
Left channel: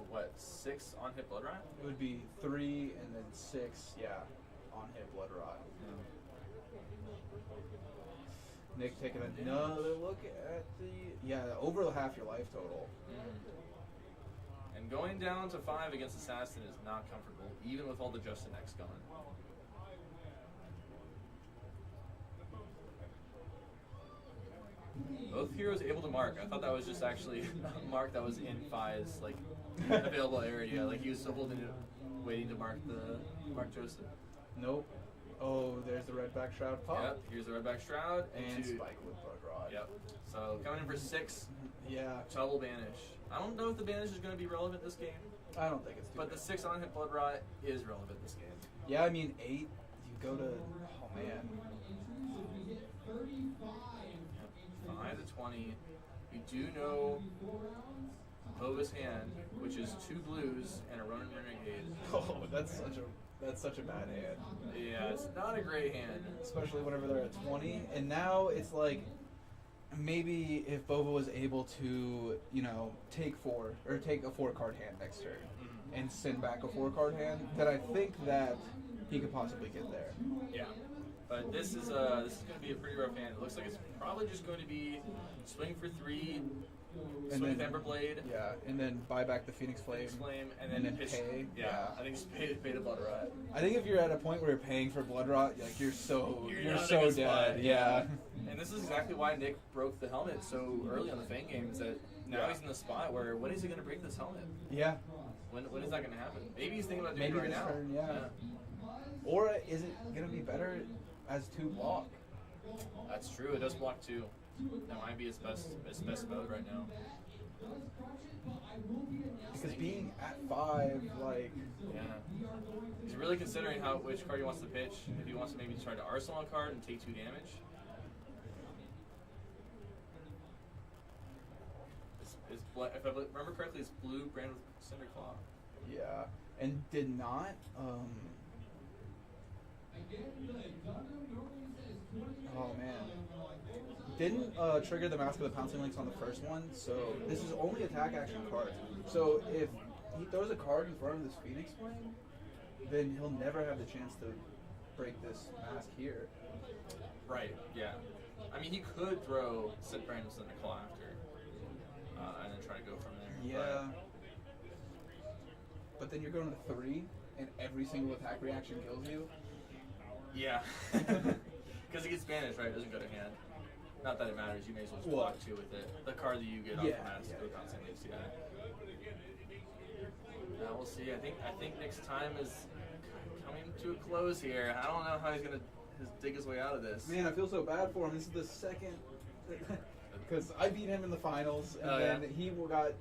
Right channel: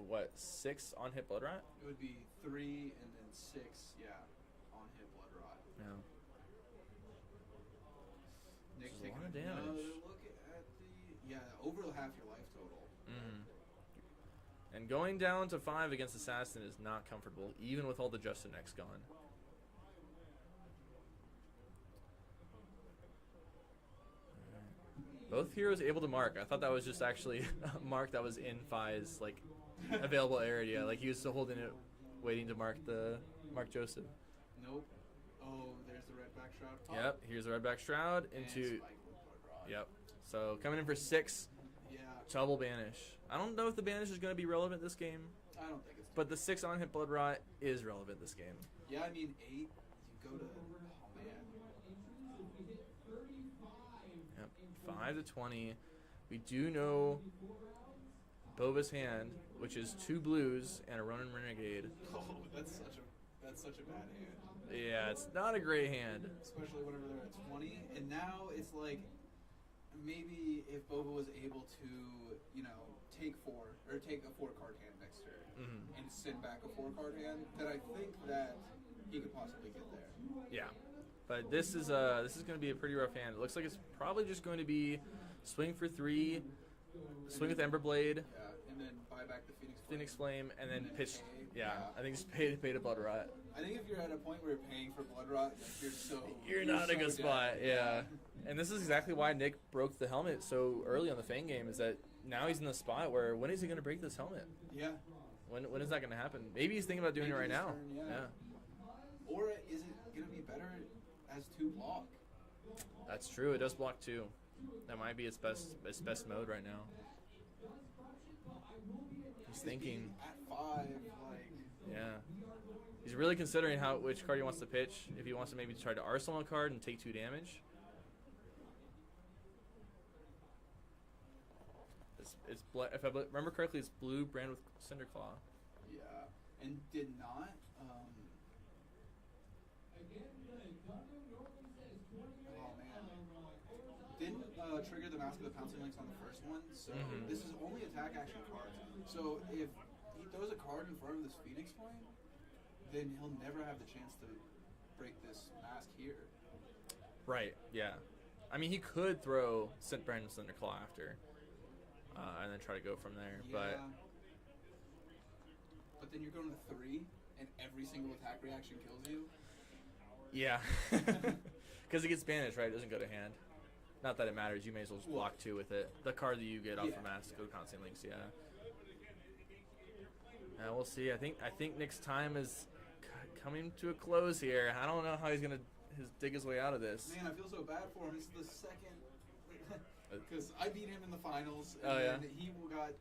what, 6 on hit Blood Rot? It would be 3 and then 6, yeah, on hit blood rot. Nick taking another look at over half your life total. And going down to 5 against Assassin is not comfortable, even with all the Justin X gone. Both heroes able to mark. I thought that was just actually a mark that was in Fi's available area. Like he was still holding it, waiting to mark Joseph. Nope. Oh, there's the Redback Shroud pop. Yep. Here's the Redback Shroud And into spike with blood rot. Yep. So coming in for 6. Yeah. Double banish. I don't know if the banish is going to be relevant this game. I don't think it's. But the 6 on hit blood rot is relevant this game. Yeah, I mean 8. You go to. Oh man. 5 to 20. We do know Bova's hand, which is 2 blues and a Ronin Renegade. Oh, that's such a bad hand. Yeah, it's not a great hand. Especially whenever they're at 20. And now it's like, maybe if Bova was able to, take a 4-card hand next turn and send back a 4-card hand, then I think that he could possibly get there. Yeah. But this is going to be a pretty rough hand. It looks like it's probably just going to be swing for 3, swing with Emberblade. Yeah, and then buy back the Phoenix Flame. And then pitch. pay. Yeah, I think just pay to Blood Rot. I think if you're at a point where you're paying for Blood Rot, like you're so not in a good dead. spot. Yeah. And this is exactly why Nick broke the helmet so early on the Fang game, is that now he's in the spot where when is he going to break this helmet? Yeah. When is that going to happen? Maybe he's thinking about doing it right this now. turn, yeah. Or is it going to be better as 2 block? That's true. It does block 2. That might be its best mode right now. Because being at 5, like... Yeah. He's really considering which card he wants to pitch. If he wants to maybe try to arsenal a card and take 2 damage. If I remember correctly, it's blue brand with Cinder Claw. Yeah. And did not... Oh, man. didn't trigger the Mask of the Pouncing Lynx on the first one, so this is only attack action cards. So if he throws a card in front of this Phoenix Flame, then he'll never have the chance to break this mask here. Right, yeah. I mean, he could throw Brandon's Thunderclaw after, and then try to go from there. Yeah. But then you're going to 3, and every single attack reaction kills you. Yeah. Because it gets banished, right? It doesn't go to hand. Not that it matters. You may as well just block 2 with it. The card that you get off the Mask of the Pouncing Lynx, yeah. Now we'll see. I think Nick's time is coming to a close here. I don't know how he's gonna dig his way out of this. Man, I feel so bad for him. This is the second, because I beat him in the finals, and then he got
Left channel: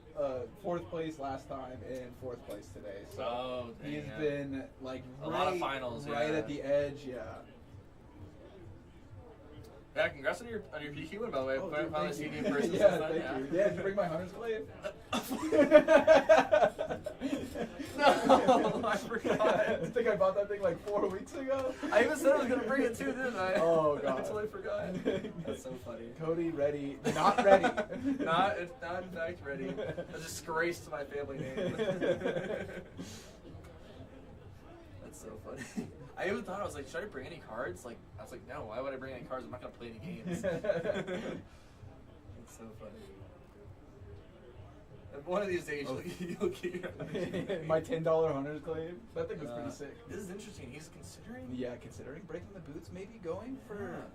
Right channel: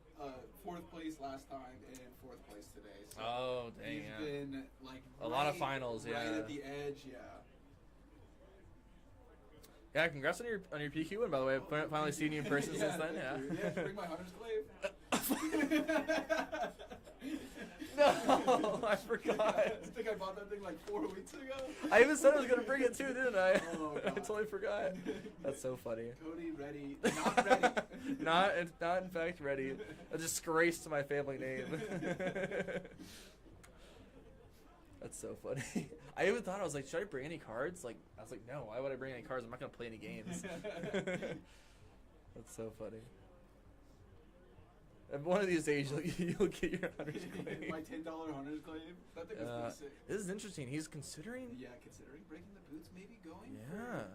4th place last time and 4th place today. So he's been like a lot of finals, right at the edge. Yeah. Yeah, congrats on your PQ win, by the way. I've finally seen you in person since then. Thank you. Yeah, did you bring my Hunter's Glaive? No, I forgot. I think I bought that thing like 4 weeks ago. I even said I was going to bring it too, didn't I? Oh, God. I totally forgot. That's so funny. Cody, ready. Not ready. It's not in fact ready. A disgrace to my family name. That's so funny. I even thought, I was like, should I bring any cards? Like, I was like, no, why would I bring any cards? I'm not going to play any games. That's so funny. And one of these days, you'll get your my $10 Hunter's Claim. That thing was pretty sick. This is interesting. He's considering... Yeah, considering breaking the boots, maybe going for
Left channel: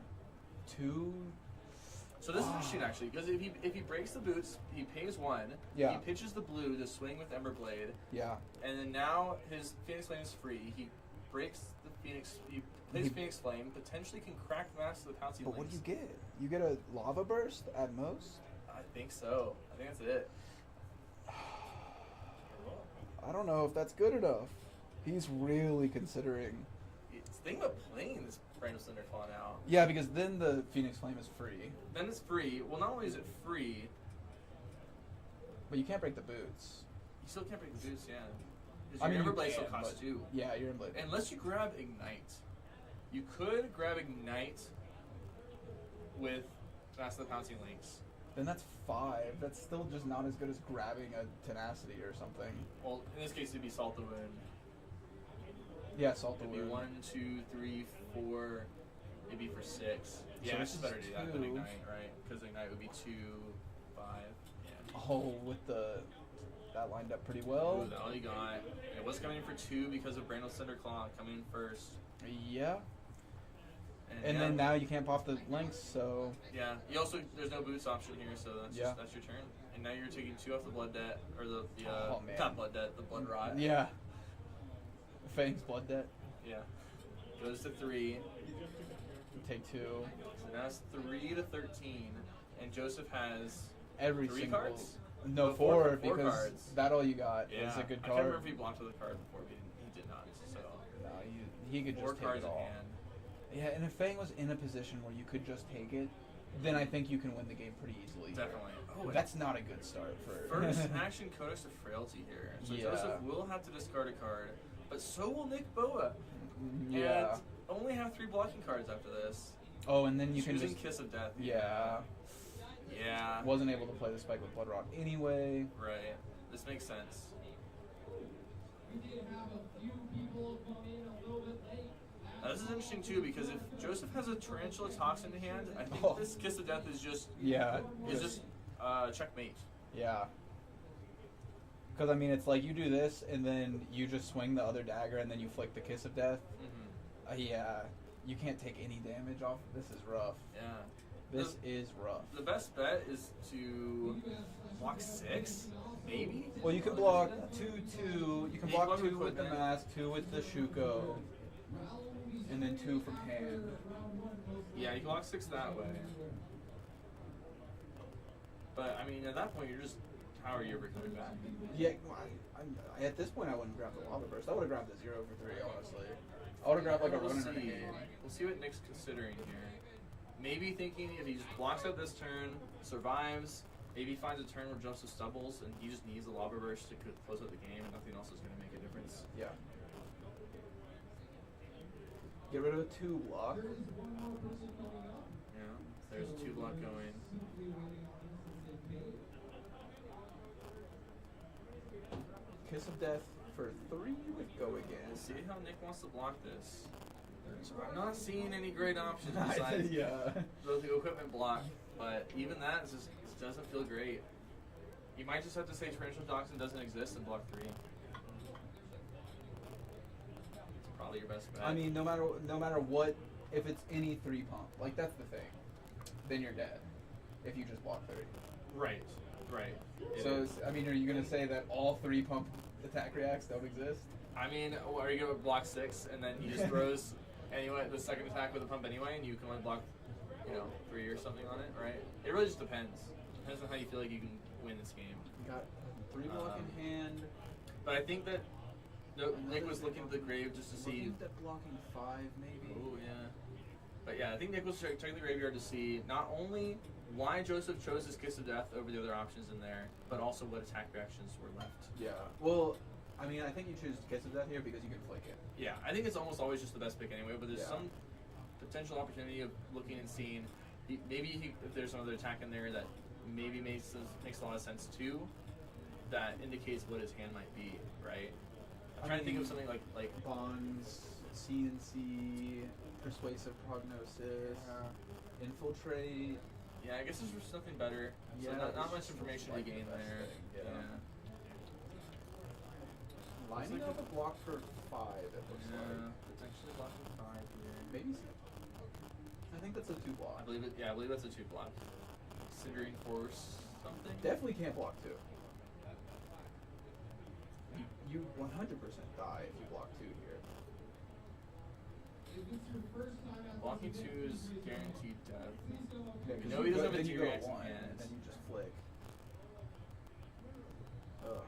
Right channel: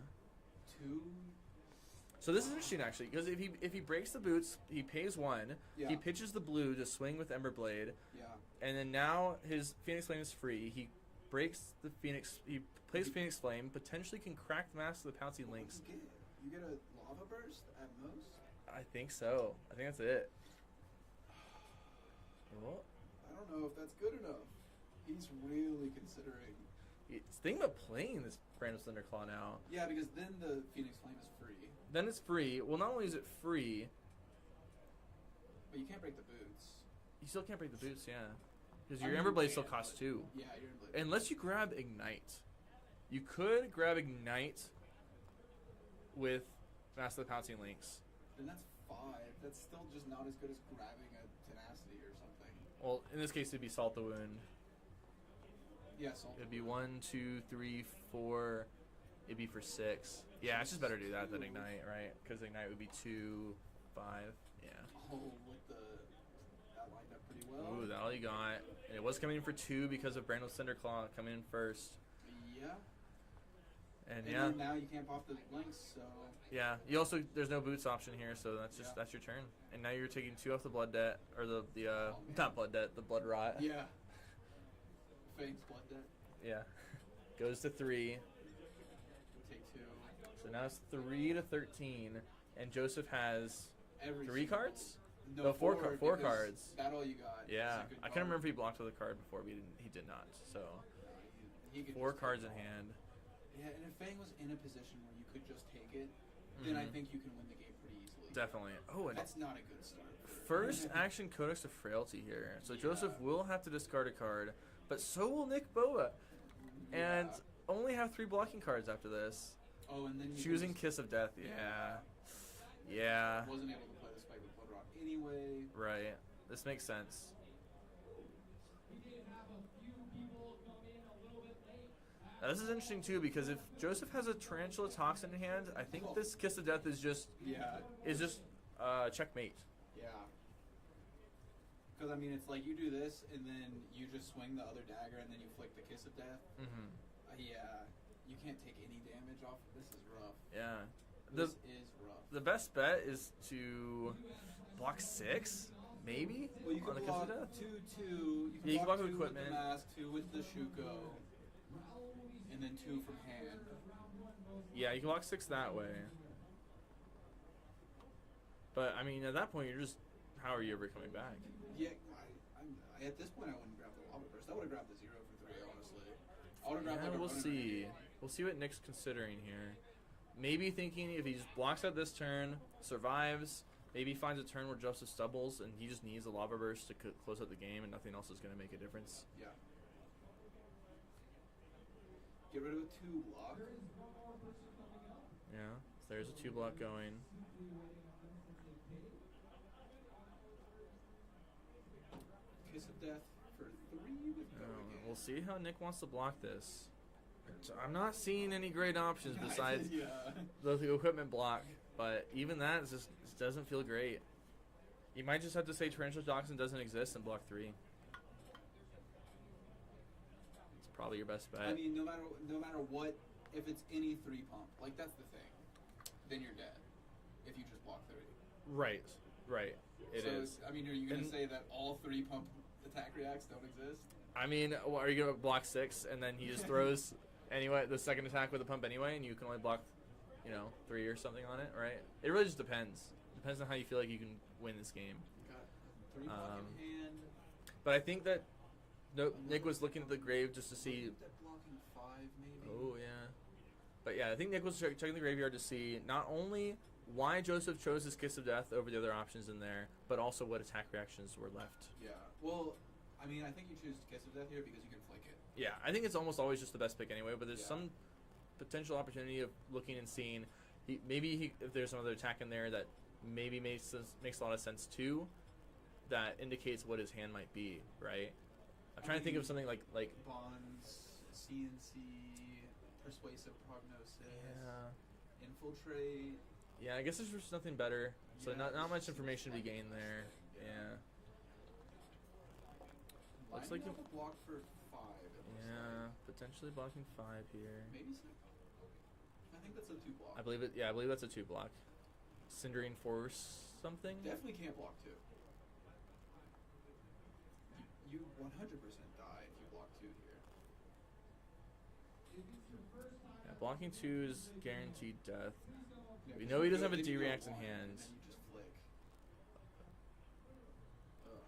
2... So this is interesting, actually, because if he breaks the boots, he pays 1. Yeah. He pitches the blue to swing with Emberblade. Yeah. And then now his Phoenix Flame is free. He breaks the Phoenix... He plays Phoenix Flame, potentially can crack the Mask of the Pouncing Lynx. But what do you get? You get a Lava Burst at most? I think so. I think that's it. I don't know if that's good enough. He's really considering. It's thinking about playing this Brandon's Thunderclaw now. Yeah, because then the Phoenix Flame is free. Then it's free. Well, not only is it free, but you can't break the boots. You still can't break the boots, yeah. Because your Emberblade still costs 2. Yeah, your Emberblade. Unless you grab Ignite. You could grab Ignite with Mask of the Pouncing Lynx. Then that's 5. That's still just not as good as grabbing a Tenacity or something. Well, in this case, it'd be Salt the Wound. Yeah, Salt the Wound. It'd be 1, 2, 3, 4. It'd be for 6. Yeah, it's just better to do that than Ignite, right? Because Ignite would be 2, 5. Yeah. Oh, with that lined up pretty well. Ooh, all you got. And it was coming in for 2 because of Brandon's Thunderclaw coming in first. Yeah. And then now you can't pop the Lynx, so... Yeah, you also, there's no boots option here, so that's your turn. And now you're taking 2 off the Blood Debt, or not Blood Debt, the Blood Rot. Yeah. Fang's Blood Debt. Yeah. Goes to 3. Take 2. So now it's 3 to 13, and Joseph has every 3 cards? No, 4 4 because cards. That all you got. Yeah. Is a good card. I can't remember if he blocked with a card before, but he did not, so... No, he could 4 just cards take it in all. hand. Yeah, and if Fang was in a position where you could just take it, then I think you can win the game pretty easily. Definitely. Oh, that's not a good start for... First action Codex of Frailty here. So Joseph will have to discard a card, but so will Nick Boa. Yeah. And only have 3 blocking cards after this. Oh, and then you Choosing can Kiss of Death. Yeah. Yeah. Wasn't able to play the Spike with Blood Rot anyway. Right. This makes sense. Now, this is interesting too because if Joseph has a Tarantula Toxin in hand, I think this Kiss of Death is just checkmate. Yeah. Because I mean, it's like you do this and then you just swing the other dagger and then you flick the Kiss of Death. Yeah. You can't take any damage off. This is rough. Yeah. This is rough. The best bet is to block 6, maybe. Well, you can block 2. You can block 2 with the Mask, 2 with the Shuko, and then 2 from hand. Yeah, you can block 6 that way. But I mean, at that point, you're just how are you ever coming back? Yeah, well, at this point, I wouldn't grab the Lava Burst. I would have grabbed the 0 for 3, honestly. I would have grabbed like a runner. We'll see what Nick's considering here. Maybe thinking if he just blocks out this turn, survives, maybe finds a turn where Joseph stumbles, and he just needs a Lava Burst to close out the game, and nothing else is going to make a difference. Yeah. Get rid of a 2 block. Yeah. There's a 2-block going. Kiss of Death for 3 would go again. We'll see how Nick wants to block this. So I'm not seeing any great options besides the equipment block, but even that just doesn't feel great. You might just have to say Torrential Toxin doesn't exist and block 3. It's probably your best bet. I mean, no matter what, if it's any 3 pump, like that's the thing, then you're dead. If you just block 3. Right. So I mean, are you gonna say that all 3 pump attack reacts don't exist? I mean, are you gonna block 6 and then he just throws anyway the second attack with a pump anyway, and you can only block, 3 or something on it, right? It really just depends. Depends on how you feel like you can win this game. You got 3 block in hand. But I think that Nick was looking at the grave just to see. That blocking 5 maybe. Oh yeah. But yeah, I think Nick was checking the graveyard to see not only why Joseph chose his Kiss of Death over the other options in there, but also what attack reactions were left. Yeah. Well, I mean, I think you choose Kiss of Death here because you can flick it. Yeah, I think it's almost always just the best pick anyway, but there's some potential opportunity of looking and seeing. If there's another attack in there that maybe makes a lot of sense too, that indicates what his hand might be, right? I'm trying to think of something like Bonds, CNC, Persuasive Prognosis, Infiltrate. Yeah, I guess there's something better. So not much information to be gained there. Yeah. Lining up a block for 5. It looks like. Potentially blocking 5 here. Maybe 6. I think that's a 2 block. I believe it. Yeah, I believe that's a 2 block. Cindering Force something. Definitely can't block 2. You 100% die if you block 2 here. Blocking 2 is guaranteed death. Yeah, We know he doesn't have a then you go D-react in 1, hand. and then you just flick. Ugh.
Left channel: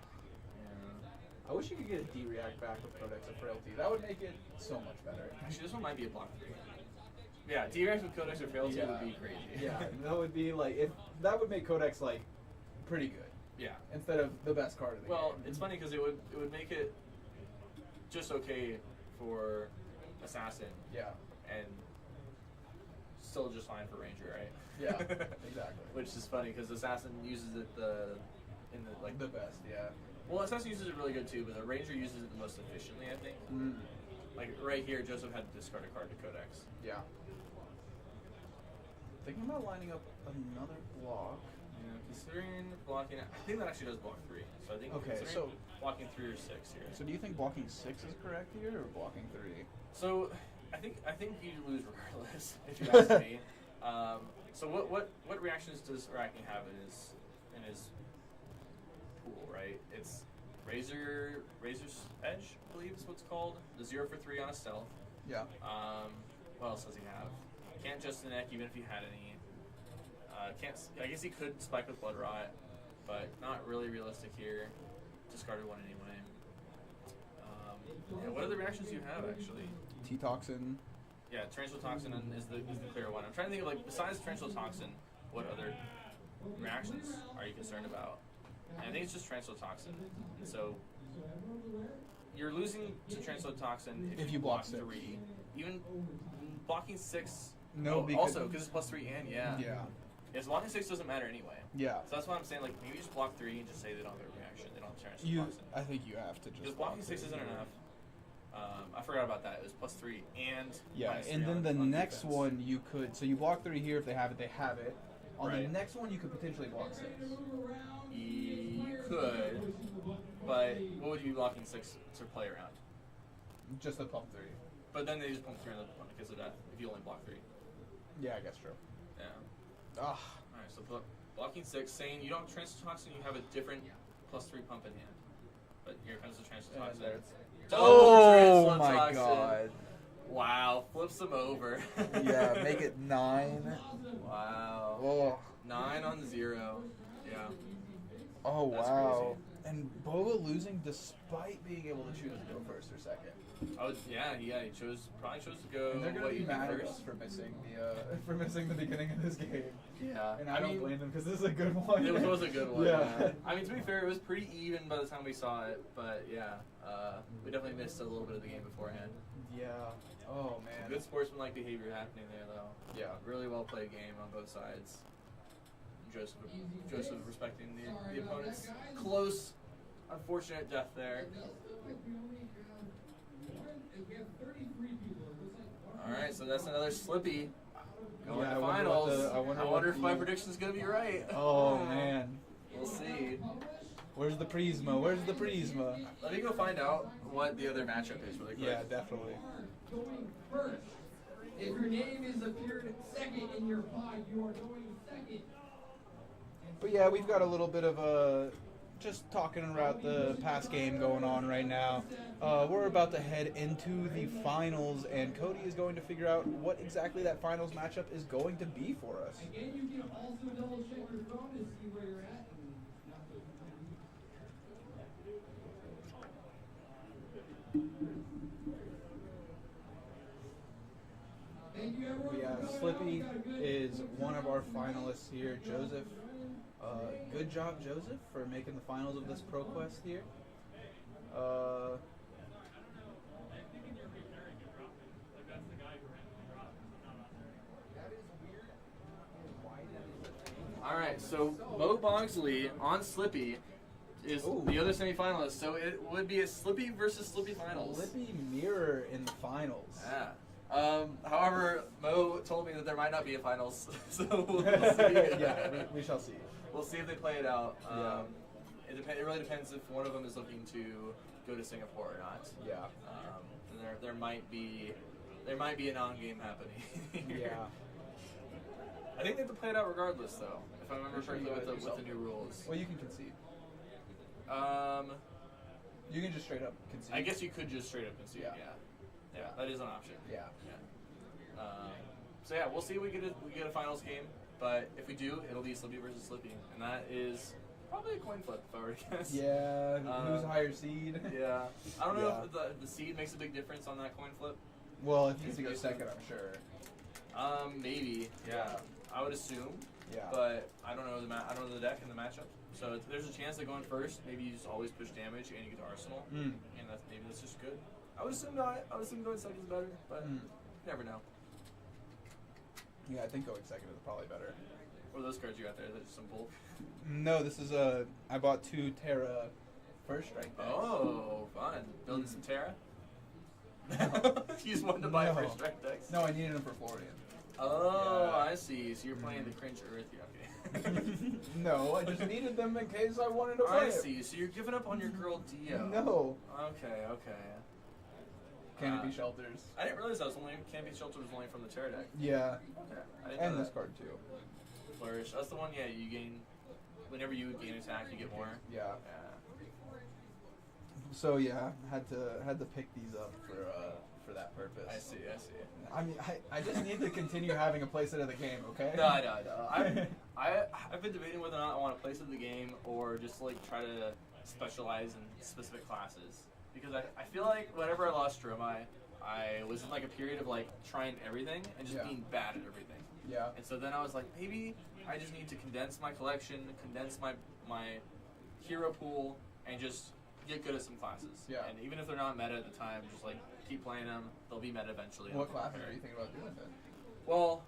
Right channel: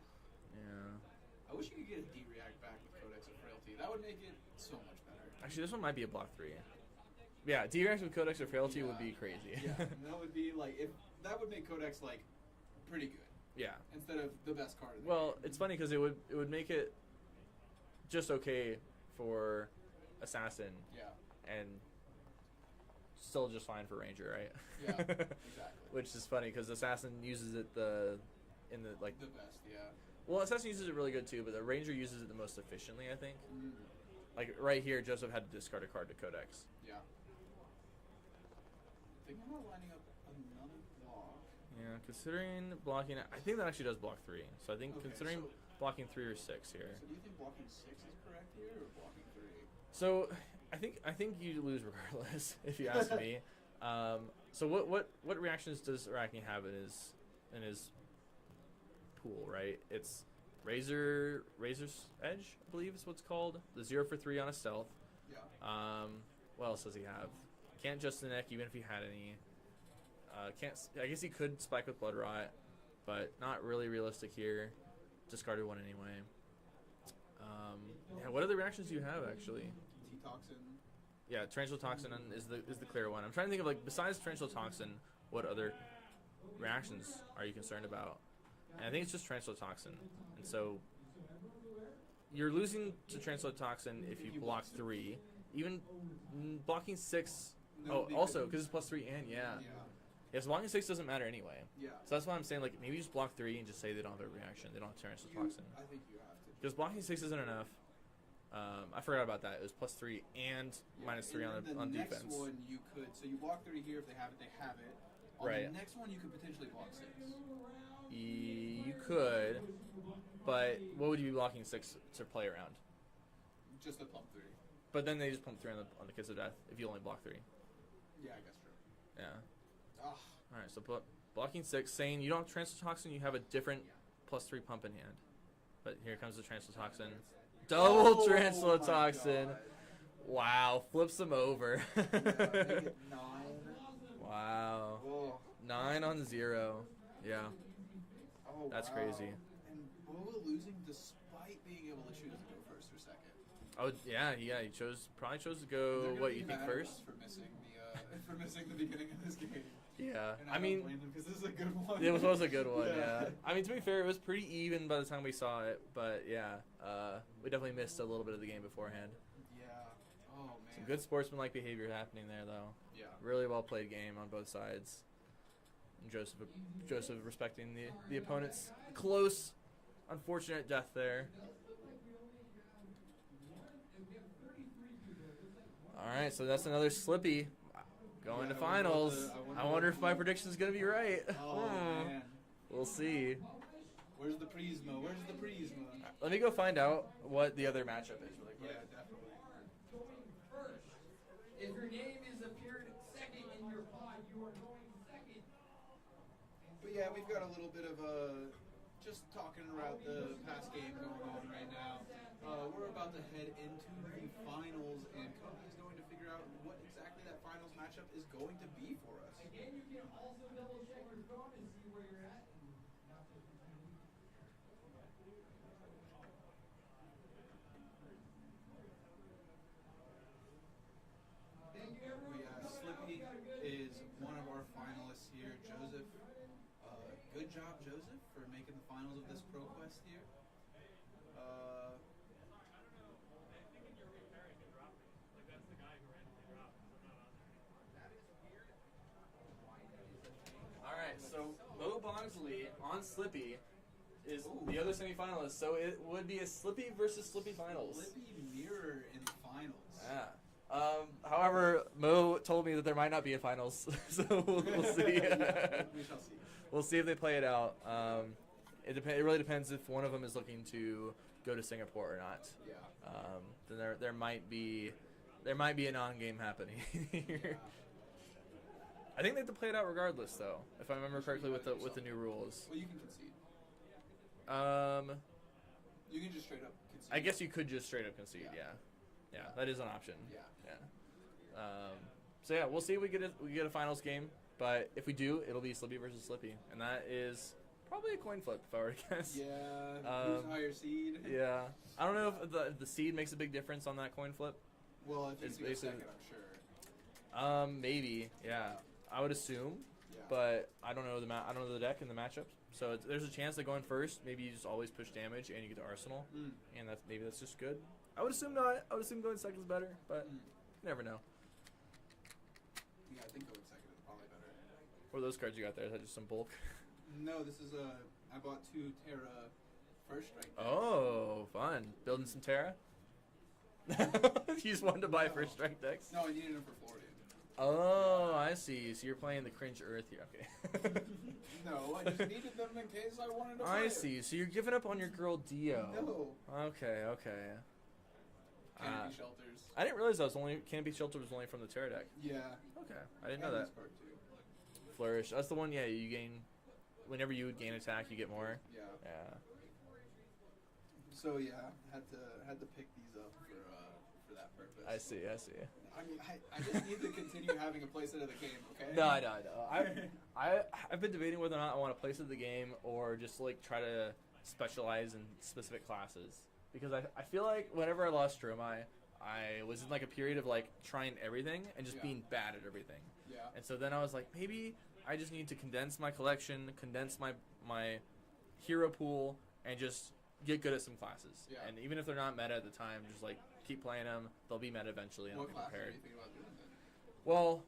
Yeah. I wish you could get a D-react back with Codex of Frailty. That would make it so much better. Actually, this one might be a block 3. Yeah, D-react with Codex of Frailty would be crazy. Yeah, that would be like that would make Codex like pretty good. Yeah. Instead of the best card of the Well, game. it's funny because it would make it just okay for Assassin. Yeah. And still just fine for Ranger, right? Yeah, exactly. Which is funny because Assassin uses it the best, yeah. Well, Assassin uses it really good too, but the Ranger uses it the most efficiently, I think. Like right here, Joseph had to discard a card to Codex. Yeah. Thinking about lining up another block. Yeah, considering blocking, I think that actually does block 3. So I think considering blocking 3 or 6 here. So do you think blocking 6 is correct here, or blocking 3? So I think you lose regardless, if you ask me. So what reactions does Arachne have in his pool, right? It's Razor's Edge, I believe is what's called. The 0 for 3 on a stealth. Yeah. What else does he have? Can't Just the Neck even if he had any. I guess he could spike with Blood Rot, but not really realistic here. Discarded one anyway. And what other reactions do you have actually? T-Toxin. Yeah, Torrential Toxin is the clear one. I'm trying to think of besides Torrential Toxin, what other reactions are you concerned about? And I think it's just Torrential Toxin. And so you're losing to Torrential Toxin if you block 3. Even blocking 6. No, also because it's +3 and Yeah. Yes, blocking 6 doesn't matter anyway. Yeah. So that's why I'm saying maybe you just block 3 and just say they don't have a reaction. They don't have Torrential Toxin. I think you have to just. Because blocking 6 isn't enough. I forgot about that. It was +3 and -3 and then the on next defense. one you could. So you block 3 here if they have it. They have it. On Right. the next one you could potentially block 6. You could, but what would you be blocking 6 to play around? Just the pump 3. But then they just pump 3 on the Kiss of Death if you only block 3. Yeah, I guess true. Yeah. Ah. Alright, so blocking 6, saying you don't have Torrential Toxin, you have a different +3 pump in hand. But here comes the Torrential Toxin. Double Torrential Toxin. God. Wow, flips them over. Yeah, make it 9. Wow. Oh. 9 on 0. Yeah. Oh, That's wow. crazy. And Boba losing despite being able to choose to go first or second. Oh yeah, he probably chose to And go they're gonna what be you think mad at first. us for missing the beginning of this game. Yeah, And I don't blame them because this is a good one. It was a good one. Yeah. Yeah. I mean, to be fair, it was pretty even by the time we saw it, but yeah, we definitely missed a little bit of the game beforehand. Yeah. Oh Some man. good sportsmanlike behavior happening there, though. Yeah. Really well played game on both sides. Joseph respecting the opponent's close, unfortunate death there. All right, so that's another Slippy going Yeah, to I wonder what finals. the- I wonder I what wonder if my the- prediction is going to be right. Oh man. We'll see. Where's the Prisma? Where's the Prisma? Let me go find out what the other matchup is really quick. Yeah, definitely. Going first. If your name is appeared second in your pod, you are going second. But yeah, we've got a little bit of just talking about the past game going on right now. We're about to head into the finals, and Cody is going to figure out what exactly that finals matchup is going to be for us. Again, you can also double check your phone to see where you're at. Thank you, everyone. Yeah, Slippy is one of our finalists here. Joseph, good job, Joseph, for making the finals of this Proquest here. All right, so Mo Bongsley on Slippy is Ooh. the other semifinalist. So it would be a Slippy versus Slippy finals. Slippy mirror in the finals. Yeah. However, Mo told me that there might not be a finals, so we'll see. Yeah, we shall see. We'll see if they play it out. Yeah. It really depends if one of them is looking to go to Singapore or not. Yeah. Then there might be a non-game happening. Yeah. I think they have to play it out regardless, though. If I remember correctly with the new rules. Well, you can concede. You can just straight up concede. I guess you could just straight up concede. Yeah. Yeah, that is an option. Yeah. So yeah, we'll see if we get a finals game. But if we do, it'll be Slippy versus Slippy, and that is probably a coin flip if I were to guess. Yeah. Who's higher seed? Yeah. I don't know Yeah. if the seed makes a big difference on that coin flip. Well, if you go second, I'm sure. Maybe. Yeah. I would assume. Yeah. But I don't know I don't know the deck and the matchups. So there's a chance that going first, maybe you just always push damage and you get to Arsenal, and maybe that's just good. I would assume not. I would assume going second is better, but you never know. Yeah, I think going second is probably better. What are those cards you got there? Is that just some bulk? No, this is I bought 2 Terra first strike decks. Oh, fun. Building some Terra? You just wanted to buy first strike decks? No, I needed them for Florian. Oh, Yeah. I see. So you're playing the cringe Earth here. Okay. No, I just needed them in case I wanted to play I it. see. So you're giving up on your girl Dio. No. Okay. Canopy Shelters. I didn't realize that was Canopy Shelter was only from the Terra deck. Yeah. Okay. I didn't And know this that. card too. Flourish. That's the one. Yeah, you gain. Whenever you gain attack, you get more. Yeah. Yeah. So yeah, had to pick these up for that purpose. I see. I mean, I just need to continue having a playset of the game, okay? No, I know. I've been debating whether or not I want to place in the game or just like try to specialize in specific classes, because I feel like whenever I lost Stromae, I was in like a period of like trying everything and just being bad at everything. Yeah. And so then I was like, maybe I just need to condense my collection, condense my hero pool, and just get good at some classes. Yeah. And even if they're not meta at the time, just like keep playing them. They'll be meta eventually. and What I'll classes compare. are you thinking about doing then? Well,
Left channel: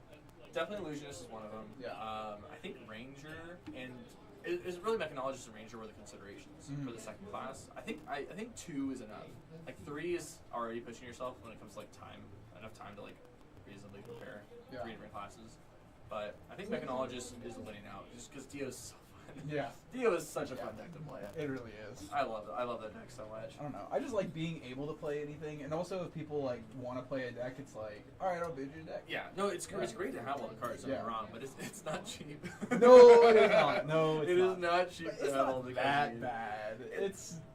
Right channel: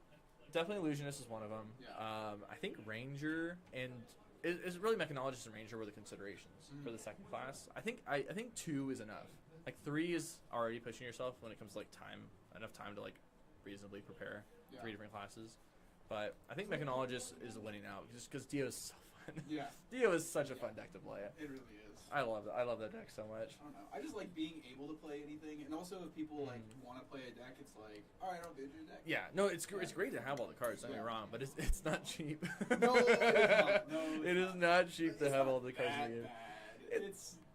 definitely Illusionist is one of them. Yeah. I think Ranger and it's really Mechanologist and Ranger were the considerations for the second class. I think 2 is enough. Like 3 is already pushing yourself when it comes to like enough time to like reasonably prepare 3 different classes. But I think Mechanologist is winning out just because Dio's so fun. Yeah. Dio is such a fun deck to play. It really is. I love that deck so much. I don't know. I just like being able to play anything, and also if people like want to play a deck, it's like, all right, I'll bid your deck. Yeah, no, it's great to have all the cards. Don't get me wrong, but it's not cheap. No, it is not. No, it is not cheap to It's have not all the cards. that you need. bad.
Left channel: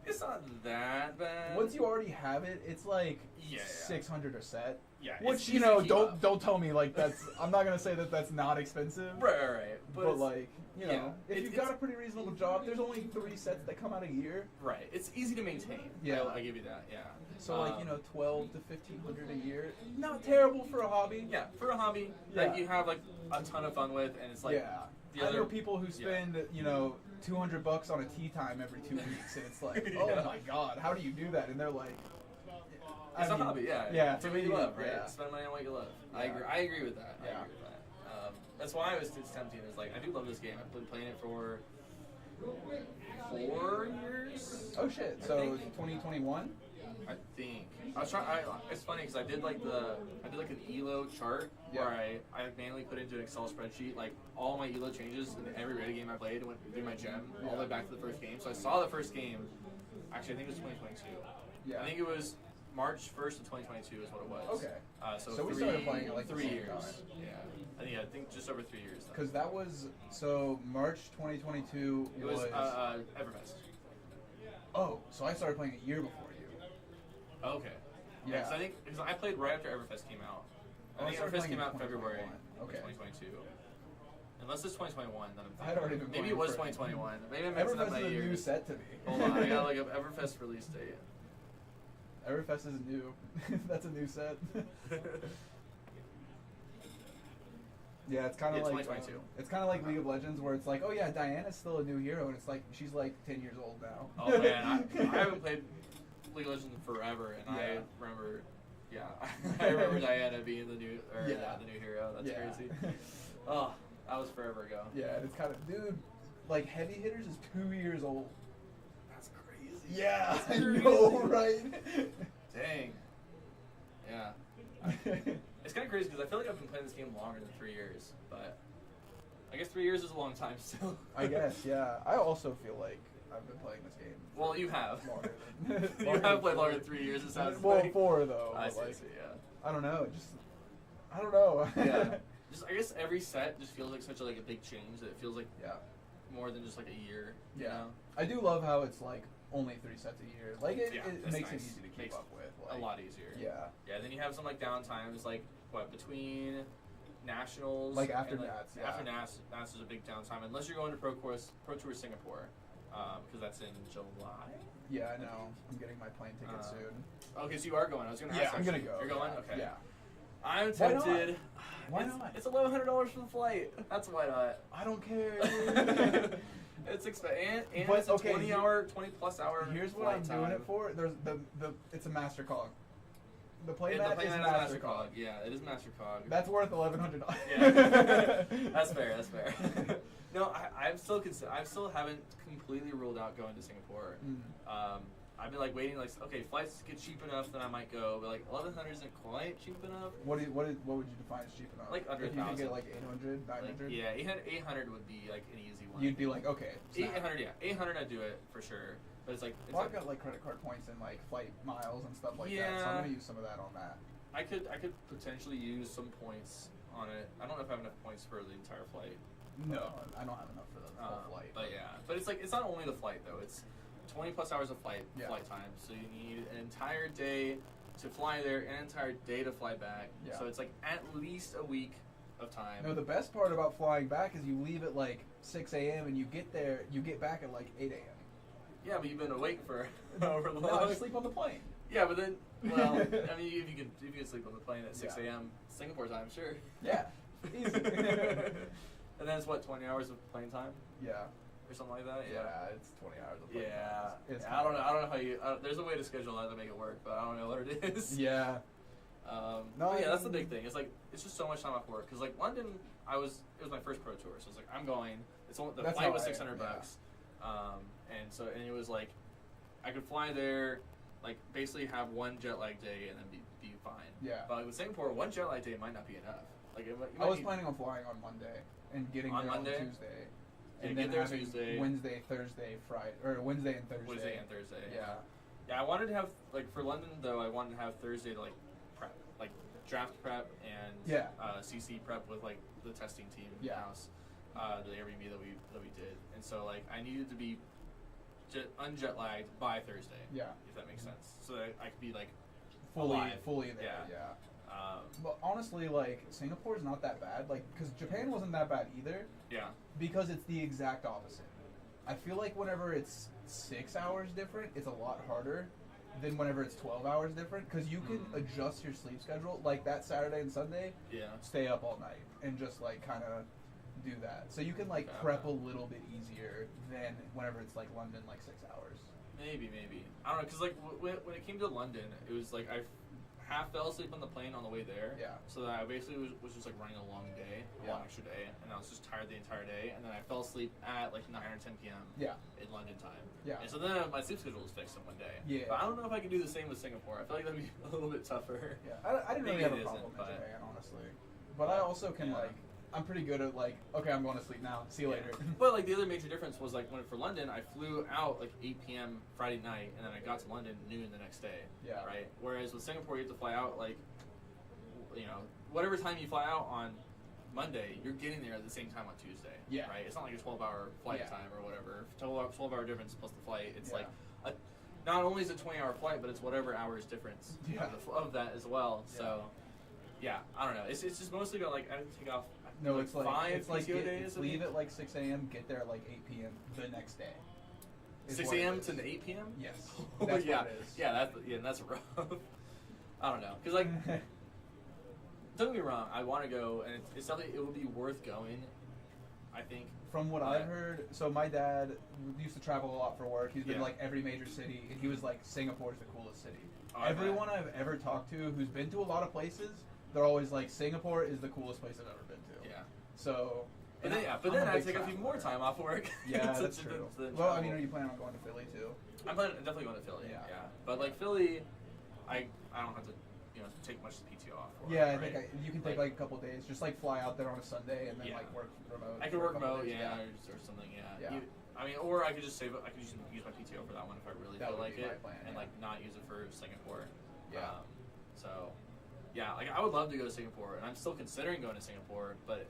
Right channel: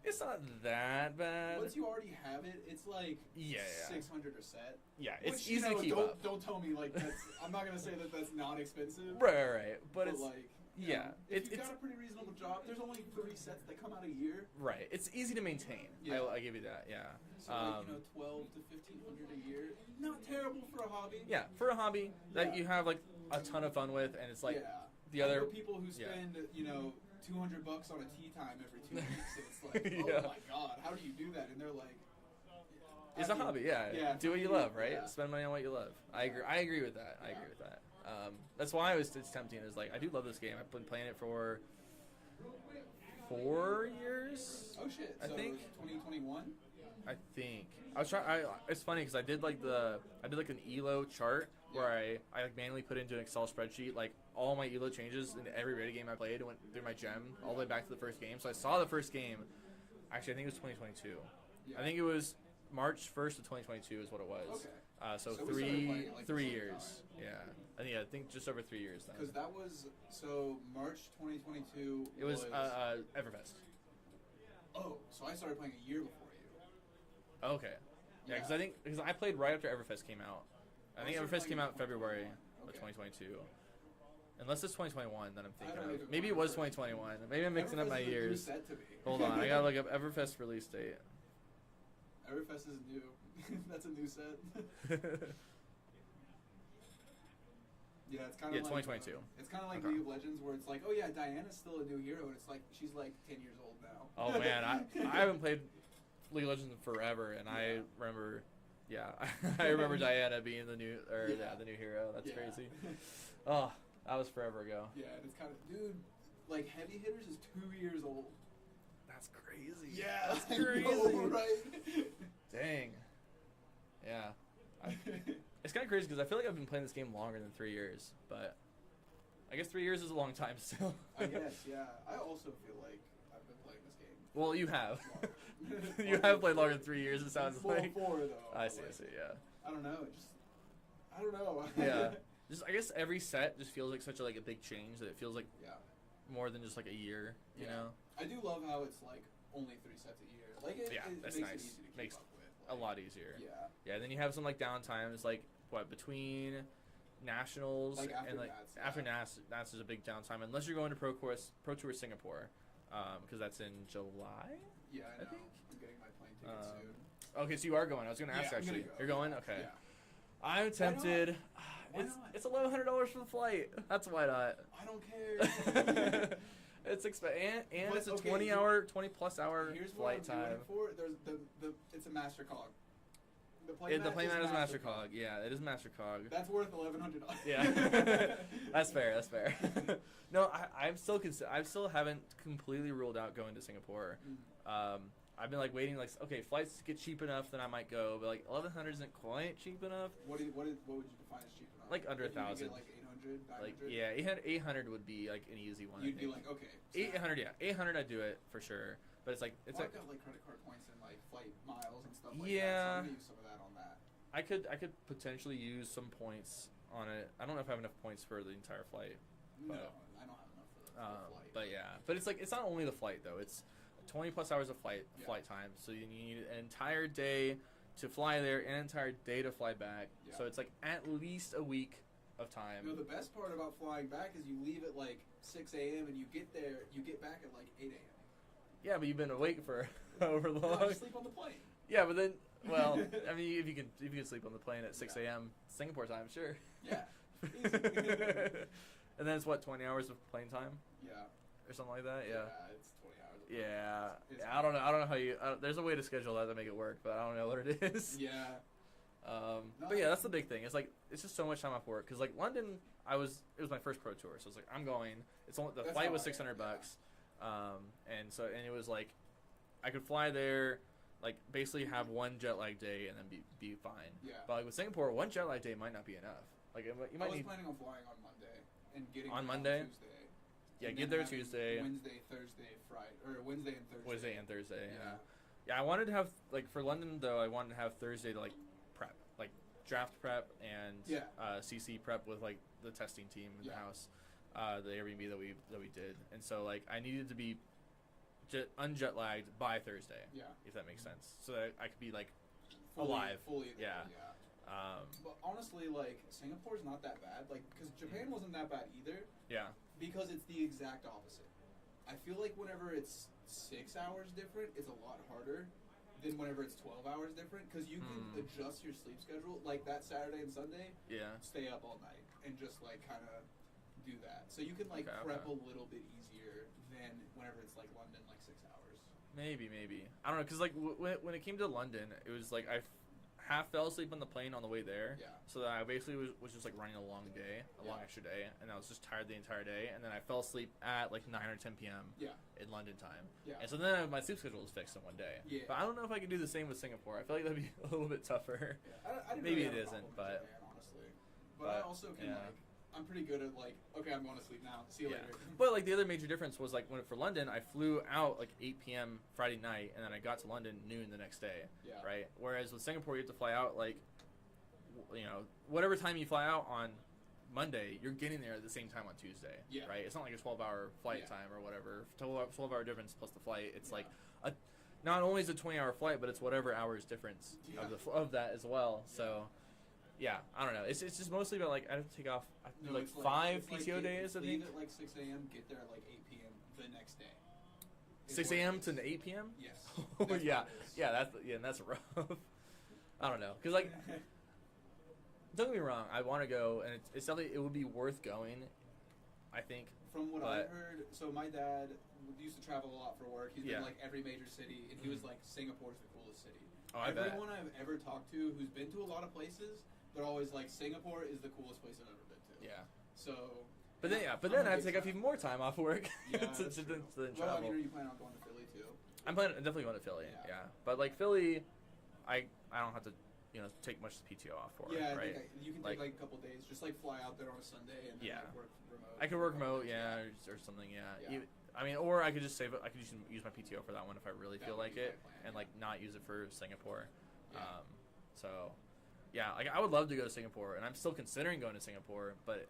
It's not that bad. Once you already have it, it's like 600 a set. Yeah, Which it's you easy know, to keep up. don't tell me like that's. I'm not gonna say that that's not expensive. Right. But it's, like, you know, yeah, if you've got a pretty reasonable job, there's only 3 sets that come out a year. right, it's easy to maintain. Yeah. I give you that. Yeah. So like, you know, 12 to 1500 a year, not terrible for a hobby. Yeah, for a hobby that you have like a ton of fun with, and it's like the I other know people who spend you know $200 on a tea time every 2 weeks, and it's like, oh Yeah. my god, how do you do that? And they're like, It's a hobby, yeah. Yeah, Do what you love, right? yeah. Spend money on what you love. I Yeah. agree. I agree with that. I Yeah. agree with that. That's why it's tempting. Is like I do love this game. I've been playing it for 4 years. Oh shit! I So think. 2021. I think I was trying. It's funny because I did like an ELO chart where I like manually put into an Excel spreadsheet like all my ELO changes in every rated game I played and went through my gem all the way back to the first game. So I saw the first game. Actually, I think it was 2022. Yeah. I think it was March 1st of 2022 is what it was. Okay. So we started playing it like the 3 same years. time. Yeah. I think just over 3 years. Then. Because that was so March 2022. It was Everfest. Oh, so I started playing a year before you. Okay. Yeah, because I played right after Everfest came out. I think Everfest came out in February of 2022. Unless it's 2021, then I'm thinking. Maybe it was 2021. Maybe I'm mixing up my Everfest is a new years. set to me. Hold on, I gotta look up Everfest release date. Everfest is new. That's a new set. Yeah, it's kind of like 2022. It's kind of like League of Legends, where it's like, oh yeah, Diana's still a new hero, and it's like she's like 10 years old now. Oh man, I haven't played League of Legends in forever, and I remember, I remember Diana being the new the new hero. That's crazy. Oh, that was forever ago. Yeah, and it's kind of, dude, like Heavy Hitters is 2 years old. That's crazy. Yeah, That's I crazy. know, right? Dang. Yeah. It's kind of crazy because I feel like I've been playing this game longer than 3 years, but I guess 3 years is a long time still. I guess, yeah. I also feel like I've been playing this game. Well, you have. Longer You have played longer than 3 years. It sounds well, like. 4 though. I but, see. like, Yeah. I don't know. I don't know. Yeah. Just I guess every set just feels like such a big change that it feels like more than just like a year. You know? I do love how it's like only 3 sets a year. Like it that's makes nice. it easy to keep Makes up with. a lot easier. Yeah. Yeah. Then you have some like downtimes, like what between nationals. Like after and, Nats, After Nats is a big downtime unless you're going to Pro Tour Singapore, because that's in July. Yeah, I know. I'm getting my plane ticket soon. Okay, so you are going. I was going to ask. I'm actually. gonna go. You're going? Yeah. Okay. Yeah. I'm Why not? tempted. Why not? It's $1,100 for the flight. That's why not. I don't care. It's expensive, and But, it's a okay, 20 plus hour. Here's what flight I'm time. doing it for. There's the it's a master cog. The plane The mat plane is mat is master MasterCog. Yeah, it is MasterCog. That's worth $1,100. Yeah, that's fair. That's fair. No, I'm still I still haven't completely ruled out going to Singapore. I've been like waiting, like okay, flights get cheap enough, then I might go. But like 1,100 isn't quite cheap enough. What would you define as cheap enough? Like under if you could 1,000. get like 800, 900. Like, yeah, 800 would be like an easy one. You'd be like, okay, 800, yeah, 800 I'd do it for sure. But it's like I've got like credit card points and like flight miles and stuff like that, so I'm gonna use some of that on that. I could potentially use some points on it. I don't know if I have enough points for the entire flight. No, I don't have enough for the full flight. But yeah, but it's not only the flight though. It's 20 plus hours of flight time. So you need an entire day to fly there, an entire day to fly back. Yeah. So it's like at least a week of time. No, the best part about flying back is you leave at like 6 a.m. and you get back at like 8 a.m. Yeah, but you've been awake for over long. No, I just sleep on the plane. Yeah, but then, well, I mean, if you can sleep on the plane at 6 a.m. Singapore time, sure. Yeah, easy. And then it's what 20 hours of plane time? Yeah. Or something like that. Yeah, it's 20 hours of plane time. It's I don't know how you. There's a way to schedule that to make it work, but I don't know what it is. Yeah. But yeah, that's the big thing. It's like it's just so much time off work because like London, it was my first pro tour, so it's like I'm going. It's only, the flight was $600, and it was like I could fly there, like basically have one jet lag day and then be fine. Yeah. But like, with Singapore, one jet lag day might not be enough. Like I was planning on flying on Monday and getting there on Tuesday. Yeah, and get there Tuesday. Wednesday, Thursday, Friday, or Wednesday and Thursday. Wednesday and Thursday. Yeah. Yeah, I wanted to have like for London though. I wanted to have Thursday to like prep, like draft prep and CC prep with like the testing team in the house, the Airbnb that we did, and so like I needed to be unjet lagged by Thursday. Yeah, if that makes sense. So that I could be like fully there. Yeah. But honestly, like Singapore's not that bad. Like because Japan wasn't that bad either. Yeah. Because it's the exact opposite. I feel like whenever it's 6 hours different, it's a lot harder than whenever it's 12 hours different. Because you can adjust your sleep schedule. Like that Saturday and Sunday, stay up all night and just like kind of do that. So you can like prep a little bit easier than whenever it's like London, like 6 hours. Maybe. I don't know, because like when it came to London, it was like half fell asleep on the plane on the way there. Yeah. So that I basically was just like running a long day, a long extra day, and I was just tired the entire day. And then I fell asleep at like 9 or 10 p.m. Yeah. in London time. Yeah. And so then my sleep schedule was fixed in one day. Yeah. But I don't know if I can do the same with Singapore. I feel like that'd be a little bit tougher. Yeah. I didn't Maybe really have it a isn't, problem in but Japan, honestly. But I also can like. I'm pretty good at like, okay, I'm going to sleep now. See you later. But like the other major difference was like when for London, I flew out like 8 p.m. Friday night, and then I got to London noon the next day. Yeah. Right. Whereas with Singapore, you have to fly out like, you know, whatever time you fly out on Monday, you're getting there at the same time on Tuesday. Yeah. Right. It's not like a 12-hour flight time or whatever. 12-hour difference plus the flight. It's like not only is it a 20-hour flight, but it's whatever hours difference of that as well. So. Yeah, I don't know. It's just mostly about like I didn't take off. No, like it's like 5 it's PTO like days. it's leave at like 6 a.m. Get there at like 8 p.m. the next day. 6 a.m. to the 8 p.m. Yes. That's yeah. what it is. Yeah, that's rough. I don't know, cause like, don't get me wrong. I want to go, and it's definitely it would be worth going. I think. From what I've heard, so my dad used to travel a lot for work. He's been like every major city, and he was like, Singapore's the coolest city. Oh, Everyone I've ever talked to who's been to a lot of places, they're always like, Singapore is the coolest place I've ever been to. Yeah. So. But then I take up even more time off work. Yeah, that's true. Well, I mean, are you planning on going to Philly too? I'm definitely going to Philly. Yeah. But like Philly, I don't have to take much PTO off for. Yeah, I right? think you can take like a couple days, just like fly out there on a Sunday and then like work remote. I could work remote, or something, yeah. I mean, or I could just save it. I could just use my PTO for that one if I really feel like it, and like not use it for Singapore. Yeah. So, yeah, like I would love to go to Singapore, and I'm still considering going to Singapore, but.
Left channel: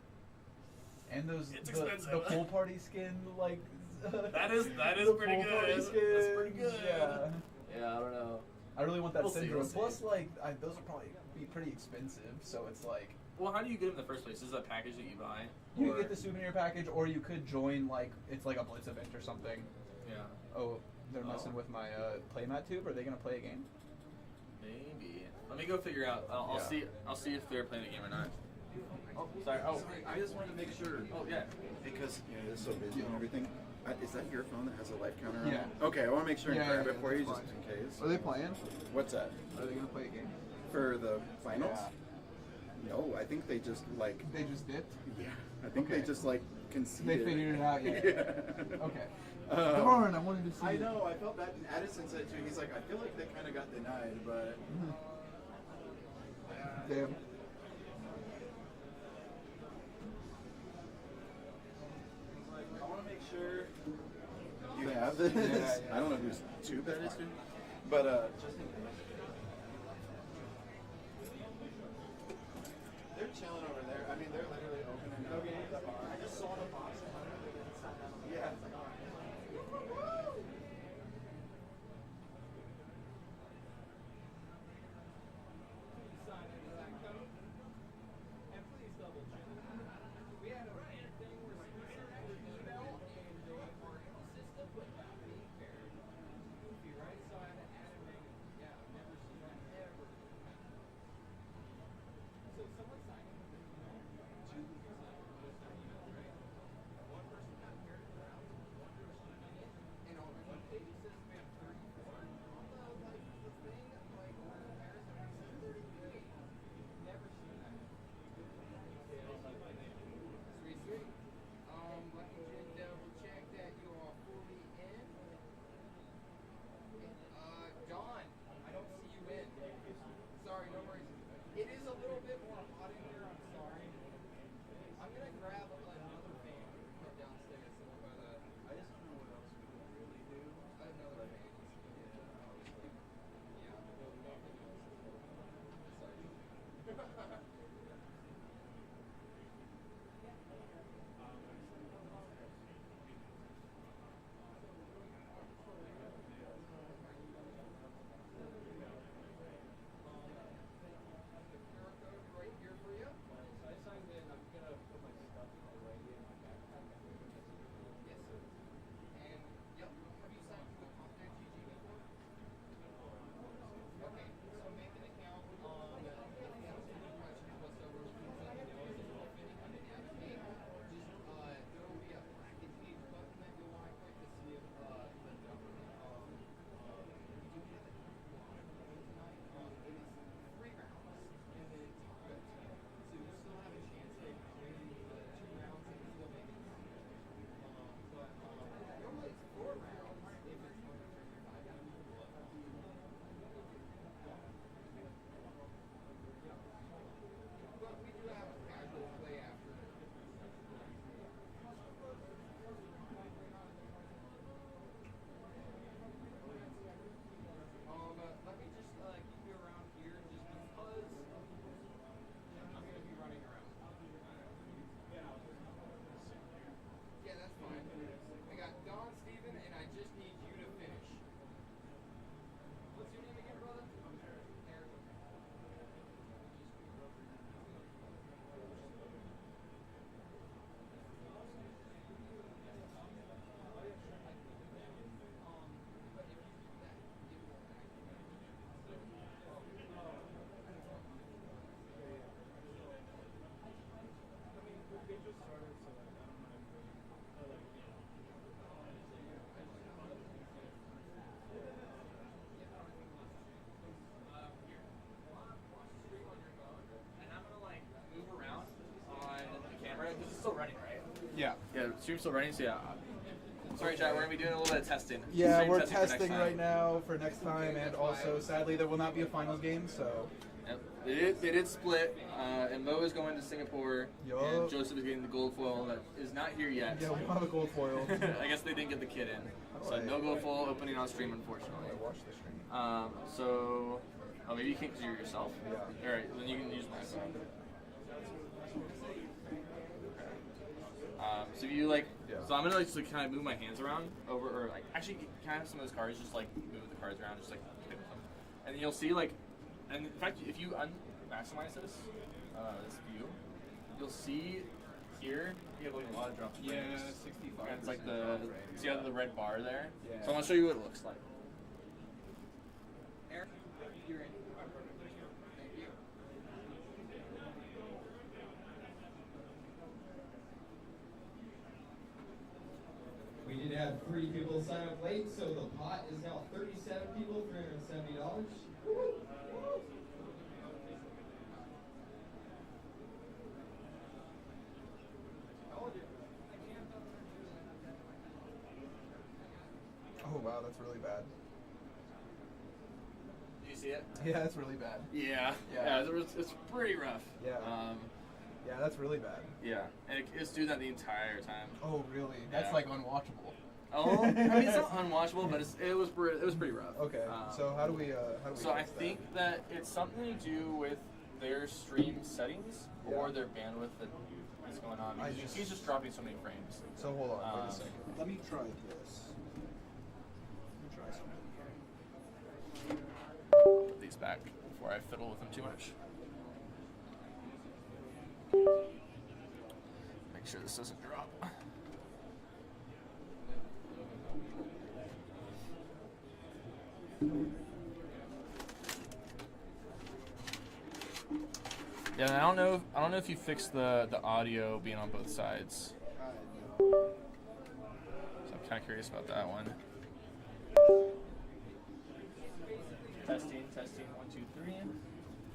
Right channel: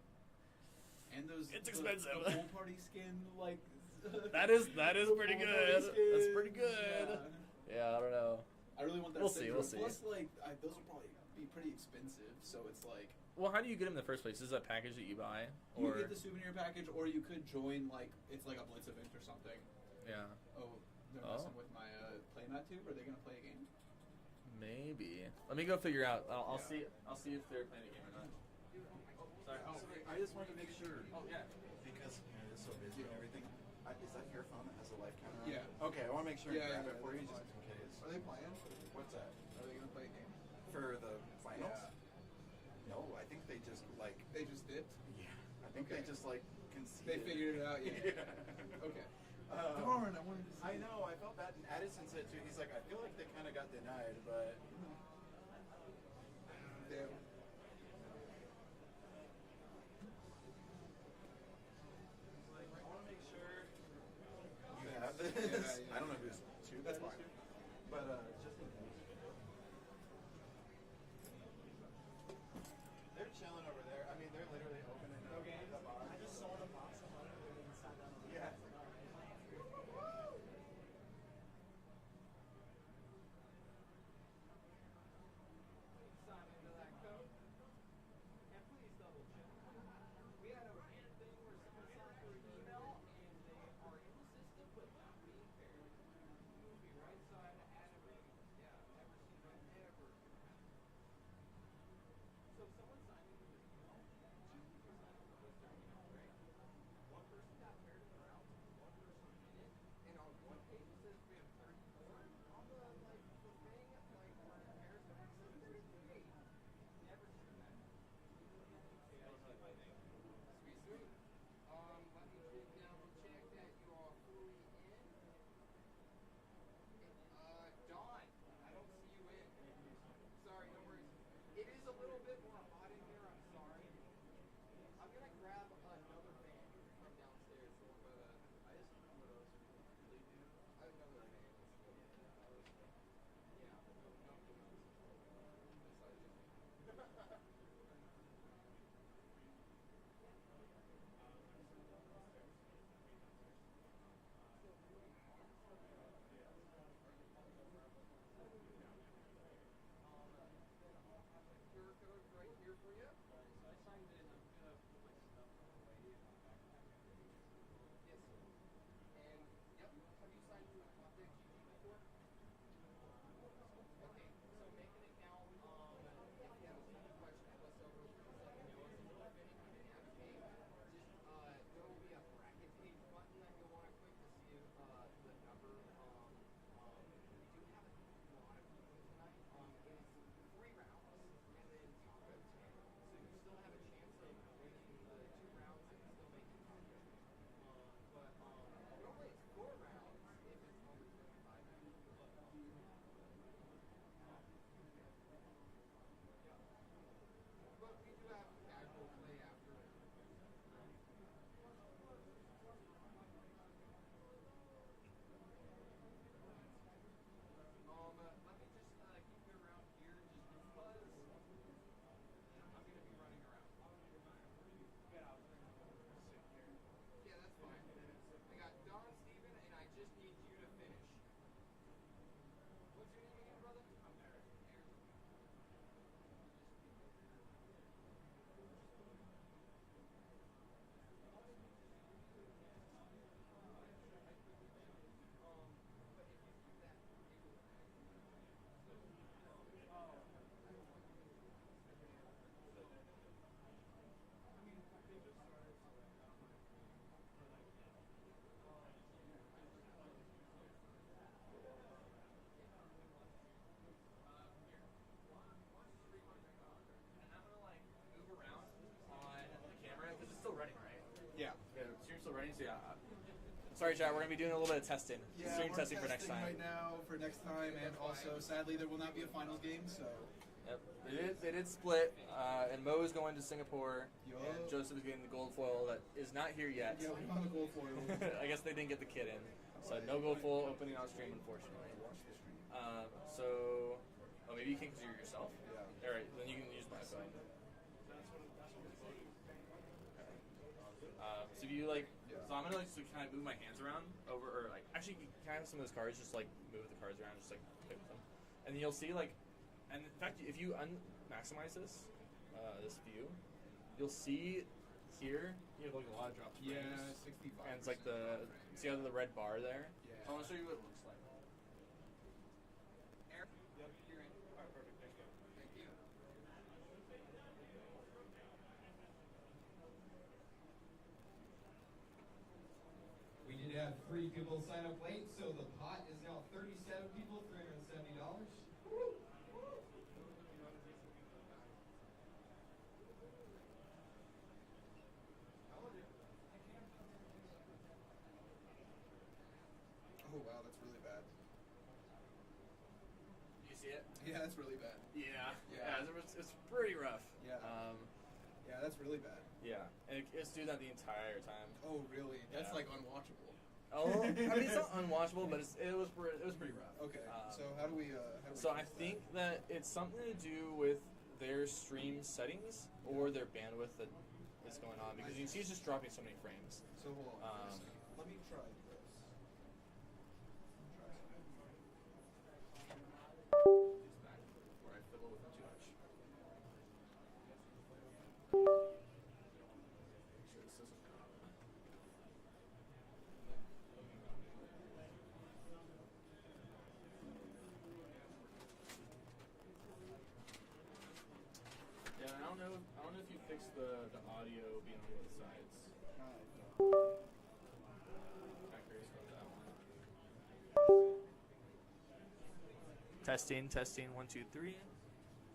And those it's expensive. The pool party skin, like. that is pretty good. That's pretty good. Yeah, I don't know. I really want that syndrome. We'll see. Plus, like, those will probably be pretty expensive. So it's like. Well, how do you get them in the first place? Is this a package that you buy? You can get the souvenir package, or you could join like it's like a Blitz event or something. Yeah. Oh, they're messing with my playmat tube. Are they gonna play a game? Maybe. Let me go figure out. I'll see. I'll see if they're playing a game or not. Oh, sorry. Oh, I just wanted to make sure. Oh, yeah. Because it's so busy and everything. Is that your phone that has a life counter on it? Yeah. Okay, I want to make sure and grab it for you fine. just in case. Are they playing? What's that? Are they gonna play a game? For the finals? Yeah. No, I think they just like. They just dipped? Yeah. I think they just like conceded. They figured it out, yeah. Okay. Darn, I wanted to see. I know, I felt bad. And Addison said too, he's like, I feel like they kind of got denied, but. Damn. I want to make sure you have this. I don't know who's too bad, but just in case. They're chilling over there. I mean, they're literally opening the bar. I just saw the box. Yeah. still running, so yeah. Sorry, chat. We're gonna be doing a little bit of testing. Yeah, Stream we're testing for next testing time. right now for next time, and also, sadly, there will not be a finals game, so. Yep. They did split, and Mo is going to Singapore, and Yup. Joseph is getting the gold foil that is not here yet. Yeah, we'll have a gold foil. I guess they didn't get the kit in, so Alright. no gold foil opening on stream, unfortunately. I watched the stream. So, maybe you can't because you're yourself. Yeah. All right, then you can use my phone. So you like, so I'm gonna like just like, kind of move my hands around over, or like actually can I have some of those cards just like move the cards around, just like play with them, and then you'll see like, and in fact if you maximize this view, you'll see here you have like a lot of drops. Yeah, frames. 65%. And it's like the see how the red bar there. Yeah. So I'm gonna show you what it looks like. We did have 3 people sign up late, so the pot is now 37 people, $370. Oh, wow, that's really bad. Do you see it? Yeah, that's really bad. Yeah. Yeah. It's pretty rough. Yeah. Yeah, that's really bad. Yeah, and it's doing that the entire time. Oh, really? That's Yeah. like unwatchable. Oh, I mean it's not unwatchable, but it was pretty rough. Okay, so how do we So I fix that? think that it's something to do with their stream settings or their bandwidth that is going on. Because you see it's just dropping so many frames. So hold on, wait a second. Let me try this. Let me try something. Put these back before I fiddle with them too much. Make sure this doesn't drop. Yeah, and I don't know if you fixed the audio being on both sides. So I'm kind of curious about that one. Testing, 1, 2, 3.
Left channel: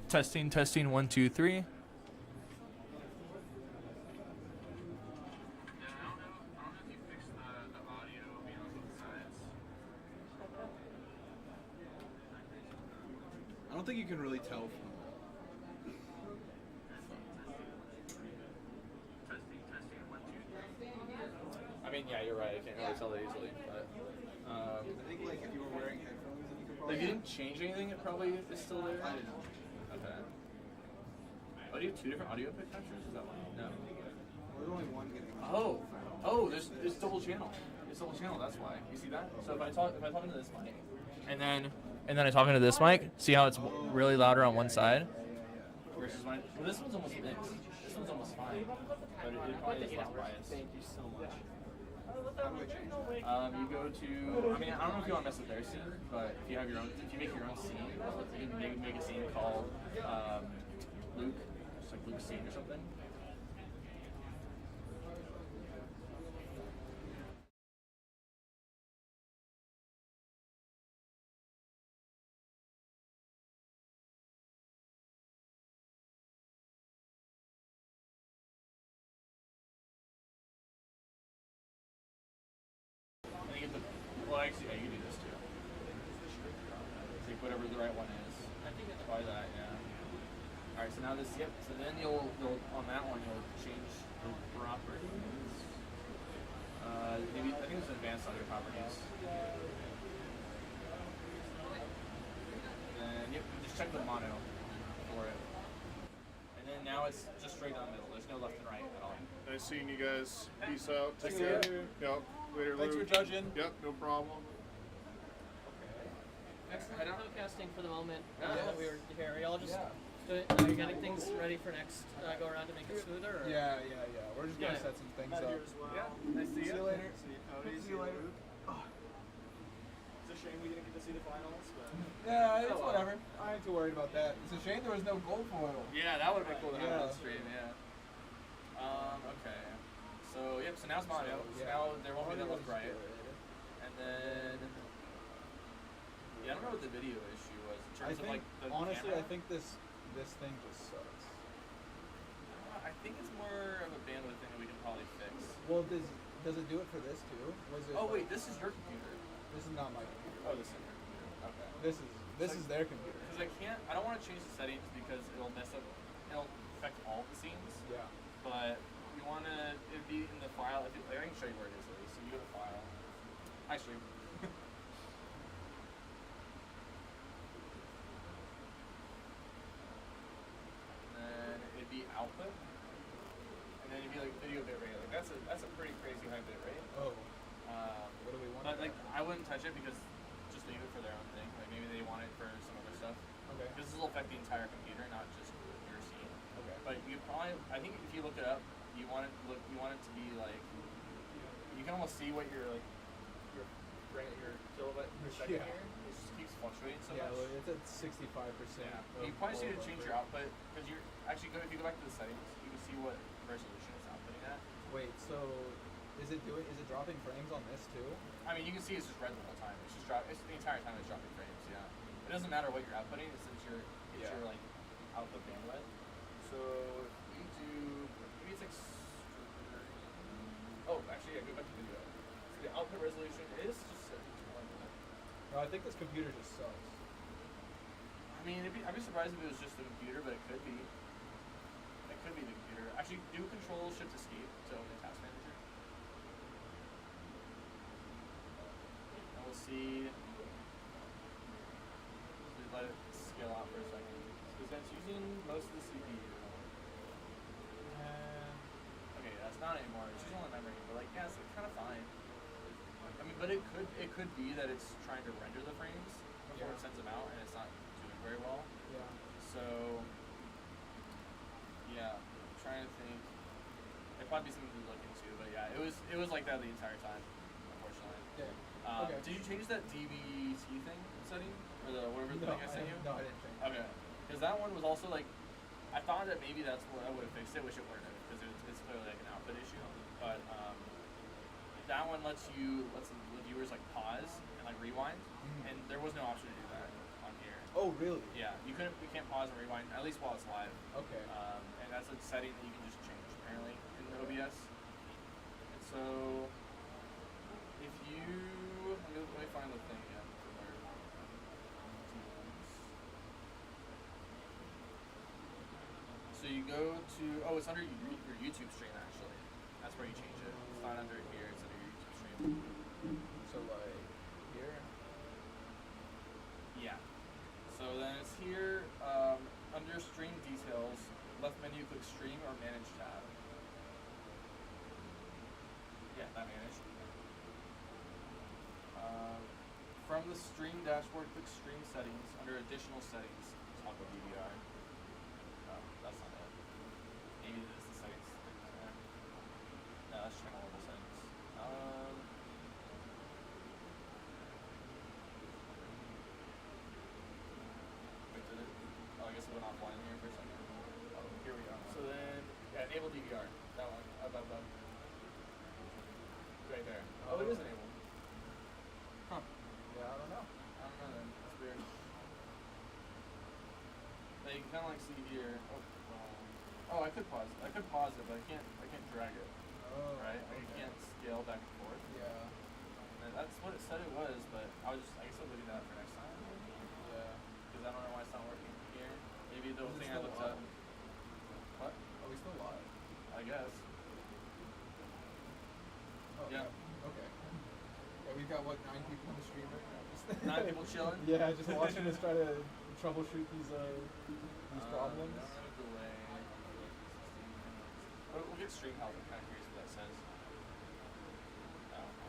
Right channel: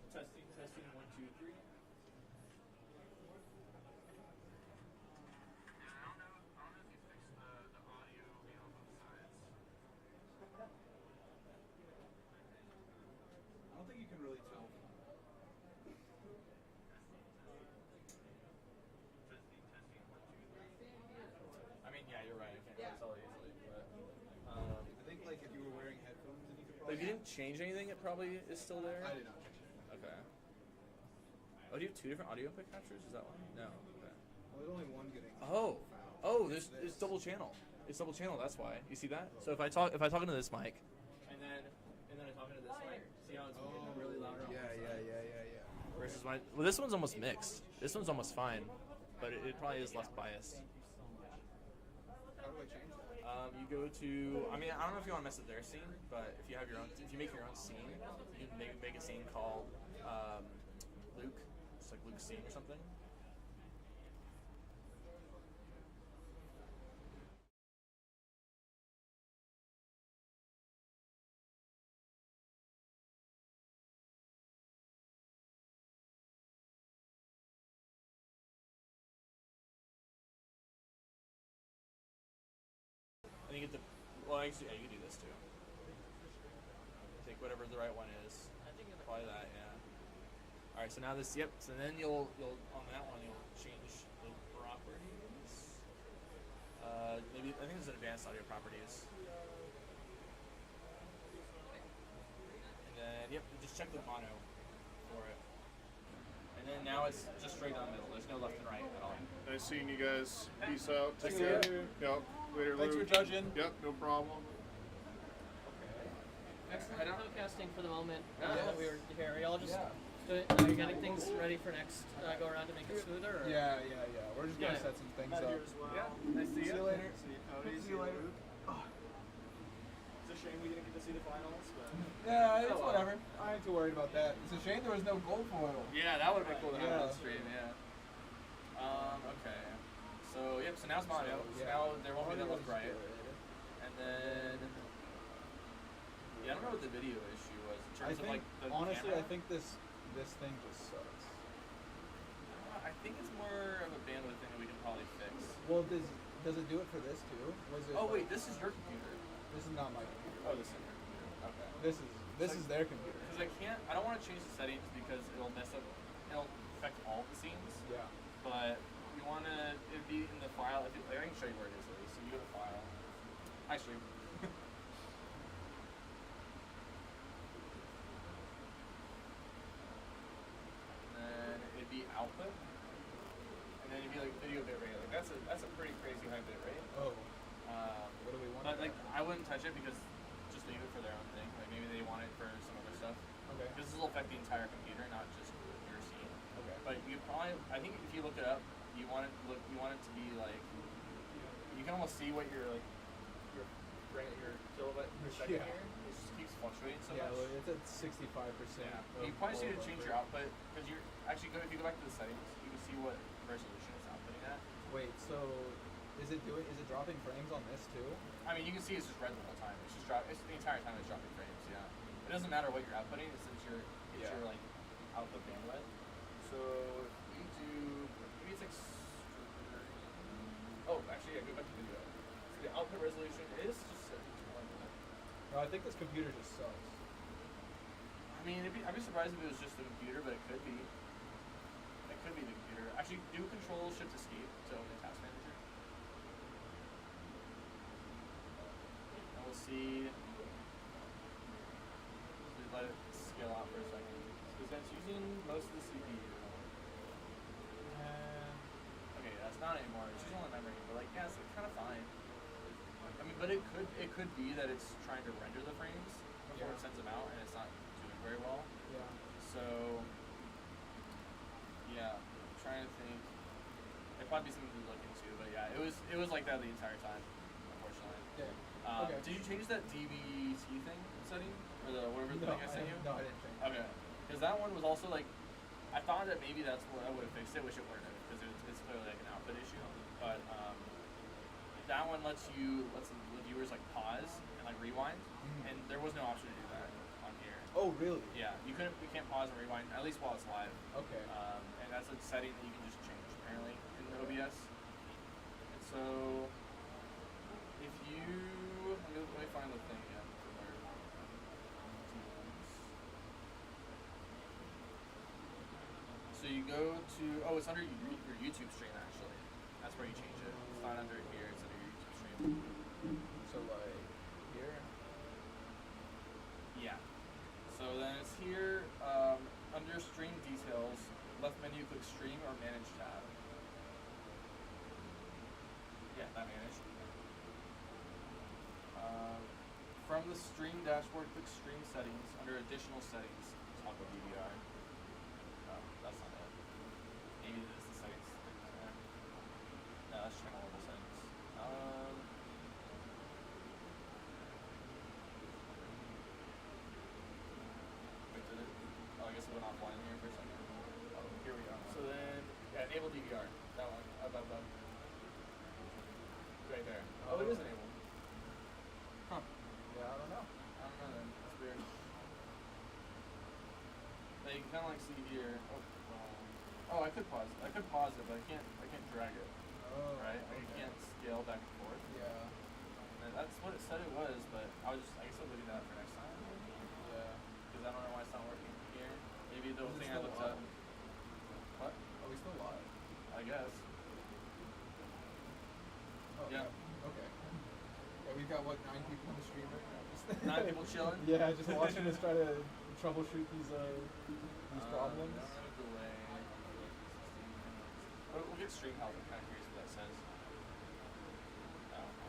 Testing, 1, 2, 3. I don't think you can really tell from I mean, yeah, you're right. I can't really tell that easily. But, I think like if you were wearing headphones, then you could probably. if you didn't change anything, it probably is still there. I didn't. Okay. Oh, do you have 2 different audio pictures? Is that one? No. There's only one getting. Oh, it's double channel. It's double channel. That's why. You see that? So if I talk into this mic, and then I talk into this mic, see how it's really louder on one side? Versus mine. Well, this one's almost mixed. This one's almost fine, but it probably has less bias. You go to. I mean, I don't know if you want to mess with their scene, but if you have your own, if you make your own scene, you can make a scene called Luke, just like Luke's scene or something. Well, actually, yeah, you can do this too. Take whatever the right one is. I think it's probably that, yeah. All right, so now this, yep. So then you'll on that one you'll change the properties. Maybe I think it's advanced audio properties. Then yep, just check the mono for it. And then now it's just straight down the middle. There's no left and right at all. Nice seeing you guys. Peace out. Nice Take care. seeing you. Yep. Later, Thanks Luke. for judging. Yep, no problem. Excellent podcasting for the moment. Yeah. That we were here. Are y'all just are you getting things ready for next go around to make it smoother? Or? Yeah. We're just gonna Yeah. set some things Not up. here as well. Yeah, nice to see you. See you later. See you later. It's a shame we didn't get to see the finals, but Yeah, it's whatever. I ain't too worried about that. It's a shame there was no gold foil. Yeah, that would have been cool to have Yeah. on stream, yeah. Okay. So, yep, so now it's mono. So yeah. now there won't be that left right. And then... Yeah, I don't know what the video issue was in I terms of, think, like, the honestly, camera. I think this thing just sucks. I think it's more of a bandwidth thing that we can probably fix. Well, Does it do it for this too? Was it? Oh wait, this is your computer. This is not my computer. Oh, this is your computer. Okay. This is their computer. Because I don't want to change the settings because it'll affect all the scenes. Yeah. But you want to, it'd be in the file. I can show you where it is at least. So you go to file. Actually. And then it'd be output. And then it'd be like video bit rate. Like that's a pretty crazy high bit rate. Oh. What do we want? But like I wouldn't touch it because just leave it for their own thing. Like maybe they want it for some other stuff. Okay. Because this will affect the entire computer, not just your scene. Okay. But you probably, I think if you look it up, you want it to be like, you can almost see what your kilobyte per second Yeah. here. It just keeps fluctuating so Yeah, much. well, it's at 65%. Yeah. You probably need to change your output because you're actually if you go back to the settings, you can see what resolution it's outputting at. Wait, so is it dropping frames on this too? I mean, you can see it's just red the whole time. It's just it's the entire time it's dropping frames. Yeah. It doesn't matter what you're outputting since it's your like output bandwidth. So if you do, maybe it's like. Oh, actually, yeah. Go back to video. So the output resolution is just. No, I think this computer just sucks. I mean, I'd be surprised if it was just the computer, but it could be. It could be the computer. Actually, do Control Shift Escape to open the task manager. And we'll see. Let it scale out for a second. Because that's using most of the CPU. Okay, that's not anymore. It's using all the memory, but like, yeah, it's kind of fine. I mean, but it could be that it's trying to render the frames before it sends them out, and it's not doing very well. Yeah. So, yeah, I'm trying to think. It'd probably be something to look into, but yeah, it was like that the entire time, unfortunately. Yeah. Okay. Did you change that DVT thing setting? Or the whatever thing I sent you? No, I didn't change it. Okay. Because that one was also like, I thought that maybe that's what I would have fixed it, which it wouldn't have, because it's clearly like an output issue. But that one lets the viewers like pause and like rewind, and there was no option to do that on here. Oh, really? Yeah, we can't pause and rewind, at least while it's live. Okay. And that's a setting that you can just change apparently in OBS. And so, if you let me find the thing again. So you go to it's under your YouTube stream actually. That's where you change it. It's not under here. It's under your YouTube stream. So like here. Yeah. So then it's here under Stream Details. Left menu, click Stream or Manage tab. Yeah, that manage. From the Stream dashboard, click Stream Settings under Additional Settings. Toggle DVR. That's not it. Maybe this is the settings. No, that's channel level settings. Wait, did it? Oh, I guess it went offline here for a second. Oh, here we go. So then, yeah, enable DVR. That one. Up. Right there. Oh, it is enabled. Huh. Yeah, I don't know. I don't know then. That's weird. Now you can kind of like see here. Oh, I could pause it, but I can't drag it. Oh. Right? Like I can't scale back and forth. Yeah. And that's what it said it was, but I guess I'll leave that for next time. Yeah. Because I don't know why it's not working here. Maybe the Is it thing I still looked live? up. What? Are we still live? I guess. Oh, Yeah. Okay. Yeah, we've got what, 9 people in the stream right now? Just 9 people chilling? Yeah, just watching us try to troubleshoot these problems. No delay. We'll get stream health. I'm kind of curious what that says.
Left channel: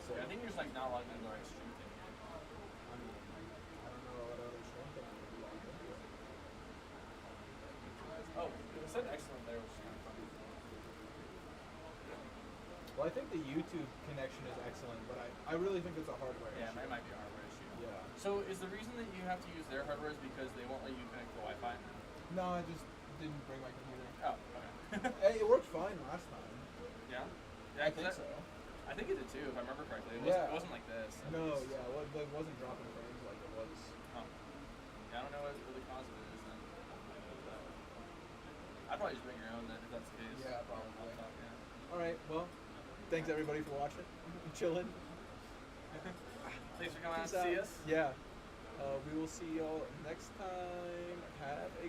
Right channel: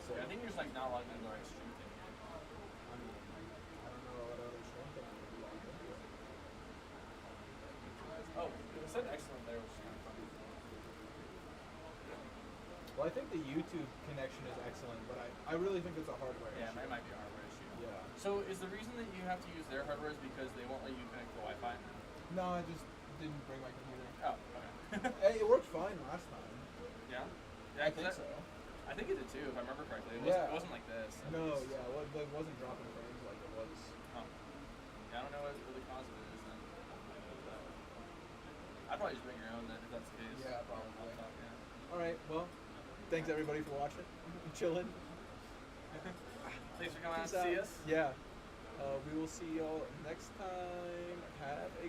So I think you're just like not logged into the right stream thing here. I mean, I don't know what other stream thing I would be logged into. Oh, it said excellent there, which is kind of funny. Well, I think the YouTube connection is excellent, but I really think it's a hardware Yeah, issue. it might be a hardware issue. Yeah. So is the reason that you have to use their hardware is because they won't let you connect to Wi-Fi? No, I just didn't bring my computer. Oh, okay. Hey, it worked fine last time. Yeah? I think so. I think it did too, if I remember correctly. It wasn't like this. No, yeah, it wasn't dropping frames like it was. Oh. Yeah, I don't know what the cause of it is then. I'd probably just bring your own then if that's the case. Yeah, probably. Laptop, yeah. Alright, well, Thanks everybody for watching, chilling. Thanks for coming out Peace to see out. us. Yeah. We will see y'all next time. Have a